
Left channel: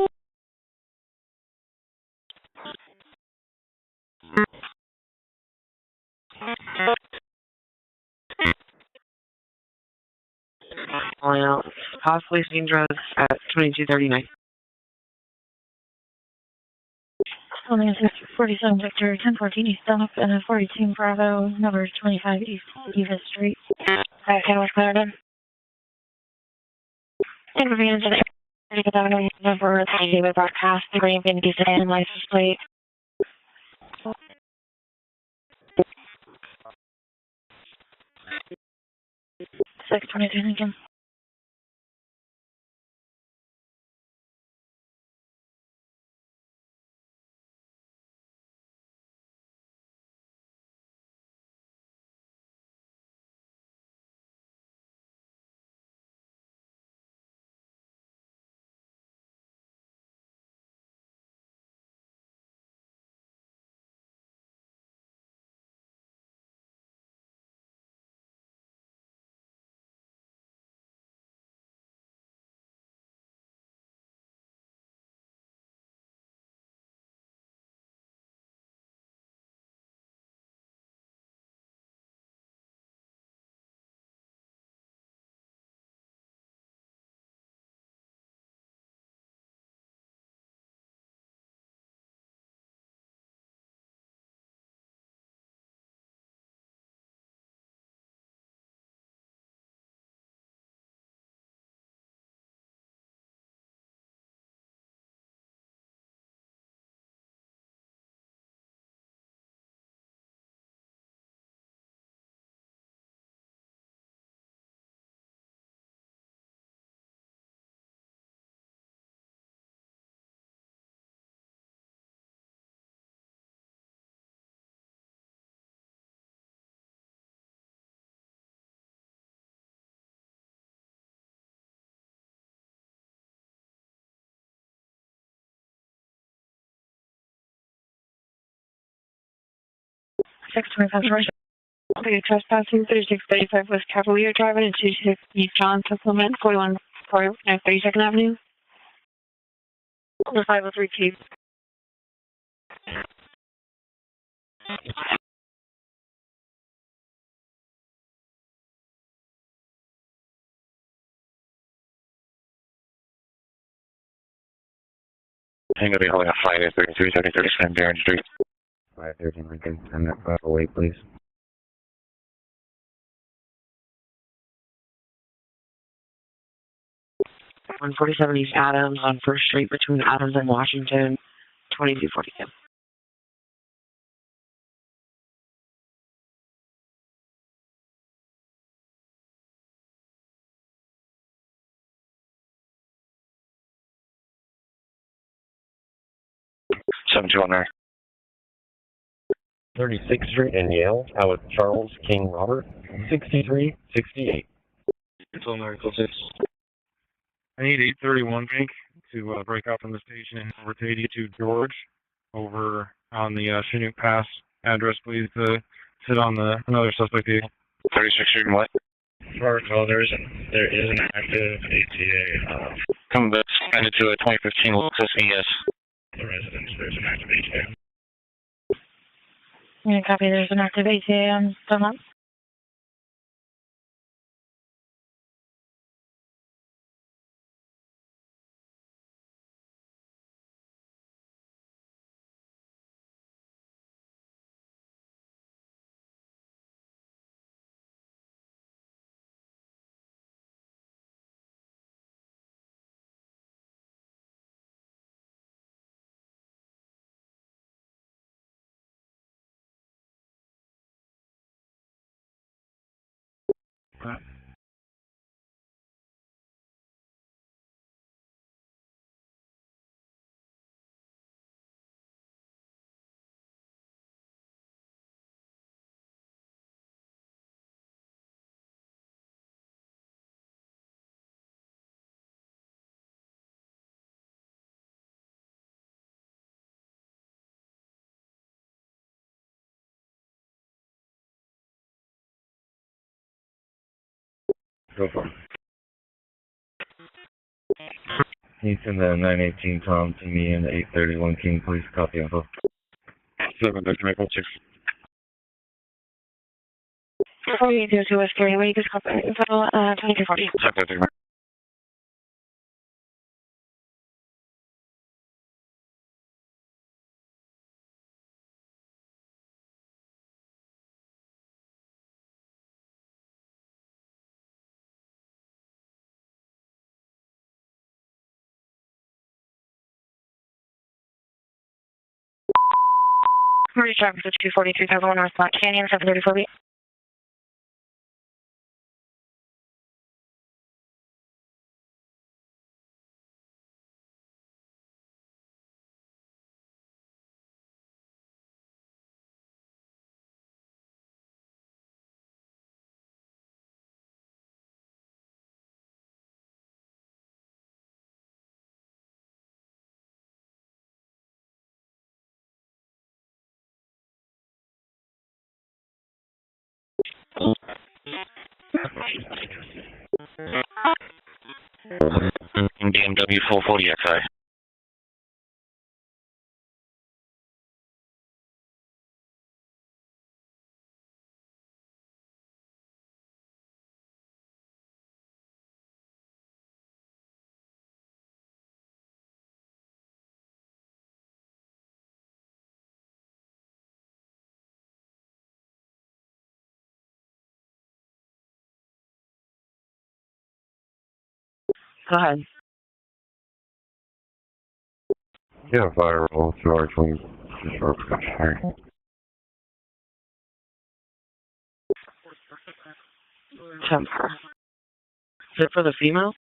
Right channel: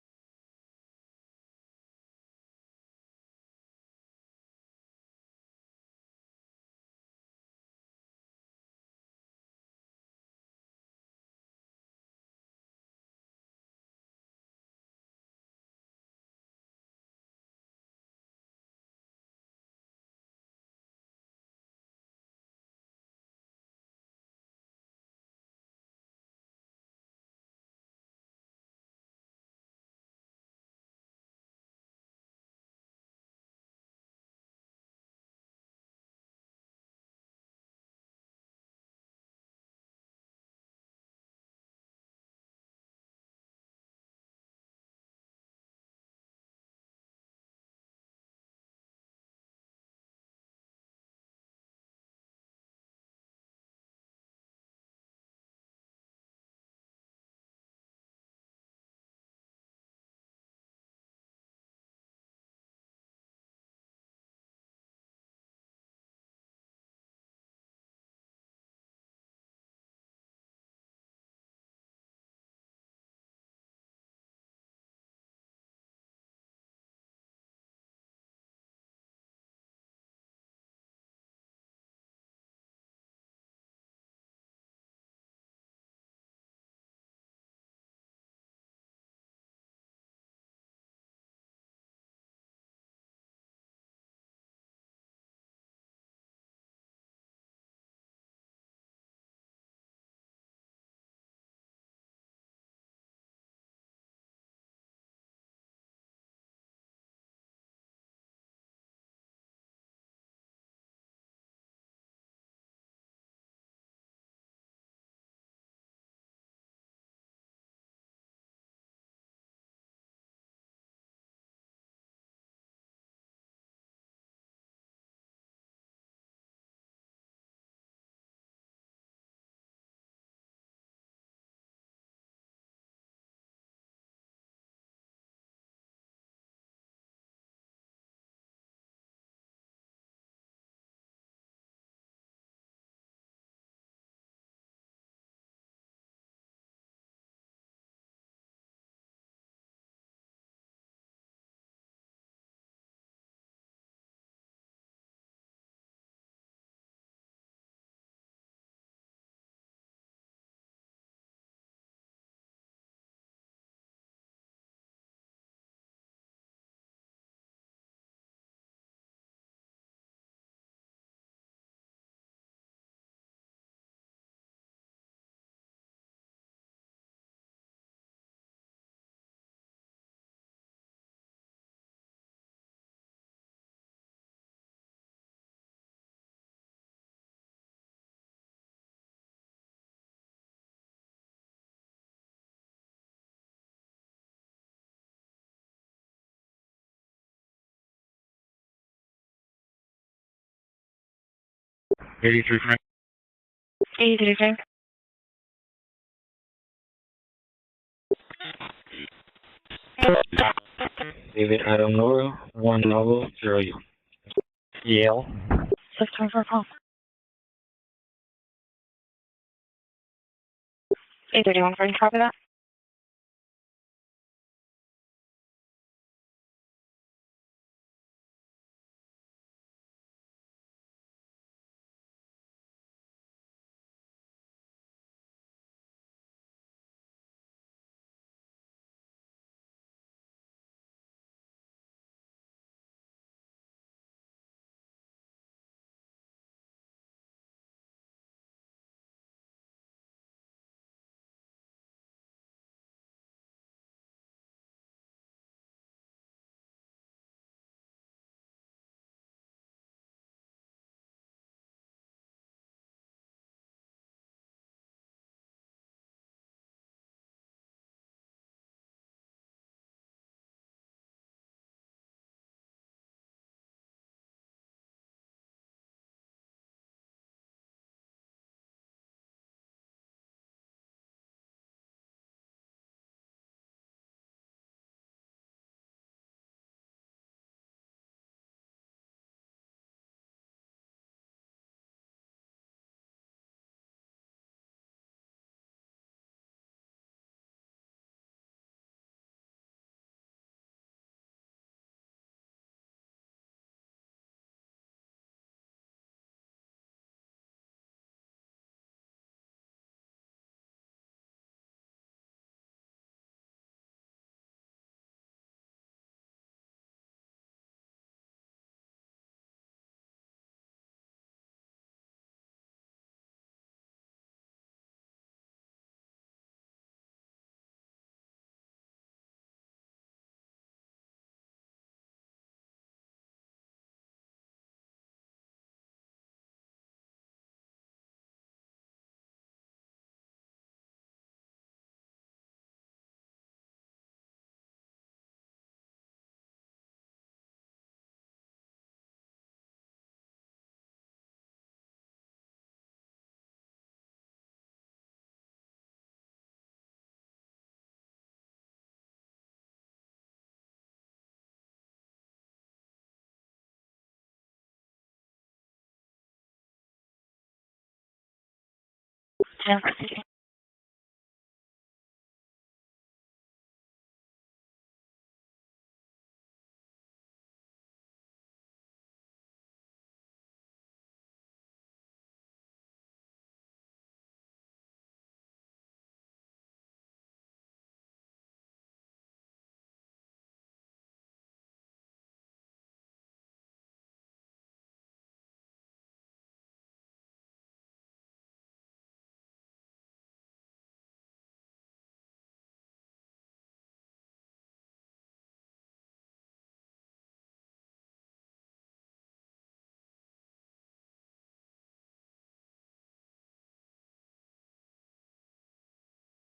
Calling out possibly seen drugs at 2239. Calling us 47 Victor 1014 East Dunlop and 42 Bravo, number 25 East Eva Street. Can was Clarendon. Inconvenience of the number 3 with broadcast, the green bin sedan license plate. 622 Lincoln. 625 Okay, trespassing 3635 West Cavalier Drive and 260 East John Supplement 41 32nd Avenue. The 503 Chief. Tango be holding a flight at 3337 Darren Street. 513 Lincoln, send that 508, please. 147 East Adams on First Street between Adams and Washington, 2242. Seven two one nine. 36th Street and Yale, out with Charles King. 63. 83. It's on Article 6. I need 831 to break out from the church over to 82 doors over on the Chinook Pass address. Yale. Please sit on another suspect vehicle. 36th Street and what? Protocol, there is an active. 831, copy that. Come back, send it to a 2015 Lexus ES. The residence, there's an active ATA. Yeah, copy, there's an active ATA on Dunlop. Go for it. He's in the 918 Tom to me and the 831 King, please copy info. 7 Maple 6. 4802 West Gary Way, just copy info, 2240. 7 Emergency traffic to 243,001 North Black Canyon, 734 B. BMW 440XI. Go ahead. Yeah, fire roll, George, please. Sorry. 10. Is it for the female?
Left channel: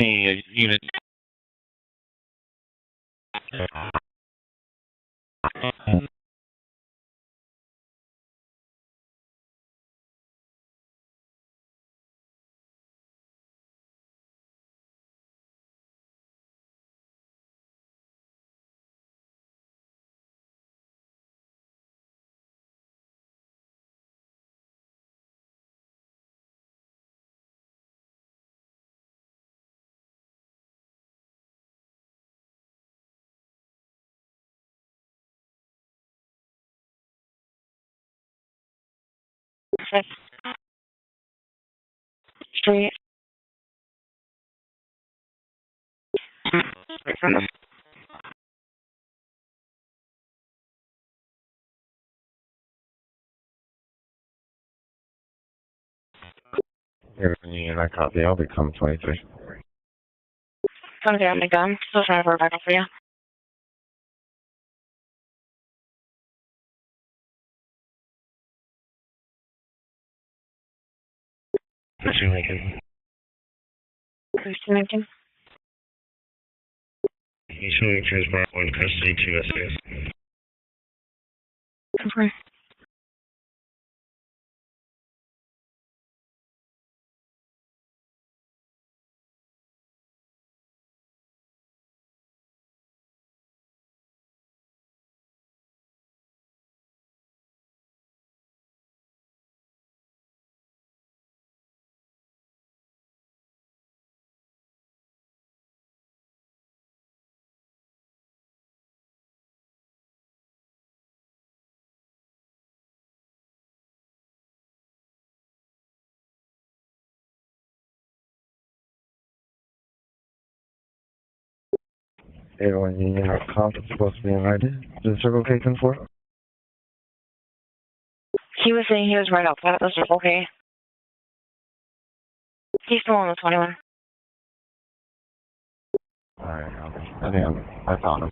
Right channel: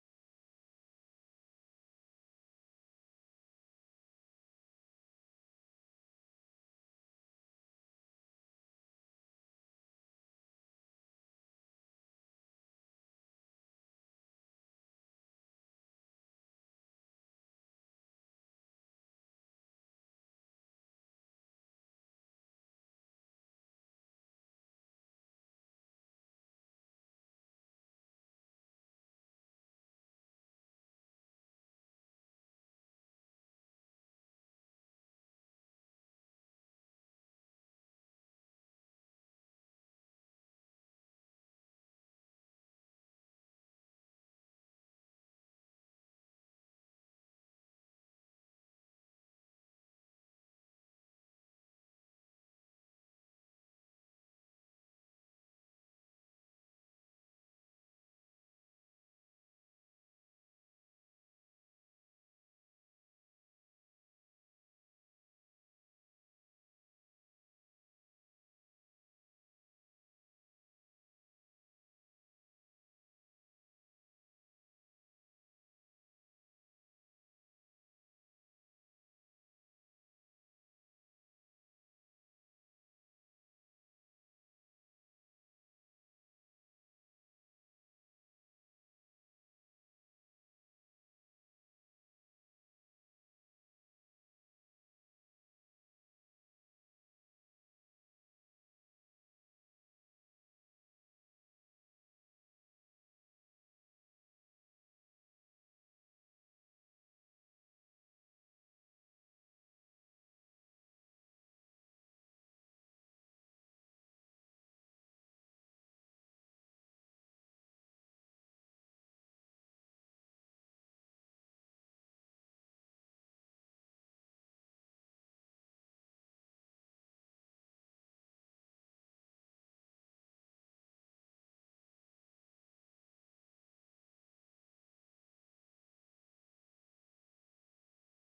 Any unit. Street. Union, I copy. I'll become 23. Come down, my gun. Still trying to work back up for you. Christian Lincoln. Christian Lincoln. He's showing transport in custody to SAS. Confirm. Everyone Union, our conference is supposed to be invited. Is the Circle K 10-4? He was saying he was right outside of the Circle K. He's still on the 21. Alright, I think I found him.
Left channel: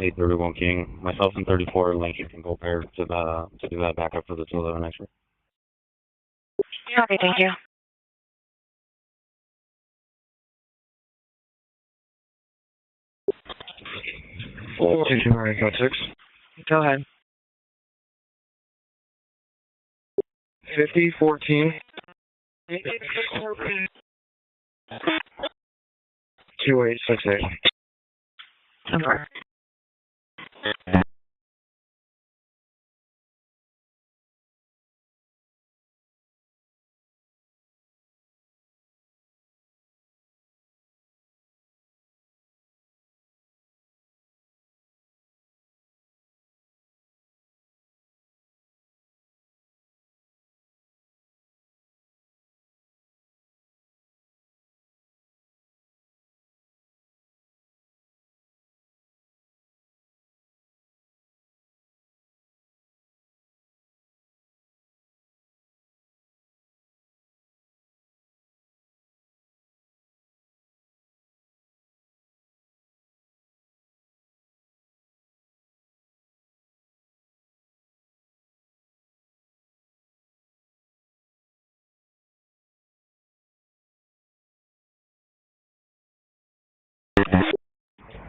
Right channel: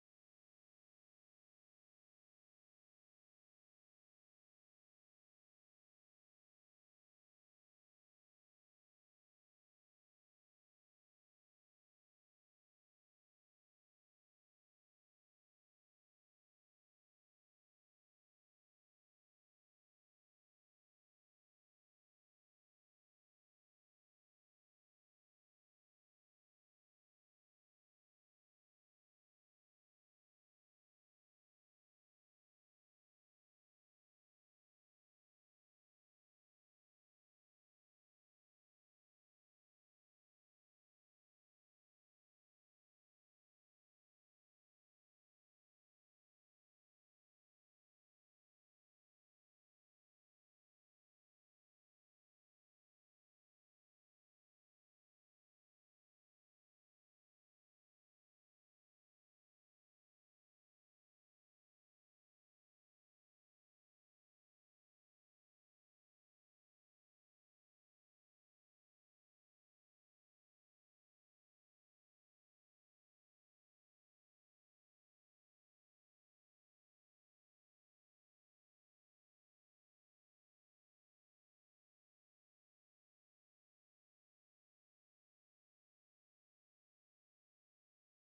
831 King. Myself and 34 Lincoln can go pair to do that backup for the 211 extra. Okay, thank you. Oh, 22956. Go ahead. 5014. 2868. Okay.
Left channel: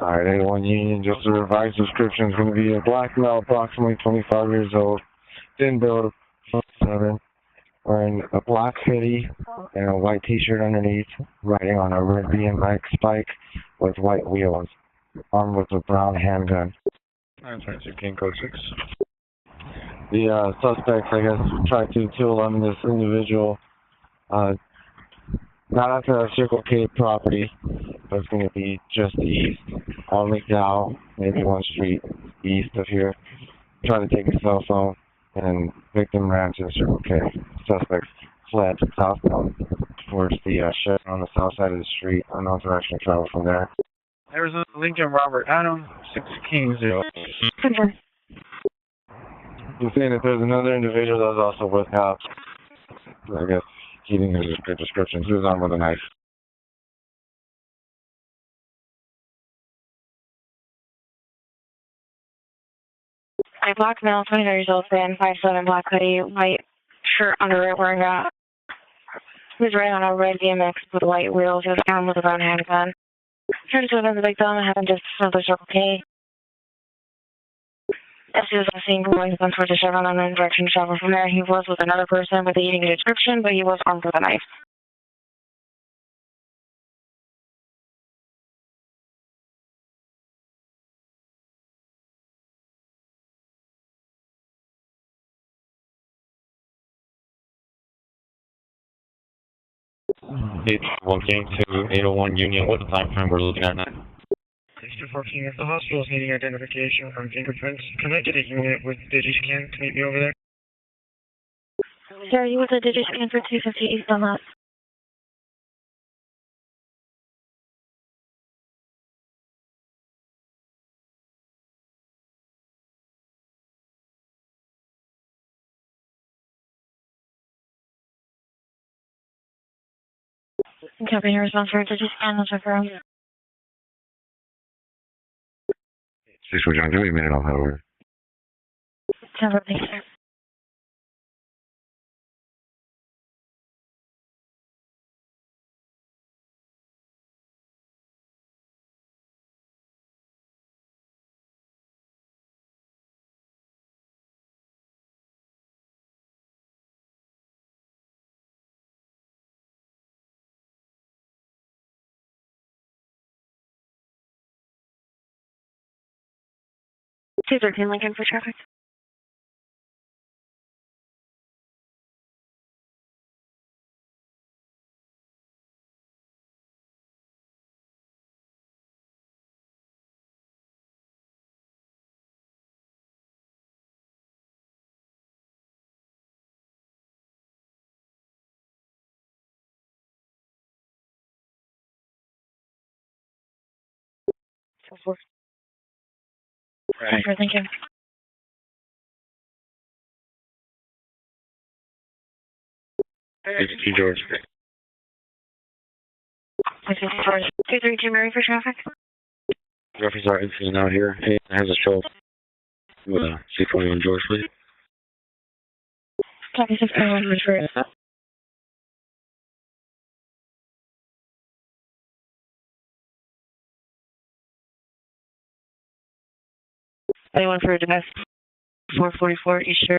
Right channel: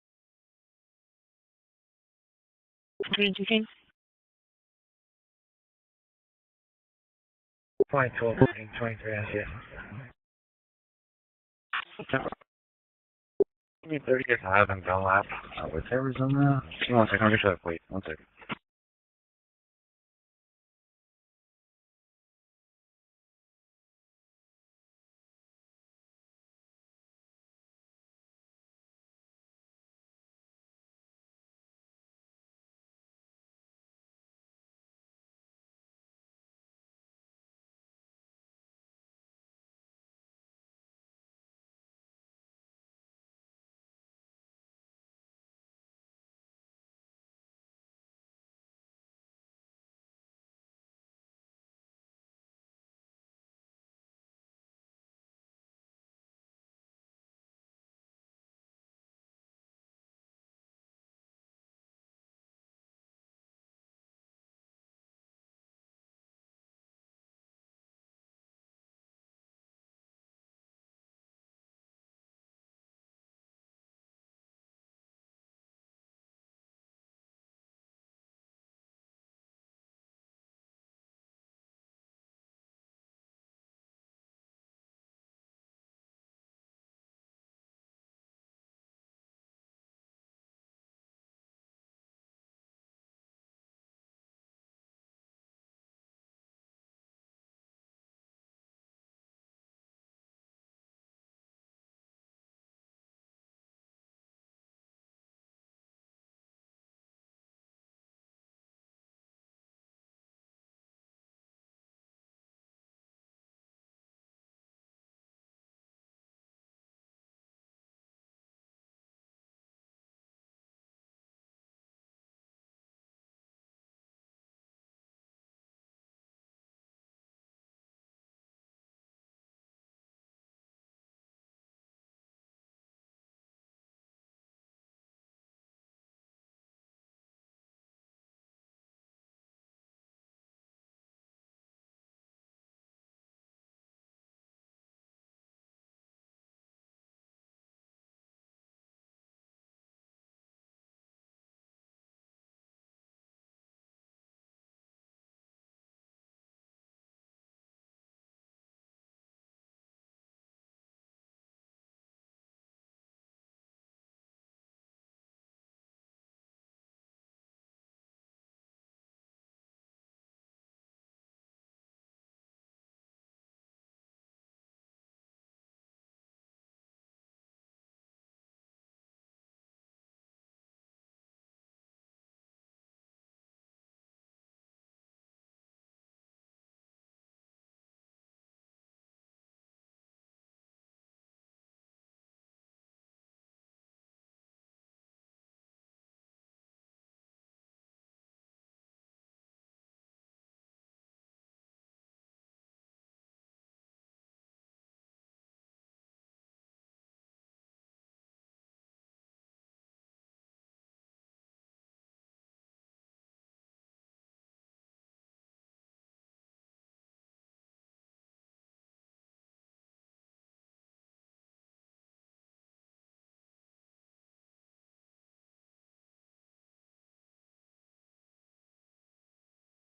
Alright, 81 Union, just a revised description is going to be a black male, approximately 25 years old, thin build, 7, wearing a black hoodie and a white t-shirt underneath, riding on a Olympian bike spike with white wheels, armed with a brown handgun. The suspects, I guess, tried to 211 this individual, not after our Circle K property, but it's going to be just east on McDowell, maybe 1 street east of here. Trying to take a cell phone, and victim ran to the Circle K. Suspects fled southbound towards the shed on the south side of the street. Unknown direction of travel from there. Arizona Lincoln Robert Adam, 6 King 0. Confirm. He's saying that there's another individual that was also with cops. I guess keeping his good description. He was armed with a knife. A black male, 29 years old, thin, 5'7", black hoodie, white shirt under it wearing a, he was riding on a red BMX with white wheels. He was armed with a brown handgun. Turned to another big thumb and happened just another Circle K. As he was on the scene, going towards the Chevron on the direction to travel from there, he was with another person with a eating description, but he was armed with a knife. It's walking to 801 Union. What time frame we're looking at now? 614, if the hospital is needing identification from fingerprints, can I get a unit with DigiScan to meet me over there? Sir, you with a DigiScan for 250 East on that. Copy your response for DigiScan, let's confirm. 6 John, give me a minute, I'll have her. Thank you, sir. Cesar, can Lincoln for traffic? Right. Sure, thank you. It's George. 232 Mary for traffic. Reference our incident out here. It has a show with a C41 George, please. Copy 641 for it. Anyone for a domestic 444 East Shore.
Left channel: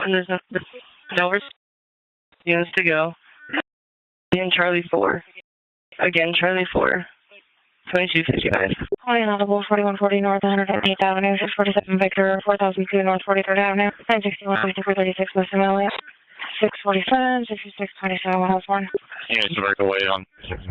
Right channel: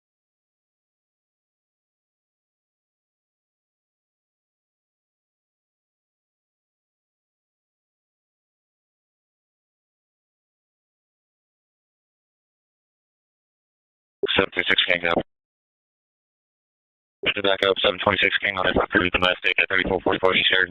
And there's no units to go. Again, Charlie 4. Again, Charlie 4. 2255. Calling inaudible 4140 North 108th Avenue, 647 Victor, 4002 North 43rd Avenue. 961 Mr. Elliott. 647. Back up 726 right away on Bush Street.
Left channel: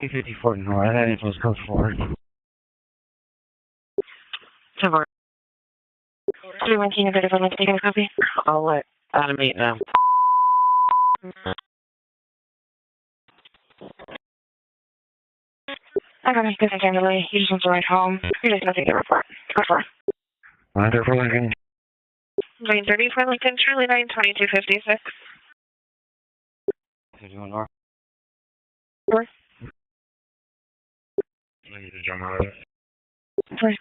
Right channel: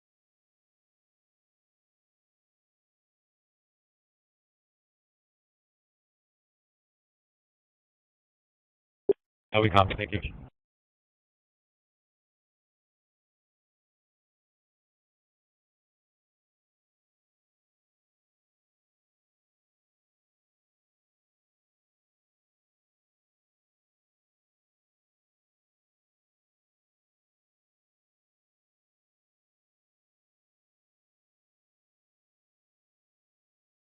P54 North, that info's code 4. 319, a bit of a link, taking a copy. I'll let automate them. I got a good again delay. He just wants to ride home. He doesn't have to get a report. Go for it. Monitor for Lincoln. 930 for Lincoln, Charlie 9, 2256. 51 North. North. I need to jump out of it. Sorry.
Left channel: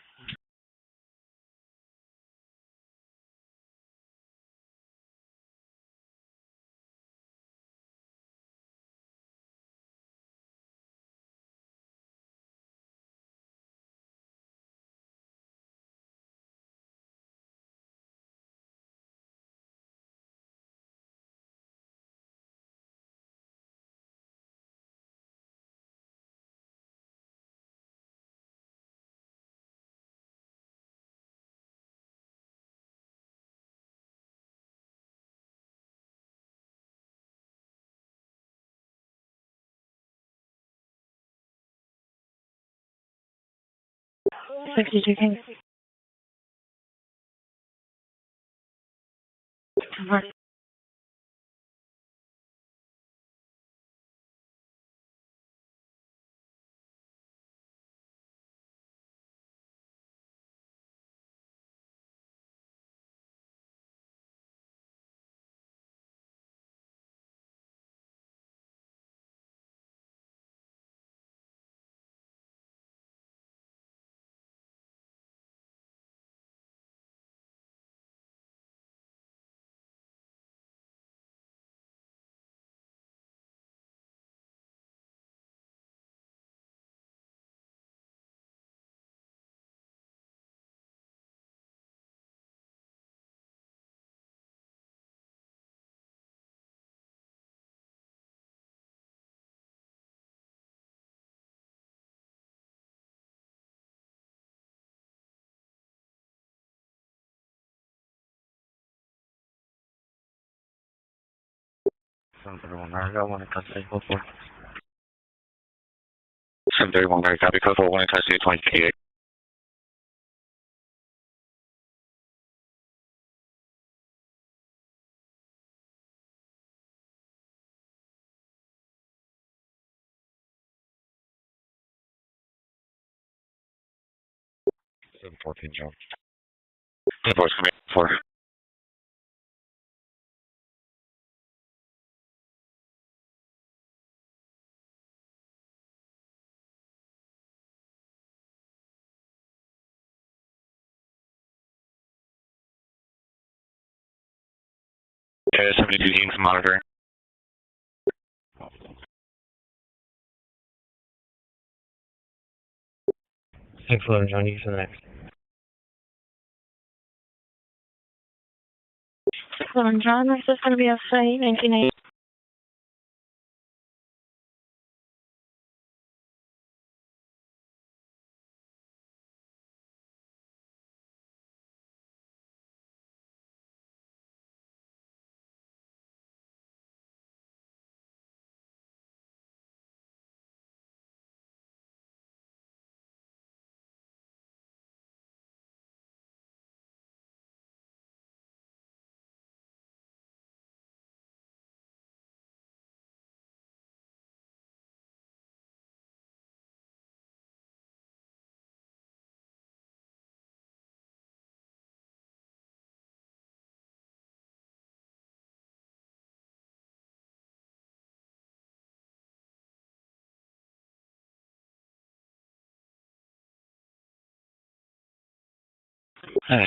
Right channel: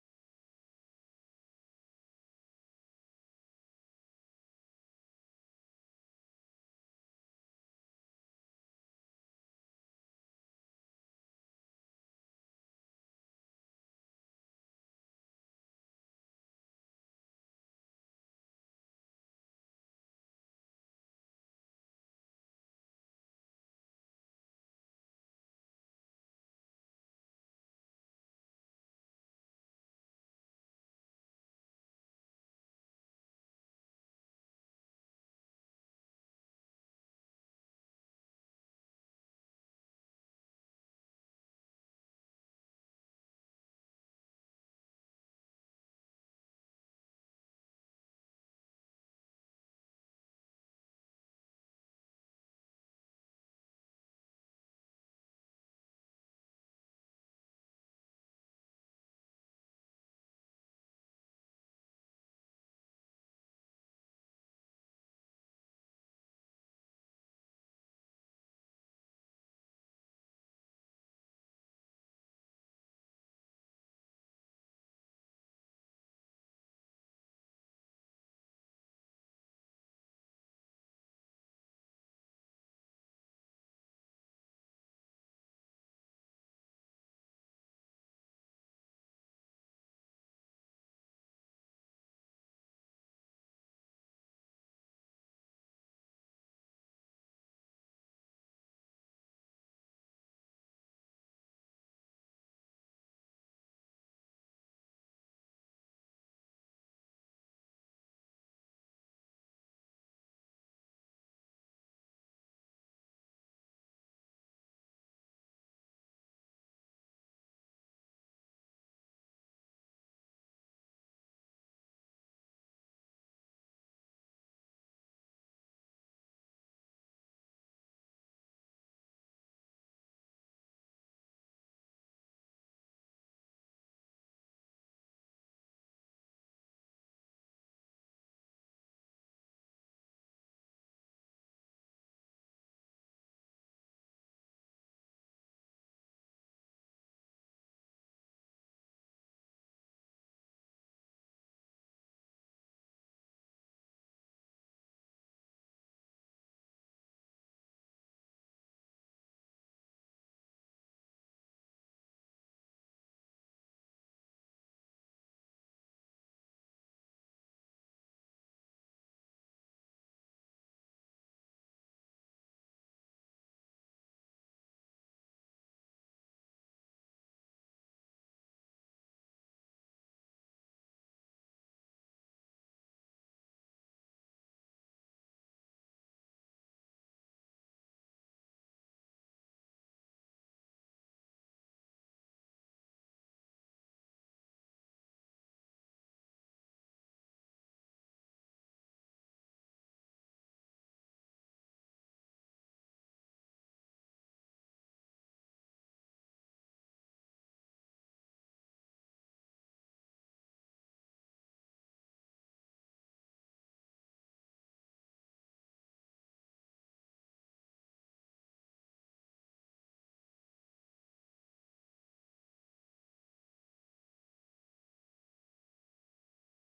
731 Mary, copy code 41 in custody of 2058. Seven 14 John. Invoice coming for. Okay, 72 teams monitoring. Thanks for John. You can next. John, this is going to be a site 1980.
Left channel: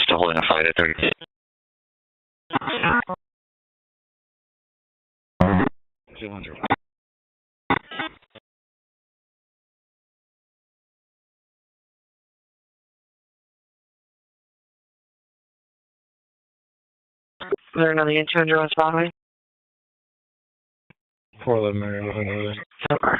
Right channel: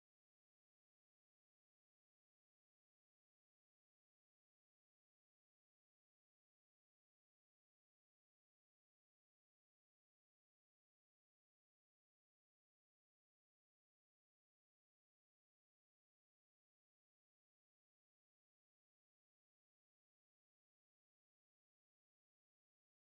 Still holding a fight at 30. Is there another intruder on Broadway? 411 Mary, looking over there. Okay.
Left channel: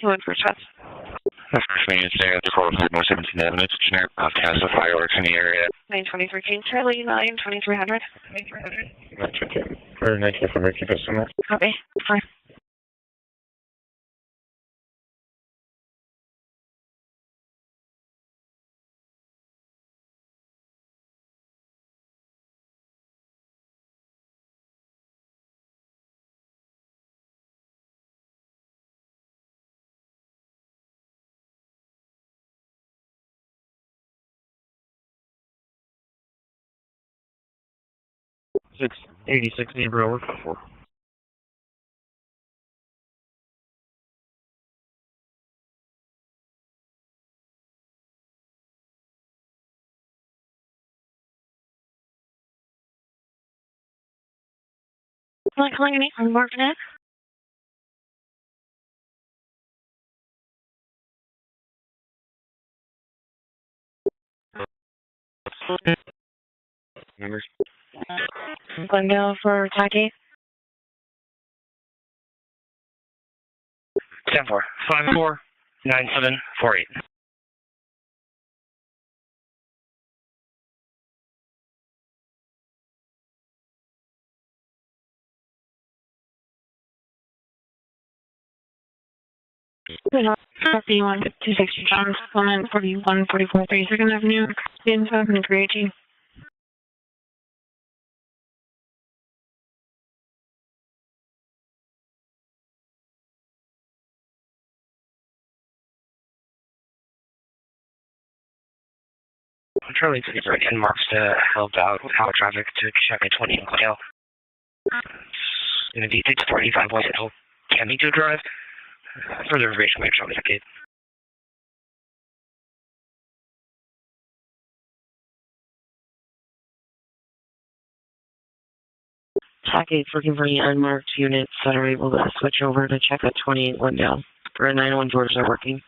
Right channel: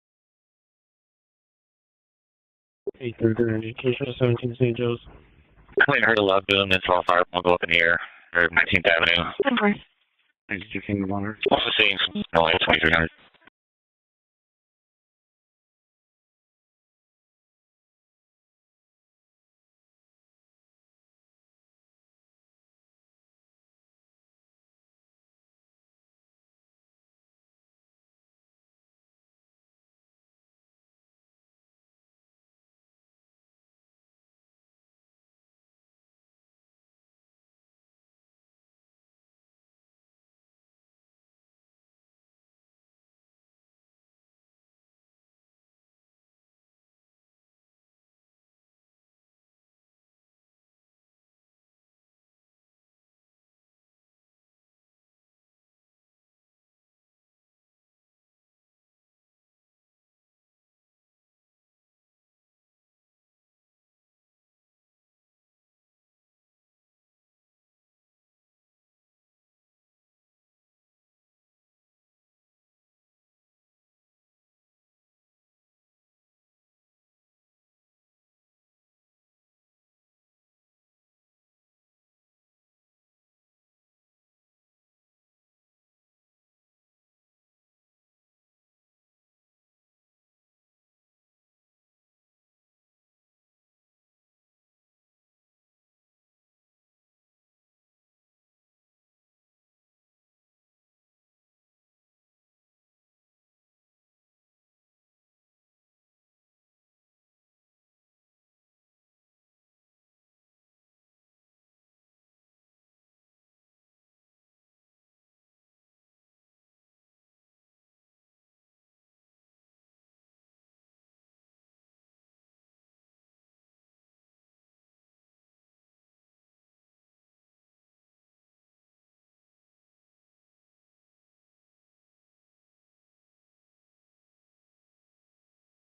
He went for shots. First convenience there at the court with no symptoms of damage. Generic broadcast of fireworks in the area. I heard a lot of them and 12 fire ones open here. Or 19th Avenue. Or 19th Avenue. Also seeing no light 2300. Six 86 neighbor over 4. Like calling me from working it? Numbers? Glendale for Taki. 10-4, 549748. Copy 160 John, Clement 4144 32nd Avenue, Inside and 318. Charlie to the right end marks to help out with how traffic to check at 20 Glendale. Going to be 645 West Hill, Camito Drive. Further information, make sure we indicate. Track 8's looking for any unmarked units that are able to switch over to check at 28 Glendale. For 901 George are working.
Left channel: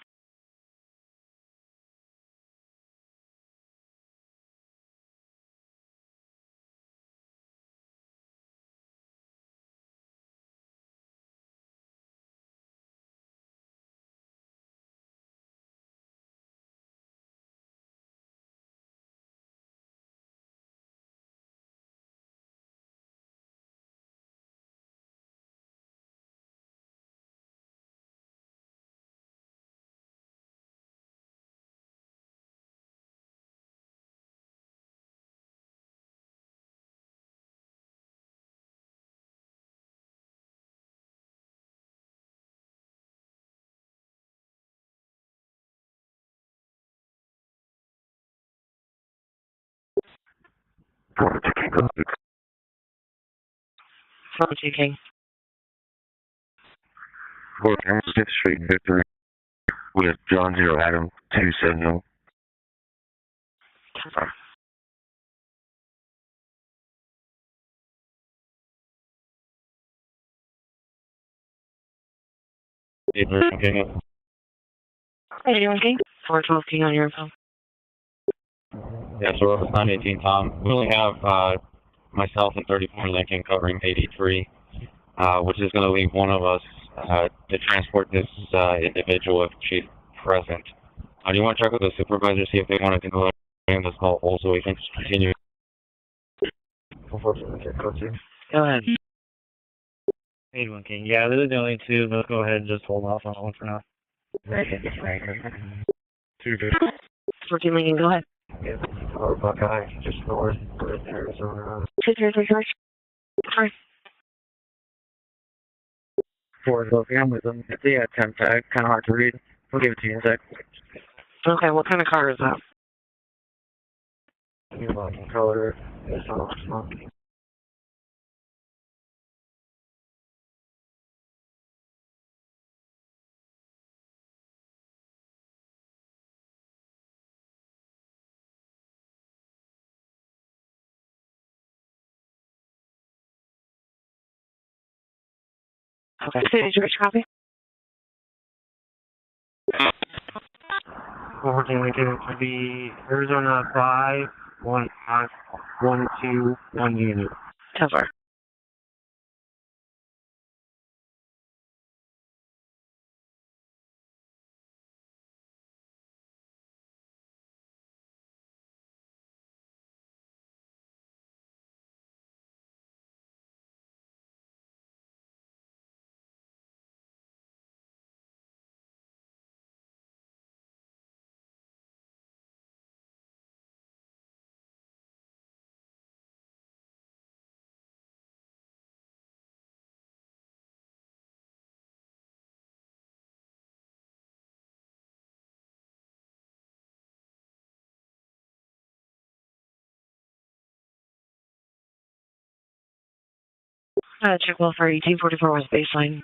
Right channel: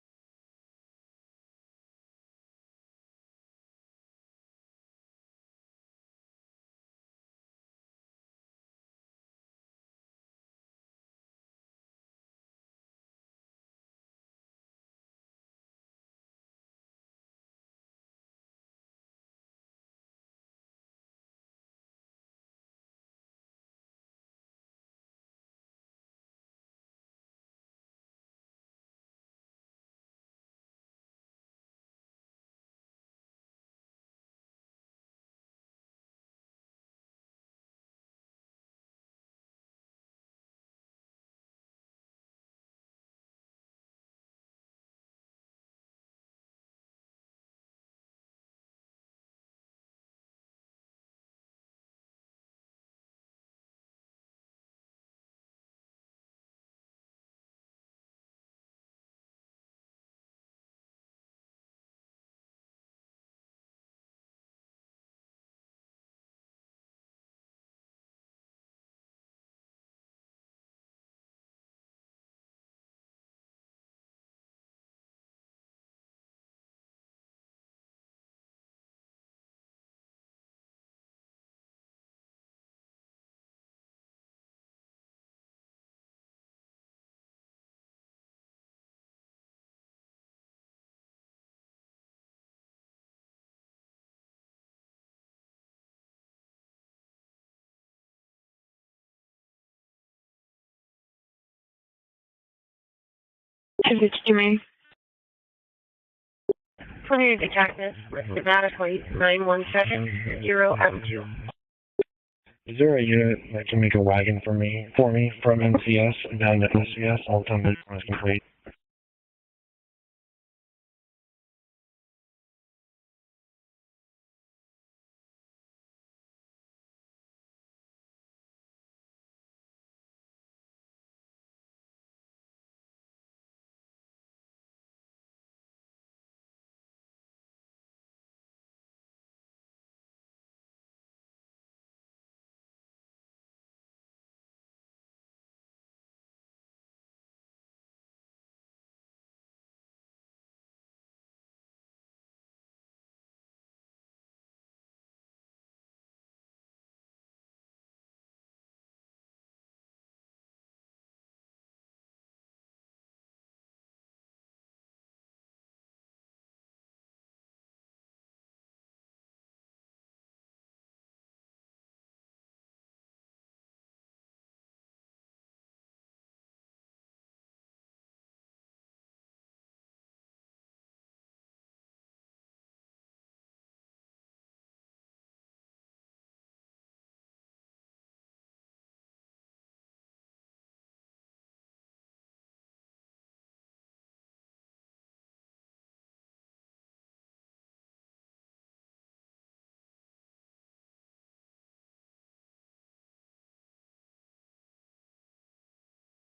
From TK. 6th Street in Victory with John 0 Adam 270. How you doing, King? 412 King on your phone. Yeah, so we're 918 Tom. We only have myself and 34 Lincoln covering 83, which is going to leave one of us to transport this individual if she's present. Do you want to check with the supervisor, see if they wanted to go ahead and this call also we can continue? Go ahead. 81 King. Yeah, those are the only two. Let's go ahead and just hold off on that one for now. 252 Main. 250 Lincoln, go ahead. Dramatically, 917 L2. Is there a unit that can make a wagon for me from NCS down to NCS? Yeah, kind of hard to read. We'll give it to you in a sec. Okay, what kind of car is that? Color. Okay. Did you copy? We're going to be Arizona 515-121 unit. Cover. Check well for 1844 West Baseline.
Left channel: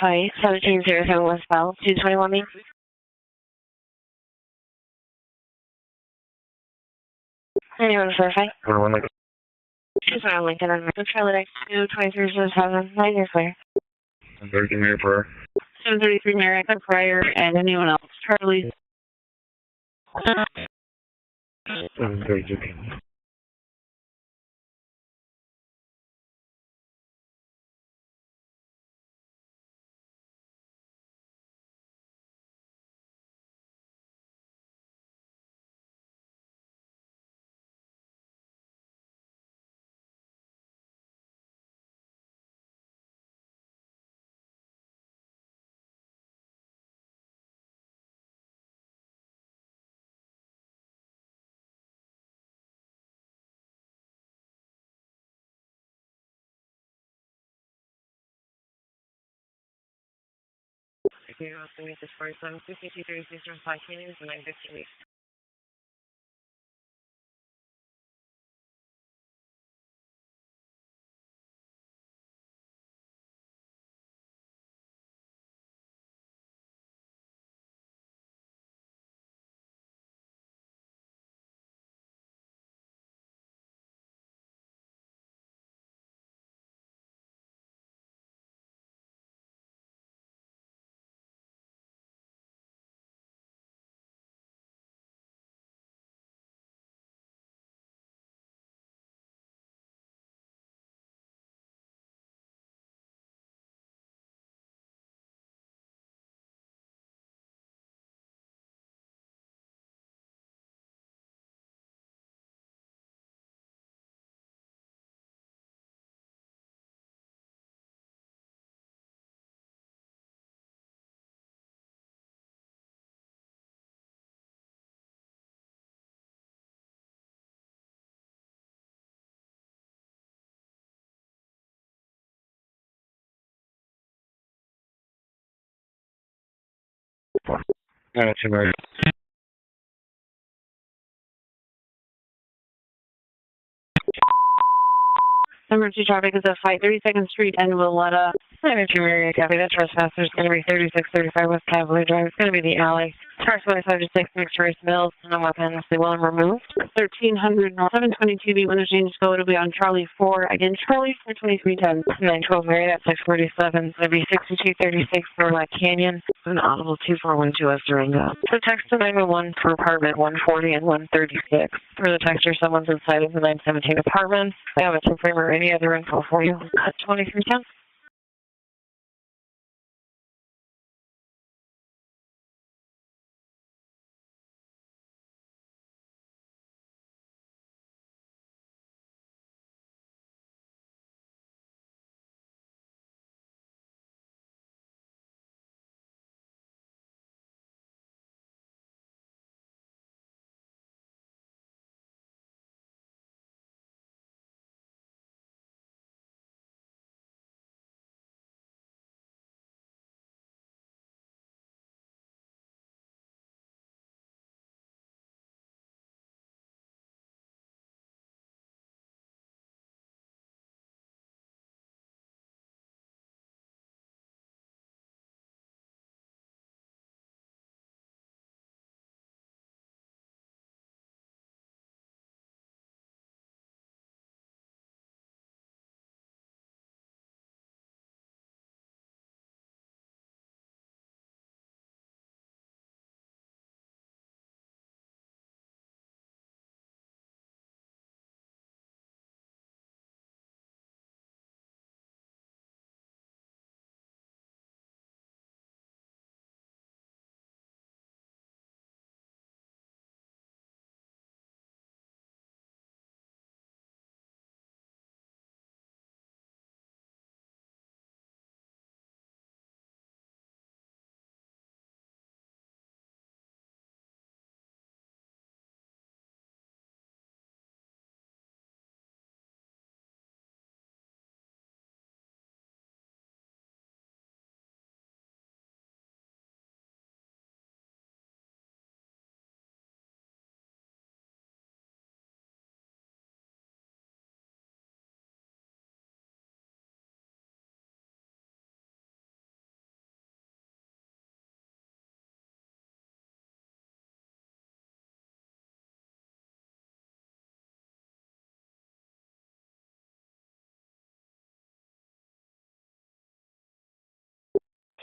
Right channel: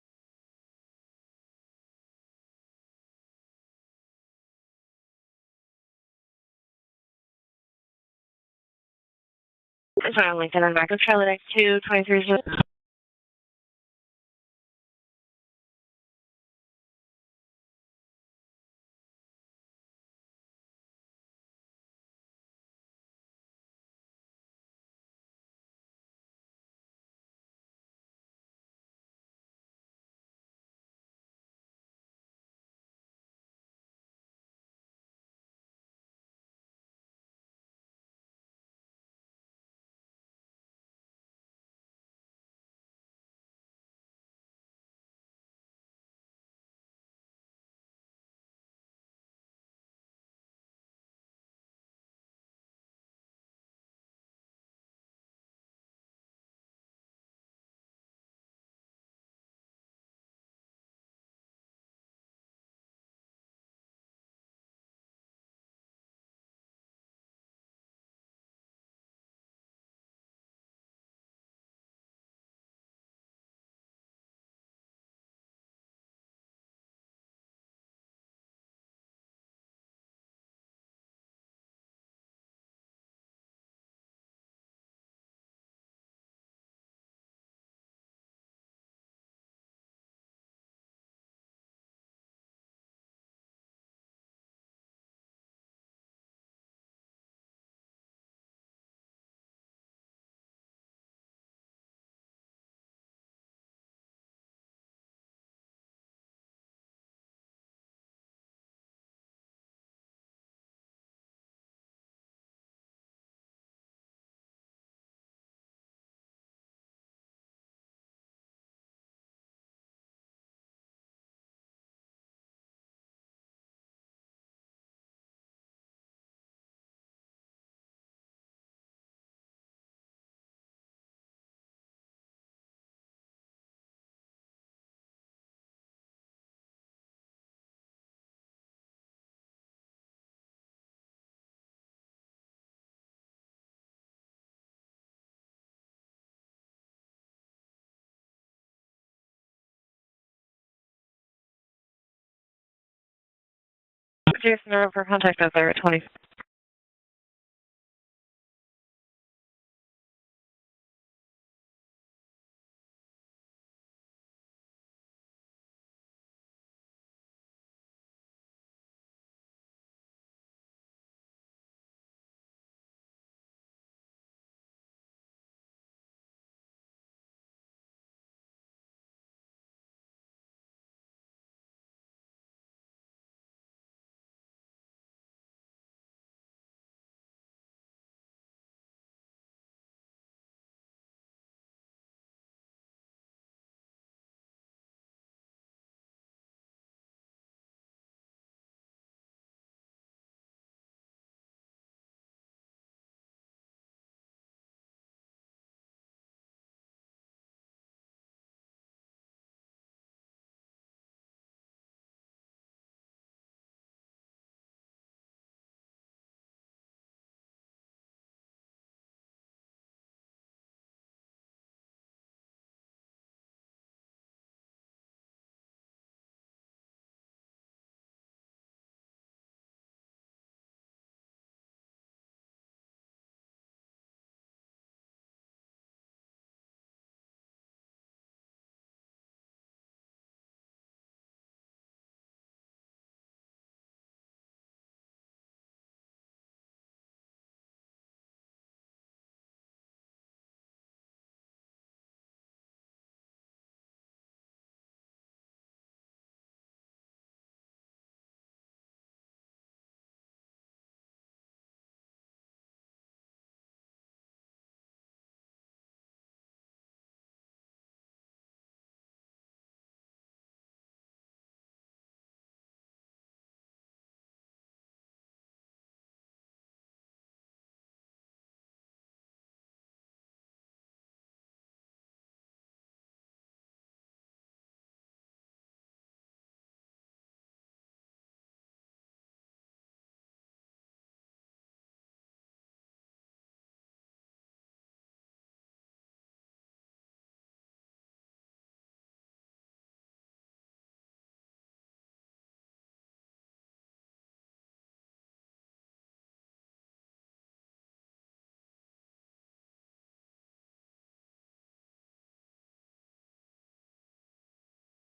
Hi, 1707 westbound, 221 Main. Anyone to verify? Charlie 2, 2307, 9 years later. 30 Mayor Prayer. 733 Merrick Prior, and anyone else. Charlie. 732. You also need this 47, 52, 36, 5 canyons, and 915 weeks. Two Mary. Number 2 traffic is at 32nd Street and Willetta. Number 2 area copy. That trespasser is going to be 3635 West Cavalier Drive. It's going to be the alley. Car 25 to 6 Trace Mills. Check out there at 21 removed. 1300 North 722 B window change code will be on Charlie 4. Again, Charlie 42310. 912 Mary at 647. It's going to be 6236 for Black Canyon. An audible 2412 as during that. So text to 911 for apartment 140 and 136. For the texter, someone's inside of the 917 apartment. I have a two frame or any other info for you at 2310.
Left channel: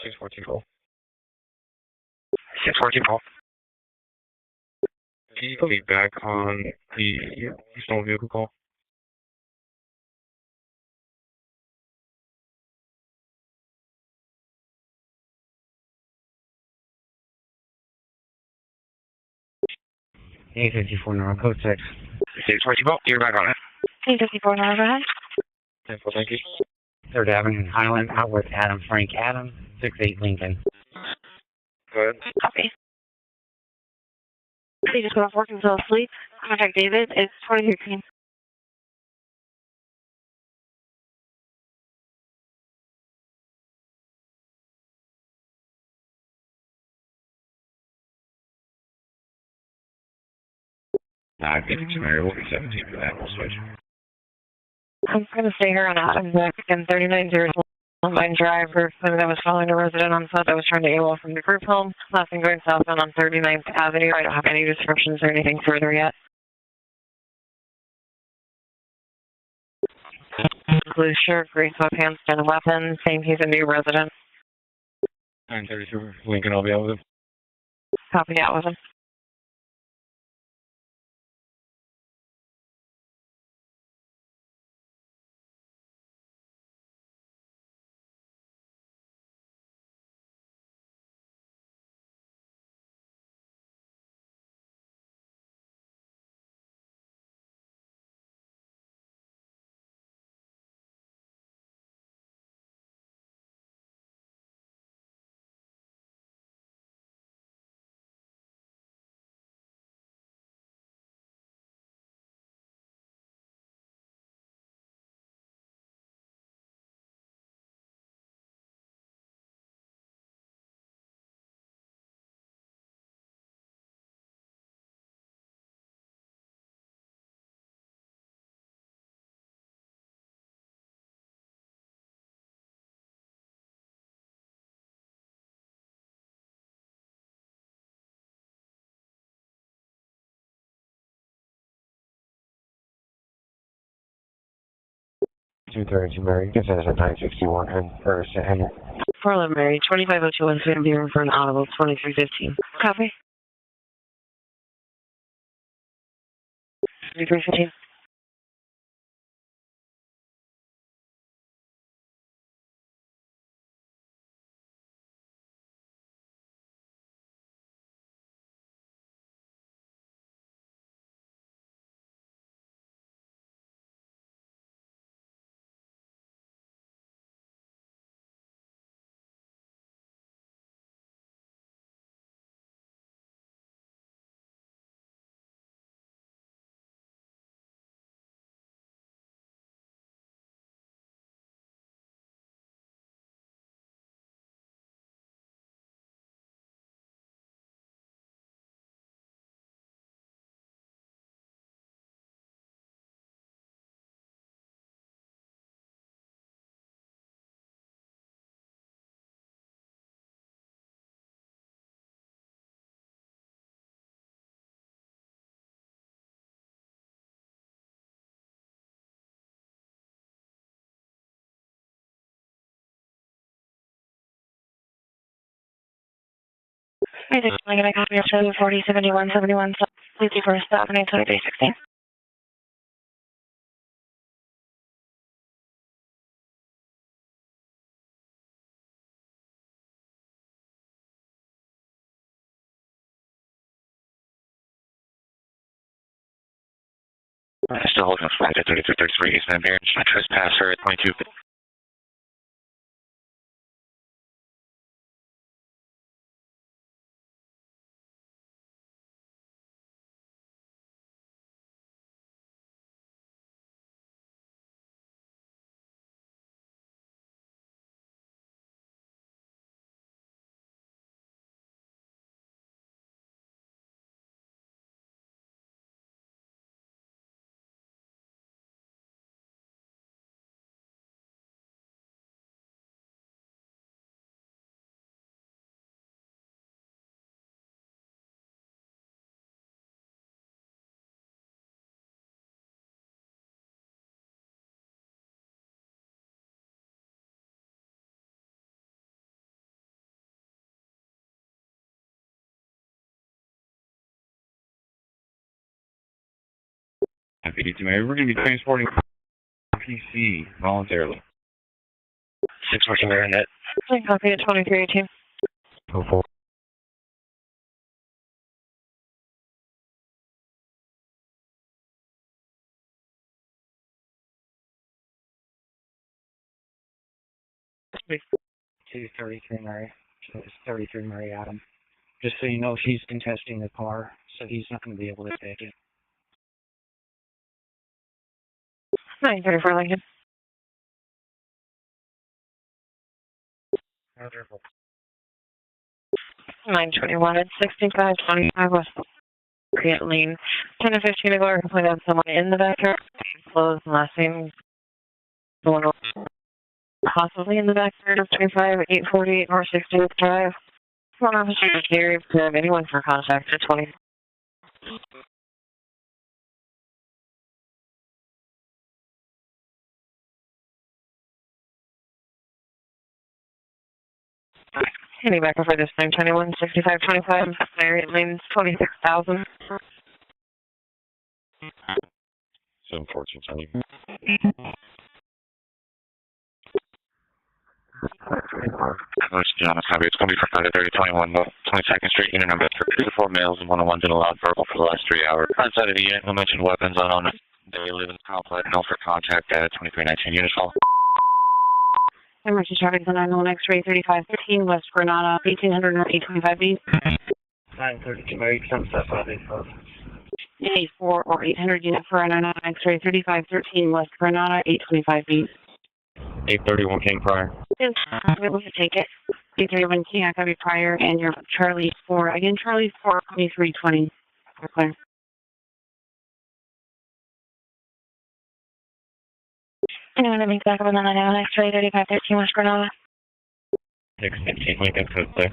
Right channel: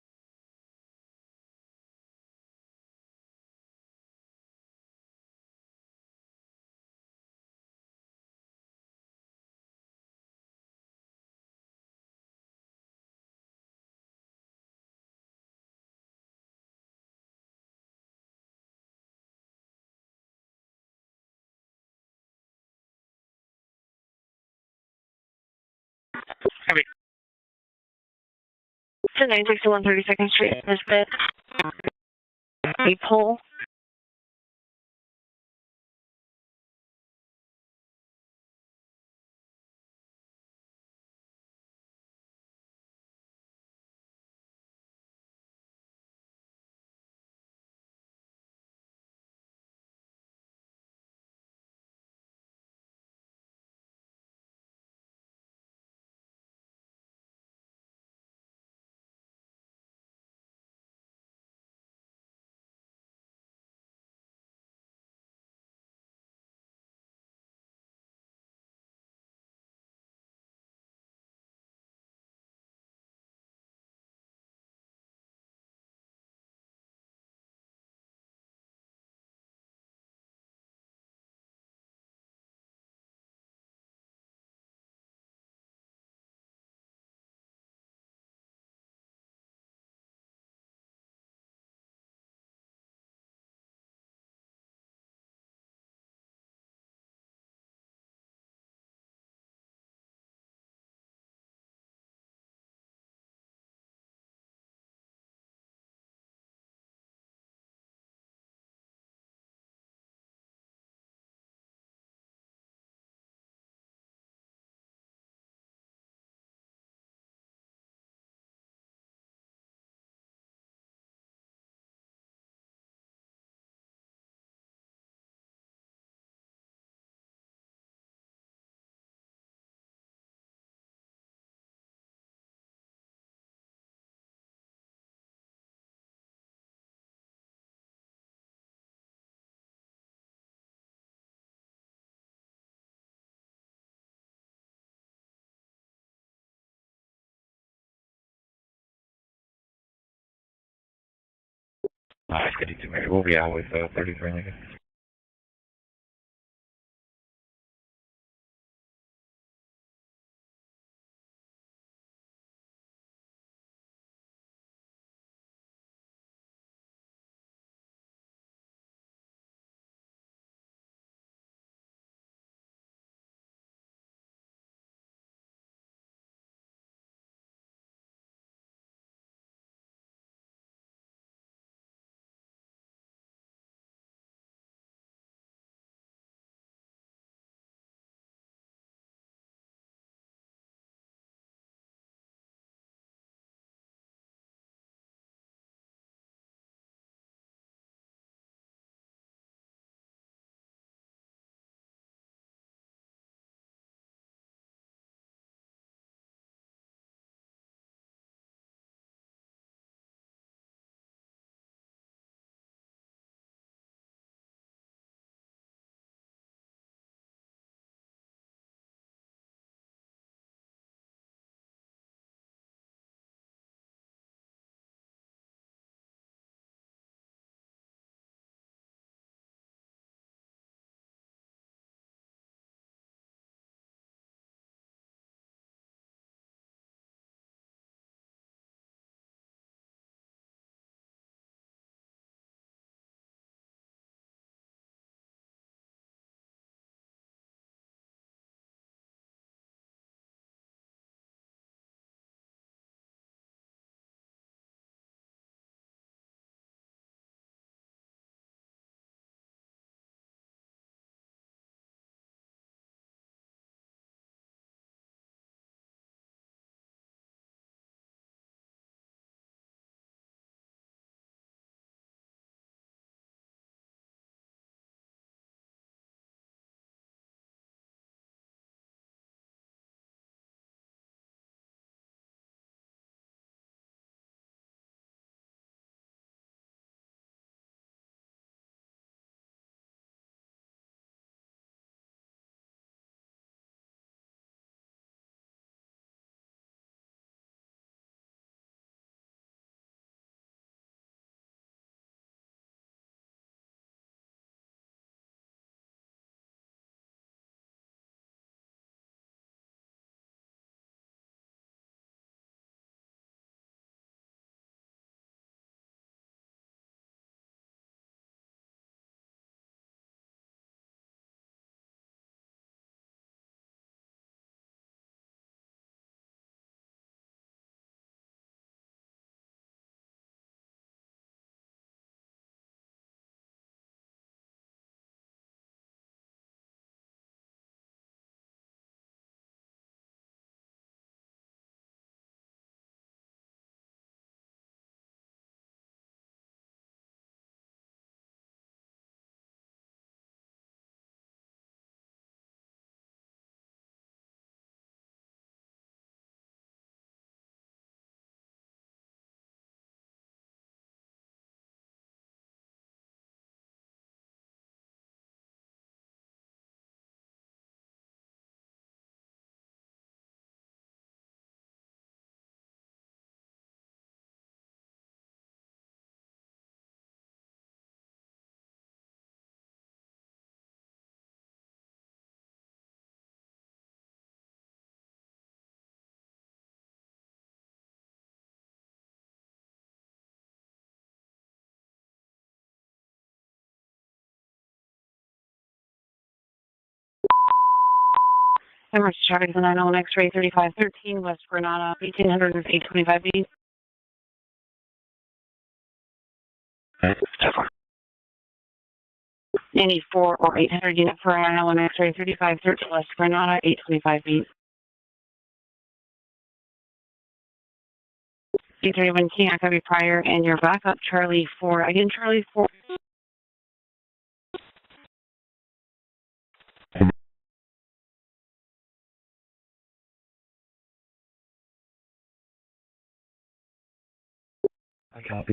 614 614 Can you be back on the stolen vehicle call? A54 North Code 6. 614 you're back on it. P54 North, go ahead. 10-4, thank you. Heavy. 3rd Avenue, Highland, out with Adam Frank. 961 32nd Street, this bit. Go ahead. Copy. A pole. He just got off work and fell asleep. Contact David. It's 23. I think it's Mary. We'll be 17 for that. We'll switch. I'm going to stay here on Adams and 3900 Line Drive. For somebody that was following a resident on foot that was trying to AWOL from the group home. Last thing going southbound on 39th Avenue. I don't have any descriptions or anything further yet. Blue shirt, gray sweatpants, and a weapon. Saying he's a new resident. 932 Lincoln, I'll be out with him. Copy that with him. Mary, this is a 961 and first and 411 Mary, 2502 is going to be room for an audible 2350. Copy. We'll be out with 33 Lincoln. 3315. I think I'm going to copy of 740 71 71. Please do first stop and 82316. Still holding up flag at 3333 East Van Buren. Trespasser at 22. PD2 Mary, we're going to be transporting PC voluntarily. 614 Marinette. Copy at 2318. Oh, 4. It's 233 Mary. So it's 33 Mary Adam. Just so you know, she's contesting the car, so he's not going to be able to take it. 934 Lincoln. 921 at 6525 West Create Lane. 10 to 15 ago, I complained on someone in the backyard. Closed last name. Someone possibly in the backyard of 25848 North 60th Drive. One officer is here if you have anyone for contact at 20. Any back for this 921 6525 Marriott Lanes 26,000. 714, sorry. John, copy. It's going to be for Friday 3021 22nd Street, unit number 4 males and 101 didn't allowed verbal for the last 3 hours. Outside of the unit, no mentioned weapons, unknown. They live in the complex, no for contact. 3513 West Granada, 1825 X-ray 3513 West Granada, 1825 Any 4 or 800 units per hour, 35 Granada, 825 831 King Prior. Everyone can't have your fire and your fire and Charlie 4 2320. Okay. Anyone that makes back up on the 901 X-ray 3513 West Granada. 615 Lincoln Code 6.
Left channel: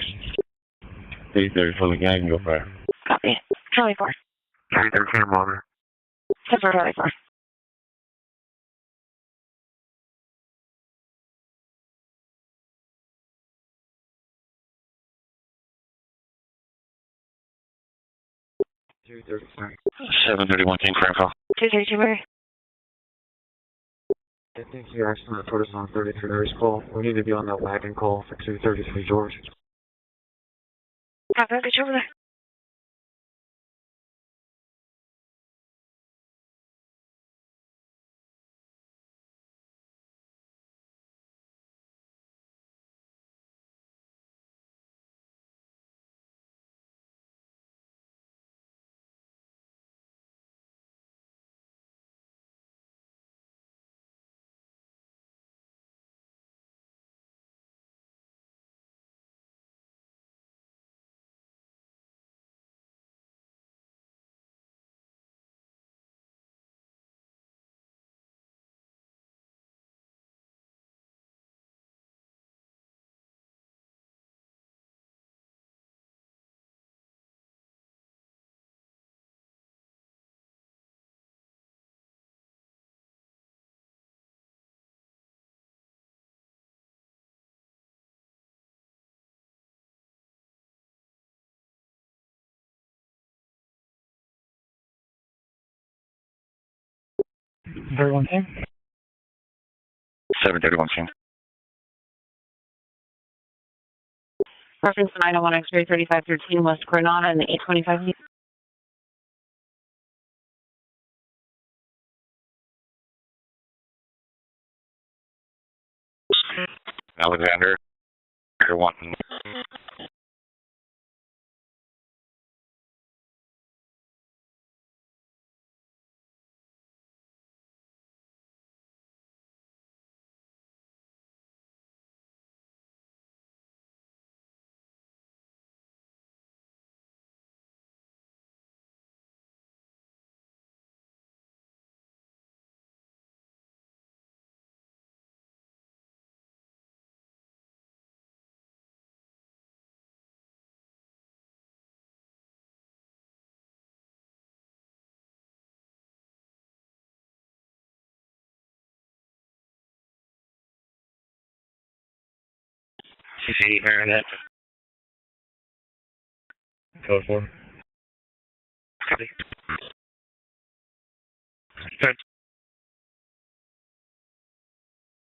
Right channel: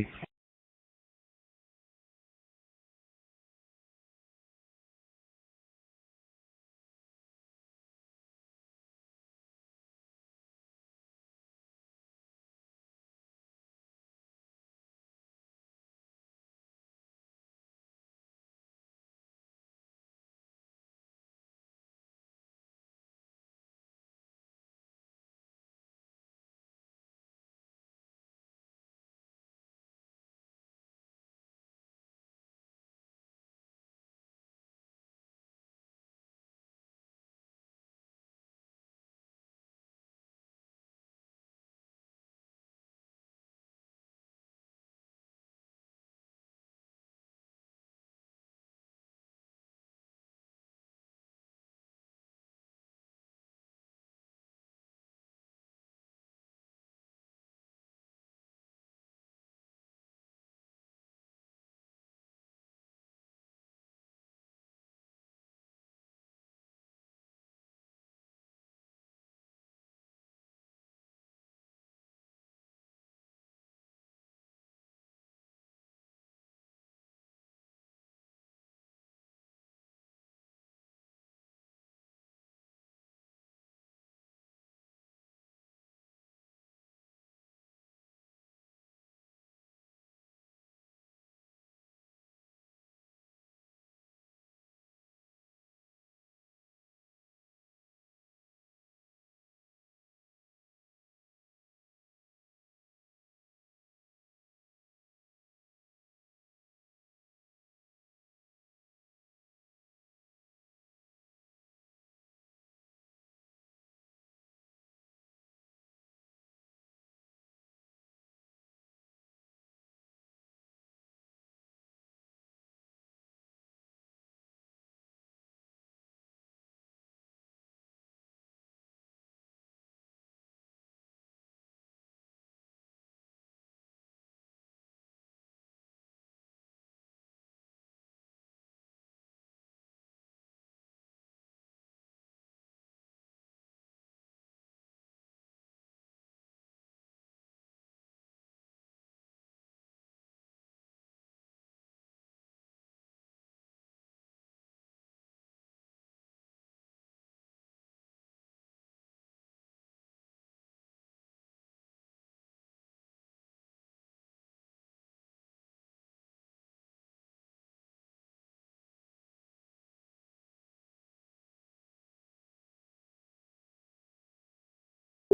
830 for the gang, go fire. Copy. Charlie 4. 313 monitor. 6 for Charlie 4. Sorry. 731 King for info. 232 where? I think you're actually going to put us on 33 Mary's call. We need to be on that wagon call for 233 George. Copy, get you over there. Everyone here? 731 King. Reference 901 X-ray 3513 West Granada and the 825 Alexander, you're wanting. CC Marinette. Code 4. Copy.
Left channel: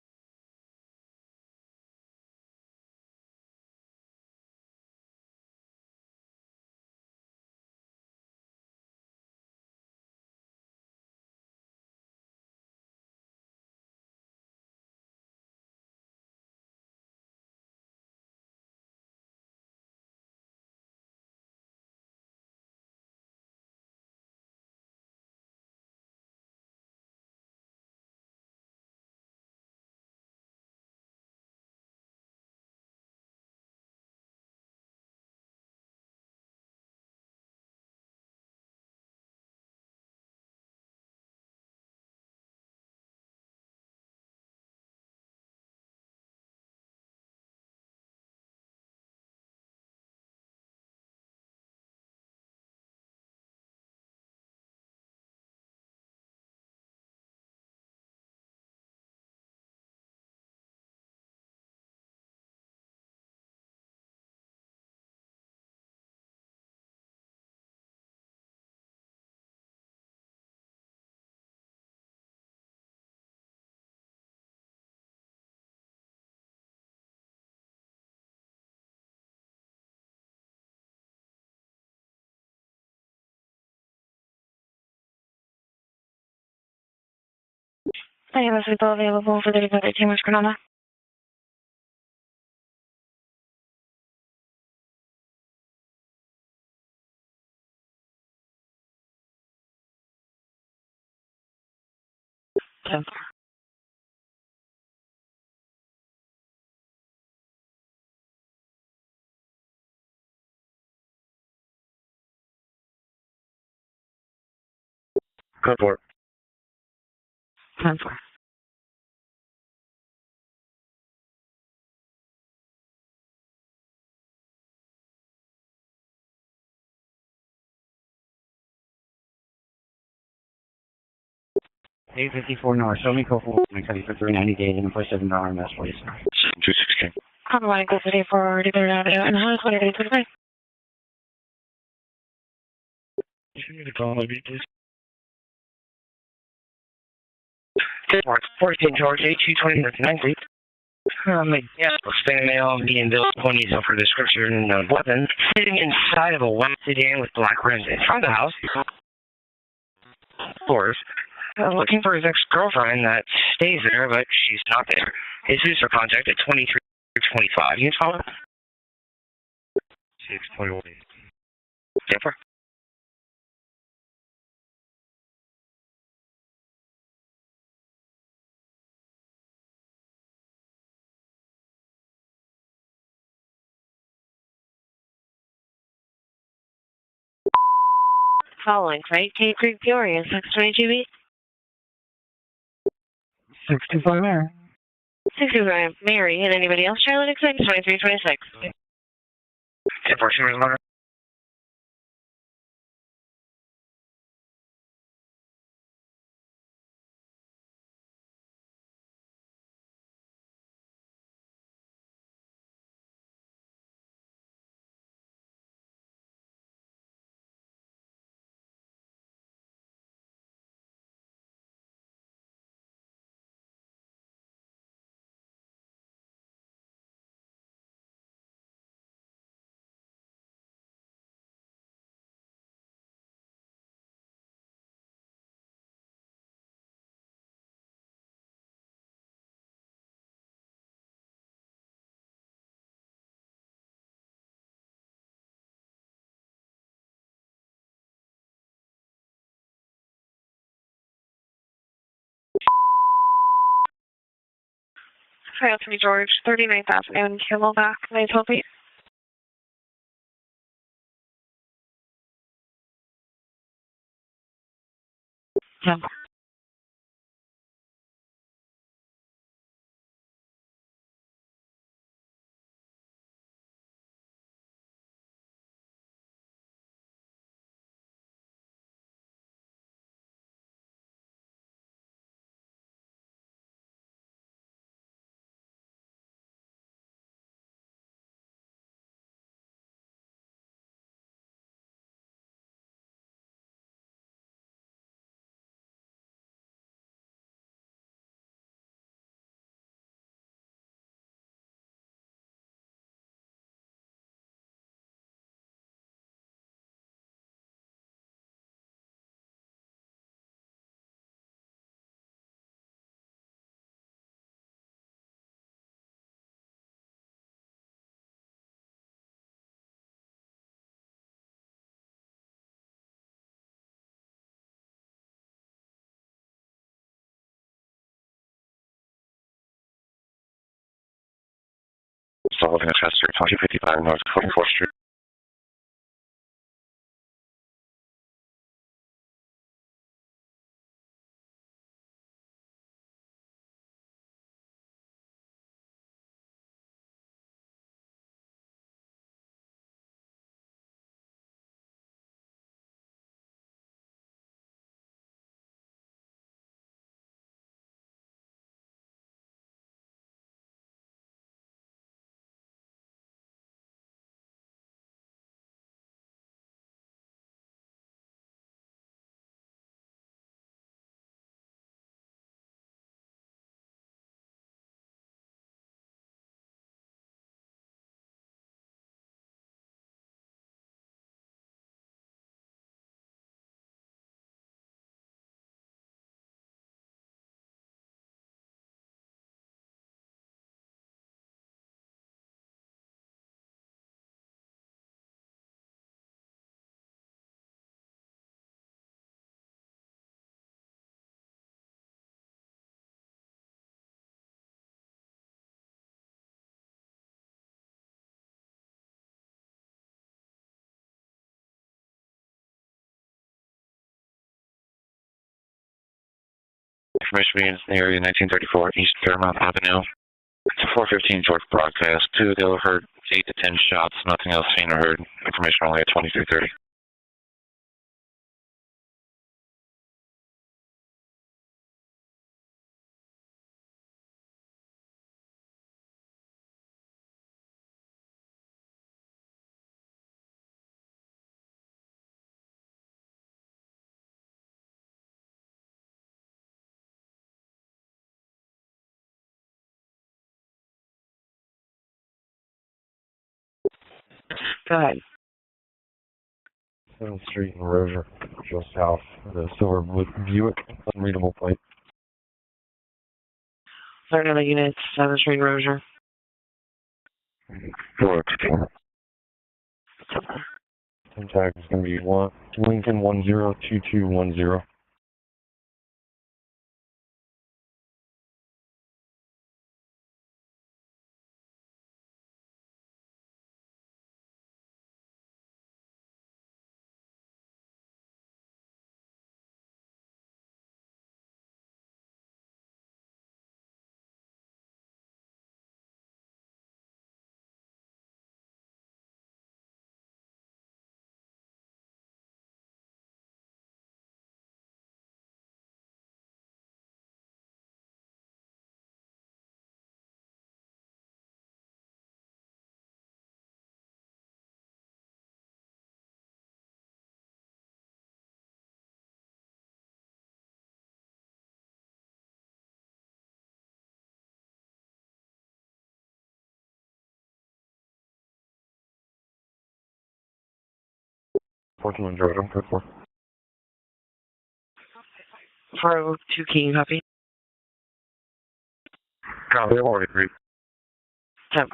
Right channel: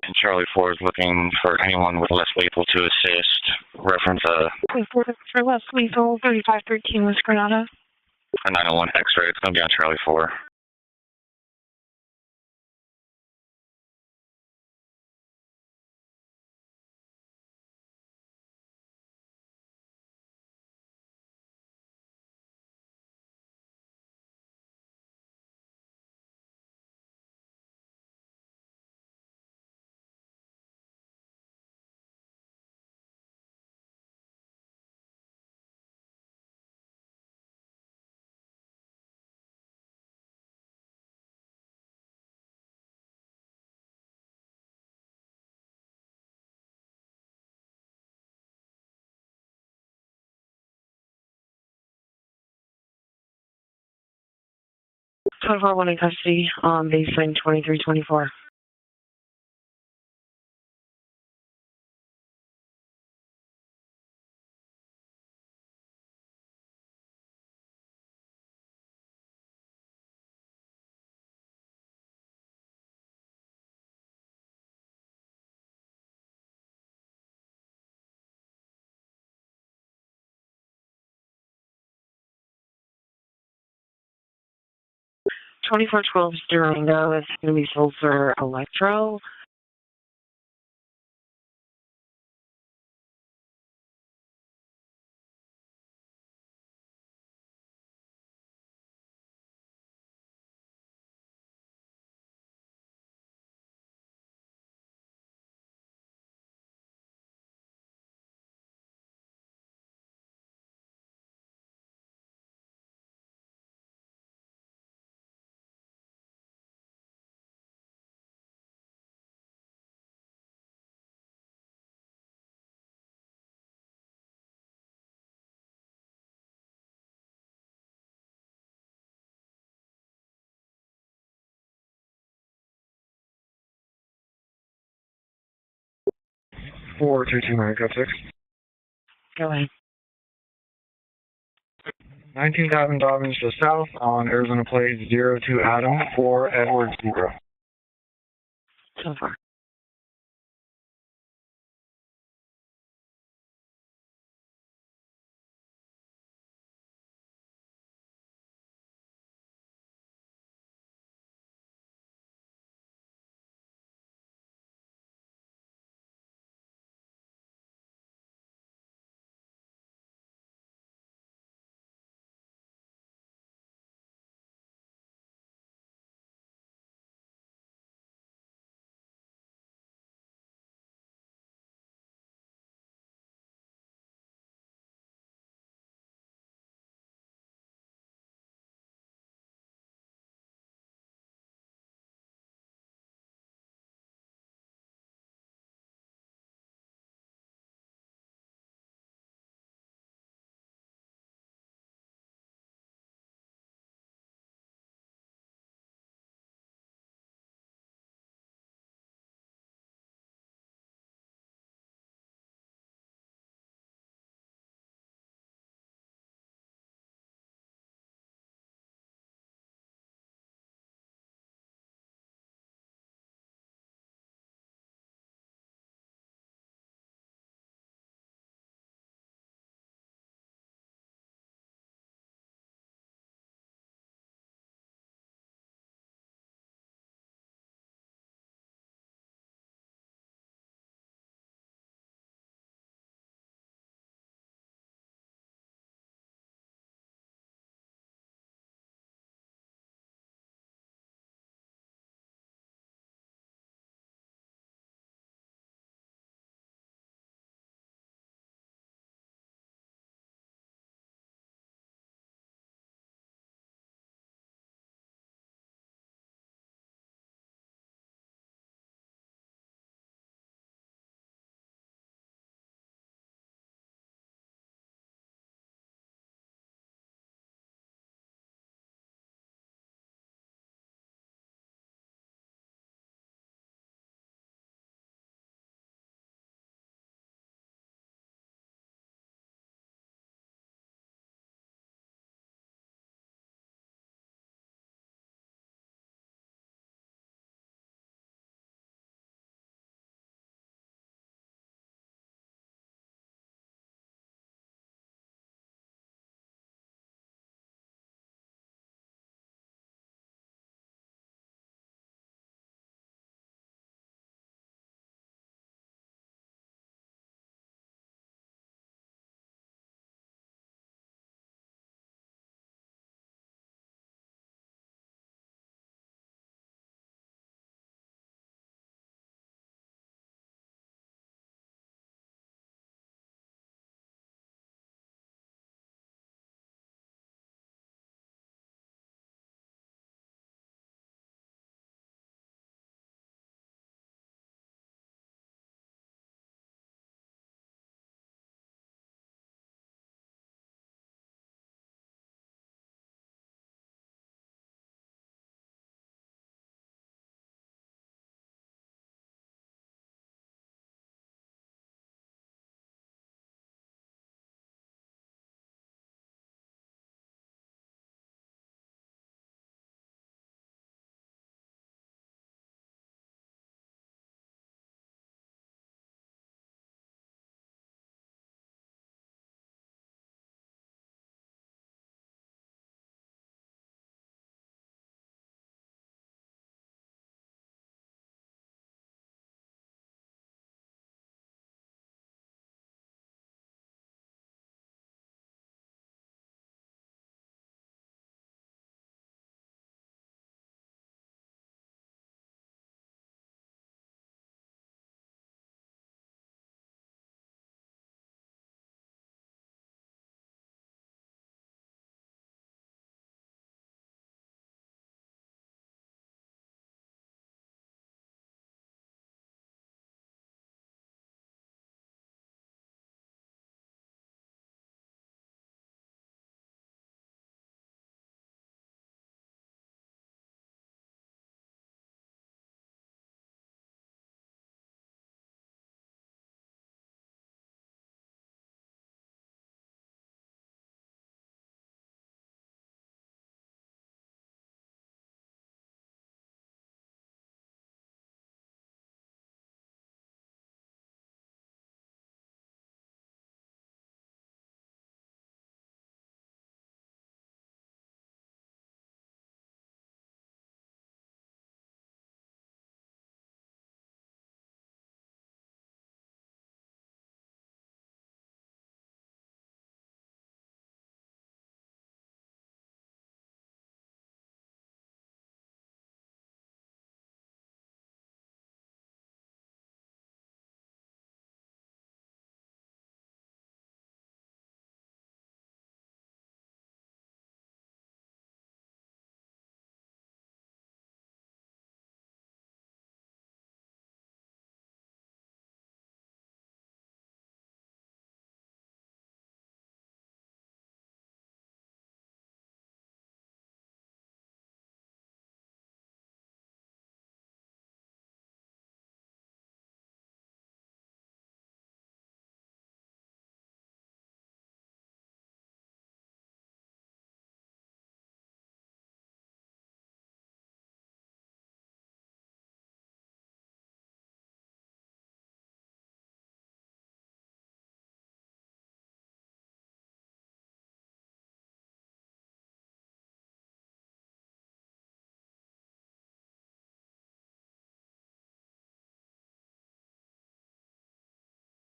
And Charlie 4 is looking for anyone with less lethal to assist. Reference a 24 for less lethal, 3513 West Granada. A 901 X-ray. It's going to be on Charlie 4. Twenty-four one in custody on baseline 2324. Twenty-four 12 Durango is going to be sold for electro. Available for the Decoded team West Granada. Code 4. 10-4. A54 North, show me code 4, my cutty for 390 days and push $7 RMS, please. 4, 2, 2, Alright, go today for Decoded Avenue and what are they to the 19,000 Dobbins to south on Arizona Plate 02 Adam 4 Edward 0. 14 George, 8229 please. Yeah, spam mail being built ponies for description of weapon sitting inside of a white sedan with black rims in front of the house. Of course, looking for his ex-girlfriend that stays there, but she's not there. His user contact at 2325. You can follow? 621. Jennifer? Following, right? Cave Creek, Peoria, 622B. 625 there. 65 Mary, and anybody else? Charlotte, 2326. 10-4, Shooter's Motor. Trail 3 George, 39,000 and Camelback, 912 feet. Solving a Chester, 2055 North 24th Street. Information being in the area 1934 East Fairmount Avenue. It's a 415 George broadcast. 2 ago heard 8 to 10 shots, nothing else seen or heard. Information only at 2330. Go ahead. 7th Street and Rozier, just south of the silver Buick, unreadable plate. Third other units, 7th Street, Rozier. 464. Tag is going to be Lincoln 102210. Portland, Georgia, code 4. 402 King, copy. Copy, I've already agreed. 10.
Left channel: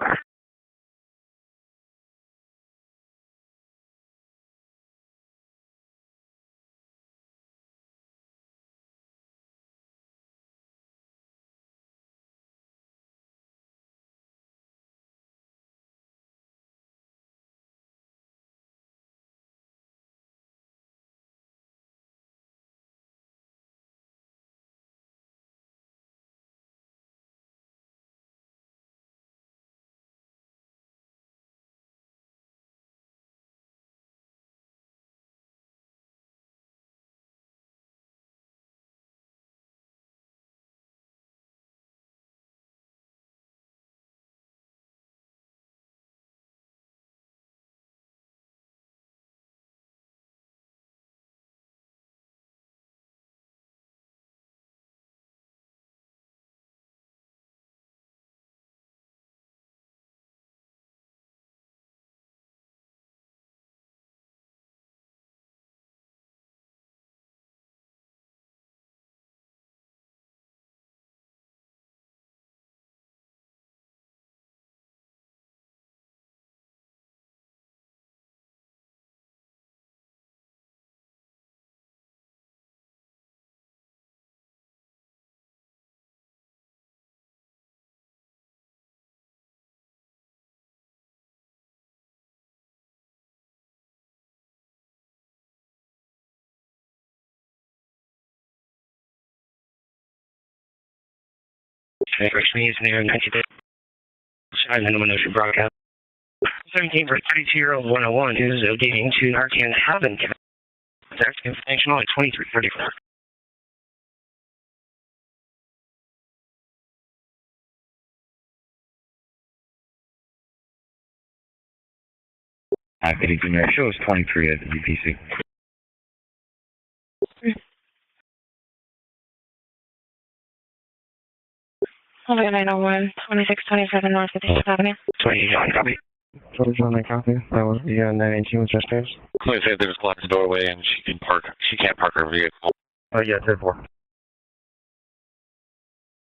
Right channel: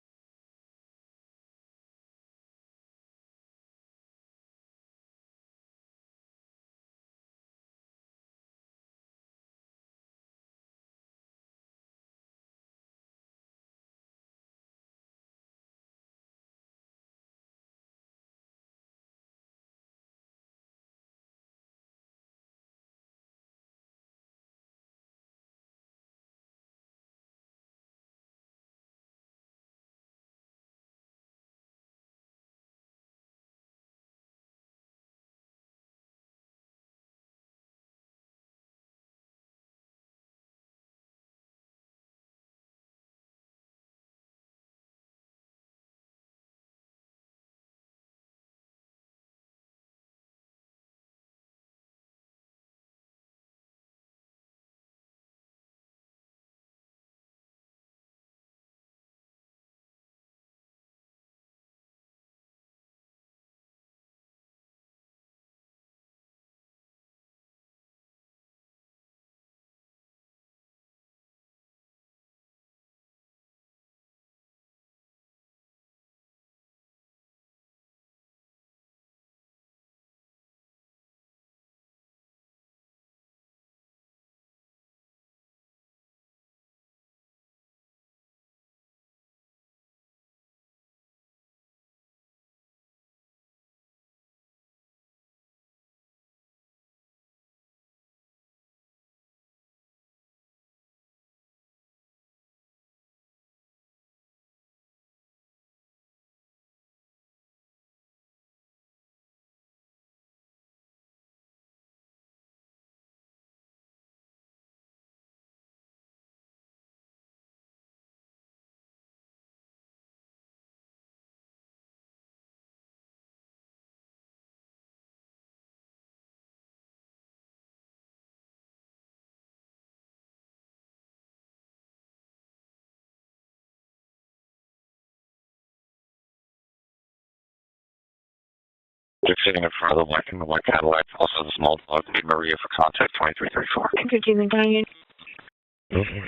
First means near 90 days. Shine the no should broadcast. 17 for 32-year-old 101 who's dating to Narcan Haven. That's information only 2334. Activity Mary shows 23 at the DPC. Okay, 901, 2627 North 56th Avenue. 28 copy. 27 copy. That was the 918 was just theirs. There's a large doorway and like part of small can't park your radio full contact. Oh, yeah, good one. 15 Canyon. Go for it.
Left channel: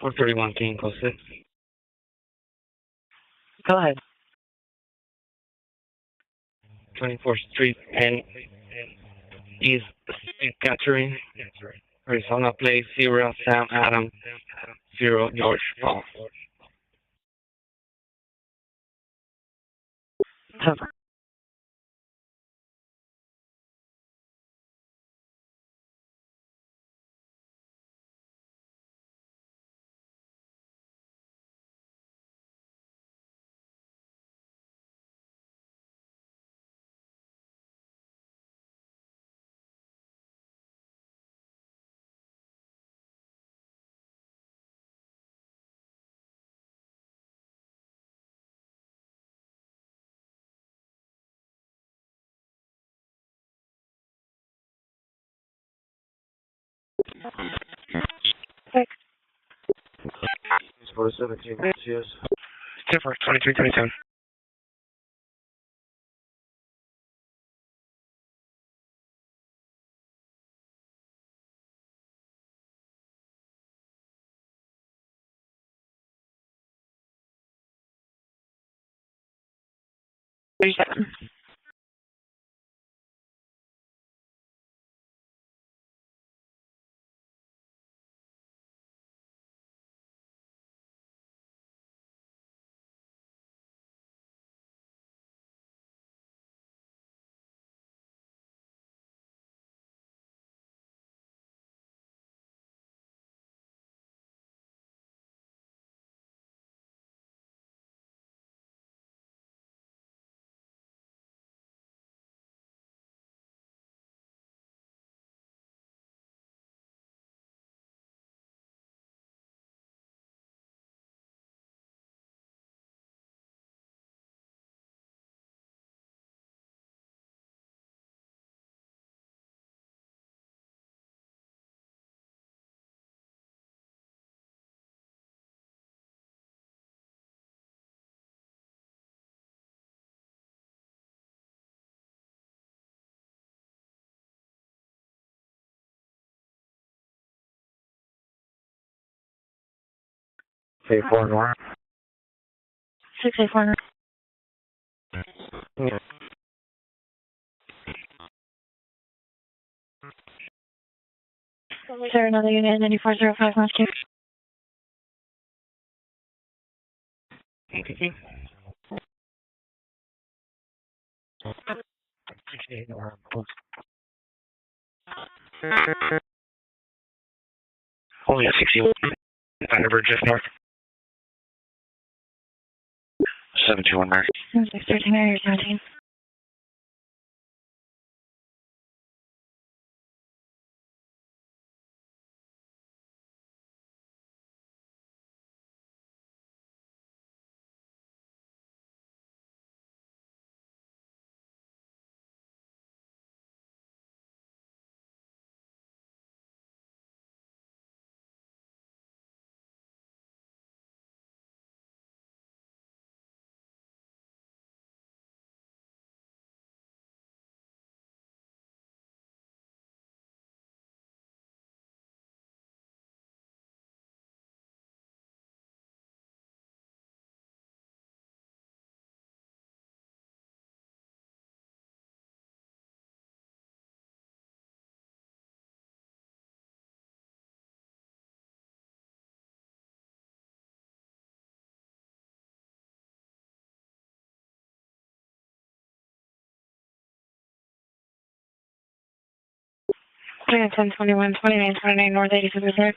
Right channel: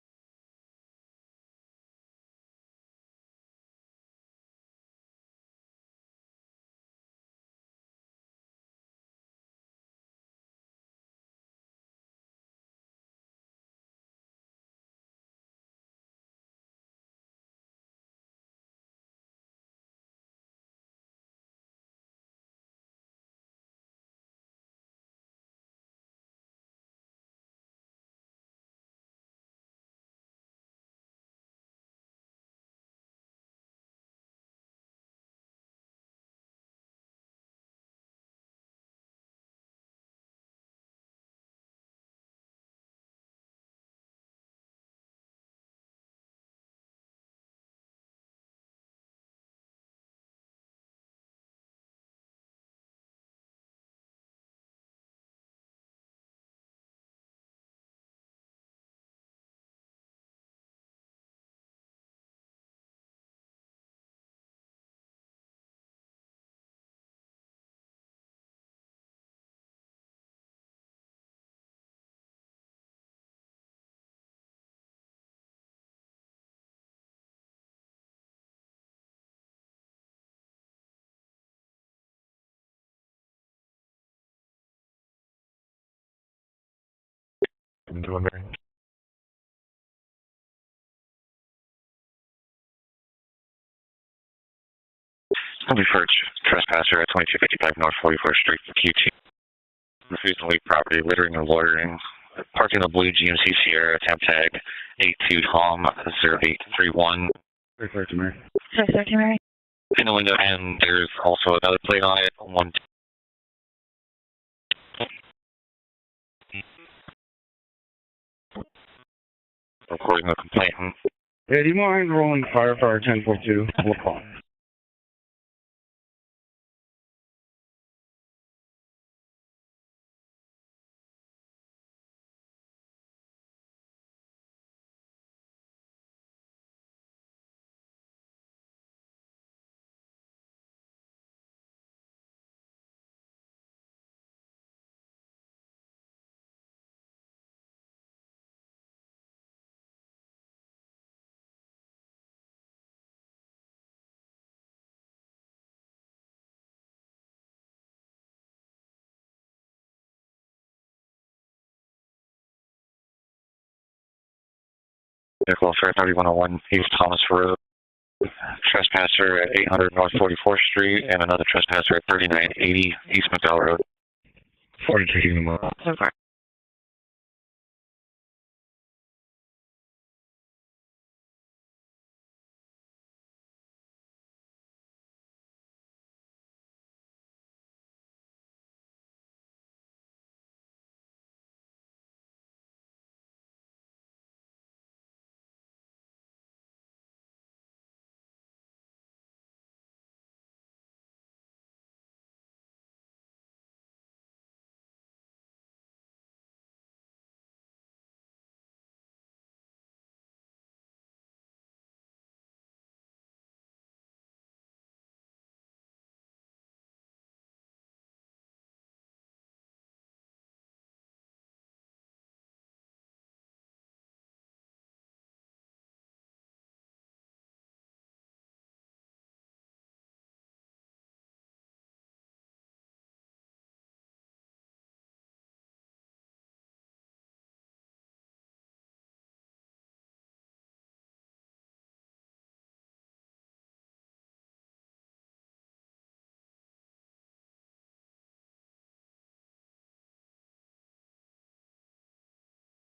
Four 31 King, close 6. Go ahead. 24th Street and East Catherine. Arizona Place 0 Sam Adam 0 George Paul. For 17, yes. Different 2327. Into a Mary. I'll be for trespasser at 2255 North 44th Street, QT. Refused to leave property, littering and loitering. Parking the blue GMC Sierra, temp tag 82 Tom 0831. Refer to Mary. Refer to Mary. In the window, and there's also another plate on it. Recording the complainant. Yeah, do you mind rolling fire for our 1042? We'll call. Say 4 North. 684. Is there another unit in 9405 North King? Vehicle Fair 3101 East Thomas Road. Trespasser at 800 North 44th Street and another trespasser at 3980 East McDowell Road. 42 Only at 61. Thunderbird just north. 721 Mary. 613 area 17. Plan 1021, 2929 North 87th Road.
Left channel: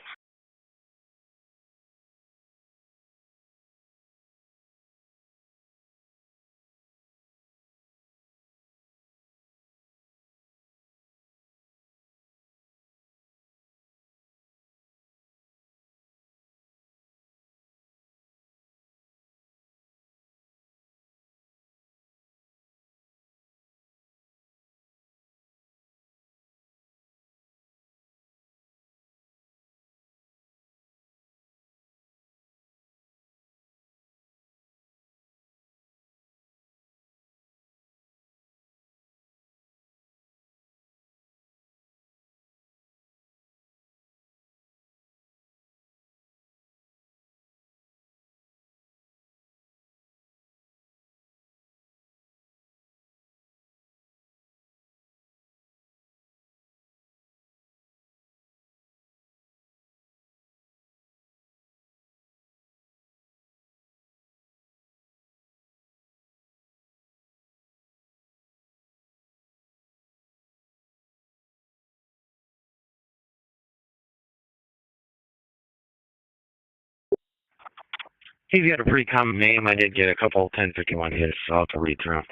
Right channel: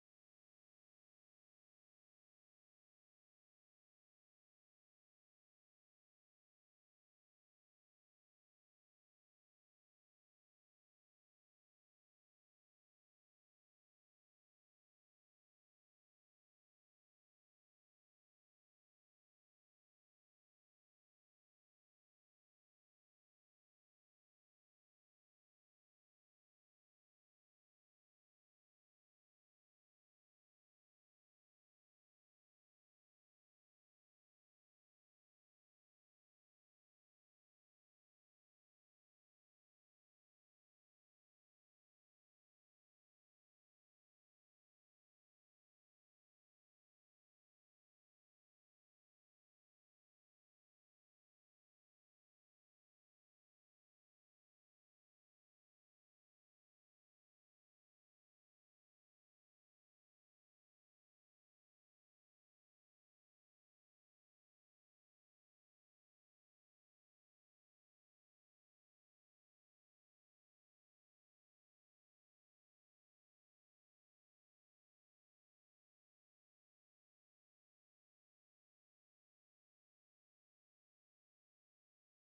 He's got a pretty common name. I did get a couple 1051 hits, so I'll have to read through them.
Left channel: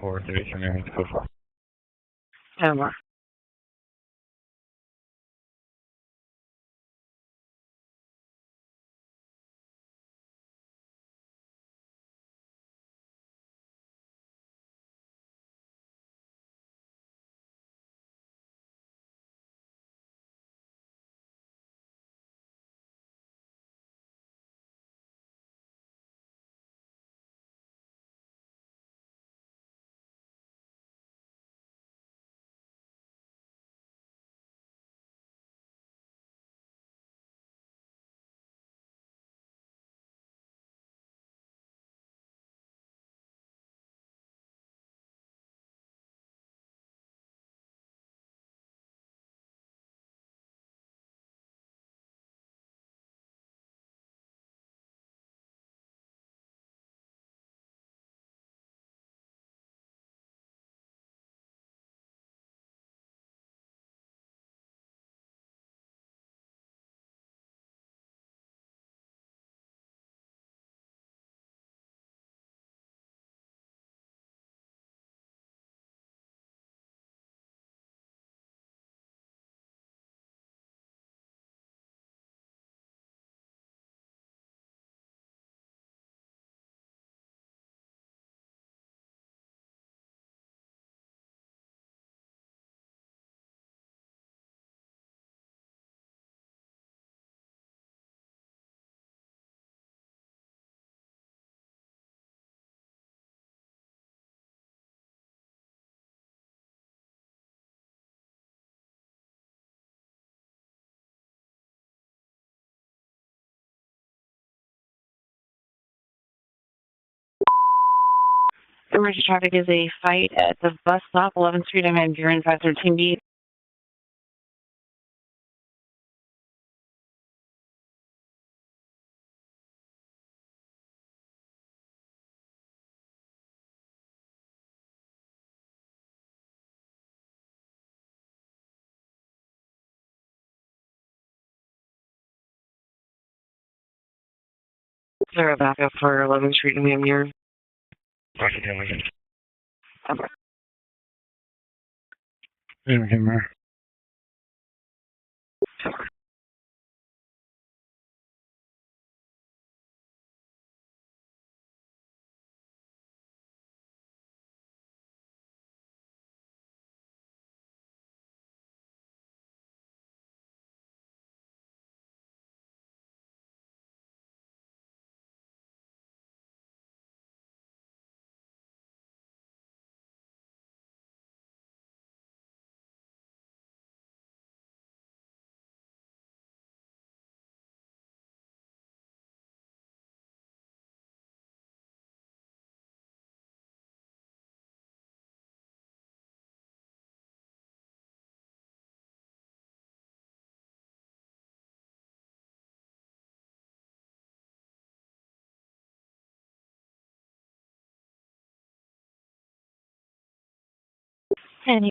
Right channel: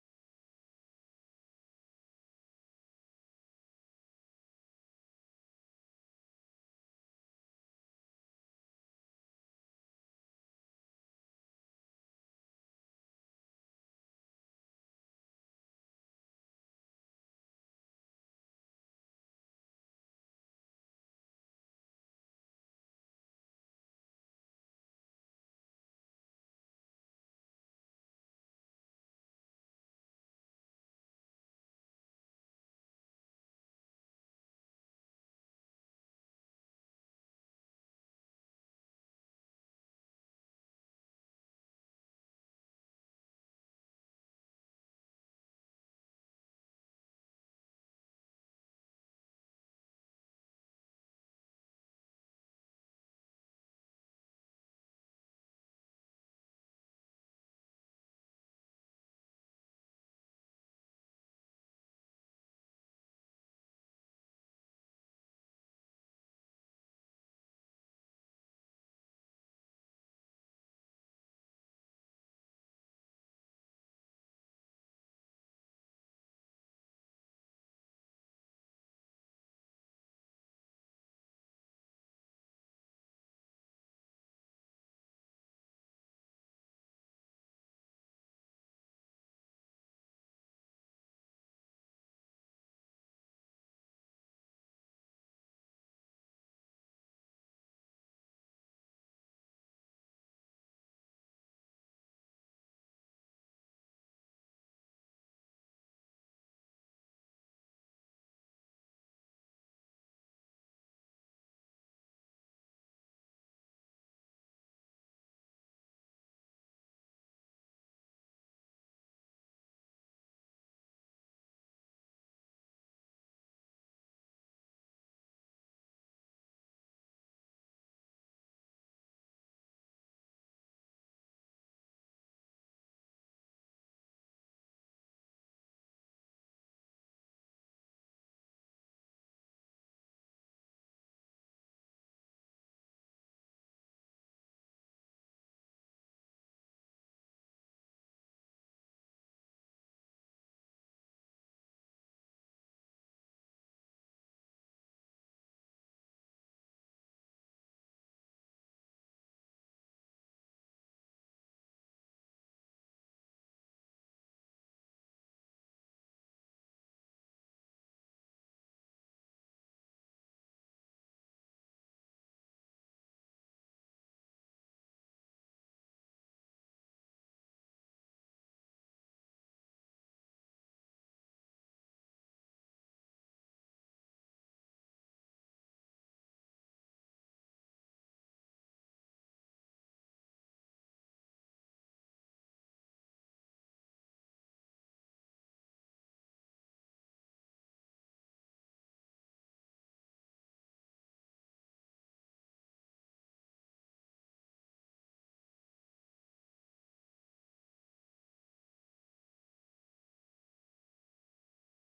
Four 33 go for. Camera. Emergency traffic is a fight at the bus stop, 11th Street and Van Buren, 513B. Is there a backup for 11th Street and Van Buren? Okay. Yeah, Any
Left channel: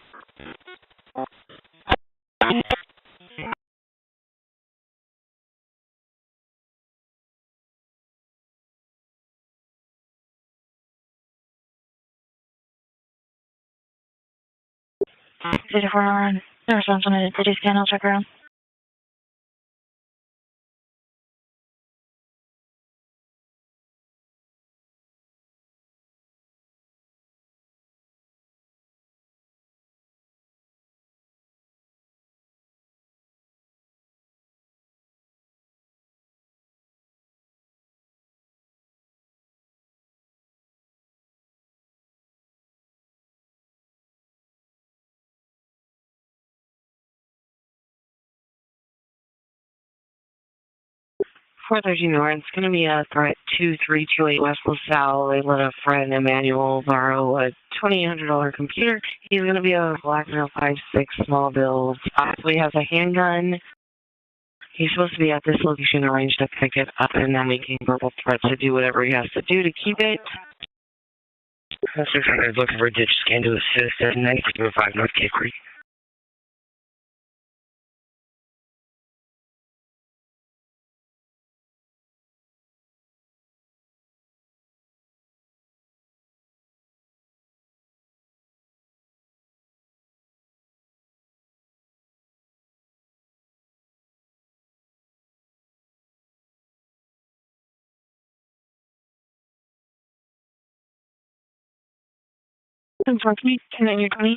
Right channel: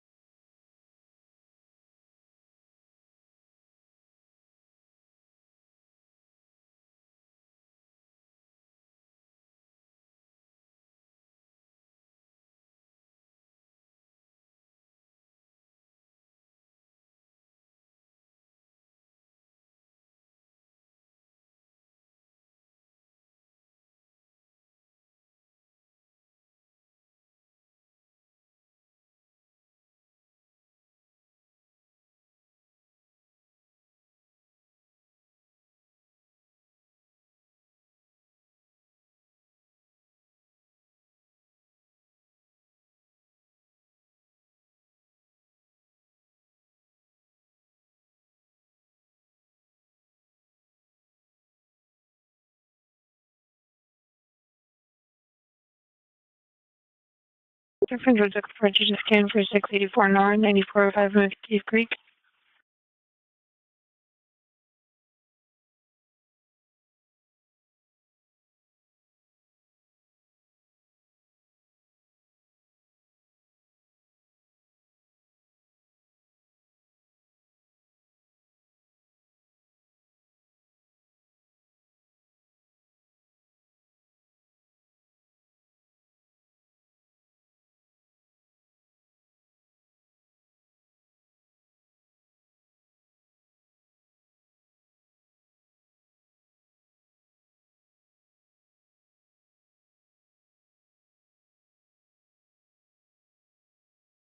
84 no response on a city scan, I'll check around. Four thirteen North. It's going to be a threat 2328 West LaSalle. They let a friend, Emmanuel, borrow a $2,800 computer. He's going to be a small bill. Possibly has a handgun. He's supposed to be at this location, arranged to pick it up, and then making verbal threats to do whatever he has to do to keep it. Officer is looking for a ditch scan to assist at 9405 North Cape Creek. Unfortunately, 10-20.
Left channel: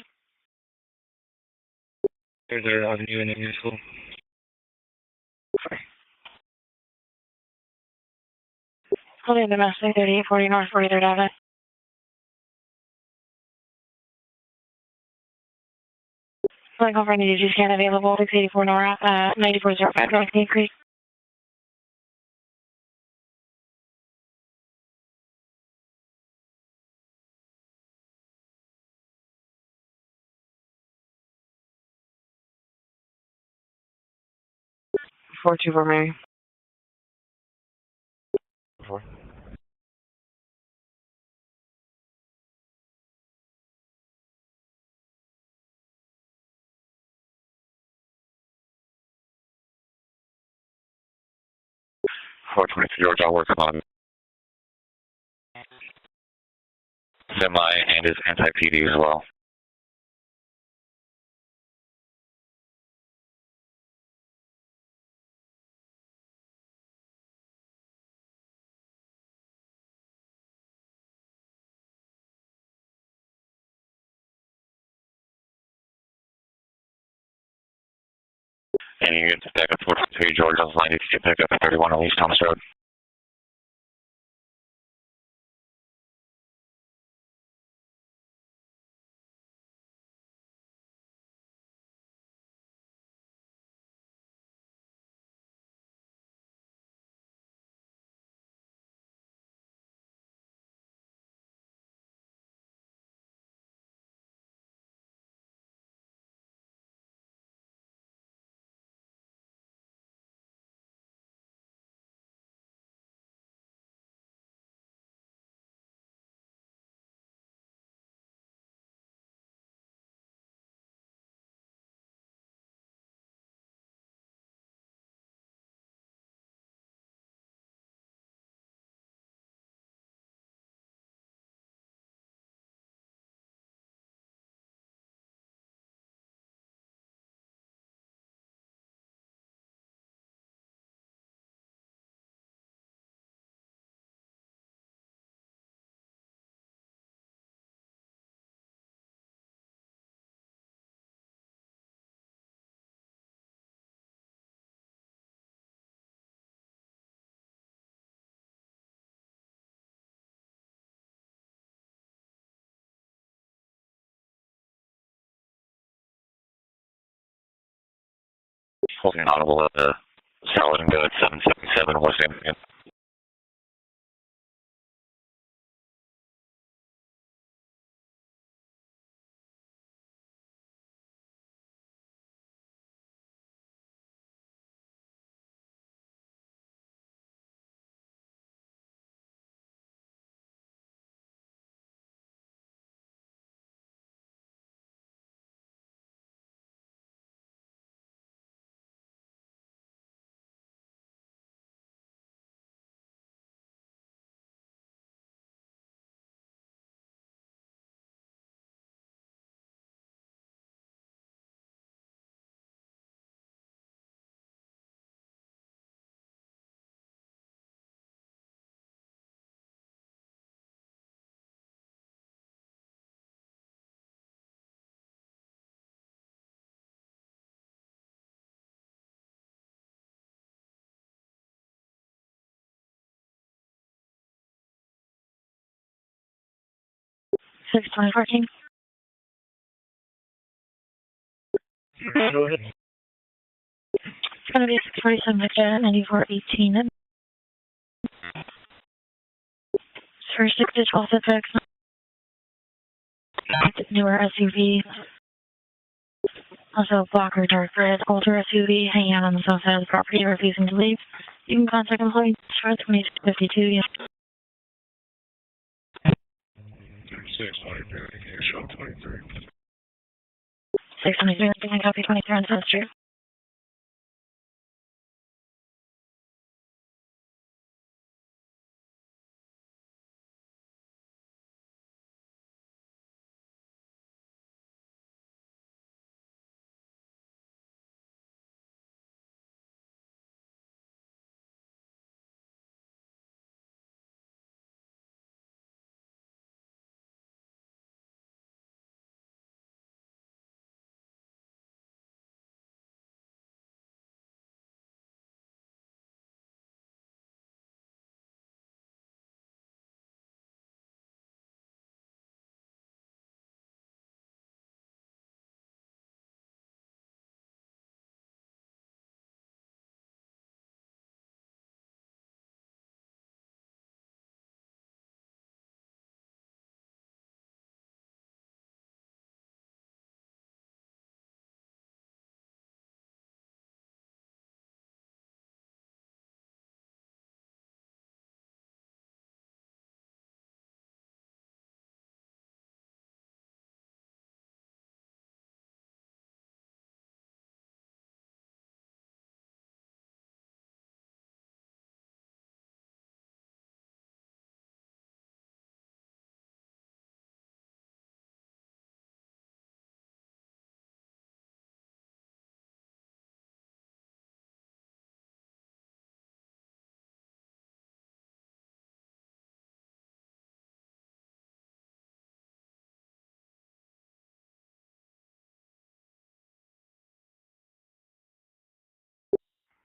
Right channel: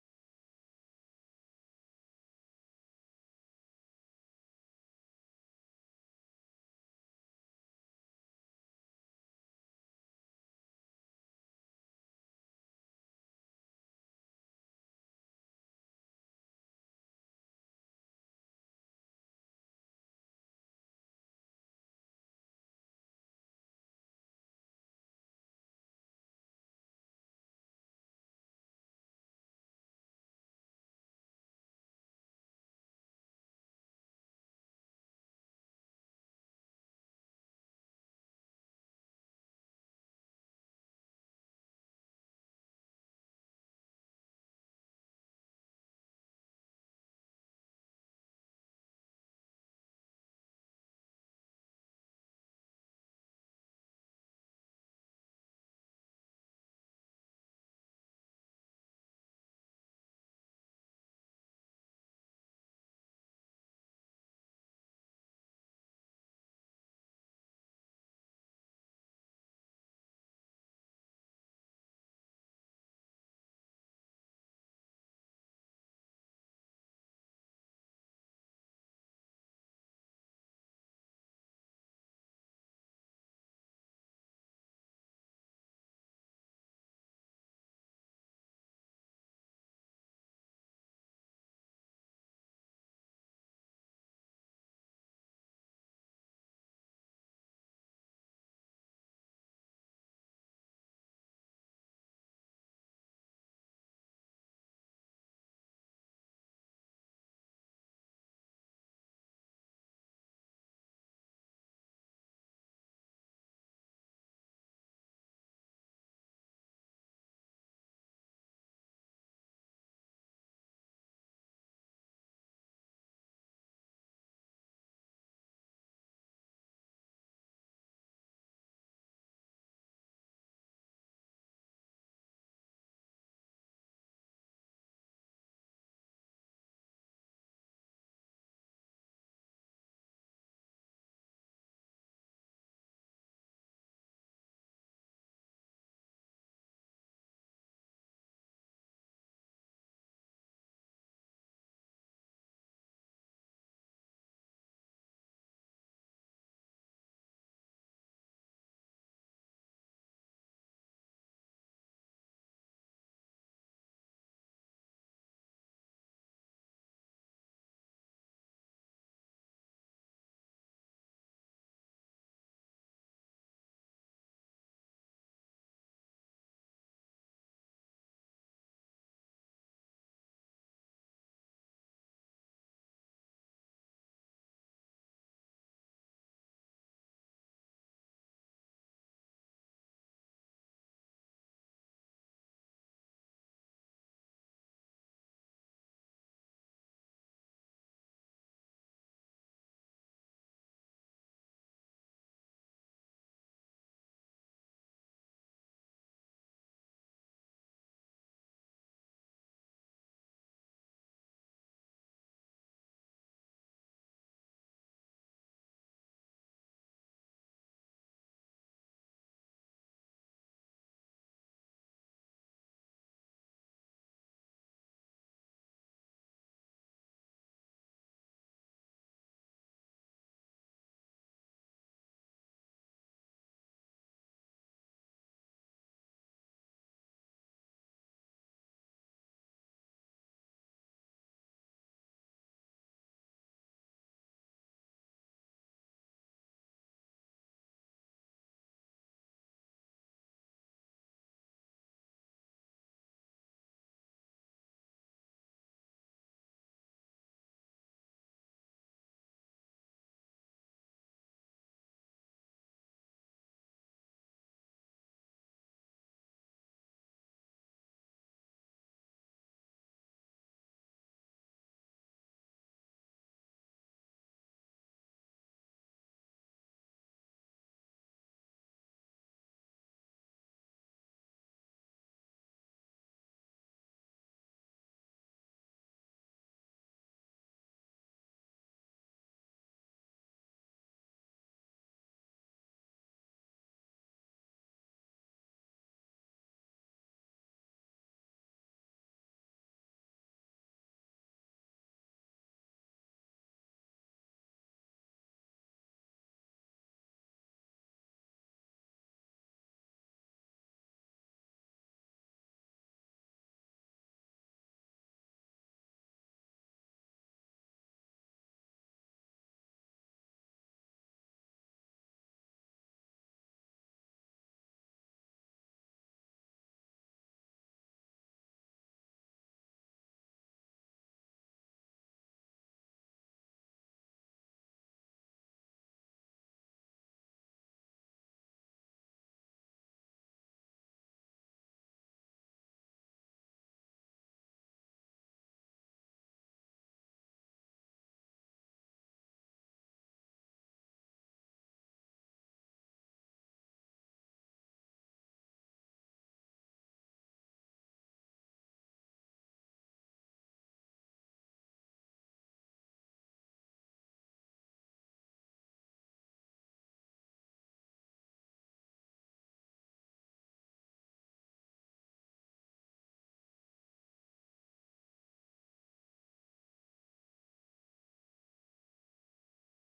There's an avenue in the new school. Fully domestic, 3840 North 43rd Avenue. Like over any DG scan available, 684 North, 9405 North Cape Creek. Four two four Mary. 4. George, I'll work on semi and his anti-PD as well. And you get back up towards the George, I was line if you pick up 31 on East Thomas Road. holding an audible at the Solid and Good 777 West End. 620 parking. Go ahead. It's going to be 647 Victor 9418. For 6 to 12 suspects. Newer SUV. Also black or dark red older SUV hanging out on the south side of the property, refusing to leave. You can contact employees for 2252. Yeah. 623, can I copy 23 on South Street?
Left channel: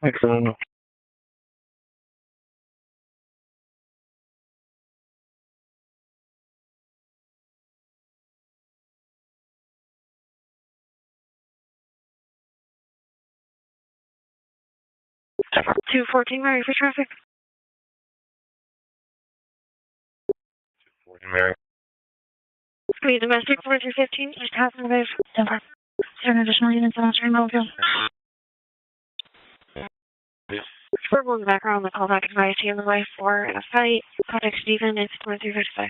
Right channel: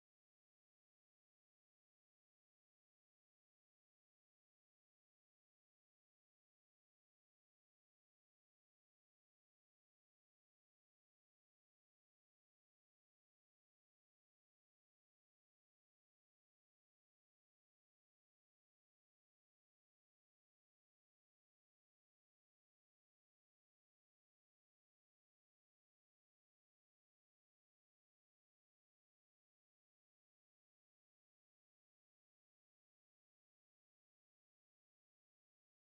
Excellent. Temper. 214, Mary for traffic. 40 Mary. Be domestic 4315, just half the way from Denver. Is there an additional units on stream over? For one background, the callback advice on the way for a fight. Contact Stephen, it's 2355.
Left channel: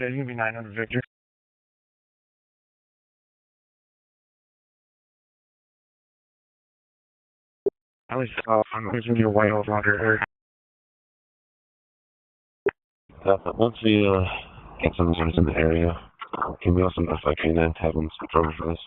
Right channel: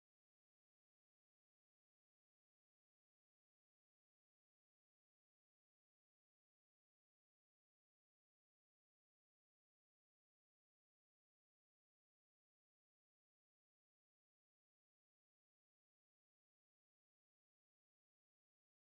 Yeah, you can be 900 Victor. I was using your white over under her. Once we get some units in the area, can we also notify P&N to have them switch over for this?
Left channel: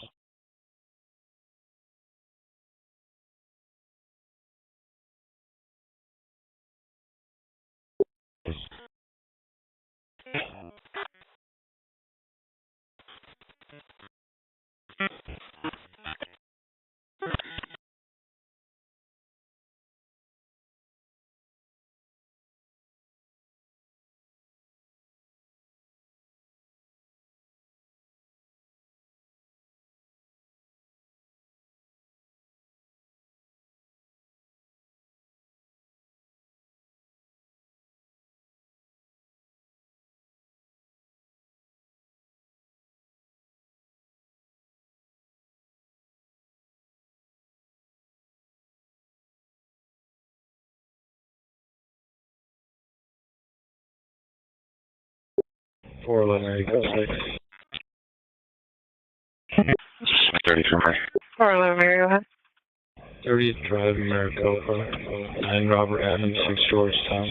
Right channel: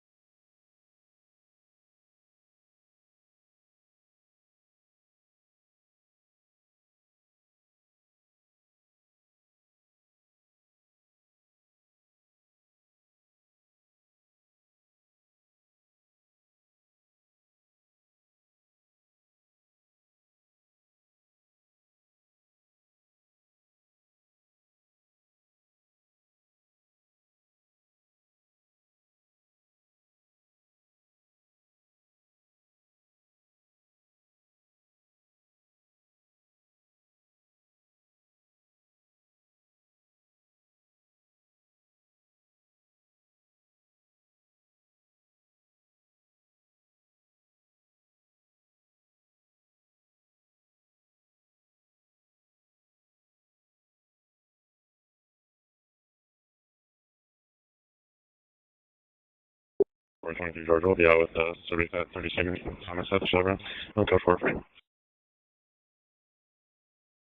Four Leonard, go 6. 34 Murphy out with 411, Thomas, that's 35 America, 9 Robert Adams, 6 Georgetown.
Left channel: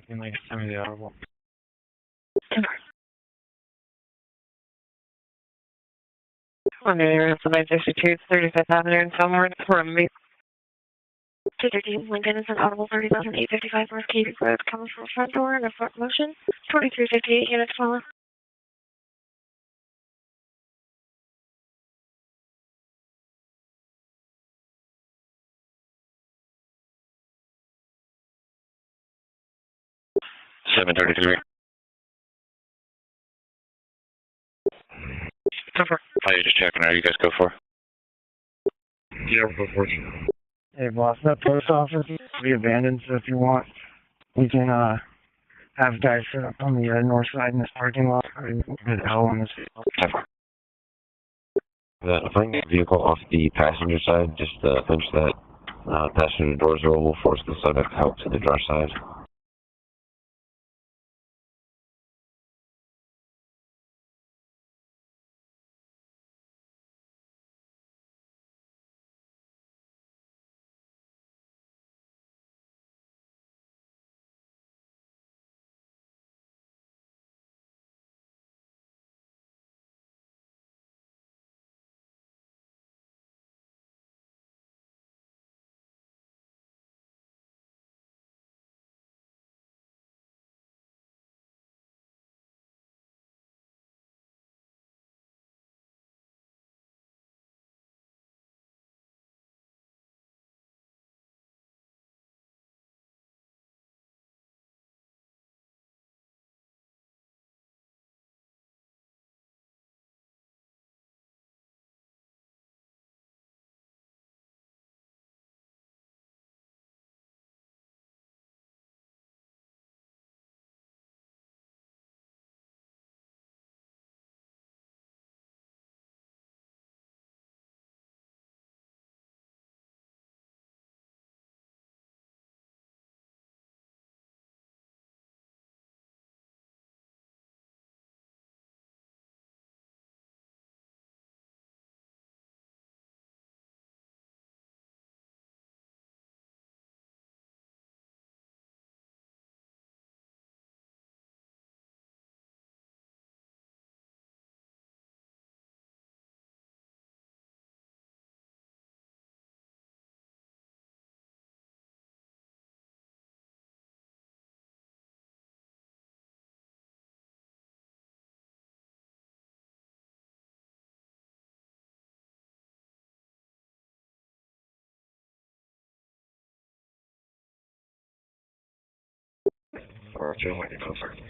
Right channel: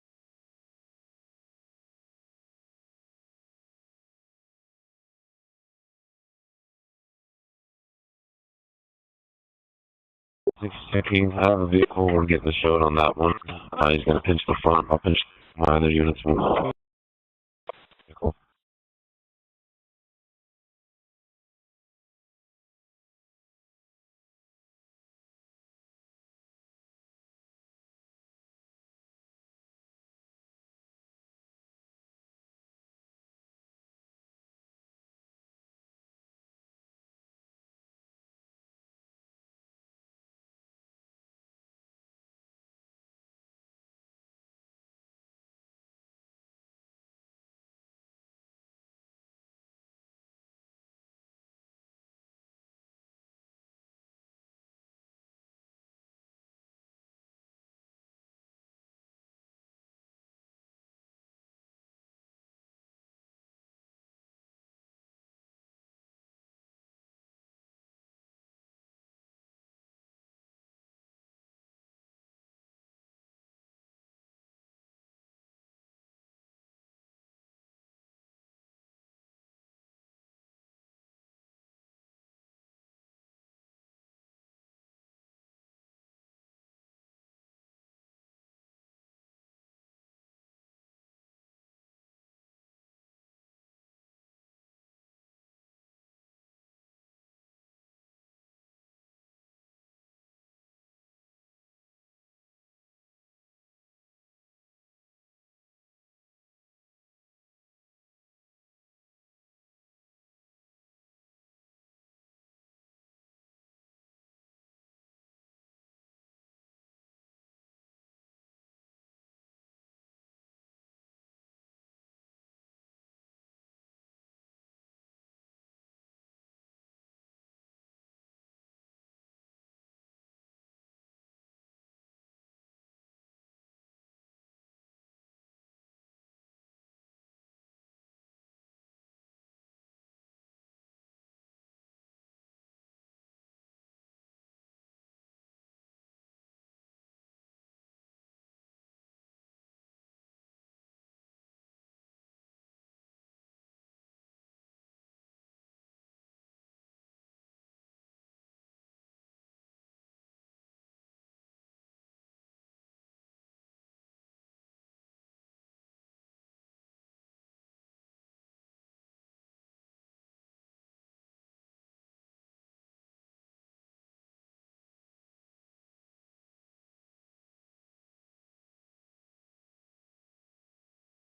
Send me the audible. Manera, 962, 35th Avenue in Fillmore, from me. 613, I have a vehicle, we'll get the show on that one. He's going to pinch the front, I'll pinch either units. 2358 units, forward. Cool. $733. Go for it. How you just checking? Are you guys go for? Yeah, we'll go for it. Hey, boss, that post office be abandoned, so if you want, we can, have guys set up on the north side in this parking lot. Good hell on this. Bring the vehicle off the passenger side, just pinch that passenger doors roll, we'll force the subject out to the driver's side. Or if you want to go for it.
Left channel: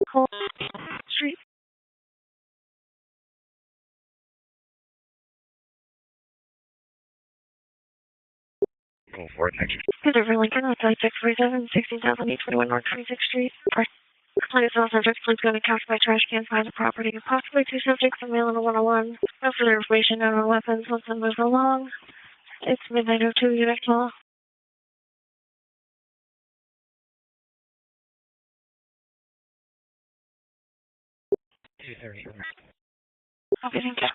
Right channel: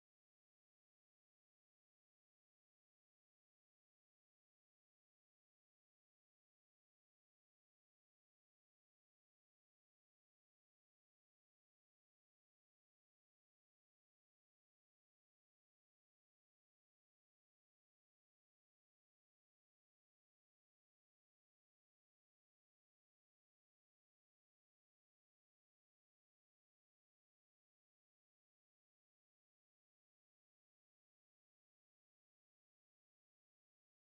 Street. Go for it, thank you. Good over Lincoln, outside 647, 16,821 North 26th Street. Plenty of subjects, please go to couch by trash can, find the property, and possibly two subjects in mail in a 101. No further information known on weapons once it moves along. It's midnight 02, unit call. Okay, thank you.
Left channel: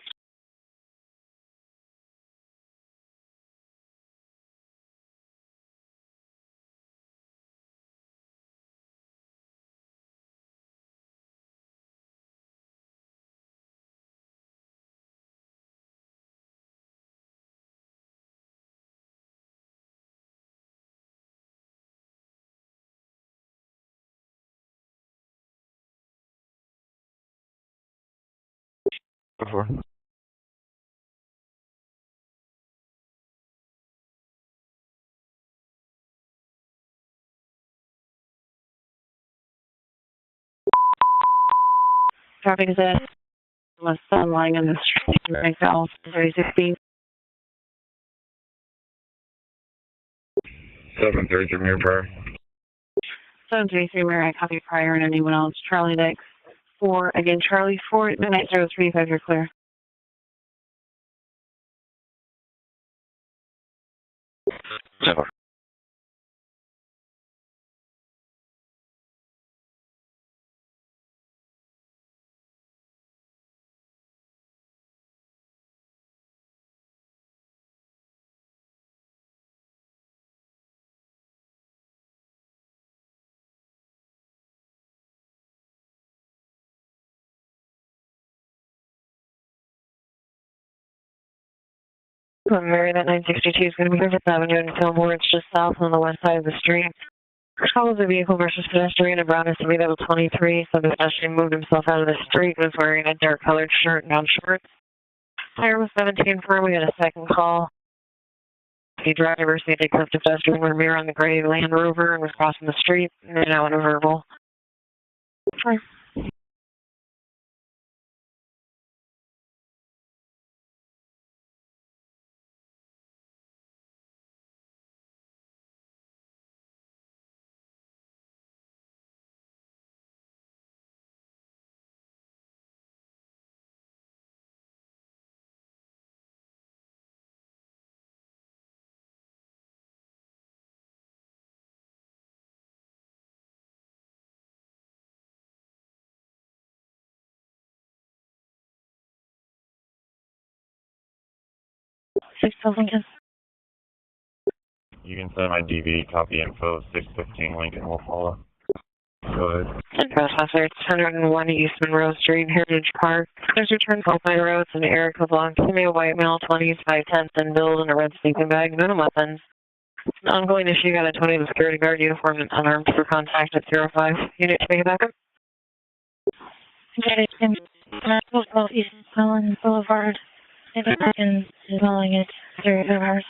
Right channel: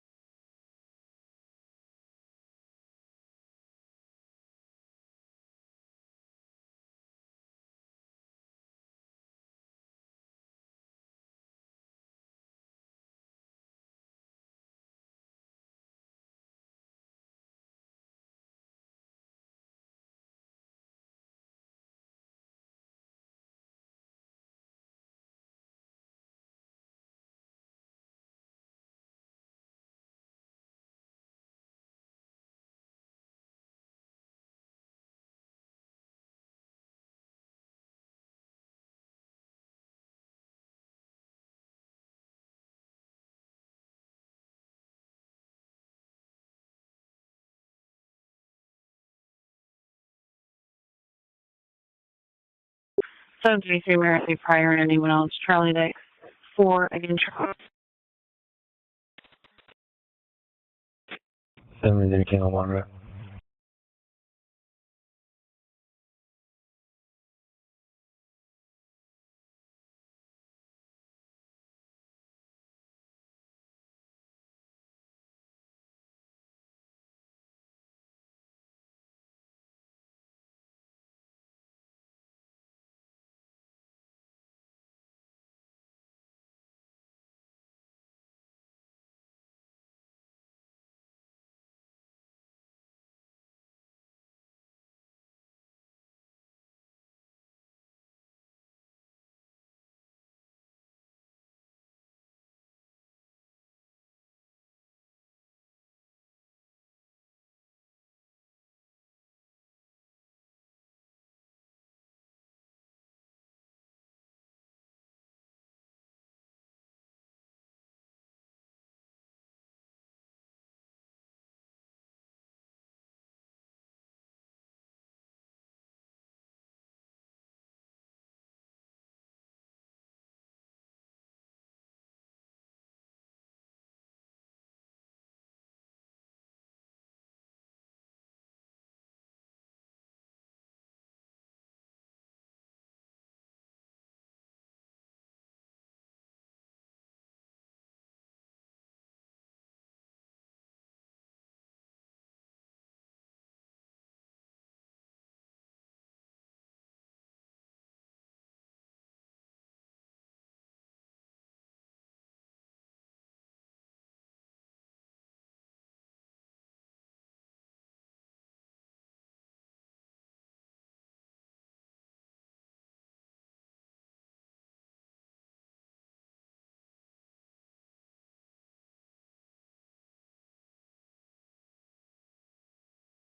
Go for it. Traffic is at less than lying in the street, right now, 3016. 733 Mirror Prior. 733 Mirror, fire iron, and Charlie Deck 4, again, Charlie 4 at midnight 035, you're clear. 7 Kilo 1, right? 7. Mary, that 962 is going to be Griffith Avenue in Fillmore. It's just south on the west side of the street. Follows a vehicle versus pedestrian in Brown SUV level 23. So the pedestrian moved himself out of the street and was wearing a dark colored shirt and shorts. Tire was 17 firm. We had a second call. The driver said they clipped a pedestrian with a mirror on the gray Land Rover and was crossing the street. And they're now in a verbal. Sorry. Lincoln. You can send my DV, copy info, 615 Lincoln will follow. Go ahead. And Trespasser, it's 101 East Monroe Street, Heritage Park. There's return call by roads and Erica Blanc. Give me a white male, 20s, 5'10", and build and a red sleeping bag, no weapons. It's an ongoing issue. Got a 20 with security guard uniform and unarmed for contact at 05. Unit to make it back up. Got it. And East Island Boulevard. And is calling it 0 hours.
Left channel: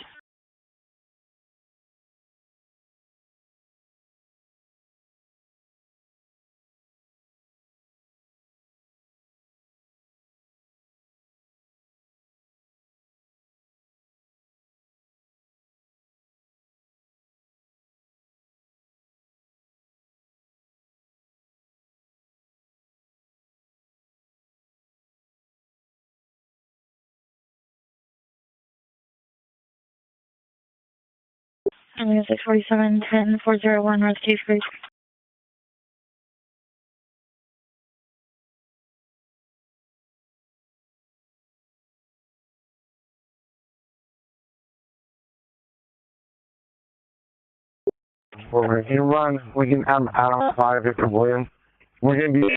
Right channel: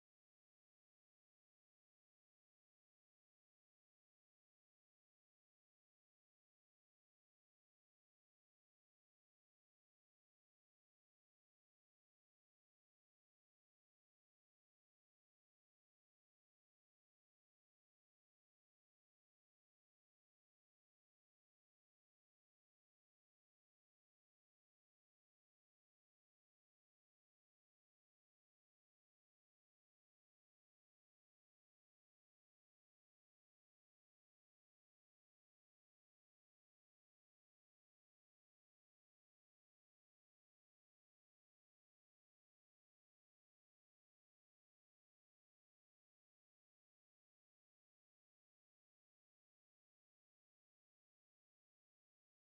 I'm going to 647 10 401 North Cave Creek. Well, if you run, we can have out 5 if you're William. We're going to be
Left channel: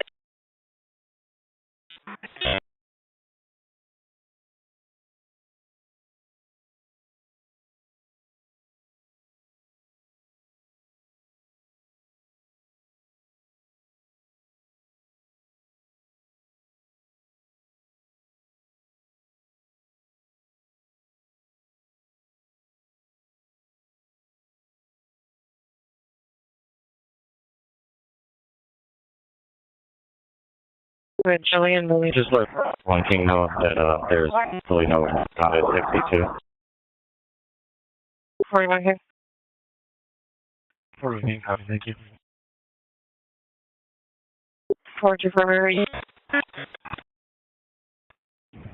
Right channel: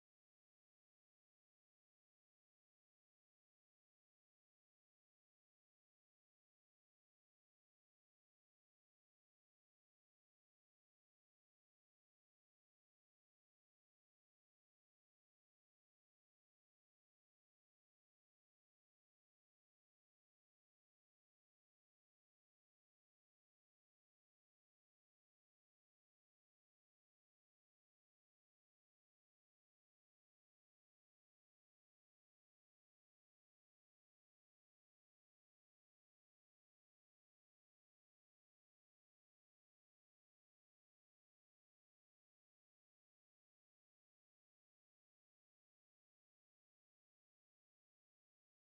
With Jillian, Louis. Just let one king know that there's really no not at 62. 41 here. 41, copy, thank you. 424, where are you?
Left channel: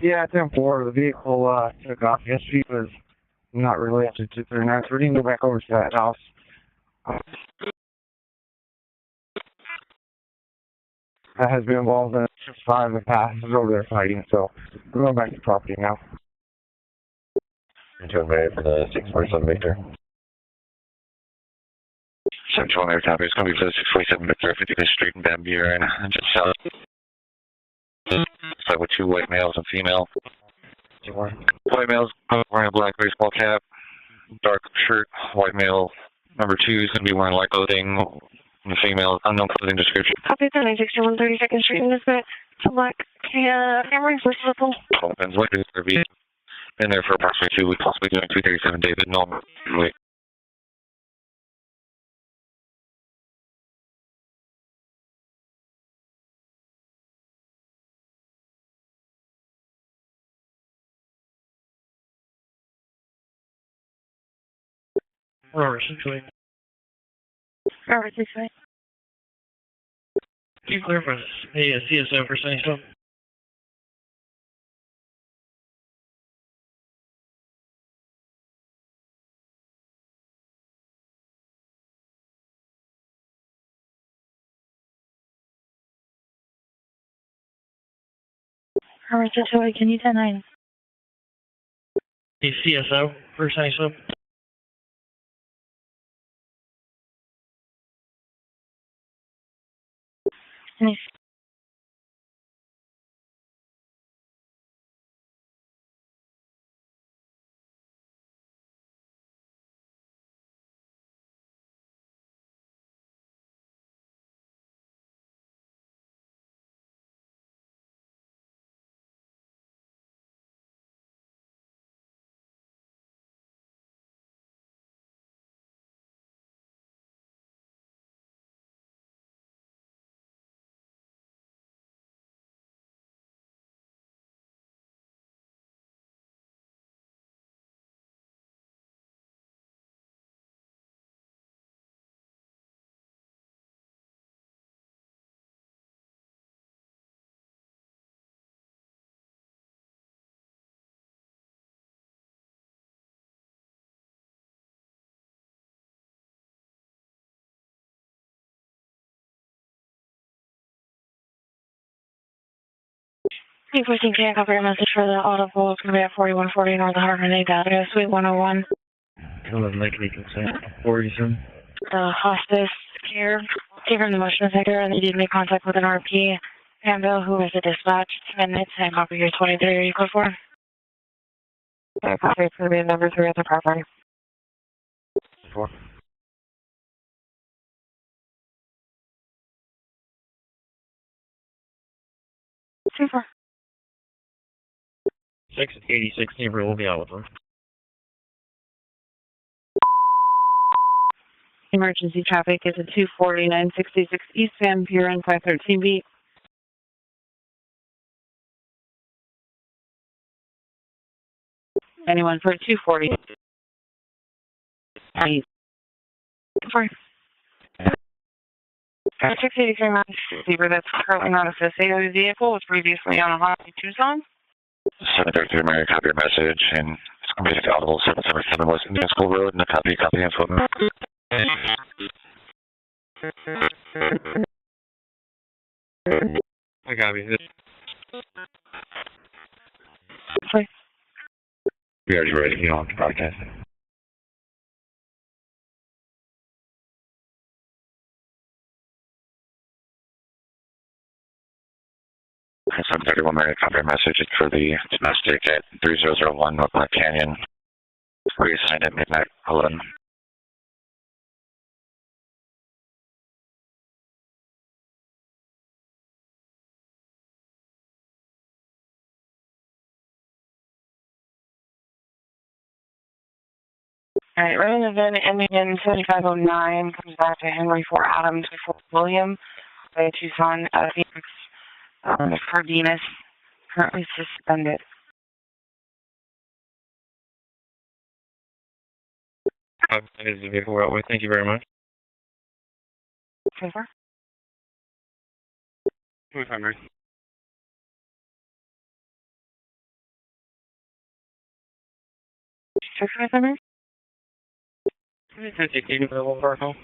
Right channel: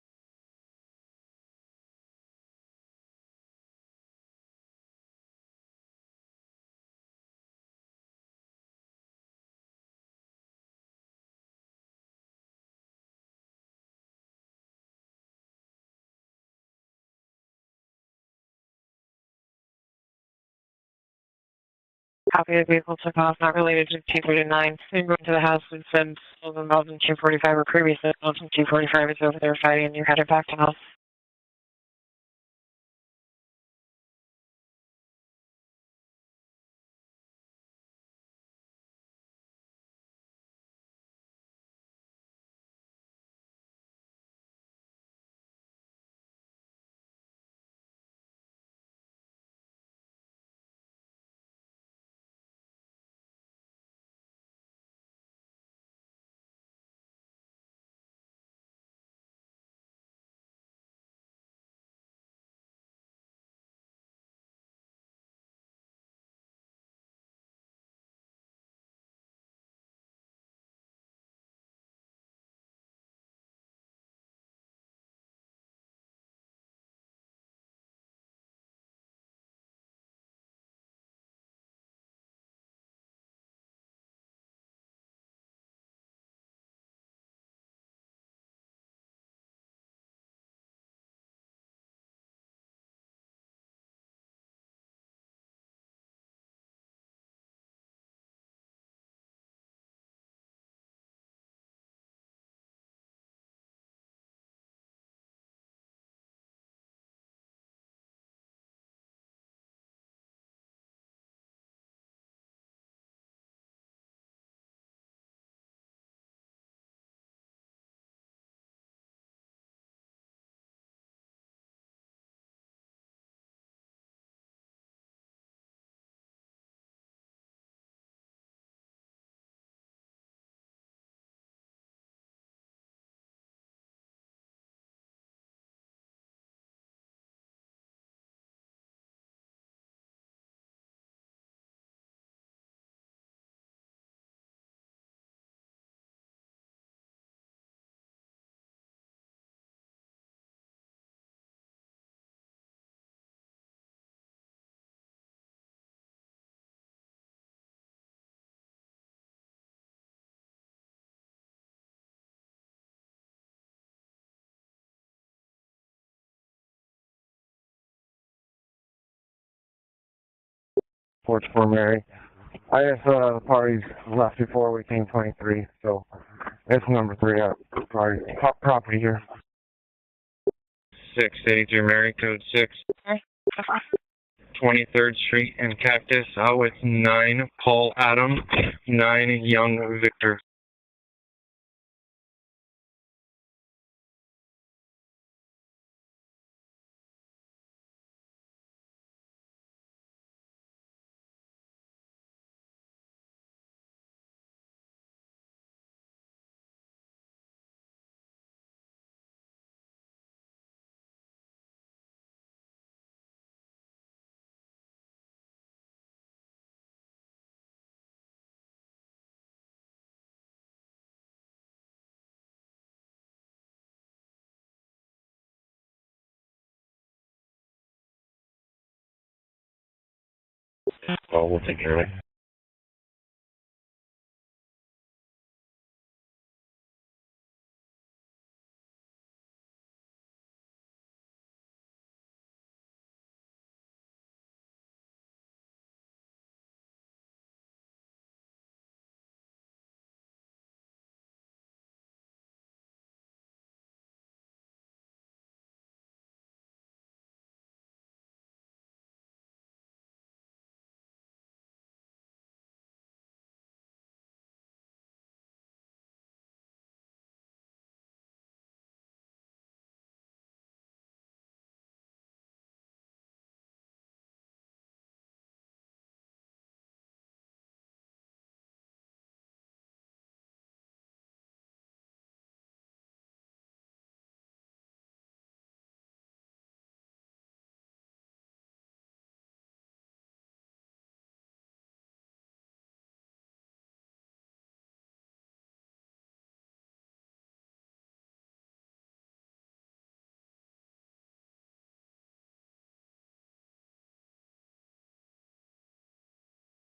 Yeah, 10-4. The vehicle took off yesterday, was not related to 239. So we didn't go back over to that house. That has been involved in 5 of the past over there fighting, so we're going back to property now. Into Mary for the 647 Victor. Copy of Central American Avenue is going to be 647 Victor, 50th Street in Bend, and just south. Involved in 245 or previously involved in 245 white males and females. headed back to house. White males wearing a black baseball cap, dark shirt. White male number 2 is going to be wearing light clothing. And the female, unknown clothing description. Copy of 961 32nd Street in this bit. Select camera first level. Ben's white is going to be in there for approximately 2 weeks, possibly doing 237 David. No, wait. Robert, essentially. Robert, this way. Can you clarify the CSO for saying something? Robert, this way. Can you 10-9? The CSO for saying something? Nice. Hey, 14K, copy your message for the audible. It's going to be at 4140 North Harmon Avenue, Suite 101. Don't make any consent. 44 Mary. Hospice here. Give her the motion center and they did make contact with an RP. And who is the dispatch? And it's 10 copy here, 23. Are you code for? 683 Mary. Copy for number 3 at the property. 23rd Street in Cactus, out with 9 Paul Adam, 9 Young Victor. Super. 686 neighbor will be out with them. Emergency traffic is at 24966 East Van Buren 513B. Anyone for 240? Sorry. 683 Max Receiver that's currently not associated with the vehicle was previously on a Hyundai Tucson. 733 Mary, copy your message, and it's going to be audible 777 West Indian School Road, and a copy and phone. I copy this. Sorry. We already ready, you don't have to broadcast it. 731 Mary, copy your message. It's for the domestic at 3001 North Black Canyon. Reassigned at midnight 11. All right, running the VIN ending in 7509 comes back to Henry 4 Adams before William by Tucson at Phoenix Cardenas, currently suspended. That is the vehicle we're out with. Thank you very much. Favor? 25, Mary. Check for them. 1016 available for our call.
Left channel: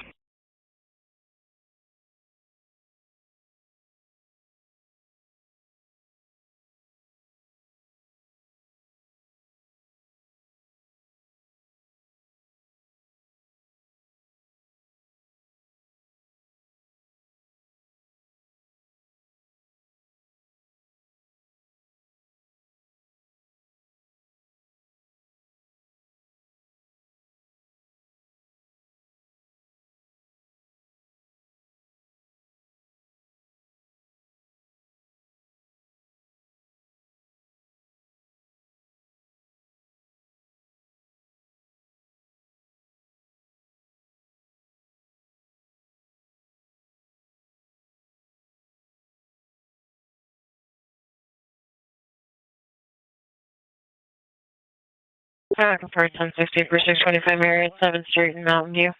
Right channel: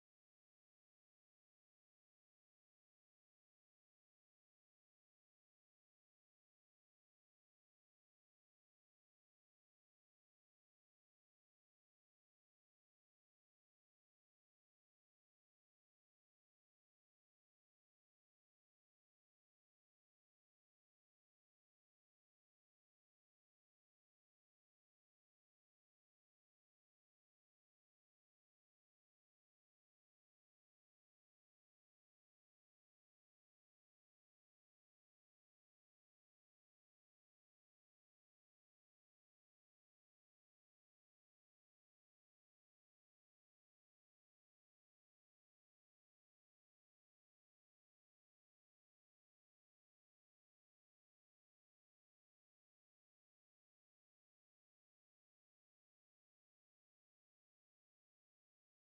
Confirmed 1060 for 625 Marriott, 7th Street in Mountain View.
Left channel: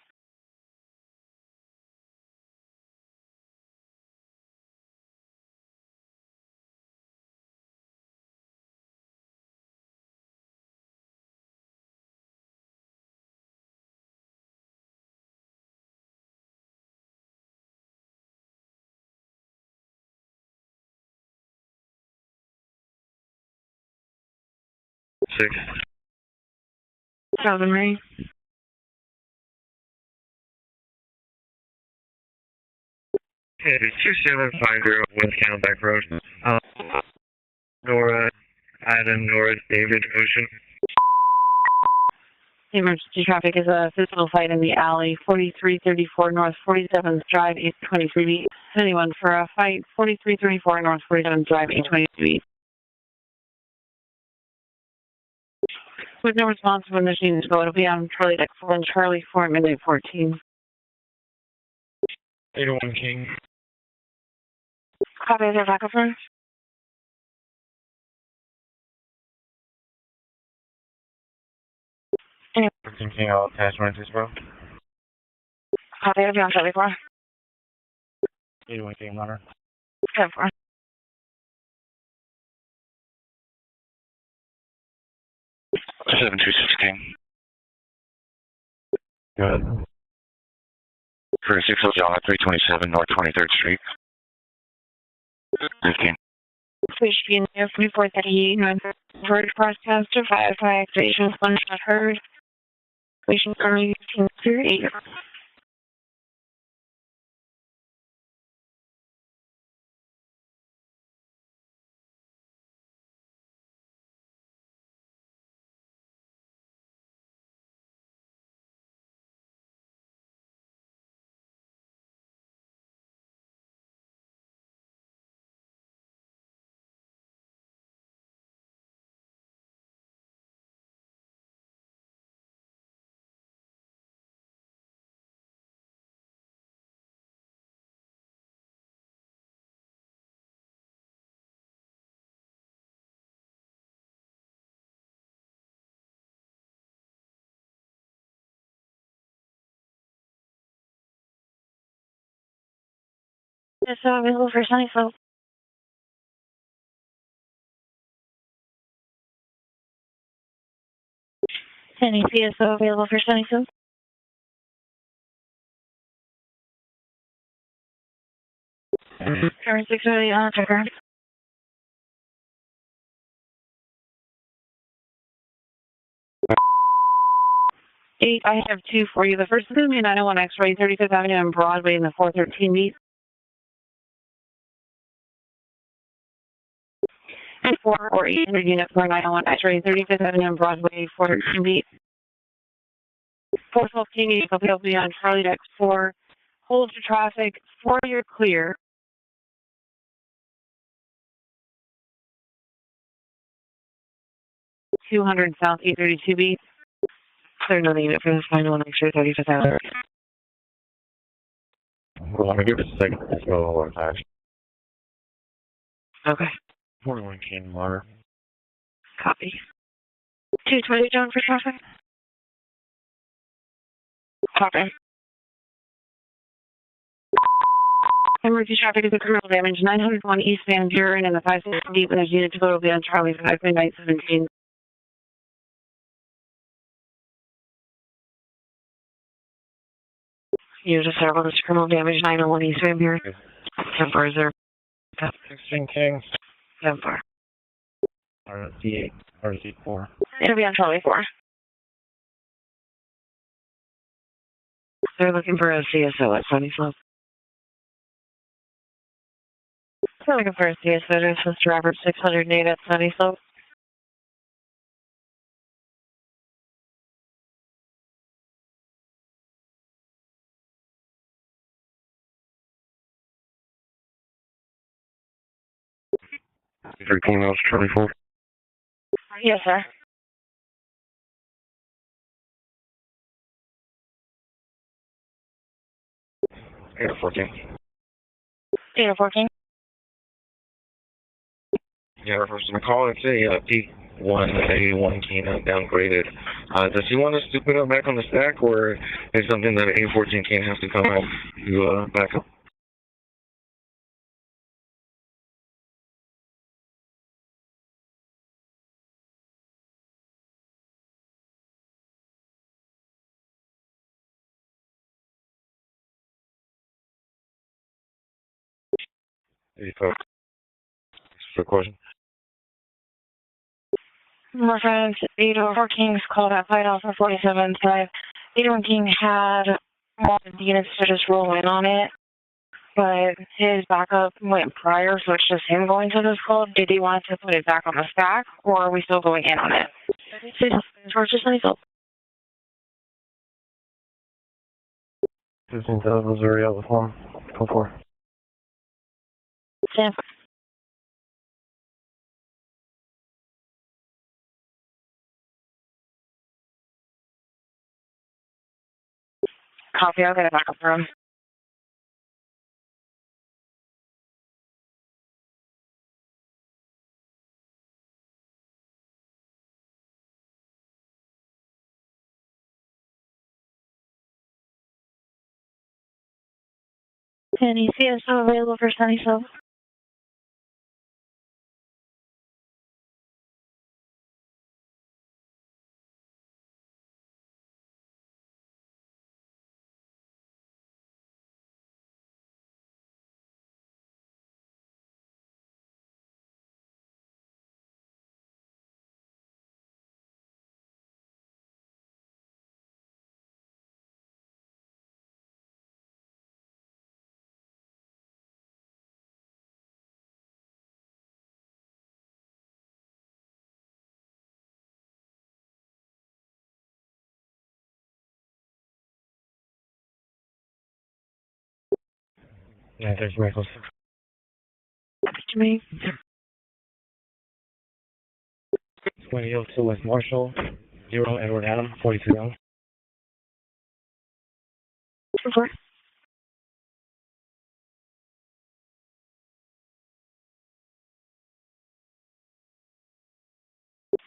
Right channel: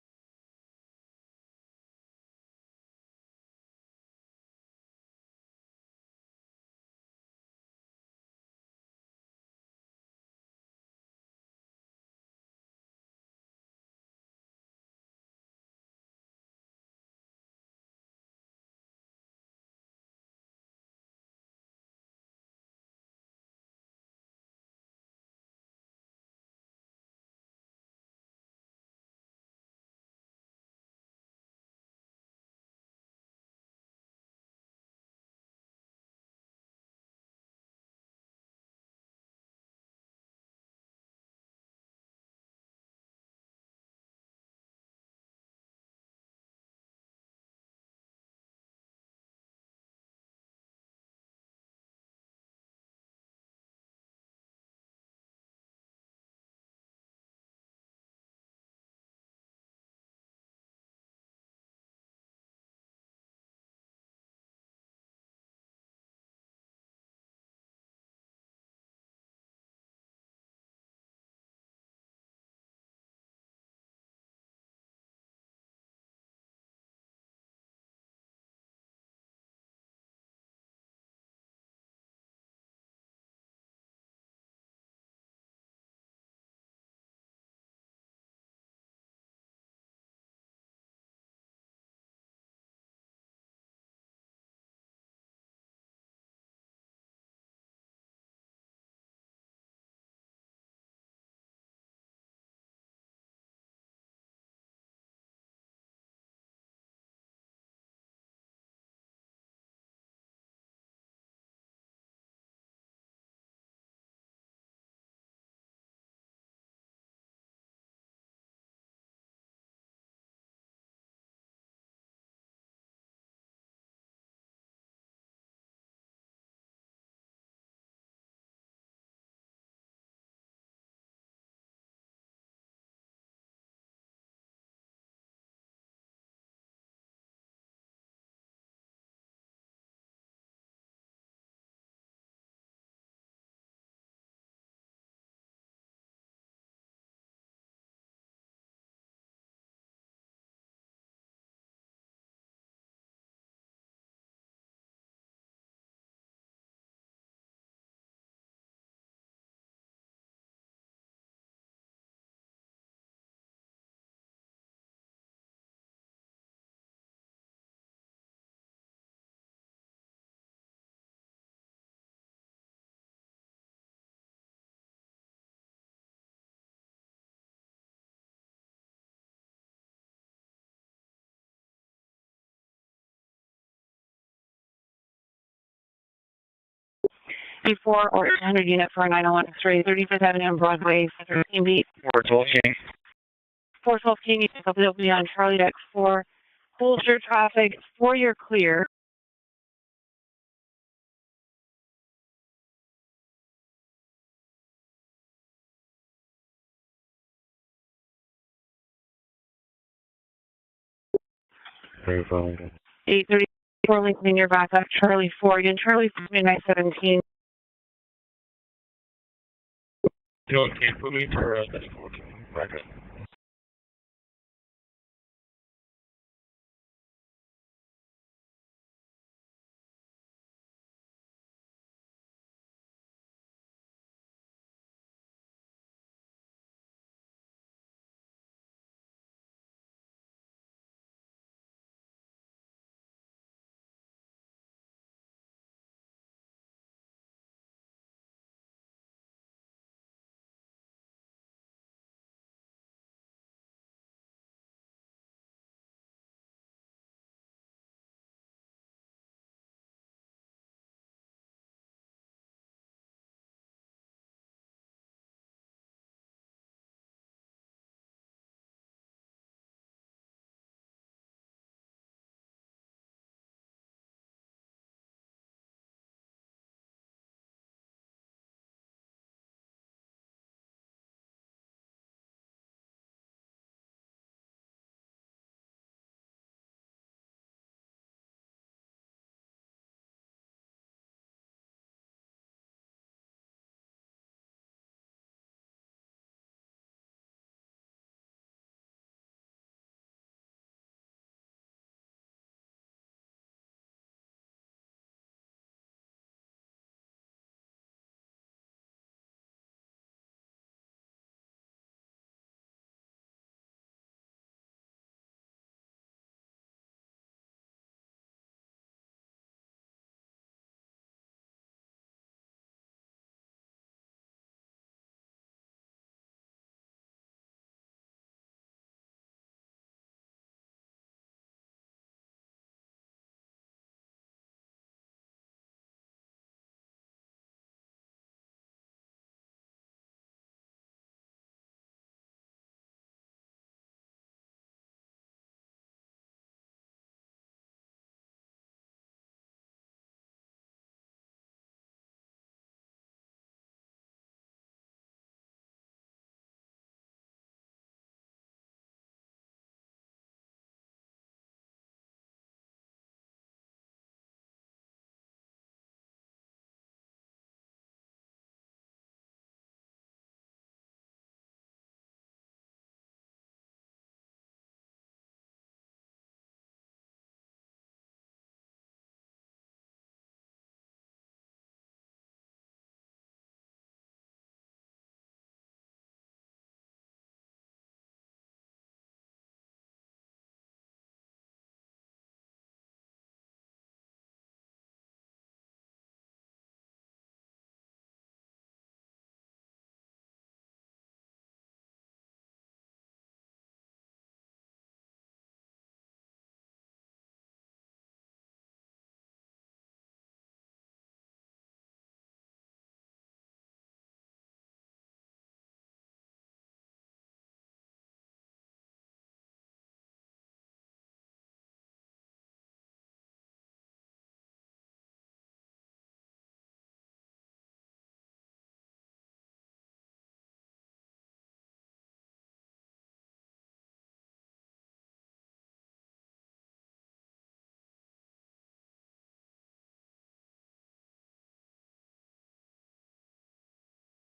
Six. 7 Marine. Okay, 2750 West Camelback Road. Nora, Adam, Nora, David, Ocean. The emergency traffic is a physical fight in the alley, 4334 North 47th Drive, 823 beat. Anyone for a fight, 4334 North 47th Drive, 823 beat. With no response when the machines go, it'll be on Charlie Deck 4 and Charlie 4 at midnight 14. 801 King. Copy, is there backup room? Any 13 King, I'll attach messages, bro. copy, I'll be on Charlie 4. 801 King, runner. 10-4. 726 King. Good. For 60 John at 327 North 23rd Street. 15. Please be in there for report that he verdict broadcaster 5 activation 1 shot heard. Patient currently 18 8. Yes, so available for Sunnyville. Any PSO available for Sunnyville? Current 6 early on checker. 8, I have 2 for you. The first is going to be 901 X-ray, 35th Avenue and Broadway in the 413 meet. 4 or 800 unit for 901 X-ray, 35th Avenue and Broadway, 413 meet. 412 King. 412 King, will be on Charlie Deck 4. Hold traffic, 4 you're clear. $200 South 832 beat. Clear another unit for this 901 X-ray, 35th Avenue. 834 Lincoln, you're back up. Charlie 4, again, Charlie 2917. Copy. 220 down for traffic. Copy. Emergency traffic is a criminal damage. 901 East Van Buren and the 560 deep, and there's unit to go to be on Charlie 52917. You just have all this criminal damage. 901 East Van Buren. 10-4 is there. 16 King. 10-4. RC8, RC4. It'll be on Charlie 4. They're looking for a CSO at Sunny Slope. They're looking for a CSO to assist Robert 608 at Sunny Slope. Charlie 4. Yes, sir. Air 14. Air 14. Yeah, first I'm calling to say P181 canine downgraded. Does he want us to put him back on the stack, or is something that A14 can't have to come out to back up? For question. Reference 804 King's called at Fight Alpha 47-5. 801 King had wanted the units to just roll in on it, but his backup went prior, so it's just him going to this call. Did he want to put it back on the stack, or are we still going in on it? George, just let me go. 15 South Missouri, out with 1. Call 4. Stand. Copy, I'll get it back up for him. Any CSO available for Sunny Slope? Yeah, there's Michael. To me. 2002 West Marshall. 0 Edward Adam, 42 young. 4.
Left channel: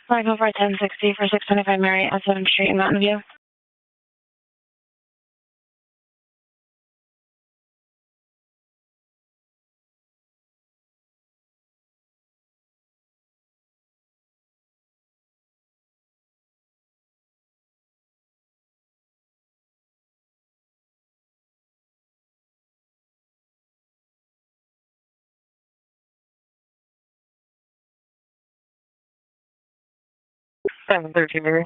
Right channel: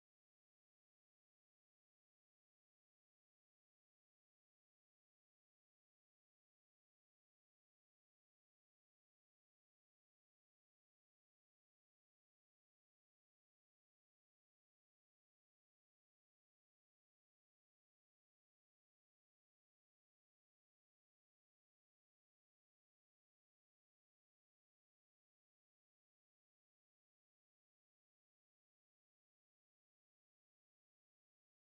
Five over 1060 for 625 Mary at 7th Street in Mountain View. Seven 13 Mary.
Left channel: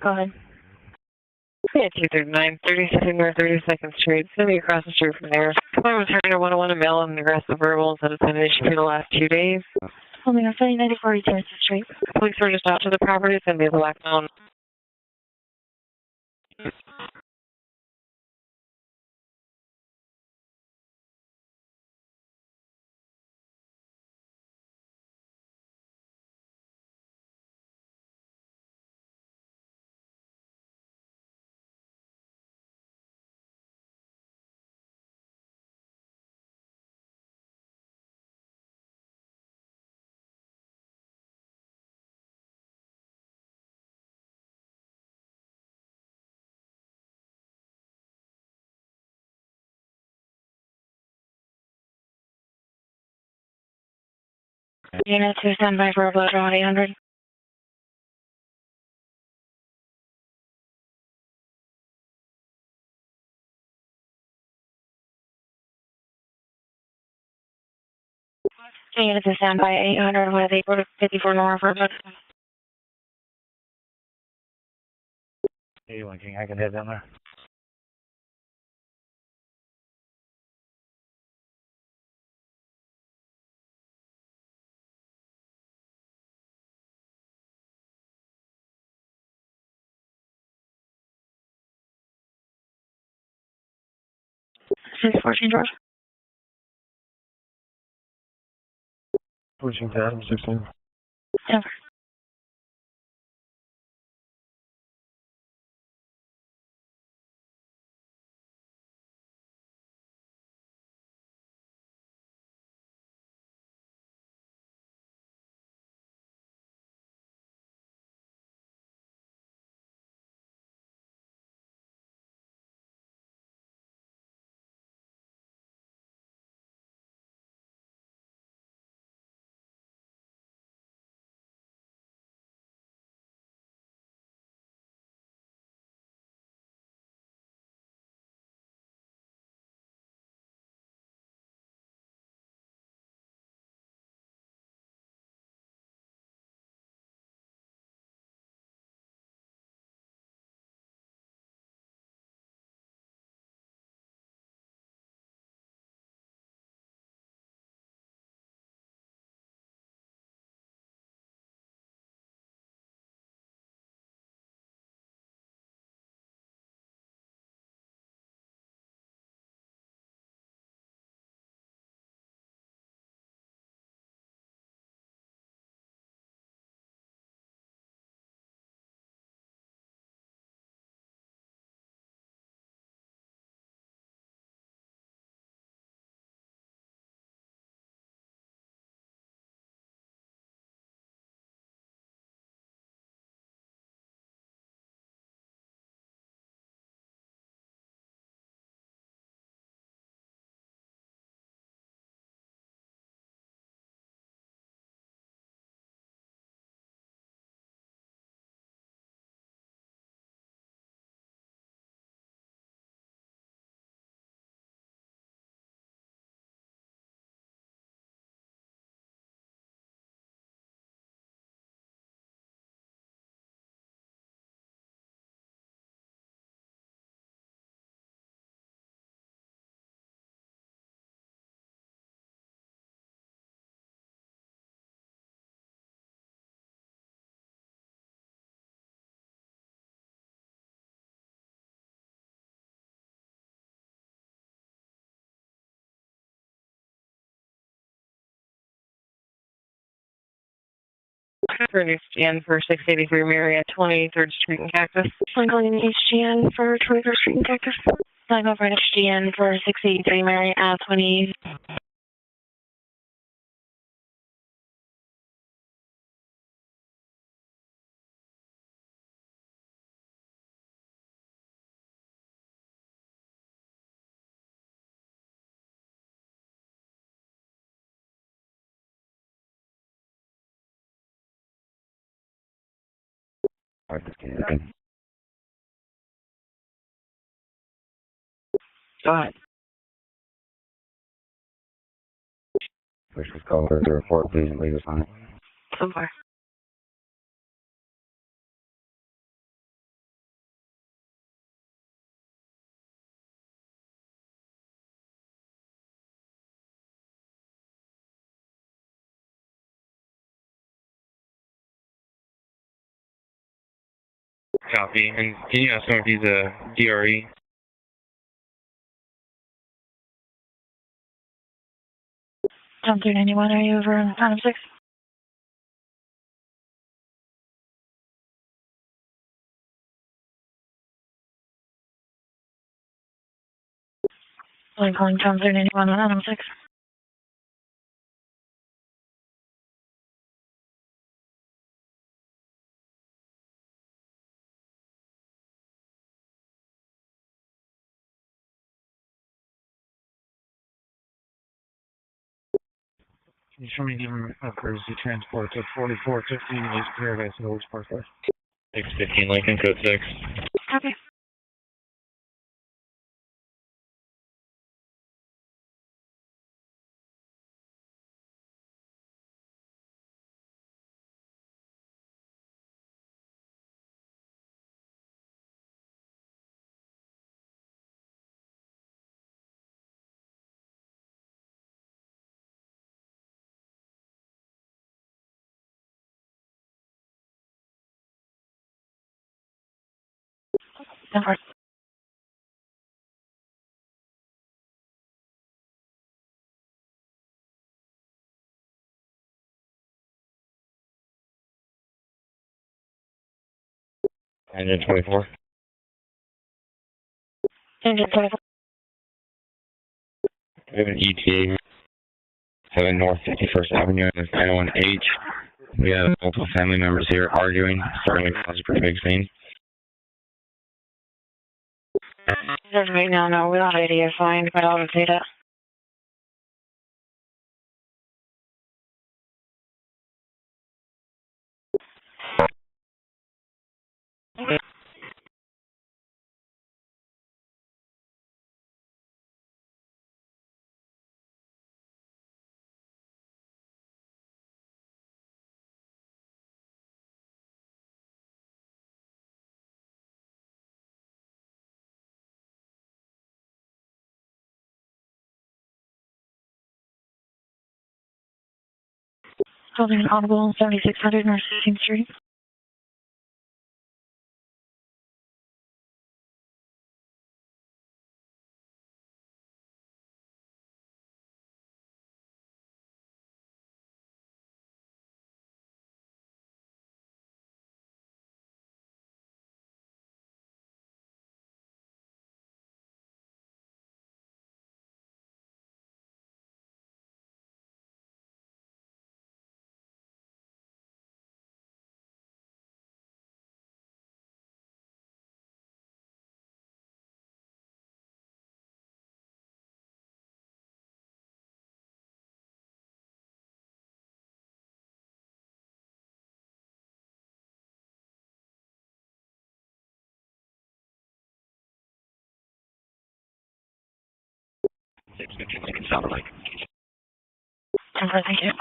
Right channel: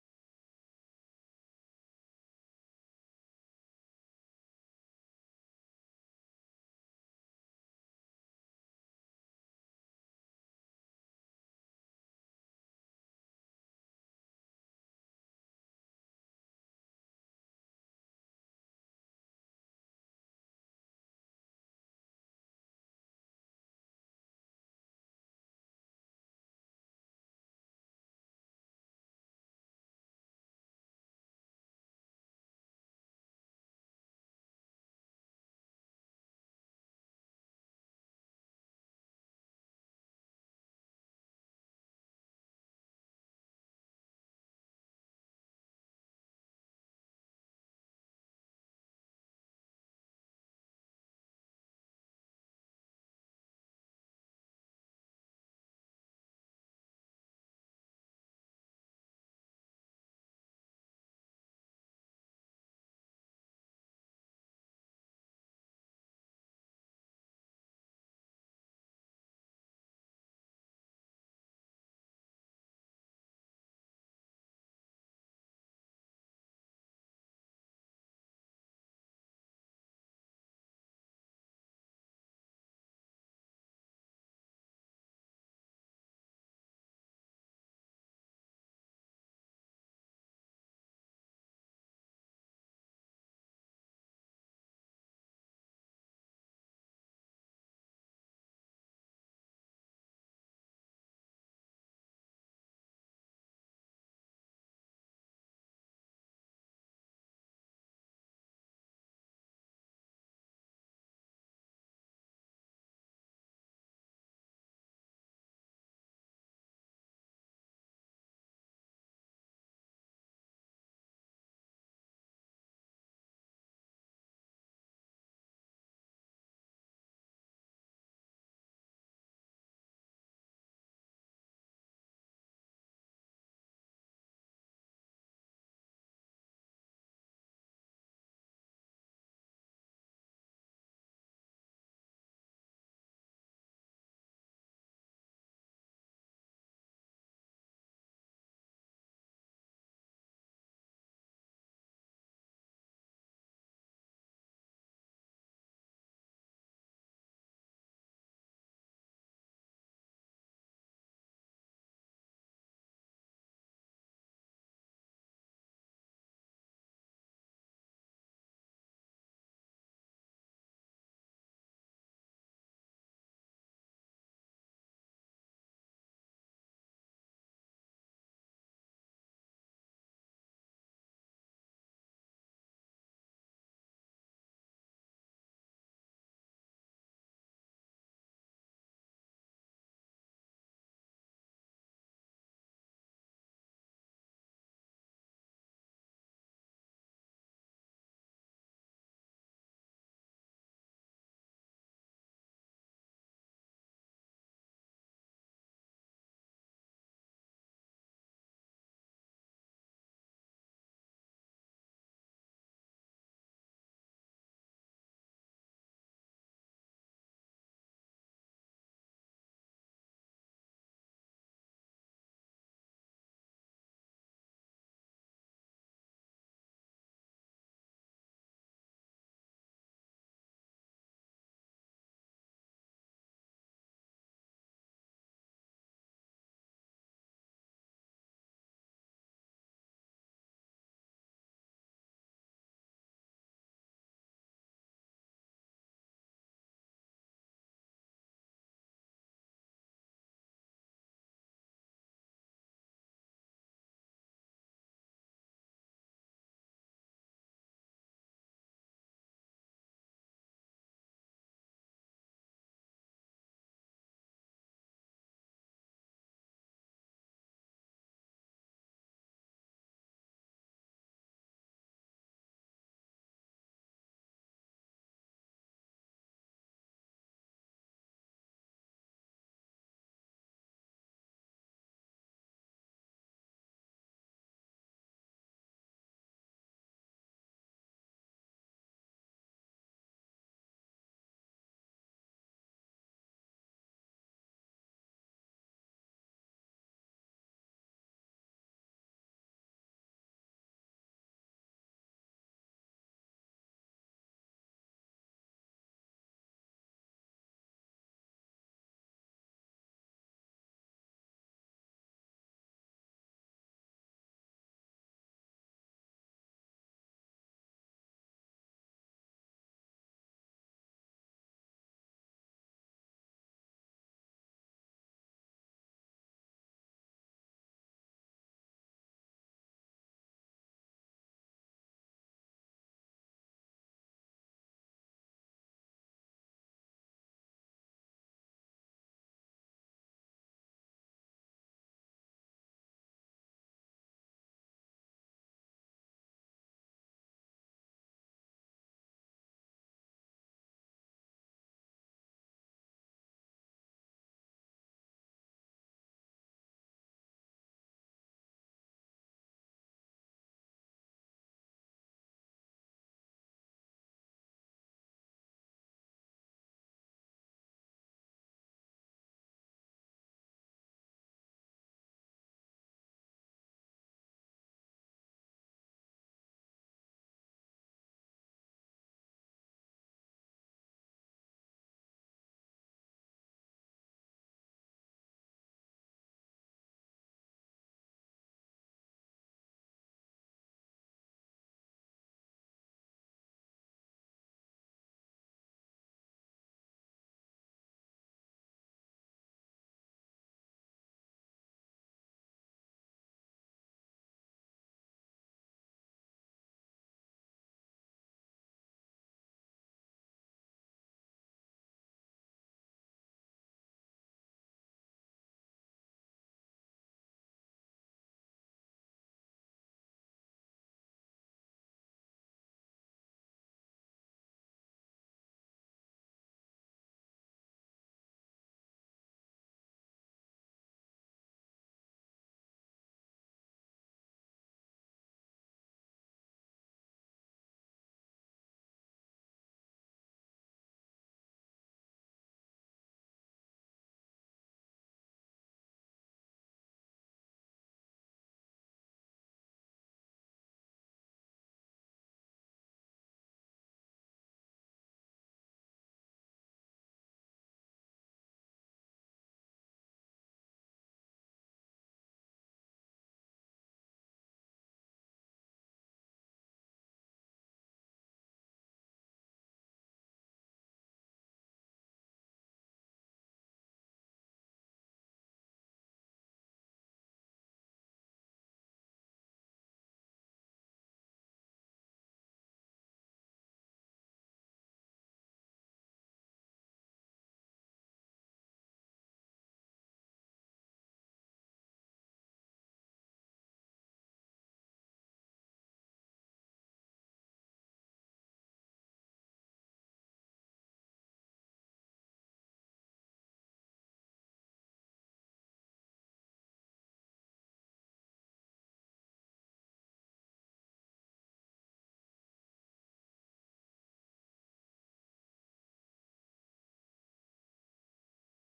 Go ahead. Yeah, 239, 32nd North 32nd Street. It's going to be across the street from there. I was hearing a 101 and mail and aggressive verbals that have been an issue for the last 2 days. Only on 94 42nd Street. Police are just out to the property. It's going to be a black zone. Unit 2, standby for upload 800. Unit 2, standby 800 with 854 north for upload. Hey, one King, I can head down there. Six 14 George. Pushing to Adam 16. Over. HGN for 683 Marriott, 23rd Street in Cactus. I'm calling HGN for 23rd Street in Cactus. I'm over at HGN for 683 Marriott, 20. Alright, just kidding. Okay. Go ahead. Push this call for the report, please, and leave us on it. So far. Copy. And can you ask him if he's a DRE? Tom 391, are you over on Phantom 6? I'm calling Tom 391 on Phantom 6. You show me giving a courtesy transport to 4415 East Paradise and Oaks Parkway. 615 Lincoln, code 6. Okay. Number. Engine 24. Engine 24. We have an ETA 7 North 51st Avenue and 901H. We have multiple family members here arguing, starting to cause a pretty big scene. As of right now, no, we don't have ID assigned, but I'll update it. Holding an audible 7600 North 16th Street. Sound like. Thank you.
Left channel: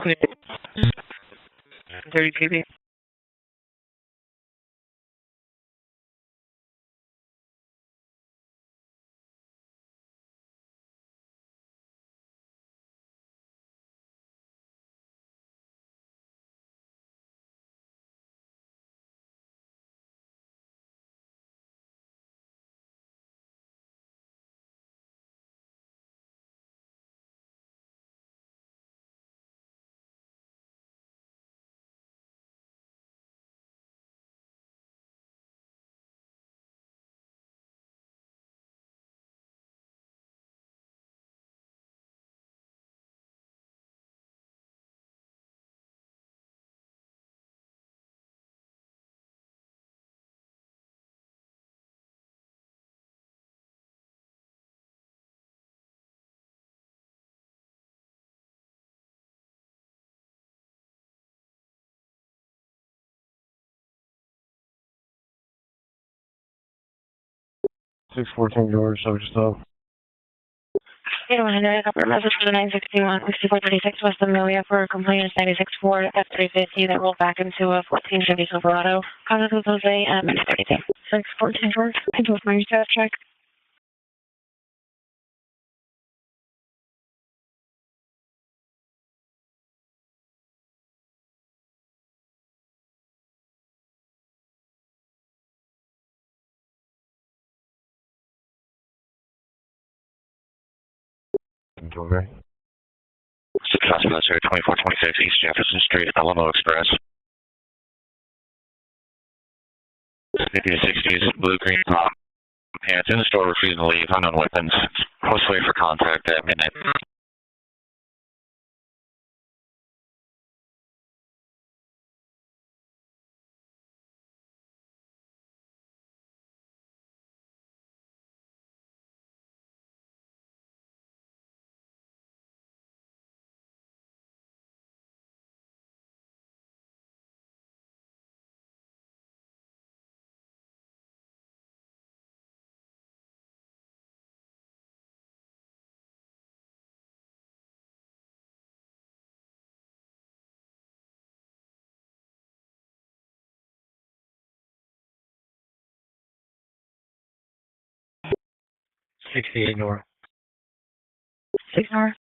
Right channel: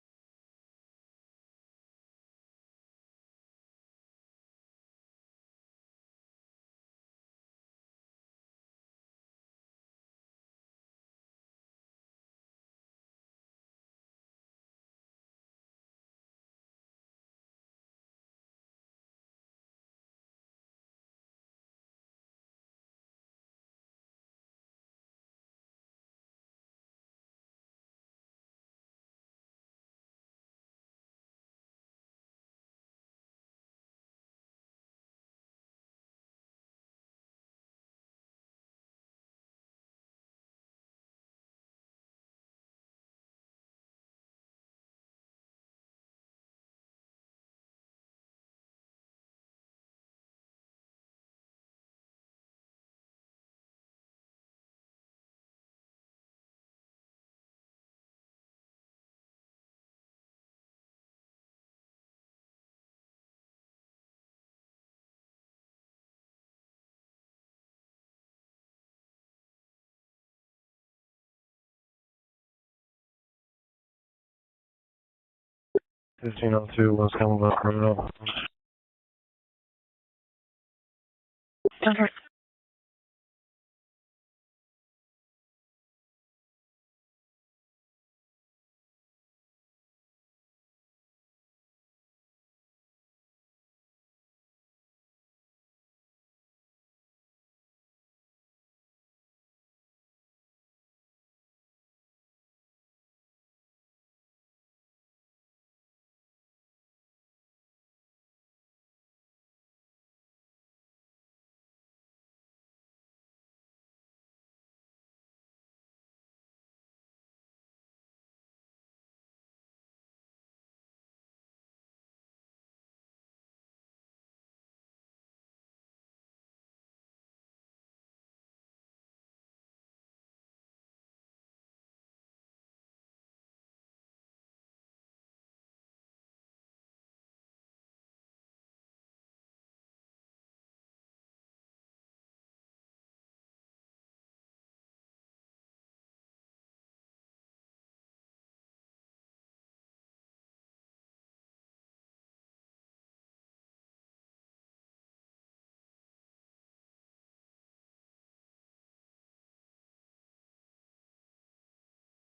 Clear. 30 KB. Six 14 George, so just though. 8100, upper message for the 961, 6436 West Amelia for complainant 964 F350 that rolled back into a 1450 Silverado. Contact with Jose at minute 32. 614 George, into a my status check. Okay. Successful necessary 2426 East Jefferson Street, Alamo Express. 50-60s, blue-green top. Pants in the store, refusing to leave, unknown weapons. Post wait for contact at midnight. North. 6 North.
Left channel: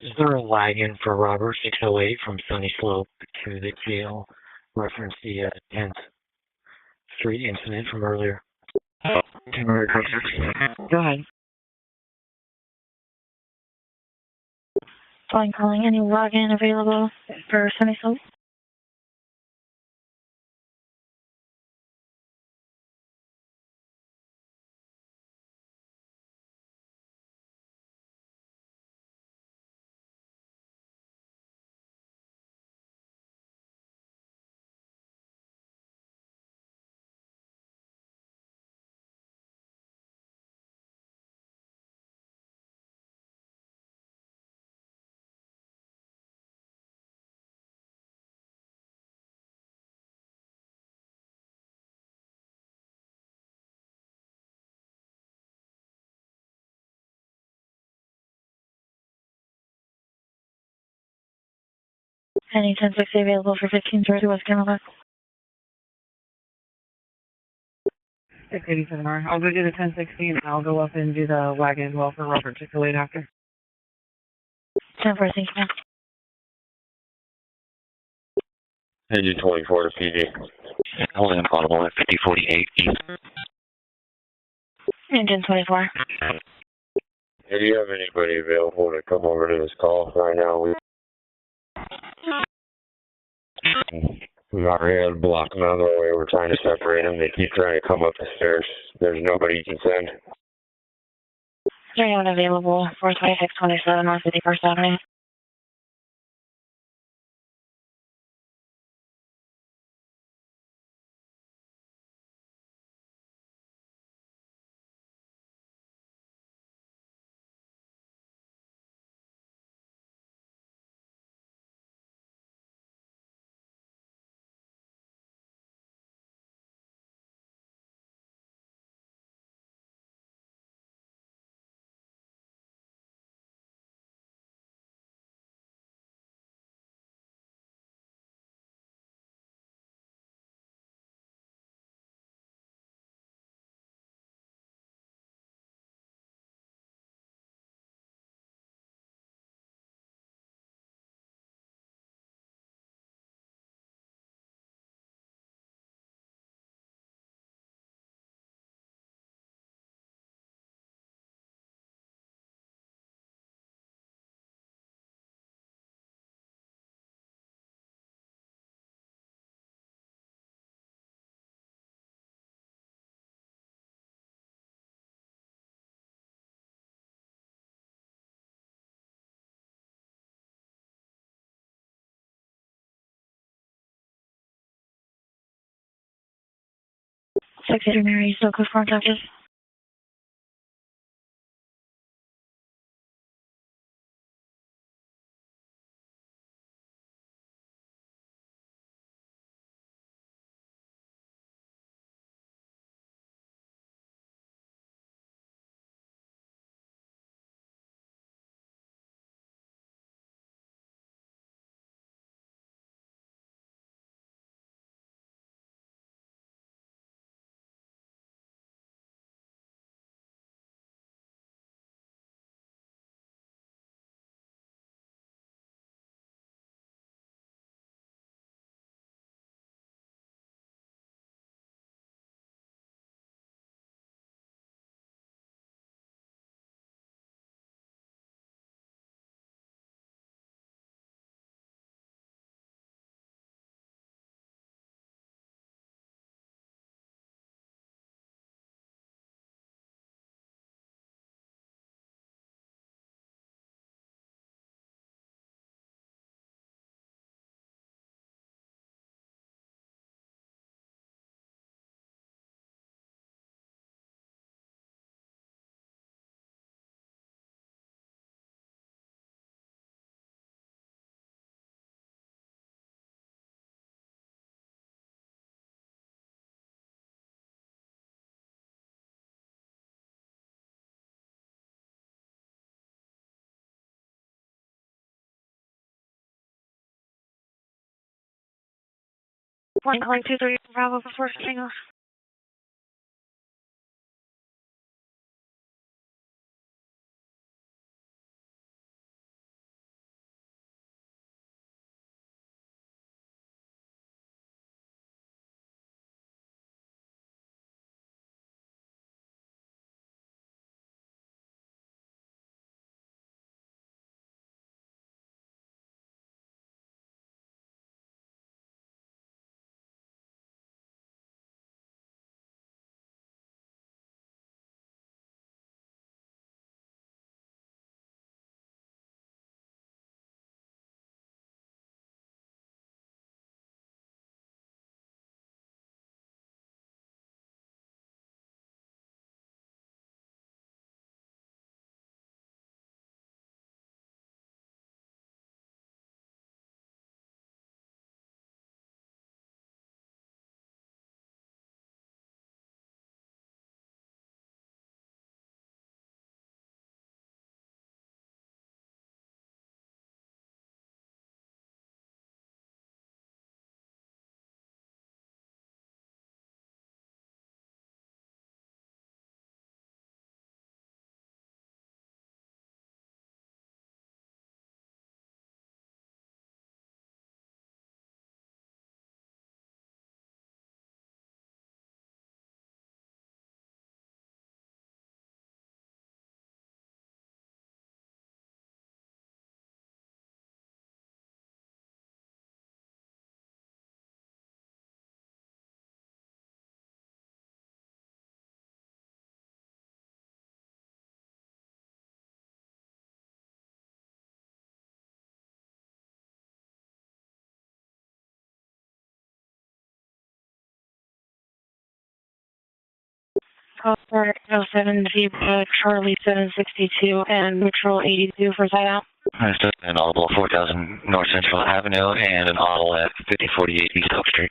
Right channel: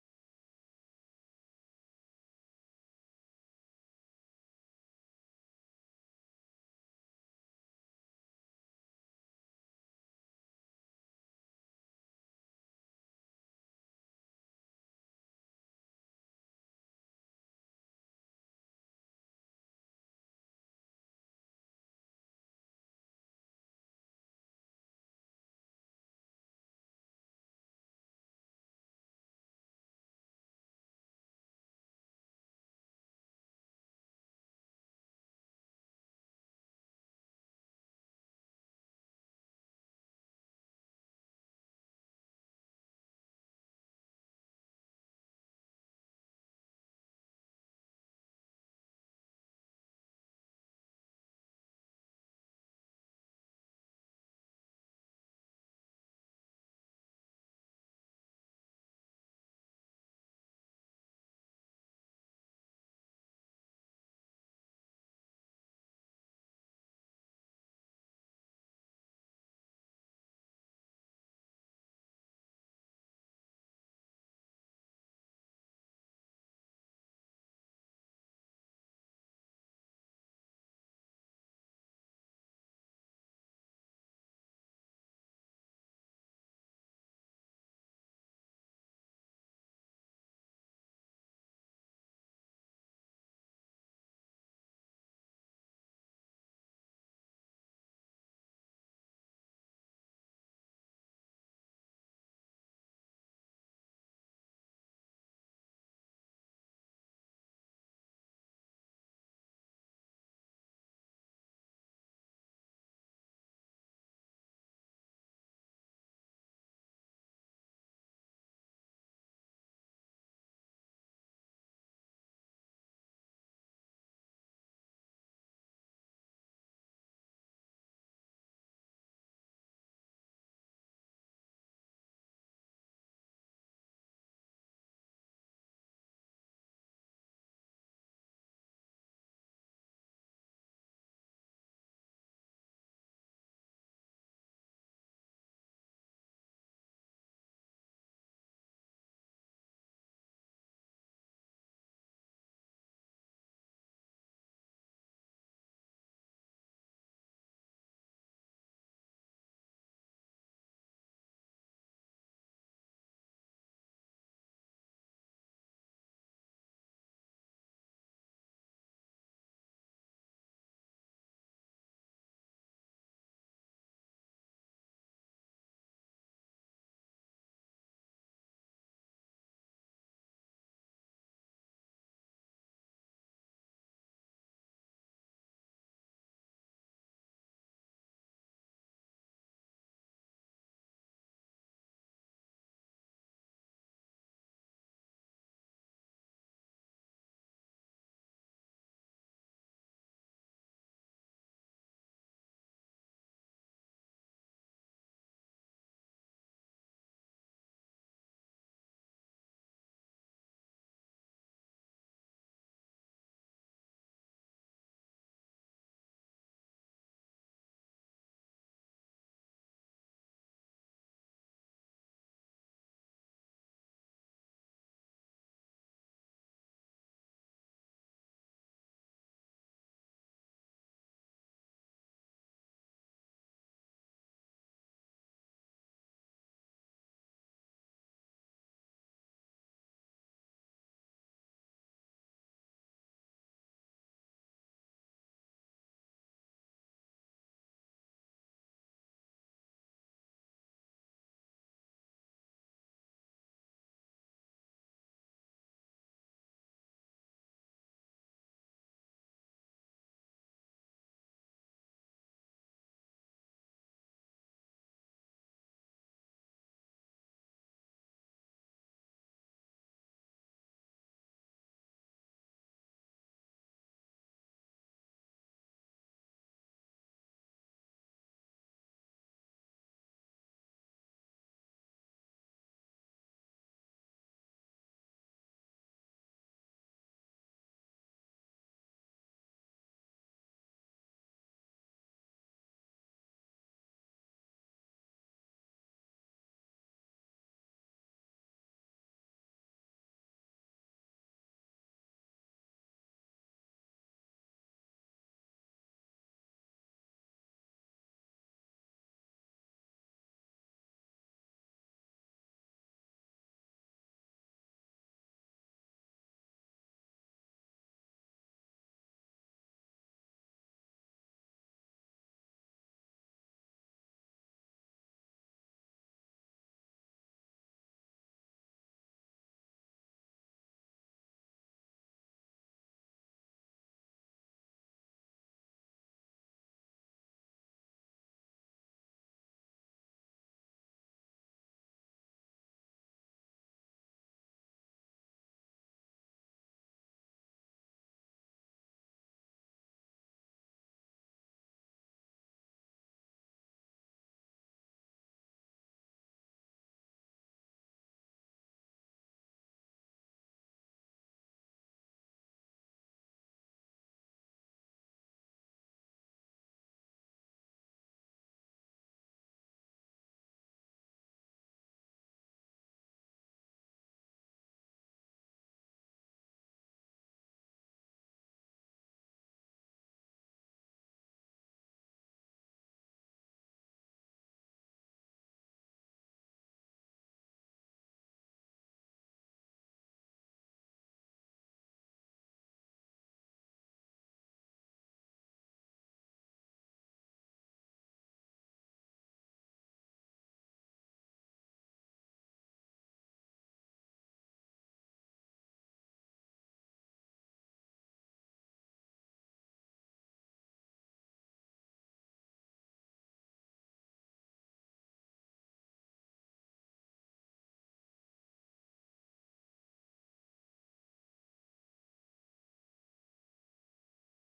Is there a wagon for Robert 608 from Sunny Slope to the jail? Reference the 10th Street incident from earlier. Go ahead. Fine calling. Any wagon available for Sunny Slope? Any 1060 available for 1530 West Camelback? 687 I'll go do the 1060 and I'll go up and do the wagon as well for Robert 608 after. 10-4, thank you, ma'am. Engine 24 to PD. Holding audible at 5048 East. Engine 24. Hey, do you have anybody available to come over to this call right now? We've already had blocked them out of the way. We're trying to separate them. They keep trying to come up the stairs. There's nobody you can send. Is there anyone available for 2627 North 51st Avenue? Secretary Mary, still close contact is? One calling 23 Bravo before single. Call 07 Zebra Charlie 762 and Neutral 82 for side out. That's an audible 4000 North Central Avenue and an audible at 5048 East Oak Street.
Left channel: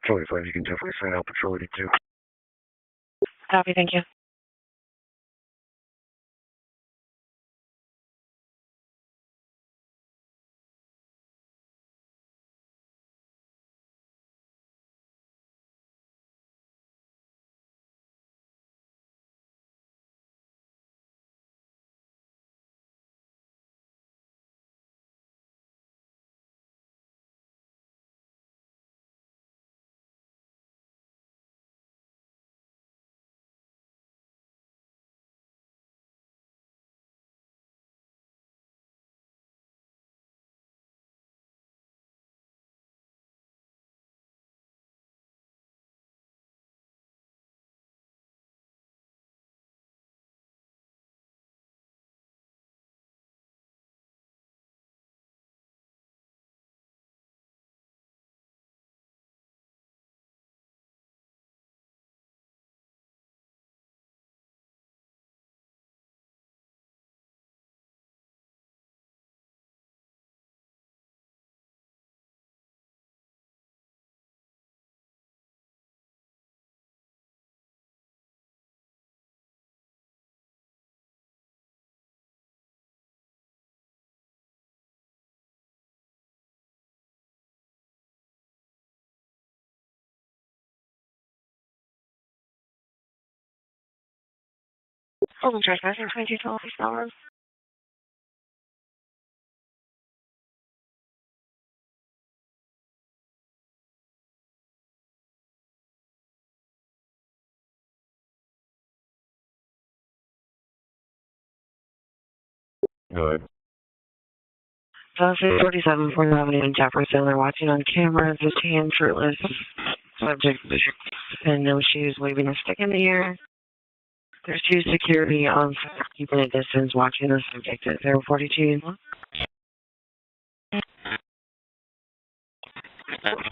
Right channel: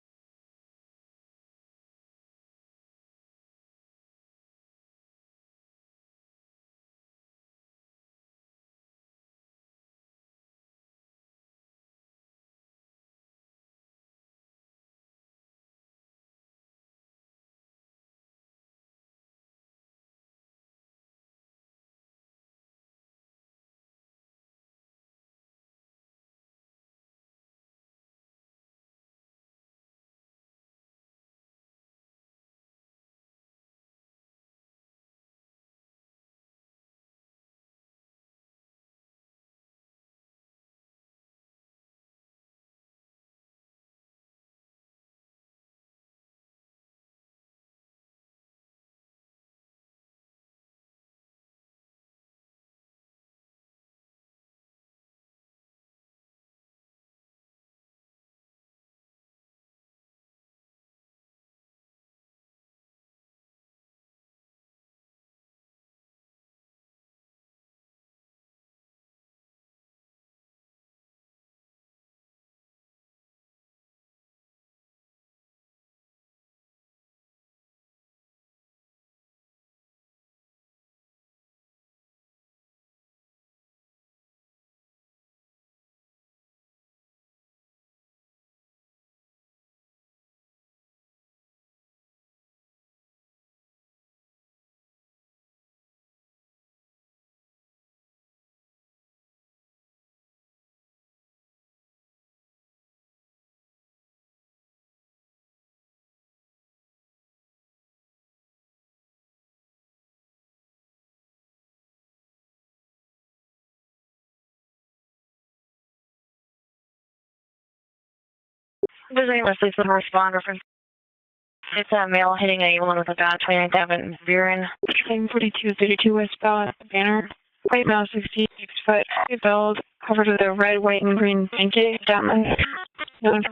Patrol 5, you can definitely sign out Patrol 82. Copy, thank you. Open trespassing 2212 hours. Go ahead. 47 4th Avenue in Jefferson. They're watching on camera, just hand shirtless. Wesley's the responder. And It's a male hitting anyone with a gun, 29th Avenue. She's security on 42 West distance, watching us. They're 42. But it's held covered with a red, white, and green blanket. Down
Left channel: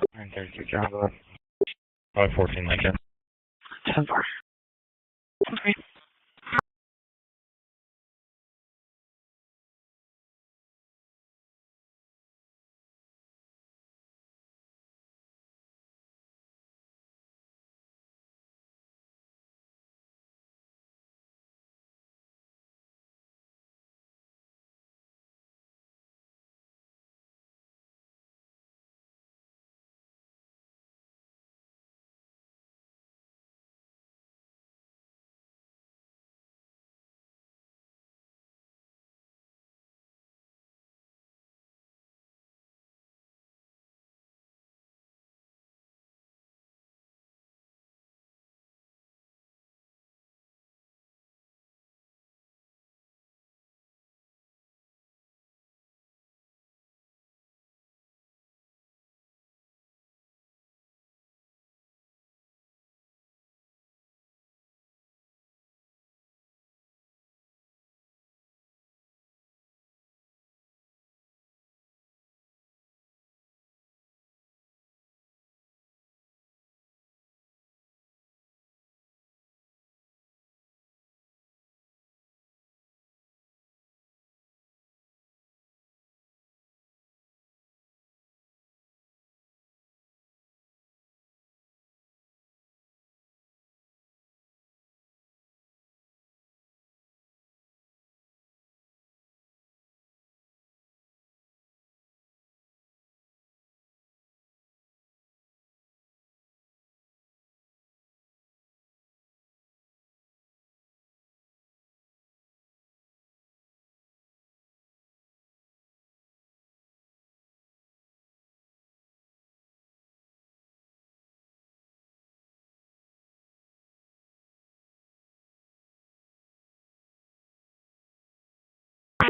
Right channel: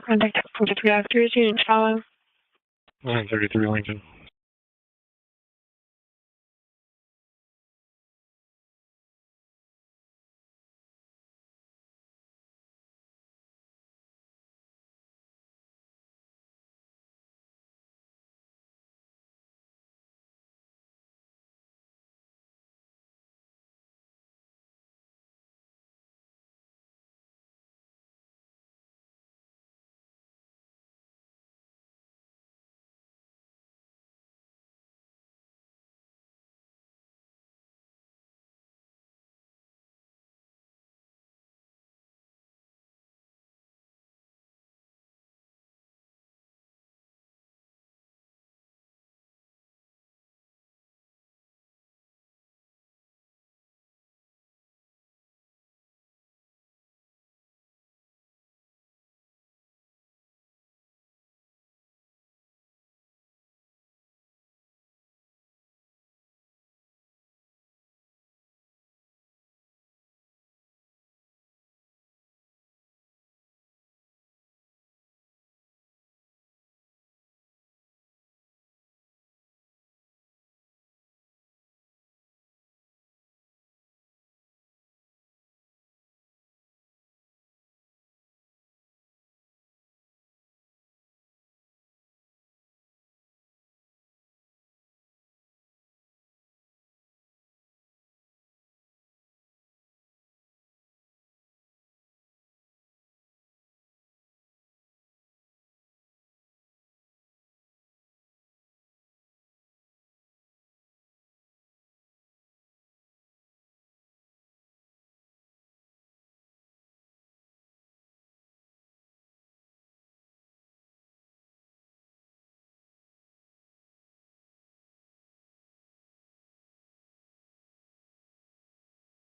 contact from 52 and Charlie. 514 Lincoln. 133 Lincoln. Okay.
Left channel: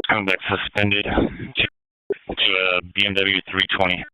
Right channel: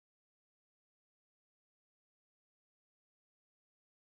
Coming back suspended to BMW 320.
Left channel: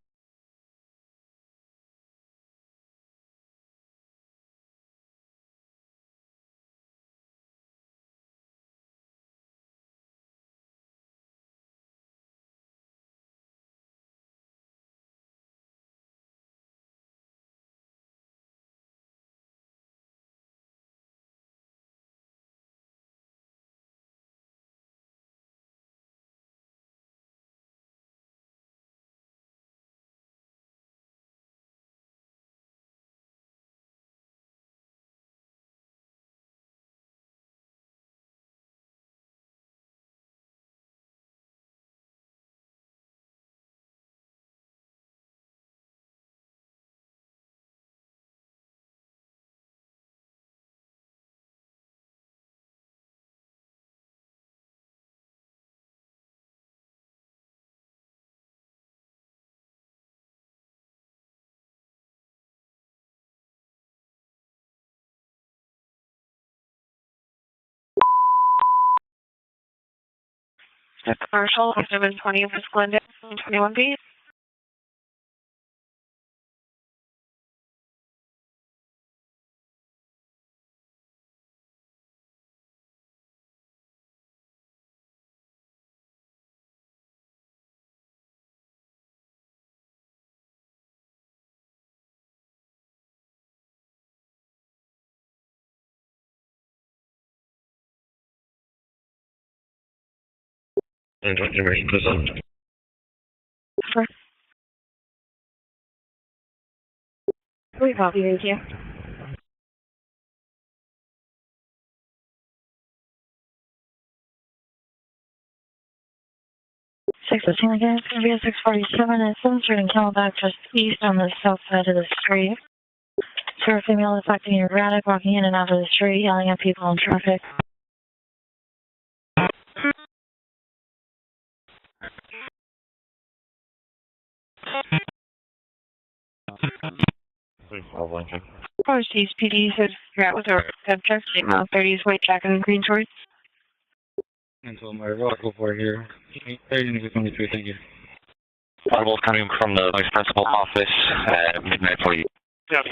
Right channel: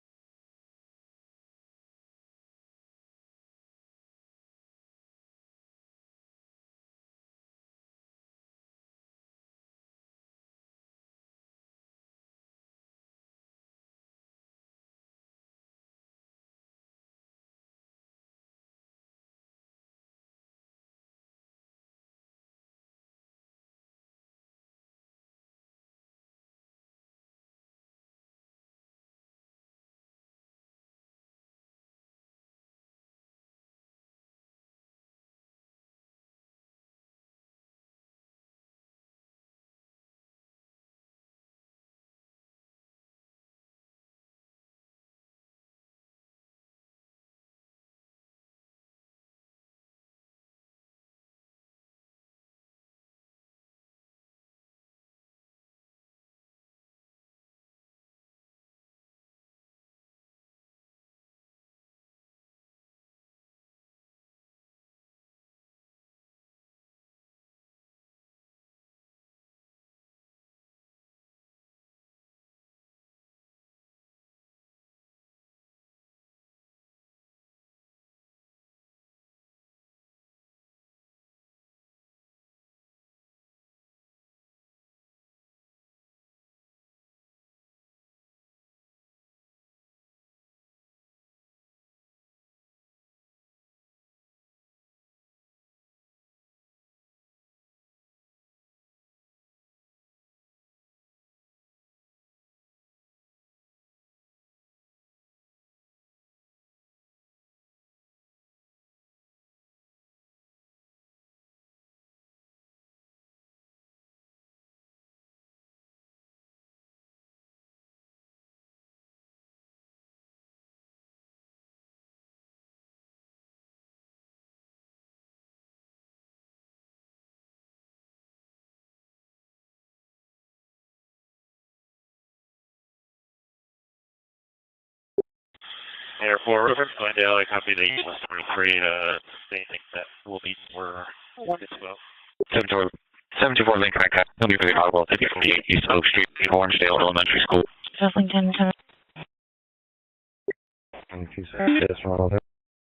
Commercial, 720 West Glendale, 21B. And information present. Sure. We copy, thank you. Six fifteen again. It's gonna be a 647 at 7th Street in Camelback, just east on the south side of the street. Sir, a female is acting erratic, walking in and out of the street, yelling at people in traffic. Airport, Glendale, I copy the Eagle 3. East PD says that was our subject. 30's white jacket and green shorts. 724 Lincoln, he'll be for the audible, 58 East Oak Street, Hornsdale Elementary School. Lincoln, Audible coming from the vice principal office at 40. Yep.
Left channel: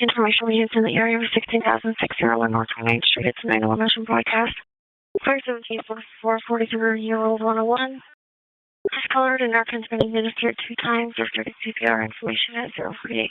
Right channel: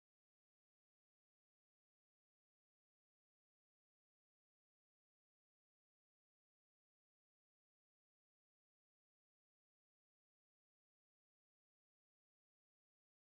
Information we used in the area was 16,601 North 29th Street. It's a 911 mission broadcast. 517 43-year-old 101. Has colored and narcan's been administered 2 times. There's dirty CPR information at 048.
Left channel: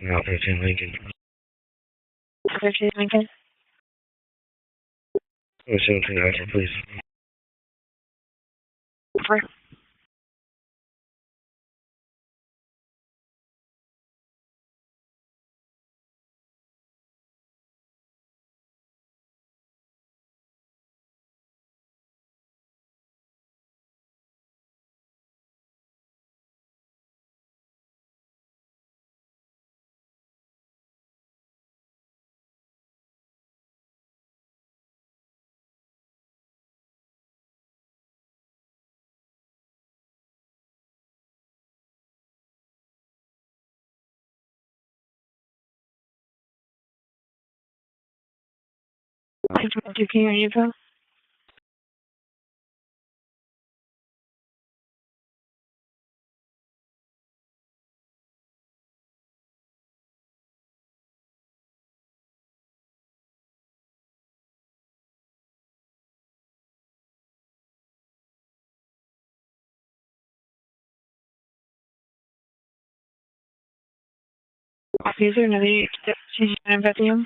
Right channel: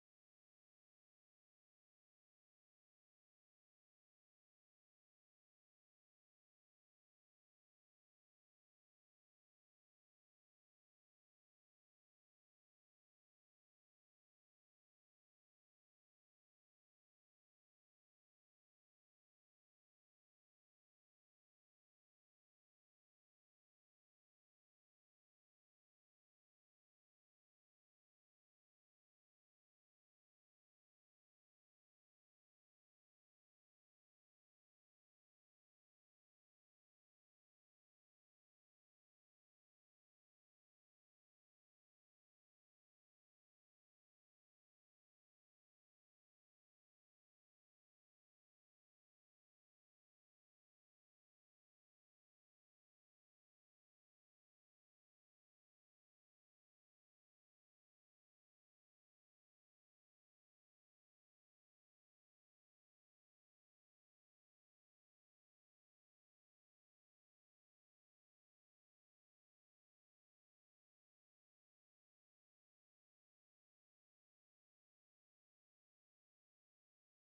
Now 13 Lincoln. 13 Lincoln. 17 Alpha, please. For do community info. Officer, another station with you.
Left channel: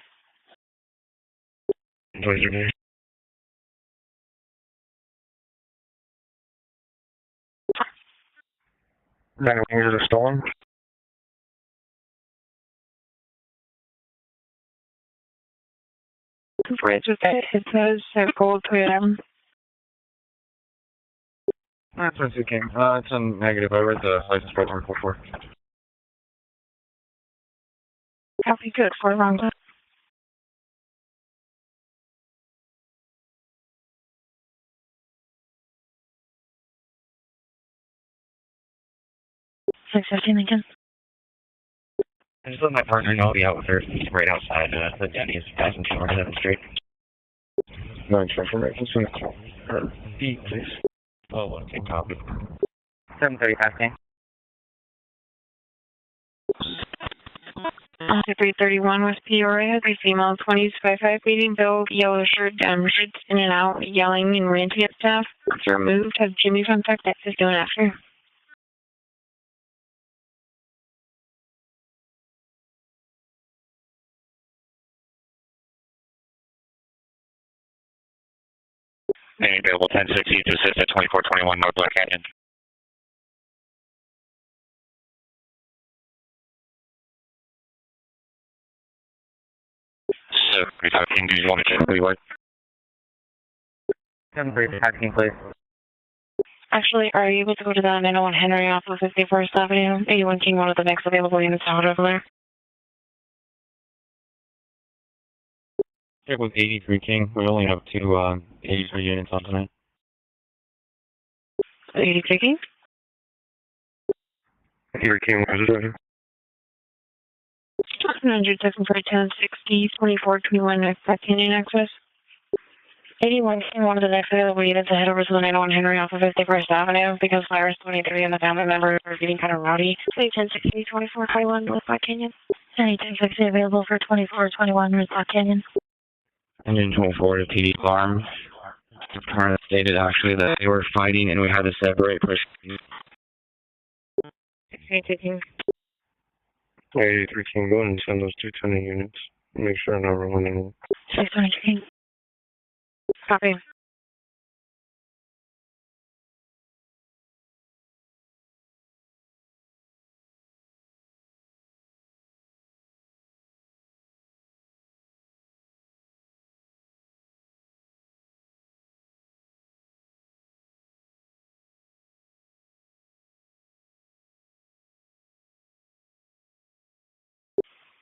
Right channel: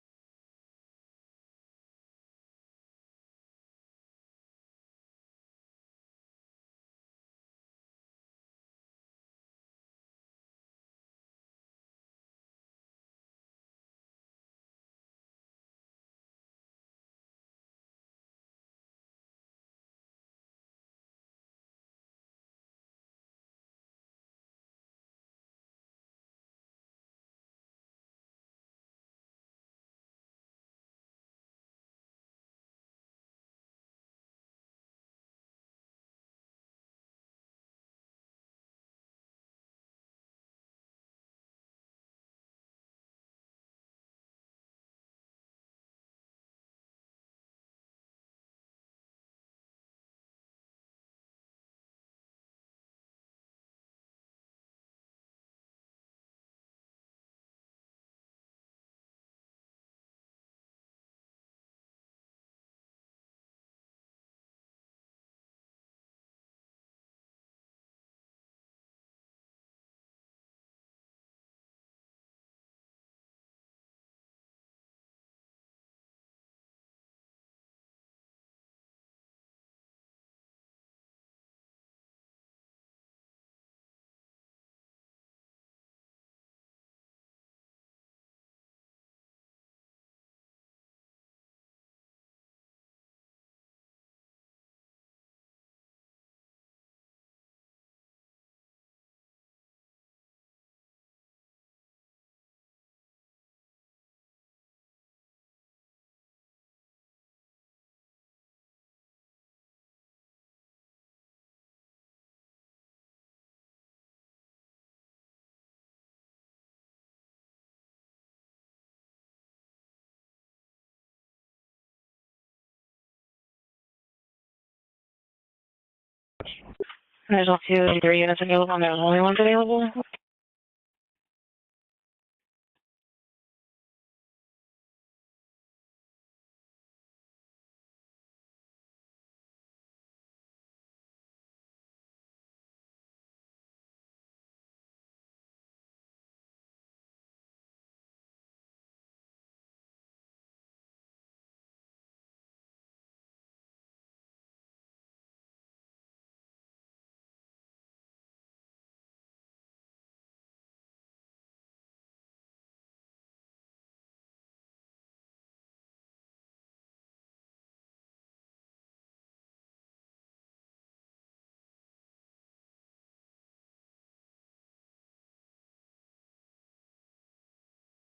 What's your name? Nine wingers are stolen. Bridge with that, it says gold Toyota. That's what it came. It's a negative. I read the license plate number 44. Copy, good, for wrong. 615 Lincoln. I just let my partner know I'll be out with her right outside the Denny's passing 207th Street. No information. So her B, please. Oh, okay, copy. 735 King. 331 West Peoria, the female 20s 55 meeting, Bill, yellow shirt, shirts in and out, yelling and ranting at staff. It's removed. Has Jimmy contact access doing after? Any available 1060 to assist at 2421 North Black Canyon. So, 315, do you want to check who you are? 735 King, please. Actually, are you able to go to the 901 Henry off of 51st Avenue? 81 King, one of the next available units out over there. Check with 83 King. We only have two 83 units on tonight. 83 King? 83 King, what is it right here? 100 second for 1060, 2421 Black Canyon access. 81 King, one of the next available units to head over to the 901 Henry off of 51st Avenue because I already was either units available or only one available. 1060, 2421 North Black Canyon. Any 1060 available for 2421 North Black Canyon. Engine 24 to PD alarm. The car stated actually that they were fighting and we had to separate push. 82 King. 83 King, go ahead and send those 220 units. Make sure I'm not rolling anyone. 600 King. Copy.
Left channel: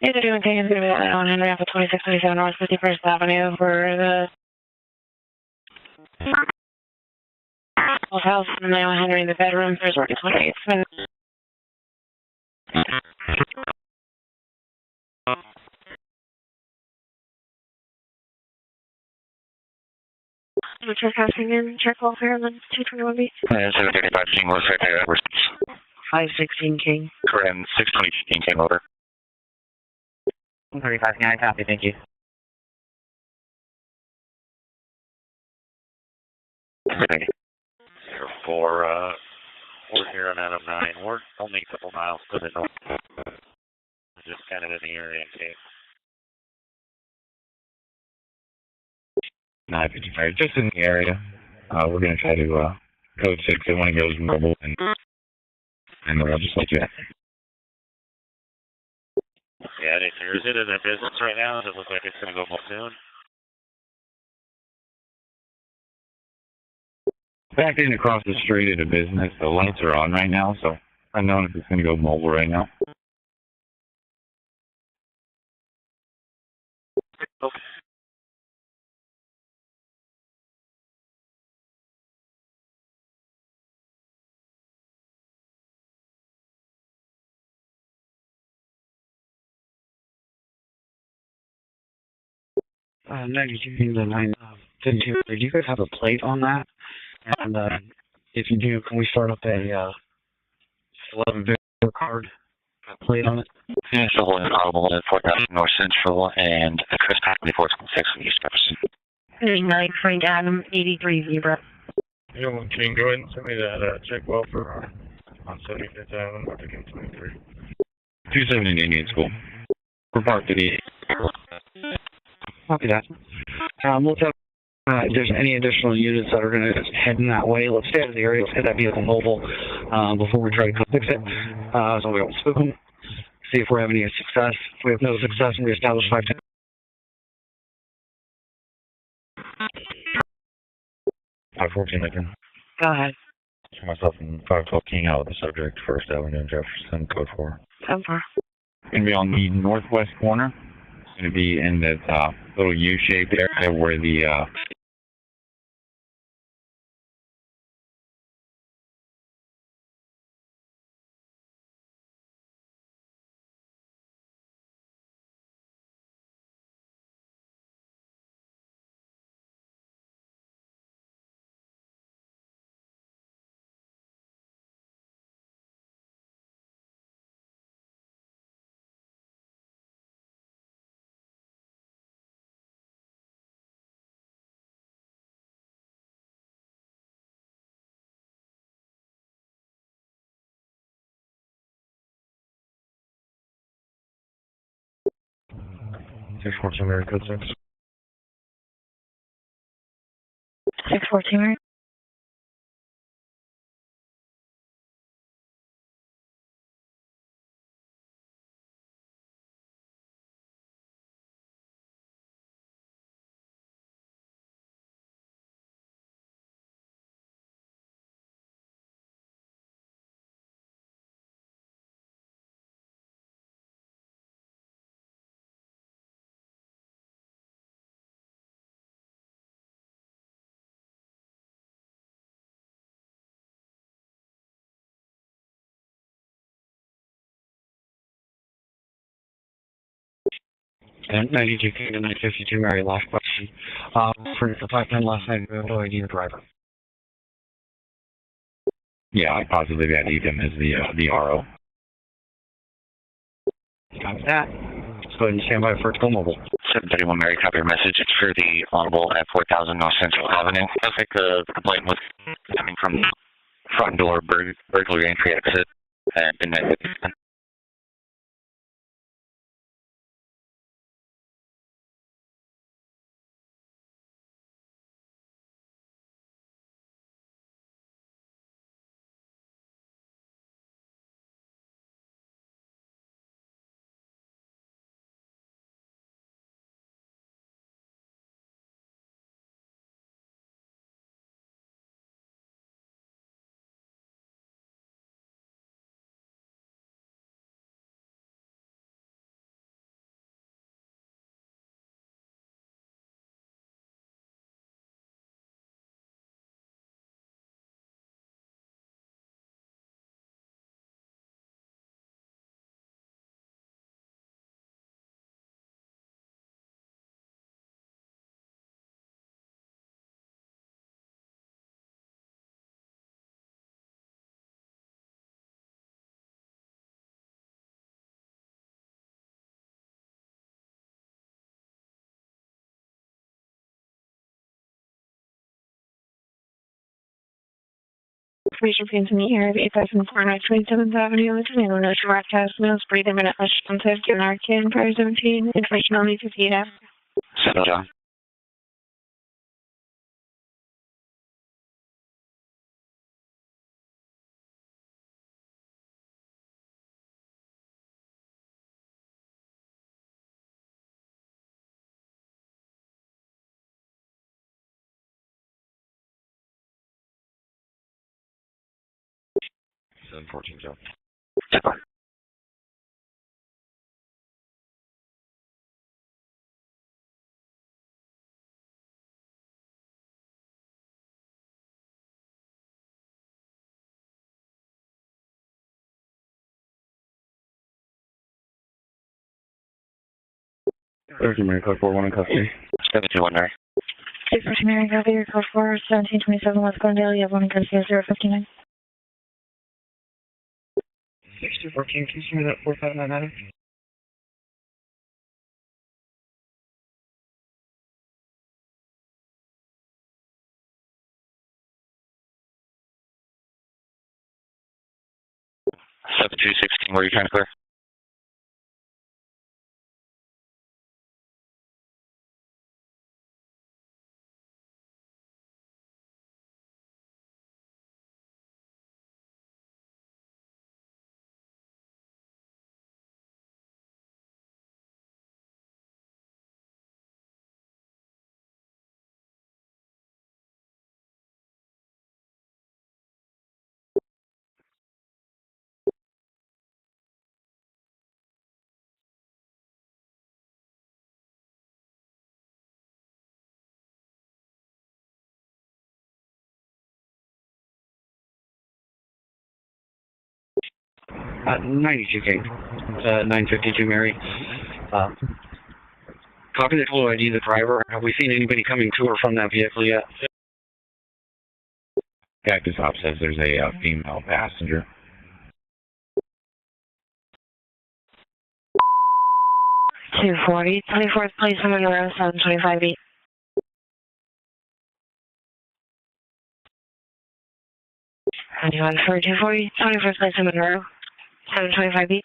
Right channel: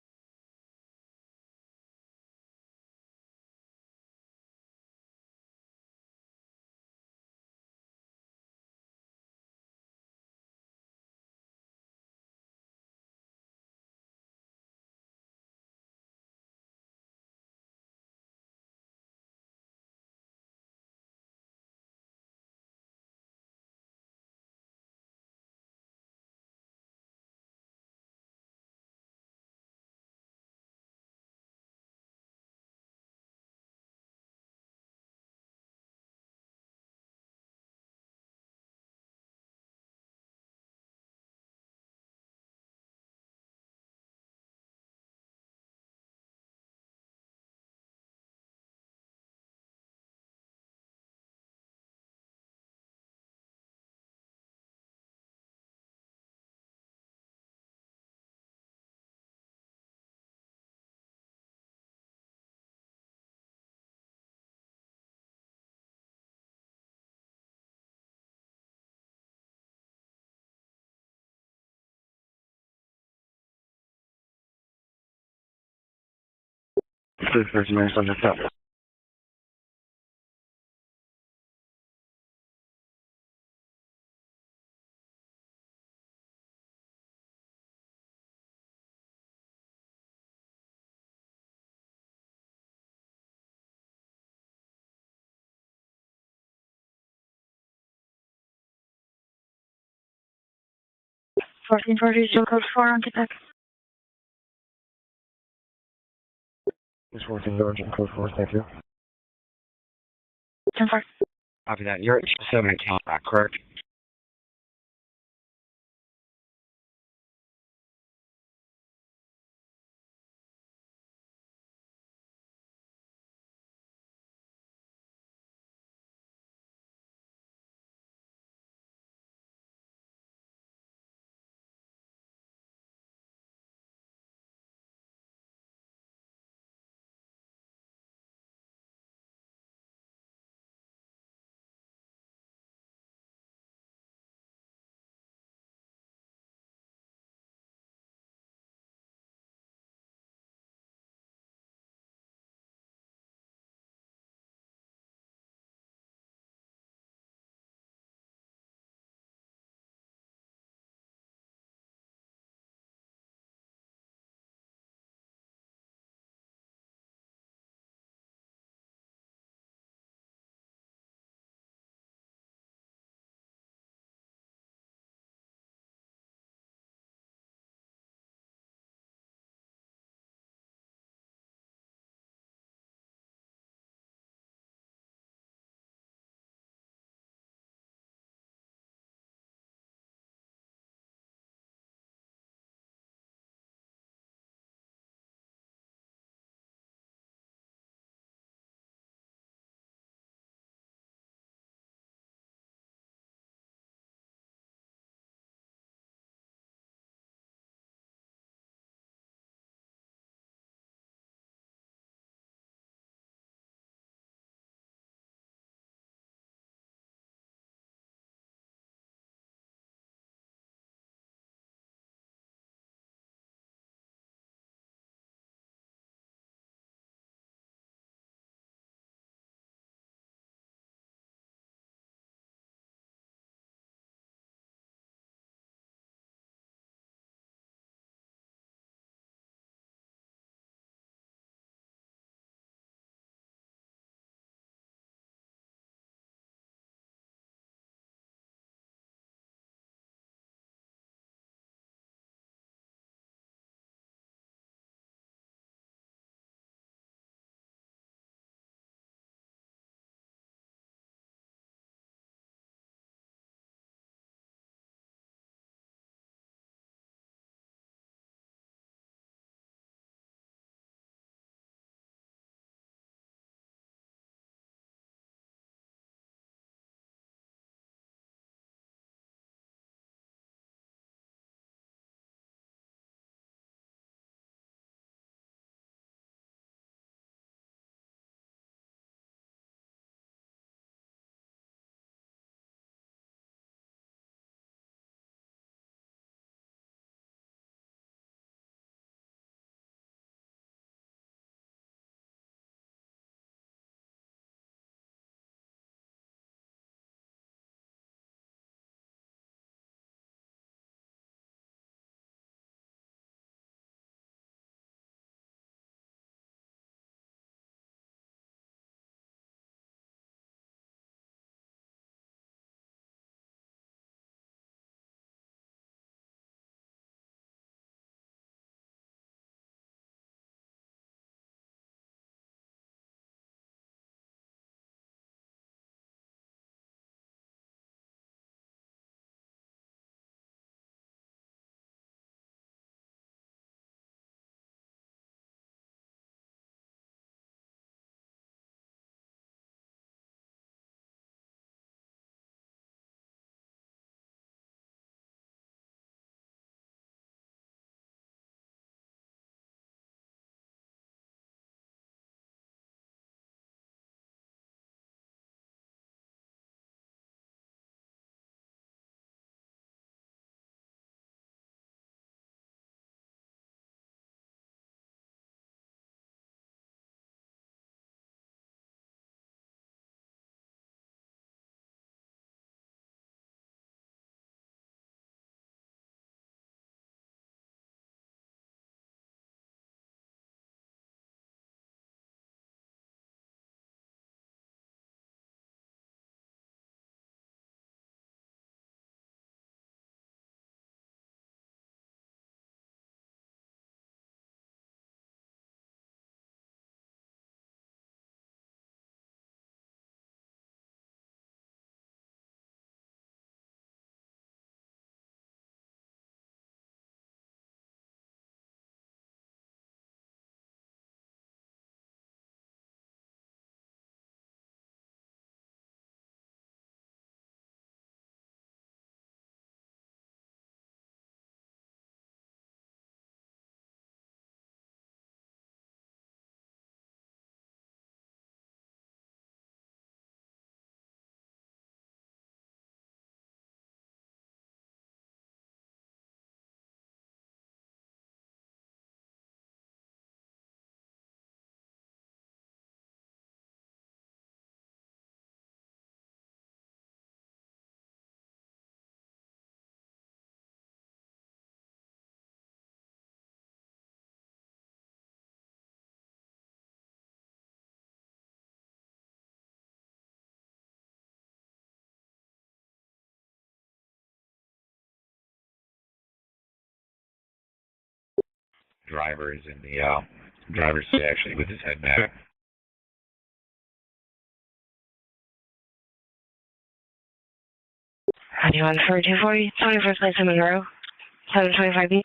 Yeah, they're doing things going to be on Henry off of 2627 North 51st Avenue for the house and now Henry in the bedroom. There's working 28th. Check housing in, check welfare, and then 221B. 735 King, what's right there? 516 King. Correct, 620 King came over. 135 King, I copy, thank you. Thank you. We're here on Adam 9. We're only a couple miles to the north. Just kind of in the area, okay? 955, just in the area. We're going to try to code 6 if one goes mobile and I'll just let you know. Yeah, is it in a business right now? Does it look like it's going to go more soon? Backing across the street at a business, the lights are on right now, so I don't know if it's going to go mobile right now. This person is on the top. The 9, 52. Do you guys have a plate on that? And if you do, can we start up a 1440 still code 4 on plate on it? Yeah, so holding audible at 4000 North Central and Chris Hadley 426. 39 Frank Adam 83 Zebra. Copy that. You're at 270. Go ahead and send me that check welfare on 75th Island, I think 23. 270 Indian School. Report to the. Copy that. We'll tell if there's any additional units that are going to head in that way. Let's stay out of the area. Let's get that vehicle mobile before we try to fix it. So we don't spook them. See if we're having any success. If we have no success, we establish 510. 514, I can. Go ahead. Myself and 512 King out of the subject, First Avenue, Jefferson, code 4. 10-4. Going to be on the northwest corner. It's going to be in that little U-shaped area where the Six 14 Mary, code 6. 614, Mary. And 92 King to 952 Mary, last question. For the 510 last night, we have no ID the driver. yeah, I positively ID'd him as the RO. Copy that. Let's go ahead and stand by for go mobile. 731 Mary, copy your message. It's for the Audible at 4000 North Central Avenue. Looks like the complaint was coming from the front door burglary entry exit at midnight. Information being to meet here at 8004 27th Avenue, Lieutenant Windows, broadcast, meals, breathing, minute, responsive, given our kid, prior 17, information only 58 F. 7 John. Seven 14 Joe. Thursday, Mary, code 4, 1 in custody. 721 Mary. 614 Mary, copy your code 4, 1727 West Glendale, you have one in custody, 059. 6214, can you send me that 4599? Where are you trying to clear? 92K, 952 Mary. Copy the photo ID of the driver. Have we seen anybody coming to or from that vehicle yet? Cactus Hop says there's a female passenger. Driver is in the 240, 24th place in Monroe, 725B. Anyone for 240, 21st place in Monroe, 725B.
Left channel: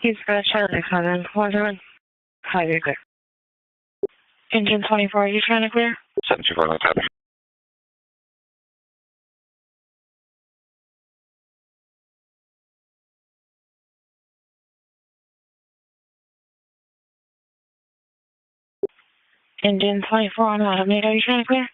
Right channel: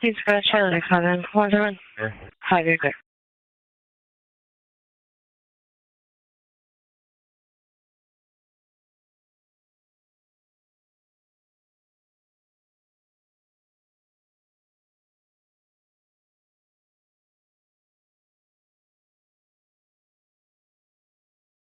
He's got Charlie coming. 1-1. Hi, you're clear. Engine 24, are you trying to clear? 724, let's have it. Engine 24 on automate, are you trying to clear?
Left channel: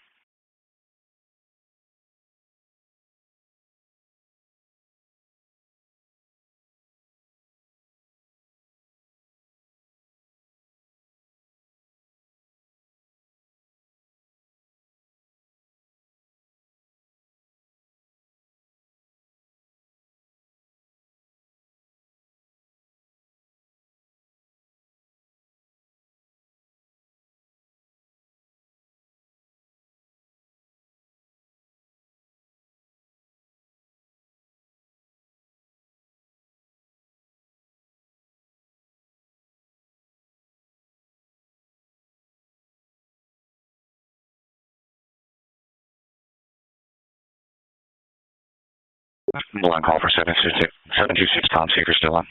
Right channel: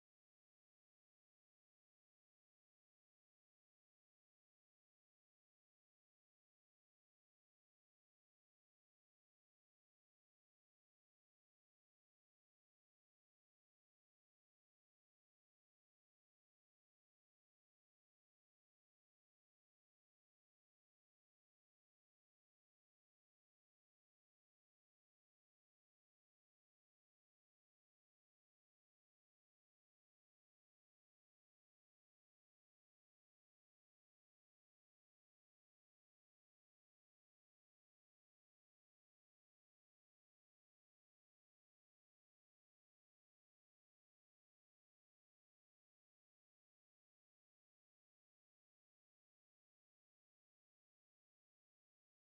One call for 726 Tom Seeker still on.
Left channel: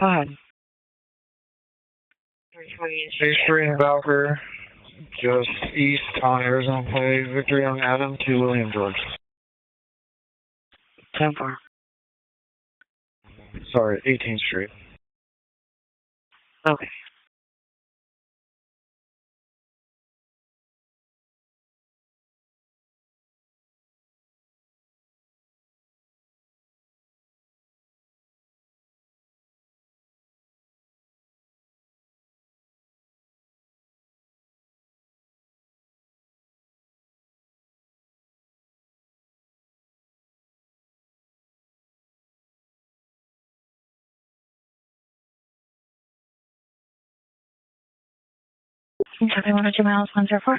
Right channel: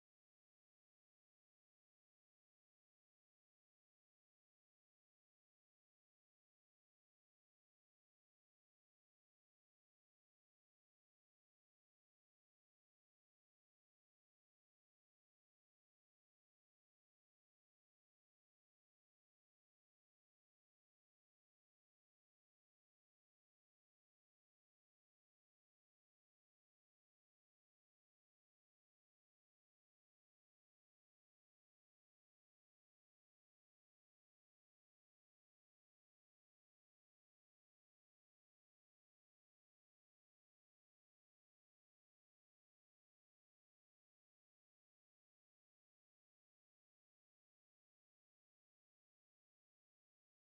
Go ahead. 3 in Valkyrie, just east on Arizona Play, Victory on Adam to William George. 10-4. Sorry, 18th Street. Okay. Copy 102 miles, 104.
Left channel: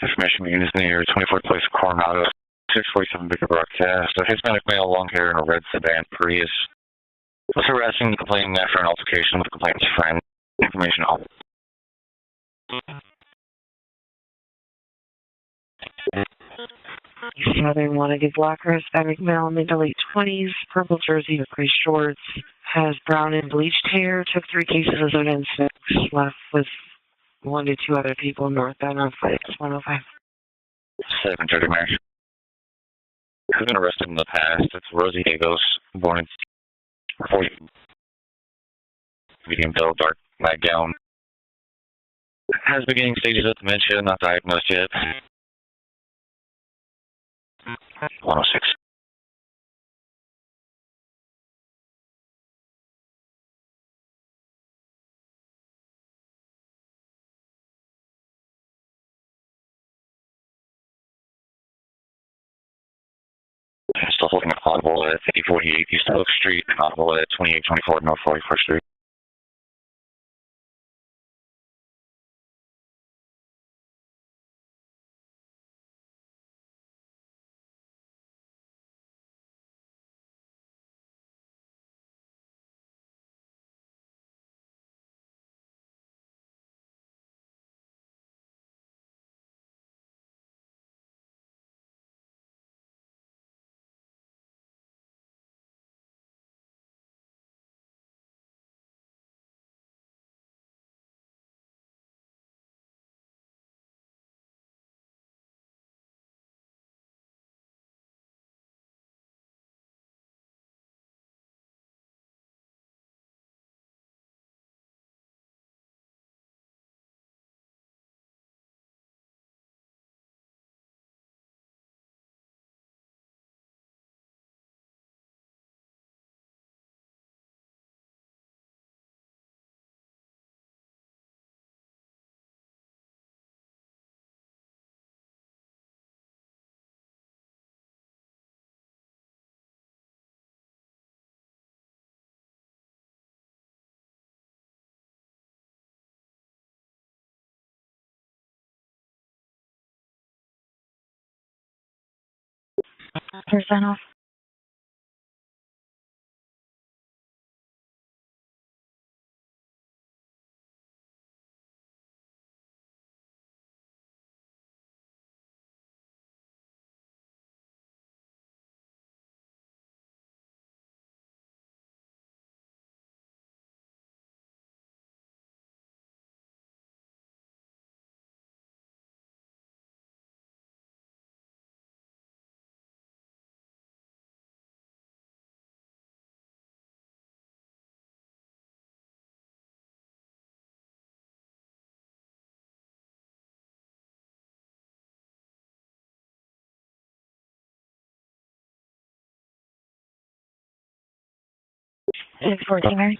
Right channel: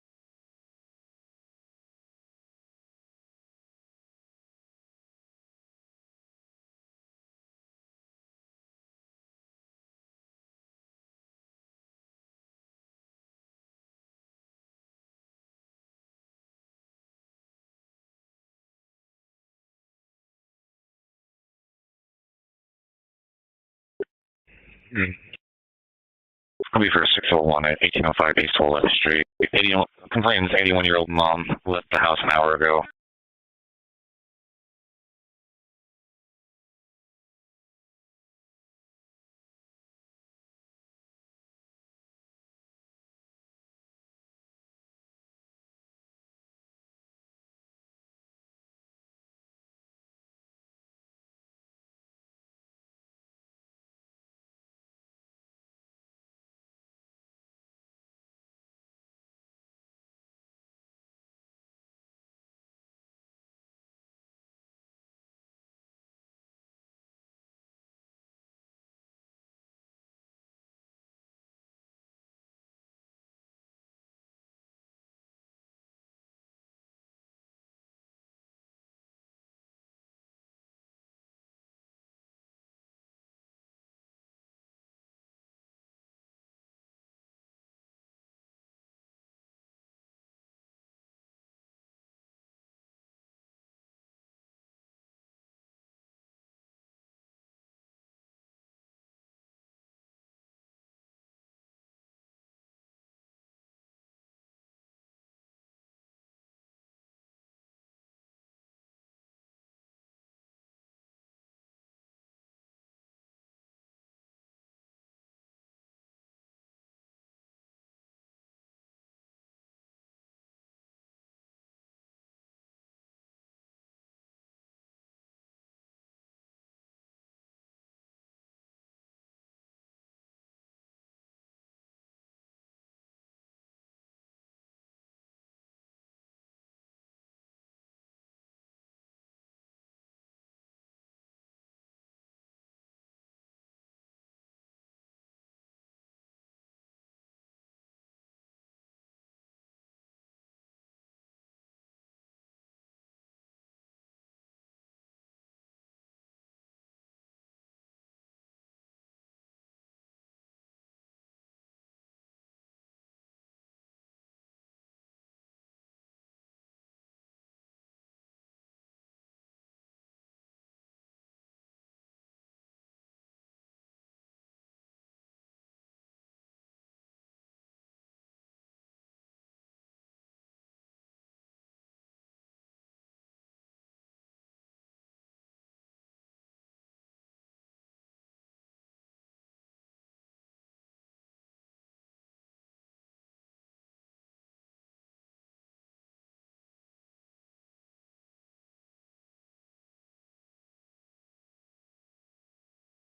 Information unit is near 24th place Coronado, 647 Bigger broadcast. A Hispanic male, long hair, in a red sedan Prius was harassing the complainant after an altercation with the complainant's friend. Information all. Southern wanted blocker, Hispanic male, mid to late 20s, purple jersey with gray shorts, has brown and bleached hair, took 3 cases of Zone 6, left with... I'll be for 601 at 1805 East 11th Street. Complainant's 81-year-old mom entered the house an hour ago. Has been arrested in the past. It's Rosie Dagos, born in 40. medium dull dark nightgown. Has beginning stages of dementia, not diagnosed yet. 106. Still holding an audible at 5048 East Oak Street, audible at 2824 North 44th Street. Percent off. It's 14, right?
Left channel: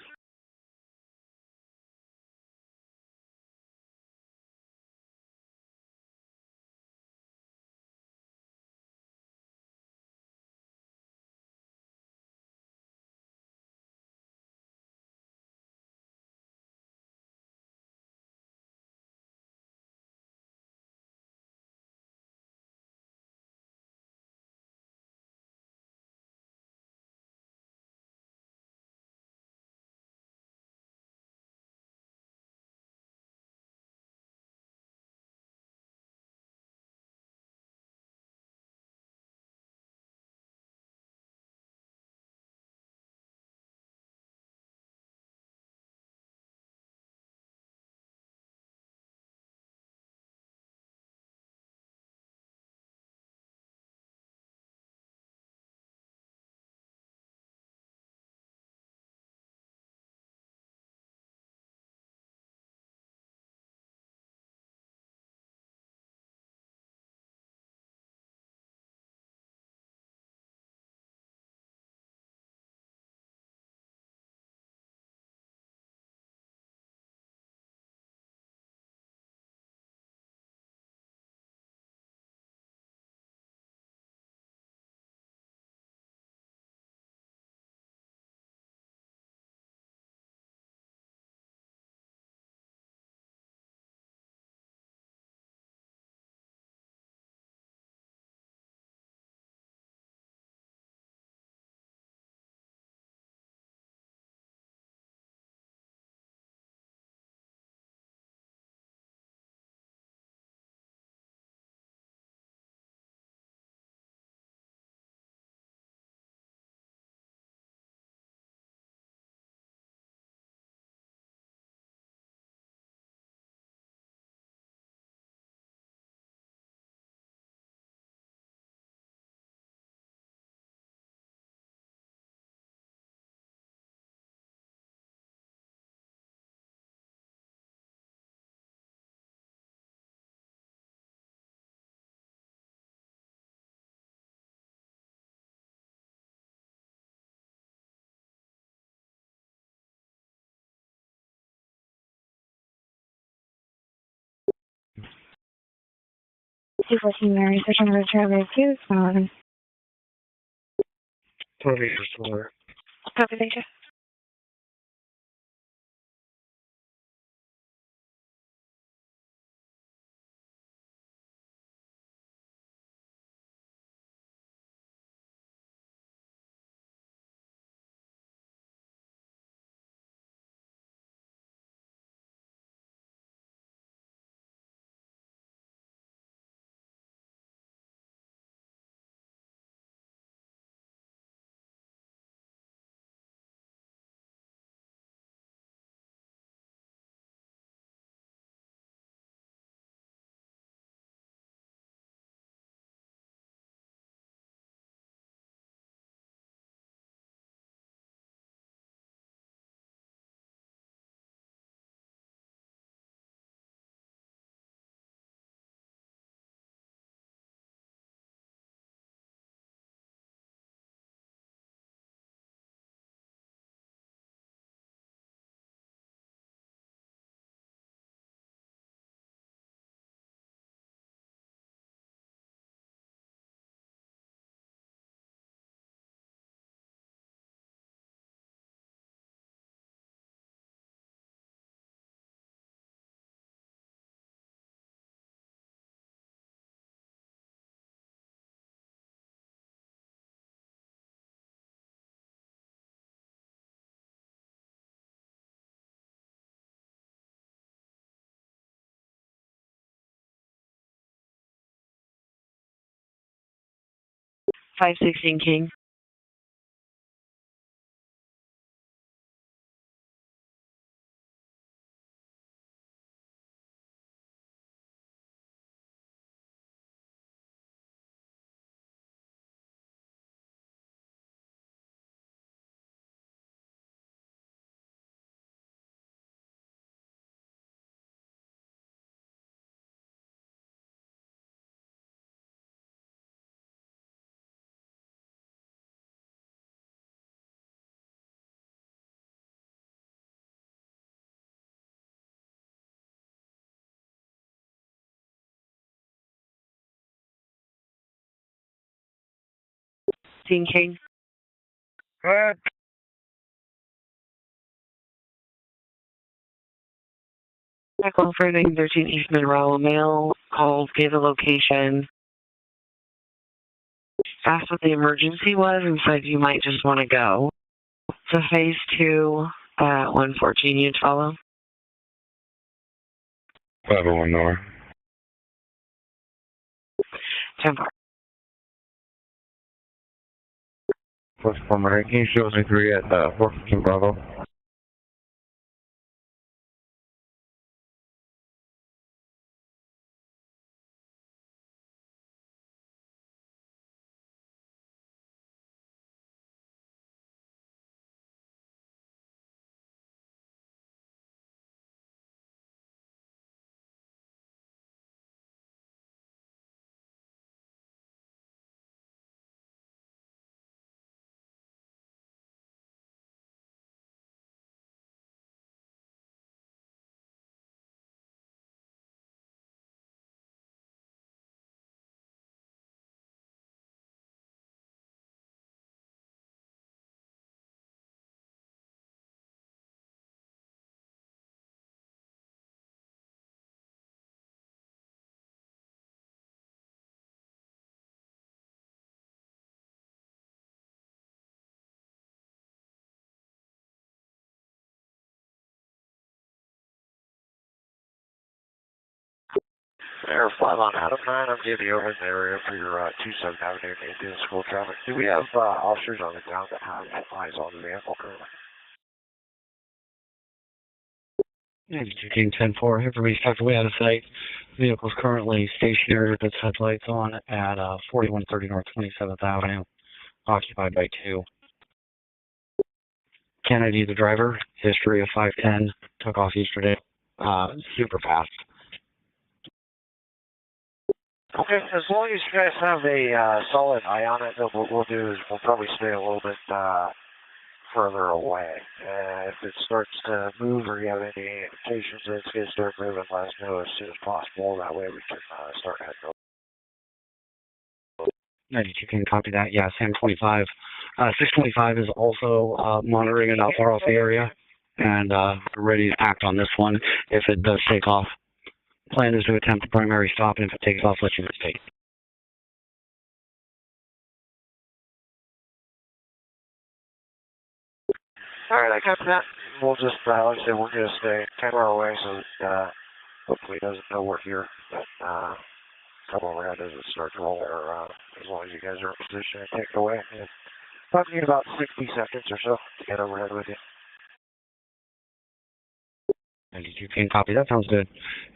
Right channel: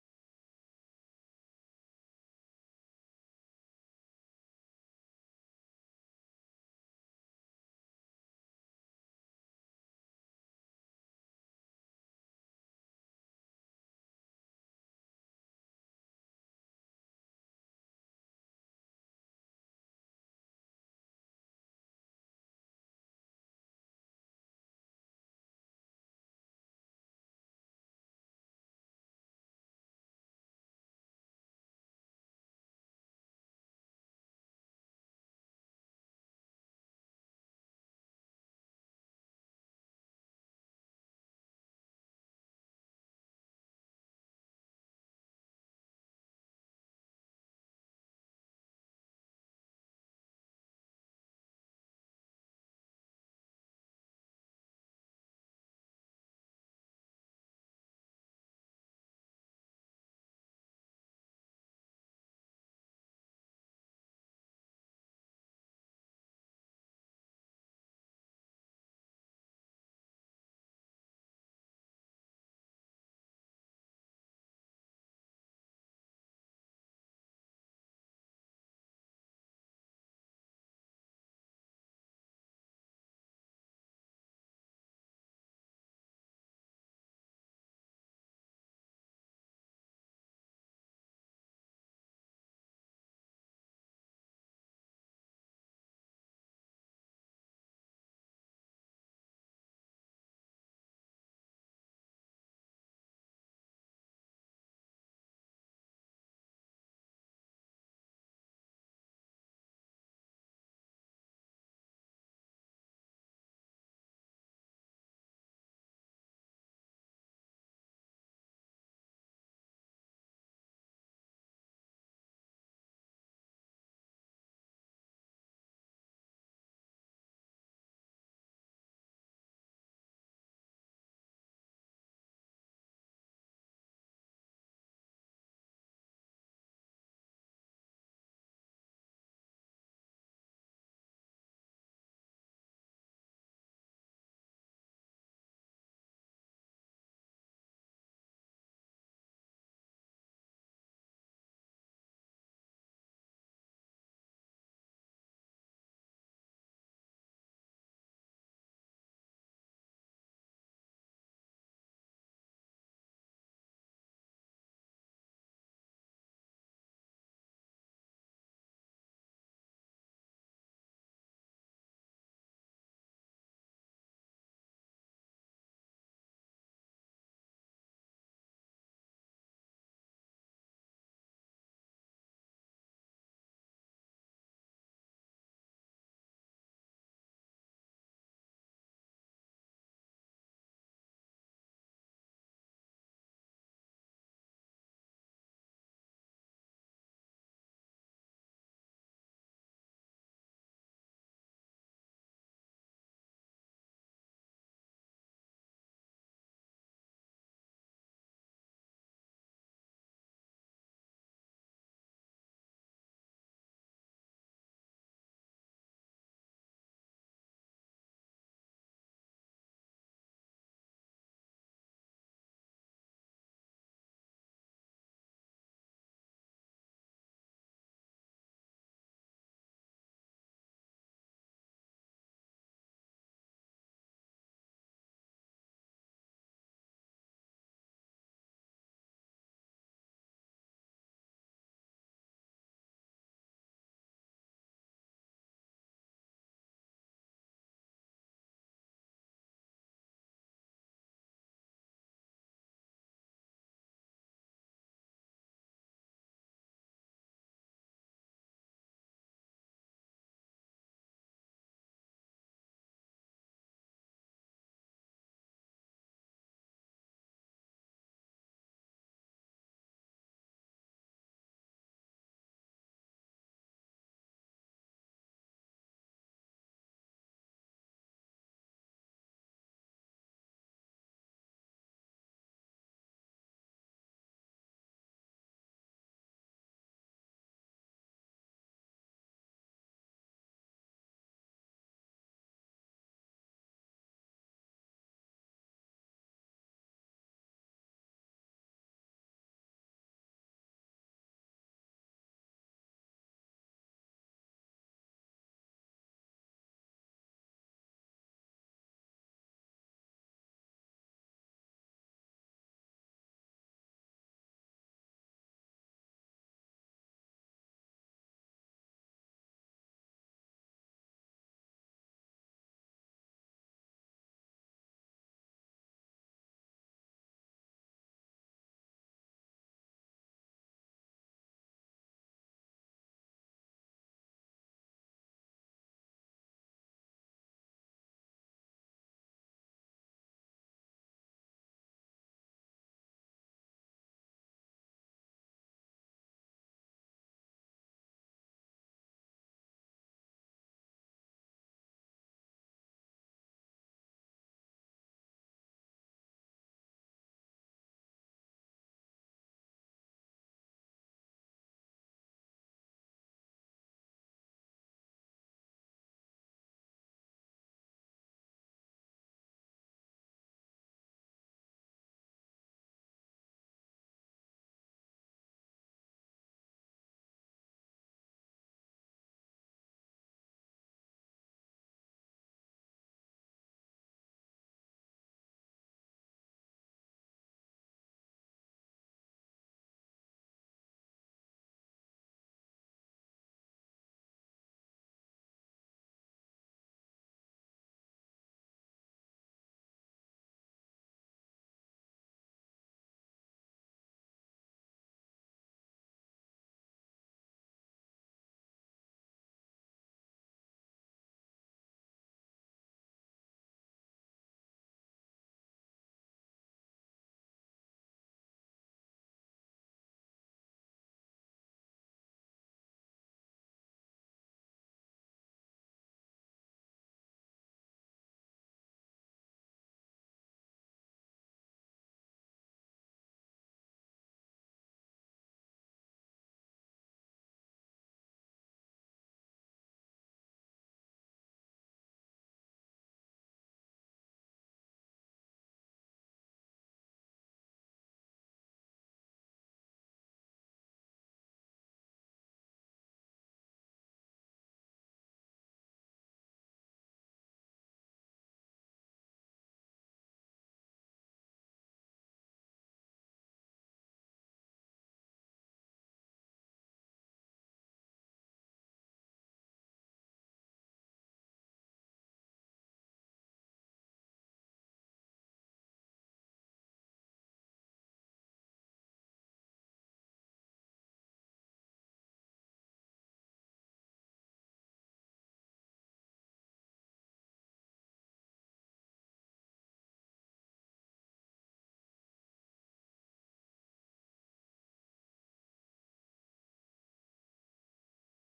214 Mary, search under Travis 2, Solomon. Copy for Solar. Copy, thank you. King. King. Go ahead. Echo for 913 East Monroe. Male called, gave the location, asked what the emergency was, and said you might just want to go to phase 2 at 114. You'd follow? 501 North. 10-4. Plus former 18 shows me 3 at 415 Bravo. Air 5 on Adam 9, I'm giving you over in the area for your 27th Avenue Indian School traffic. Do we have officers on the ground that have eyes on the vehicle currently? 92 King 10-4, here for me, Dr. Way out of sight. Vehicle is currently stationary with its headlights on at 4130 North 27th Avenue, occupied by 2. Kennedy, the driver, history of 510, took off yesterday, super fast. Okay, as long as you guys have a solid eye on it, what we'll do is we'll probably stay a little bit further away. If it starts to move or you have any indications that it's going to start moving, let us know as soon as possible. That way we can start heading over. 92 can copy that. Yeah, Sam 25. 625 is also monitoring and not far off the area, and ready to act on this one if it does take off. Plan is to attempt the primary stop, and if it takes off, let you take. All right, I got that. We'll just, like I said, we're going to stay 10 miles away so that hopefully it doesn't know we're here. But come overhead doesn't start to roll, or as long as you guys are in position to take it away. And probably need about 60 seconds or so to get overhead with you. 92 can copy. That sounds good.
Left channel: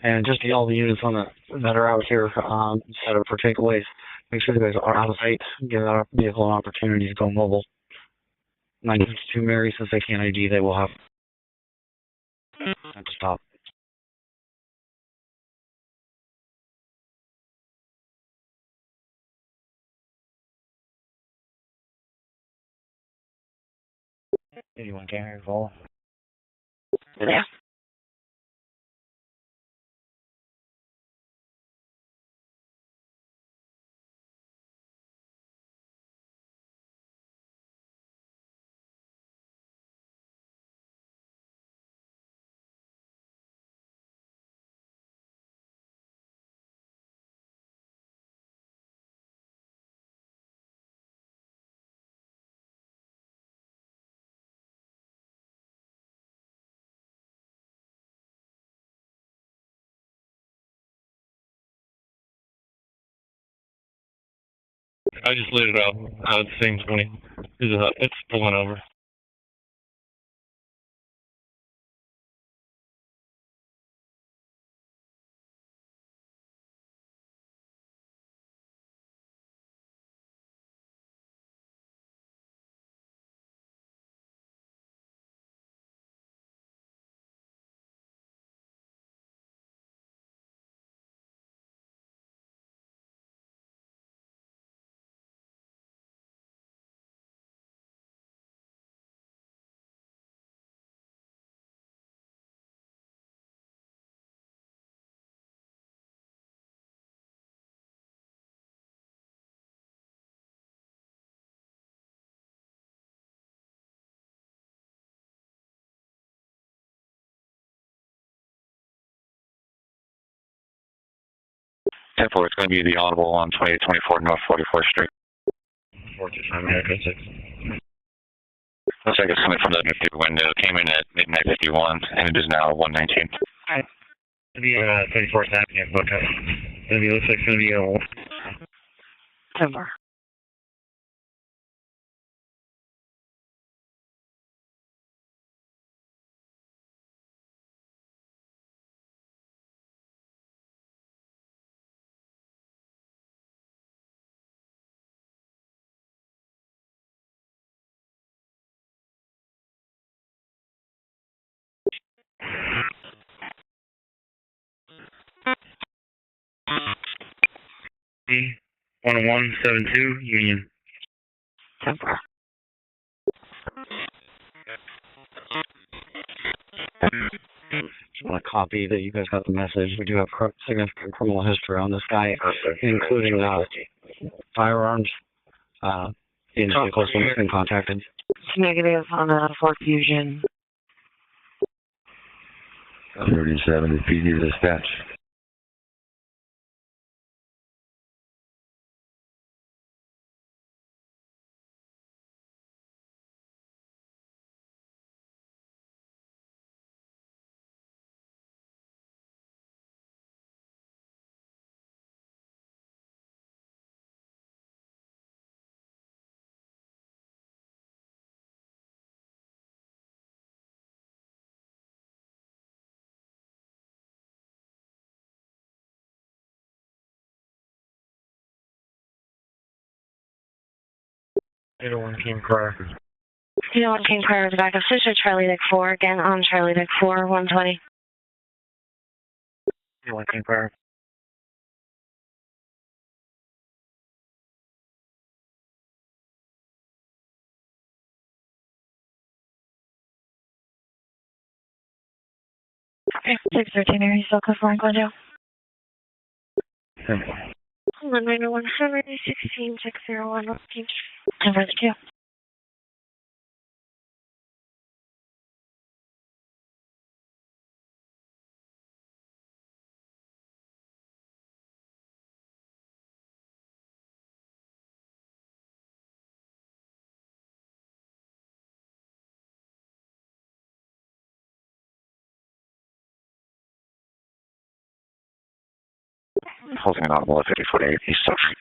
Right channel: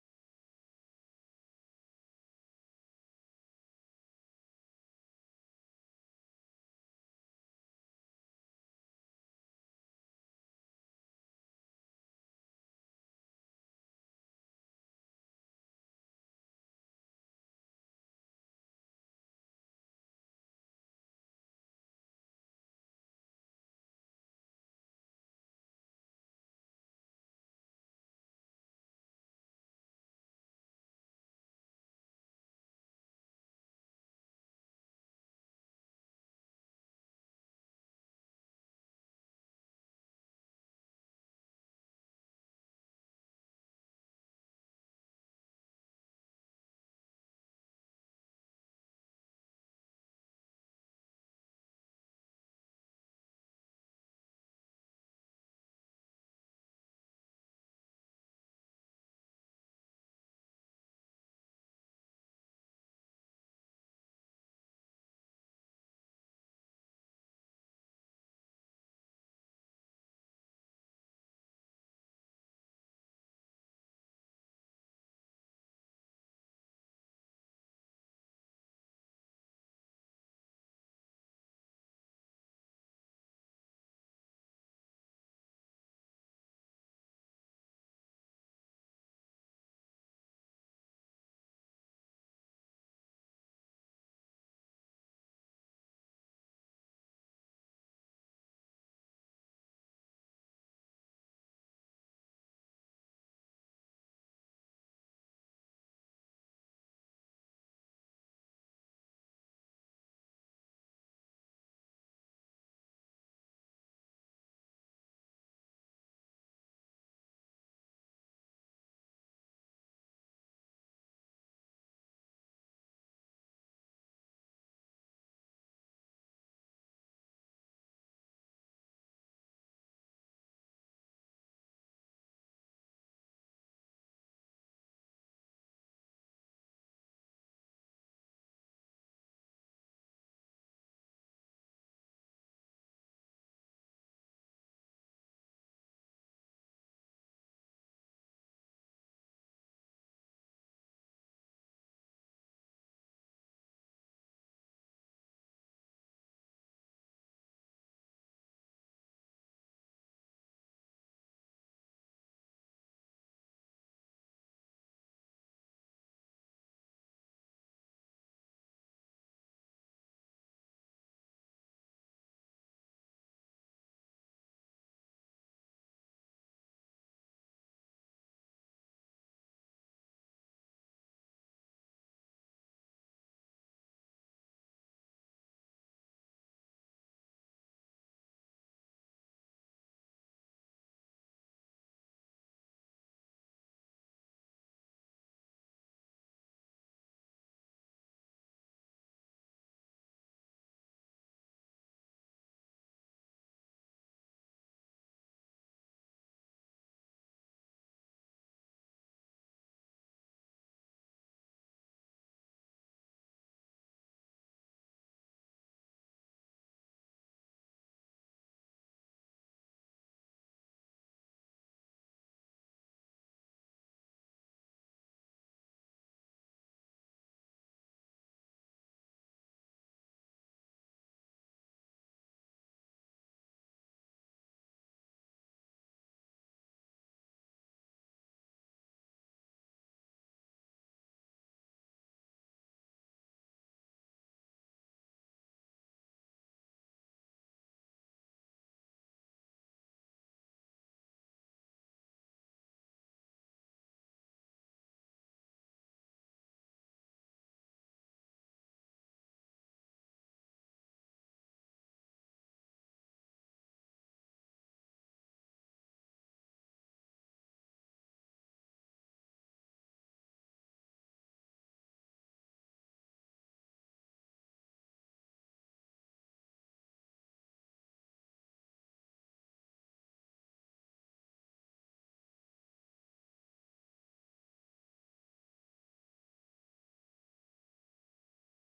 And just to all the units on that are out here set up for takeaways, make sure you guys are out of sight. Give that vehicle an opportunity to go mobile. 952 Mary says they can't ID. They will have to stop. Anyone can hear call? Yeah. I just lit it up. It seems when it's pulling over. It's going to be the audible on 2824 North 44th Street. 425 Looks like it's coming from the window. Came in at midnight 51, and it is now 119. It'll be 34th Avenue, but looks like it's going to be a Over. B 10172 Union. Over. Just want to copy that you guys got the message. We do have significant criminal history on this guy, including firearms. In vehicles when it's been contacted. Negative on Fort Fusion. 37 to PD dispatch. Anyone came prior. Anyone came prior to back of Fisher, Charlie Dick 4, again on Charlie Dick 4, 120. Anyone came prior. Okay, 613 Mary, still code 4 and Glendale. 901 16 601 10 for the 2. Holding an audible at 5048 East South Street.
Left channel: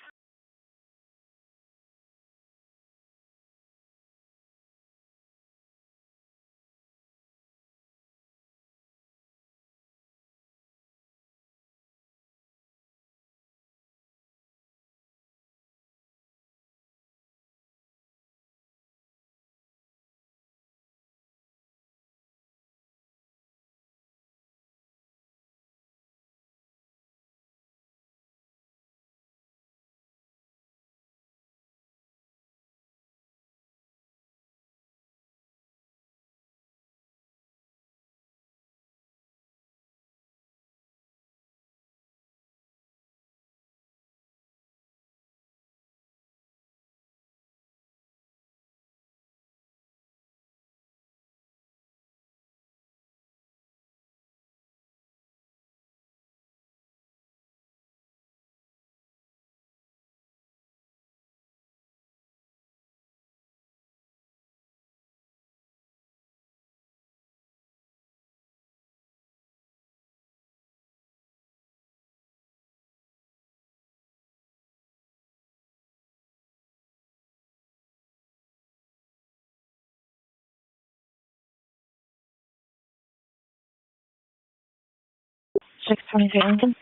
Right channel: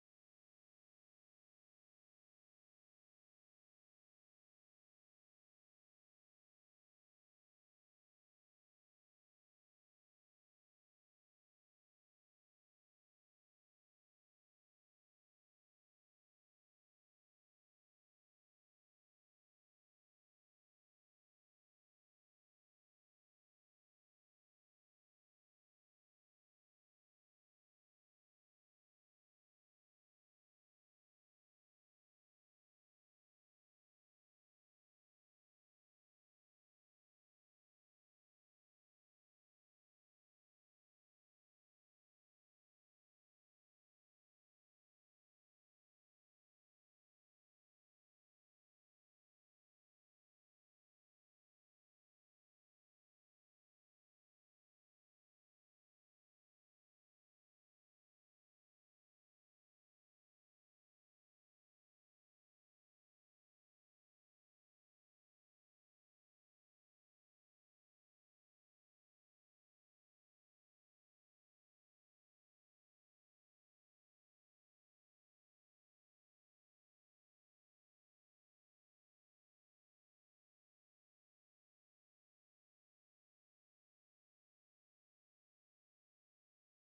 Lincoln.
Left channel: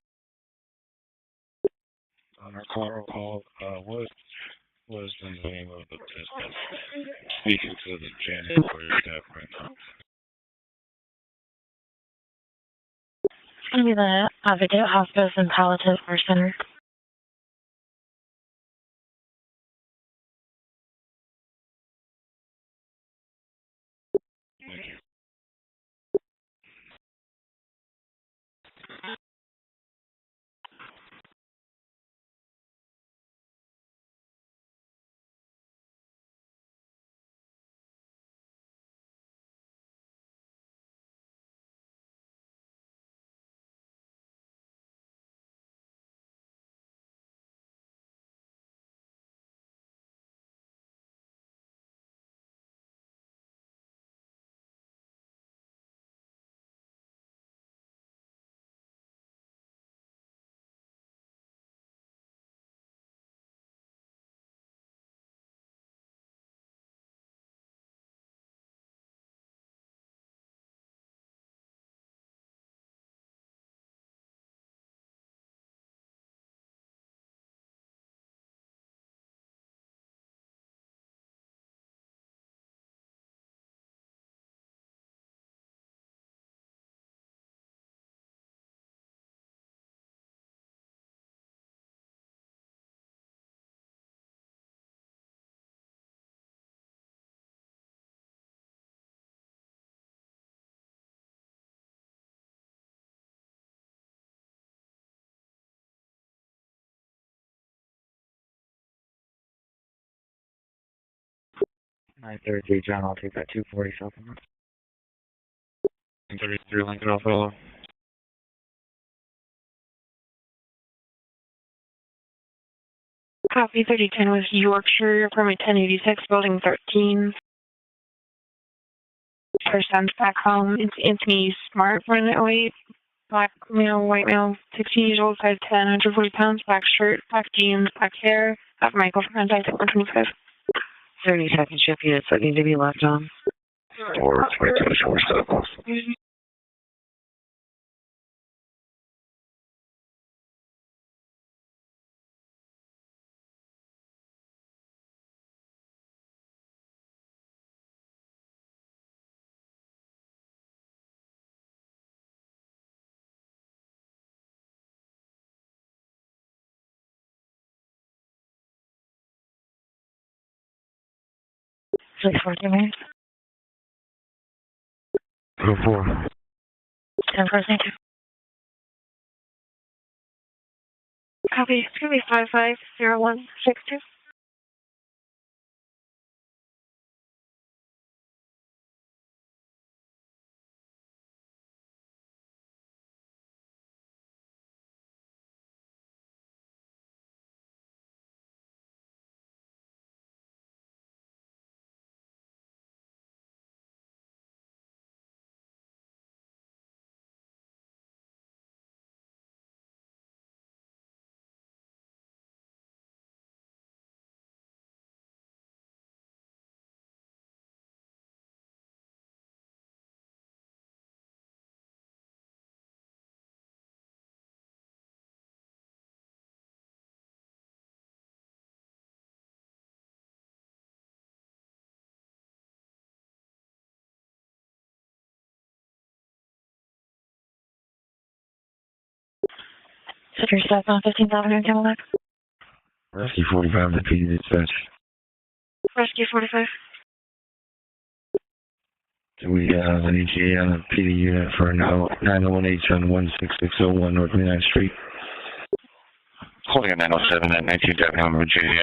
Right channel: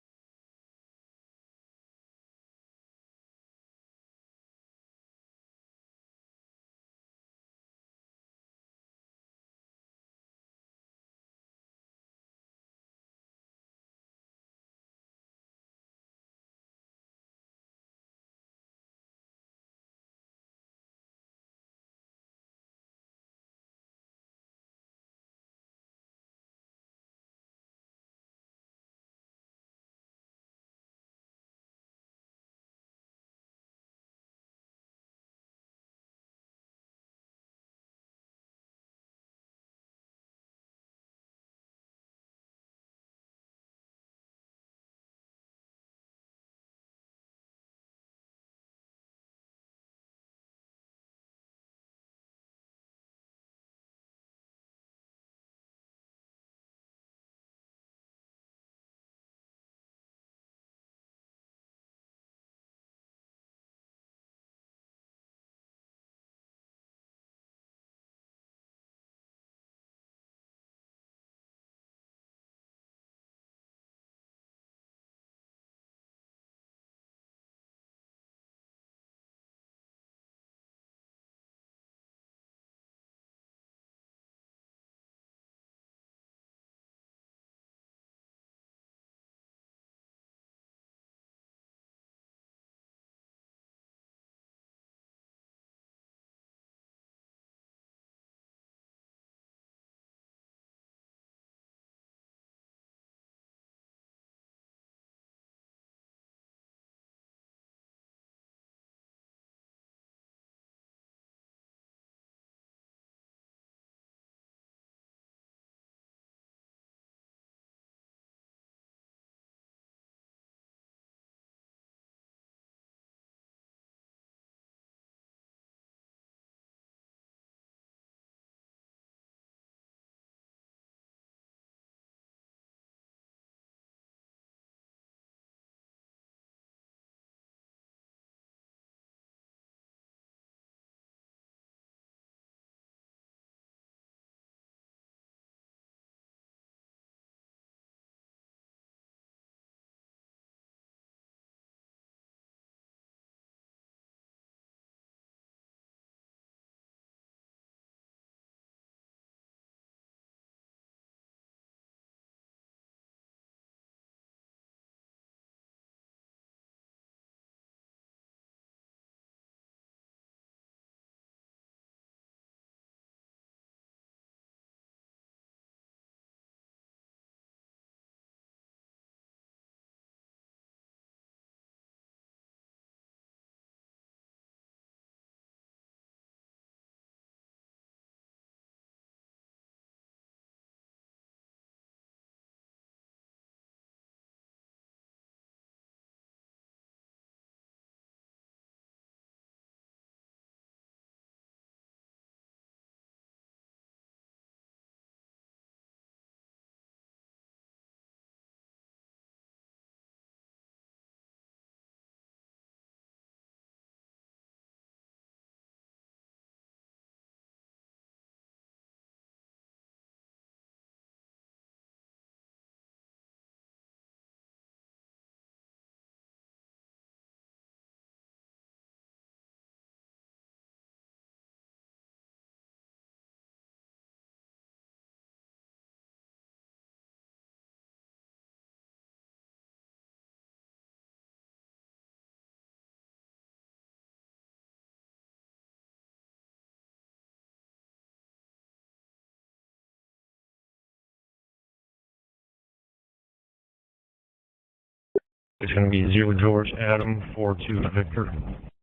On our call, what was the name of the business? Speaking to the janitorial staff right now. It's going to be the Video Hospice and Palliative Care Center. John, I'll take that 240 supplement. 33 Lincoln Alpha. Copy 3010 with Yorkshire, apartment 1086, building 13. First sent back home. It's Anthony Smart, 108, black male, white male, 16 years old, size 10, 140 pounds, black shirt, black jeans, black hair. Have Michael for contact at 125. 30 second shift units that need to be left on. Or 22 short circles. Please, 14 4. 10 for thank you. Copy. It's going to be 550162. Center staff on 15th Avenue, Cadillac. Rescue 45, the PD dispatch. Rescue 45. Do we have an ETA on the PD unit for 901H on 16601 North 29th Street? It's going to be 0 907 at 19th Avenue, Virginia.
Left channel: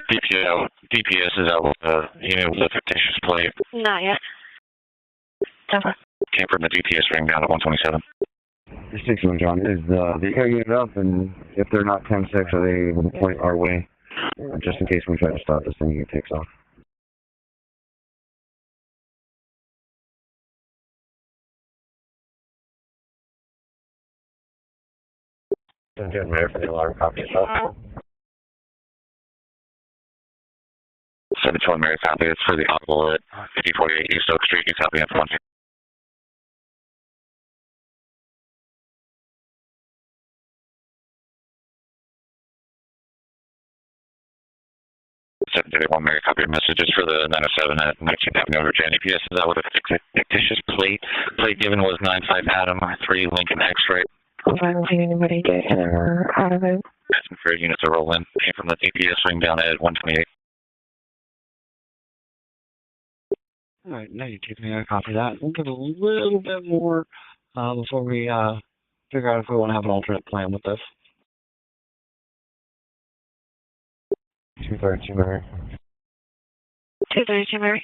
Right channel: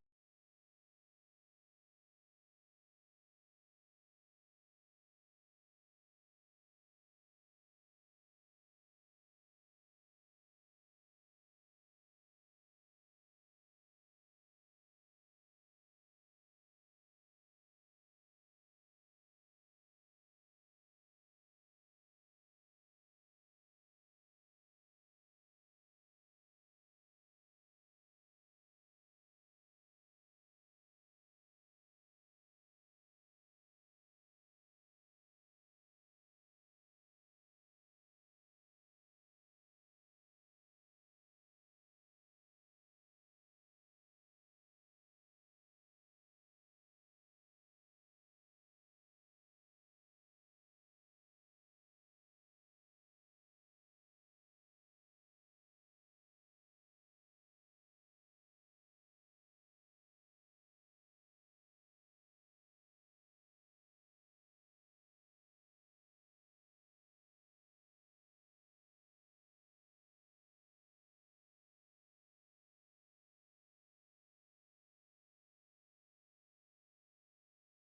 DPS is out with a unit with a fictitious plate. Not yet. Temper. Came from the DPS ring down at 127. 61, John. Is the eco unit up? And if they're not 10-6, are they able to point our way? Just in case we try to stop this thing, it takes off. Good, Mayor, for the alarm copy itself. 721 Mary copy. It's for the audible at 5048 East Oak Street. You copy in for 1. 731 Mary copy of messages for the 907 at 19th Avenue, Virginia. DPS is out with a fictitious plate. Plate given was 95 Adam 3 Lincoln X-ray. I don't see anybody get in or out of it. Asking for units to roll in. Came from the DPS ring down at 128. All right, now you take me. I copy that. We'll get a little bit more before we figure out if we want to have an alternate plan with this. 232, Mary. 232, Mary.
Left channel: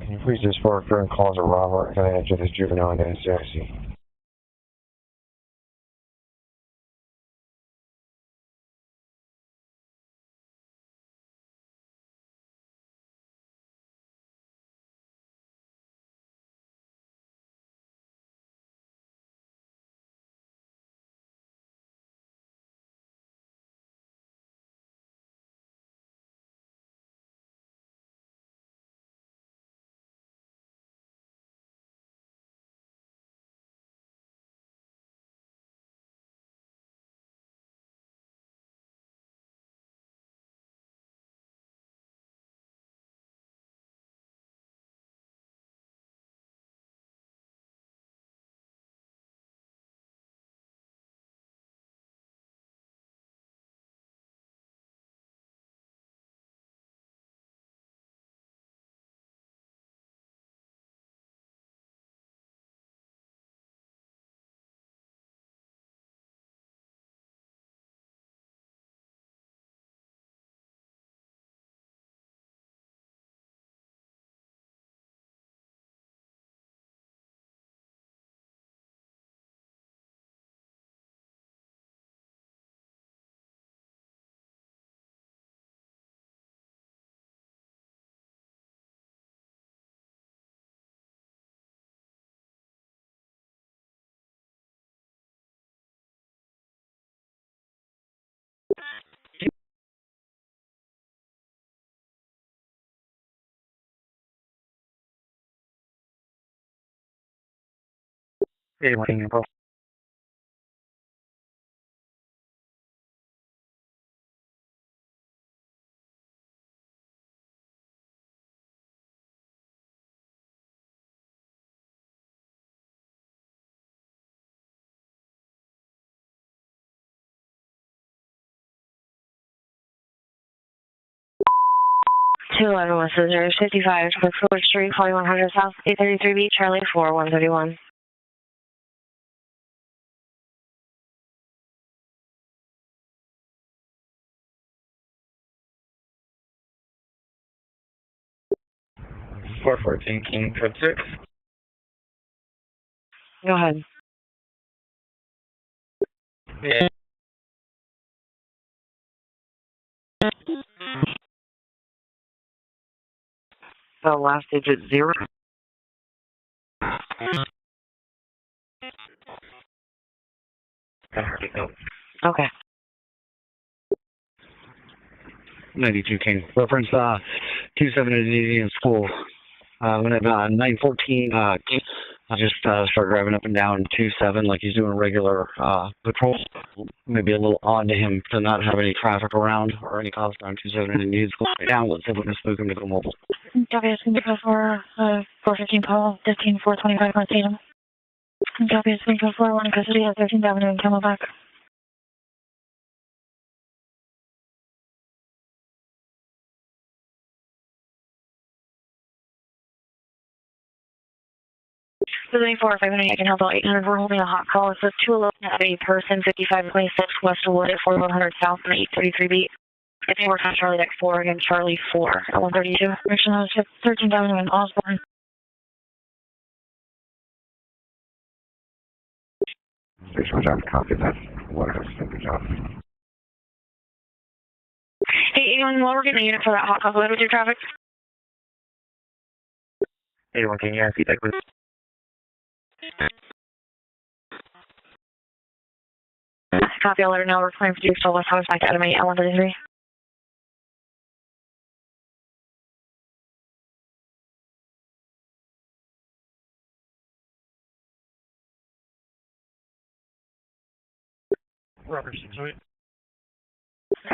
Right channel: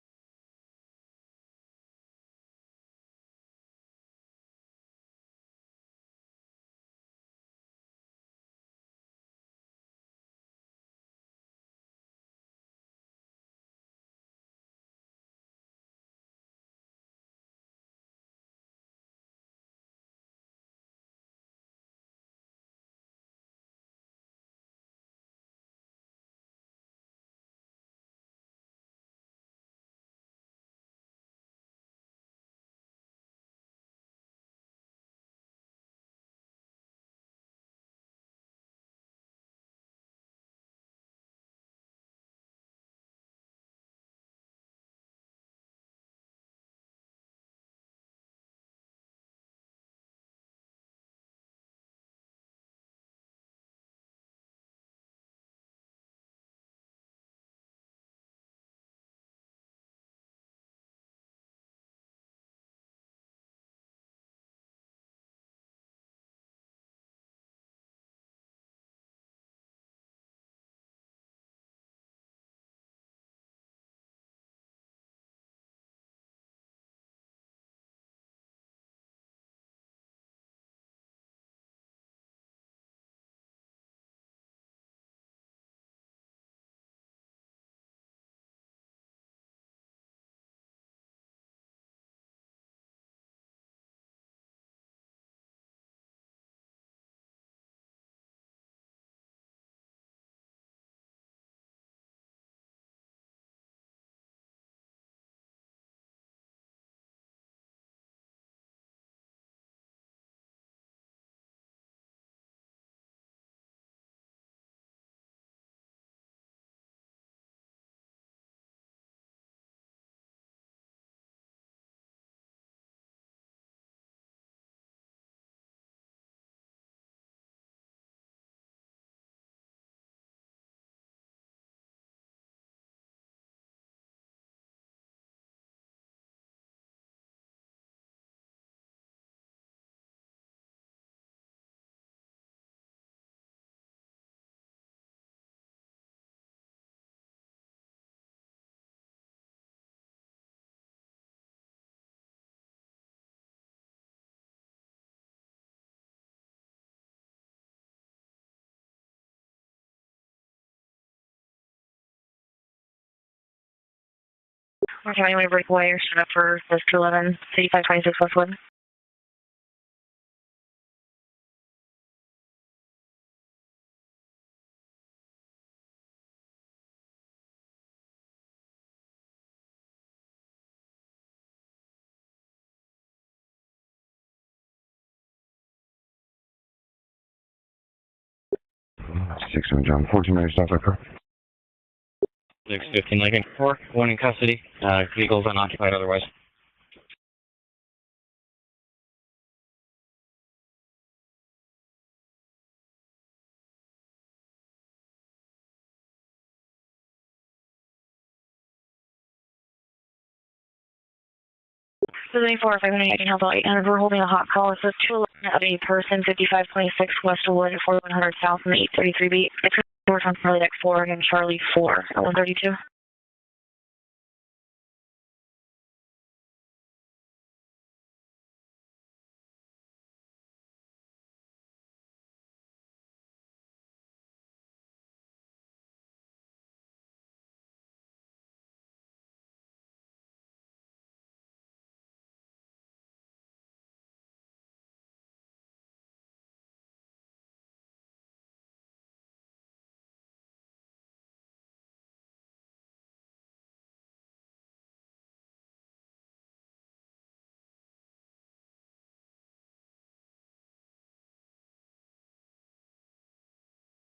Can you please just forward current calls of Robert? Can I answer this juvenile and NCIC? Hey, working info. Two 11 Scissors, 55 for Fuller Street, 4100 South, 833B, Charlie 4, 131. 414 King Code 6. Go ahead. Yeah. The last digit 0. Trying to breakaway or set up for this 211, 3526 Westwood. Okay. 92 King. Reference 27 in Indian School. When at 914, I just started driving up and down 27 like he's doing regular patrol. Maybe a little odd to him to not have any traffic around or any cops around 27 in Indian School. Down, let's see if we can spook him. Make him open. Lincoln. One in custody. Vehicles are not tried otherwise. 15425 North Tatum. Copy, it's 304, one in custody at 13th Avenue in Camelback. The 94-500, I can help out 800. We're holding a hot call. It's a 211 of a person, 5526 Westwood at 4100 South and 833B. It's 4 Charlie 4, Charlie 4. 132. Mission on 13th Avenue in Osborne. Good job, copy that. Whatever, good job. Hey, anyone, while we're getting a unit for that hot call, with your traffic? 81 King, yeah, feedback, please. Copy, I'll let her know we're claiming for you, so let's have us back to Adamite at 133. Robert 608.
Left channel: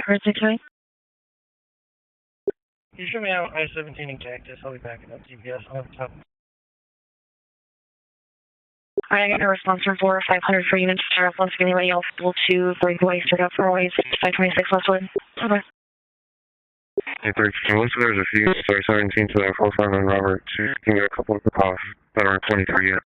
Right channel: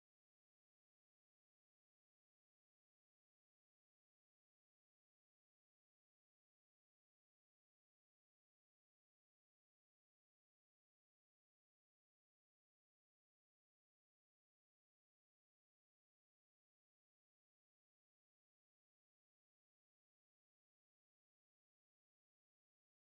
Robert 608. You show me out I-17 in Cactus. I'll be backing up GPS. I'll have top. Alright, I got a response from 500 for units to start off once again. Anybody else able to breakaway, start up for ways 526 Westwood? Okay. Hey, 13, once there's a few, start 17 to that 459 Robert, you can get a couple of calls that aren't 23 yet.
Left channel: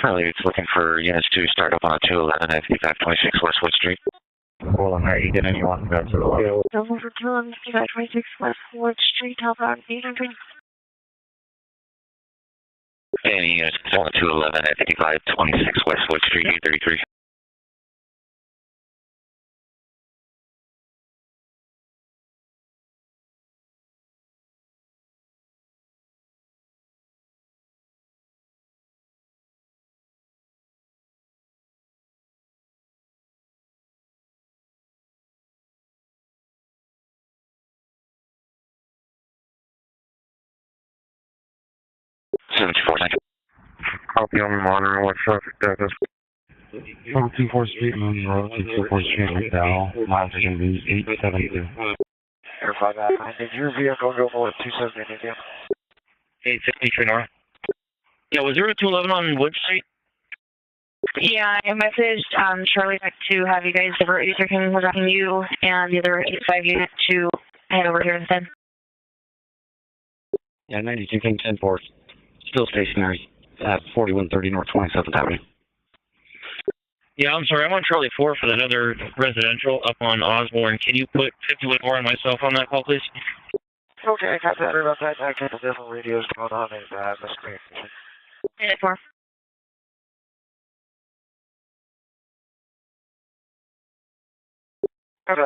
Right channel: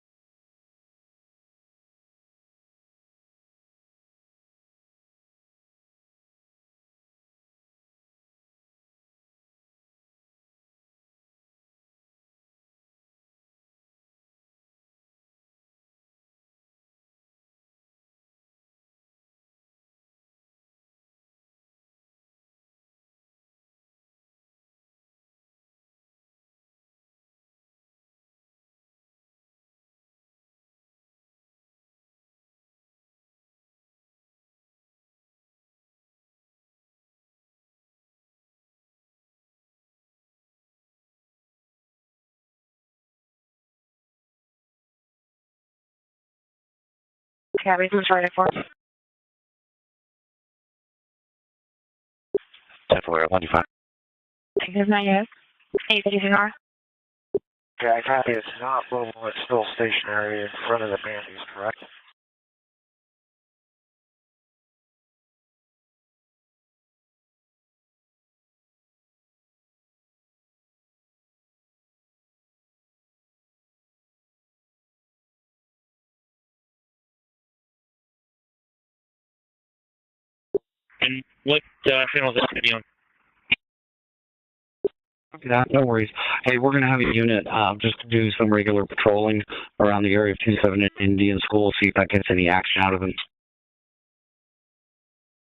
Charlie, it's looking for units to start up on a 211 at 5526 Westwood Street. Hold on, you get anyone? That's it. Double for 211, 5526 Westwood Street, help out, Any units on a 211 at 5526 Westwood Street, 833. Copy on the monitor, what traffic that is. 248 Yeah, this is right across. 248 now, miles are going to be 872. Where 155. Your vehicle go for 270. 853 North. 863 North. Okay, I copy. Yeah, was there a 211 on Wood Street? Stationary in front of the bank. Yeah, I messaged Charlie back to have you guys divert either him was asking you and the other 85 unit to head over here instead. Yeah, 92 King 10-4. Still stationary at 4130 North 27th Avenue. Yeah, I'm sorry. I'm on Charlie 4 for that other residential up on Osborne. Can you put myself on that call, please? Okay, I got that. Sorry about that. No worries. Hey, we're going to have a unit just to do some regular patrolling around the area of 27 Indian School, see if that gets any action out of him. Okay.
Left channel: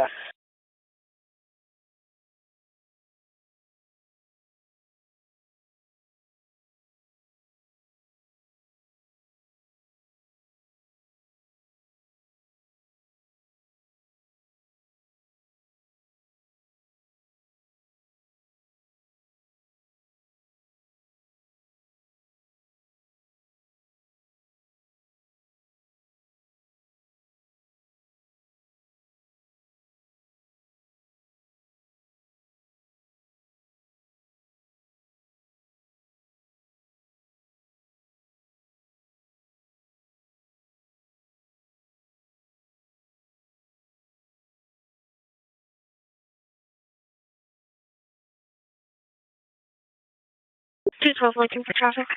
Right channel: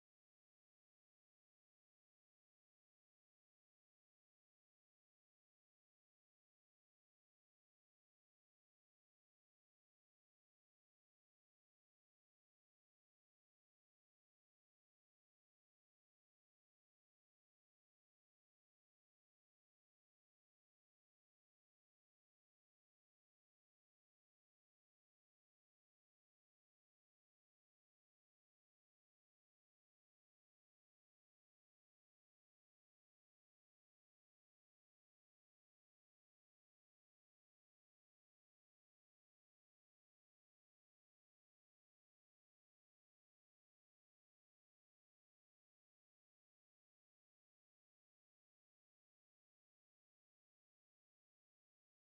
212 looking for traffic.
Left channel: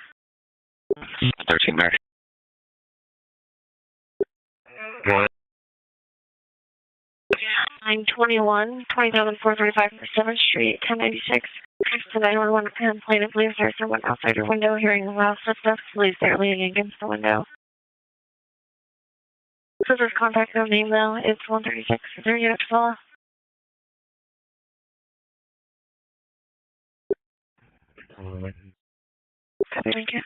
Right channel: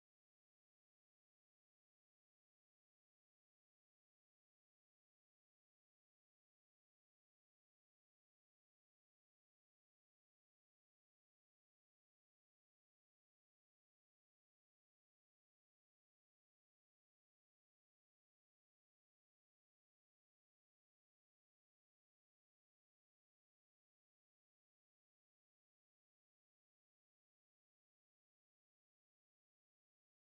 13 Max. Go ahead. 921, 20,435 for 7th Street, 1096. Next to 911 complainant believes there's someone outside her window hearing loud footsteps, believes they're leaning against the window. Service contact no name though, it's 136. Is there a unit to follow? Copy, thank you.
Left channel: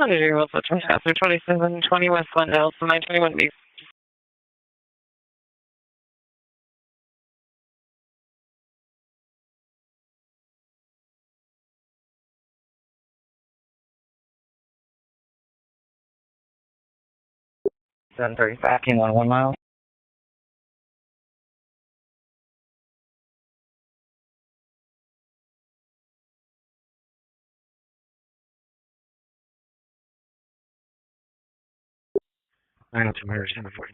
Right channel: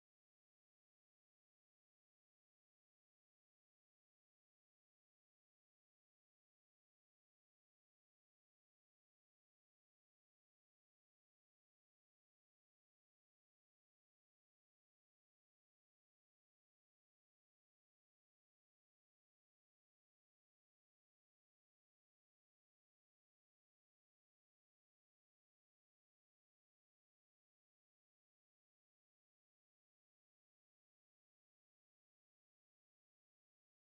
Under your will, switch after 2720 West Glendale, so 921B. Seven 30 backing on 1 mile. I know 200, 740.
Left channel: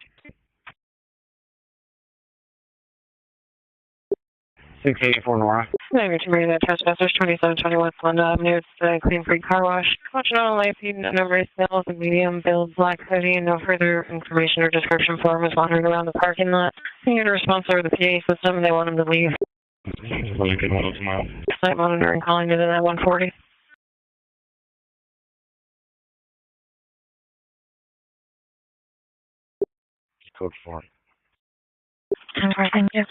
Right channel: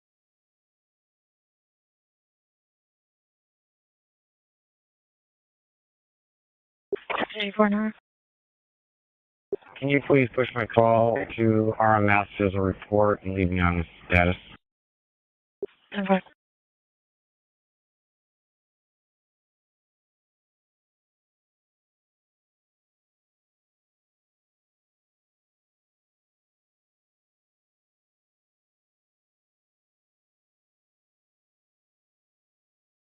684 Nora. Maybe to bring that trespassers 2720 West Glendale Avenue. It's the Clean Creek Car Wash. Can you please push my call to RMF to Black report City. No further information or description form is monitored around the parking lot. You get a response over the PA system. They want them to leave. Site monitoring calling to the 140. Code 4. Thank you.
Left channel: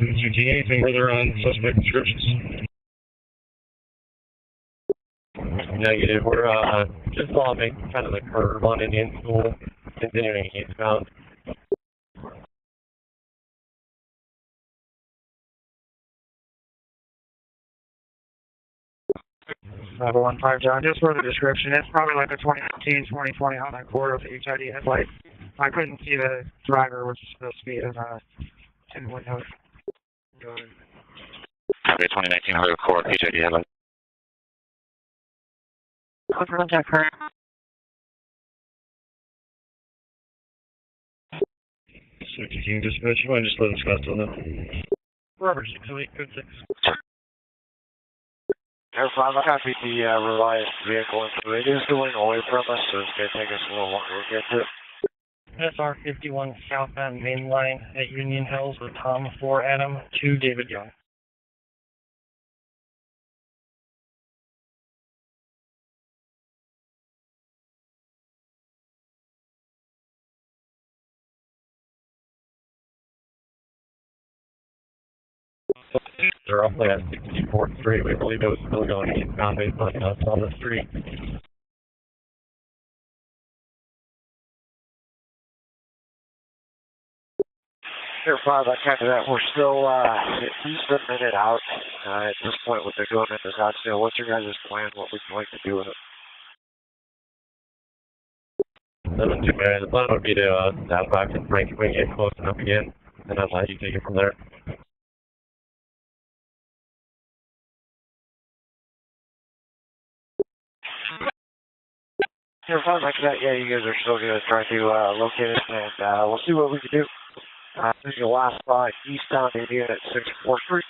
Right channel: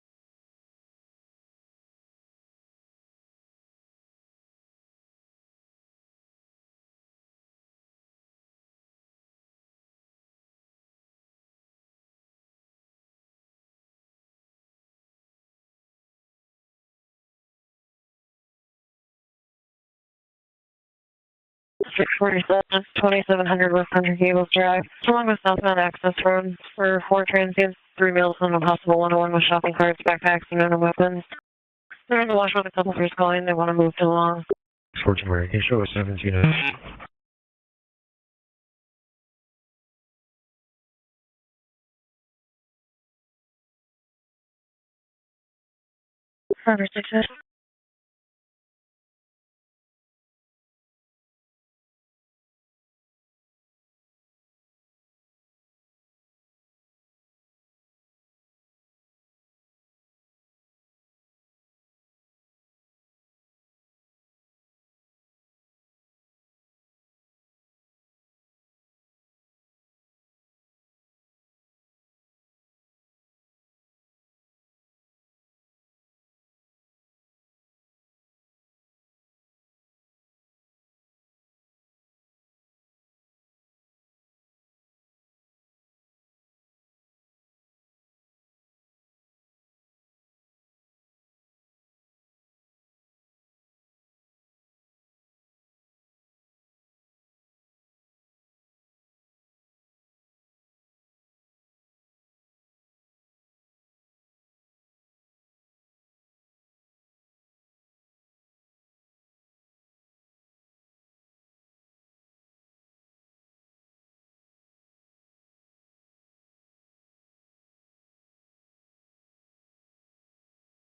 Anything further on suspect descriptions? Negative. We're just following kind of the curve on Indian School, continuing eastbound. 515 John, just for the description, it's 2700 West Thunder Gables Drive, along with southbound access road for 4 transients, 3 meals, and a possible 101 with shopping carts, backpacks, and other weapons. There's a lot of stuff in your phone they want to move along. 14 where you show us 17. Contact her. So, team dispatch, you mind just let us Scottsdale know? Robert 608, code 6. Robert 608. Air 5, I copy the Reliance vehicle, and it is going away from us, so it's going to take us a little longer to get to it. SR 51 southbound main line at Union Hills with Tom 4 Adam 2 David Young. They're roughly at 64th Street. We believe it was still going eastbound based on us on the street. Air 5, I copy that. We're still at least a minute out at this point with the going into Scottsdale. What's your guys' plan? What would you like to do with it? 7-2, man. The plan would be to stop back and Frank when you get close enough again, and I'll let you take it from there. Air 5, like that. Yeah, you guys are still going to try to locate it, and we'll see what we can do. This is your last spot, eastbound Indian at 64th Street.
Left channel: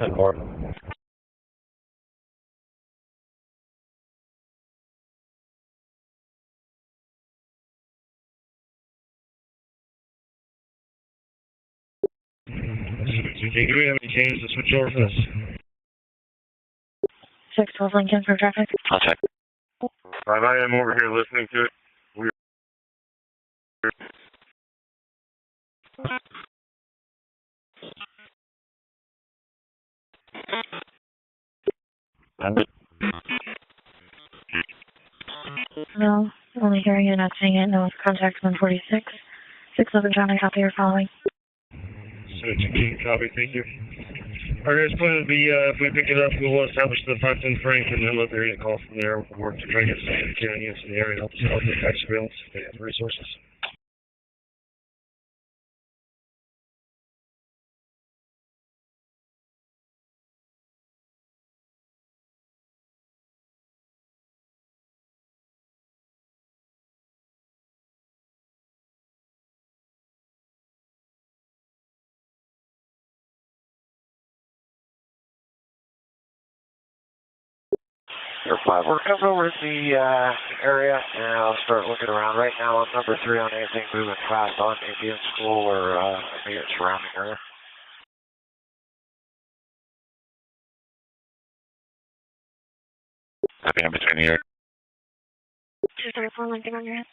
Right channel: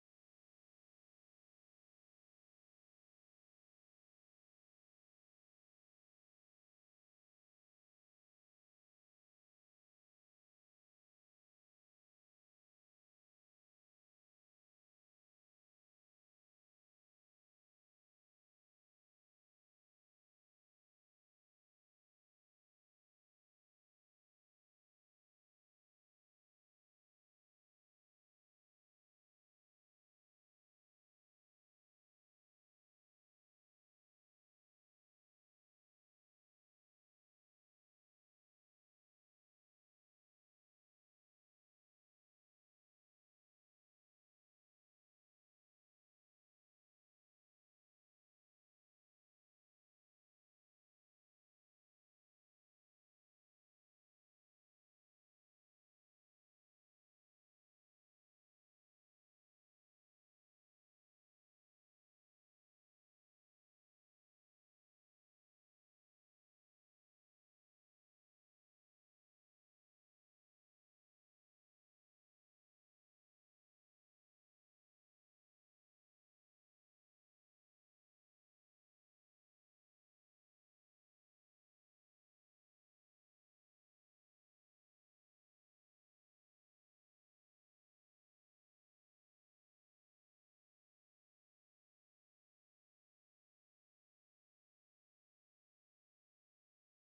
10-4. Do we have any changes to switch over for this? 612 Lincoln for traffic. I'll check. Right, I am over here listening to it. No, only hearing it, not seeing it. No, contact 146. 611 John, I copy your following. So, copy, thank you. Our guys' plan would be, if we pick it up, we'll establish the 510 Frank and then let the area call from there. We'll work to try to get some security units in the area and help get back surveillance if they have the resources. Air 5, we're coming over to the area, and I'll start looking around. Right now, I'm number 3 on anything moving fast on Indian School or immediate surrounding area. Copy, I'm between the air. 234 Lincoln on your head.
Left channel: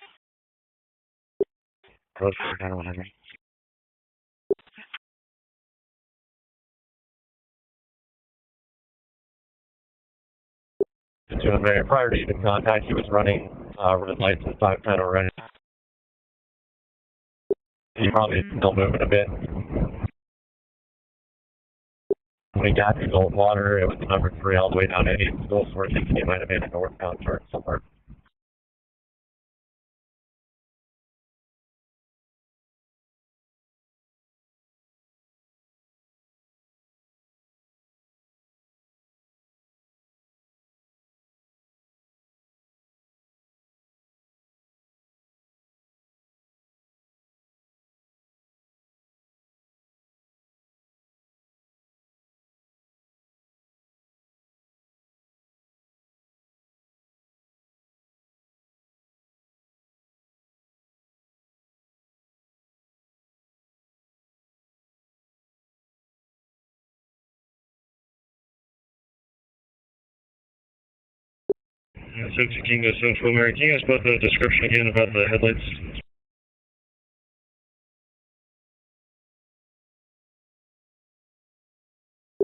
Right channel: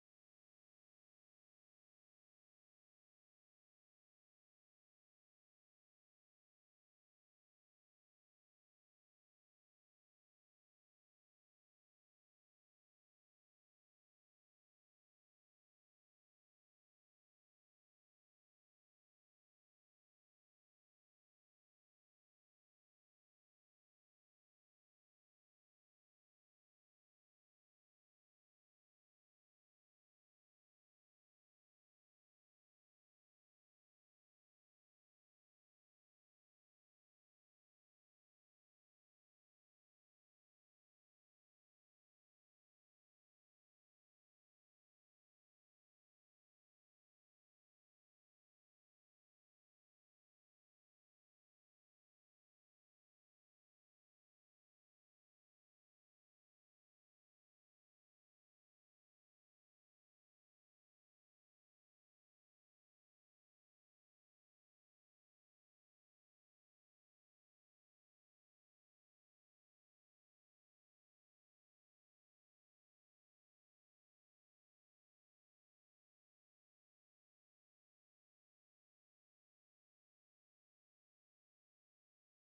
Code for 100. To a very prior to even contact, he was running red lights at 510 already. He probably is still moving a bit. When he got to Goldwater, it was number 3 all the way down to 8 schools, where I think he might have made a northbound turn somewhere. So, King goes Central American. Can you guys put the description again about the headlights?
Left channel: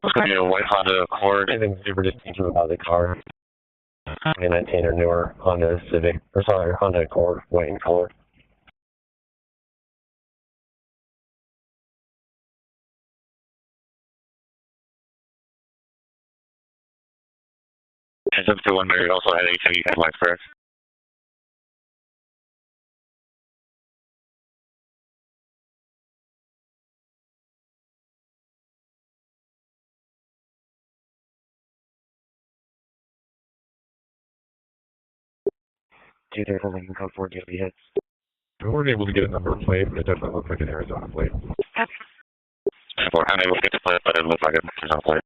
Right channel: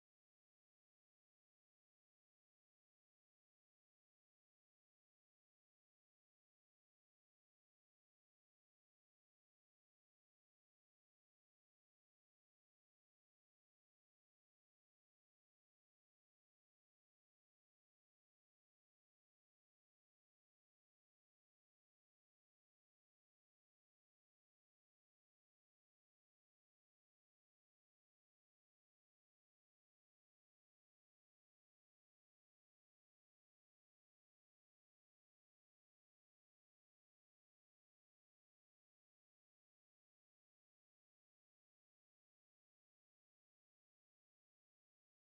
It's going to be a white Honda Accord. I think we were just thinking about the car. 2019 or newer Honda Civic, or sorry, Honda Accord, white in color. It's up to one Mary also had HIV headlights, correct? Do they holding code 4 daily hits? We weren't able to get a number plate, but it doesn't look like an Arizona plate. I'm able to get the plate, but it looks like an Arizona plate.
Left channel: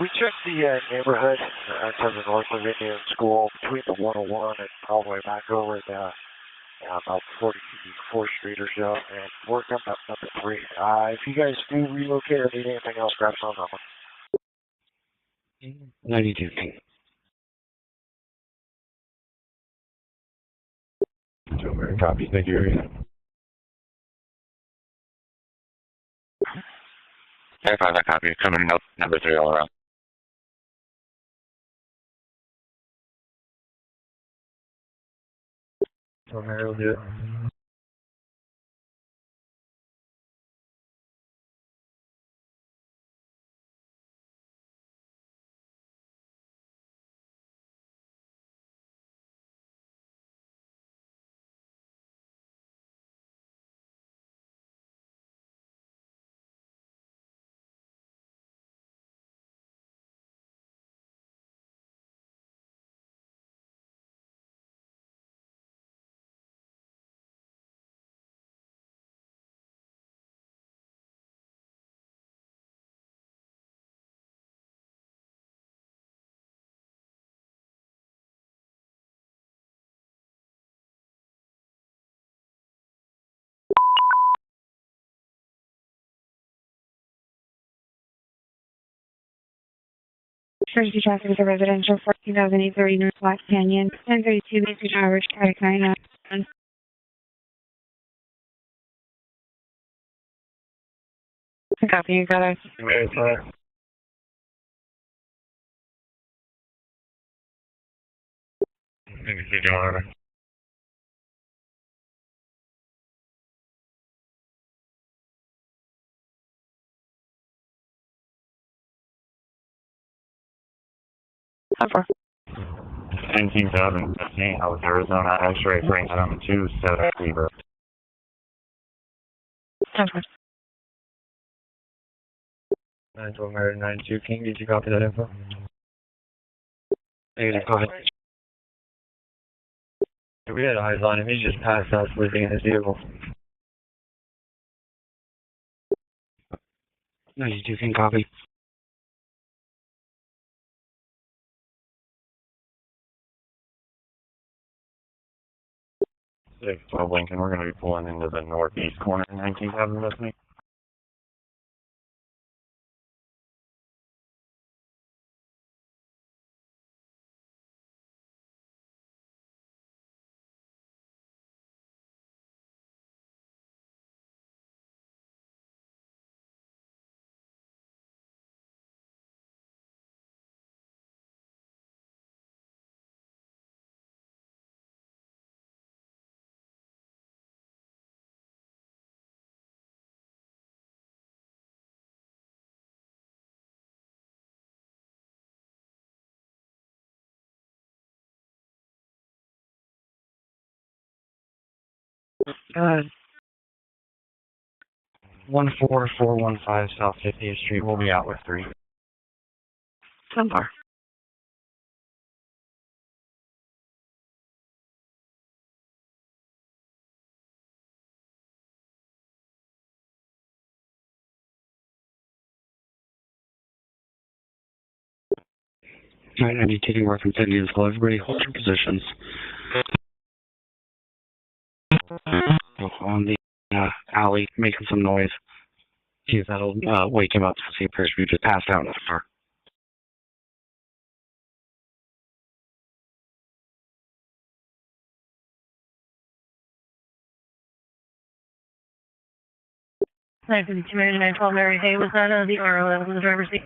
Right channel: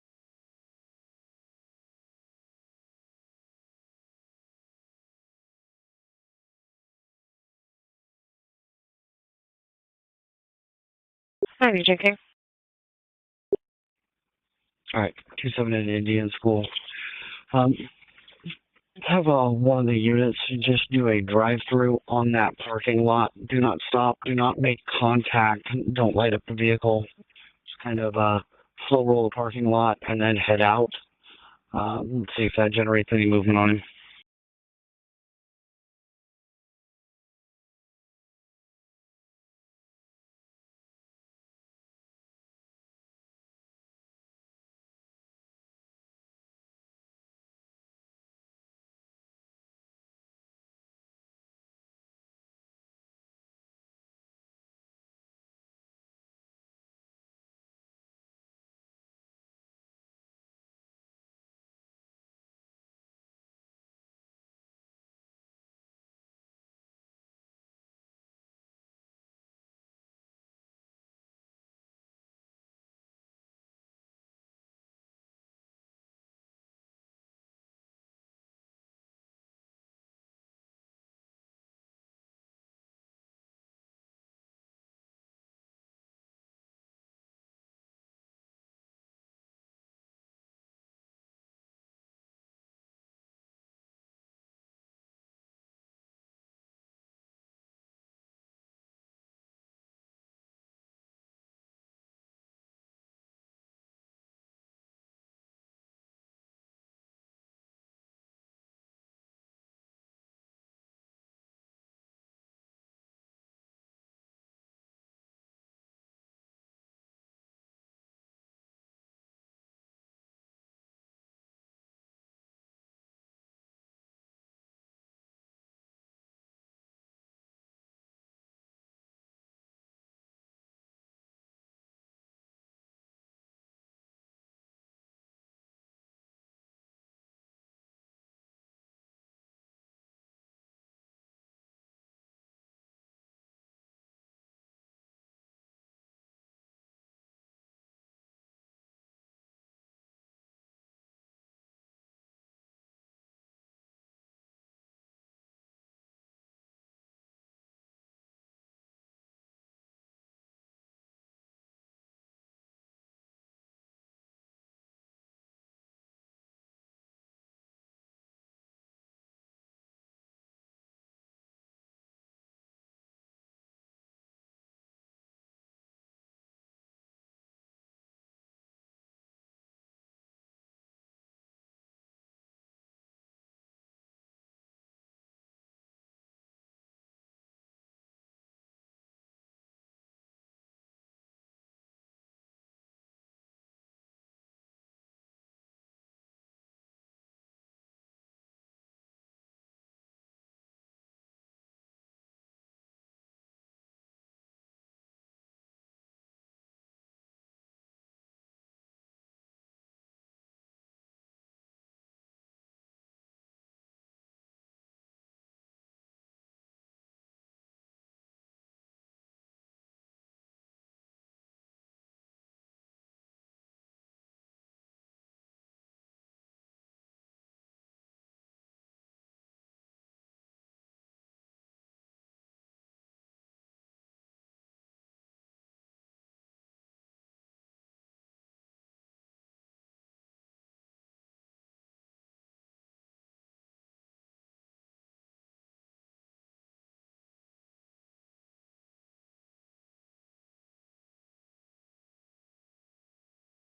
We checked the neighborhood outside the North of Indian School between the 101 and all the way back over to about 44th Street or so, and worked up number 3. If you guys see relocate or need anything else, grab some on that one. All right, 27 at Indian School. Have one of the units just do a drive-through on that parking lot. Do not stop. Do not make contact. Don't light up the vehicle. Kind of, slow roll the parking lot and then head out. See if that generates any movement on him. So Mary will do it. Emergency traffic at residential 14,830 North Black Canyon, 1032 Message Average, traffic 991. Copy, you got it. Very fine. Maybe see John. Over. 19,015, I was Arizona X-ray Frank 2-7 Cleaver. Over. 912 Mary 92, King, did you copy that info? Negative, go ahead. We had eyes on him, he just passed out sleeping in his vehicle. 92, King, copy. 612 Lincoln, we're going to be pulling into the northeast corner, 19,000 with me. Go ahead. 14415 South 50th Street. We'll be out with 3. Somewhere. Alright, I need taking reference Indian School. Everybody hold your positions. On the alley, making some noise. See if that'll wake him up. See if he just passed out in the car. 952 Mary 912 Mary. Hey, was that the RO that was in the driver's seat?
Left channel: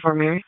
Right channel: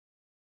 For Mary.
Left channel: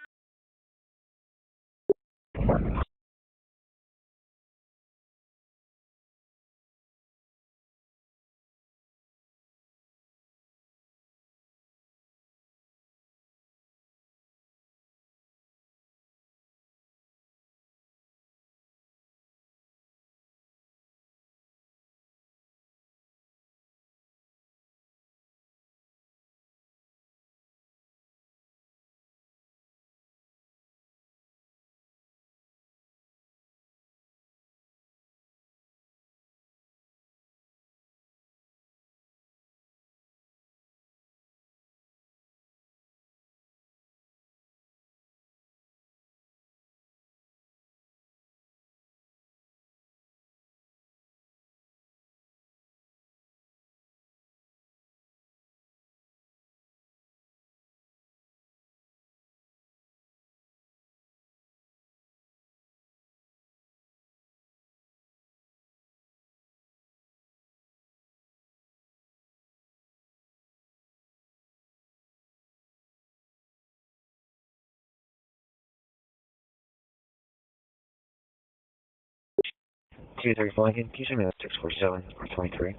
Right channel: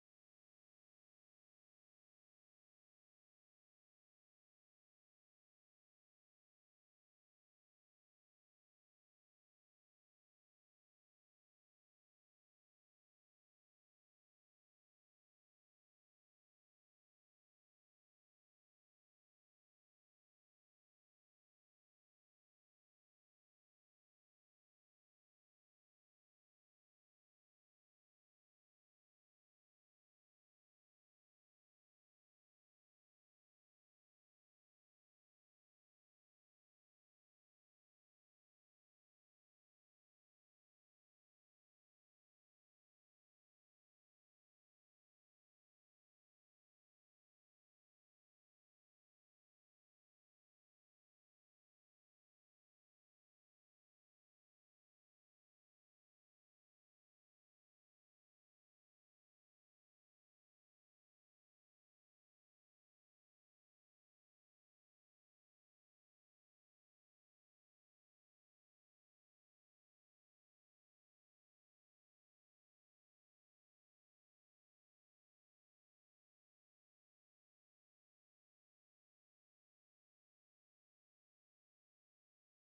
Two thirty Lincoln, can you send me that 647 or 23?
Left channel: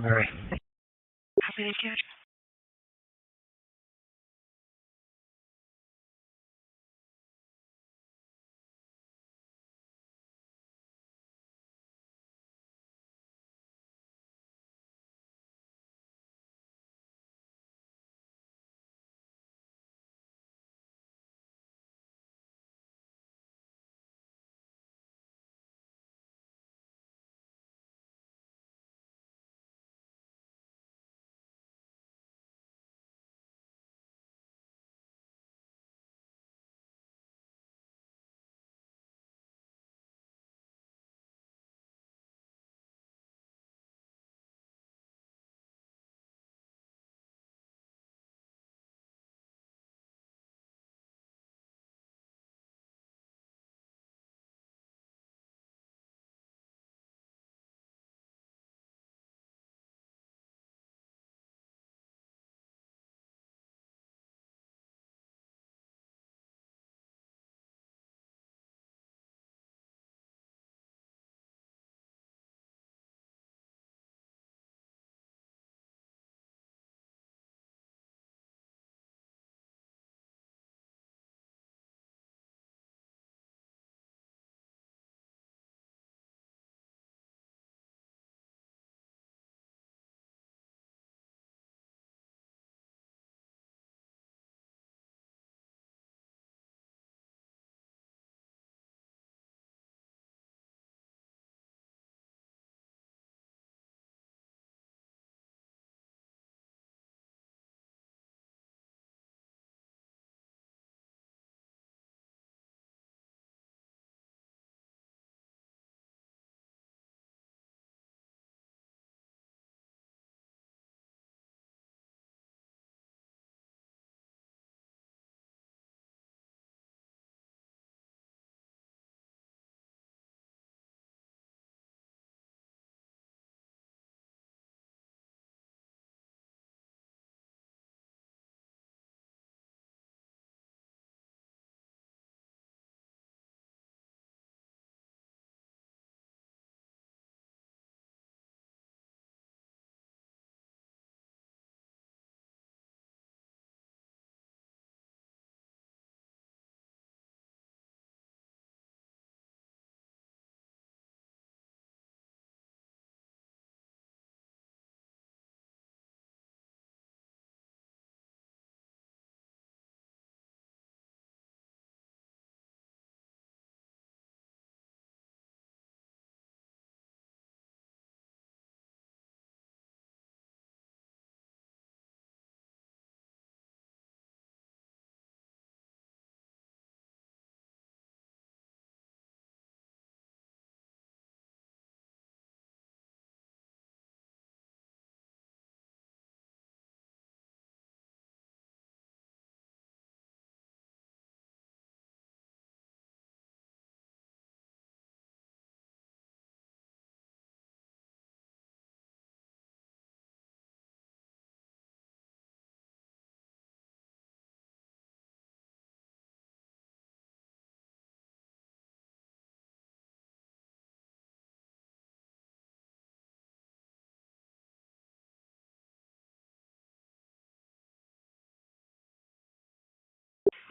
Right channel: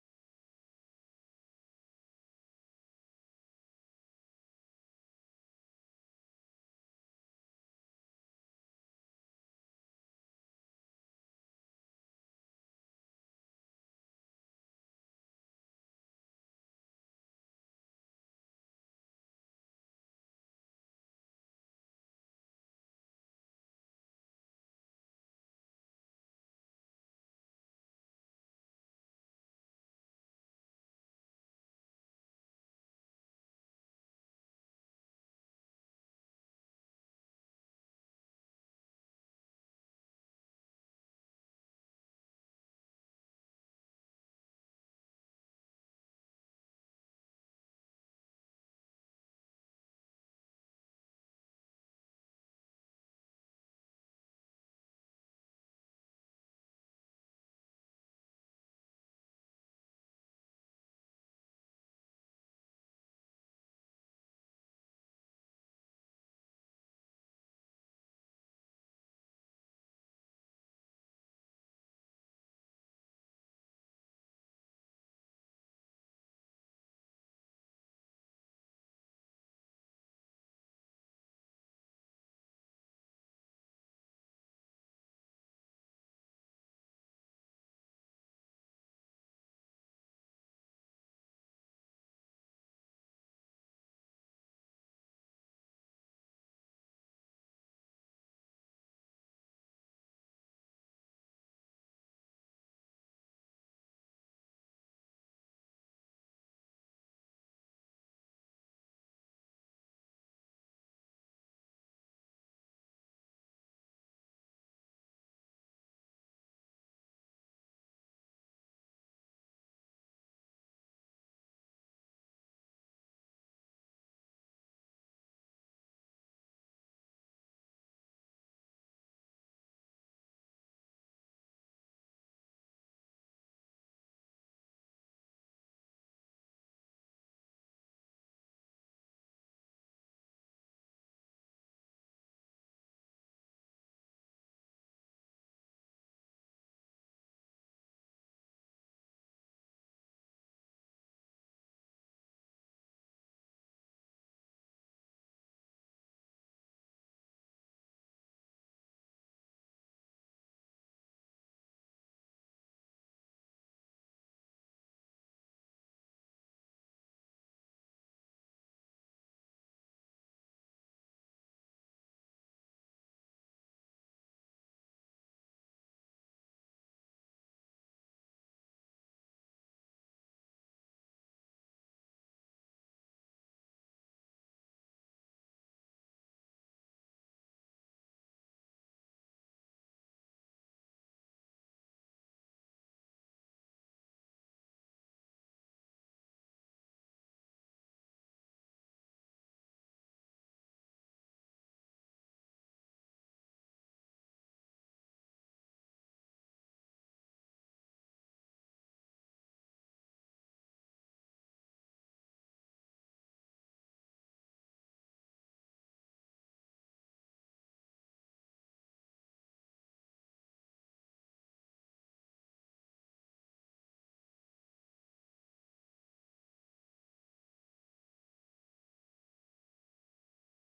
Mary. Copy, Decode.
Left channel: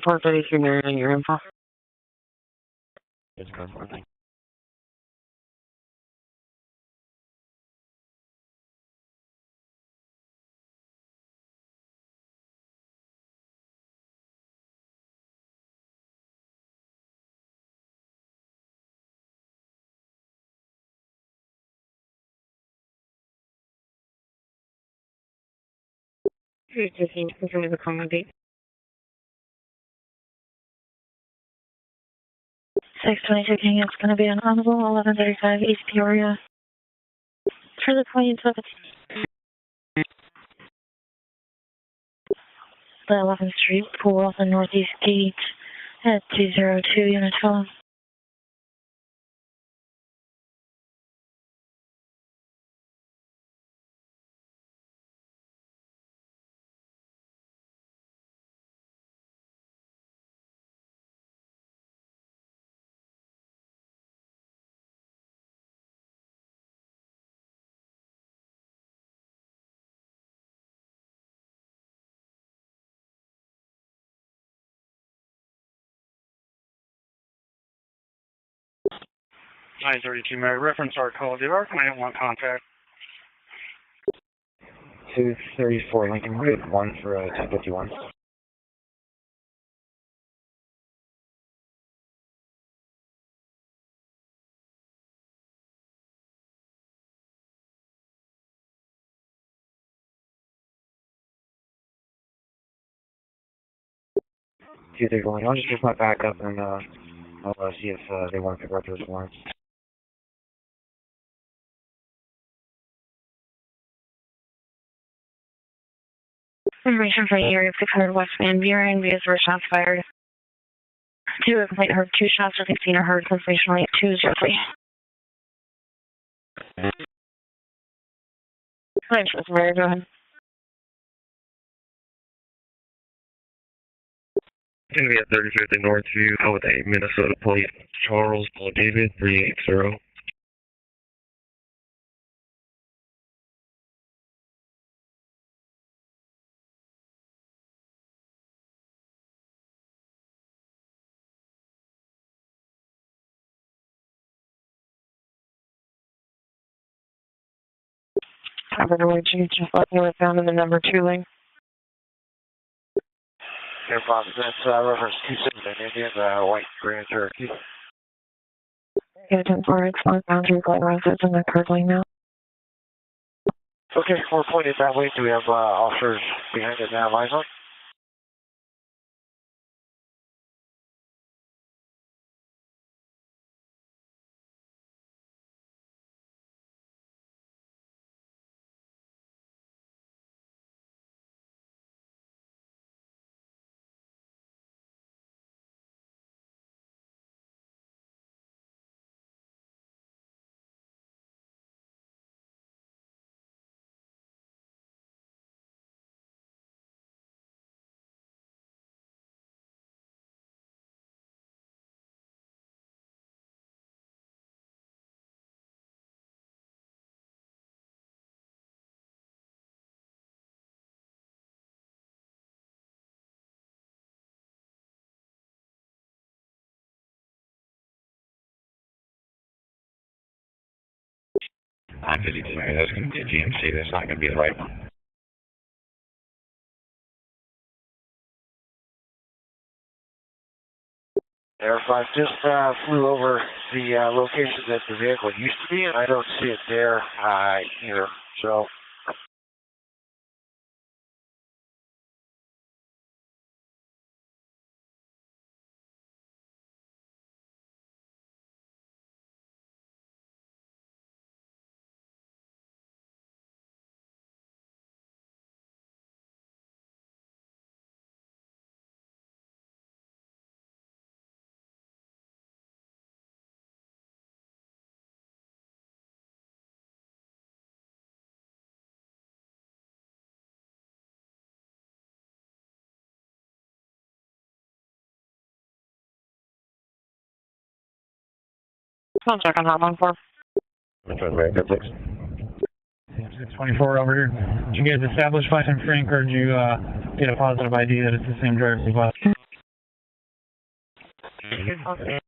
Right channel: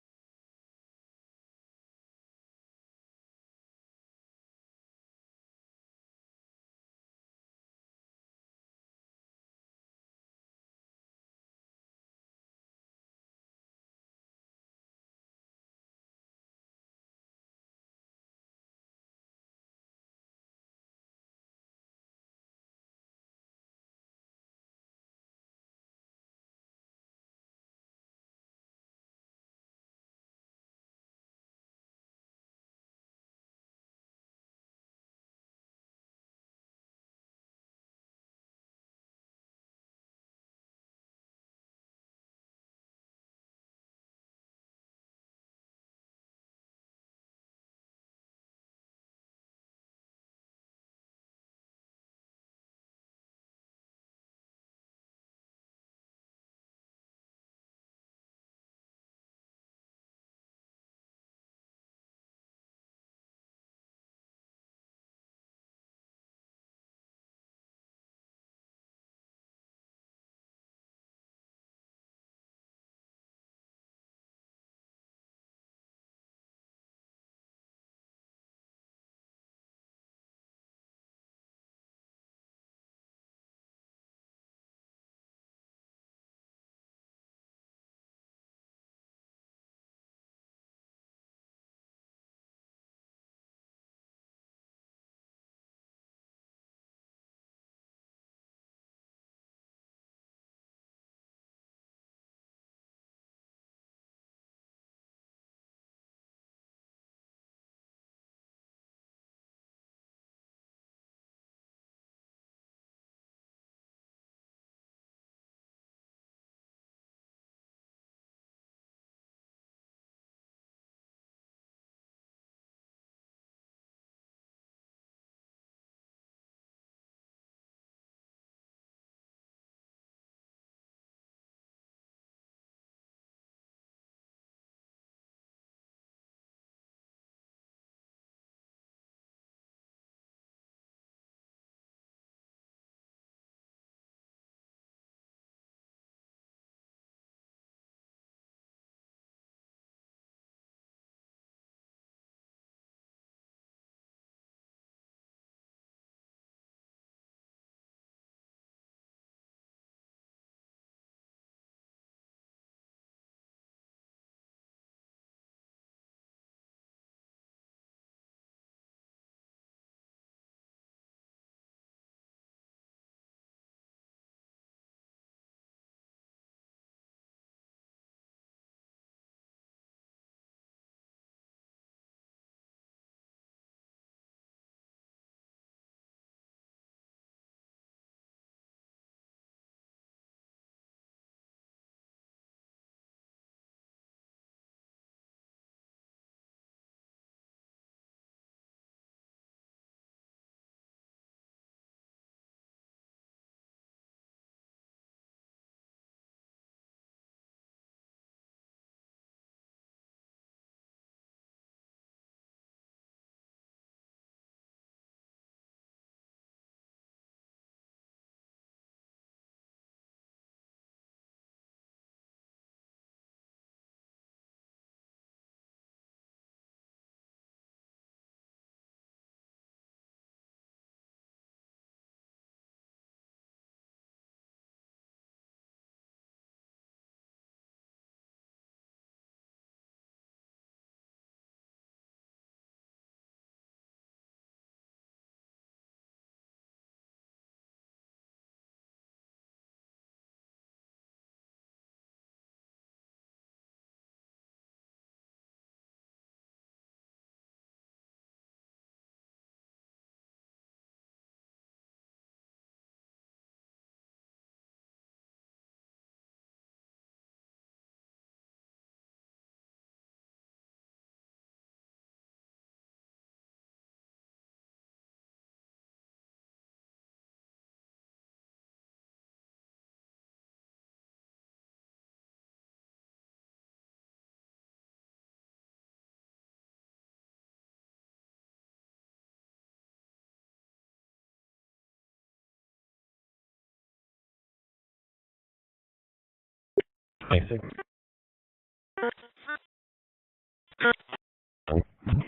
433 Marion, your info. It's good. Confirm the common date. 622 it's going to be an honorable 1135 East Peoria. For the 27th. The 11th Street pool off the northeast gate at 202 Unit 12. Mary, reference our call. Do our client want contact? 234 Lincoln Road, 1 for 1051. I'll just my backup and I'll see if they want to pick up those warrants. Information for area 600 West Van Buren, via where shots fired. 2, a complaint heard 2 shots, I think seen or heard confirmation rate 203. Hi, Mary, go ahead. Going to be at 35th and Northview with a Minnesota Police Charles Paul David 380. I'm going to just let me know it's found in the number 2 lane. Air Fox, that's reference 27 Indian, white Grand Cherokee. Get a 10-4, it's northbound through Glen Rose, it's in the curve lane now. Okay, we're pointed that way. Do we have officers behind it now, eyes on? I'm 52, that's going to be a GMC, that's not going to be the right one. Air 5 just flew over the location that the vehicle used to be, and I don't see it there either. So. I'll check on that one for. Which one, Mary? Good, thanks. 624 over here. Did you guys establish Vice and Frank, or did you get a positive ID that it's the same driver as last? Okay.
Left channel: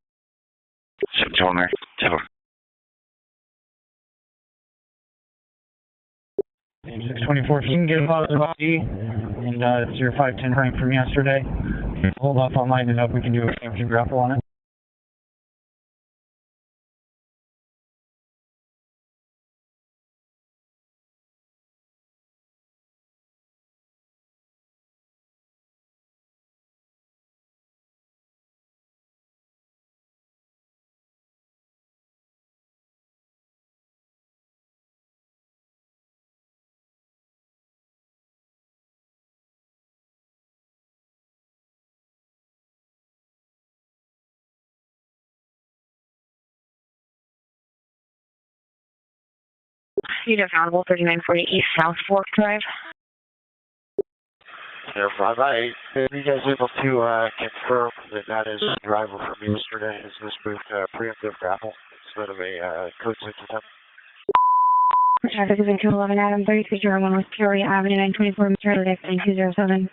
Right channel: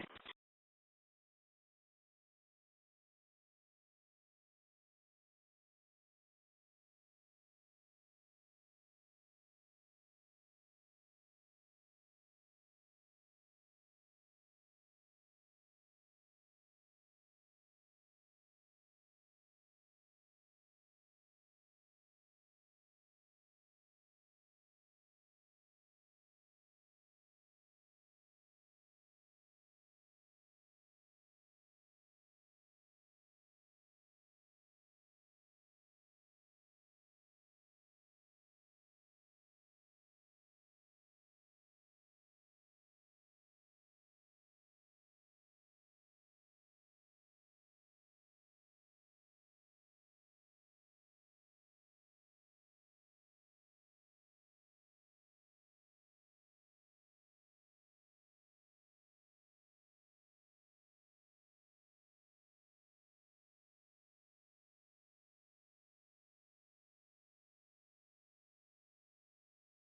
624, so you can get a positive ID, and it's your 510 frame from yesterday. Hold off on lighting it up, we can do a temperature grapple on it. Unit Honorable 3940 East South Fork Drive. Air 5-8, are you guys able to confirm that that is the driver from yesterday? Is this moved to preemptive grapple instead of a code 6 attempt? Traffic is in 211 Adam 3301 West Peoria Avenue 924 Mr. Lift 9207.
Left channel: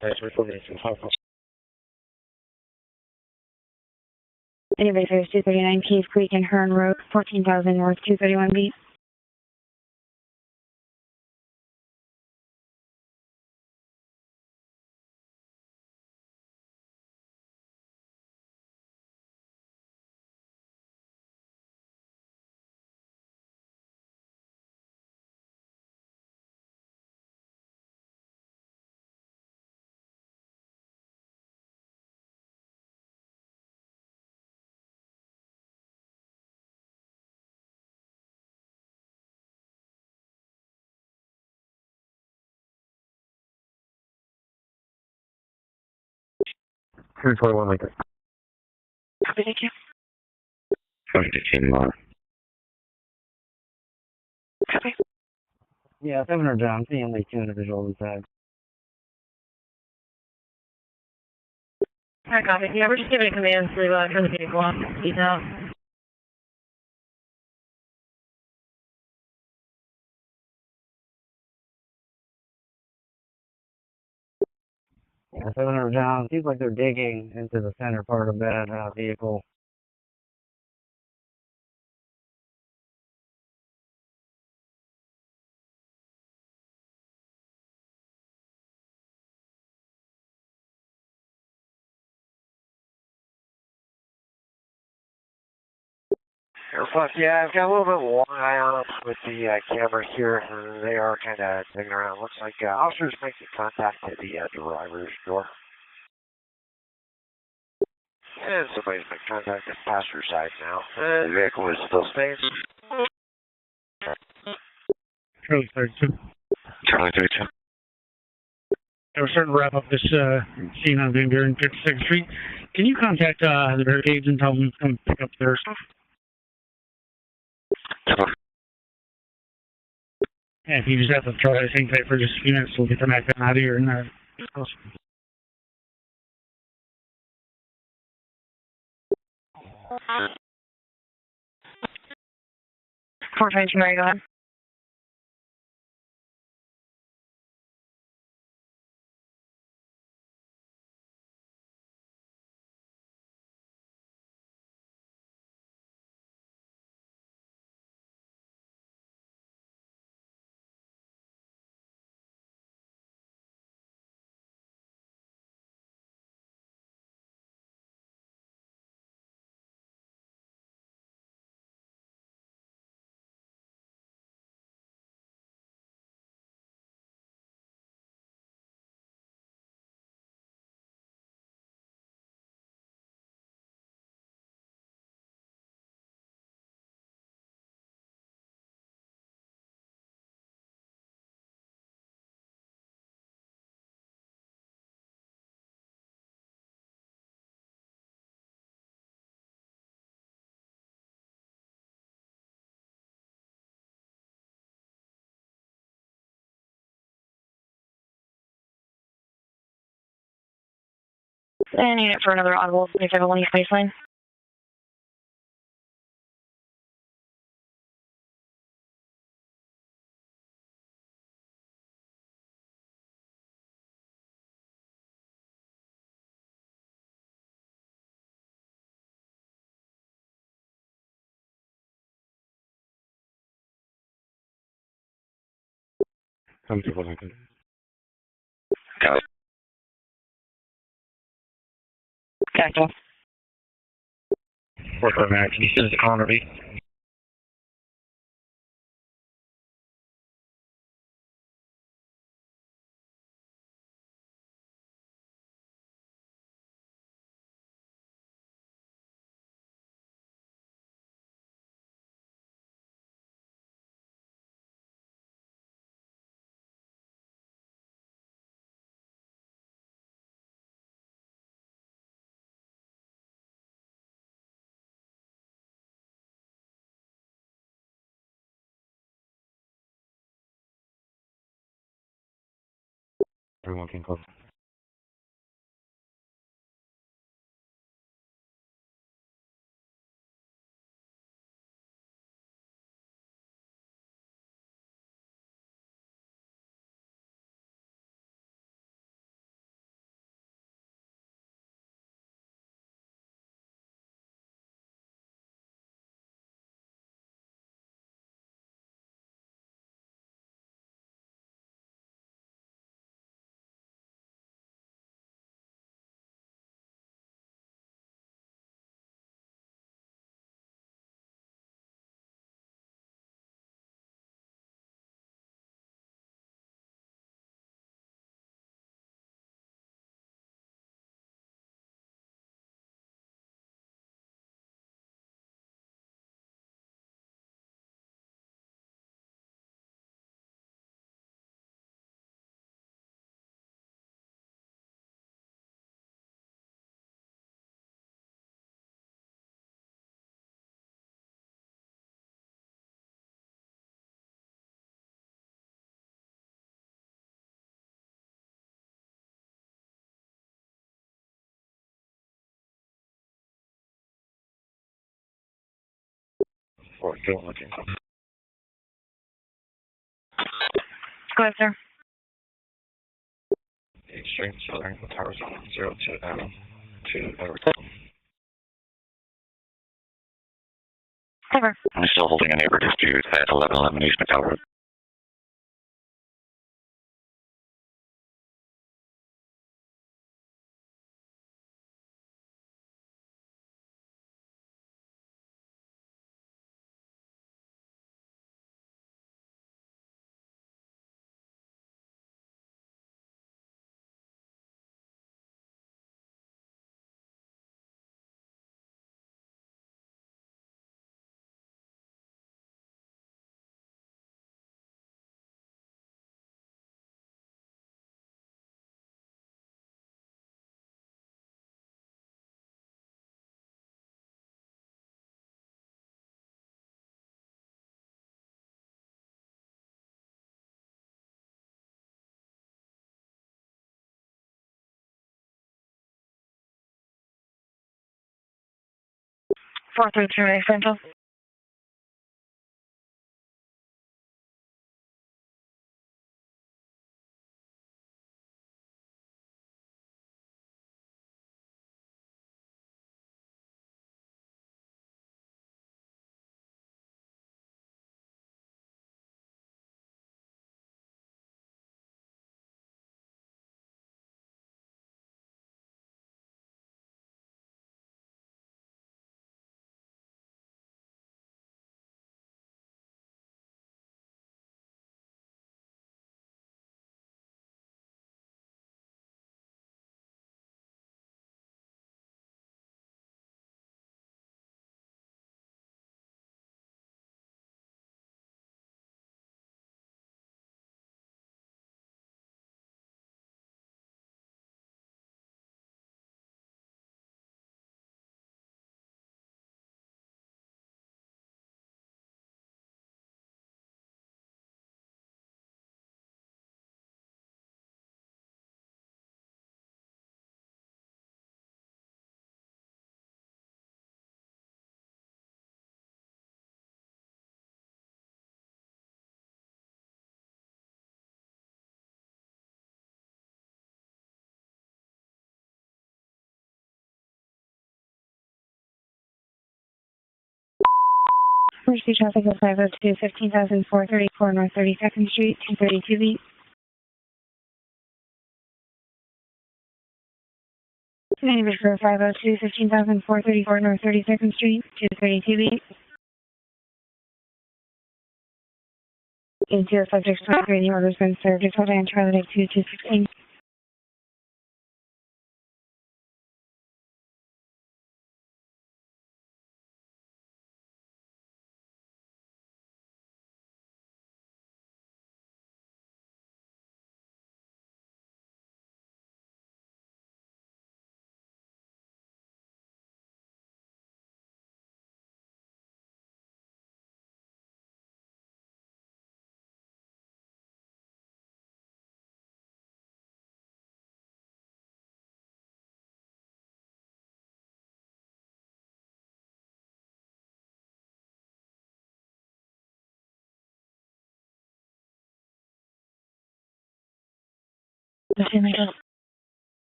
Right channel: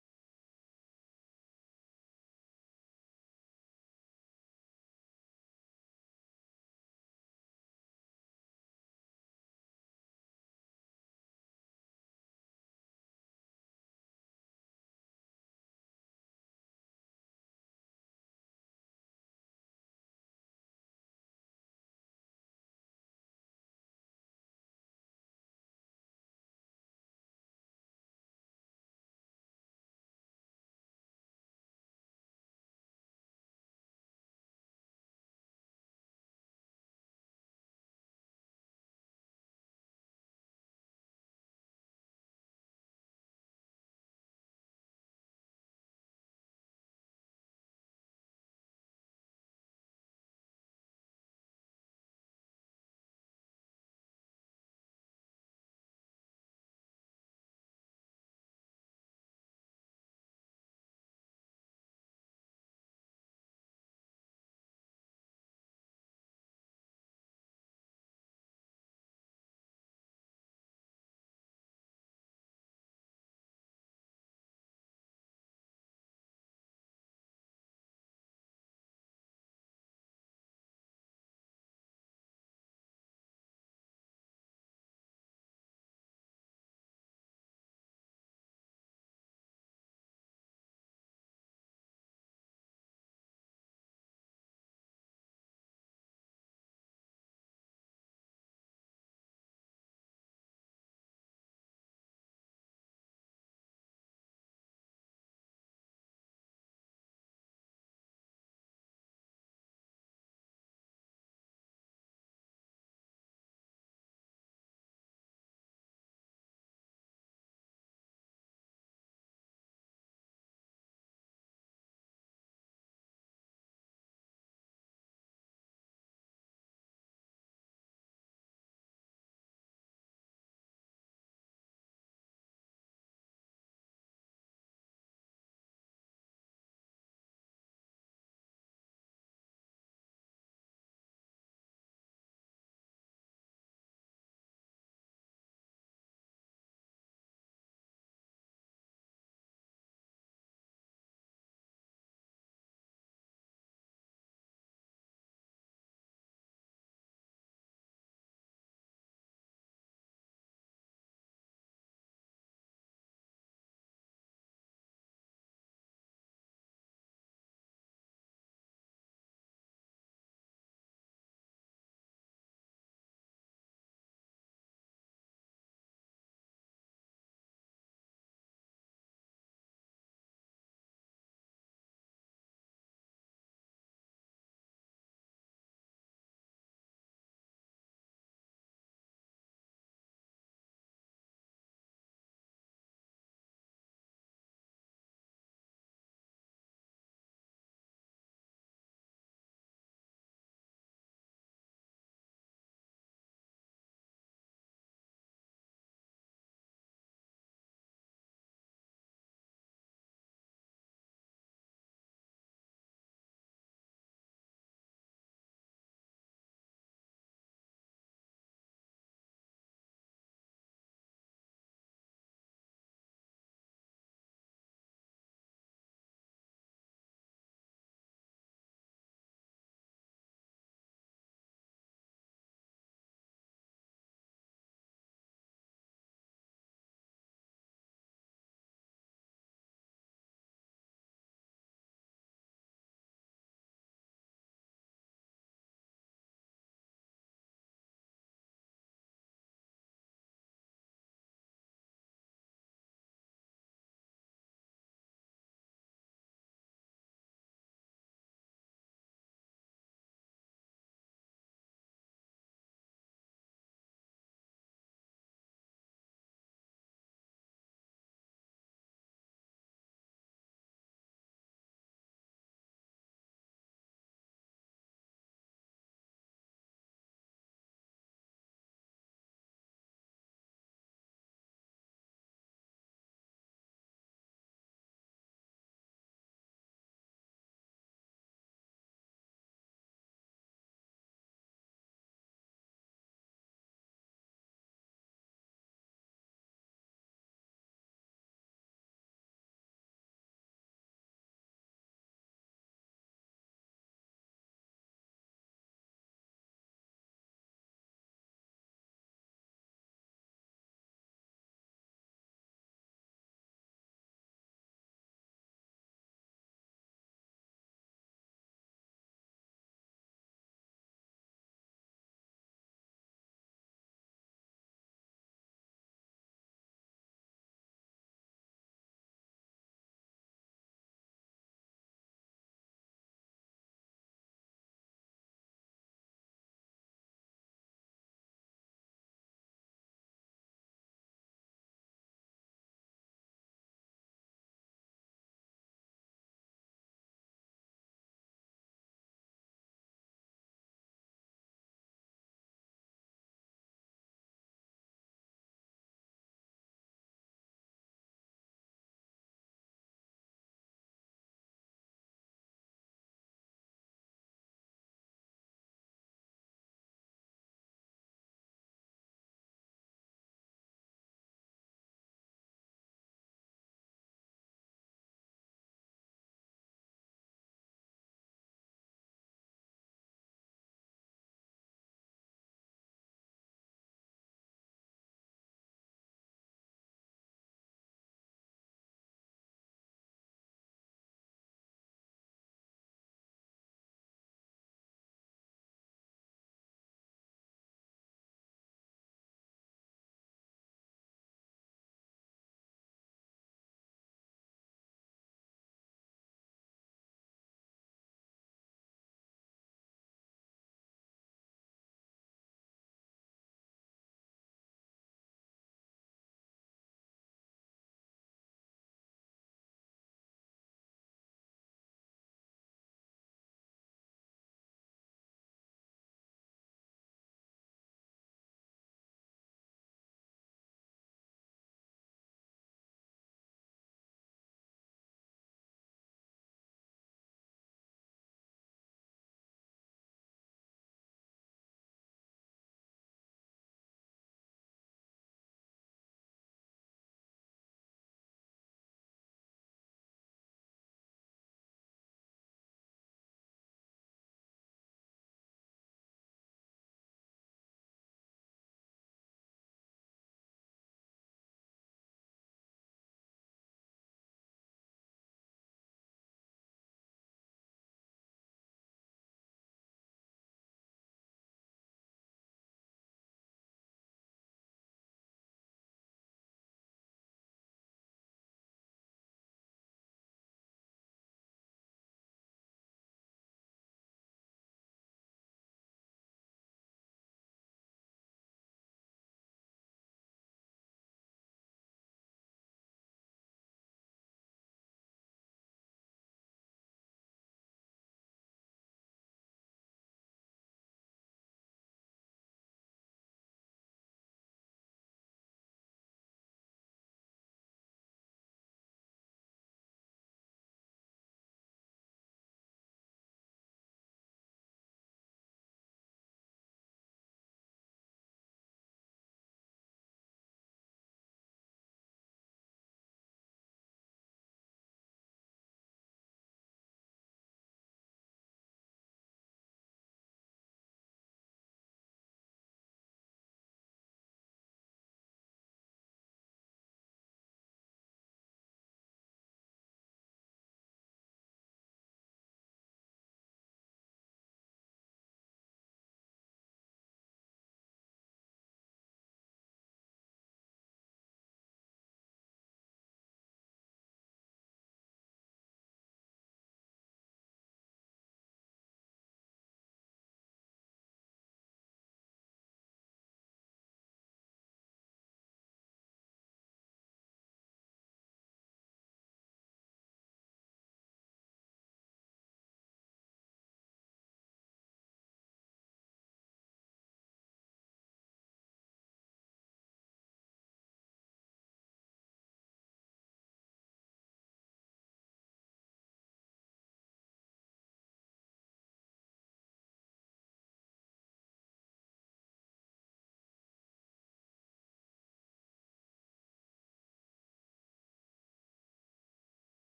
Thanks for 4 minutes and 5 minutes. Anybody service 239 Cave Creek and Hearn Road, 14,000 North 231B. Two 21 Lincoln. Copy, thank you. 15 more. Copy. Yeah, 700 down, seeing only 2 individuals inside. Alright, copy. Yeah, we're just giving commands to turn the vehicle off. Peace out. Yeah, 700 down, seems like they're digging into the center part of that vehicle. Air 5, yeah, I've got a little bit of one eye on them with the cameras here, and they are kind of digging around. Looks like officers making contact at the driver's door. And somebody's making contact at the passenger side now. The vehicle is still staying. Charlie 32. Charlie 32. We're starting to wrap up this scene on Van Buren 56th Street. Can you contact the barricades and tell them to come pick up their stuff? Yeah, if you just have to try to hang tight for just a few minutes, we'll get them back out of here and close. 422, Mary, go ahead. And unit for another audible 2501 East Baseline. Come to Wellington. Got it. Gotcha. 4 Max, can you send us a call on RV? Everyone can close. Or don't look in. Go ahead, sir. Extreme Southern Towers 02 to Everton. Cover. I'm still holding a neighbor dispute at 1111 East McDowell Road. Four through two, Central. Emergency traffic is 502 15,434 North 32nd Street, 232 beat. Name is 502 15,434 North 32nd Street, 232B. Into subject 23, the order's been served. Decoded and Charlie 2216.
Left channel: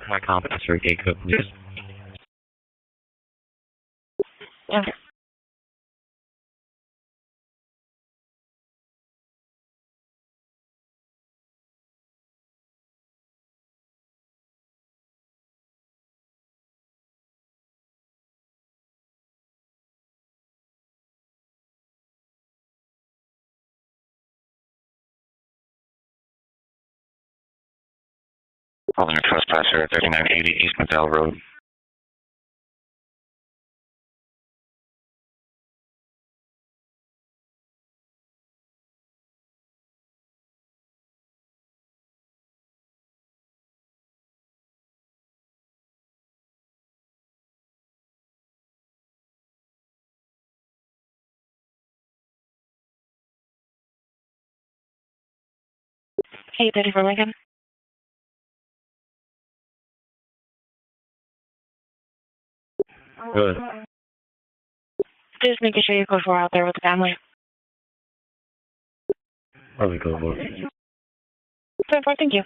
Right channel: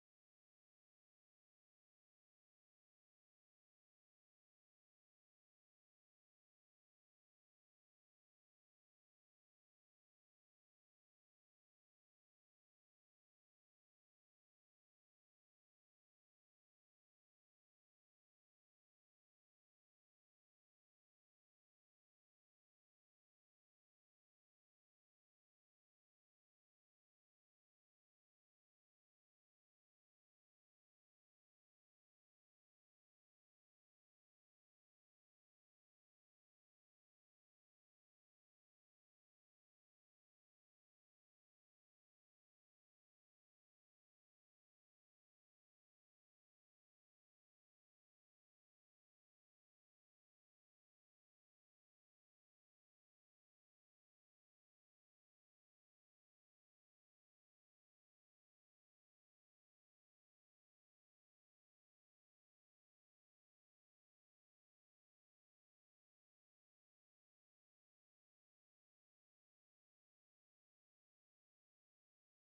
High competence for gate code, please. Okay. Calling a trespasser at 3980 East Medell Road. Hey, Betty for Lincoln. Good. Just making sure your code 4 out there with the family. Probably go look. 10-4, thank you.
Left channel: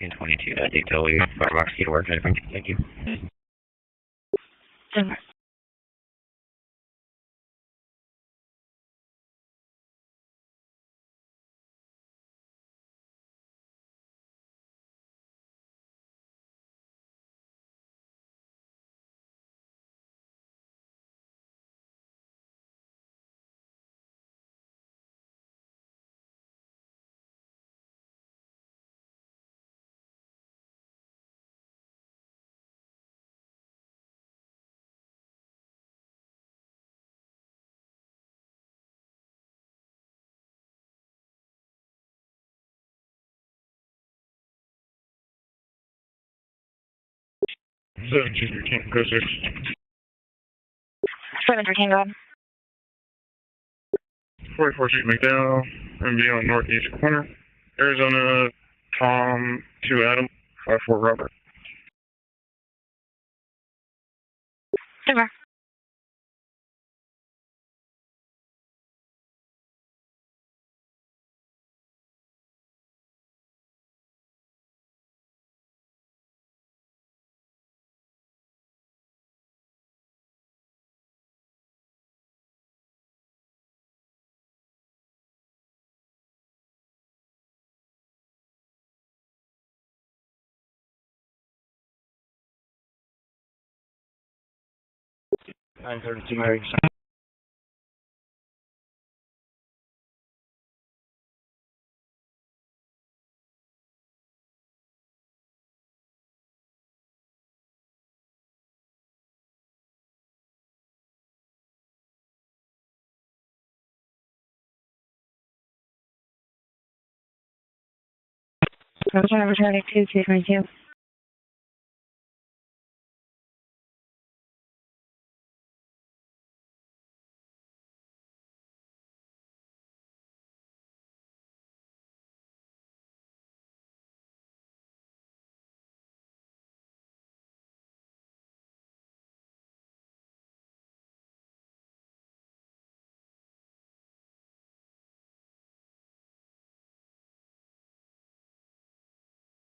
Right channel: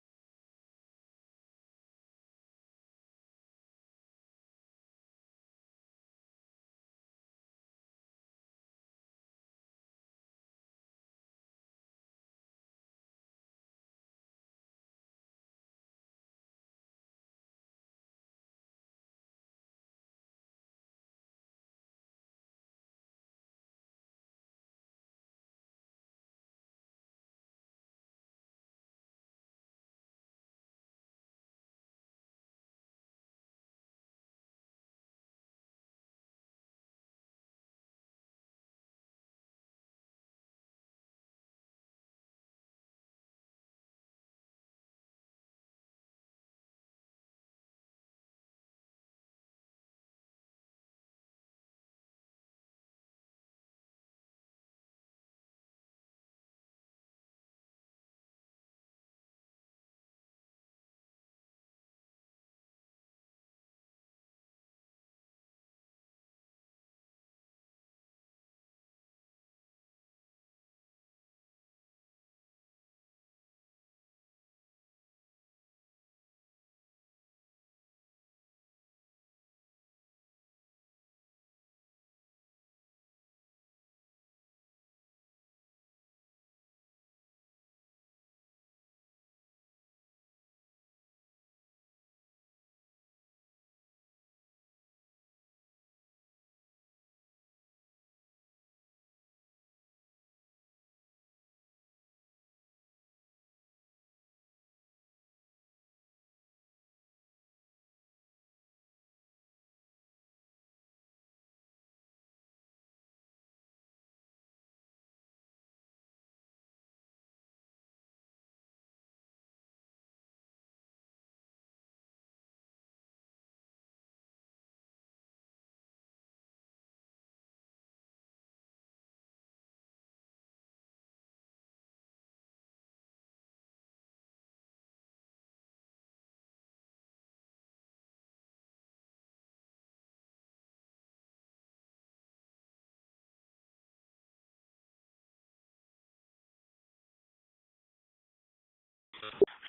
In 22, Decoded, Firebox, key to work, thank you. 10-4. Go 6. 713, go ahead. 44 Street McDowell, MD on northeast corner. Arizona, Tom 2 Adam, 54 Robert. 10-4. 932 Mary. Roger, Charlie 222.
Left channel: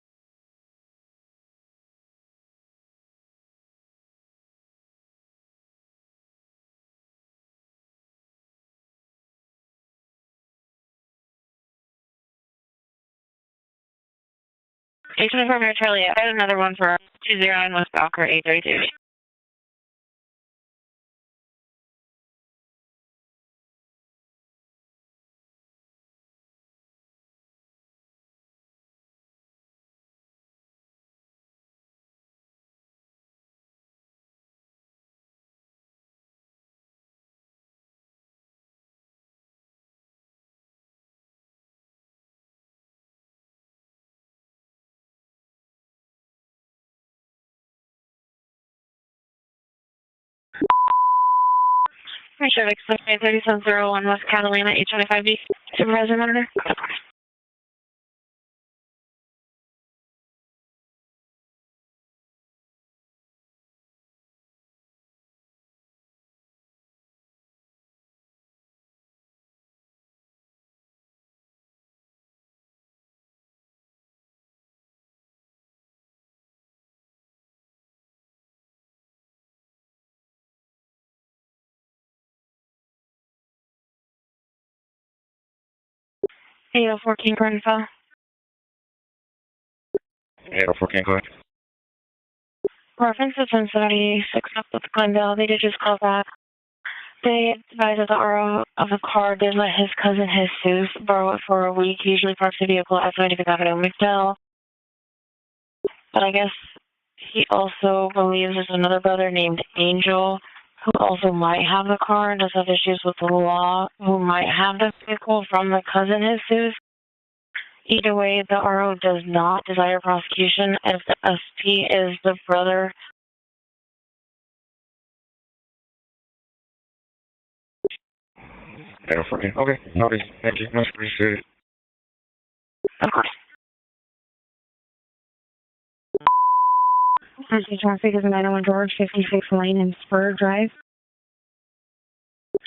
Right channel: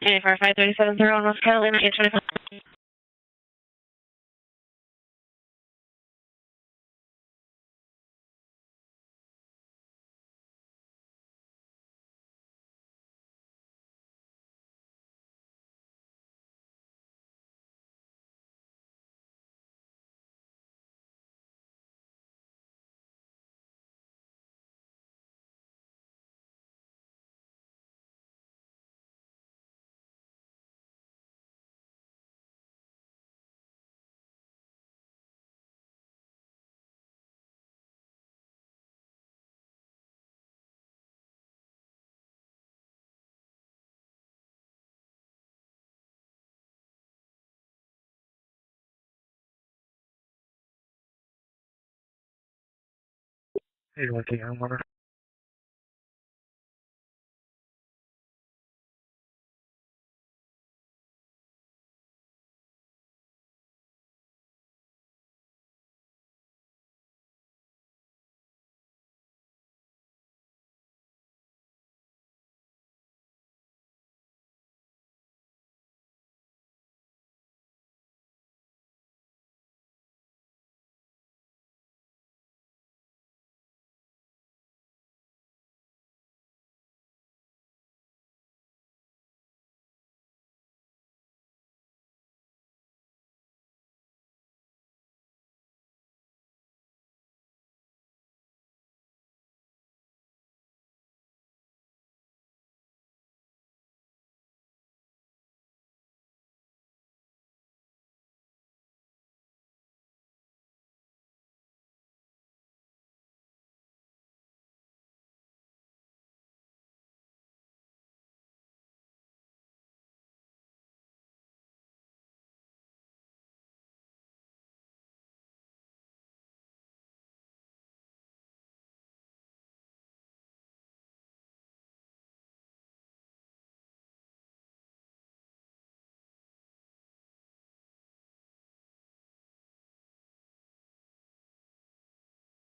Hey, 537 on North Carolina, 825. Mary Charlie, I had another one for 209 West Balker, 832. Chevy 3701 West Catalina, 825B. Supervisor Monitor. Hey, 14 Grenfell. 804, go ahead. Reference is 1076 up with Glendale. They did just call back. They advised that the RO of the car did let his cousin Jesus borrow it for a week. He usually parks the vehicle at 95th Avenue, McDowell. But I guess he also believes there's another brother named Angel who also might have the car and does have issues with the law, who might have the vehicle from the cousin Jesus. Either way, the RO does not desire prosecution if the SP is the brother. 804, okay. Noted. Thank you. Much appreciated. Of course. Traffic is 901 George, 56 Lane and Spur Drive.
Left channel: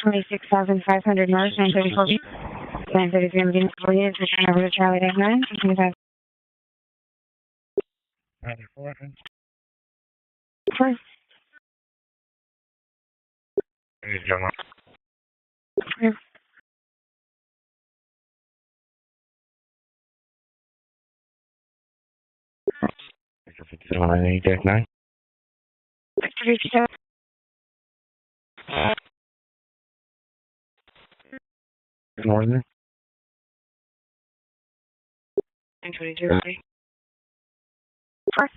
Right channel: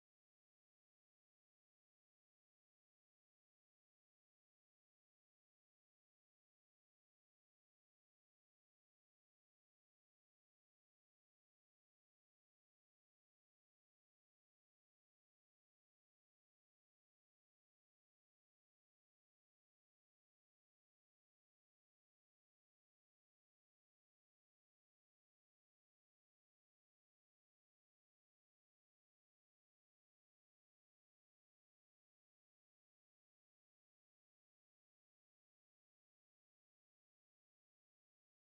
26,500 North, 934 B. 933 Medina, Florida, return over to Charlie 9, 25. 94. First. Hey, Gemma. Yeah. Victor 5798-9. Victor 57. Northern. 922. First.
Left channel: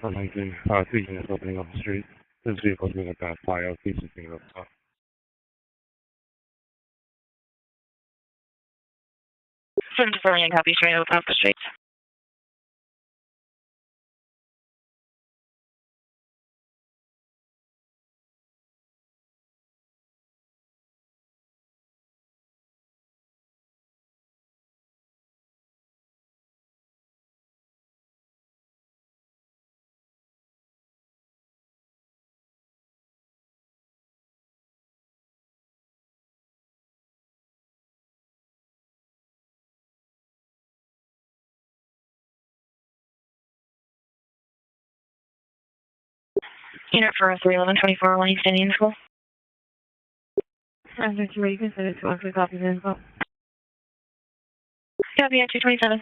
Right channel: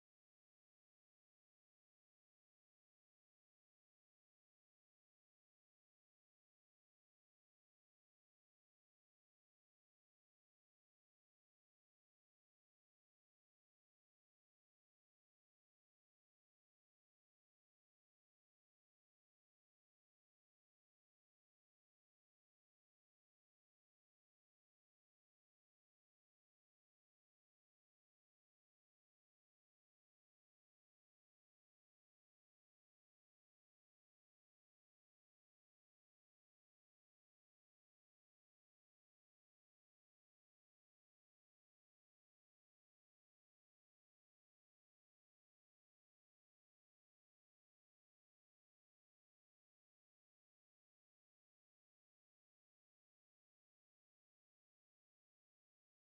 For 19, 2 units opening up the street. This vehicle's moving past Pio, keeps it being up top. 74 Young Copy, straight open up the streets. Unit for 31124 East Indian School. After 2, you can send it to us. We copy the info. Copy at 227.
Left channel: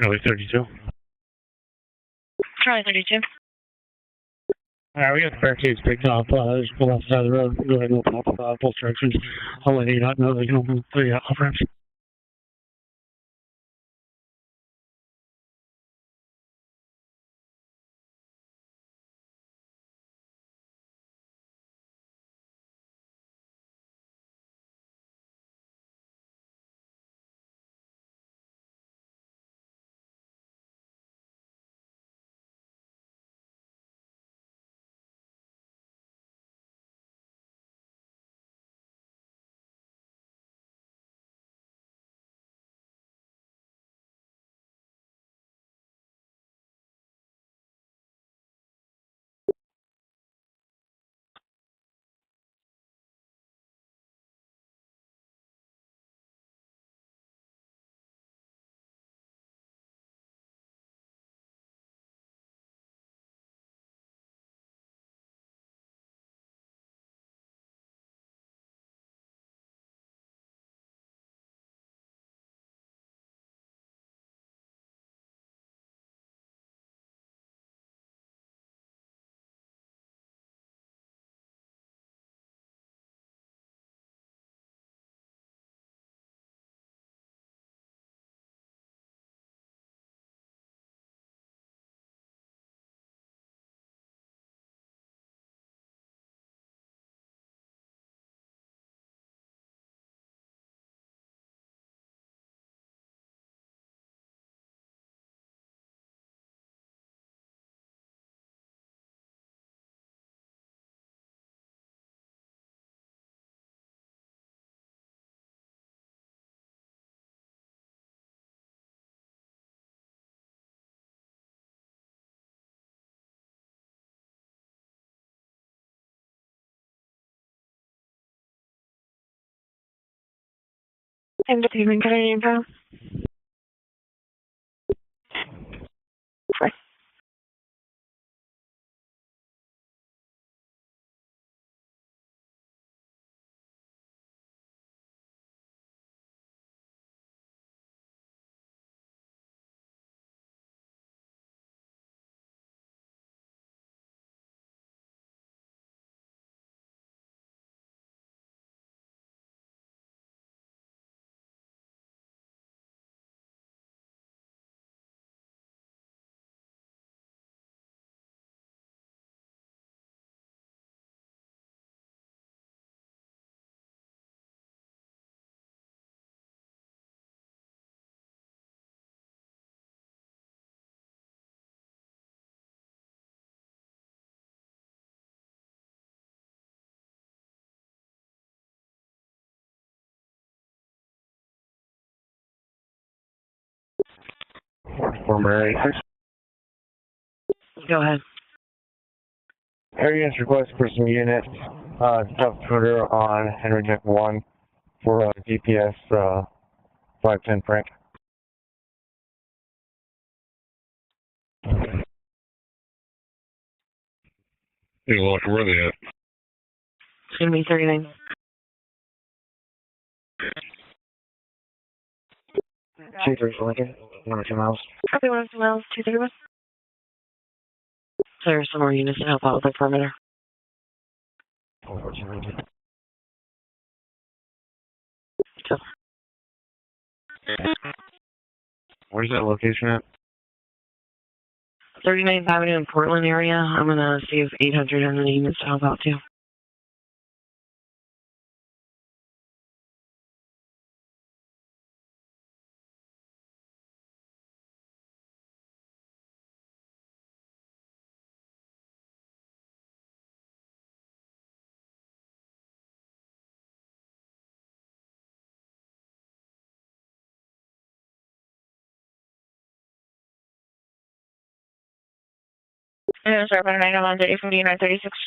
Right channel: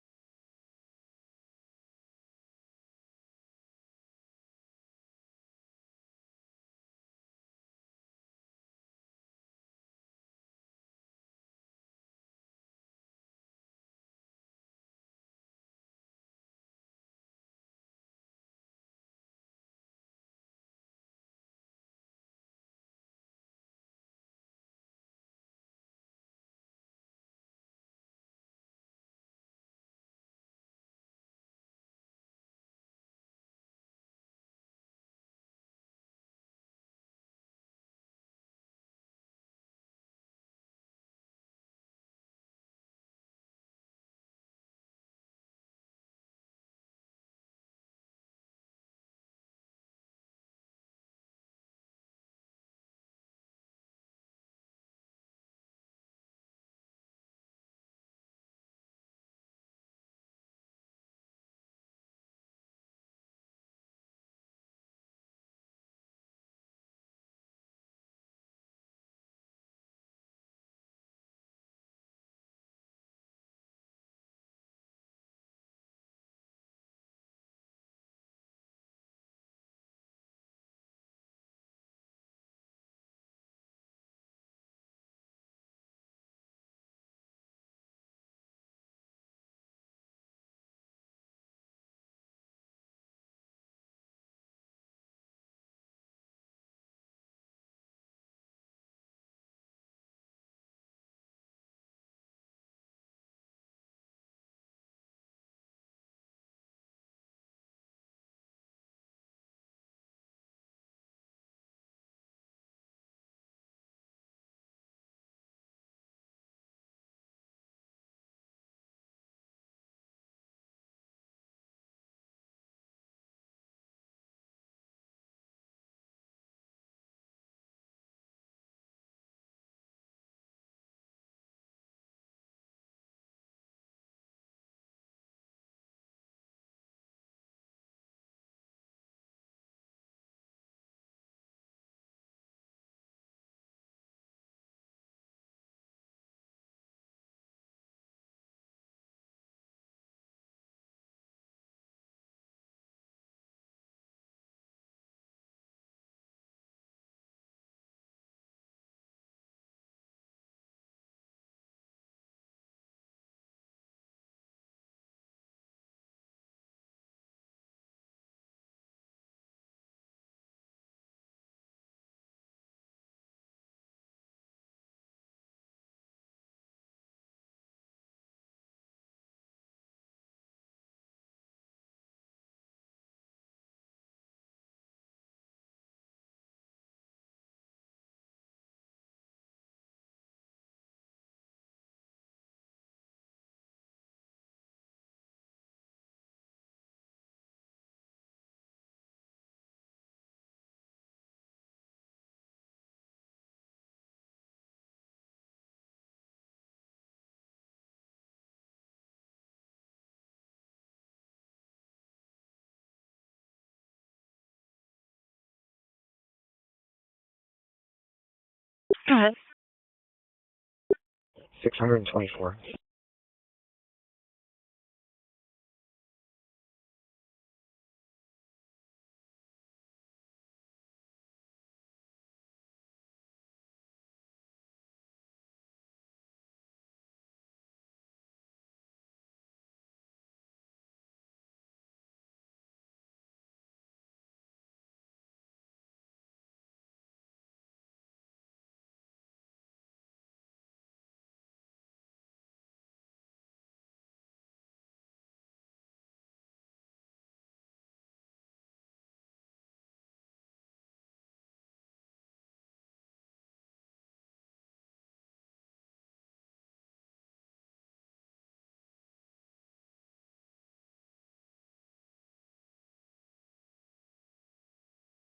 Charlie 32. Charlie 32. Alright, we got the barricades picked up. Just pull off the side of the road. Go ahead and open up both directions. I'll let you know they can open the off ramps. And the payment card info. Right. Former Go ahead. Areas request for some units. Top Twitter on Henry Jack 1 for DPS 510 prank. Hey, look, where are they at? It's going to be 39. Go ahead. 624. 234 Lincoln, 1 or 2 miles. Copy 1 or 2 miles, 231. There are some more units to help out with the perimeter. 14 Lincoln. Go. Where's that location at? 39th Avenue in Portland area. I'm going to see if 800 has any units to help out too. Yeah, sorry, about an item on 305936.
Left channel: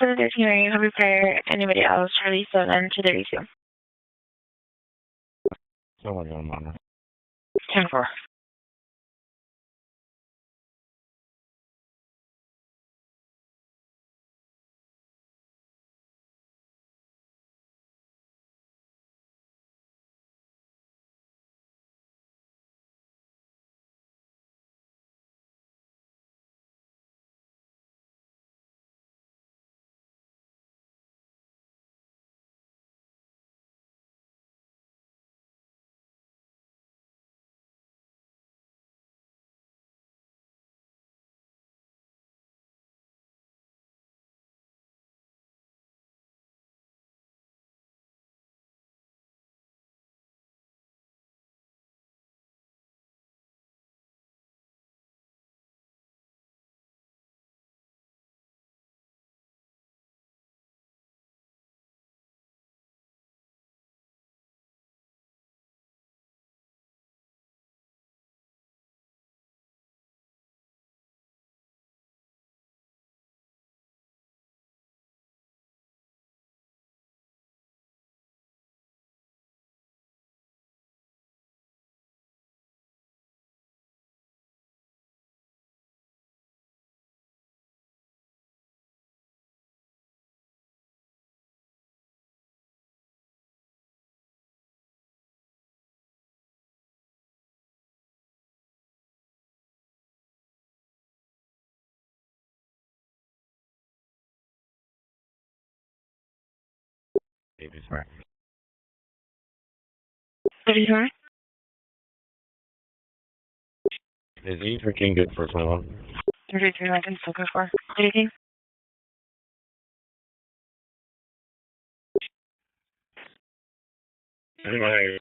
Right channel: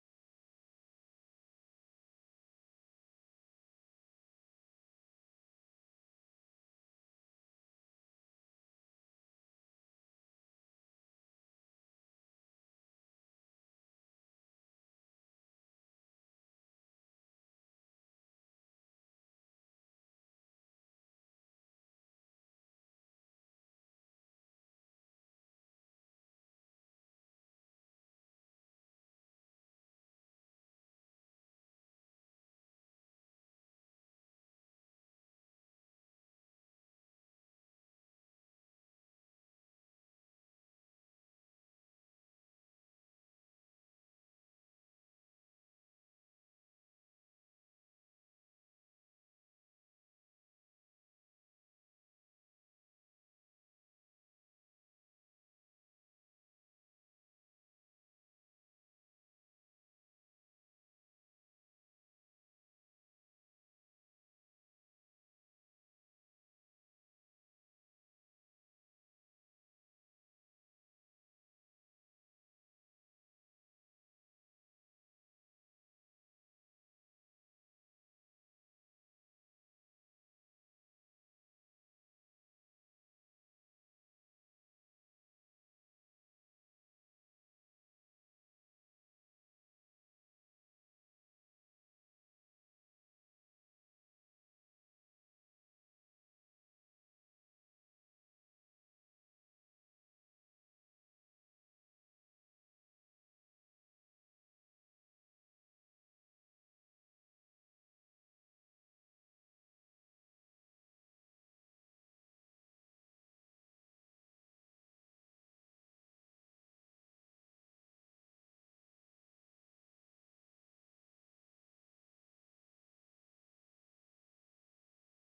713, are you happy prior anybody else? Charlie 7 to 32. Someone on monitor. 10-4. Right. 39? Is E13 good for someone? 33, I can still go for. 18? Anyway.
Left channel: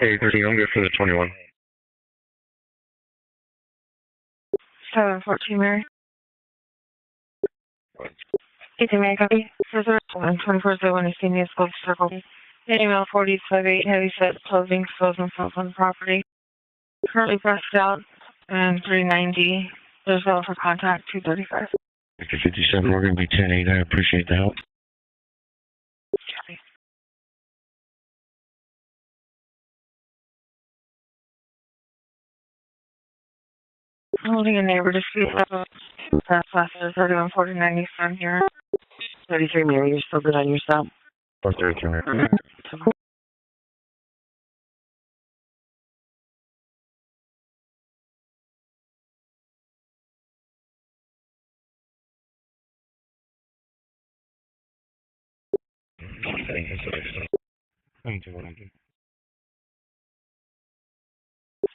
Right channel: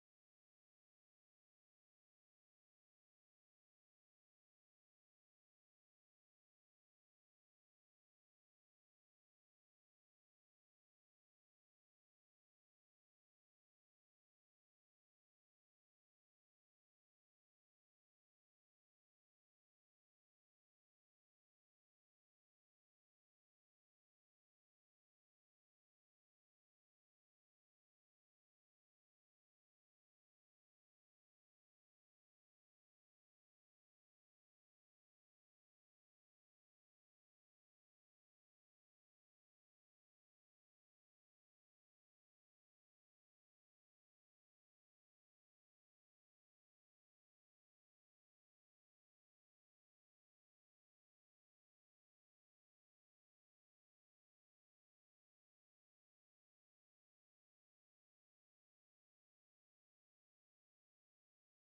Hey, 13, I'm good for the 21. 714, Mary. 18, Mary, copy. 2401, you see me as close circle. Email 4058, heavy set, closing, expose themselves on the property. Currently pressed out, and 390. There's no for contact, 235. Victor 57, we're going to be 10-8. I appreciate the help. Copy. Holding a neighbor dispute level. That's last 3149 Eastern here. 33 Mary, you're still good on your stop. 433, Mary. Thank you, sir. Thank you, what I do.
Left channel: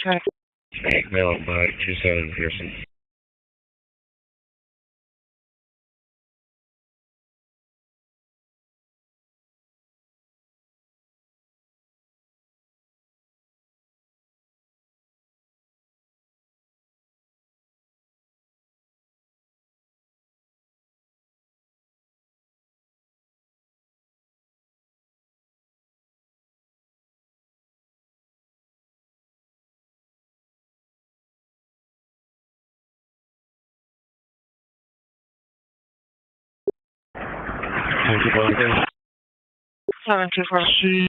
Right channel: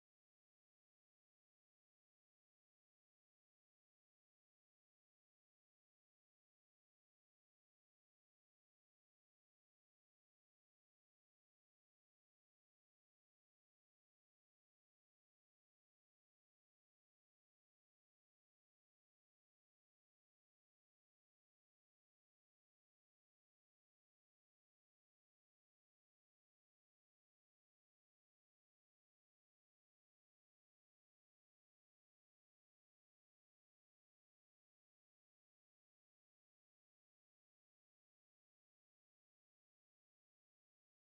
Check. Mail up by 27 Pearson. Thank you, what I do. 724.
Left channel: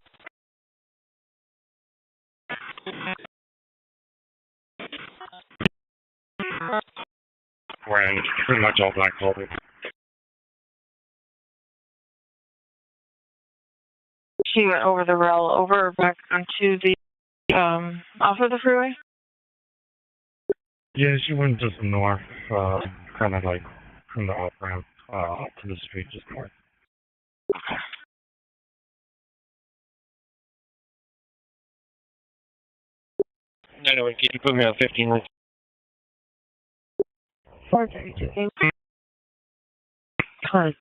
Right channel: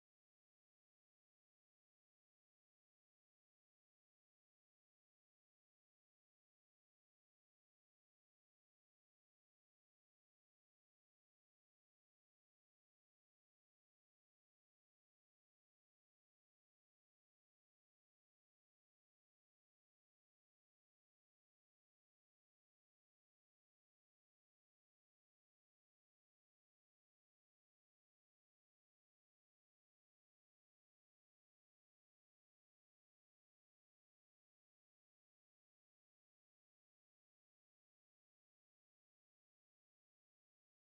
Wearing pretty much all black clothing. She went over the rail, over back onto the, off of the freeway? Yeah, she went just north, kind of like from the off ramp up to the street, just north. Anyway, can you put me on 15? 432. Hi.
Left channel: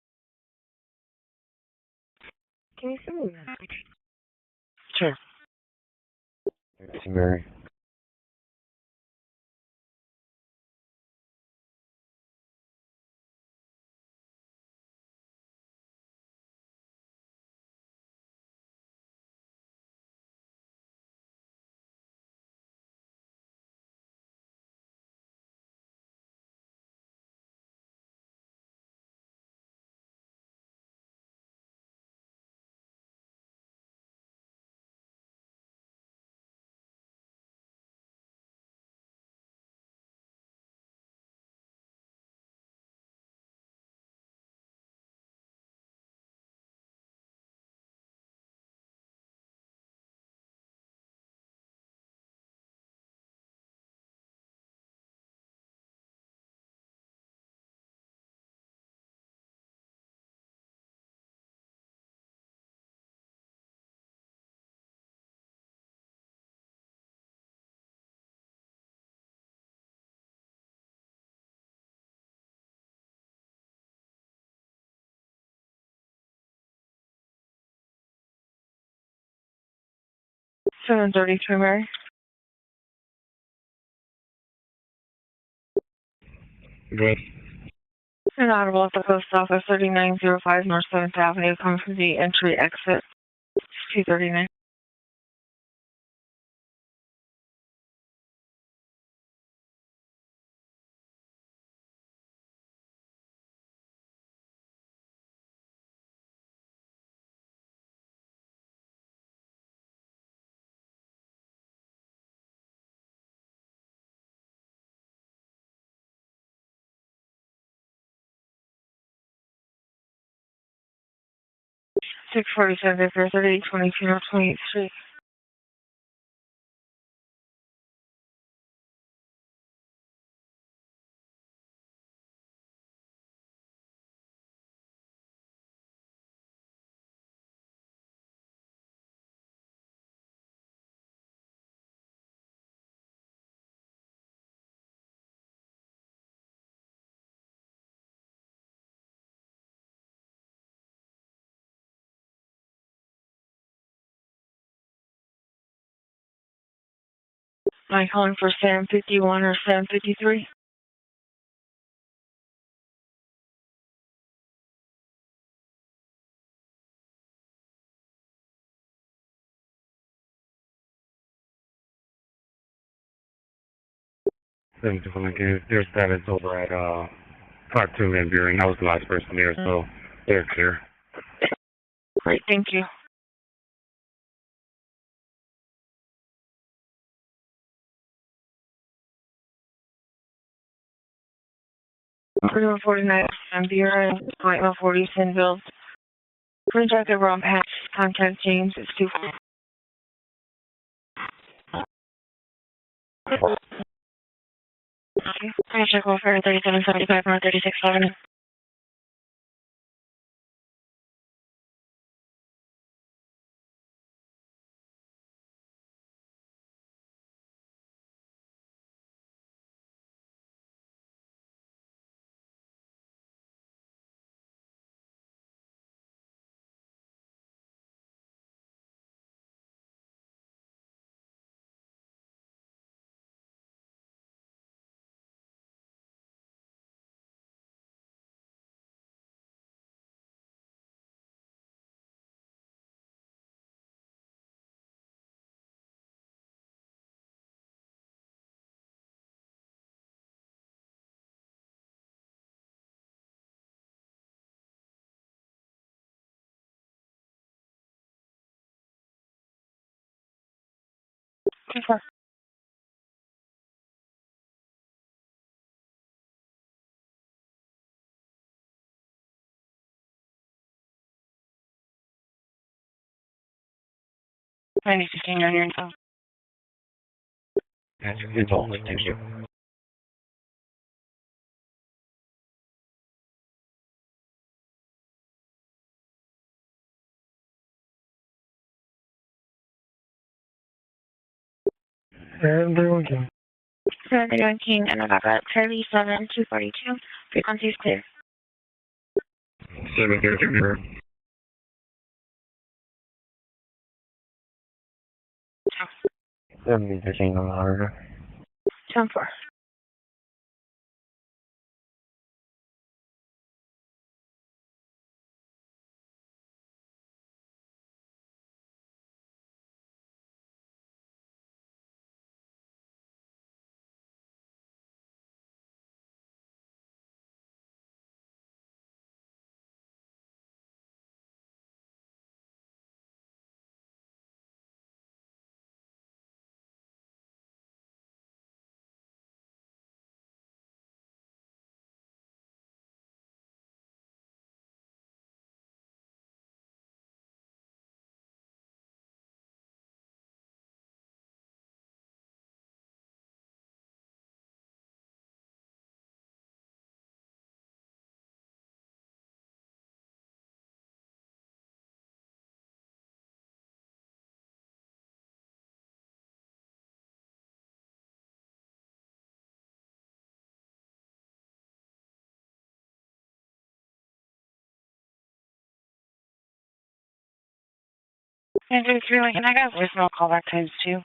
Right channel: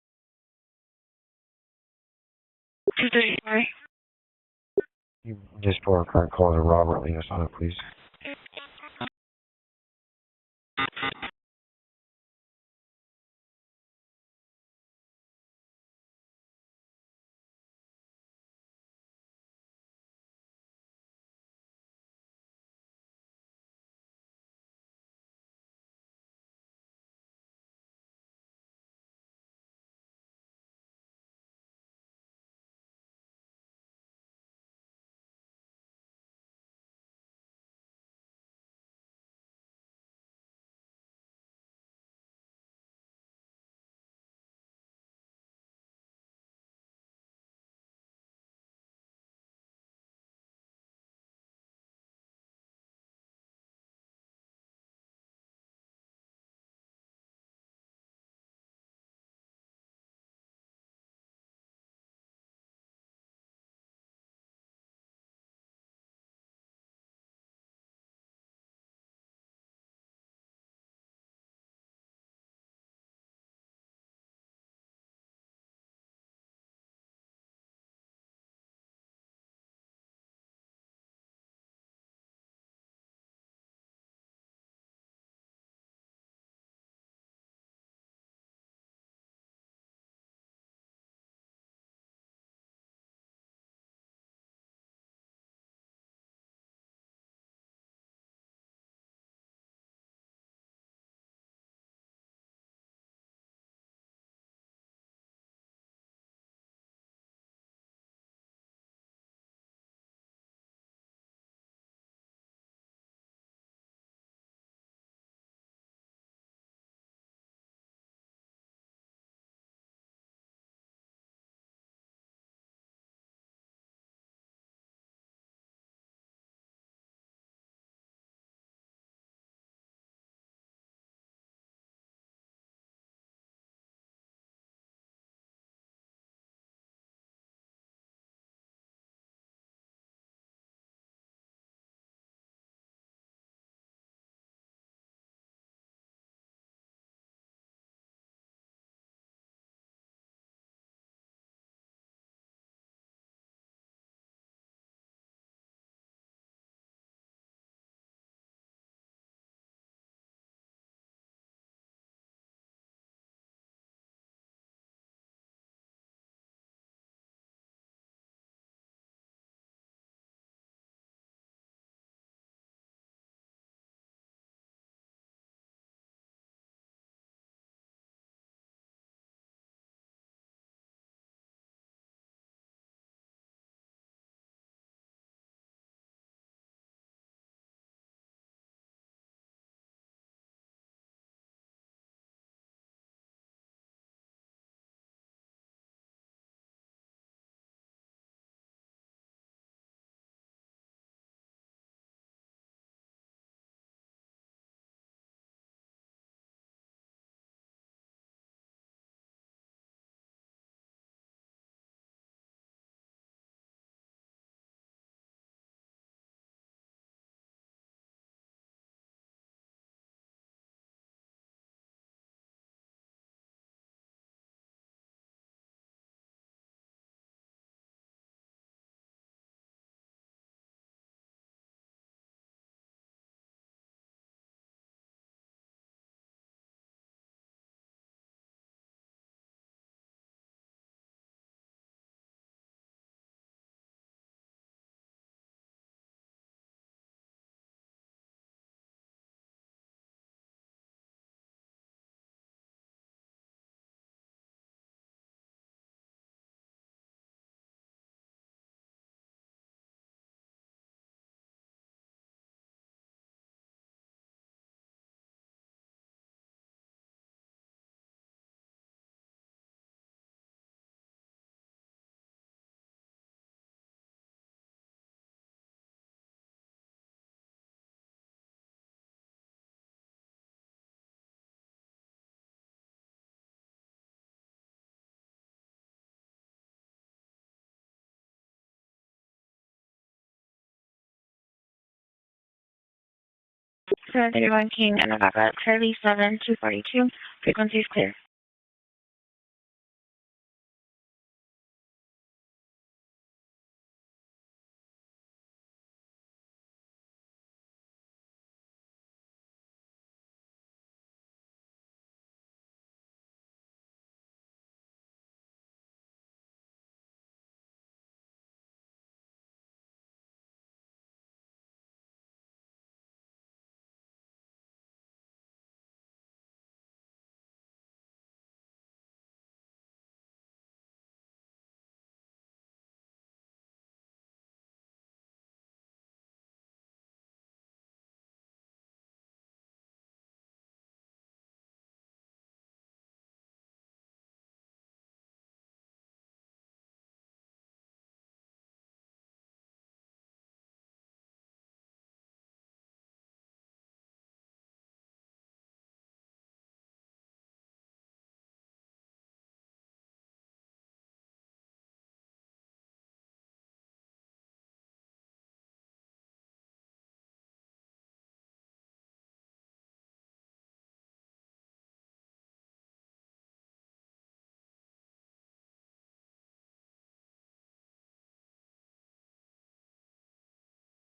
Can you do that? Sure. Just for a current call to Robert and Mary, please. $733, Mary. Good. Inaudible at the post office, 3905 North 7th Avenue, coming from the entry exit, 239. Six 47 for 3822 North 28th Street. Am I calling for Sam 51 or Sam 53? Then just want to give their status over at 52 Van Buren. That was the last person there, so they're clear. Great, thank you. Freeway 49 Van Buren, Point 140 Sinville. Green jacket, wrong patch, contact James, it's 2. Okay, check welfare 3775 North 36th Avenue. 10-4. I need to change on your info. That's all. Thank you. And they're looking. Sir, you're looking at about 37-242. Frequency later. 730. 7013 on the monitor. 10-4. And 3 Lincoln, I got voicemail callback times 2.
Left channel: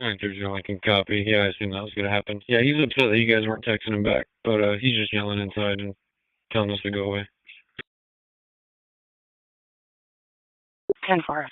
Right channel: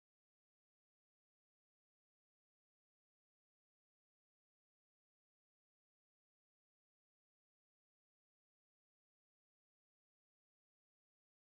930 Lincoln, copy. Yeah, I assumed that was going to happen. Yeah, he's upset that you guys weren't texting him back, but he's just yelling inside and telling us to go away. 10-4.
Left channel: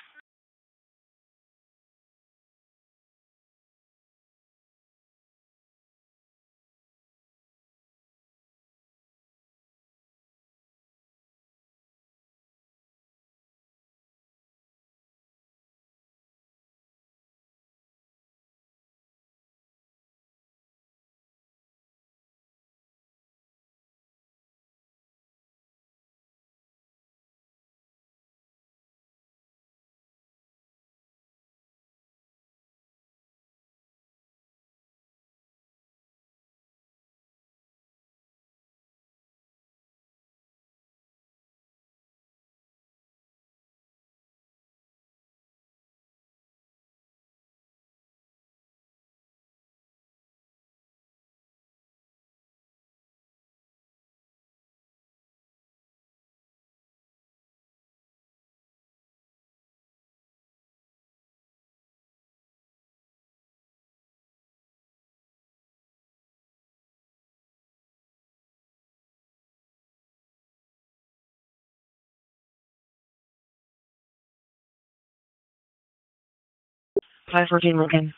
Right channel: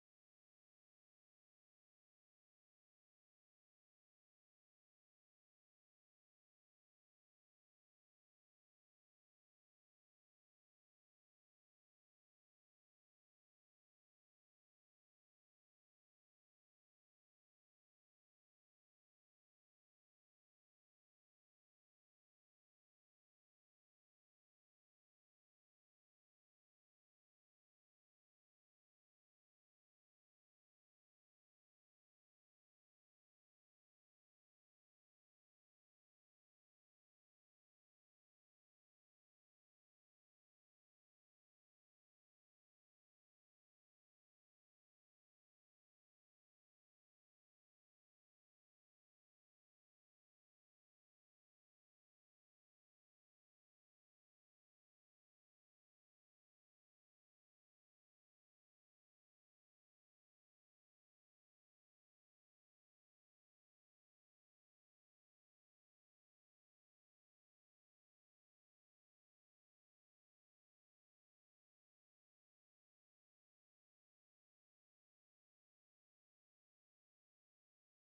Five 14 Lincoln.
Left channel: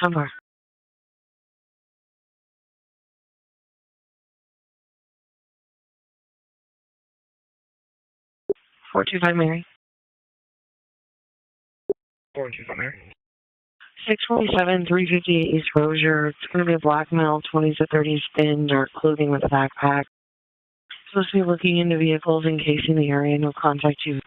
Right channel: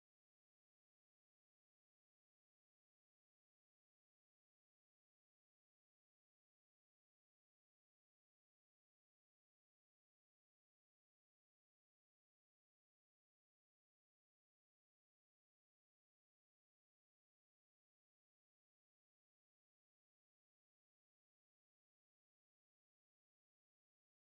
Somewhere. 425 Mary. 425 Mary. 647, 358 East Rozier. It's going to be a black male, 20s to 30s, thin, dark clothing with a backpack. Supposed to be looking into vehicles encasing the area. No contact you.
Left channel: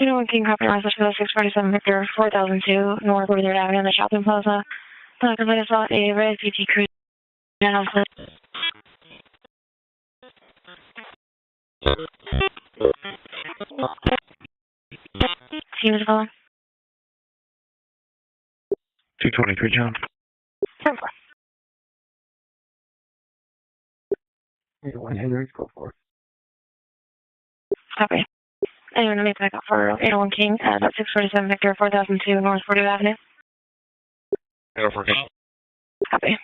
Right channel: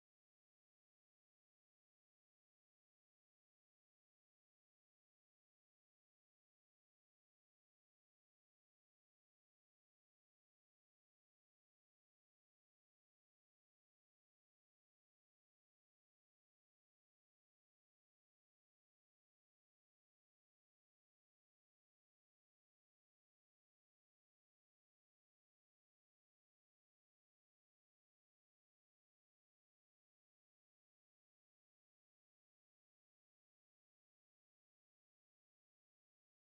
Anyone can copy a message for the 647 Victor 4002 North 43rd Avenue in the shopping plaza. The company saw a red PT cruise channel. Team is calling. 223, John. 10-4. Go for it. Copy. Anyone to make back up for 801 King at 647 Victor 4002 North 40th Avenue? 804 King. Copy.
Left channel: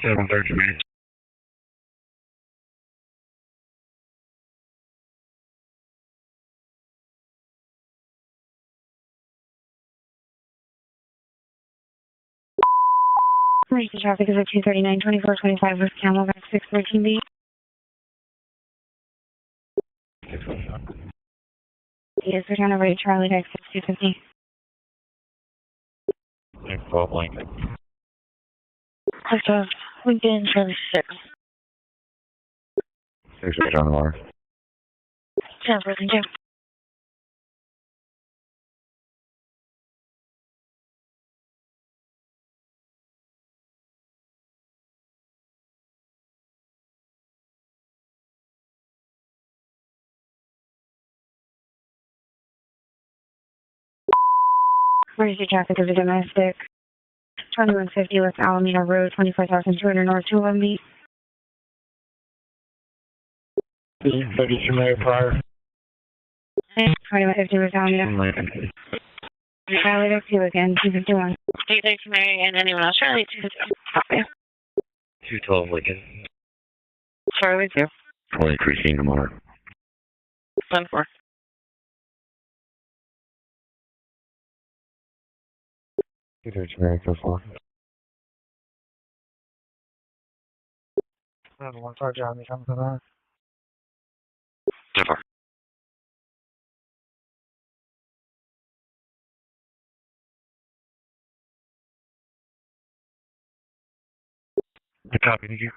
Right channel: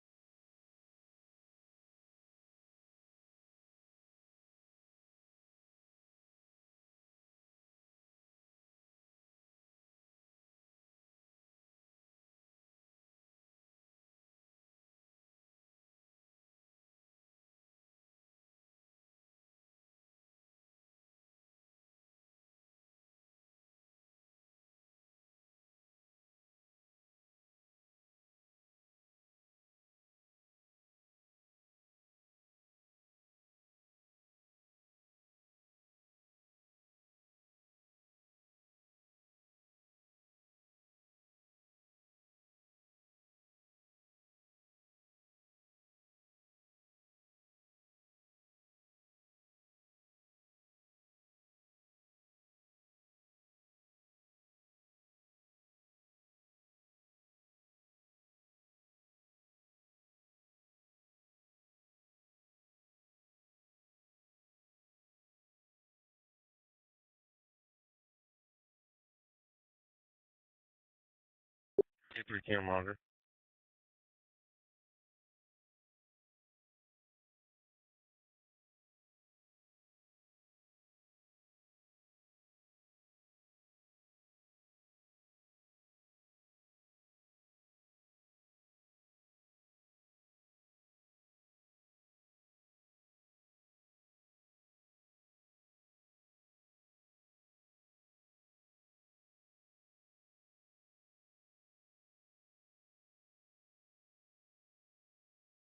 Still on 30 minutes. Emergency traffic is at 239, 2425 with Camelback 613B. Yes, return over to Charlie Deck 6250. 12 Lincoln. Clicked off Lincoln Charlie 6. 6 on the water. Sounds working too. Emergency traffic is a domestic. 2150 West Alameda Road, 24,200 North 211B. 32 minute prior. 2150 West Alameda. Lincoln. Charlie Deck 2 again, 251. State Thanks, Mary, and anyone else? Charlie 252. Copy. 212 Lincoln. Charlie 2. 23 seen tomorrow. 10-4. 232 Mary, go for. 115 John, you coming for that? 10-4. I copy, thank you.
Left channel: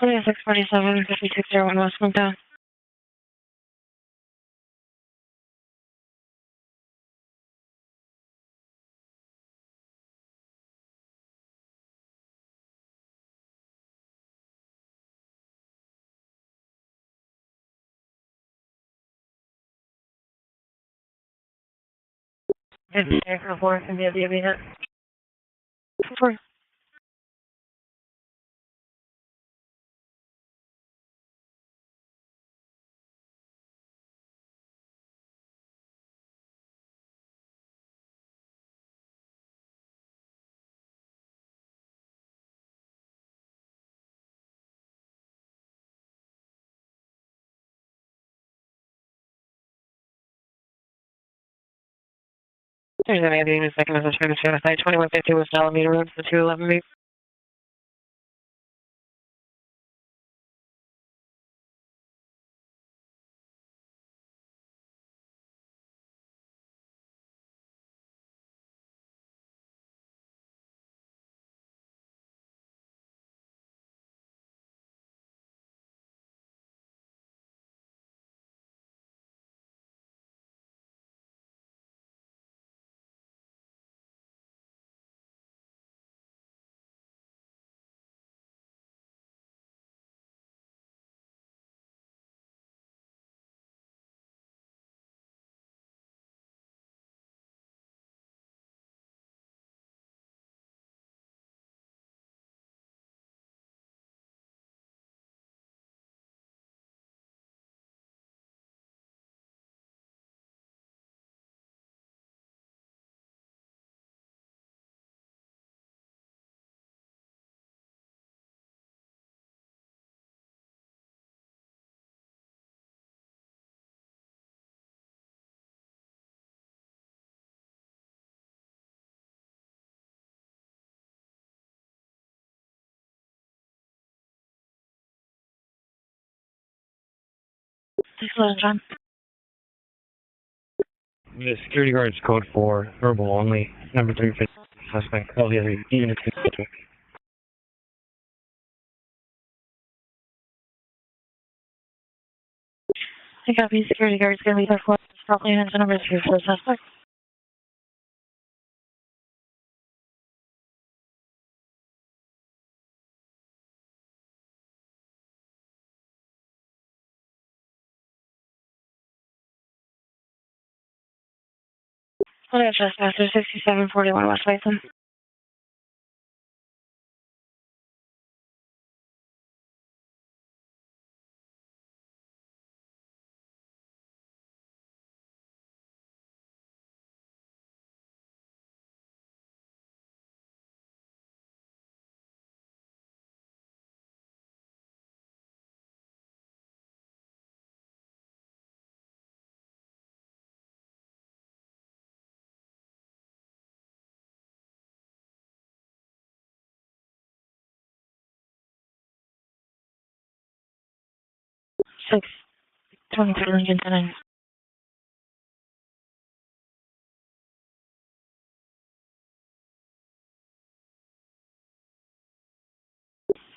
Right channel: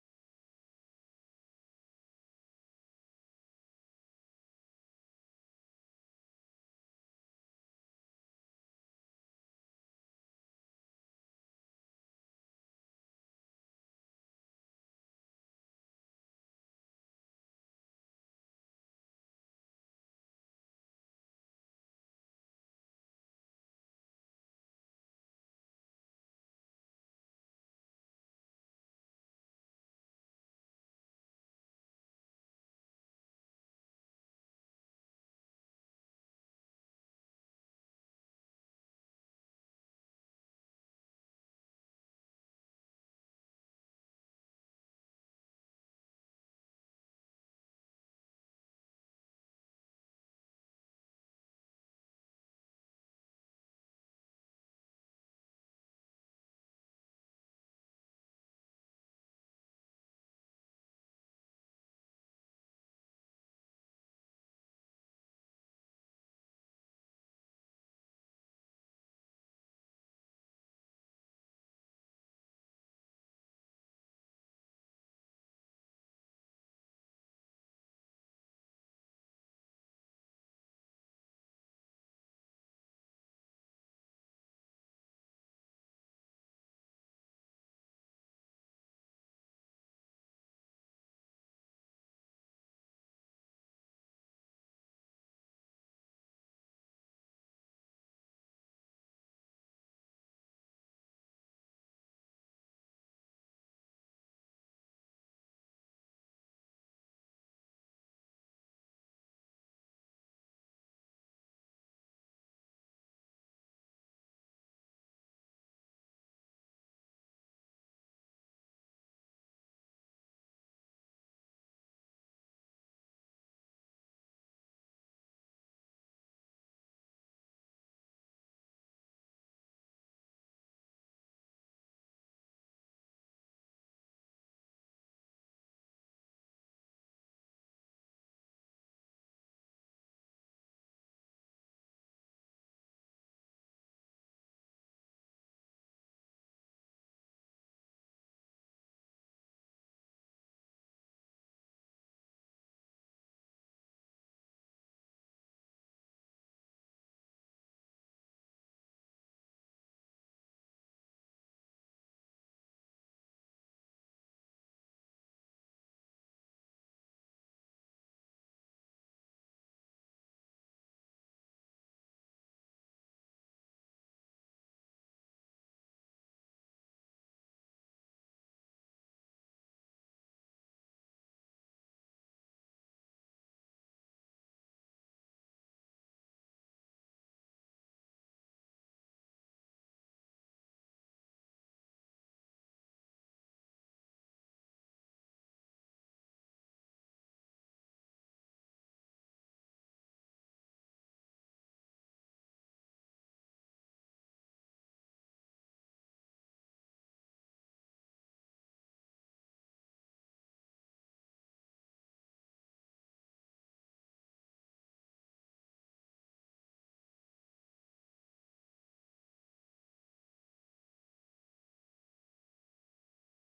2647, 5601 West Mountain. For 4, can be a unit. 4. There's an Andy in a second as a train to Side 2150 West Alameda Road for 211 B. Thanks a lot, John. The security guard's code 4, verbal only, number 350, suspect, LLAME, unit 2. I copy. Security guard's going to leave our floor. Probably answer number 3 for the suspect. What is Trespasser 6741 West Bison? Six 23 Lincoln 10.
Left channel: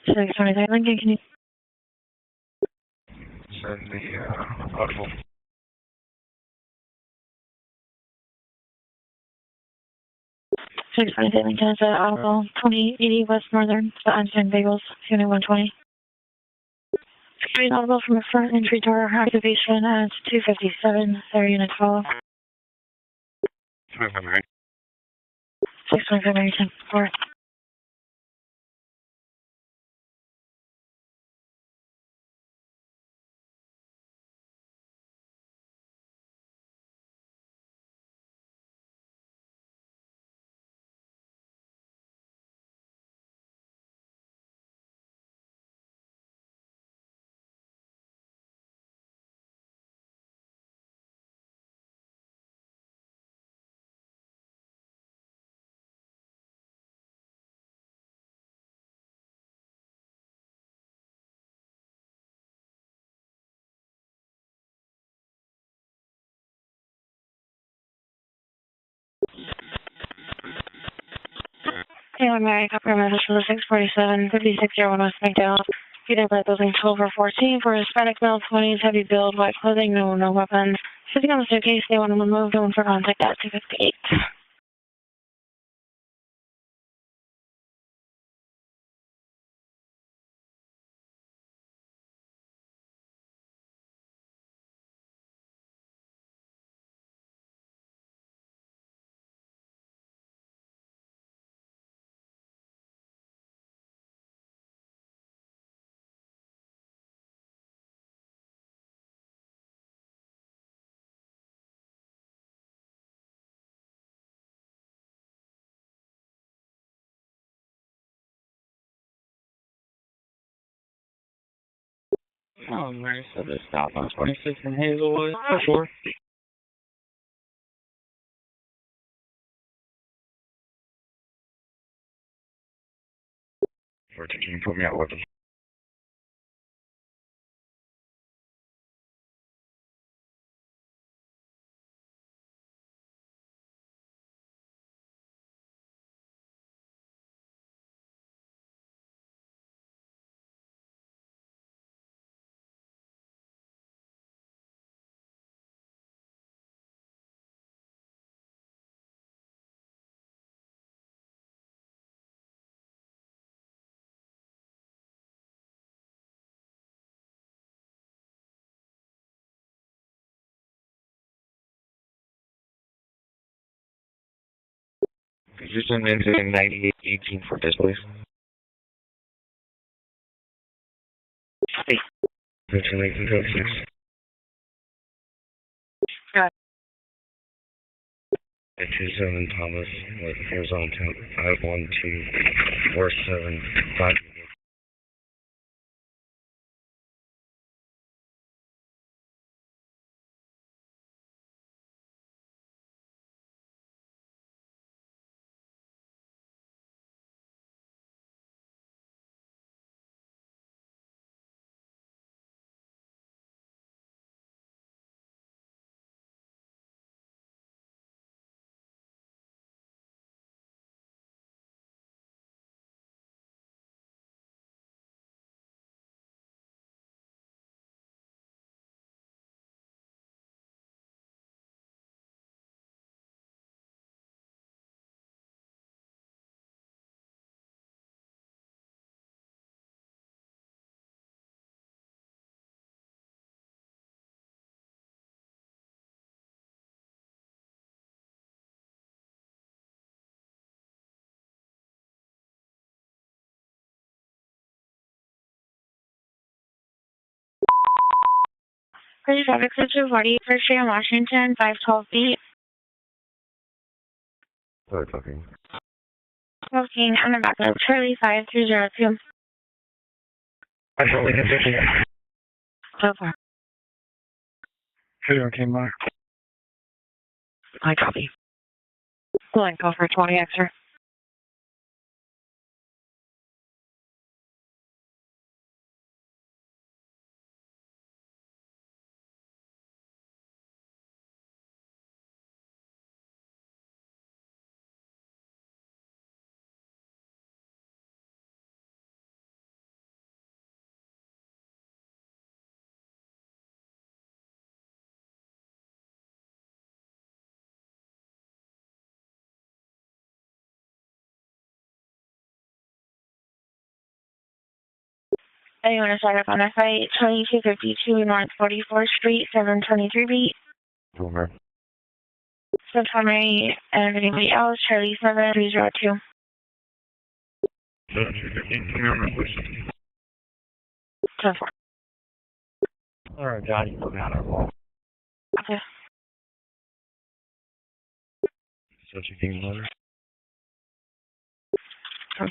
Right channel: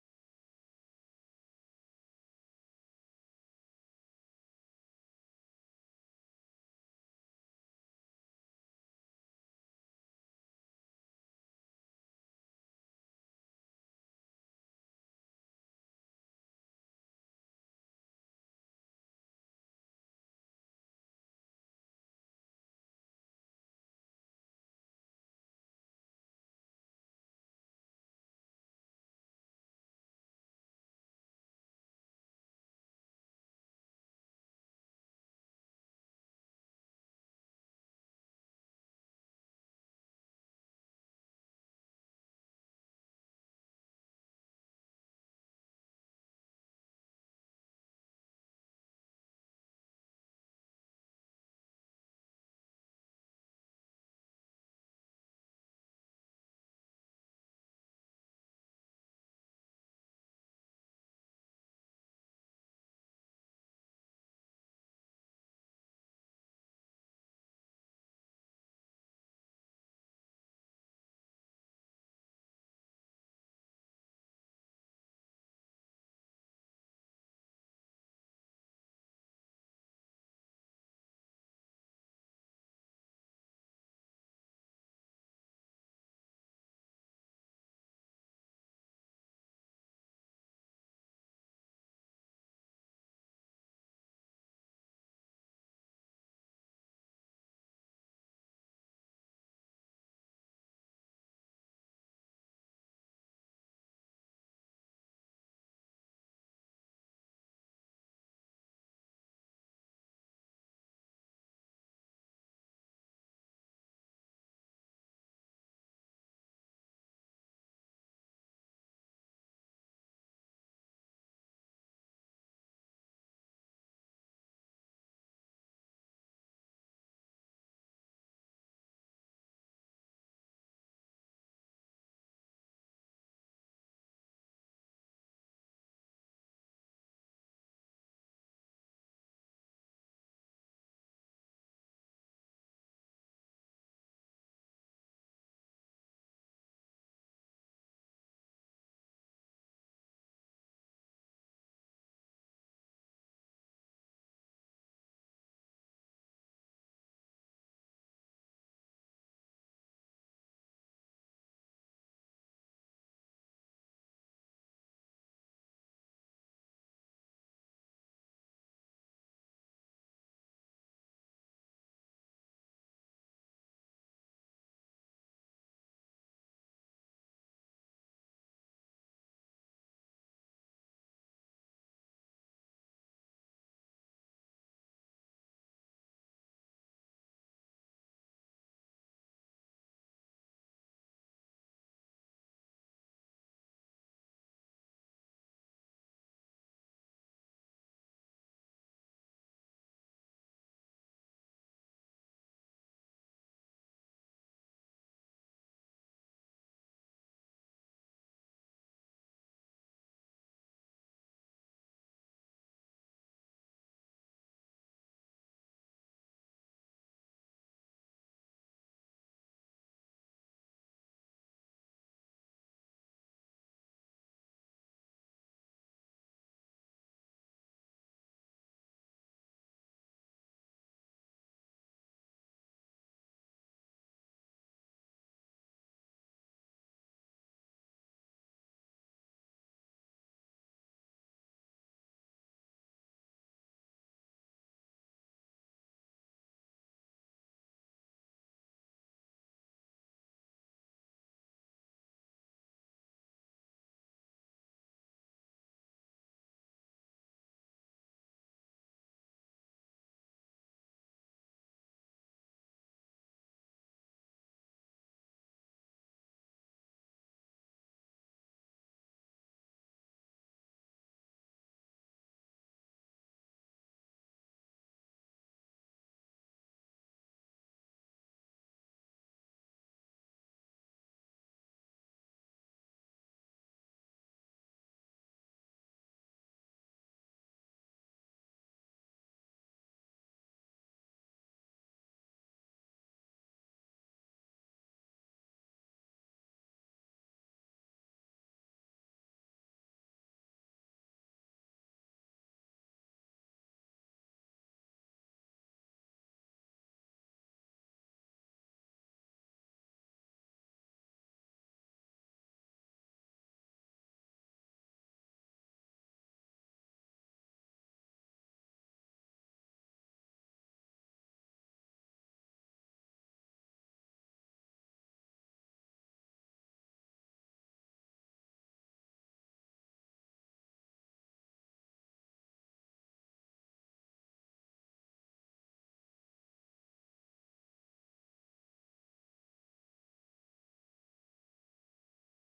623 Lincoln, can you? Send the audible. 623 Lincoln is at Audible 2080 West Northern, the Einstein Bagels, Unit 120. Security audible from the front entry door, activation at 257, there, Unit 12. 625 American, 4. Hey, Mary, copy message for the 647 5601 West McDowell. Peter by building 1214 for Hispanic male 20s, heavy build, white clothing, no weapons. Sitting on the staircase, they want to move, going for contact at 258. Oh, nice. So this stop on 26 in Hazelwood. Oh, sure. Can you put me out with them? Could you send me into 9818 for this, please? Hey. 13, Got it. 27 Thomas with Arizona Town 51247. Pretty traffic switch 48 First Street in Washington, 512 feet. Sorry, talking. Smoking on the back of Charlie 5302. I totally can fix it. So far. Peter came by. I copy. Going call for 20 extra. Anyone to start up on a site, 2252 North 44th Street, 723 beat. Over. Subsummary and anybody else, Charlie 7302. So far. Alright, Johnny, put me on our wall. Okay. Such a king letter. So far.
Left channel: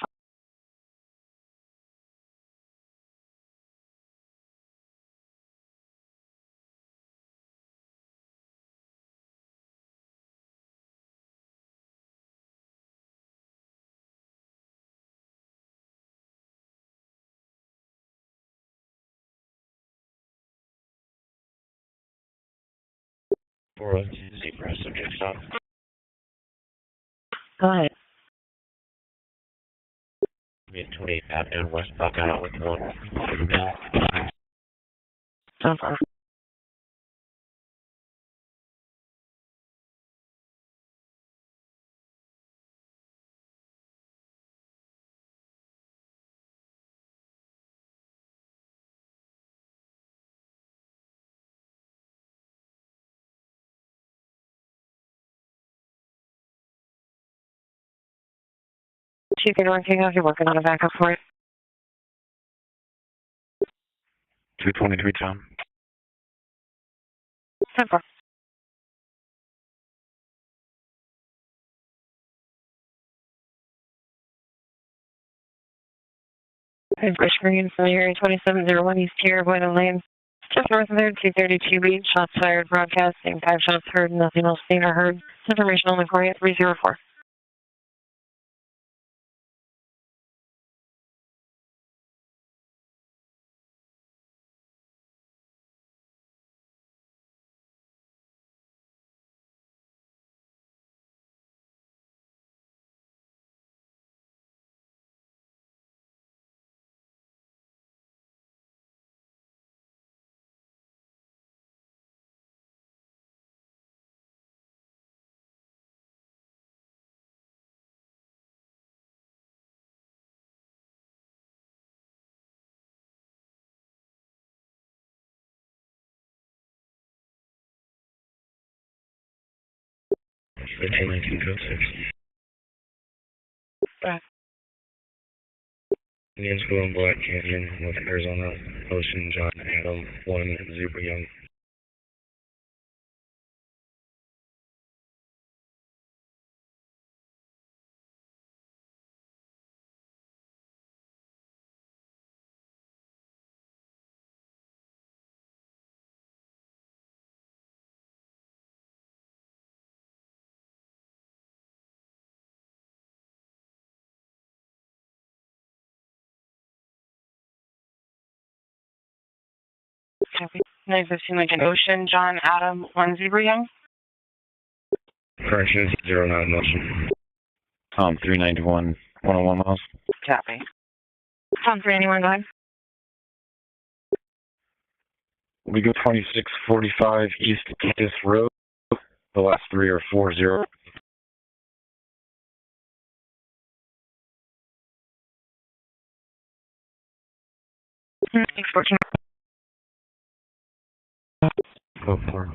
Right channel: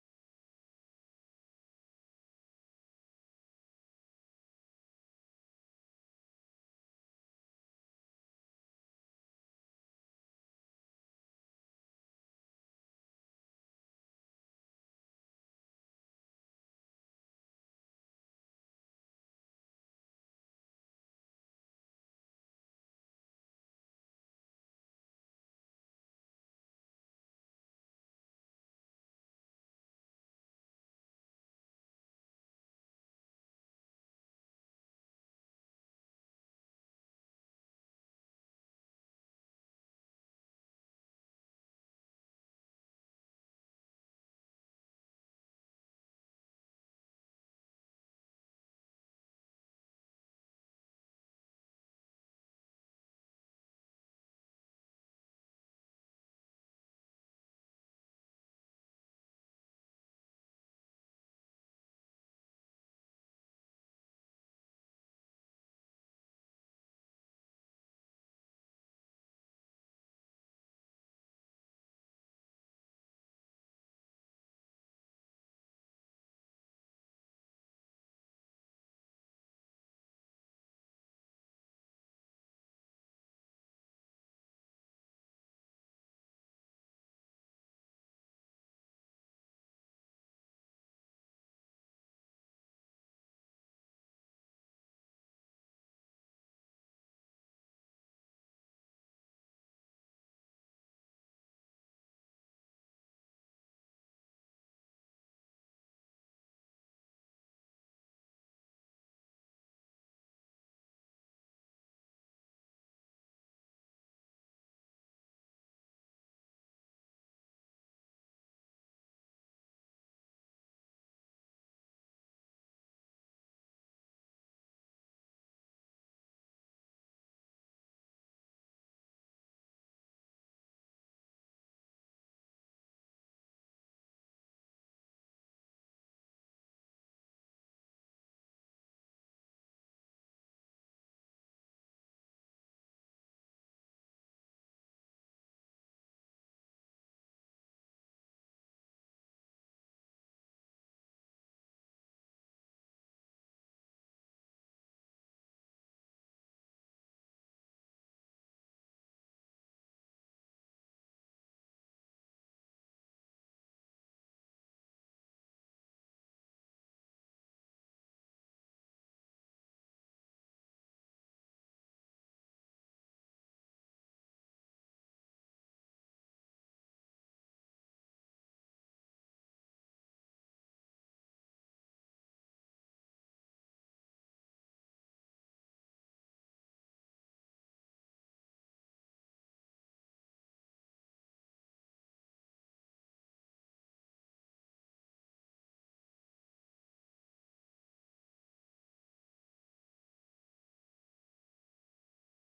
For a zebra subject stop. Go ahead. 28 Avenue West Buckeye with 1. So far. Chief, you're working out, you're working on a backup for it. 223, Tom. So far. Bridge Green from the area 2701 East Tier, Boyden Lane. Just north of there, 232 beat, shots fired, broadcasting, 5 shots heard, nothing else seen or heard. Information only for you, 304. Indian School in Black Canyon with Arizona Ocean John Adam 1 Super Young. Copy. 915 Lincoln Ocean, John Adam 1 Zebra Young. Corrections 09 motion. Tom, 391, 101 miles. Copy. Tom 391, go ahead. We go 2645 East Campus Road. The last 3 are 40. 614. Go for it.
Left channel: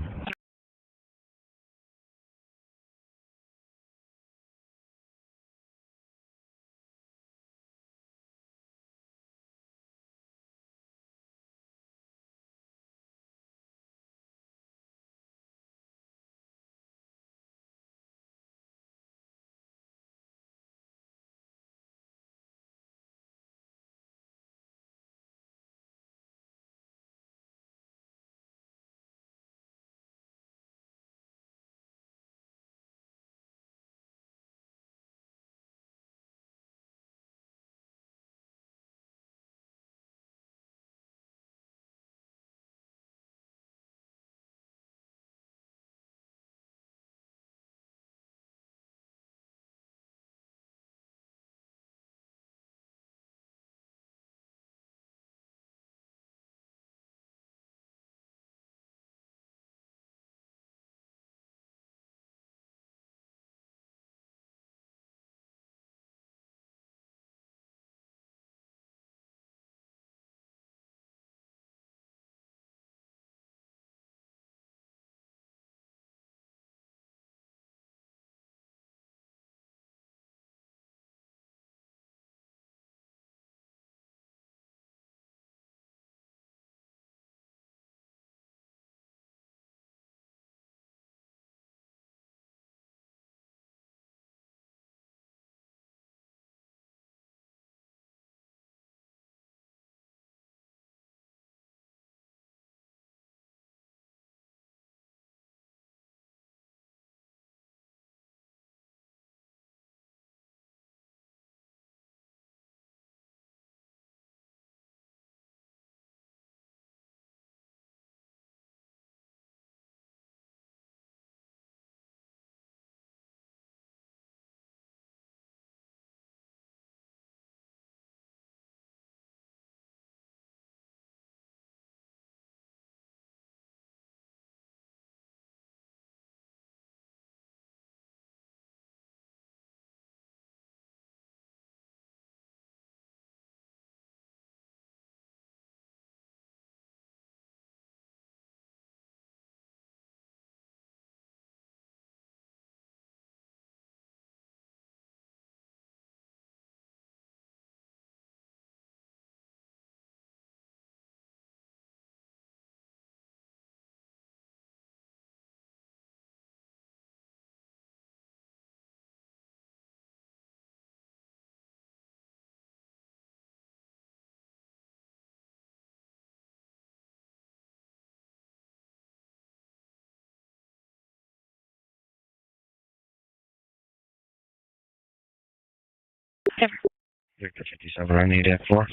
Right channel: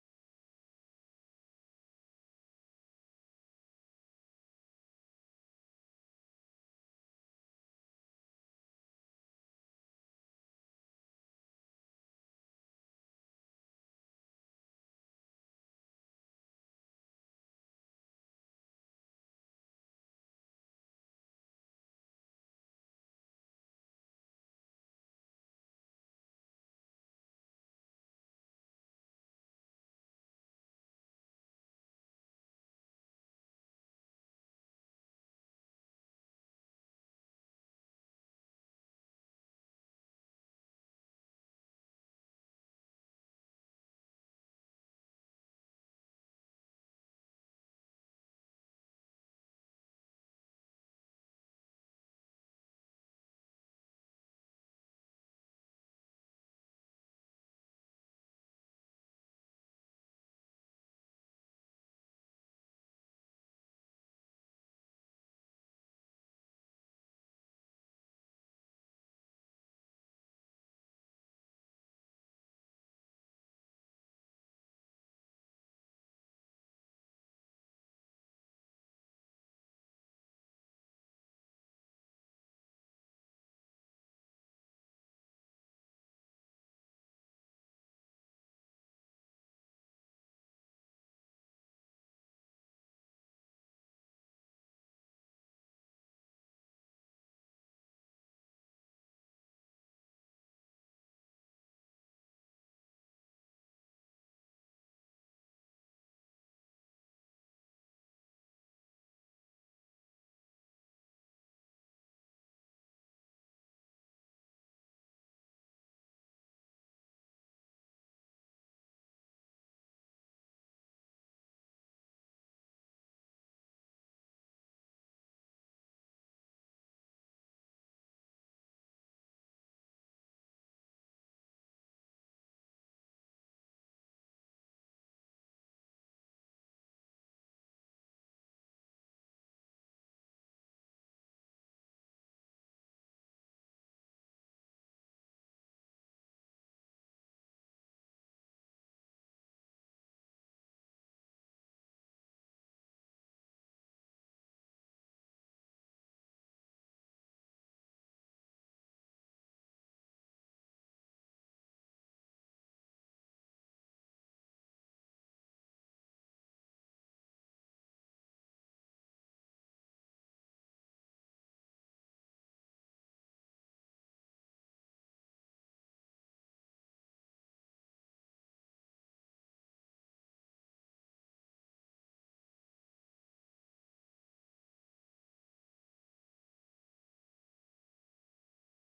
Victor 57, I need F4.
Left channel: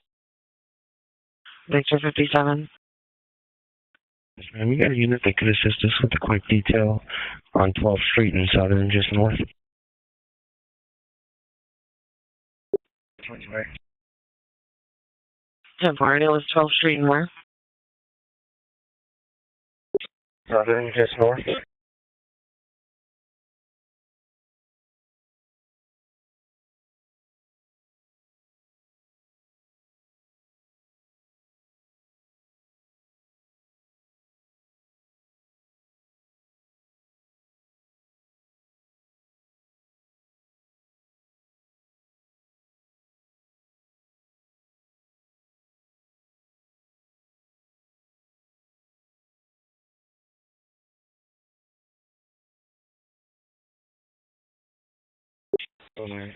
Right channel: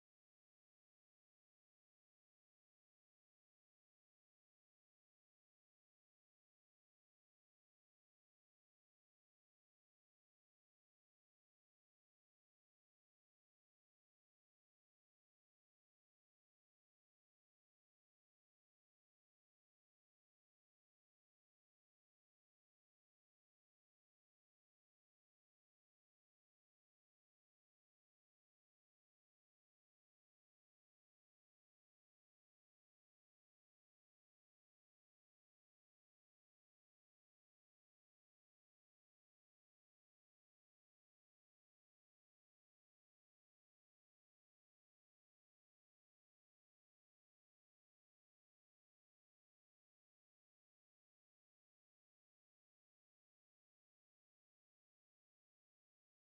Victor 57. Yes, ma'am, we got a unit that could assist us with a quick detail on 12th Street in Southern, just north. Temporary is 12th Street and where? Southern, just north. Oh, nice.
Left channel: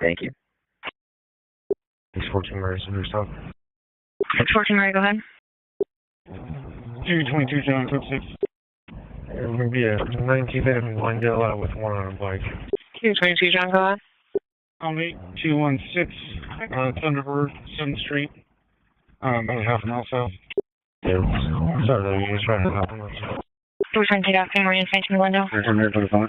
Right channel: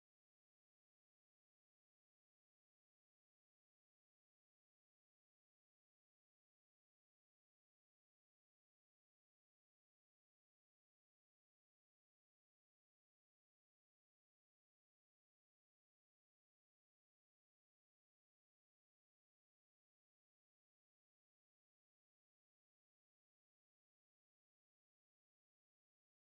Thank you. 614 Mary, so stop. 614 Mary, go ahead. 222 John, code 6. There's going to be a 19th Avenue line get out with one on a bike. 222 John, go ahead. I'm 8216 Thunderbird, 7th Street. About half an hour south. Yeah. Sorry, you just trying to help him. 220 Austin, reinforcing the window. 125.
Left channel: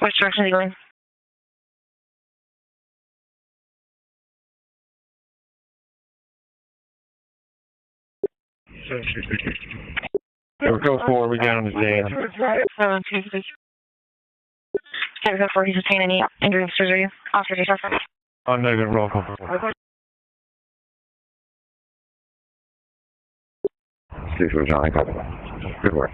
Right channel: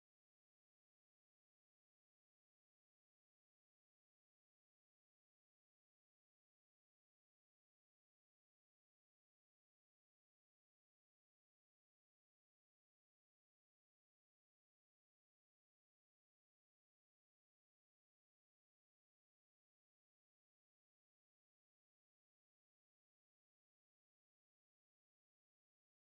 Which direction are you going? Go forward, we got him today. 726. Can't go for he's obtained any injury surgery. Officer, do you suffer? Oh, negative, roll call. Please, John. Good work.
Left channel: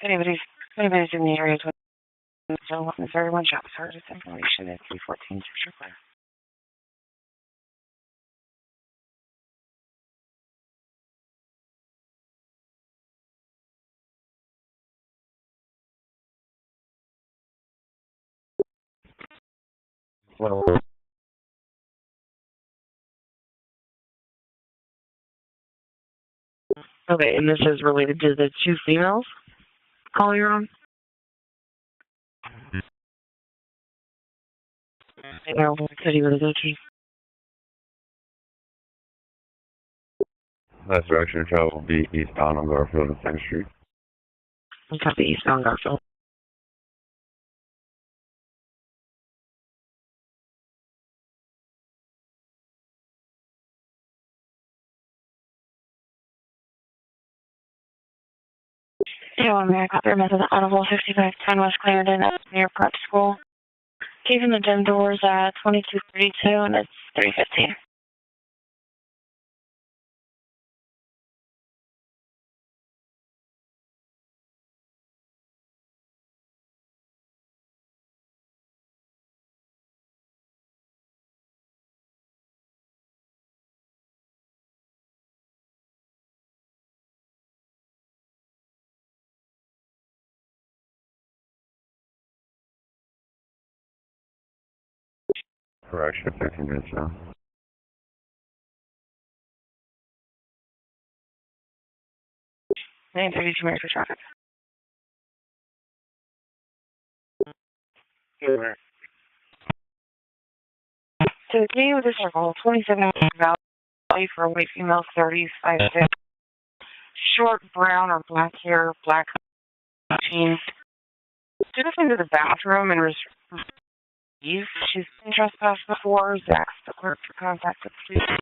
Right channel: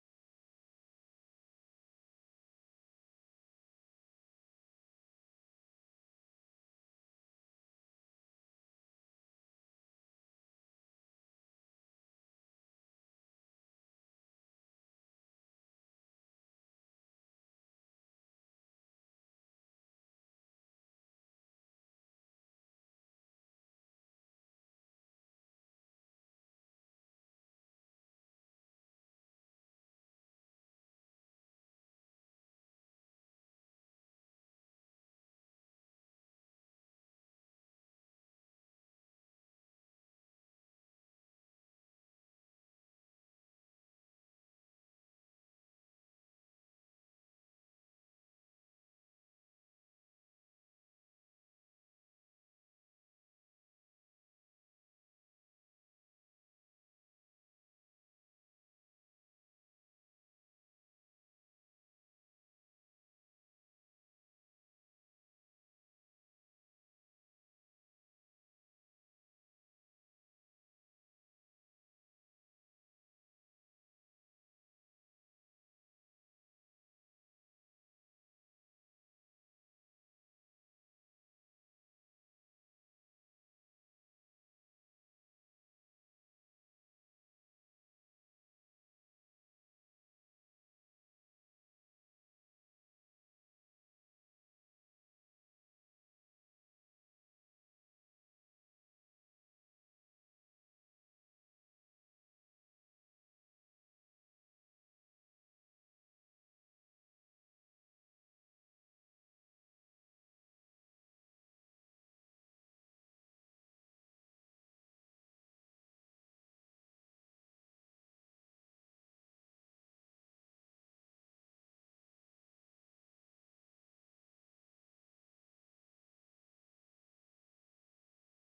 If anybody's in the area, so is there one shot? Sorry, just information at 314. Okay, and this is related to the two females call you're on? No, city with a go to. That direction of travel will be eastbound on Garfield and 2nd Street. We copy eastbound Garfield. Yeah, I'm back up there, method audible 5510 West Clarendon, that's near prep school. Keeping the gym doors at 2232 and it's 315. Correction, 15 minutes now. And 32 minutes for traffic. So the beginning of the circle, 27 value for a white female, 30s, 5'6", short brown or black hair, black jeans. Took us into the bathroom and was she's been trespassed before. Zach's the clerk for contact with the police.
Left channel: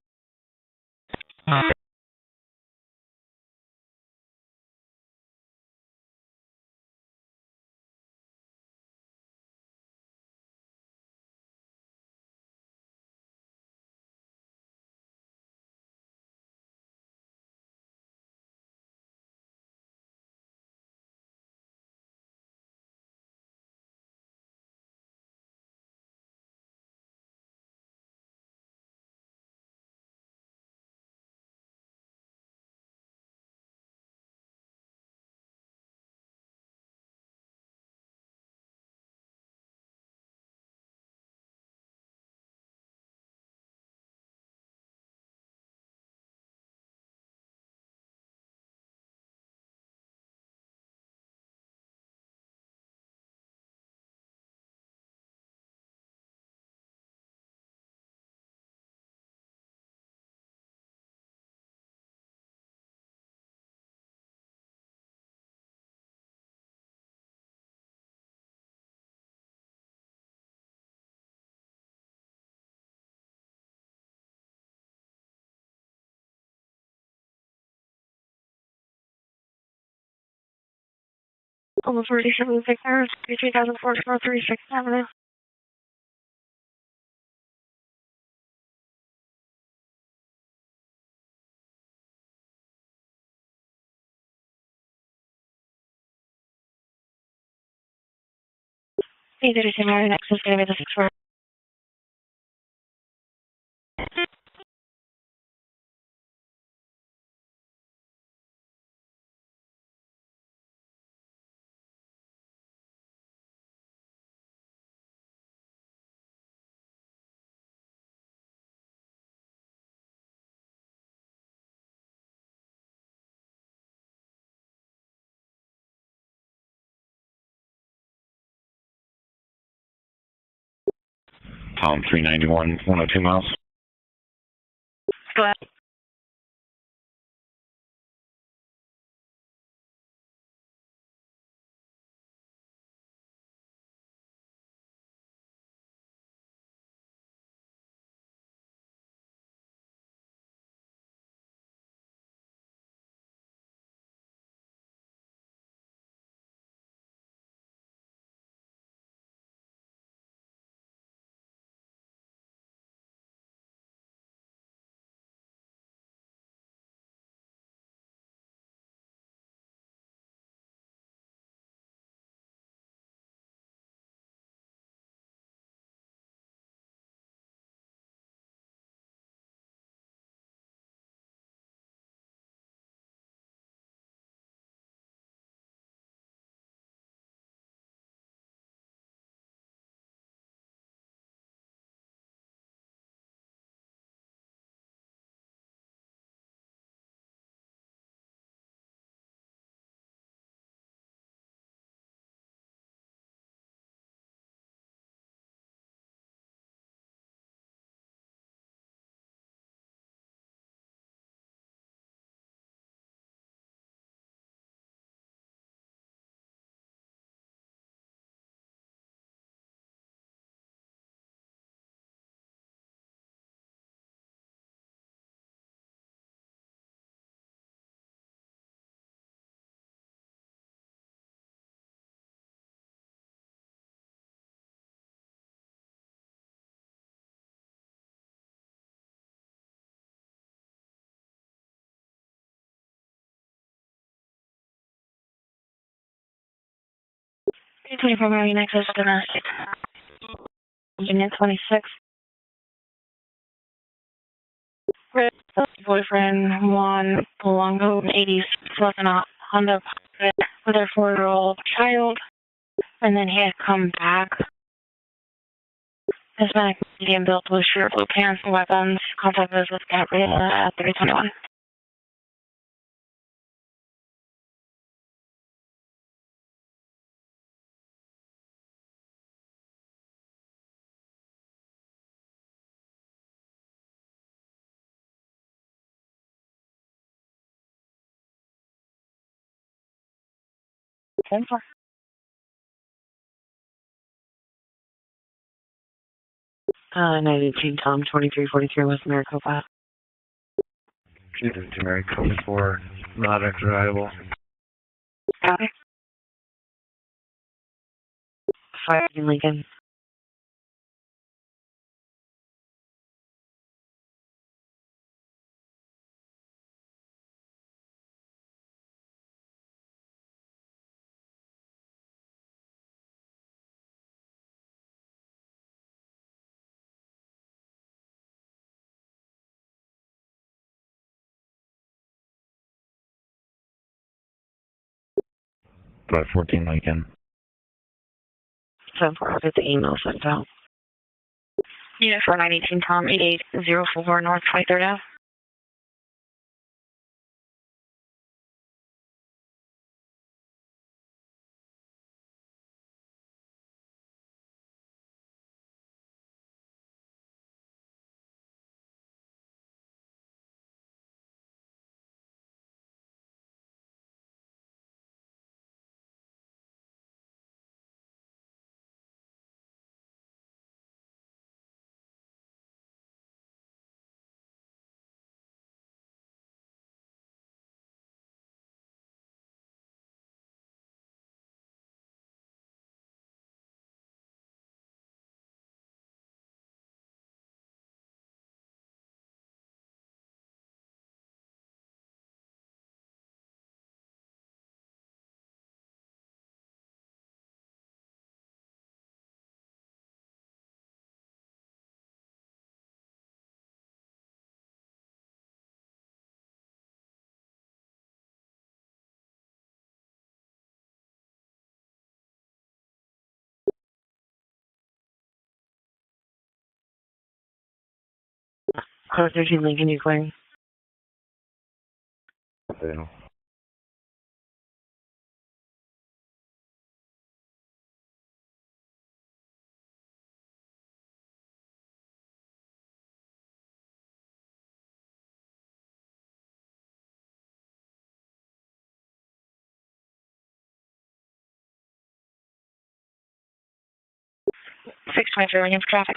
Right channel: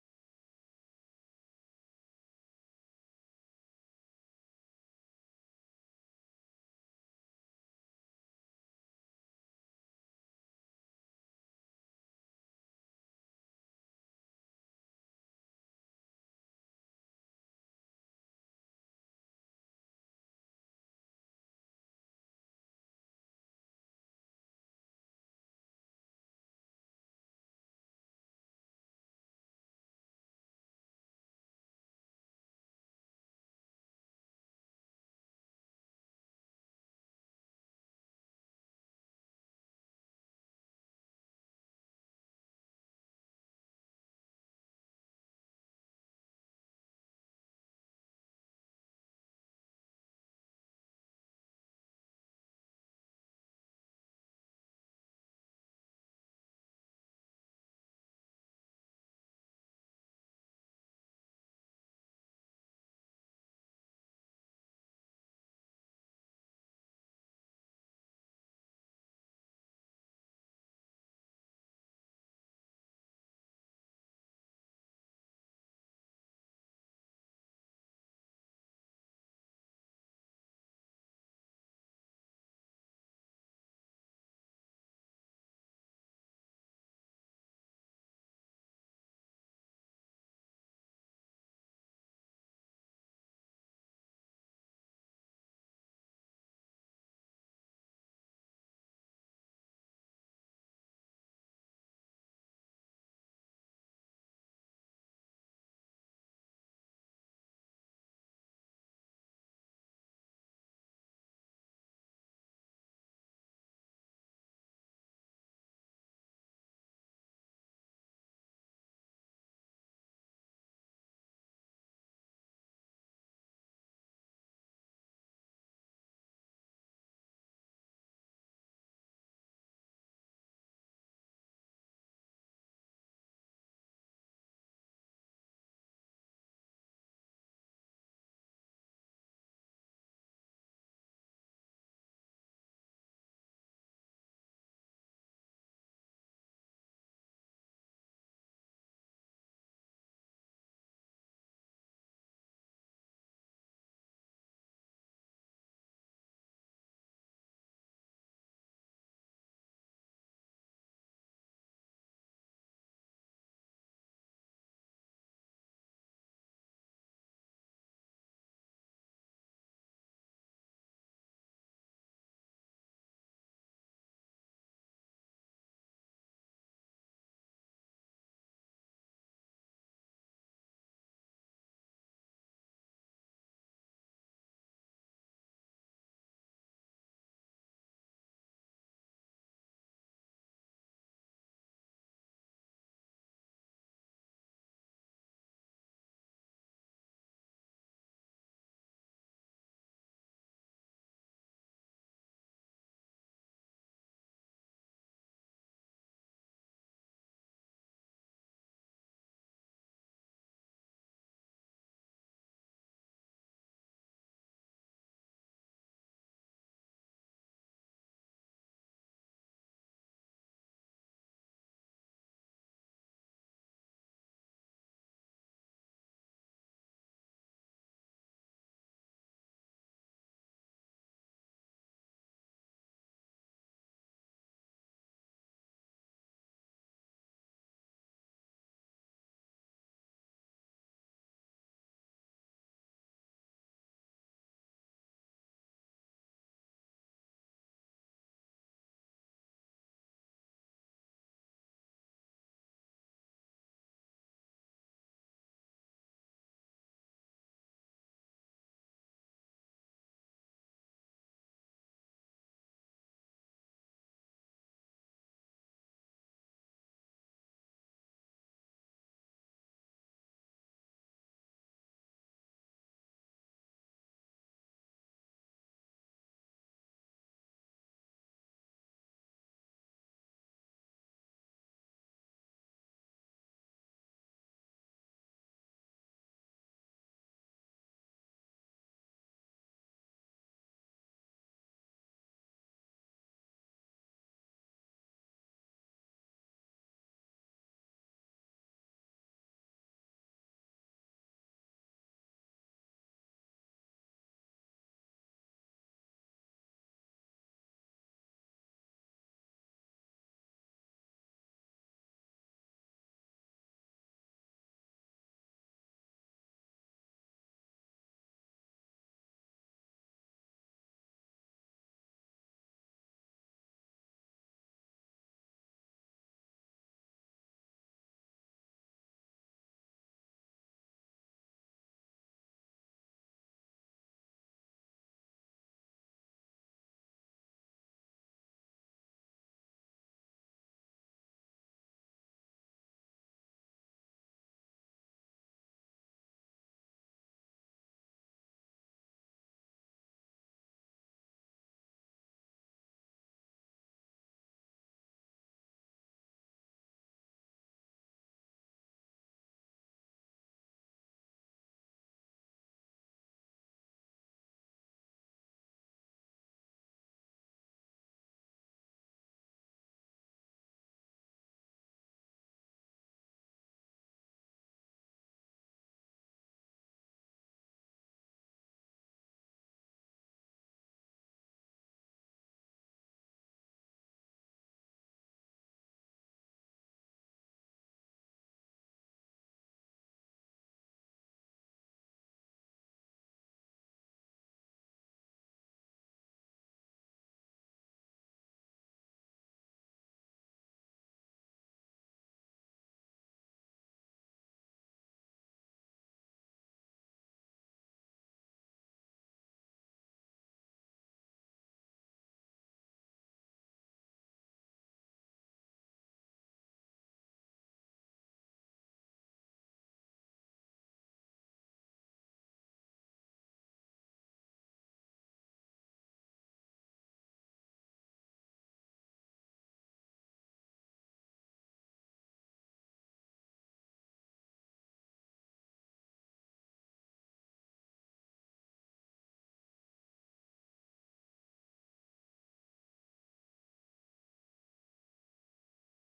Almost 47 hours, 3004 36 Avenue. Hey, there is a Mary next is going to be the 6 Pound 391, 102 miles. Go ahead. P25 NECESITA domestic. Unit 26. Boyfriend Juan Polanco, 80s, left in a Honda Pilot with their 4-year-old child, and then he had come back. Hispanic, medium built, blue shirt, blue pants, and weapons. Contact us with Gabriela at 3021. Same for 918 Tom, 2343 West Maricopa. Jesus, Mary, code 4, not undriveable. Copy. 5 Lincoln. Drive 14 Lincoln. 7-4, get the email sent out. Unit 4918 Tom, 8804 North 23rd Ave. Code 13 Lincoln, you clearing? Yeah. Six 23 Lincoln for traffic.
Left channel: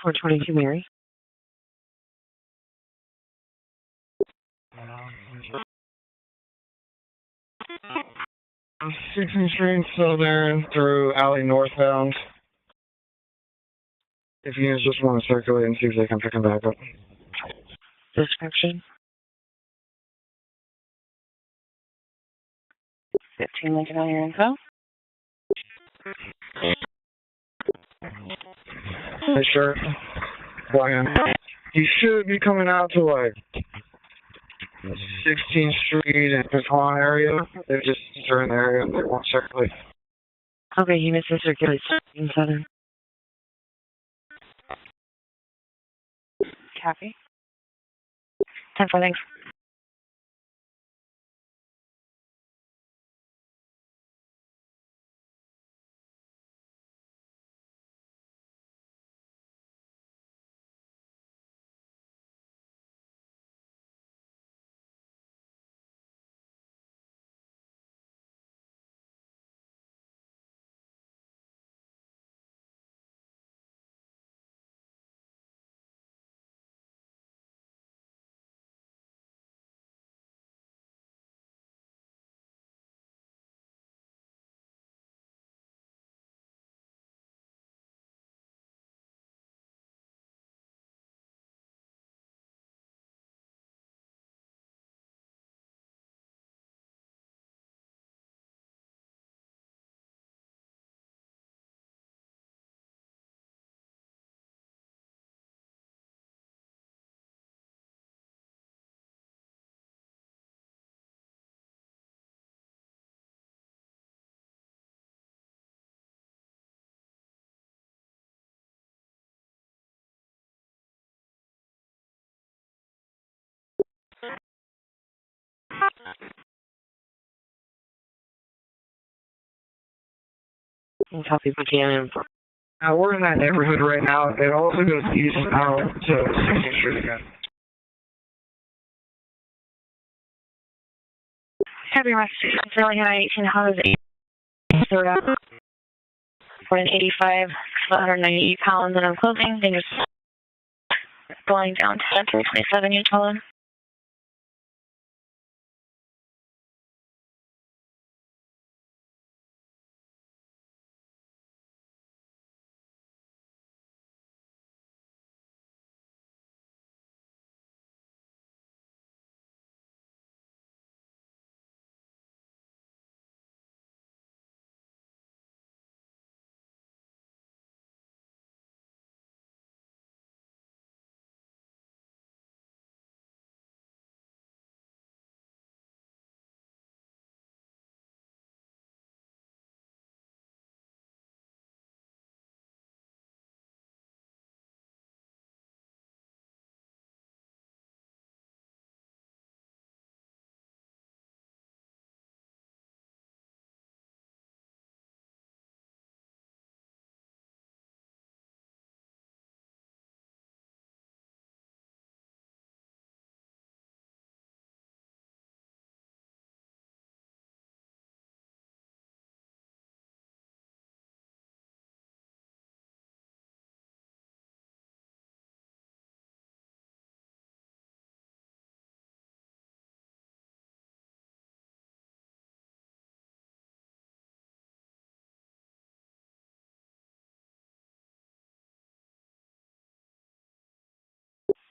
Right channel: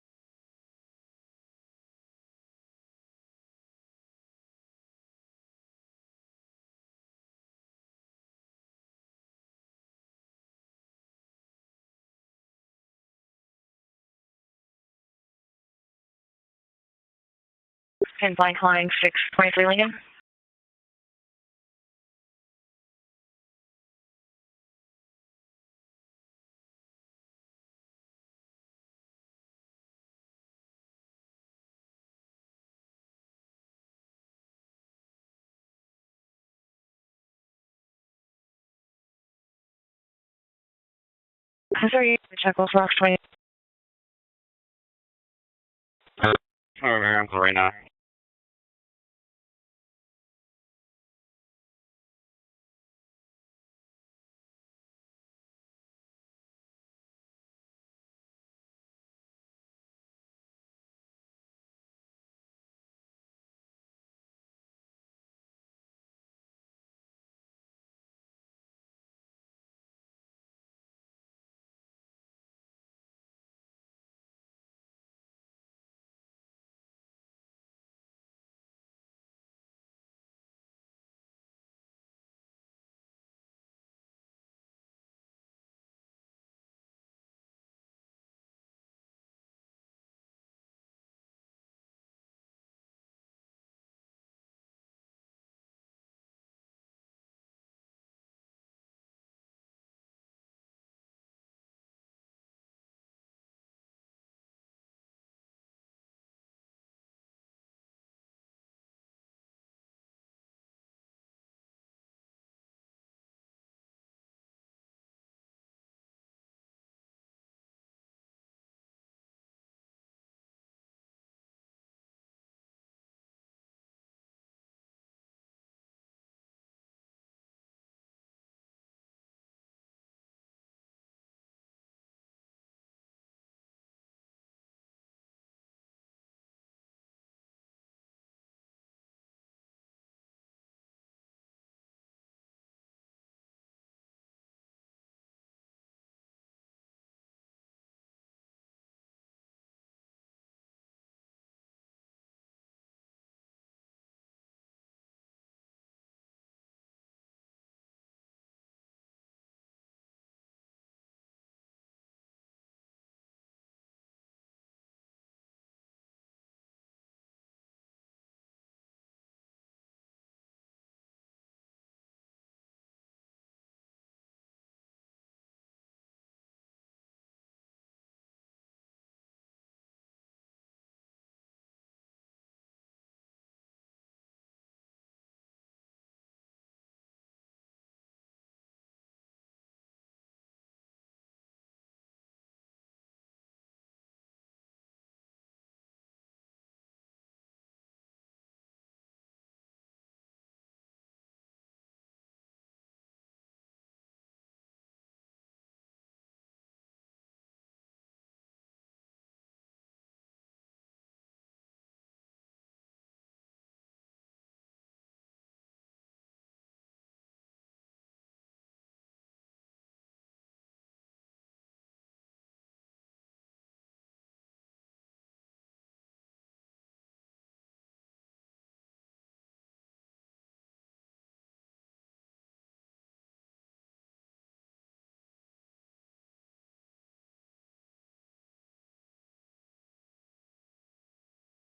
Four 22 Mary. Sixteenth Street Southern through Alley northbound. If you just want to circulate and see if they can pick him back up. 10 flying 623 Lincoln. 15 Lincoln on your info. Hey, sure. Brian. You should be coming out to like 16th Street and Pecan area. They're just in the area and they won't circulate. Okay, units are circulating. Sorry, Chuckles Rocks 20. Right now. 10 thanks. Copy PTM. We're in that neighborhood right now. It also goes east out to 16th Street again. Copy, Massachusetts. Fairly high, 18 Honda's 8. Third up. For an 85, 198 pounds, and I'm closing. Dangerous. Going down to 327, you tell them.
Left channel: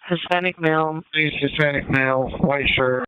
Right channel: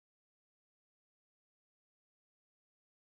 Hispanic male. Please, Hispanic male, white shirt.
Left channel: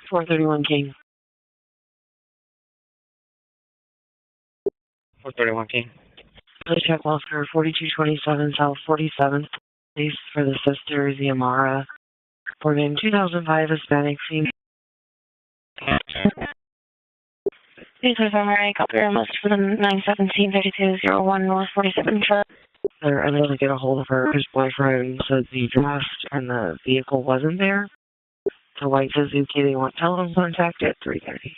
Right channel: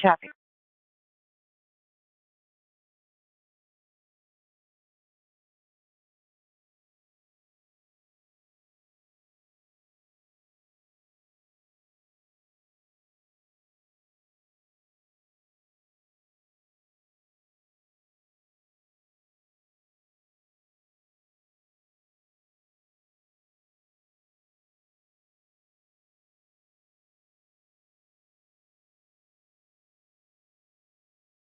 Cat 431 King. 431 King. Please check Oscar 4227 South 47th. Please for the sister, the Amara. For name 2005 Hispanic female. Please confirm I copy your message for the 917-3201 North 47th truck. They're unable to get a hold of her. His boyfriend said the draft and the vehicle wasn't there. So white Suzuki, they want telephone contact at 3:30.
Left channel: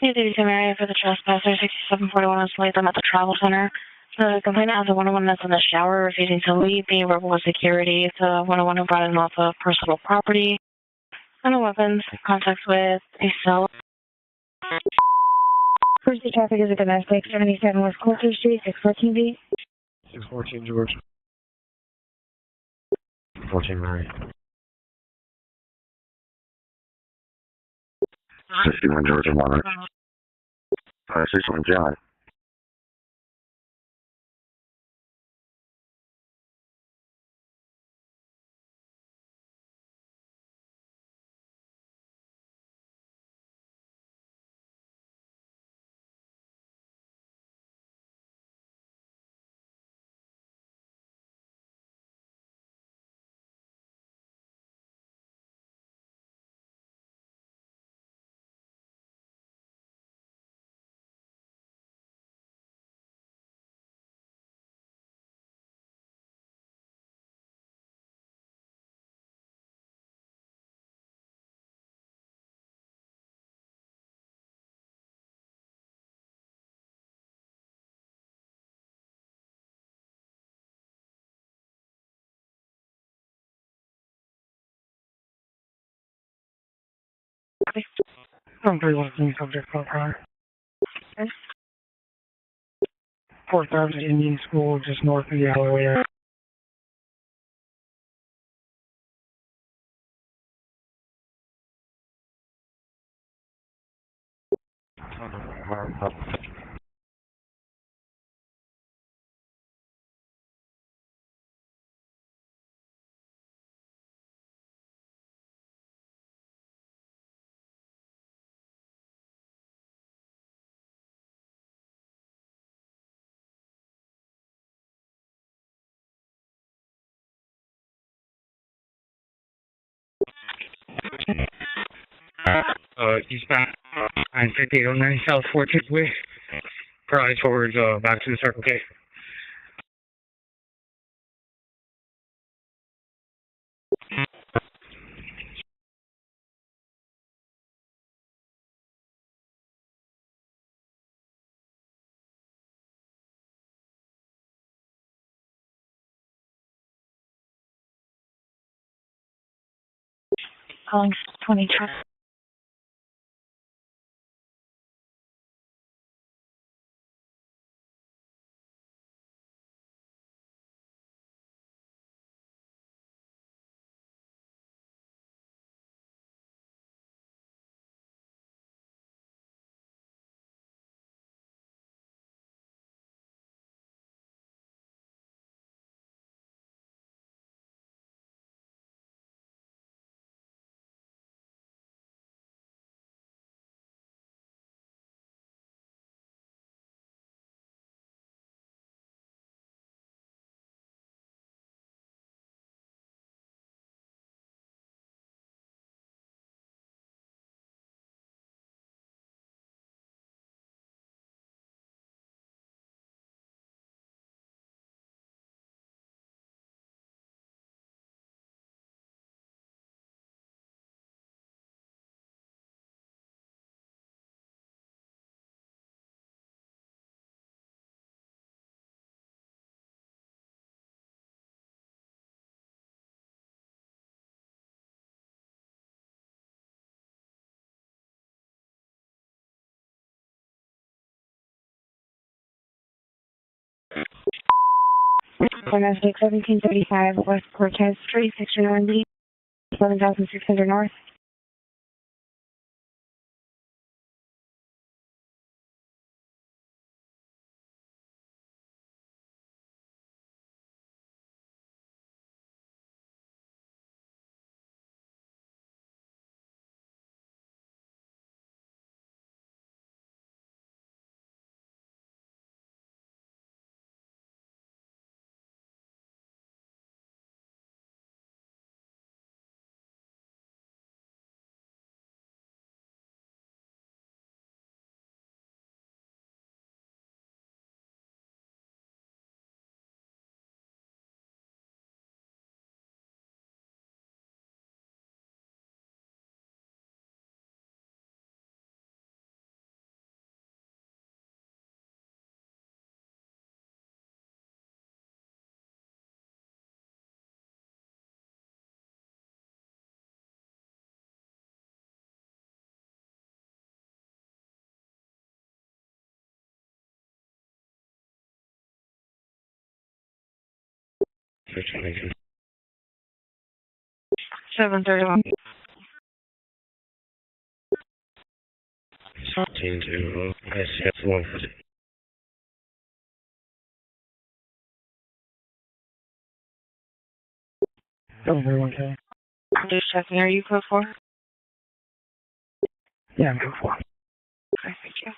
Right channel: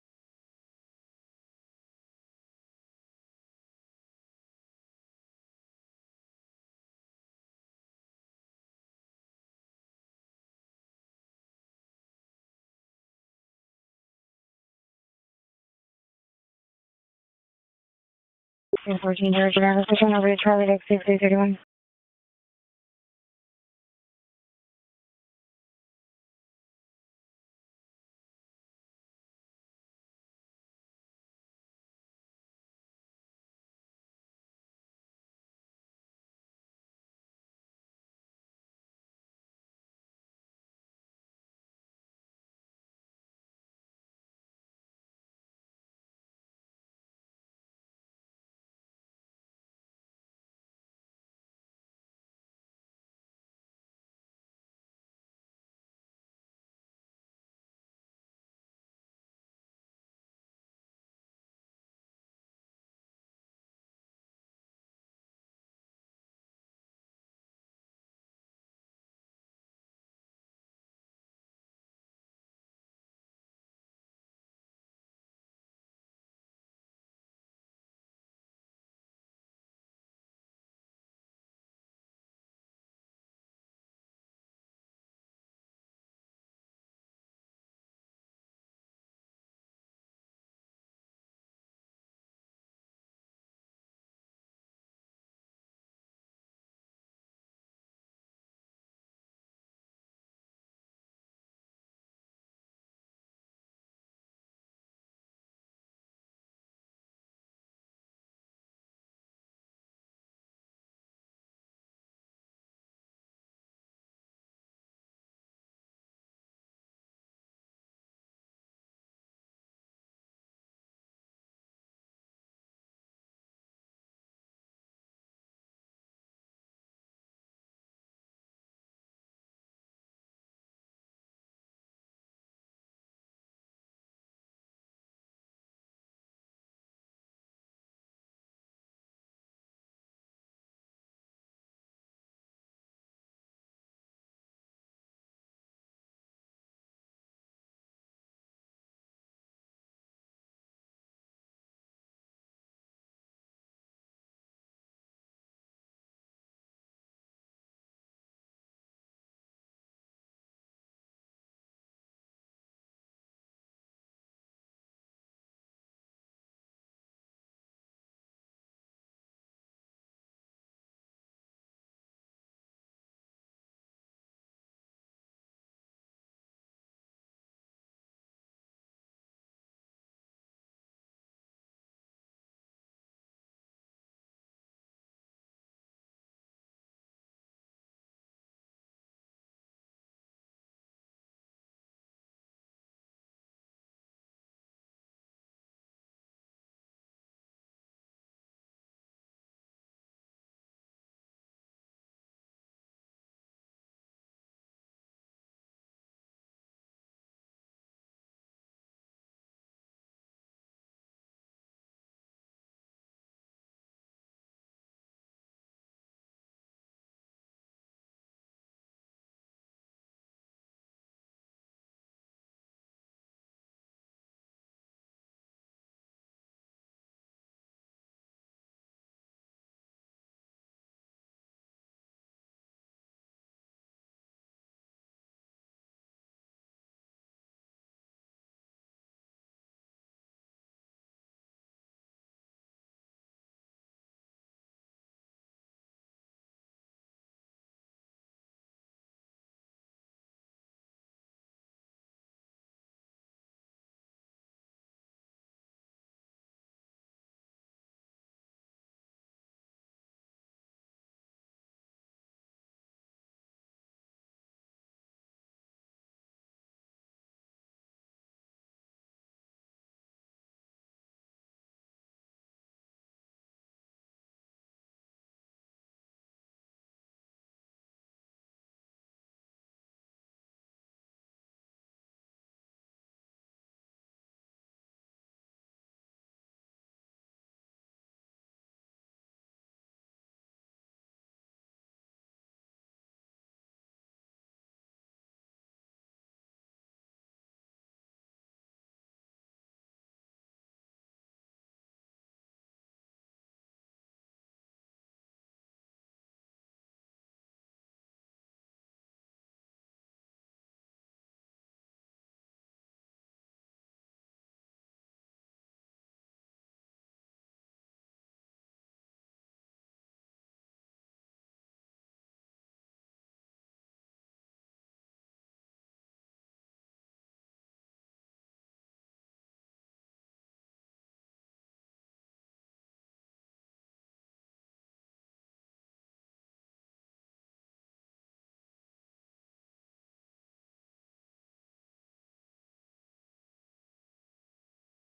Hey, Lady Mary for the trespasser, 6741 on Slate. I'm at the travel center. The complainant has a 101 that's in the shower, refusing to leave, being verbal with security. It's a 101 who brought him off of personal property. And the weapons, contacts with a cell. Pursuit traffic is a domestic, 77 West Coulter Street, 614 George Avenue, switching over to Charlie X 6331. 14 Mary. 61 Georgia 1. 61 John. I'm pretty well being subject for prior. 4000 Indian School, just north of the alleyway. Eastbound 95809 South 14th Way. Probably towards back to the Circle K. Calling 20 truck. Domestic 1735 West Cortez Street, Section 1B, 11,600 North. 731. 17-2. I see that's one. Okay. I'm just checking. Are you code 4? Yeah, I'm code 4. Okay, thank you.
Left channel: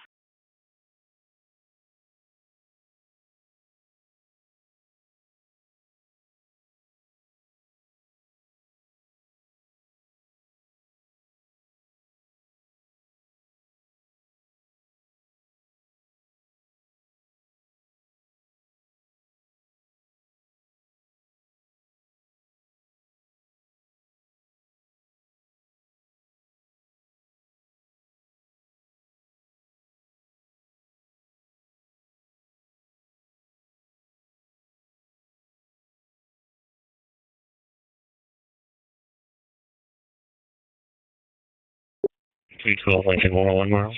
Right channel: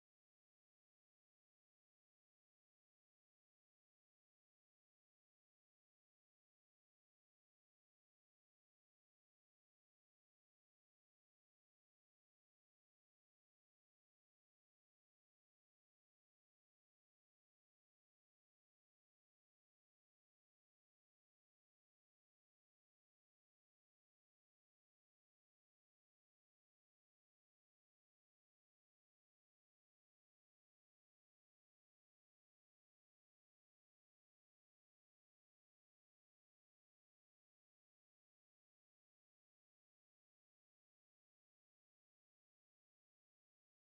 P12 Lincoln 101 miles.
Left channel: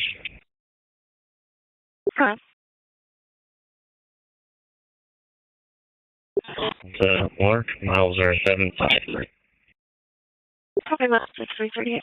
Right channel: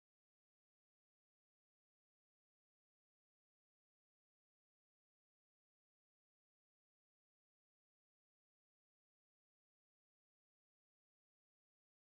Okay. Mark, miles are 753. Okay, that's 6338.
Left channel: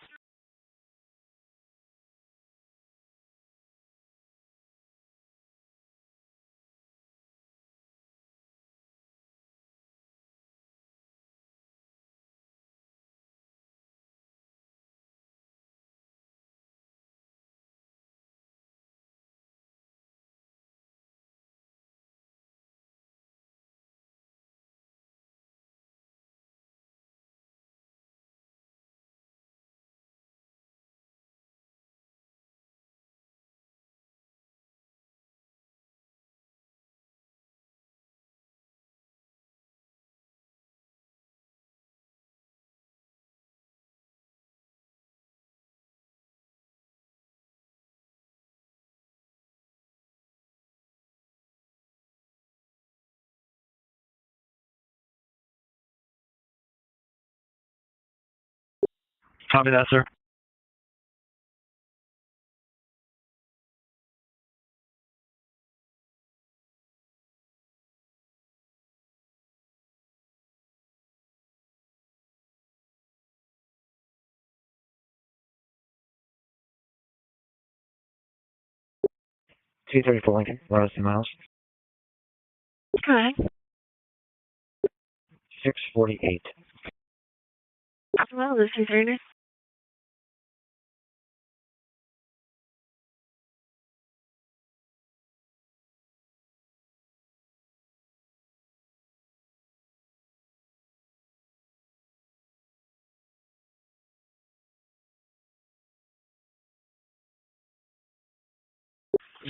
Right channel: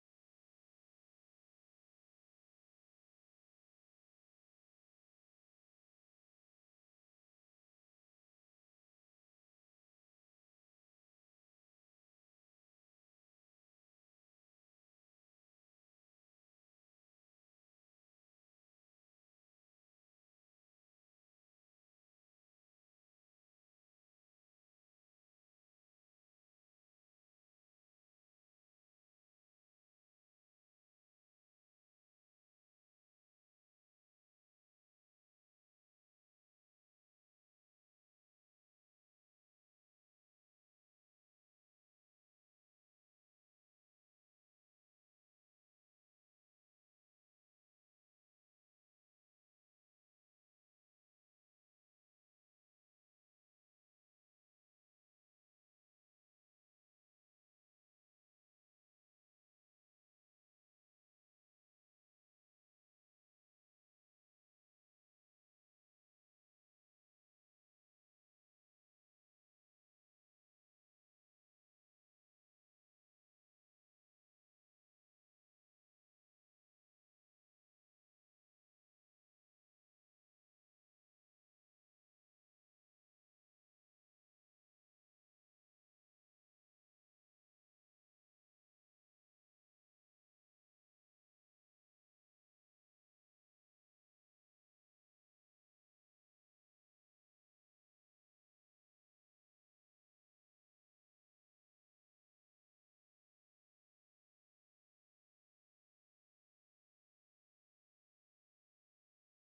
Copy that, sir. T34 Lincoln, 2 miles. Okay. 648. Well, this is Rainer.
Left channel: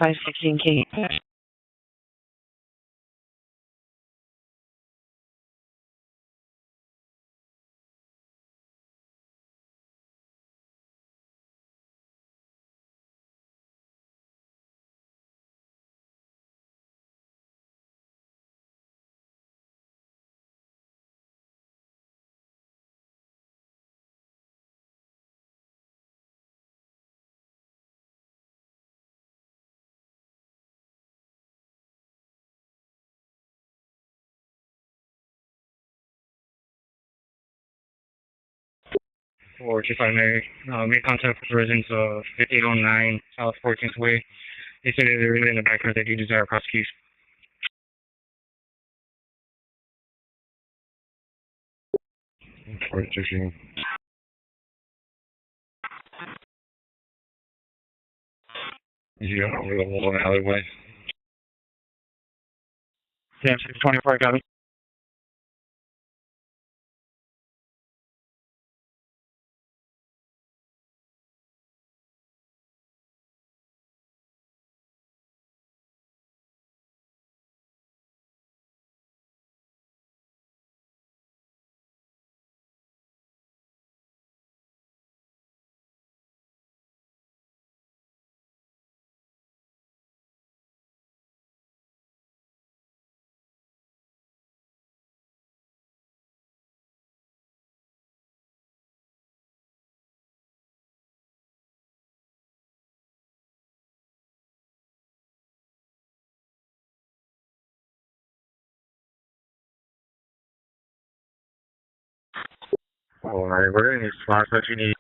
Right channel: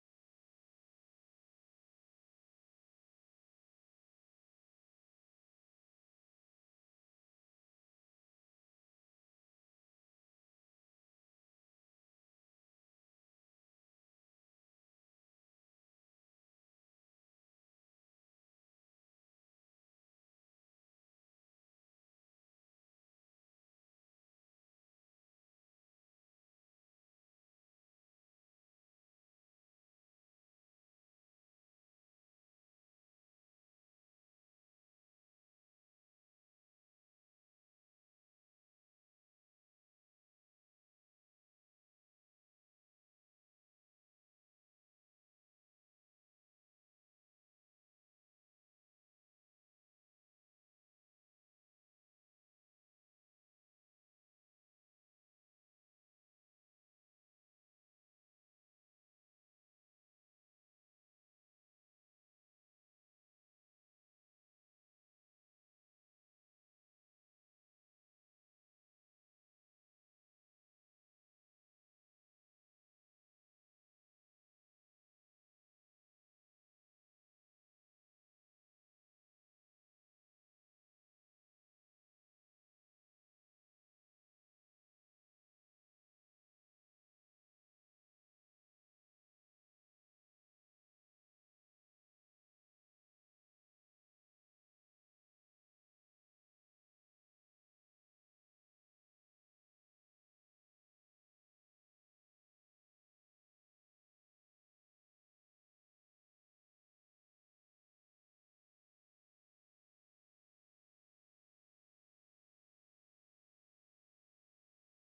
$516K. For 25 Mary, made contact with residents of 5809 South 14th Way. They said they're really in the background. They do desire prosecution. For 16. Yeah, over the wall in the alleyway. Sam 624, copy. Alright, we're getting these spots that you need.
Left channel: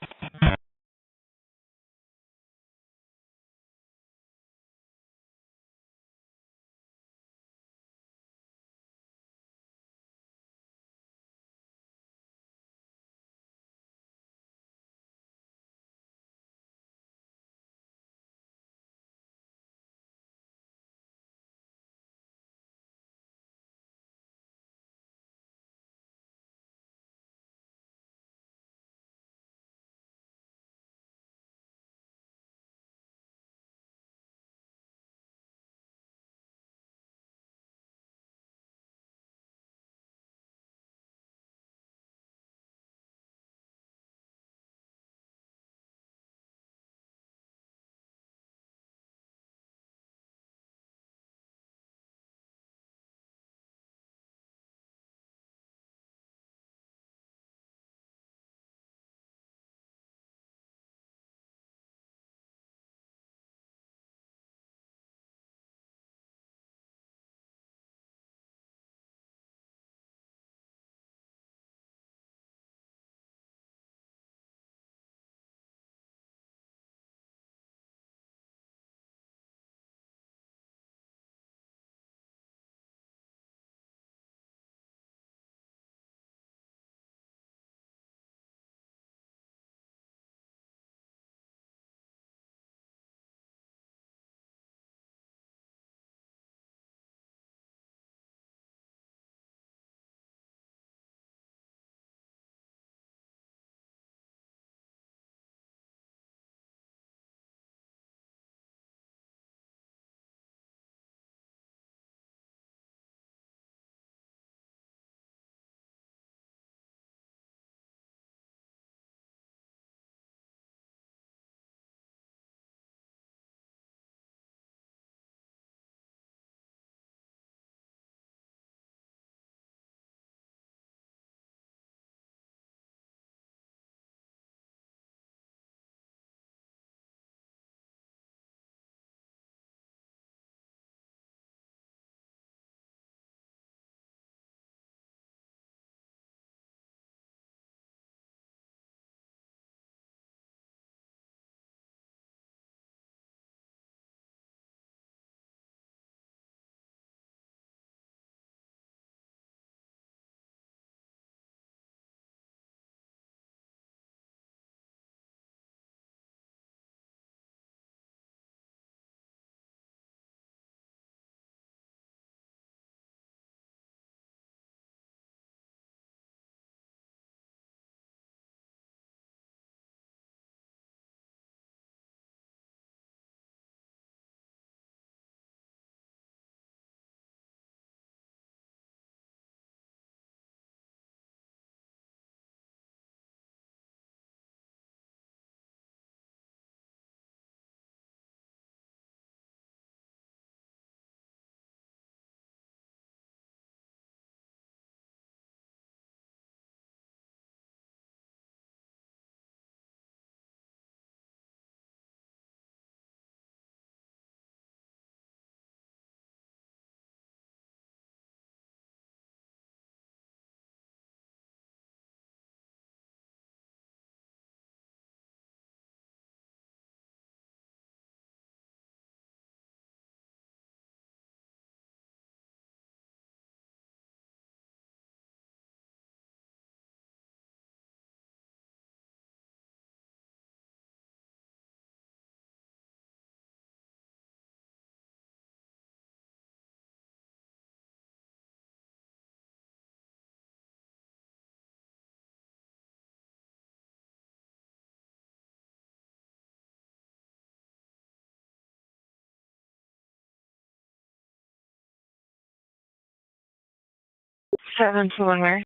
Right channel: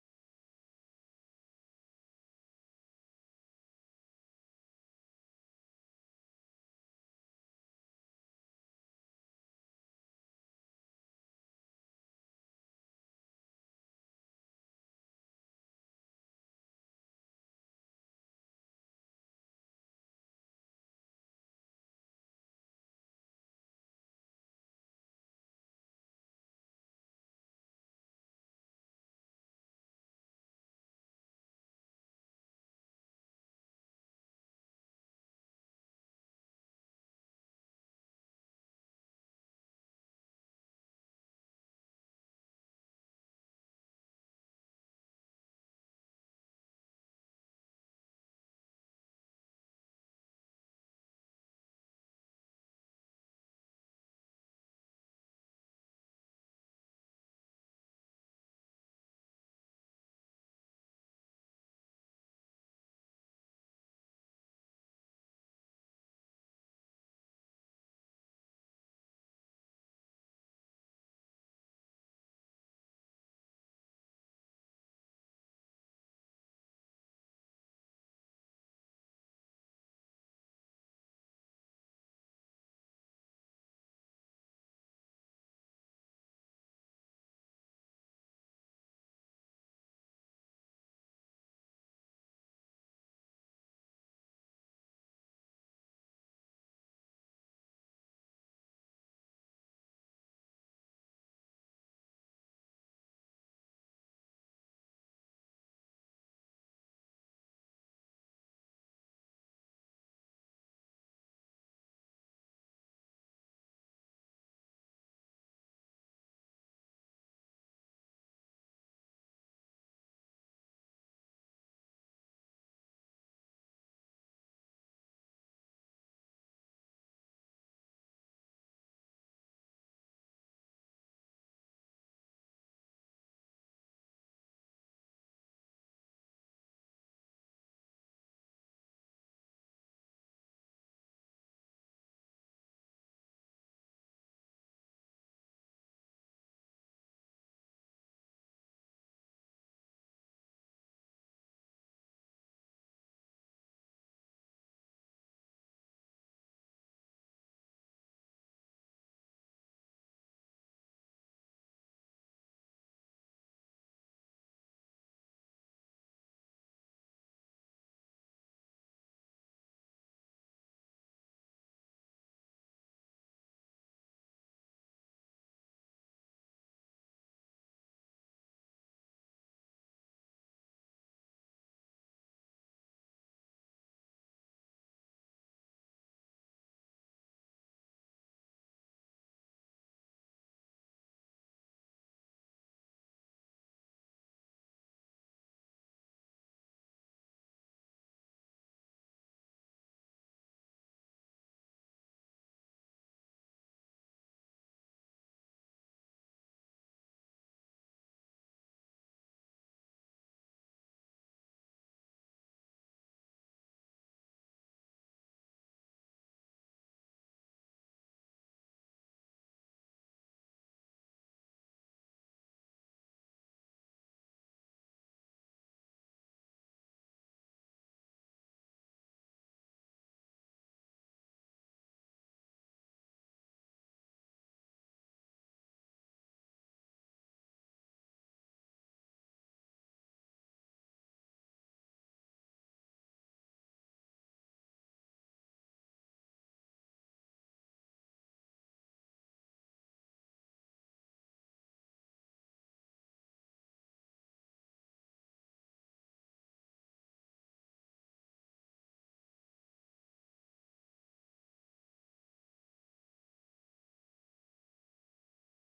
Seven to one where?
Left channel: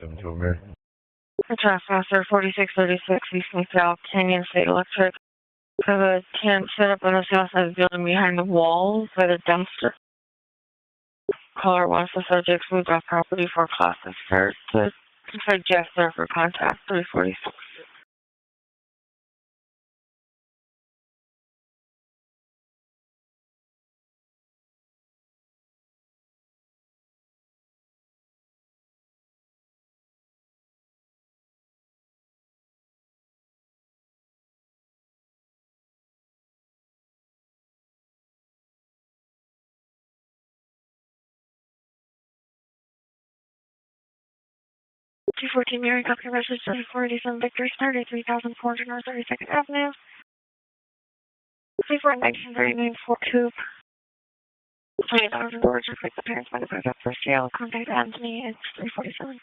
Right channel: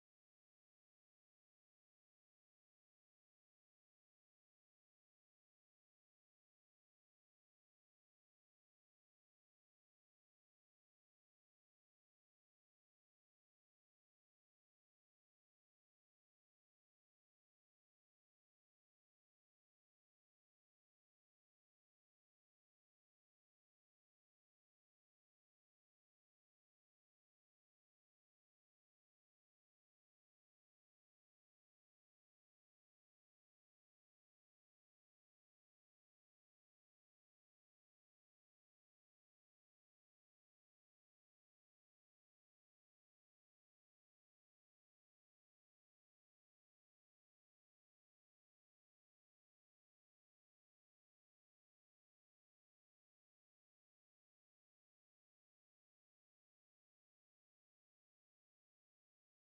7 to where? Trespasser 4636 East South Canyon State Electric. Have a tent set up on the south side of the building behind the wall by the dumpster. Caller wants the subject moved off property for classes first. To suggest there for contact 346. 214 Mary, copy message 487 Victor, started 3400 North 32nd Avenue. 1939 Fort Coupe. $20 doors reflect the parents by the first jail. Contact Anthony, it's 347.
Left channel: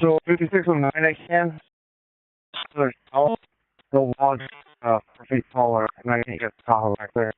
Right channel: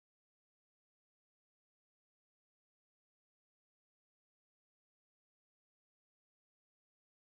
So 5609 again. There's all the logs 4 feet taller, and I think it's Tahoe back there.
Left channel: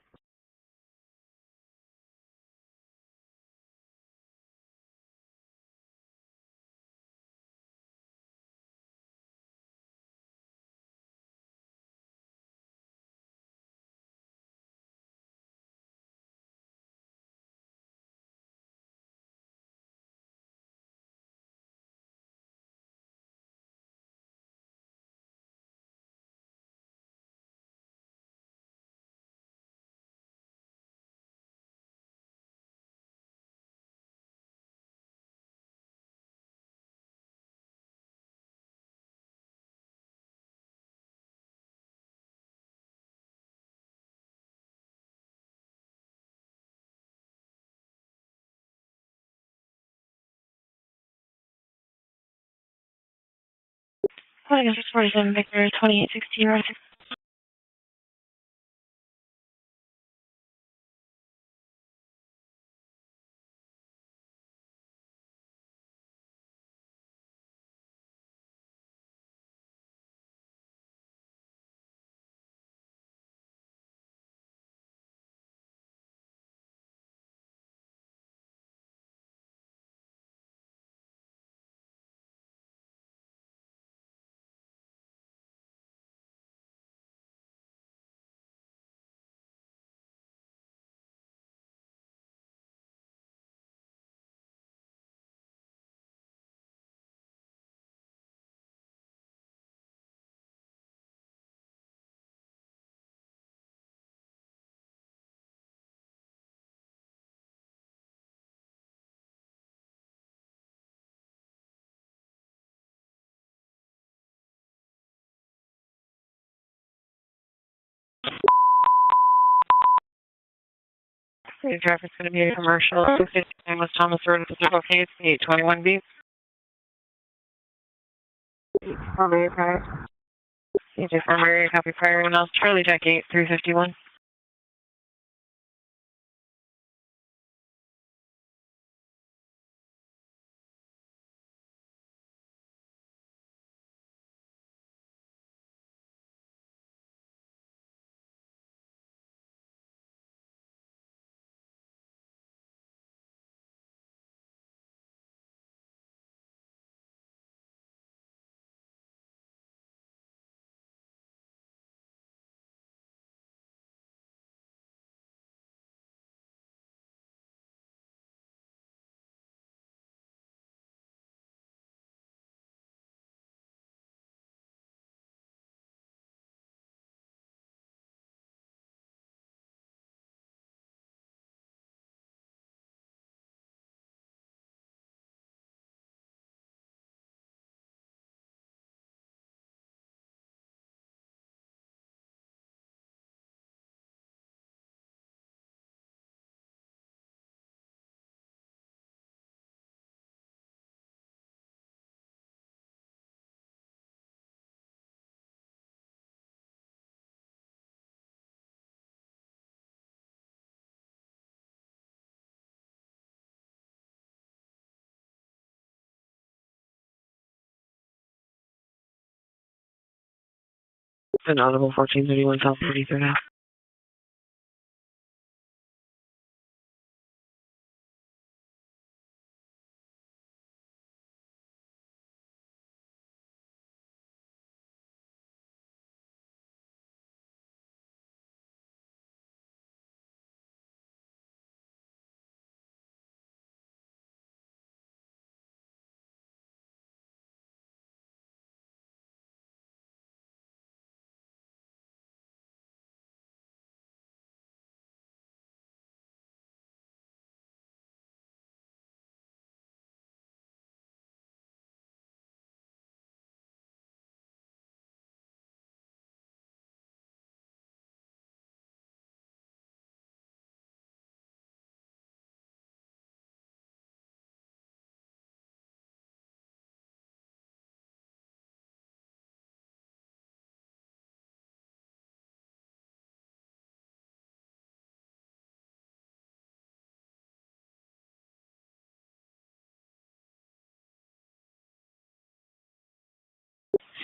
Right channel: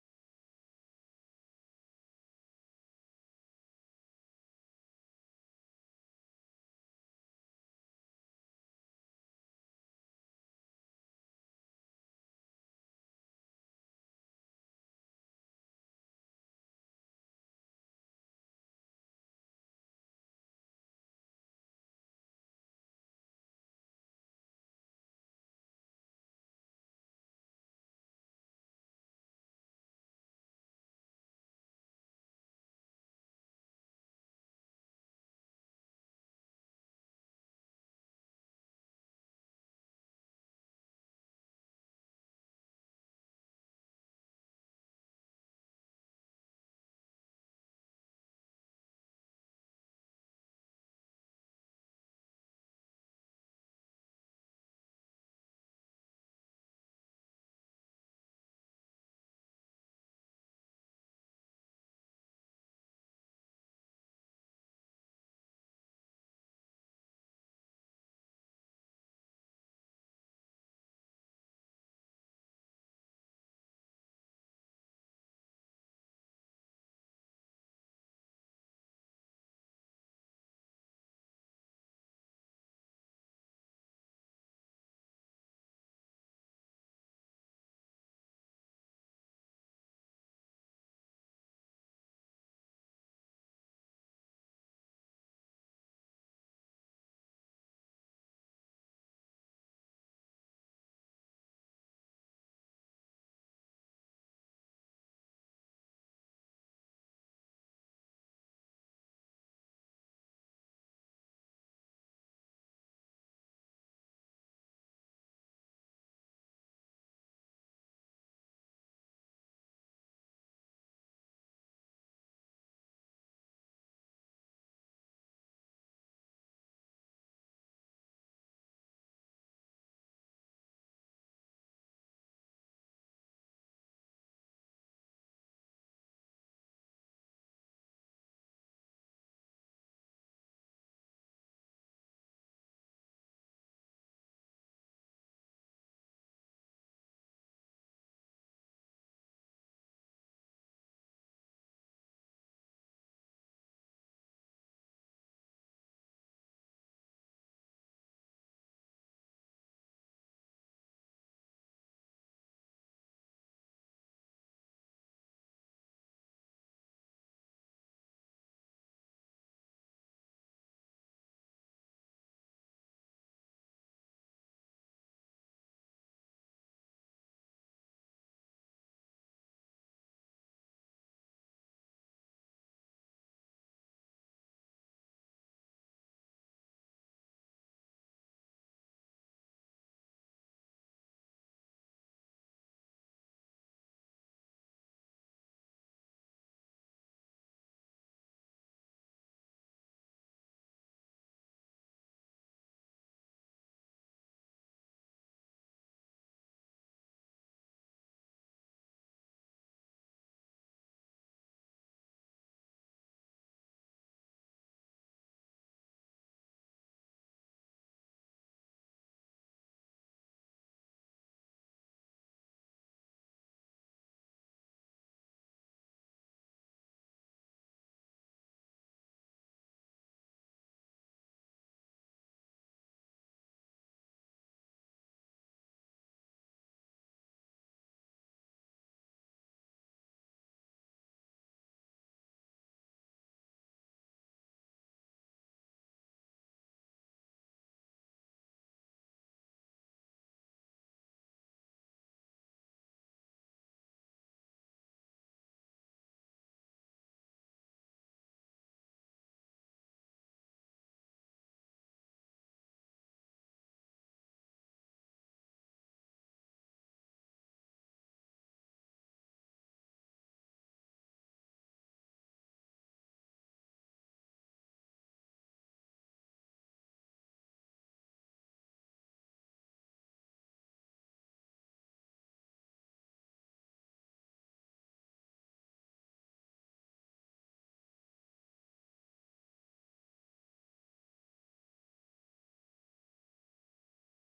I guess it's 47 Victor, 2816 North. The traffic's going to be a commercial. 259 West Thomas Road, Pacific Case, 821B. Primary prior. CJ Primary, copy prior, and else Charlie Jack 8, 351. An audible 1431 South 33rd Ave.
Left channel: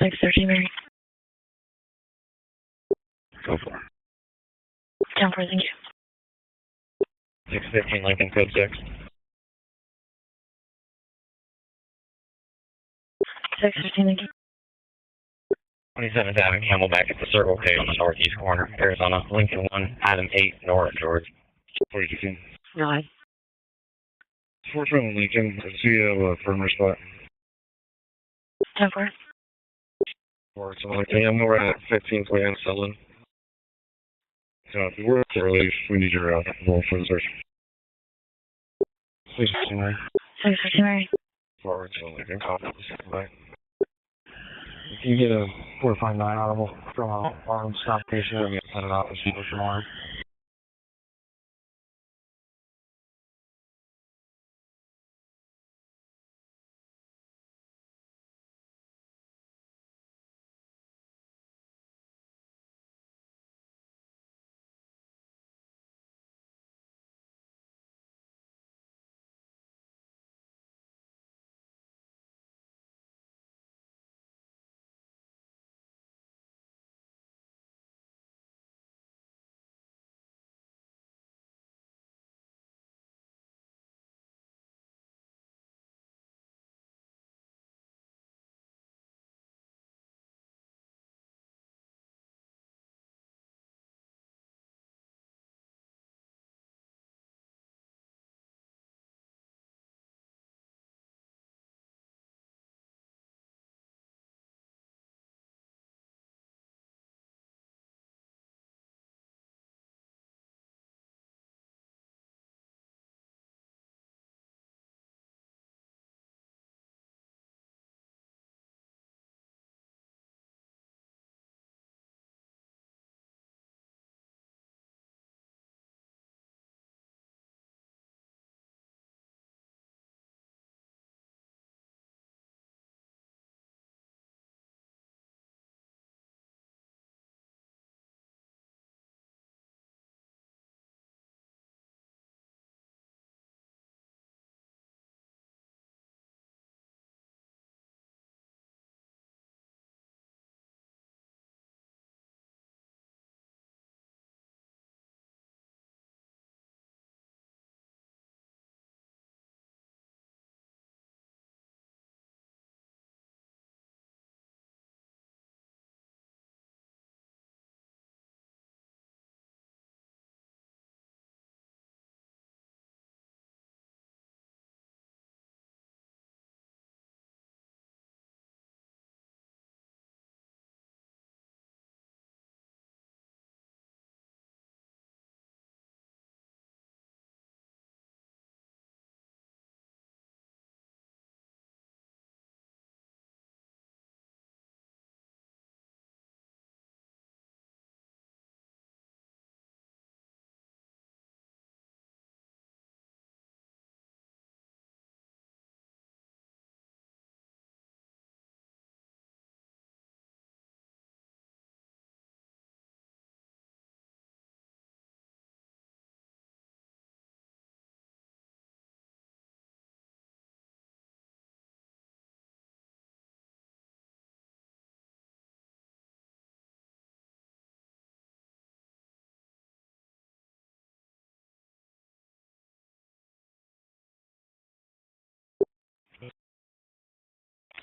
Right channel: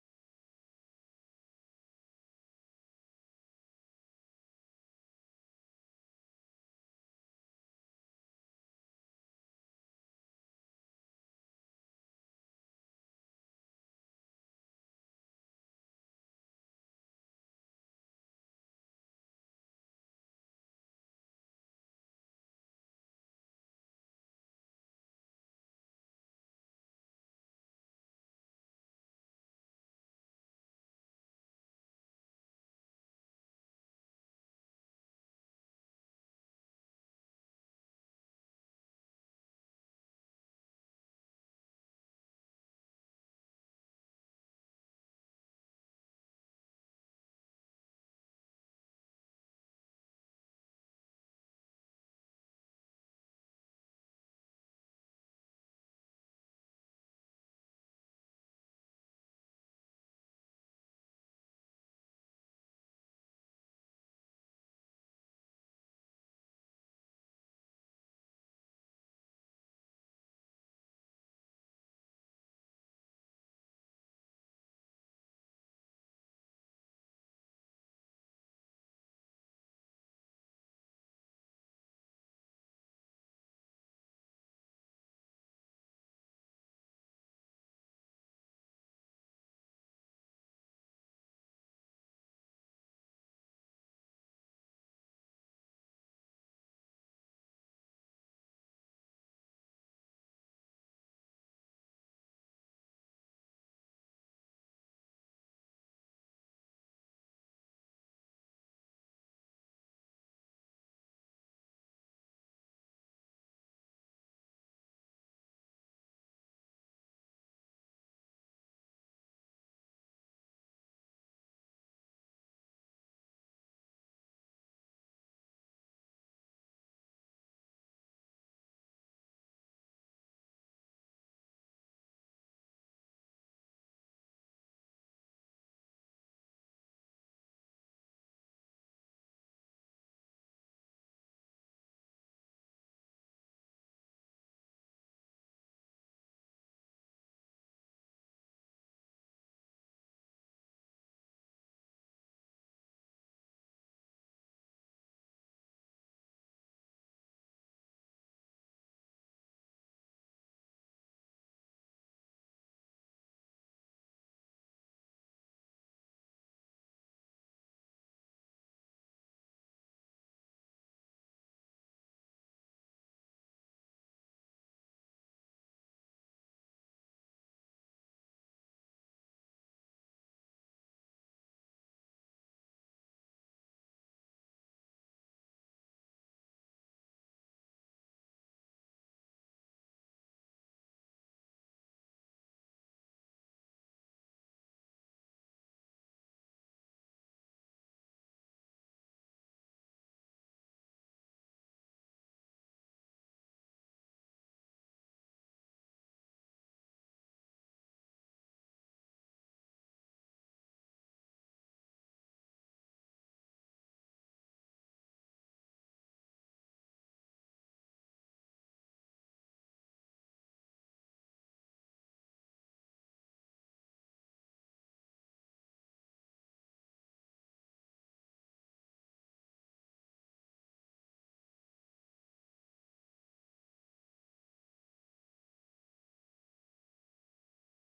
Six 13 Go for it. 10 for thank you. 615 Lincoln, code 6. 615 thank you. 27th Avenue, Camelback at the Circle K on the northeast corner, Arizona, Lincoln 1, Adam 8, North George. 42. 9. 420 Lincoln, I see you have a firmer spot. 10 for. Or something like that. I'm over at 15 Plan Selling. So if you were to release, we need your roll for the search. 615 Mary. 615 Mary. Forward to Lincoln, copy. Bye. If you get a 459 audible from a armed stop station, I'm going to send it out to people tomorrow.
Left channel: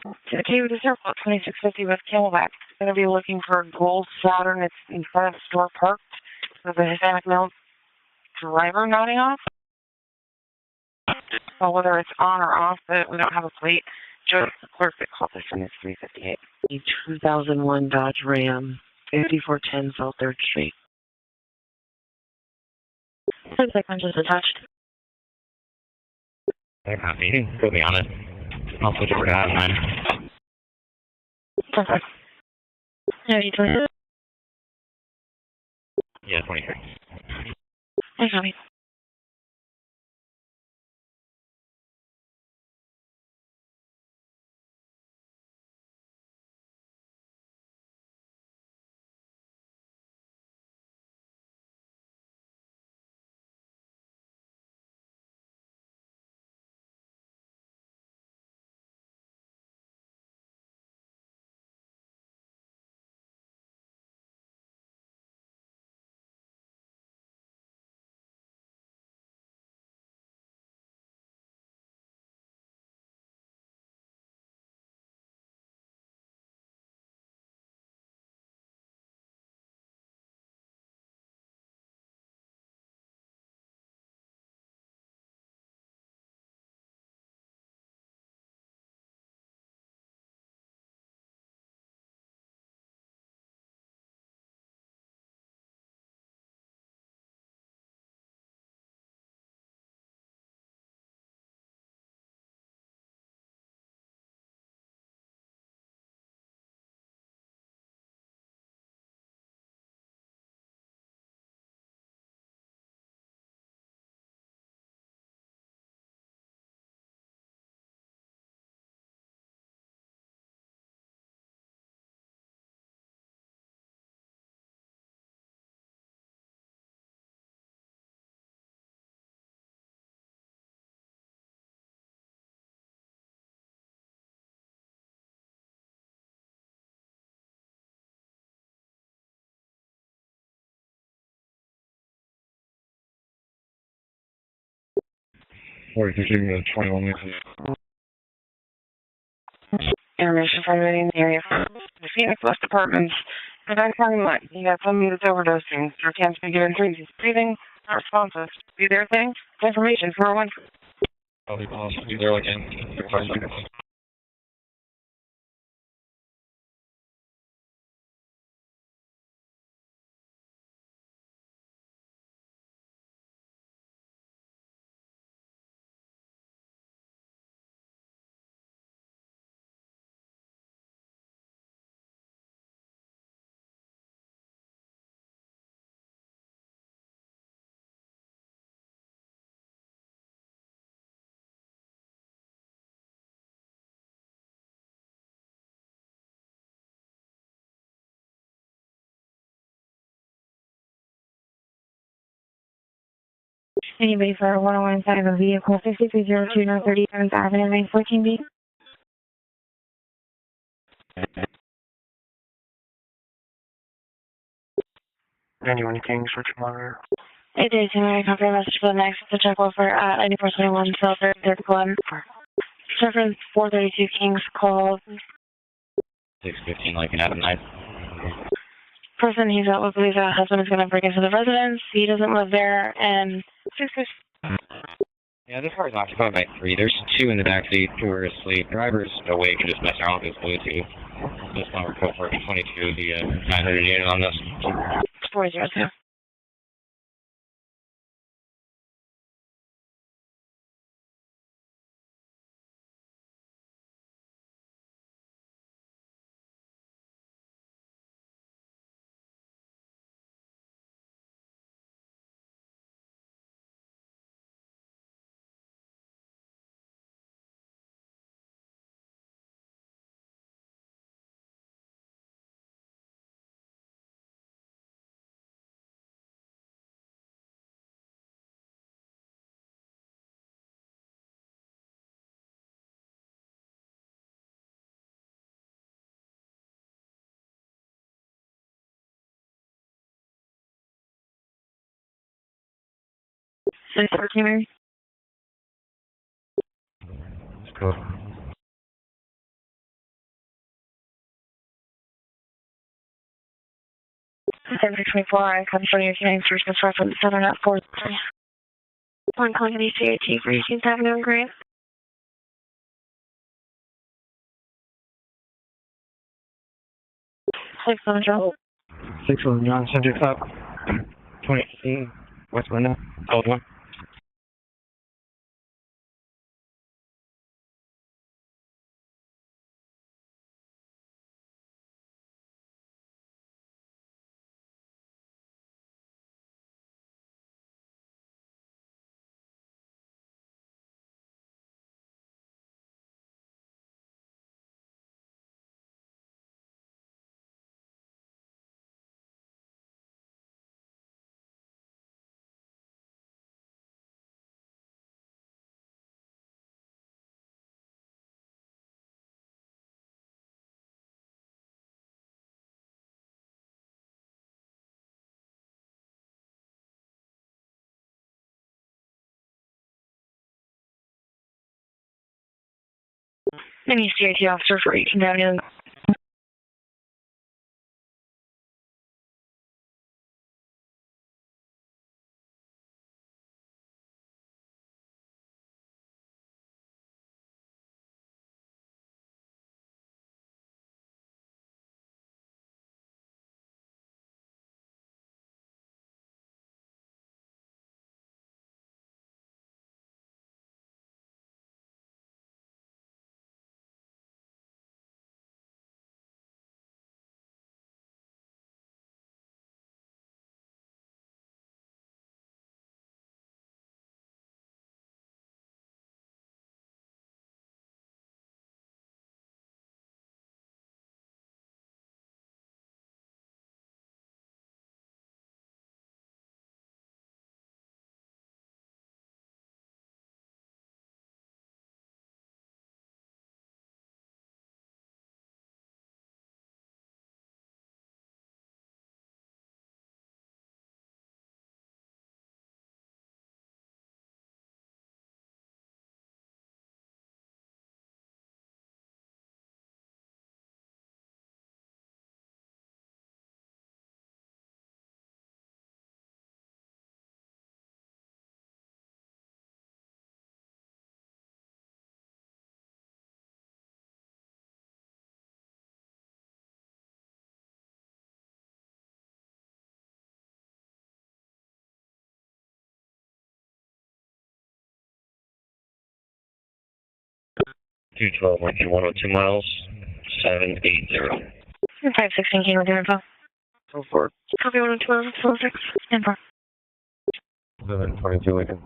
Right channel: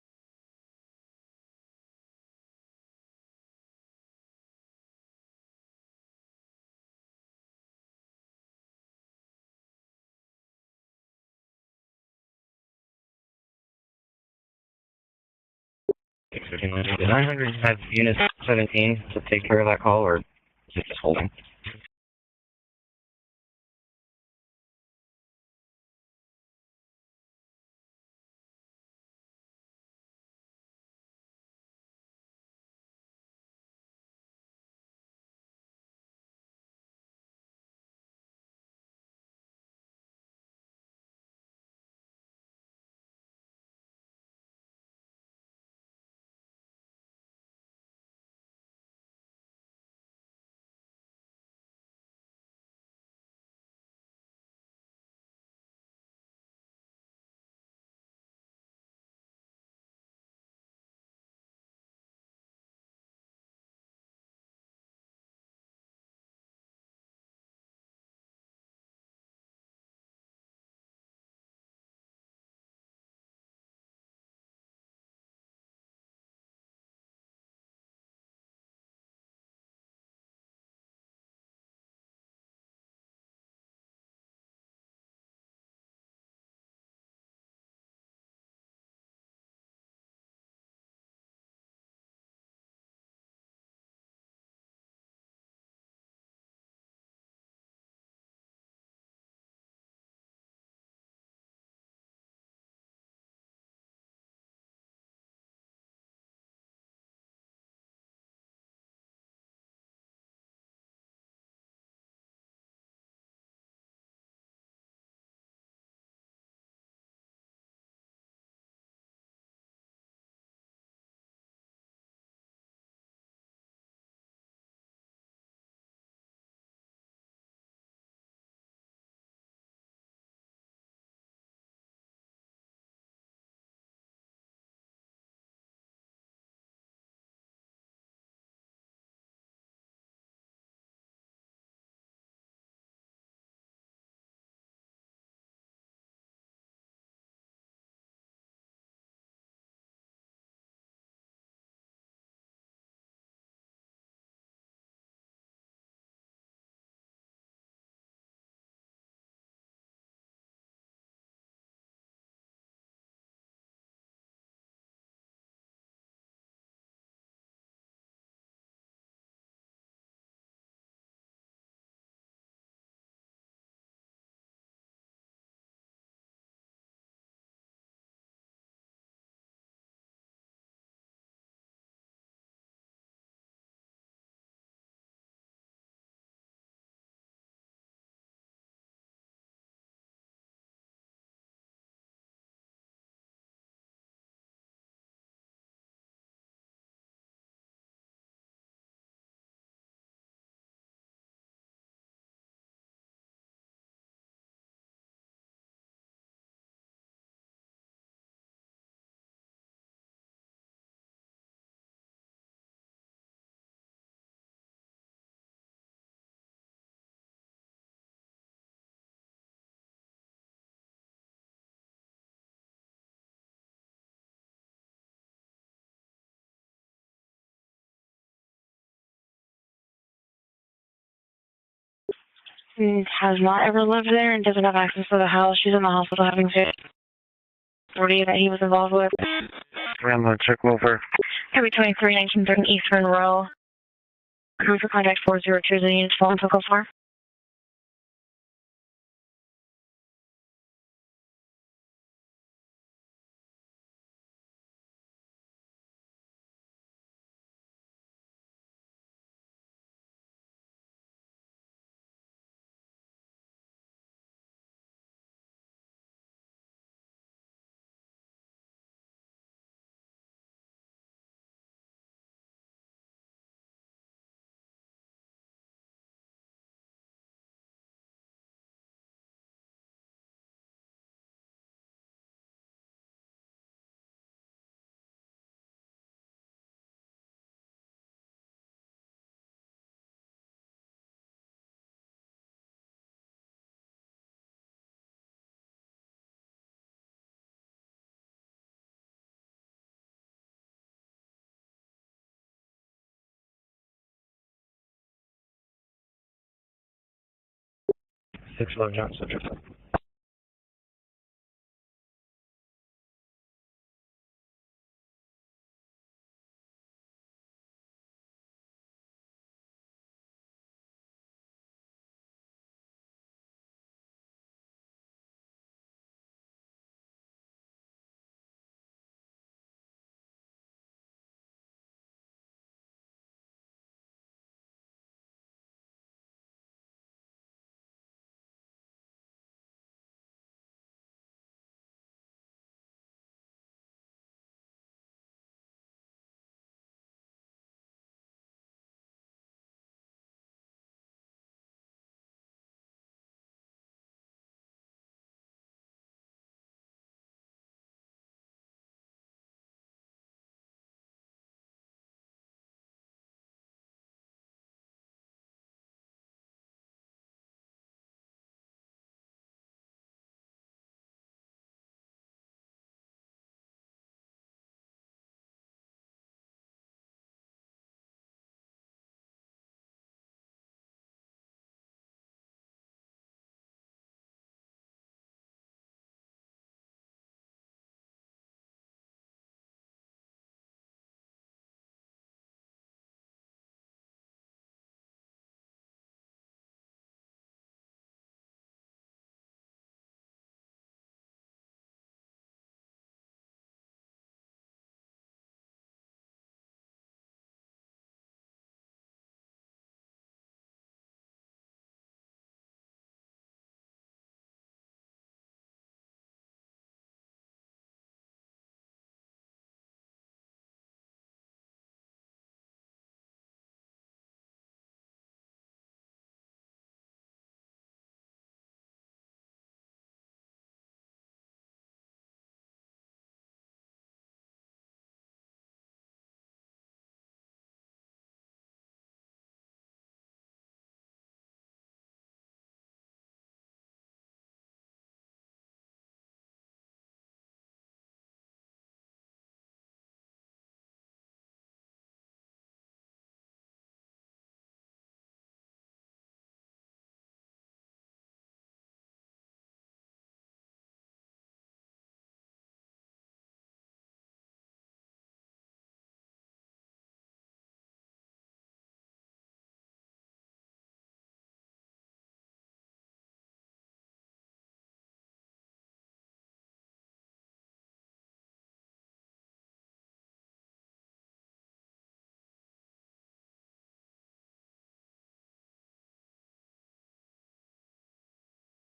Okay, we just have about 2650 with Camelback. It's going to be looking for a gold Saturn. It's in front of the store parked with a Hispanic male driver nodding off. So whether it's on or off, but we don't have a plate. Joe, the clerk that called this one is 358. 1001-3 take care of that call or 3rd Street. Just holding. Looks like one just attached. They're happy. Put me on it. I'll switch over to that line. Perfect. Yeah, you 23? Yeah, 23. I got it. Or you can give me a 21 minutes. Information from the area from the Phoenix West Apartments. The guy's talking about he got somebody that's overdosing. There can't be given dreams. He's breathing, not responsive. Be there thing. Information 401. I'll be there like in 5 seconds. Anybody for 101 inside of a vehicle 5302 North 37th Avenue, 914B? 91 Kings, Richard Monitor. It is, and I copy a message for the next to check over at 9421 South 3rd Glen. Reference 432 Kings call. 615 Lincoln Avenue. Person he's out with believes that husband is going to break into the residence. He doesn't live there and has not ever lived there and doesn't have access to the house. She's in the hospital having fit. There's 2 in the backseat. 40 that he was involved with. Awake and just mess around with check over. Heavy 23, 1930 Eastern Row. 900 unit on this. Come for contact 402 units, phone to go far. Let's go. 724, I come from your name first and from Southern at 4. 61 Johnson. One calling the CAT for 18th Avenue and Grant. 61 Johnson. 61 John, subject up. 2018, West Window, code 1. Any CAT officer for 18th Avenue. Two 12, 102 miles, 780. 516 King with your info. So far. Copy 112, 26. Info. 722 Lincoln.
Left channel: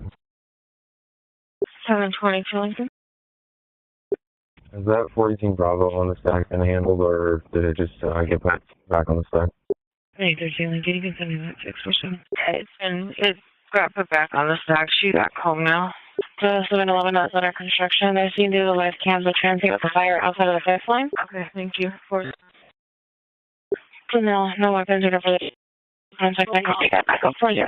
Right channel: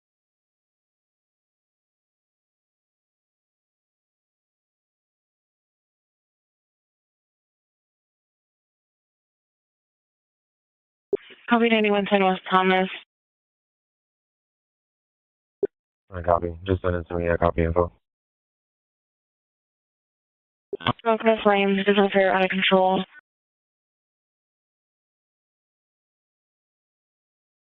722 Lincoln. Is that 418 Bravo on the stack and handled, or did it just get back on the stack? Hey, 13 Lincoln, you can send me. Copy 9110 West Common. It got put back on the stack. She got home now. So 711 under construction. I've seen through the live cams of transit with the fire outside of the fence line. Okay, flames, business are out of control. So no weapons or for the contact. I can take that back up for you.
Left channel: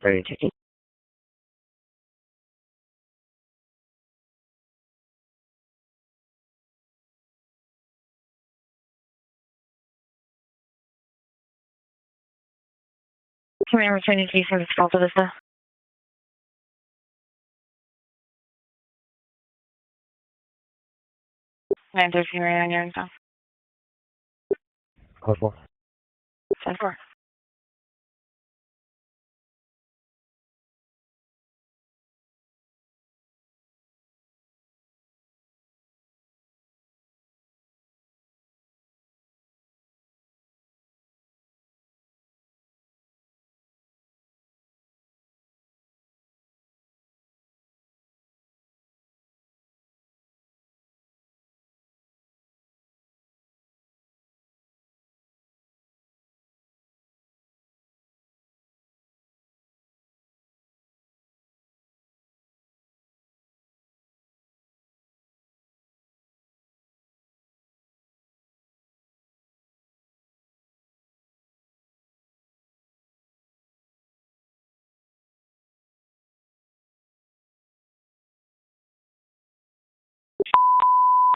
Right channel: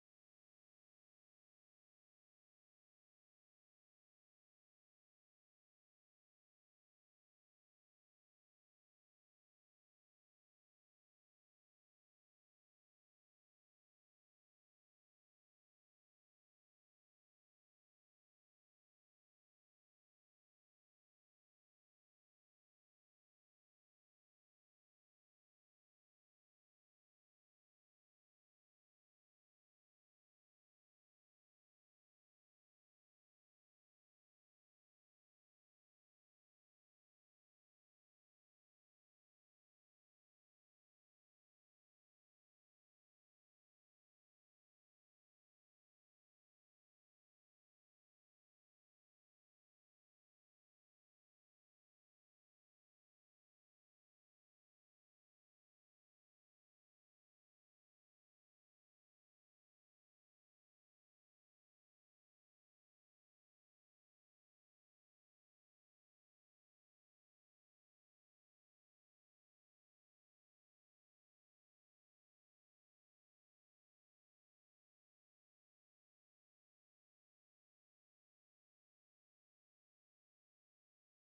Ready to take Can we return your key for this call to Vista? 913 right on your info. Code 4. 10-4.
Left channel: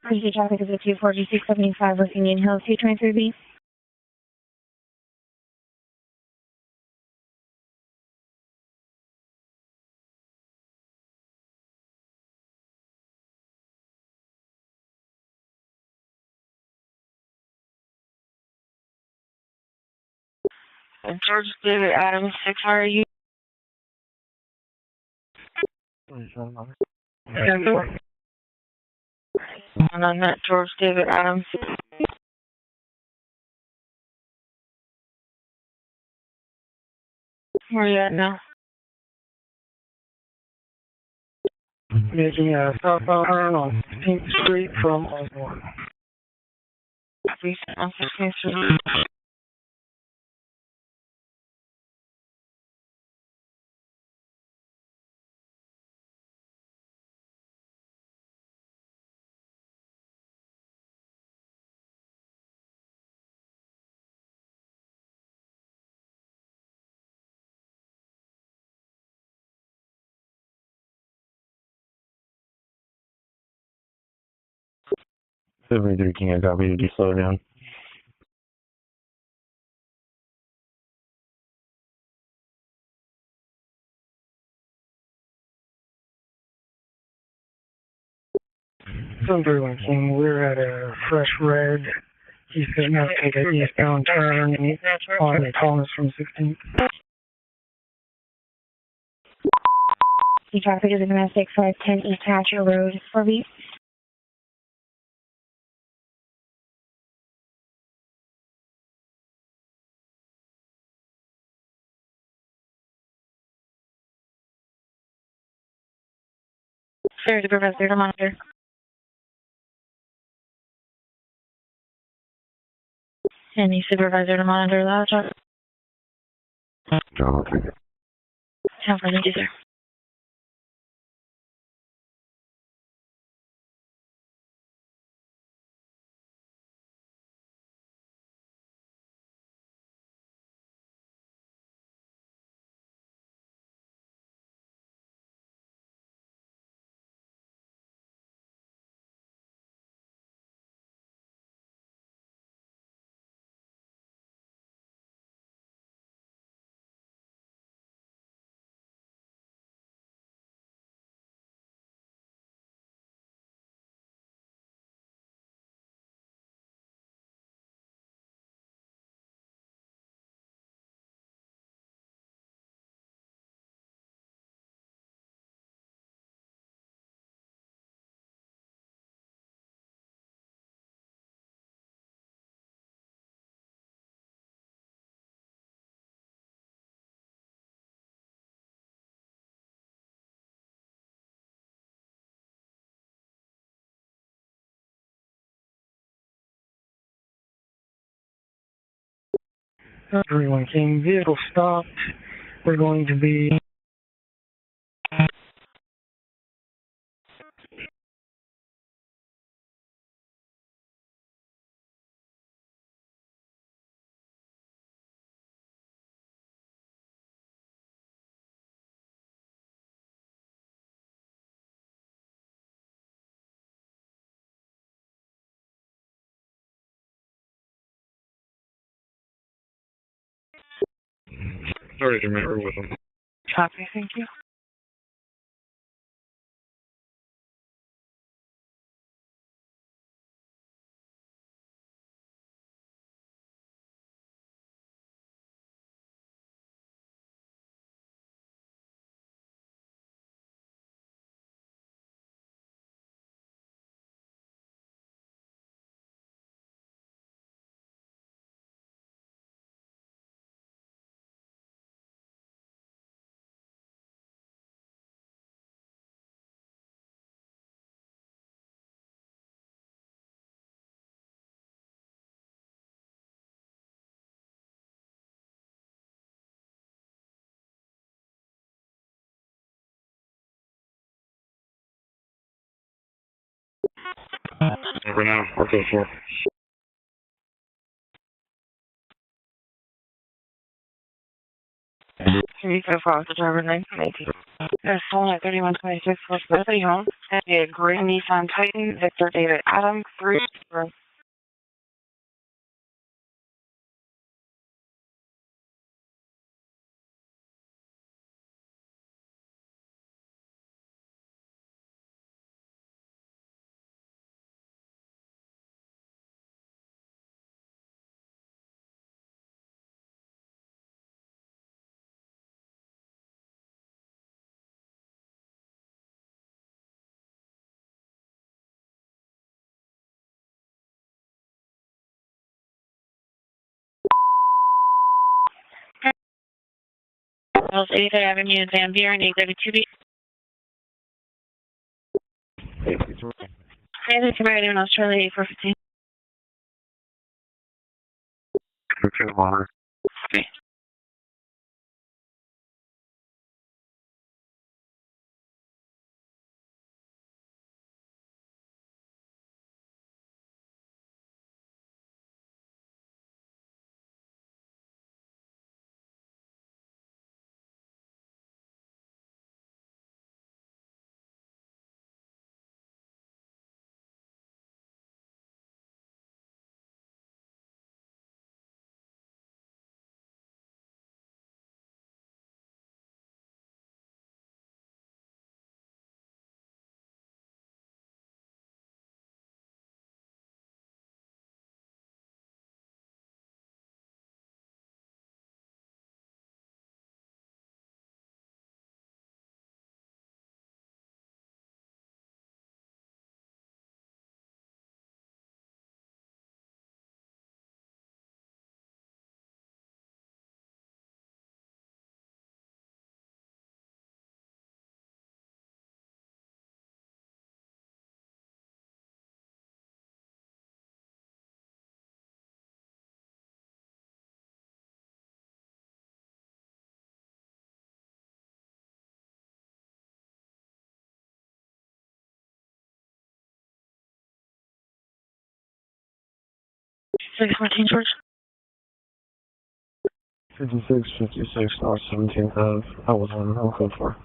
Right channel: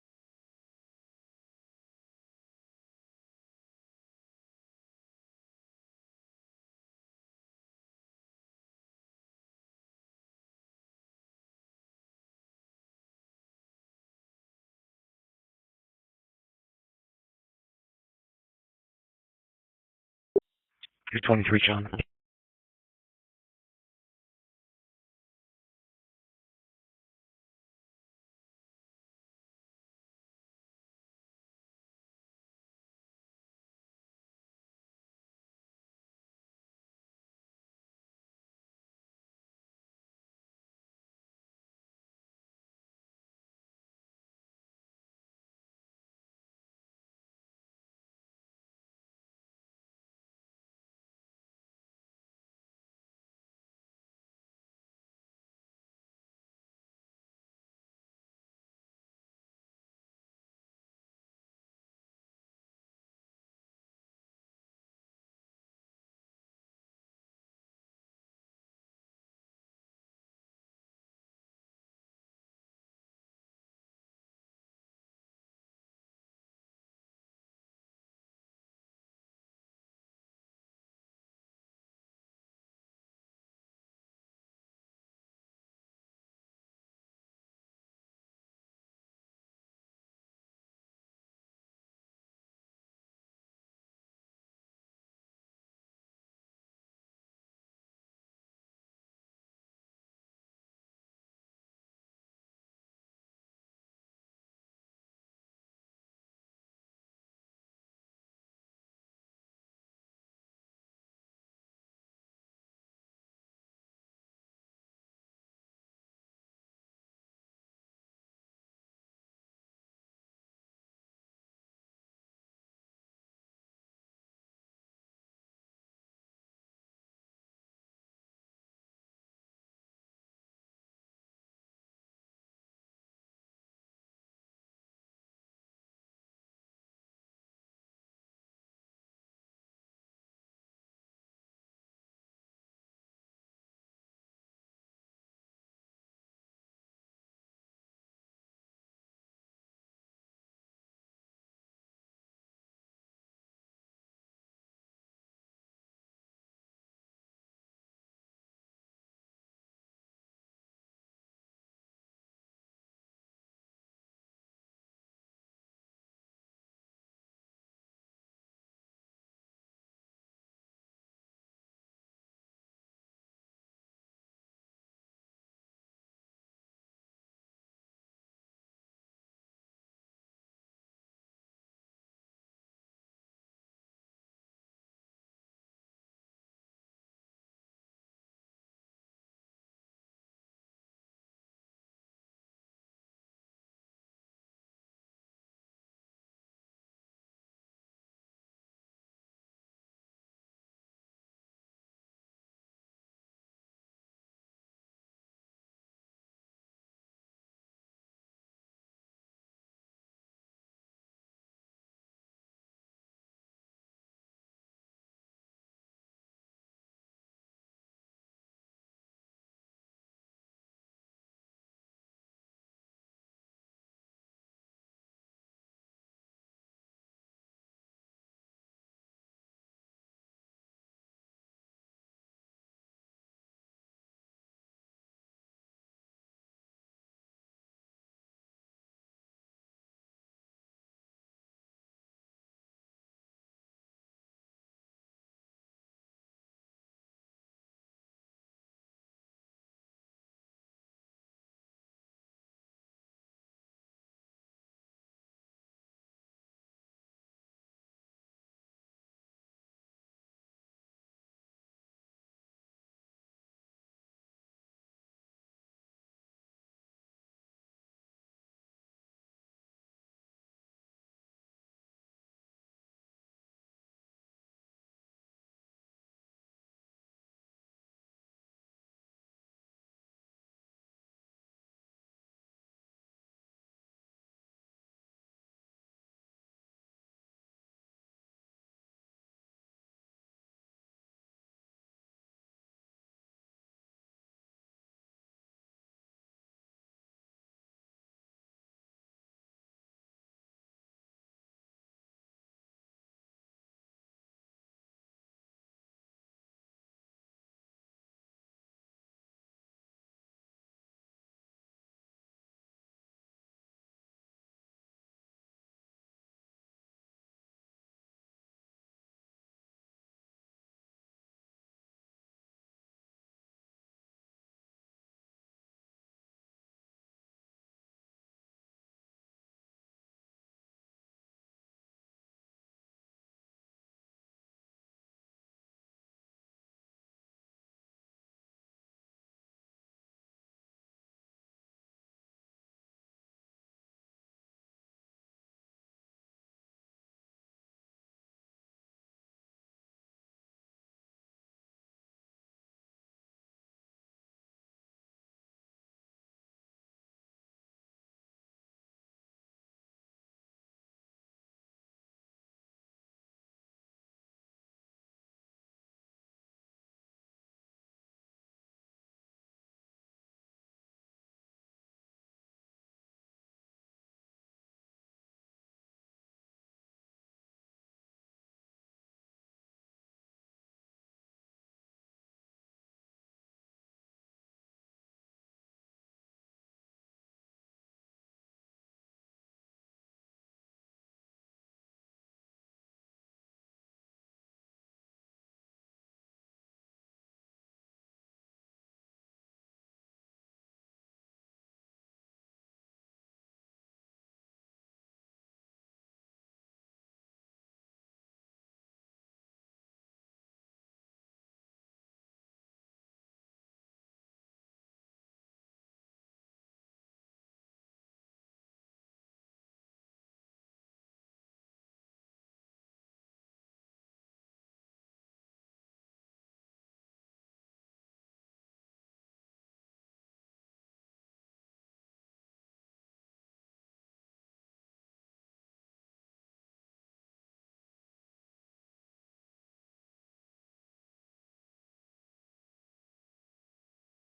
Emergency traffic is at 24675 West Union Hills, 223B. George David Adams, 6 RU. 10-4. And on that, George David Adams. Where are you at now? Making a southbound turn on 15th Street from Osborne. Recent on 15th Street. Supervisor King, I got me to slow down. Sunderland King, we're at a fresh red. He's going to take an eastbound turn on Thomas from 16th. The traffic is going to 6510 East Hatcher Road, 4B. Sir, Supervisor to monitor. Any supervisor to monitor that truck? Okay. Have for you, sir. Everyone King, vehicle stopped. We're going to be Sorry to remember with them. Copy, thank you. Over now, RTL 4. Three so far, the driver 918. There's someone at 3126 West Liberty Home. And a gray Nissan Titan, Victor David Adam, 3. Wells 8th Avenue, Van Buren, 832B. Transit to Meridian, Australia, 8415. Okay, water. Okay. George. 56, North 17th Ave. I was on code 4.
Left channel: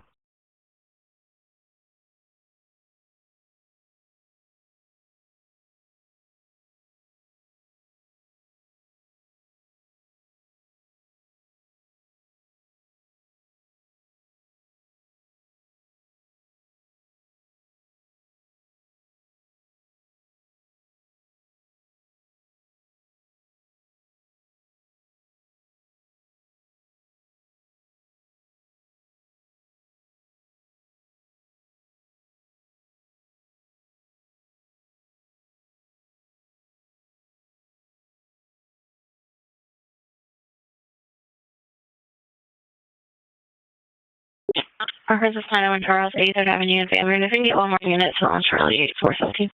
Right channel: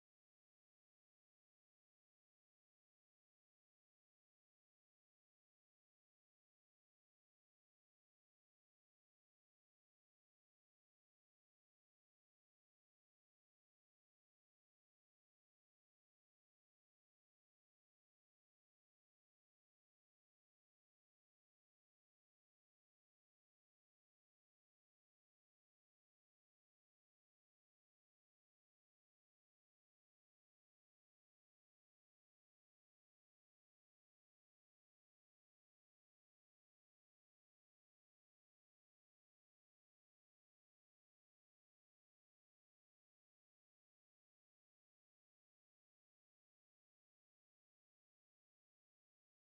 Parker's is 901 Charles, 8th Avenue, Van Buren. If you can get one more unit, so on Charlie, 8417.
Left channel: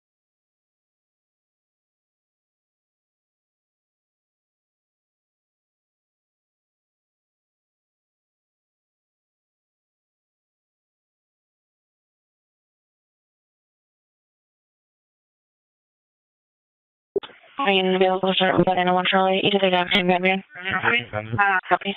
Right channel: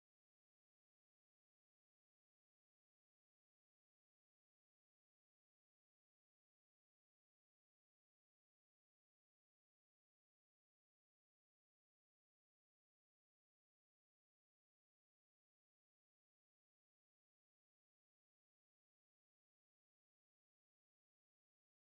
Are you available to start with 901 Charlie, 8th Avenue, Van Buren? Copy.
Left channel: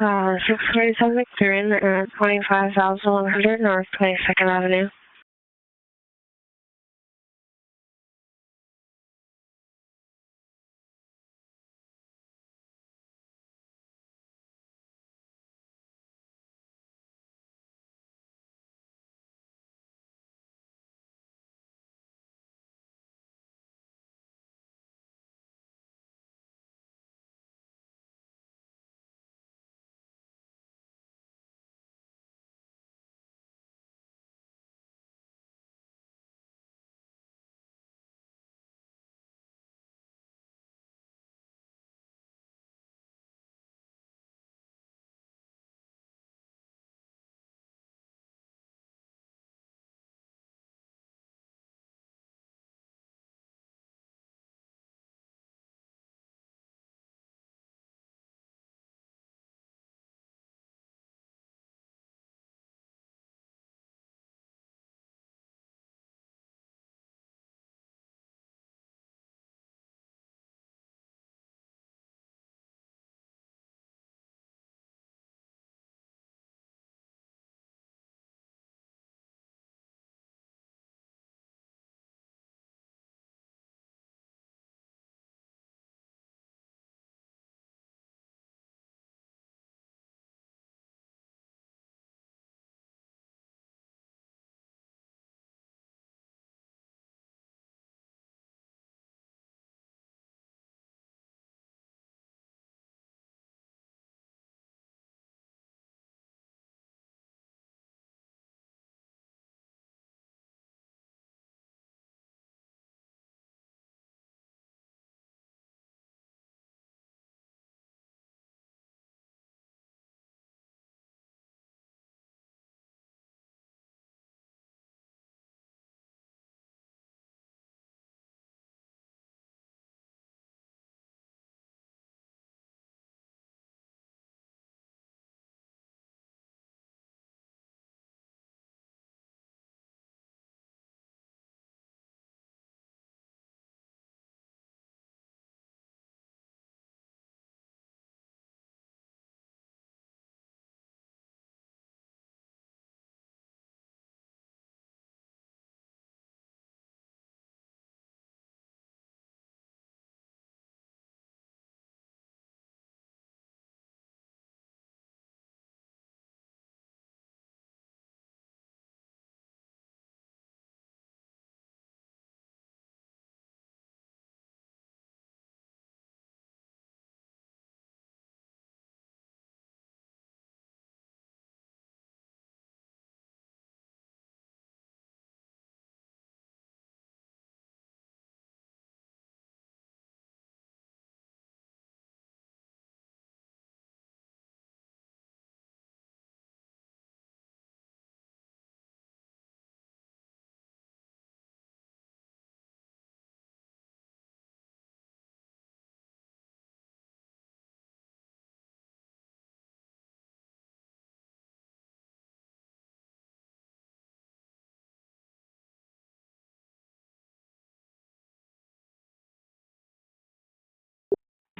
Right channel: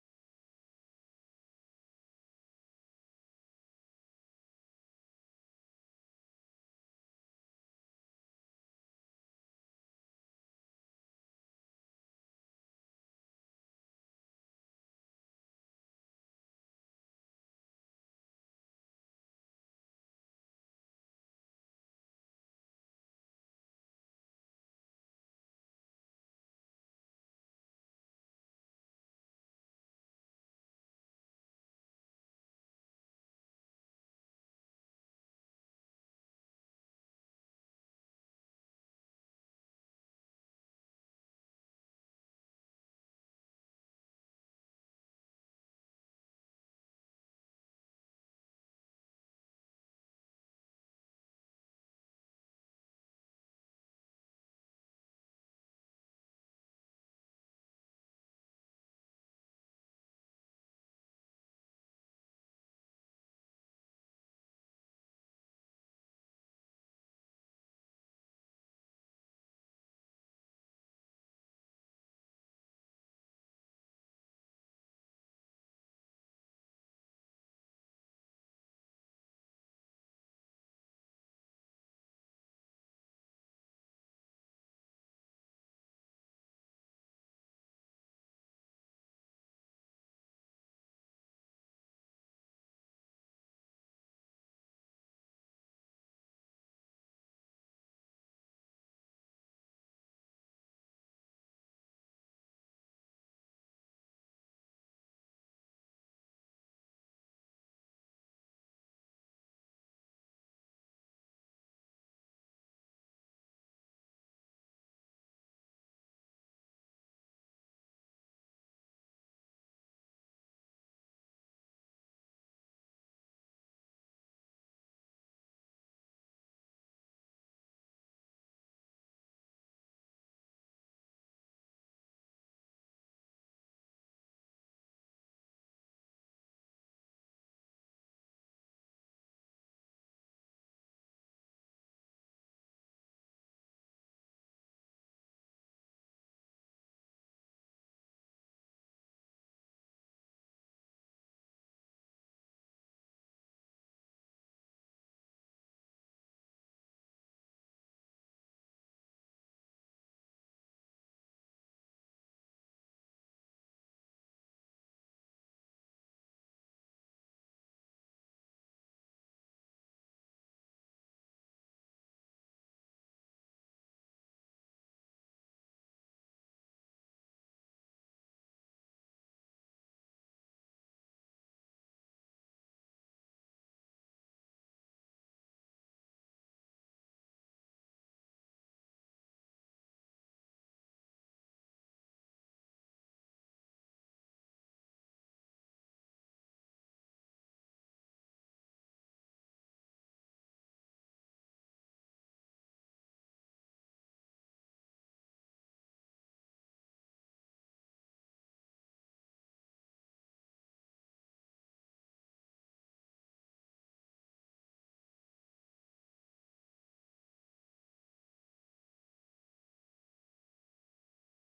627 McLaren at 25,100 North 22nd Avenue.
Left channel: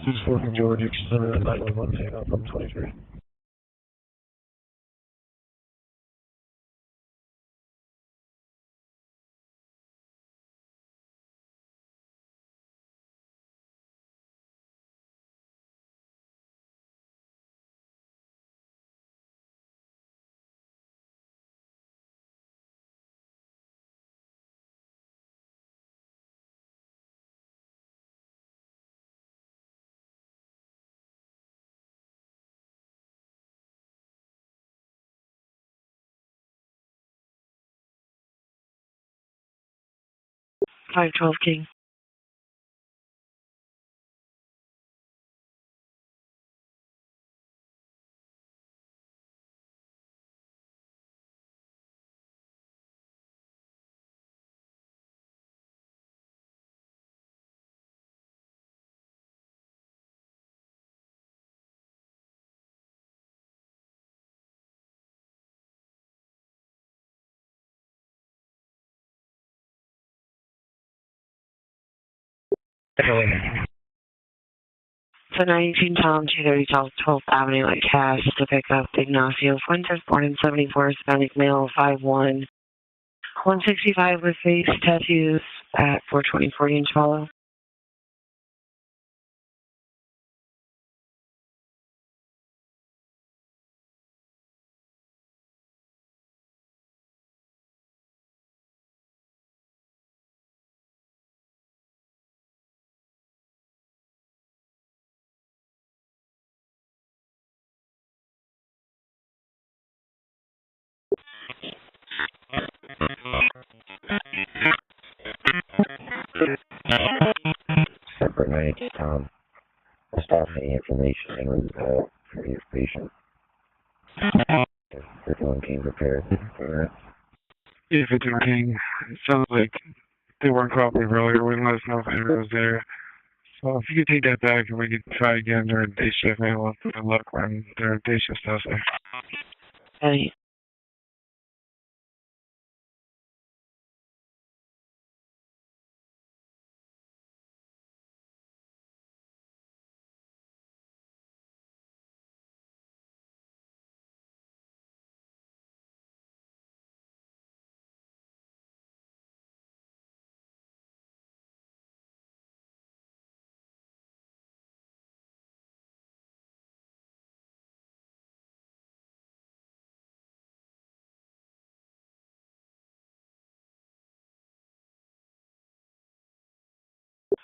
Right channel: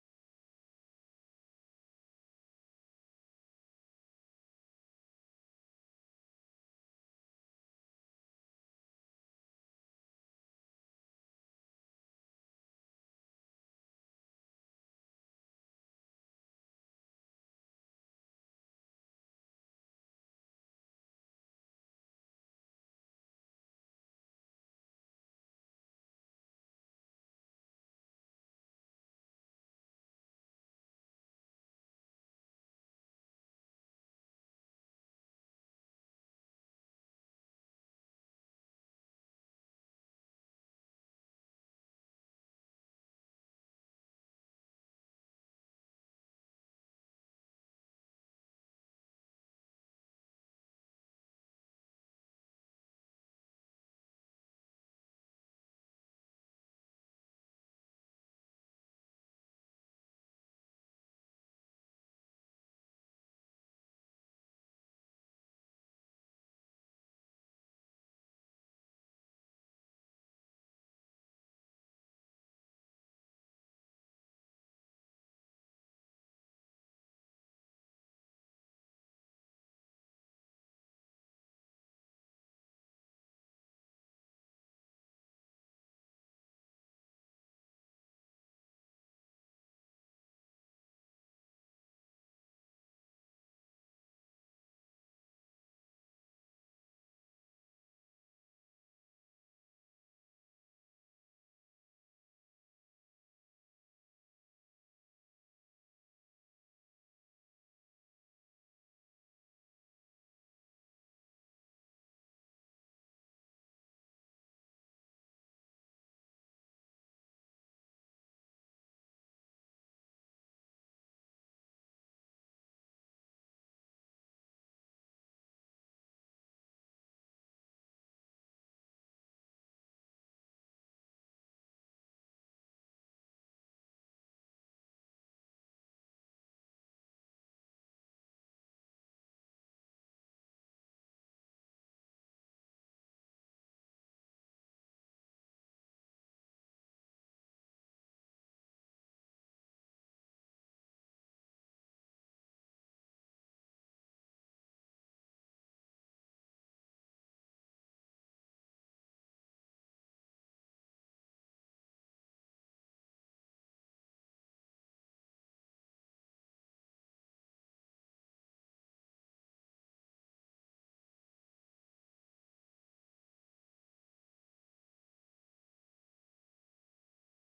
This is 4 from George, extended at 911, take out from 23. Five 12 King. So 19 Tom, 230 South 12th Avenue at Cass to pick up Ignacio Fuentes, born in 74, Hispanic male, 5'1", 165 with face tattoos at 420 Freudian Swallow. Separate 90 Tom. Just off any information and previous patient. If everyone came prepared for that. Yeah, 51 King. It sounds like they weren't cooperative earlier. Wouldn't let us know if anyone was there. So if you could take that back and we could try again during day shift, maybe we'll have good luck when their day shift stuff there. Hey.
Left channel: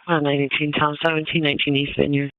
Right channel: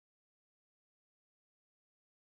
On 19 Tom, 17, 19 East Vineyard.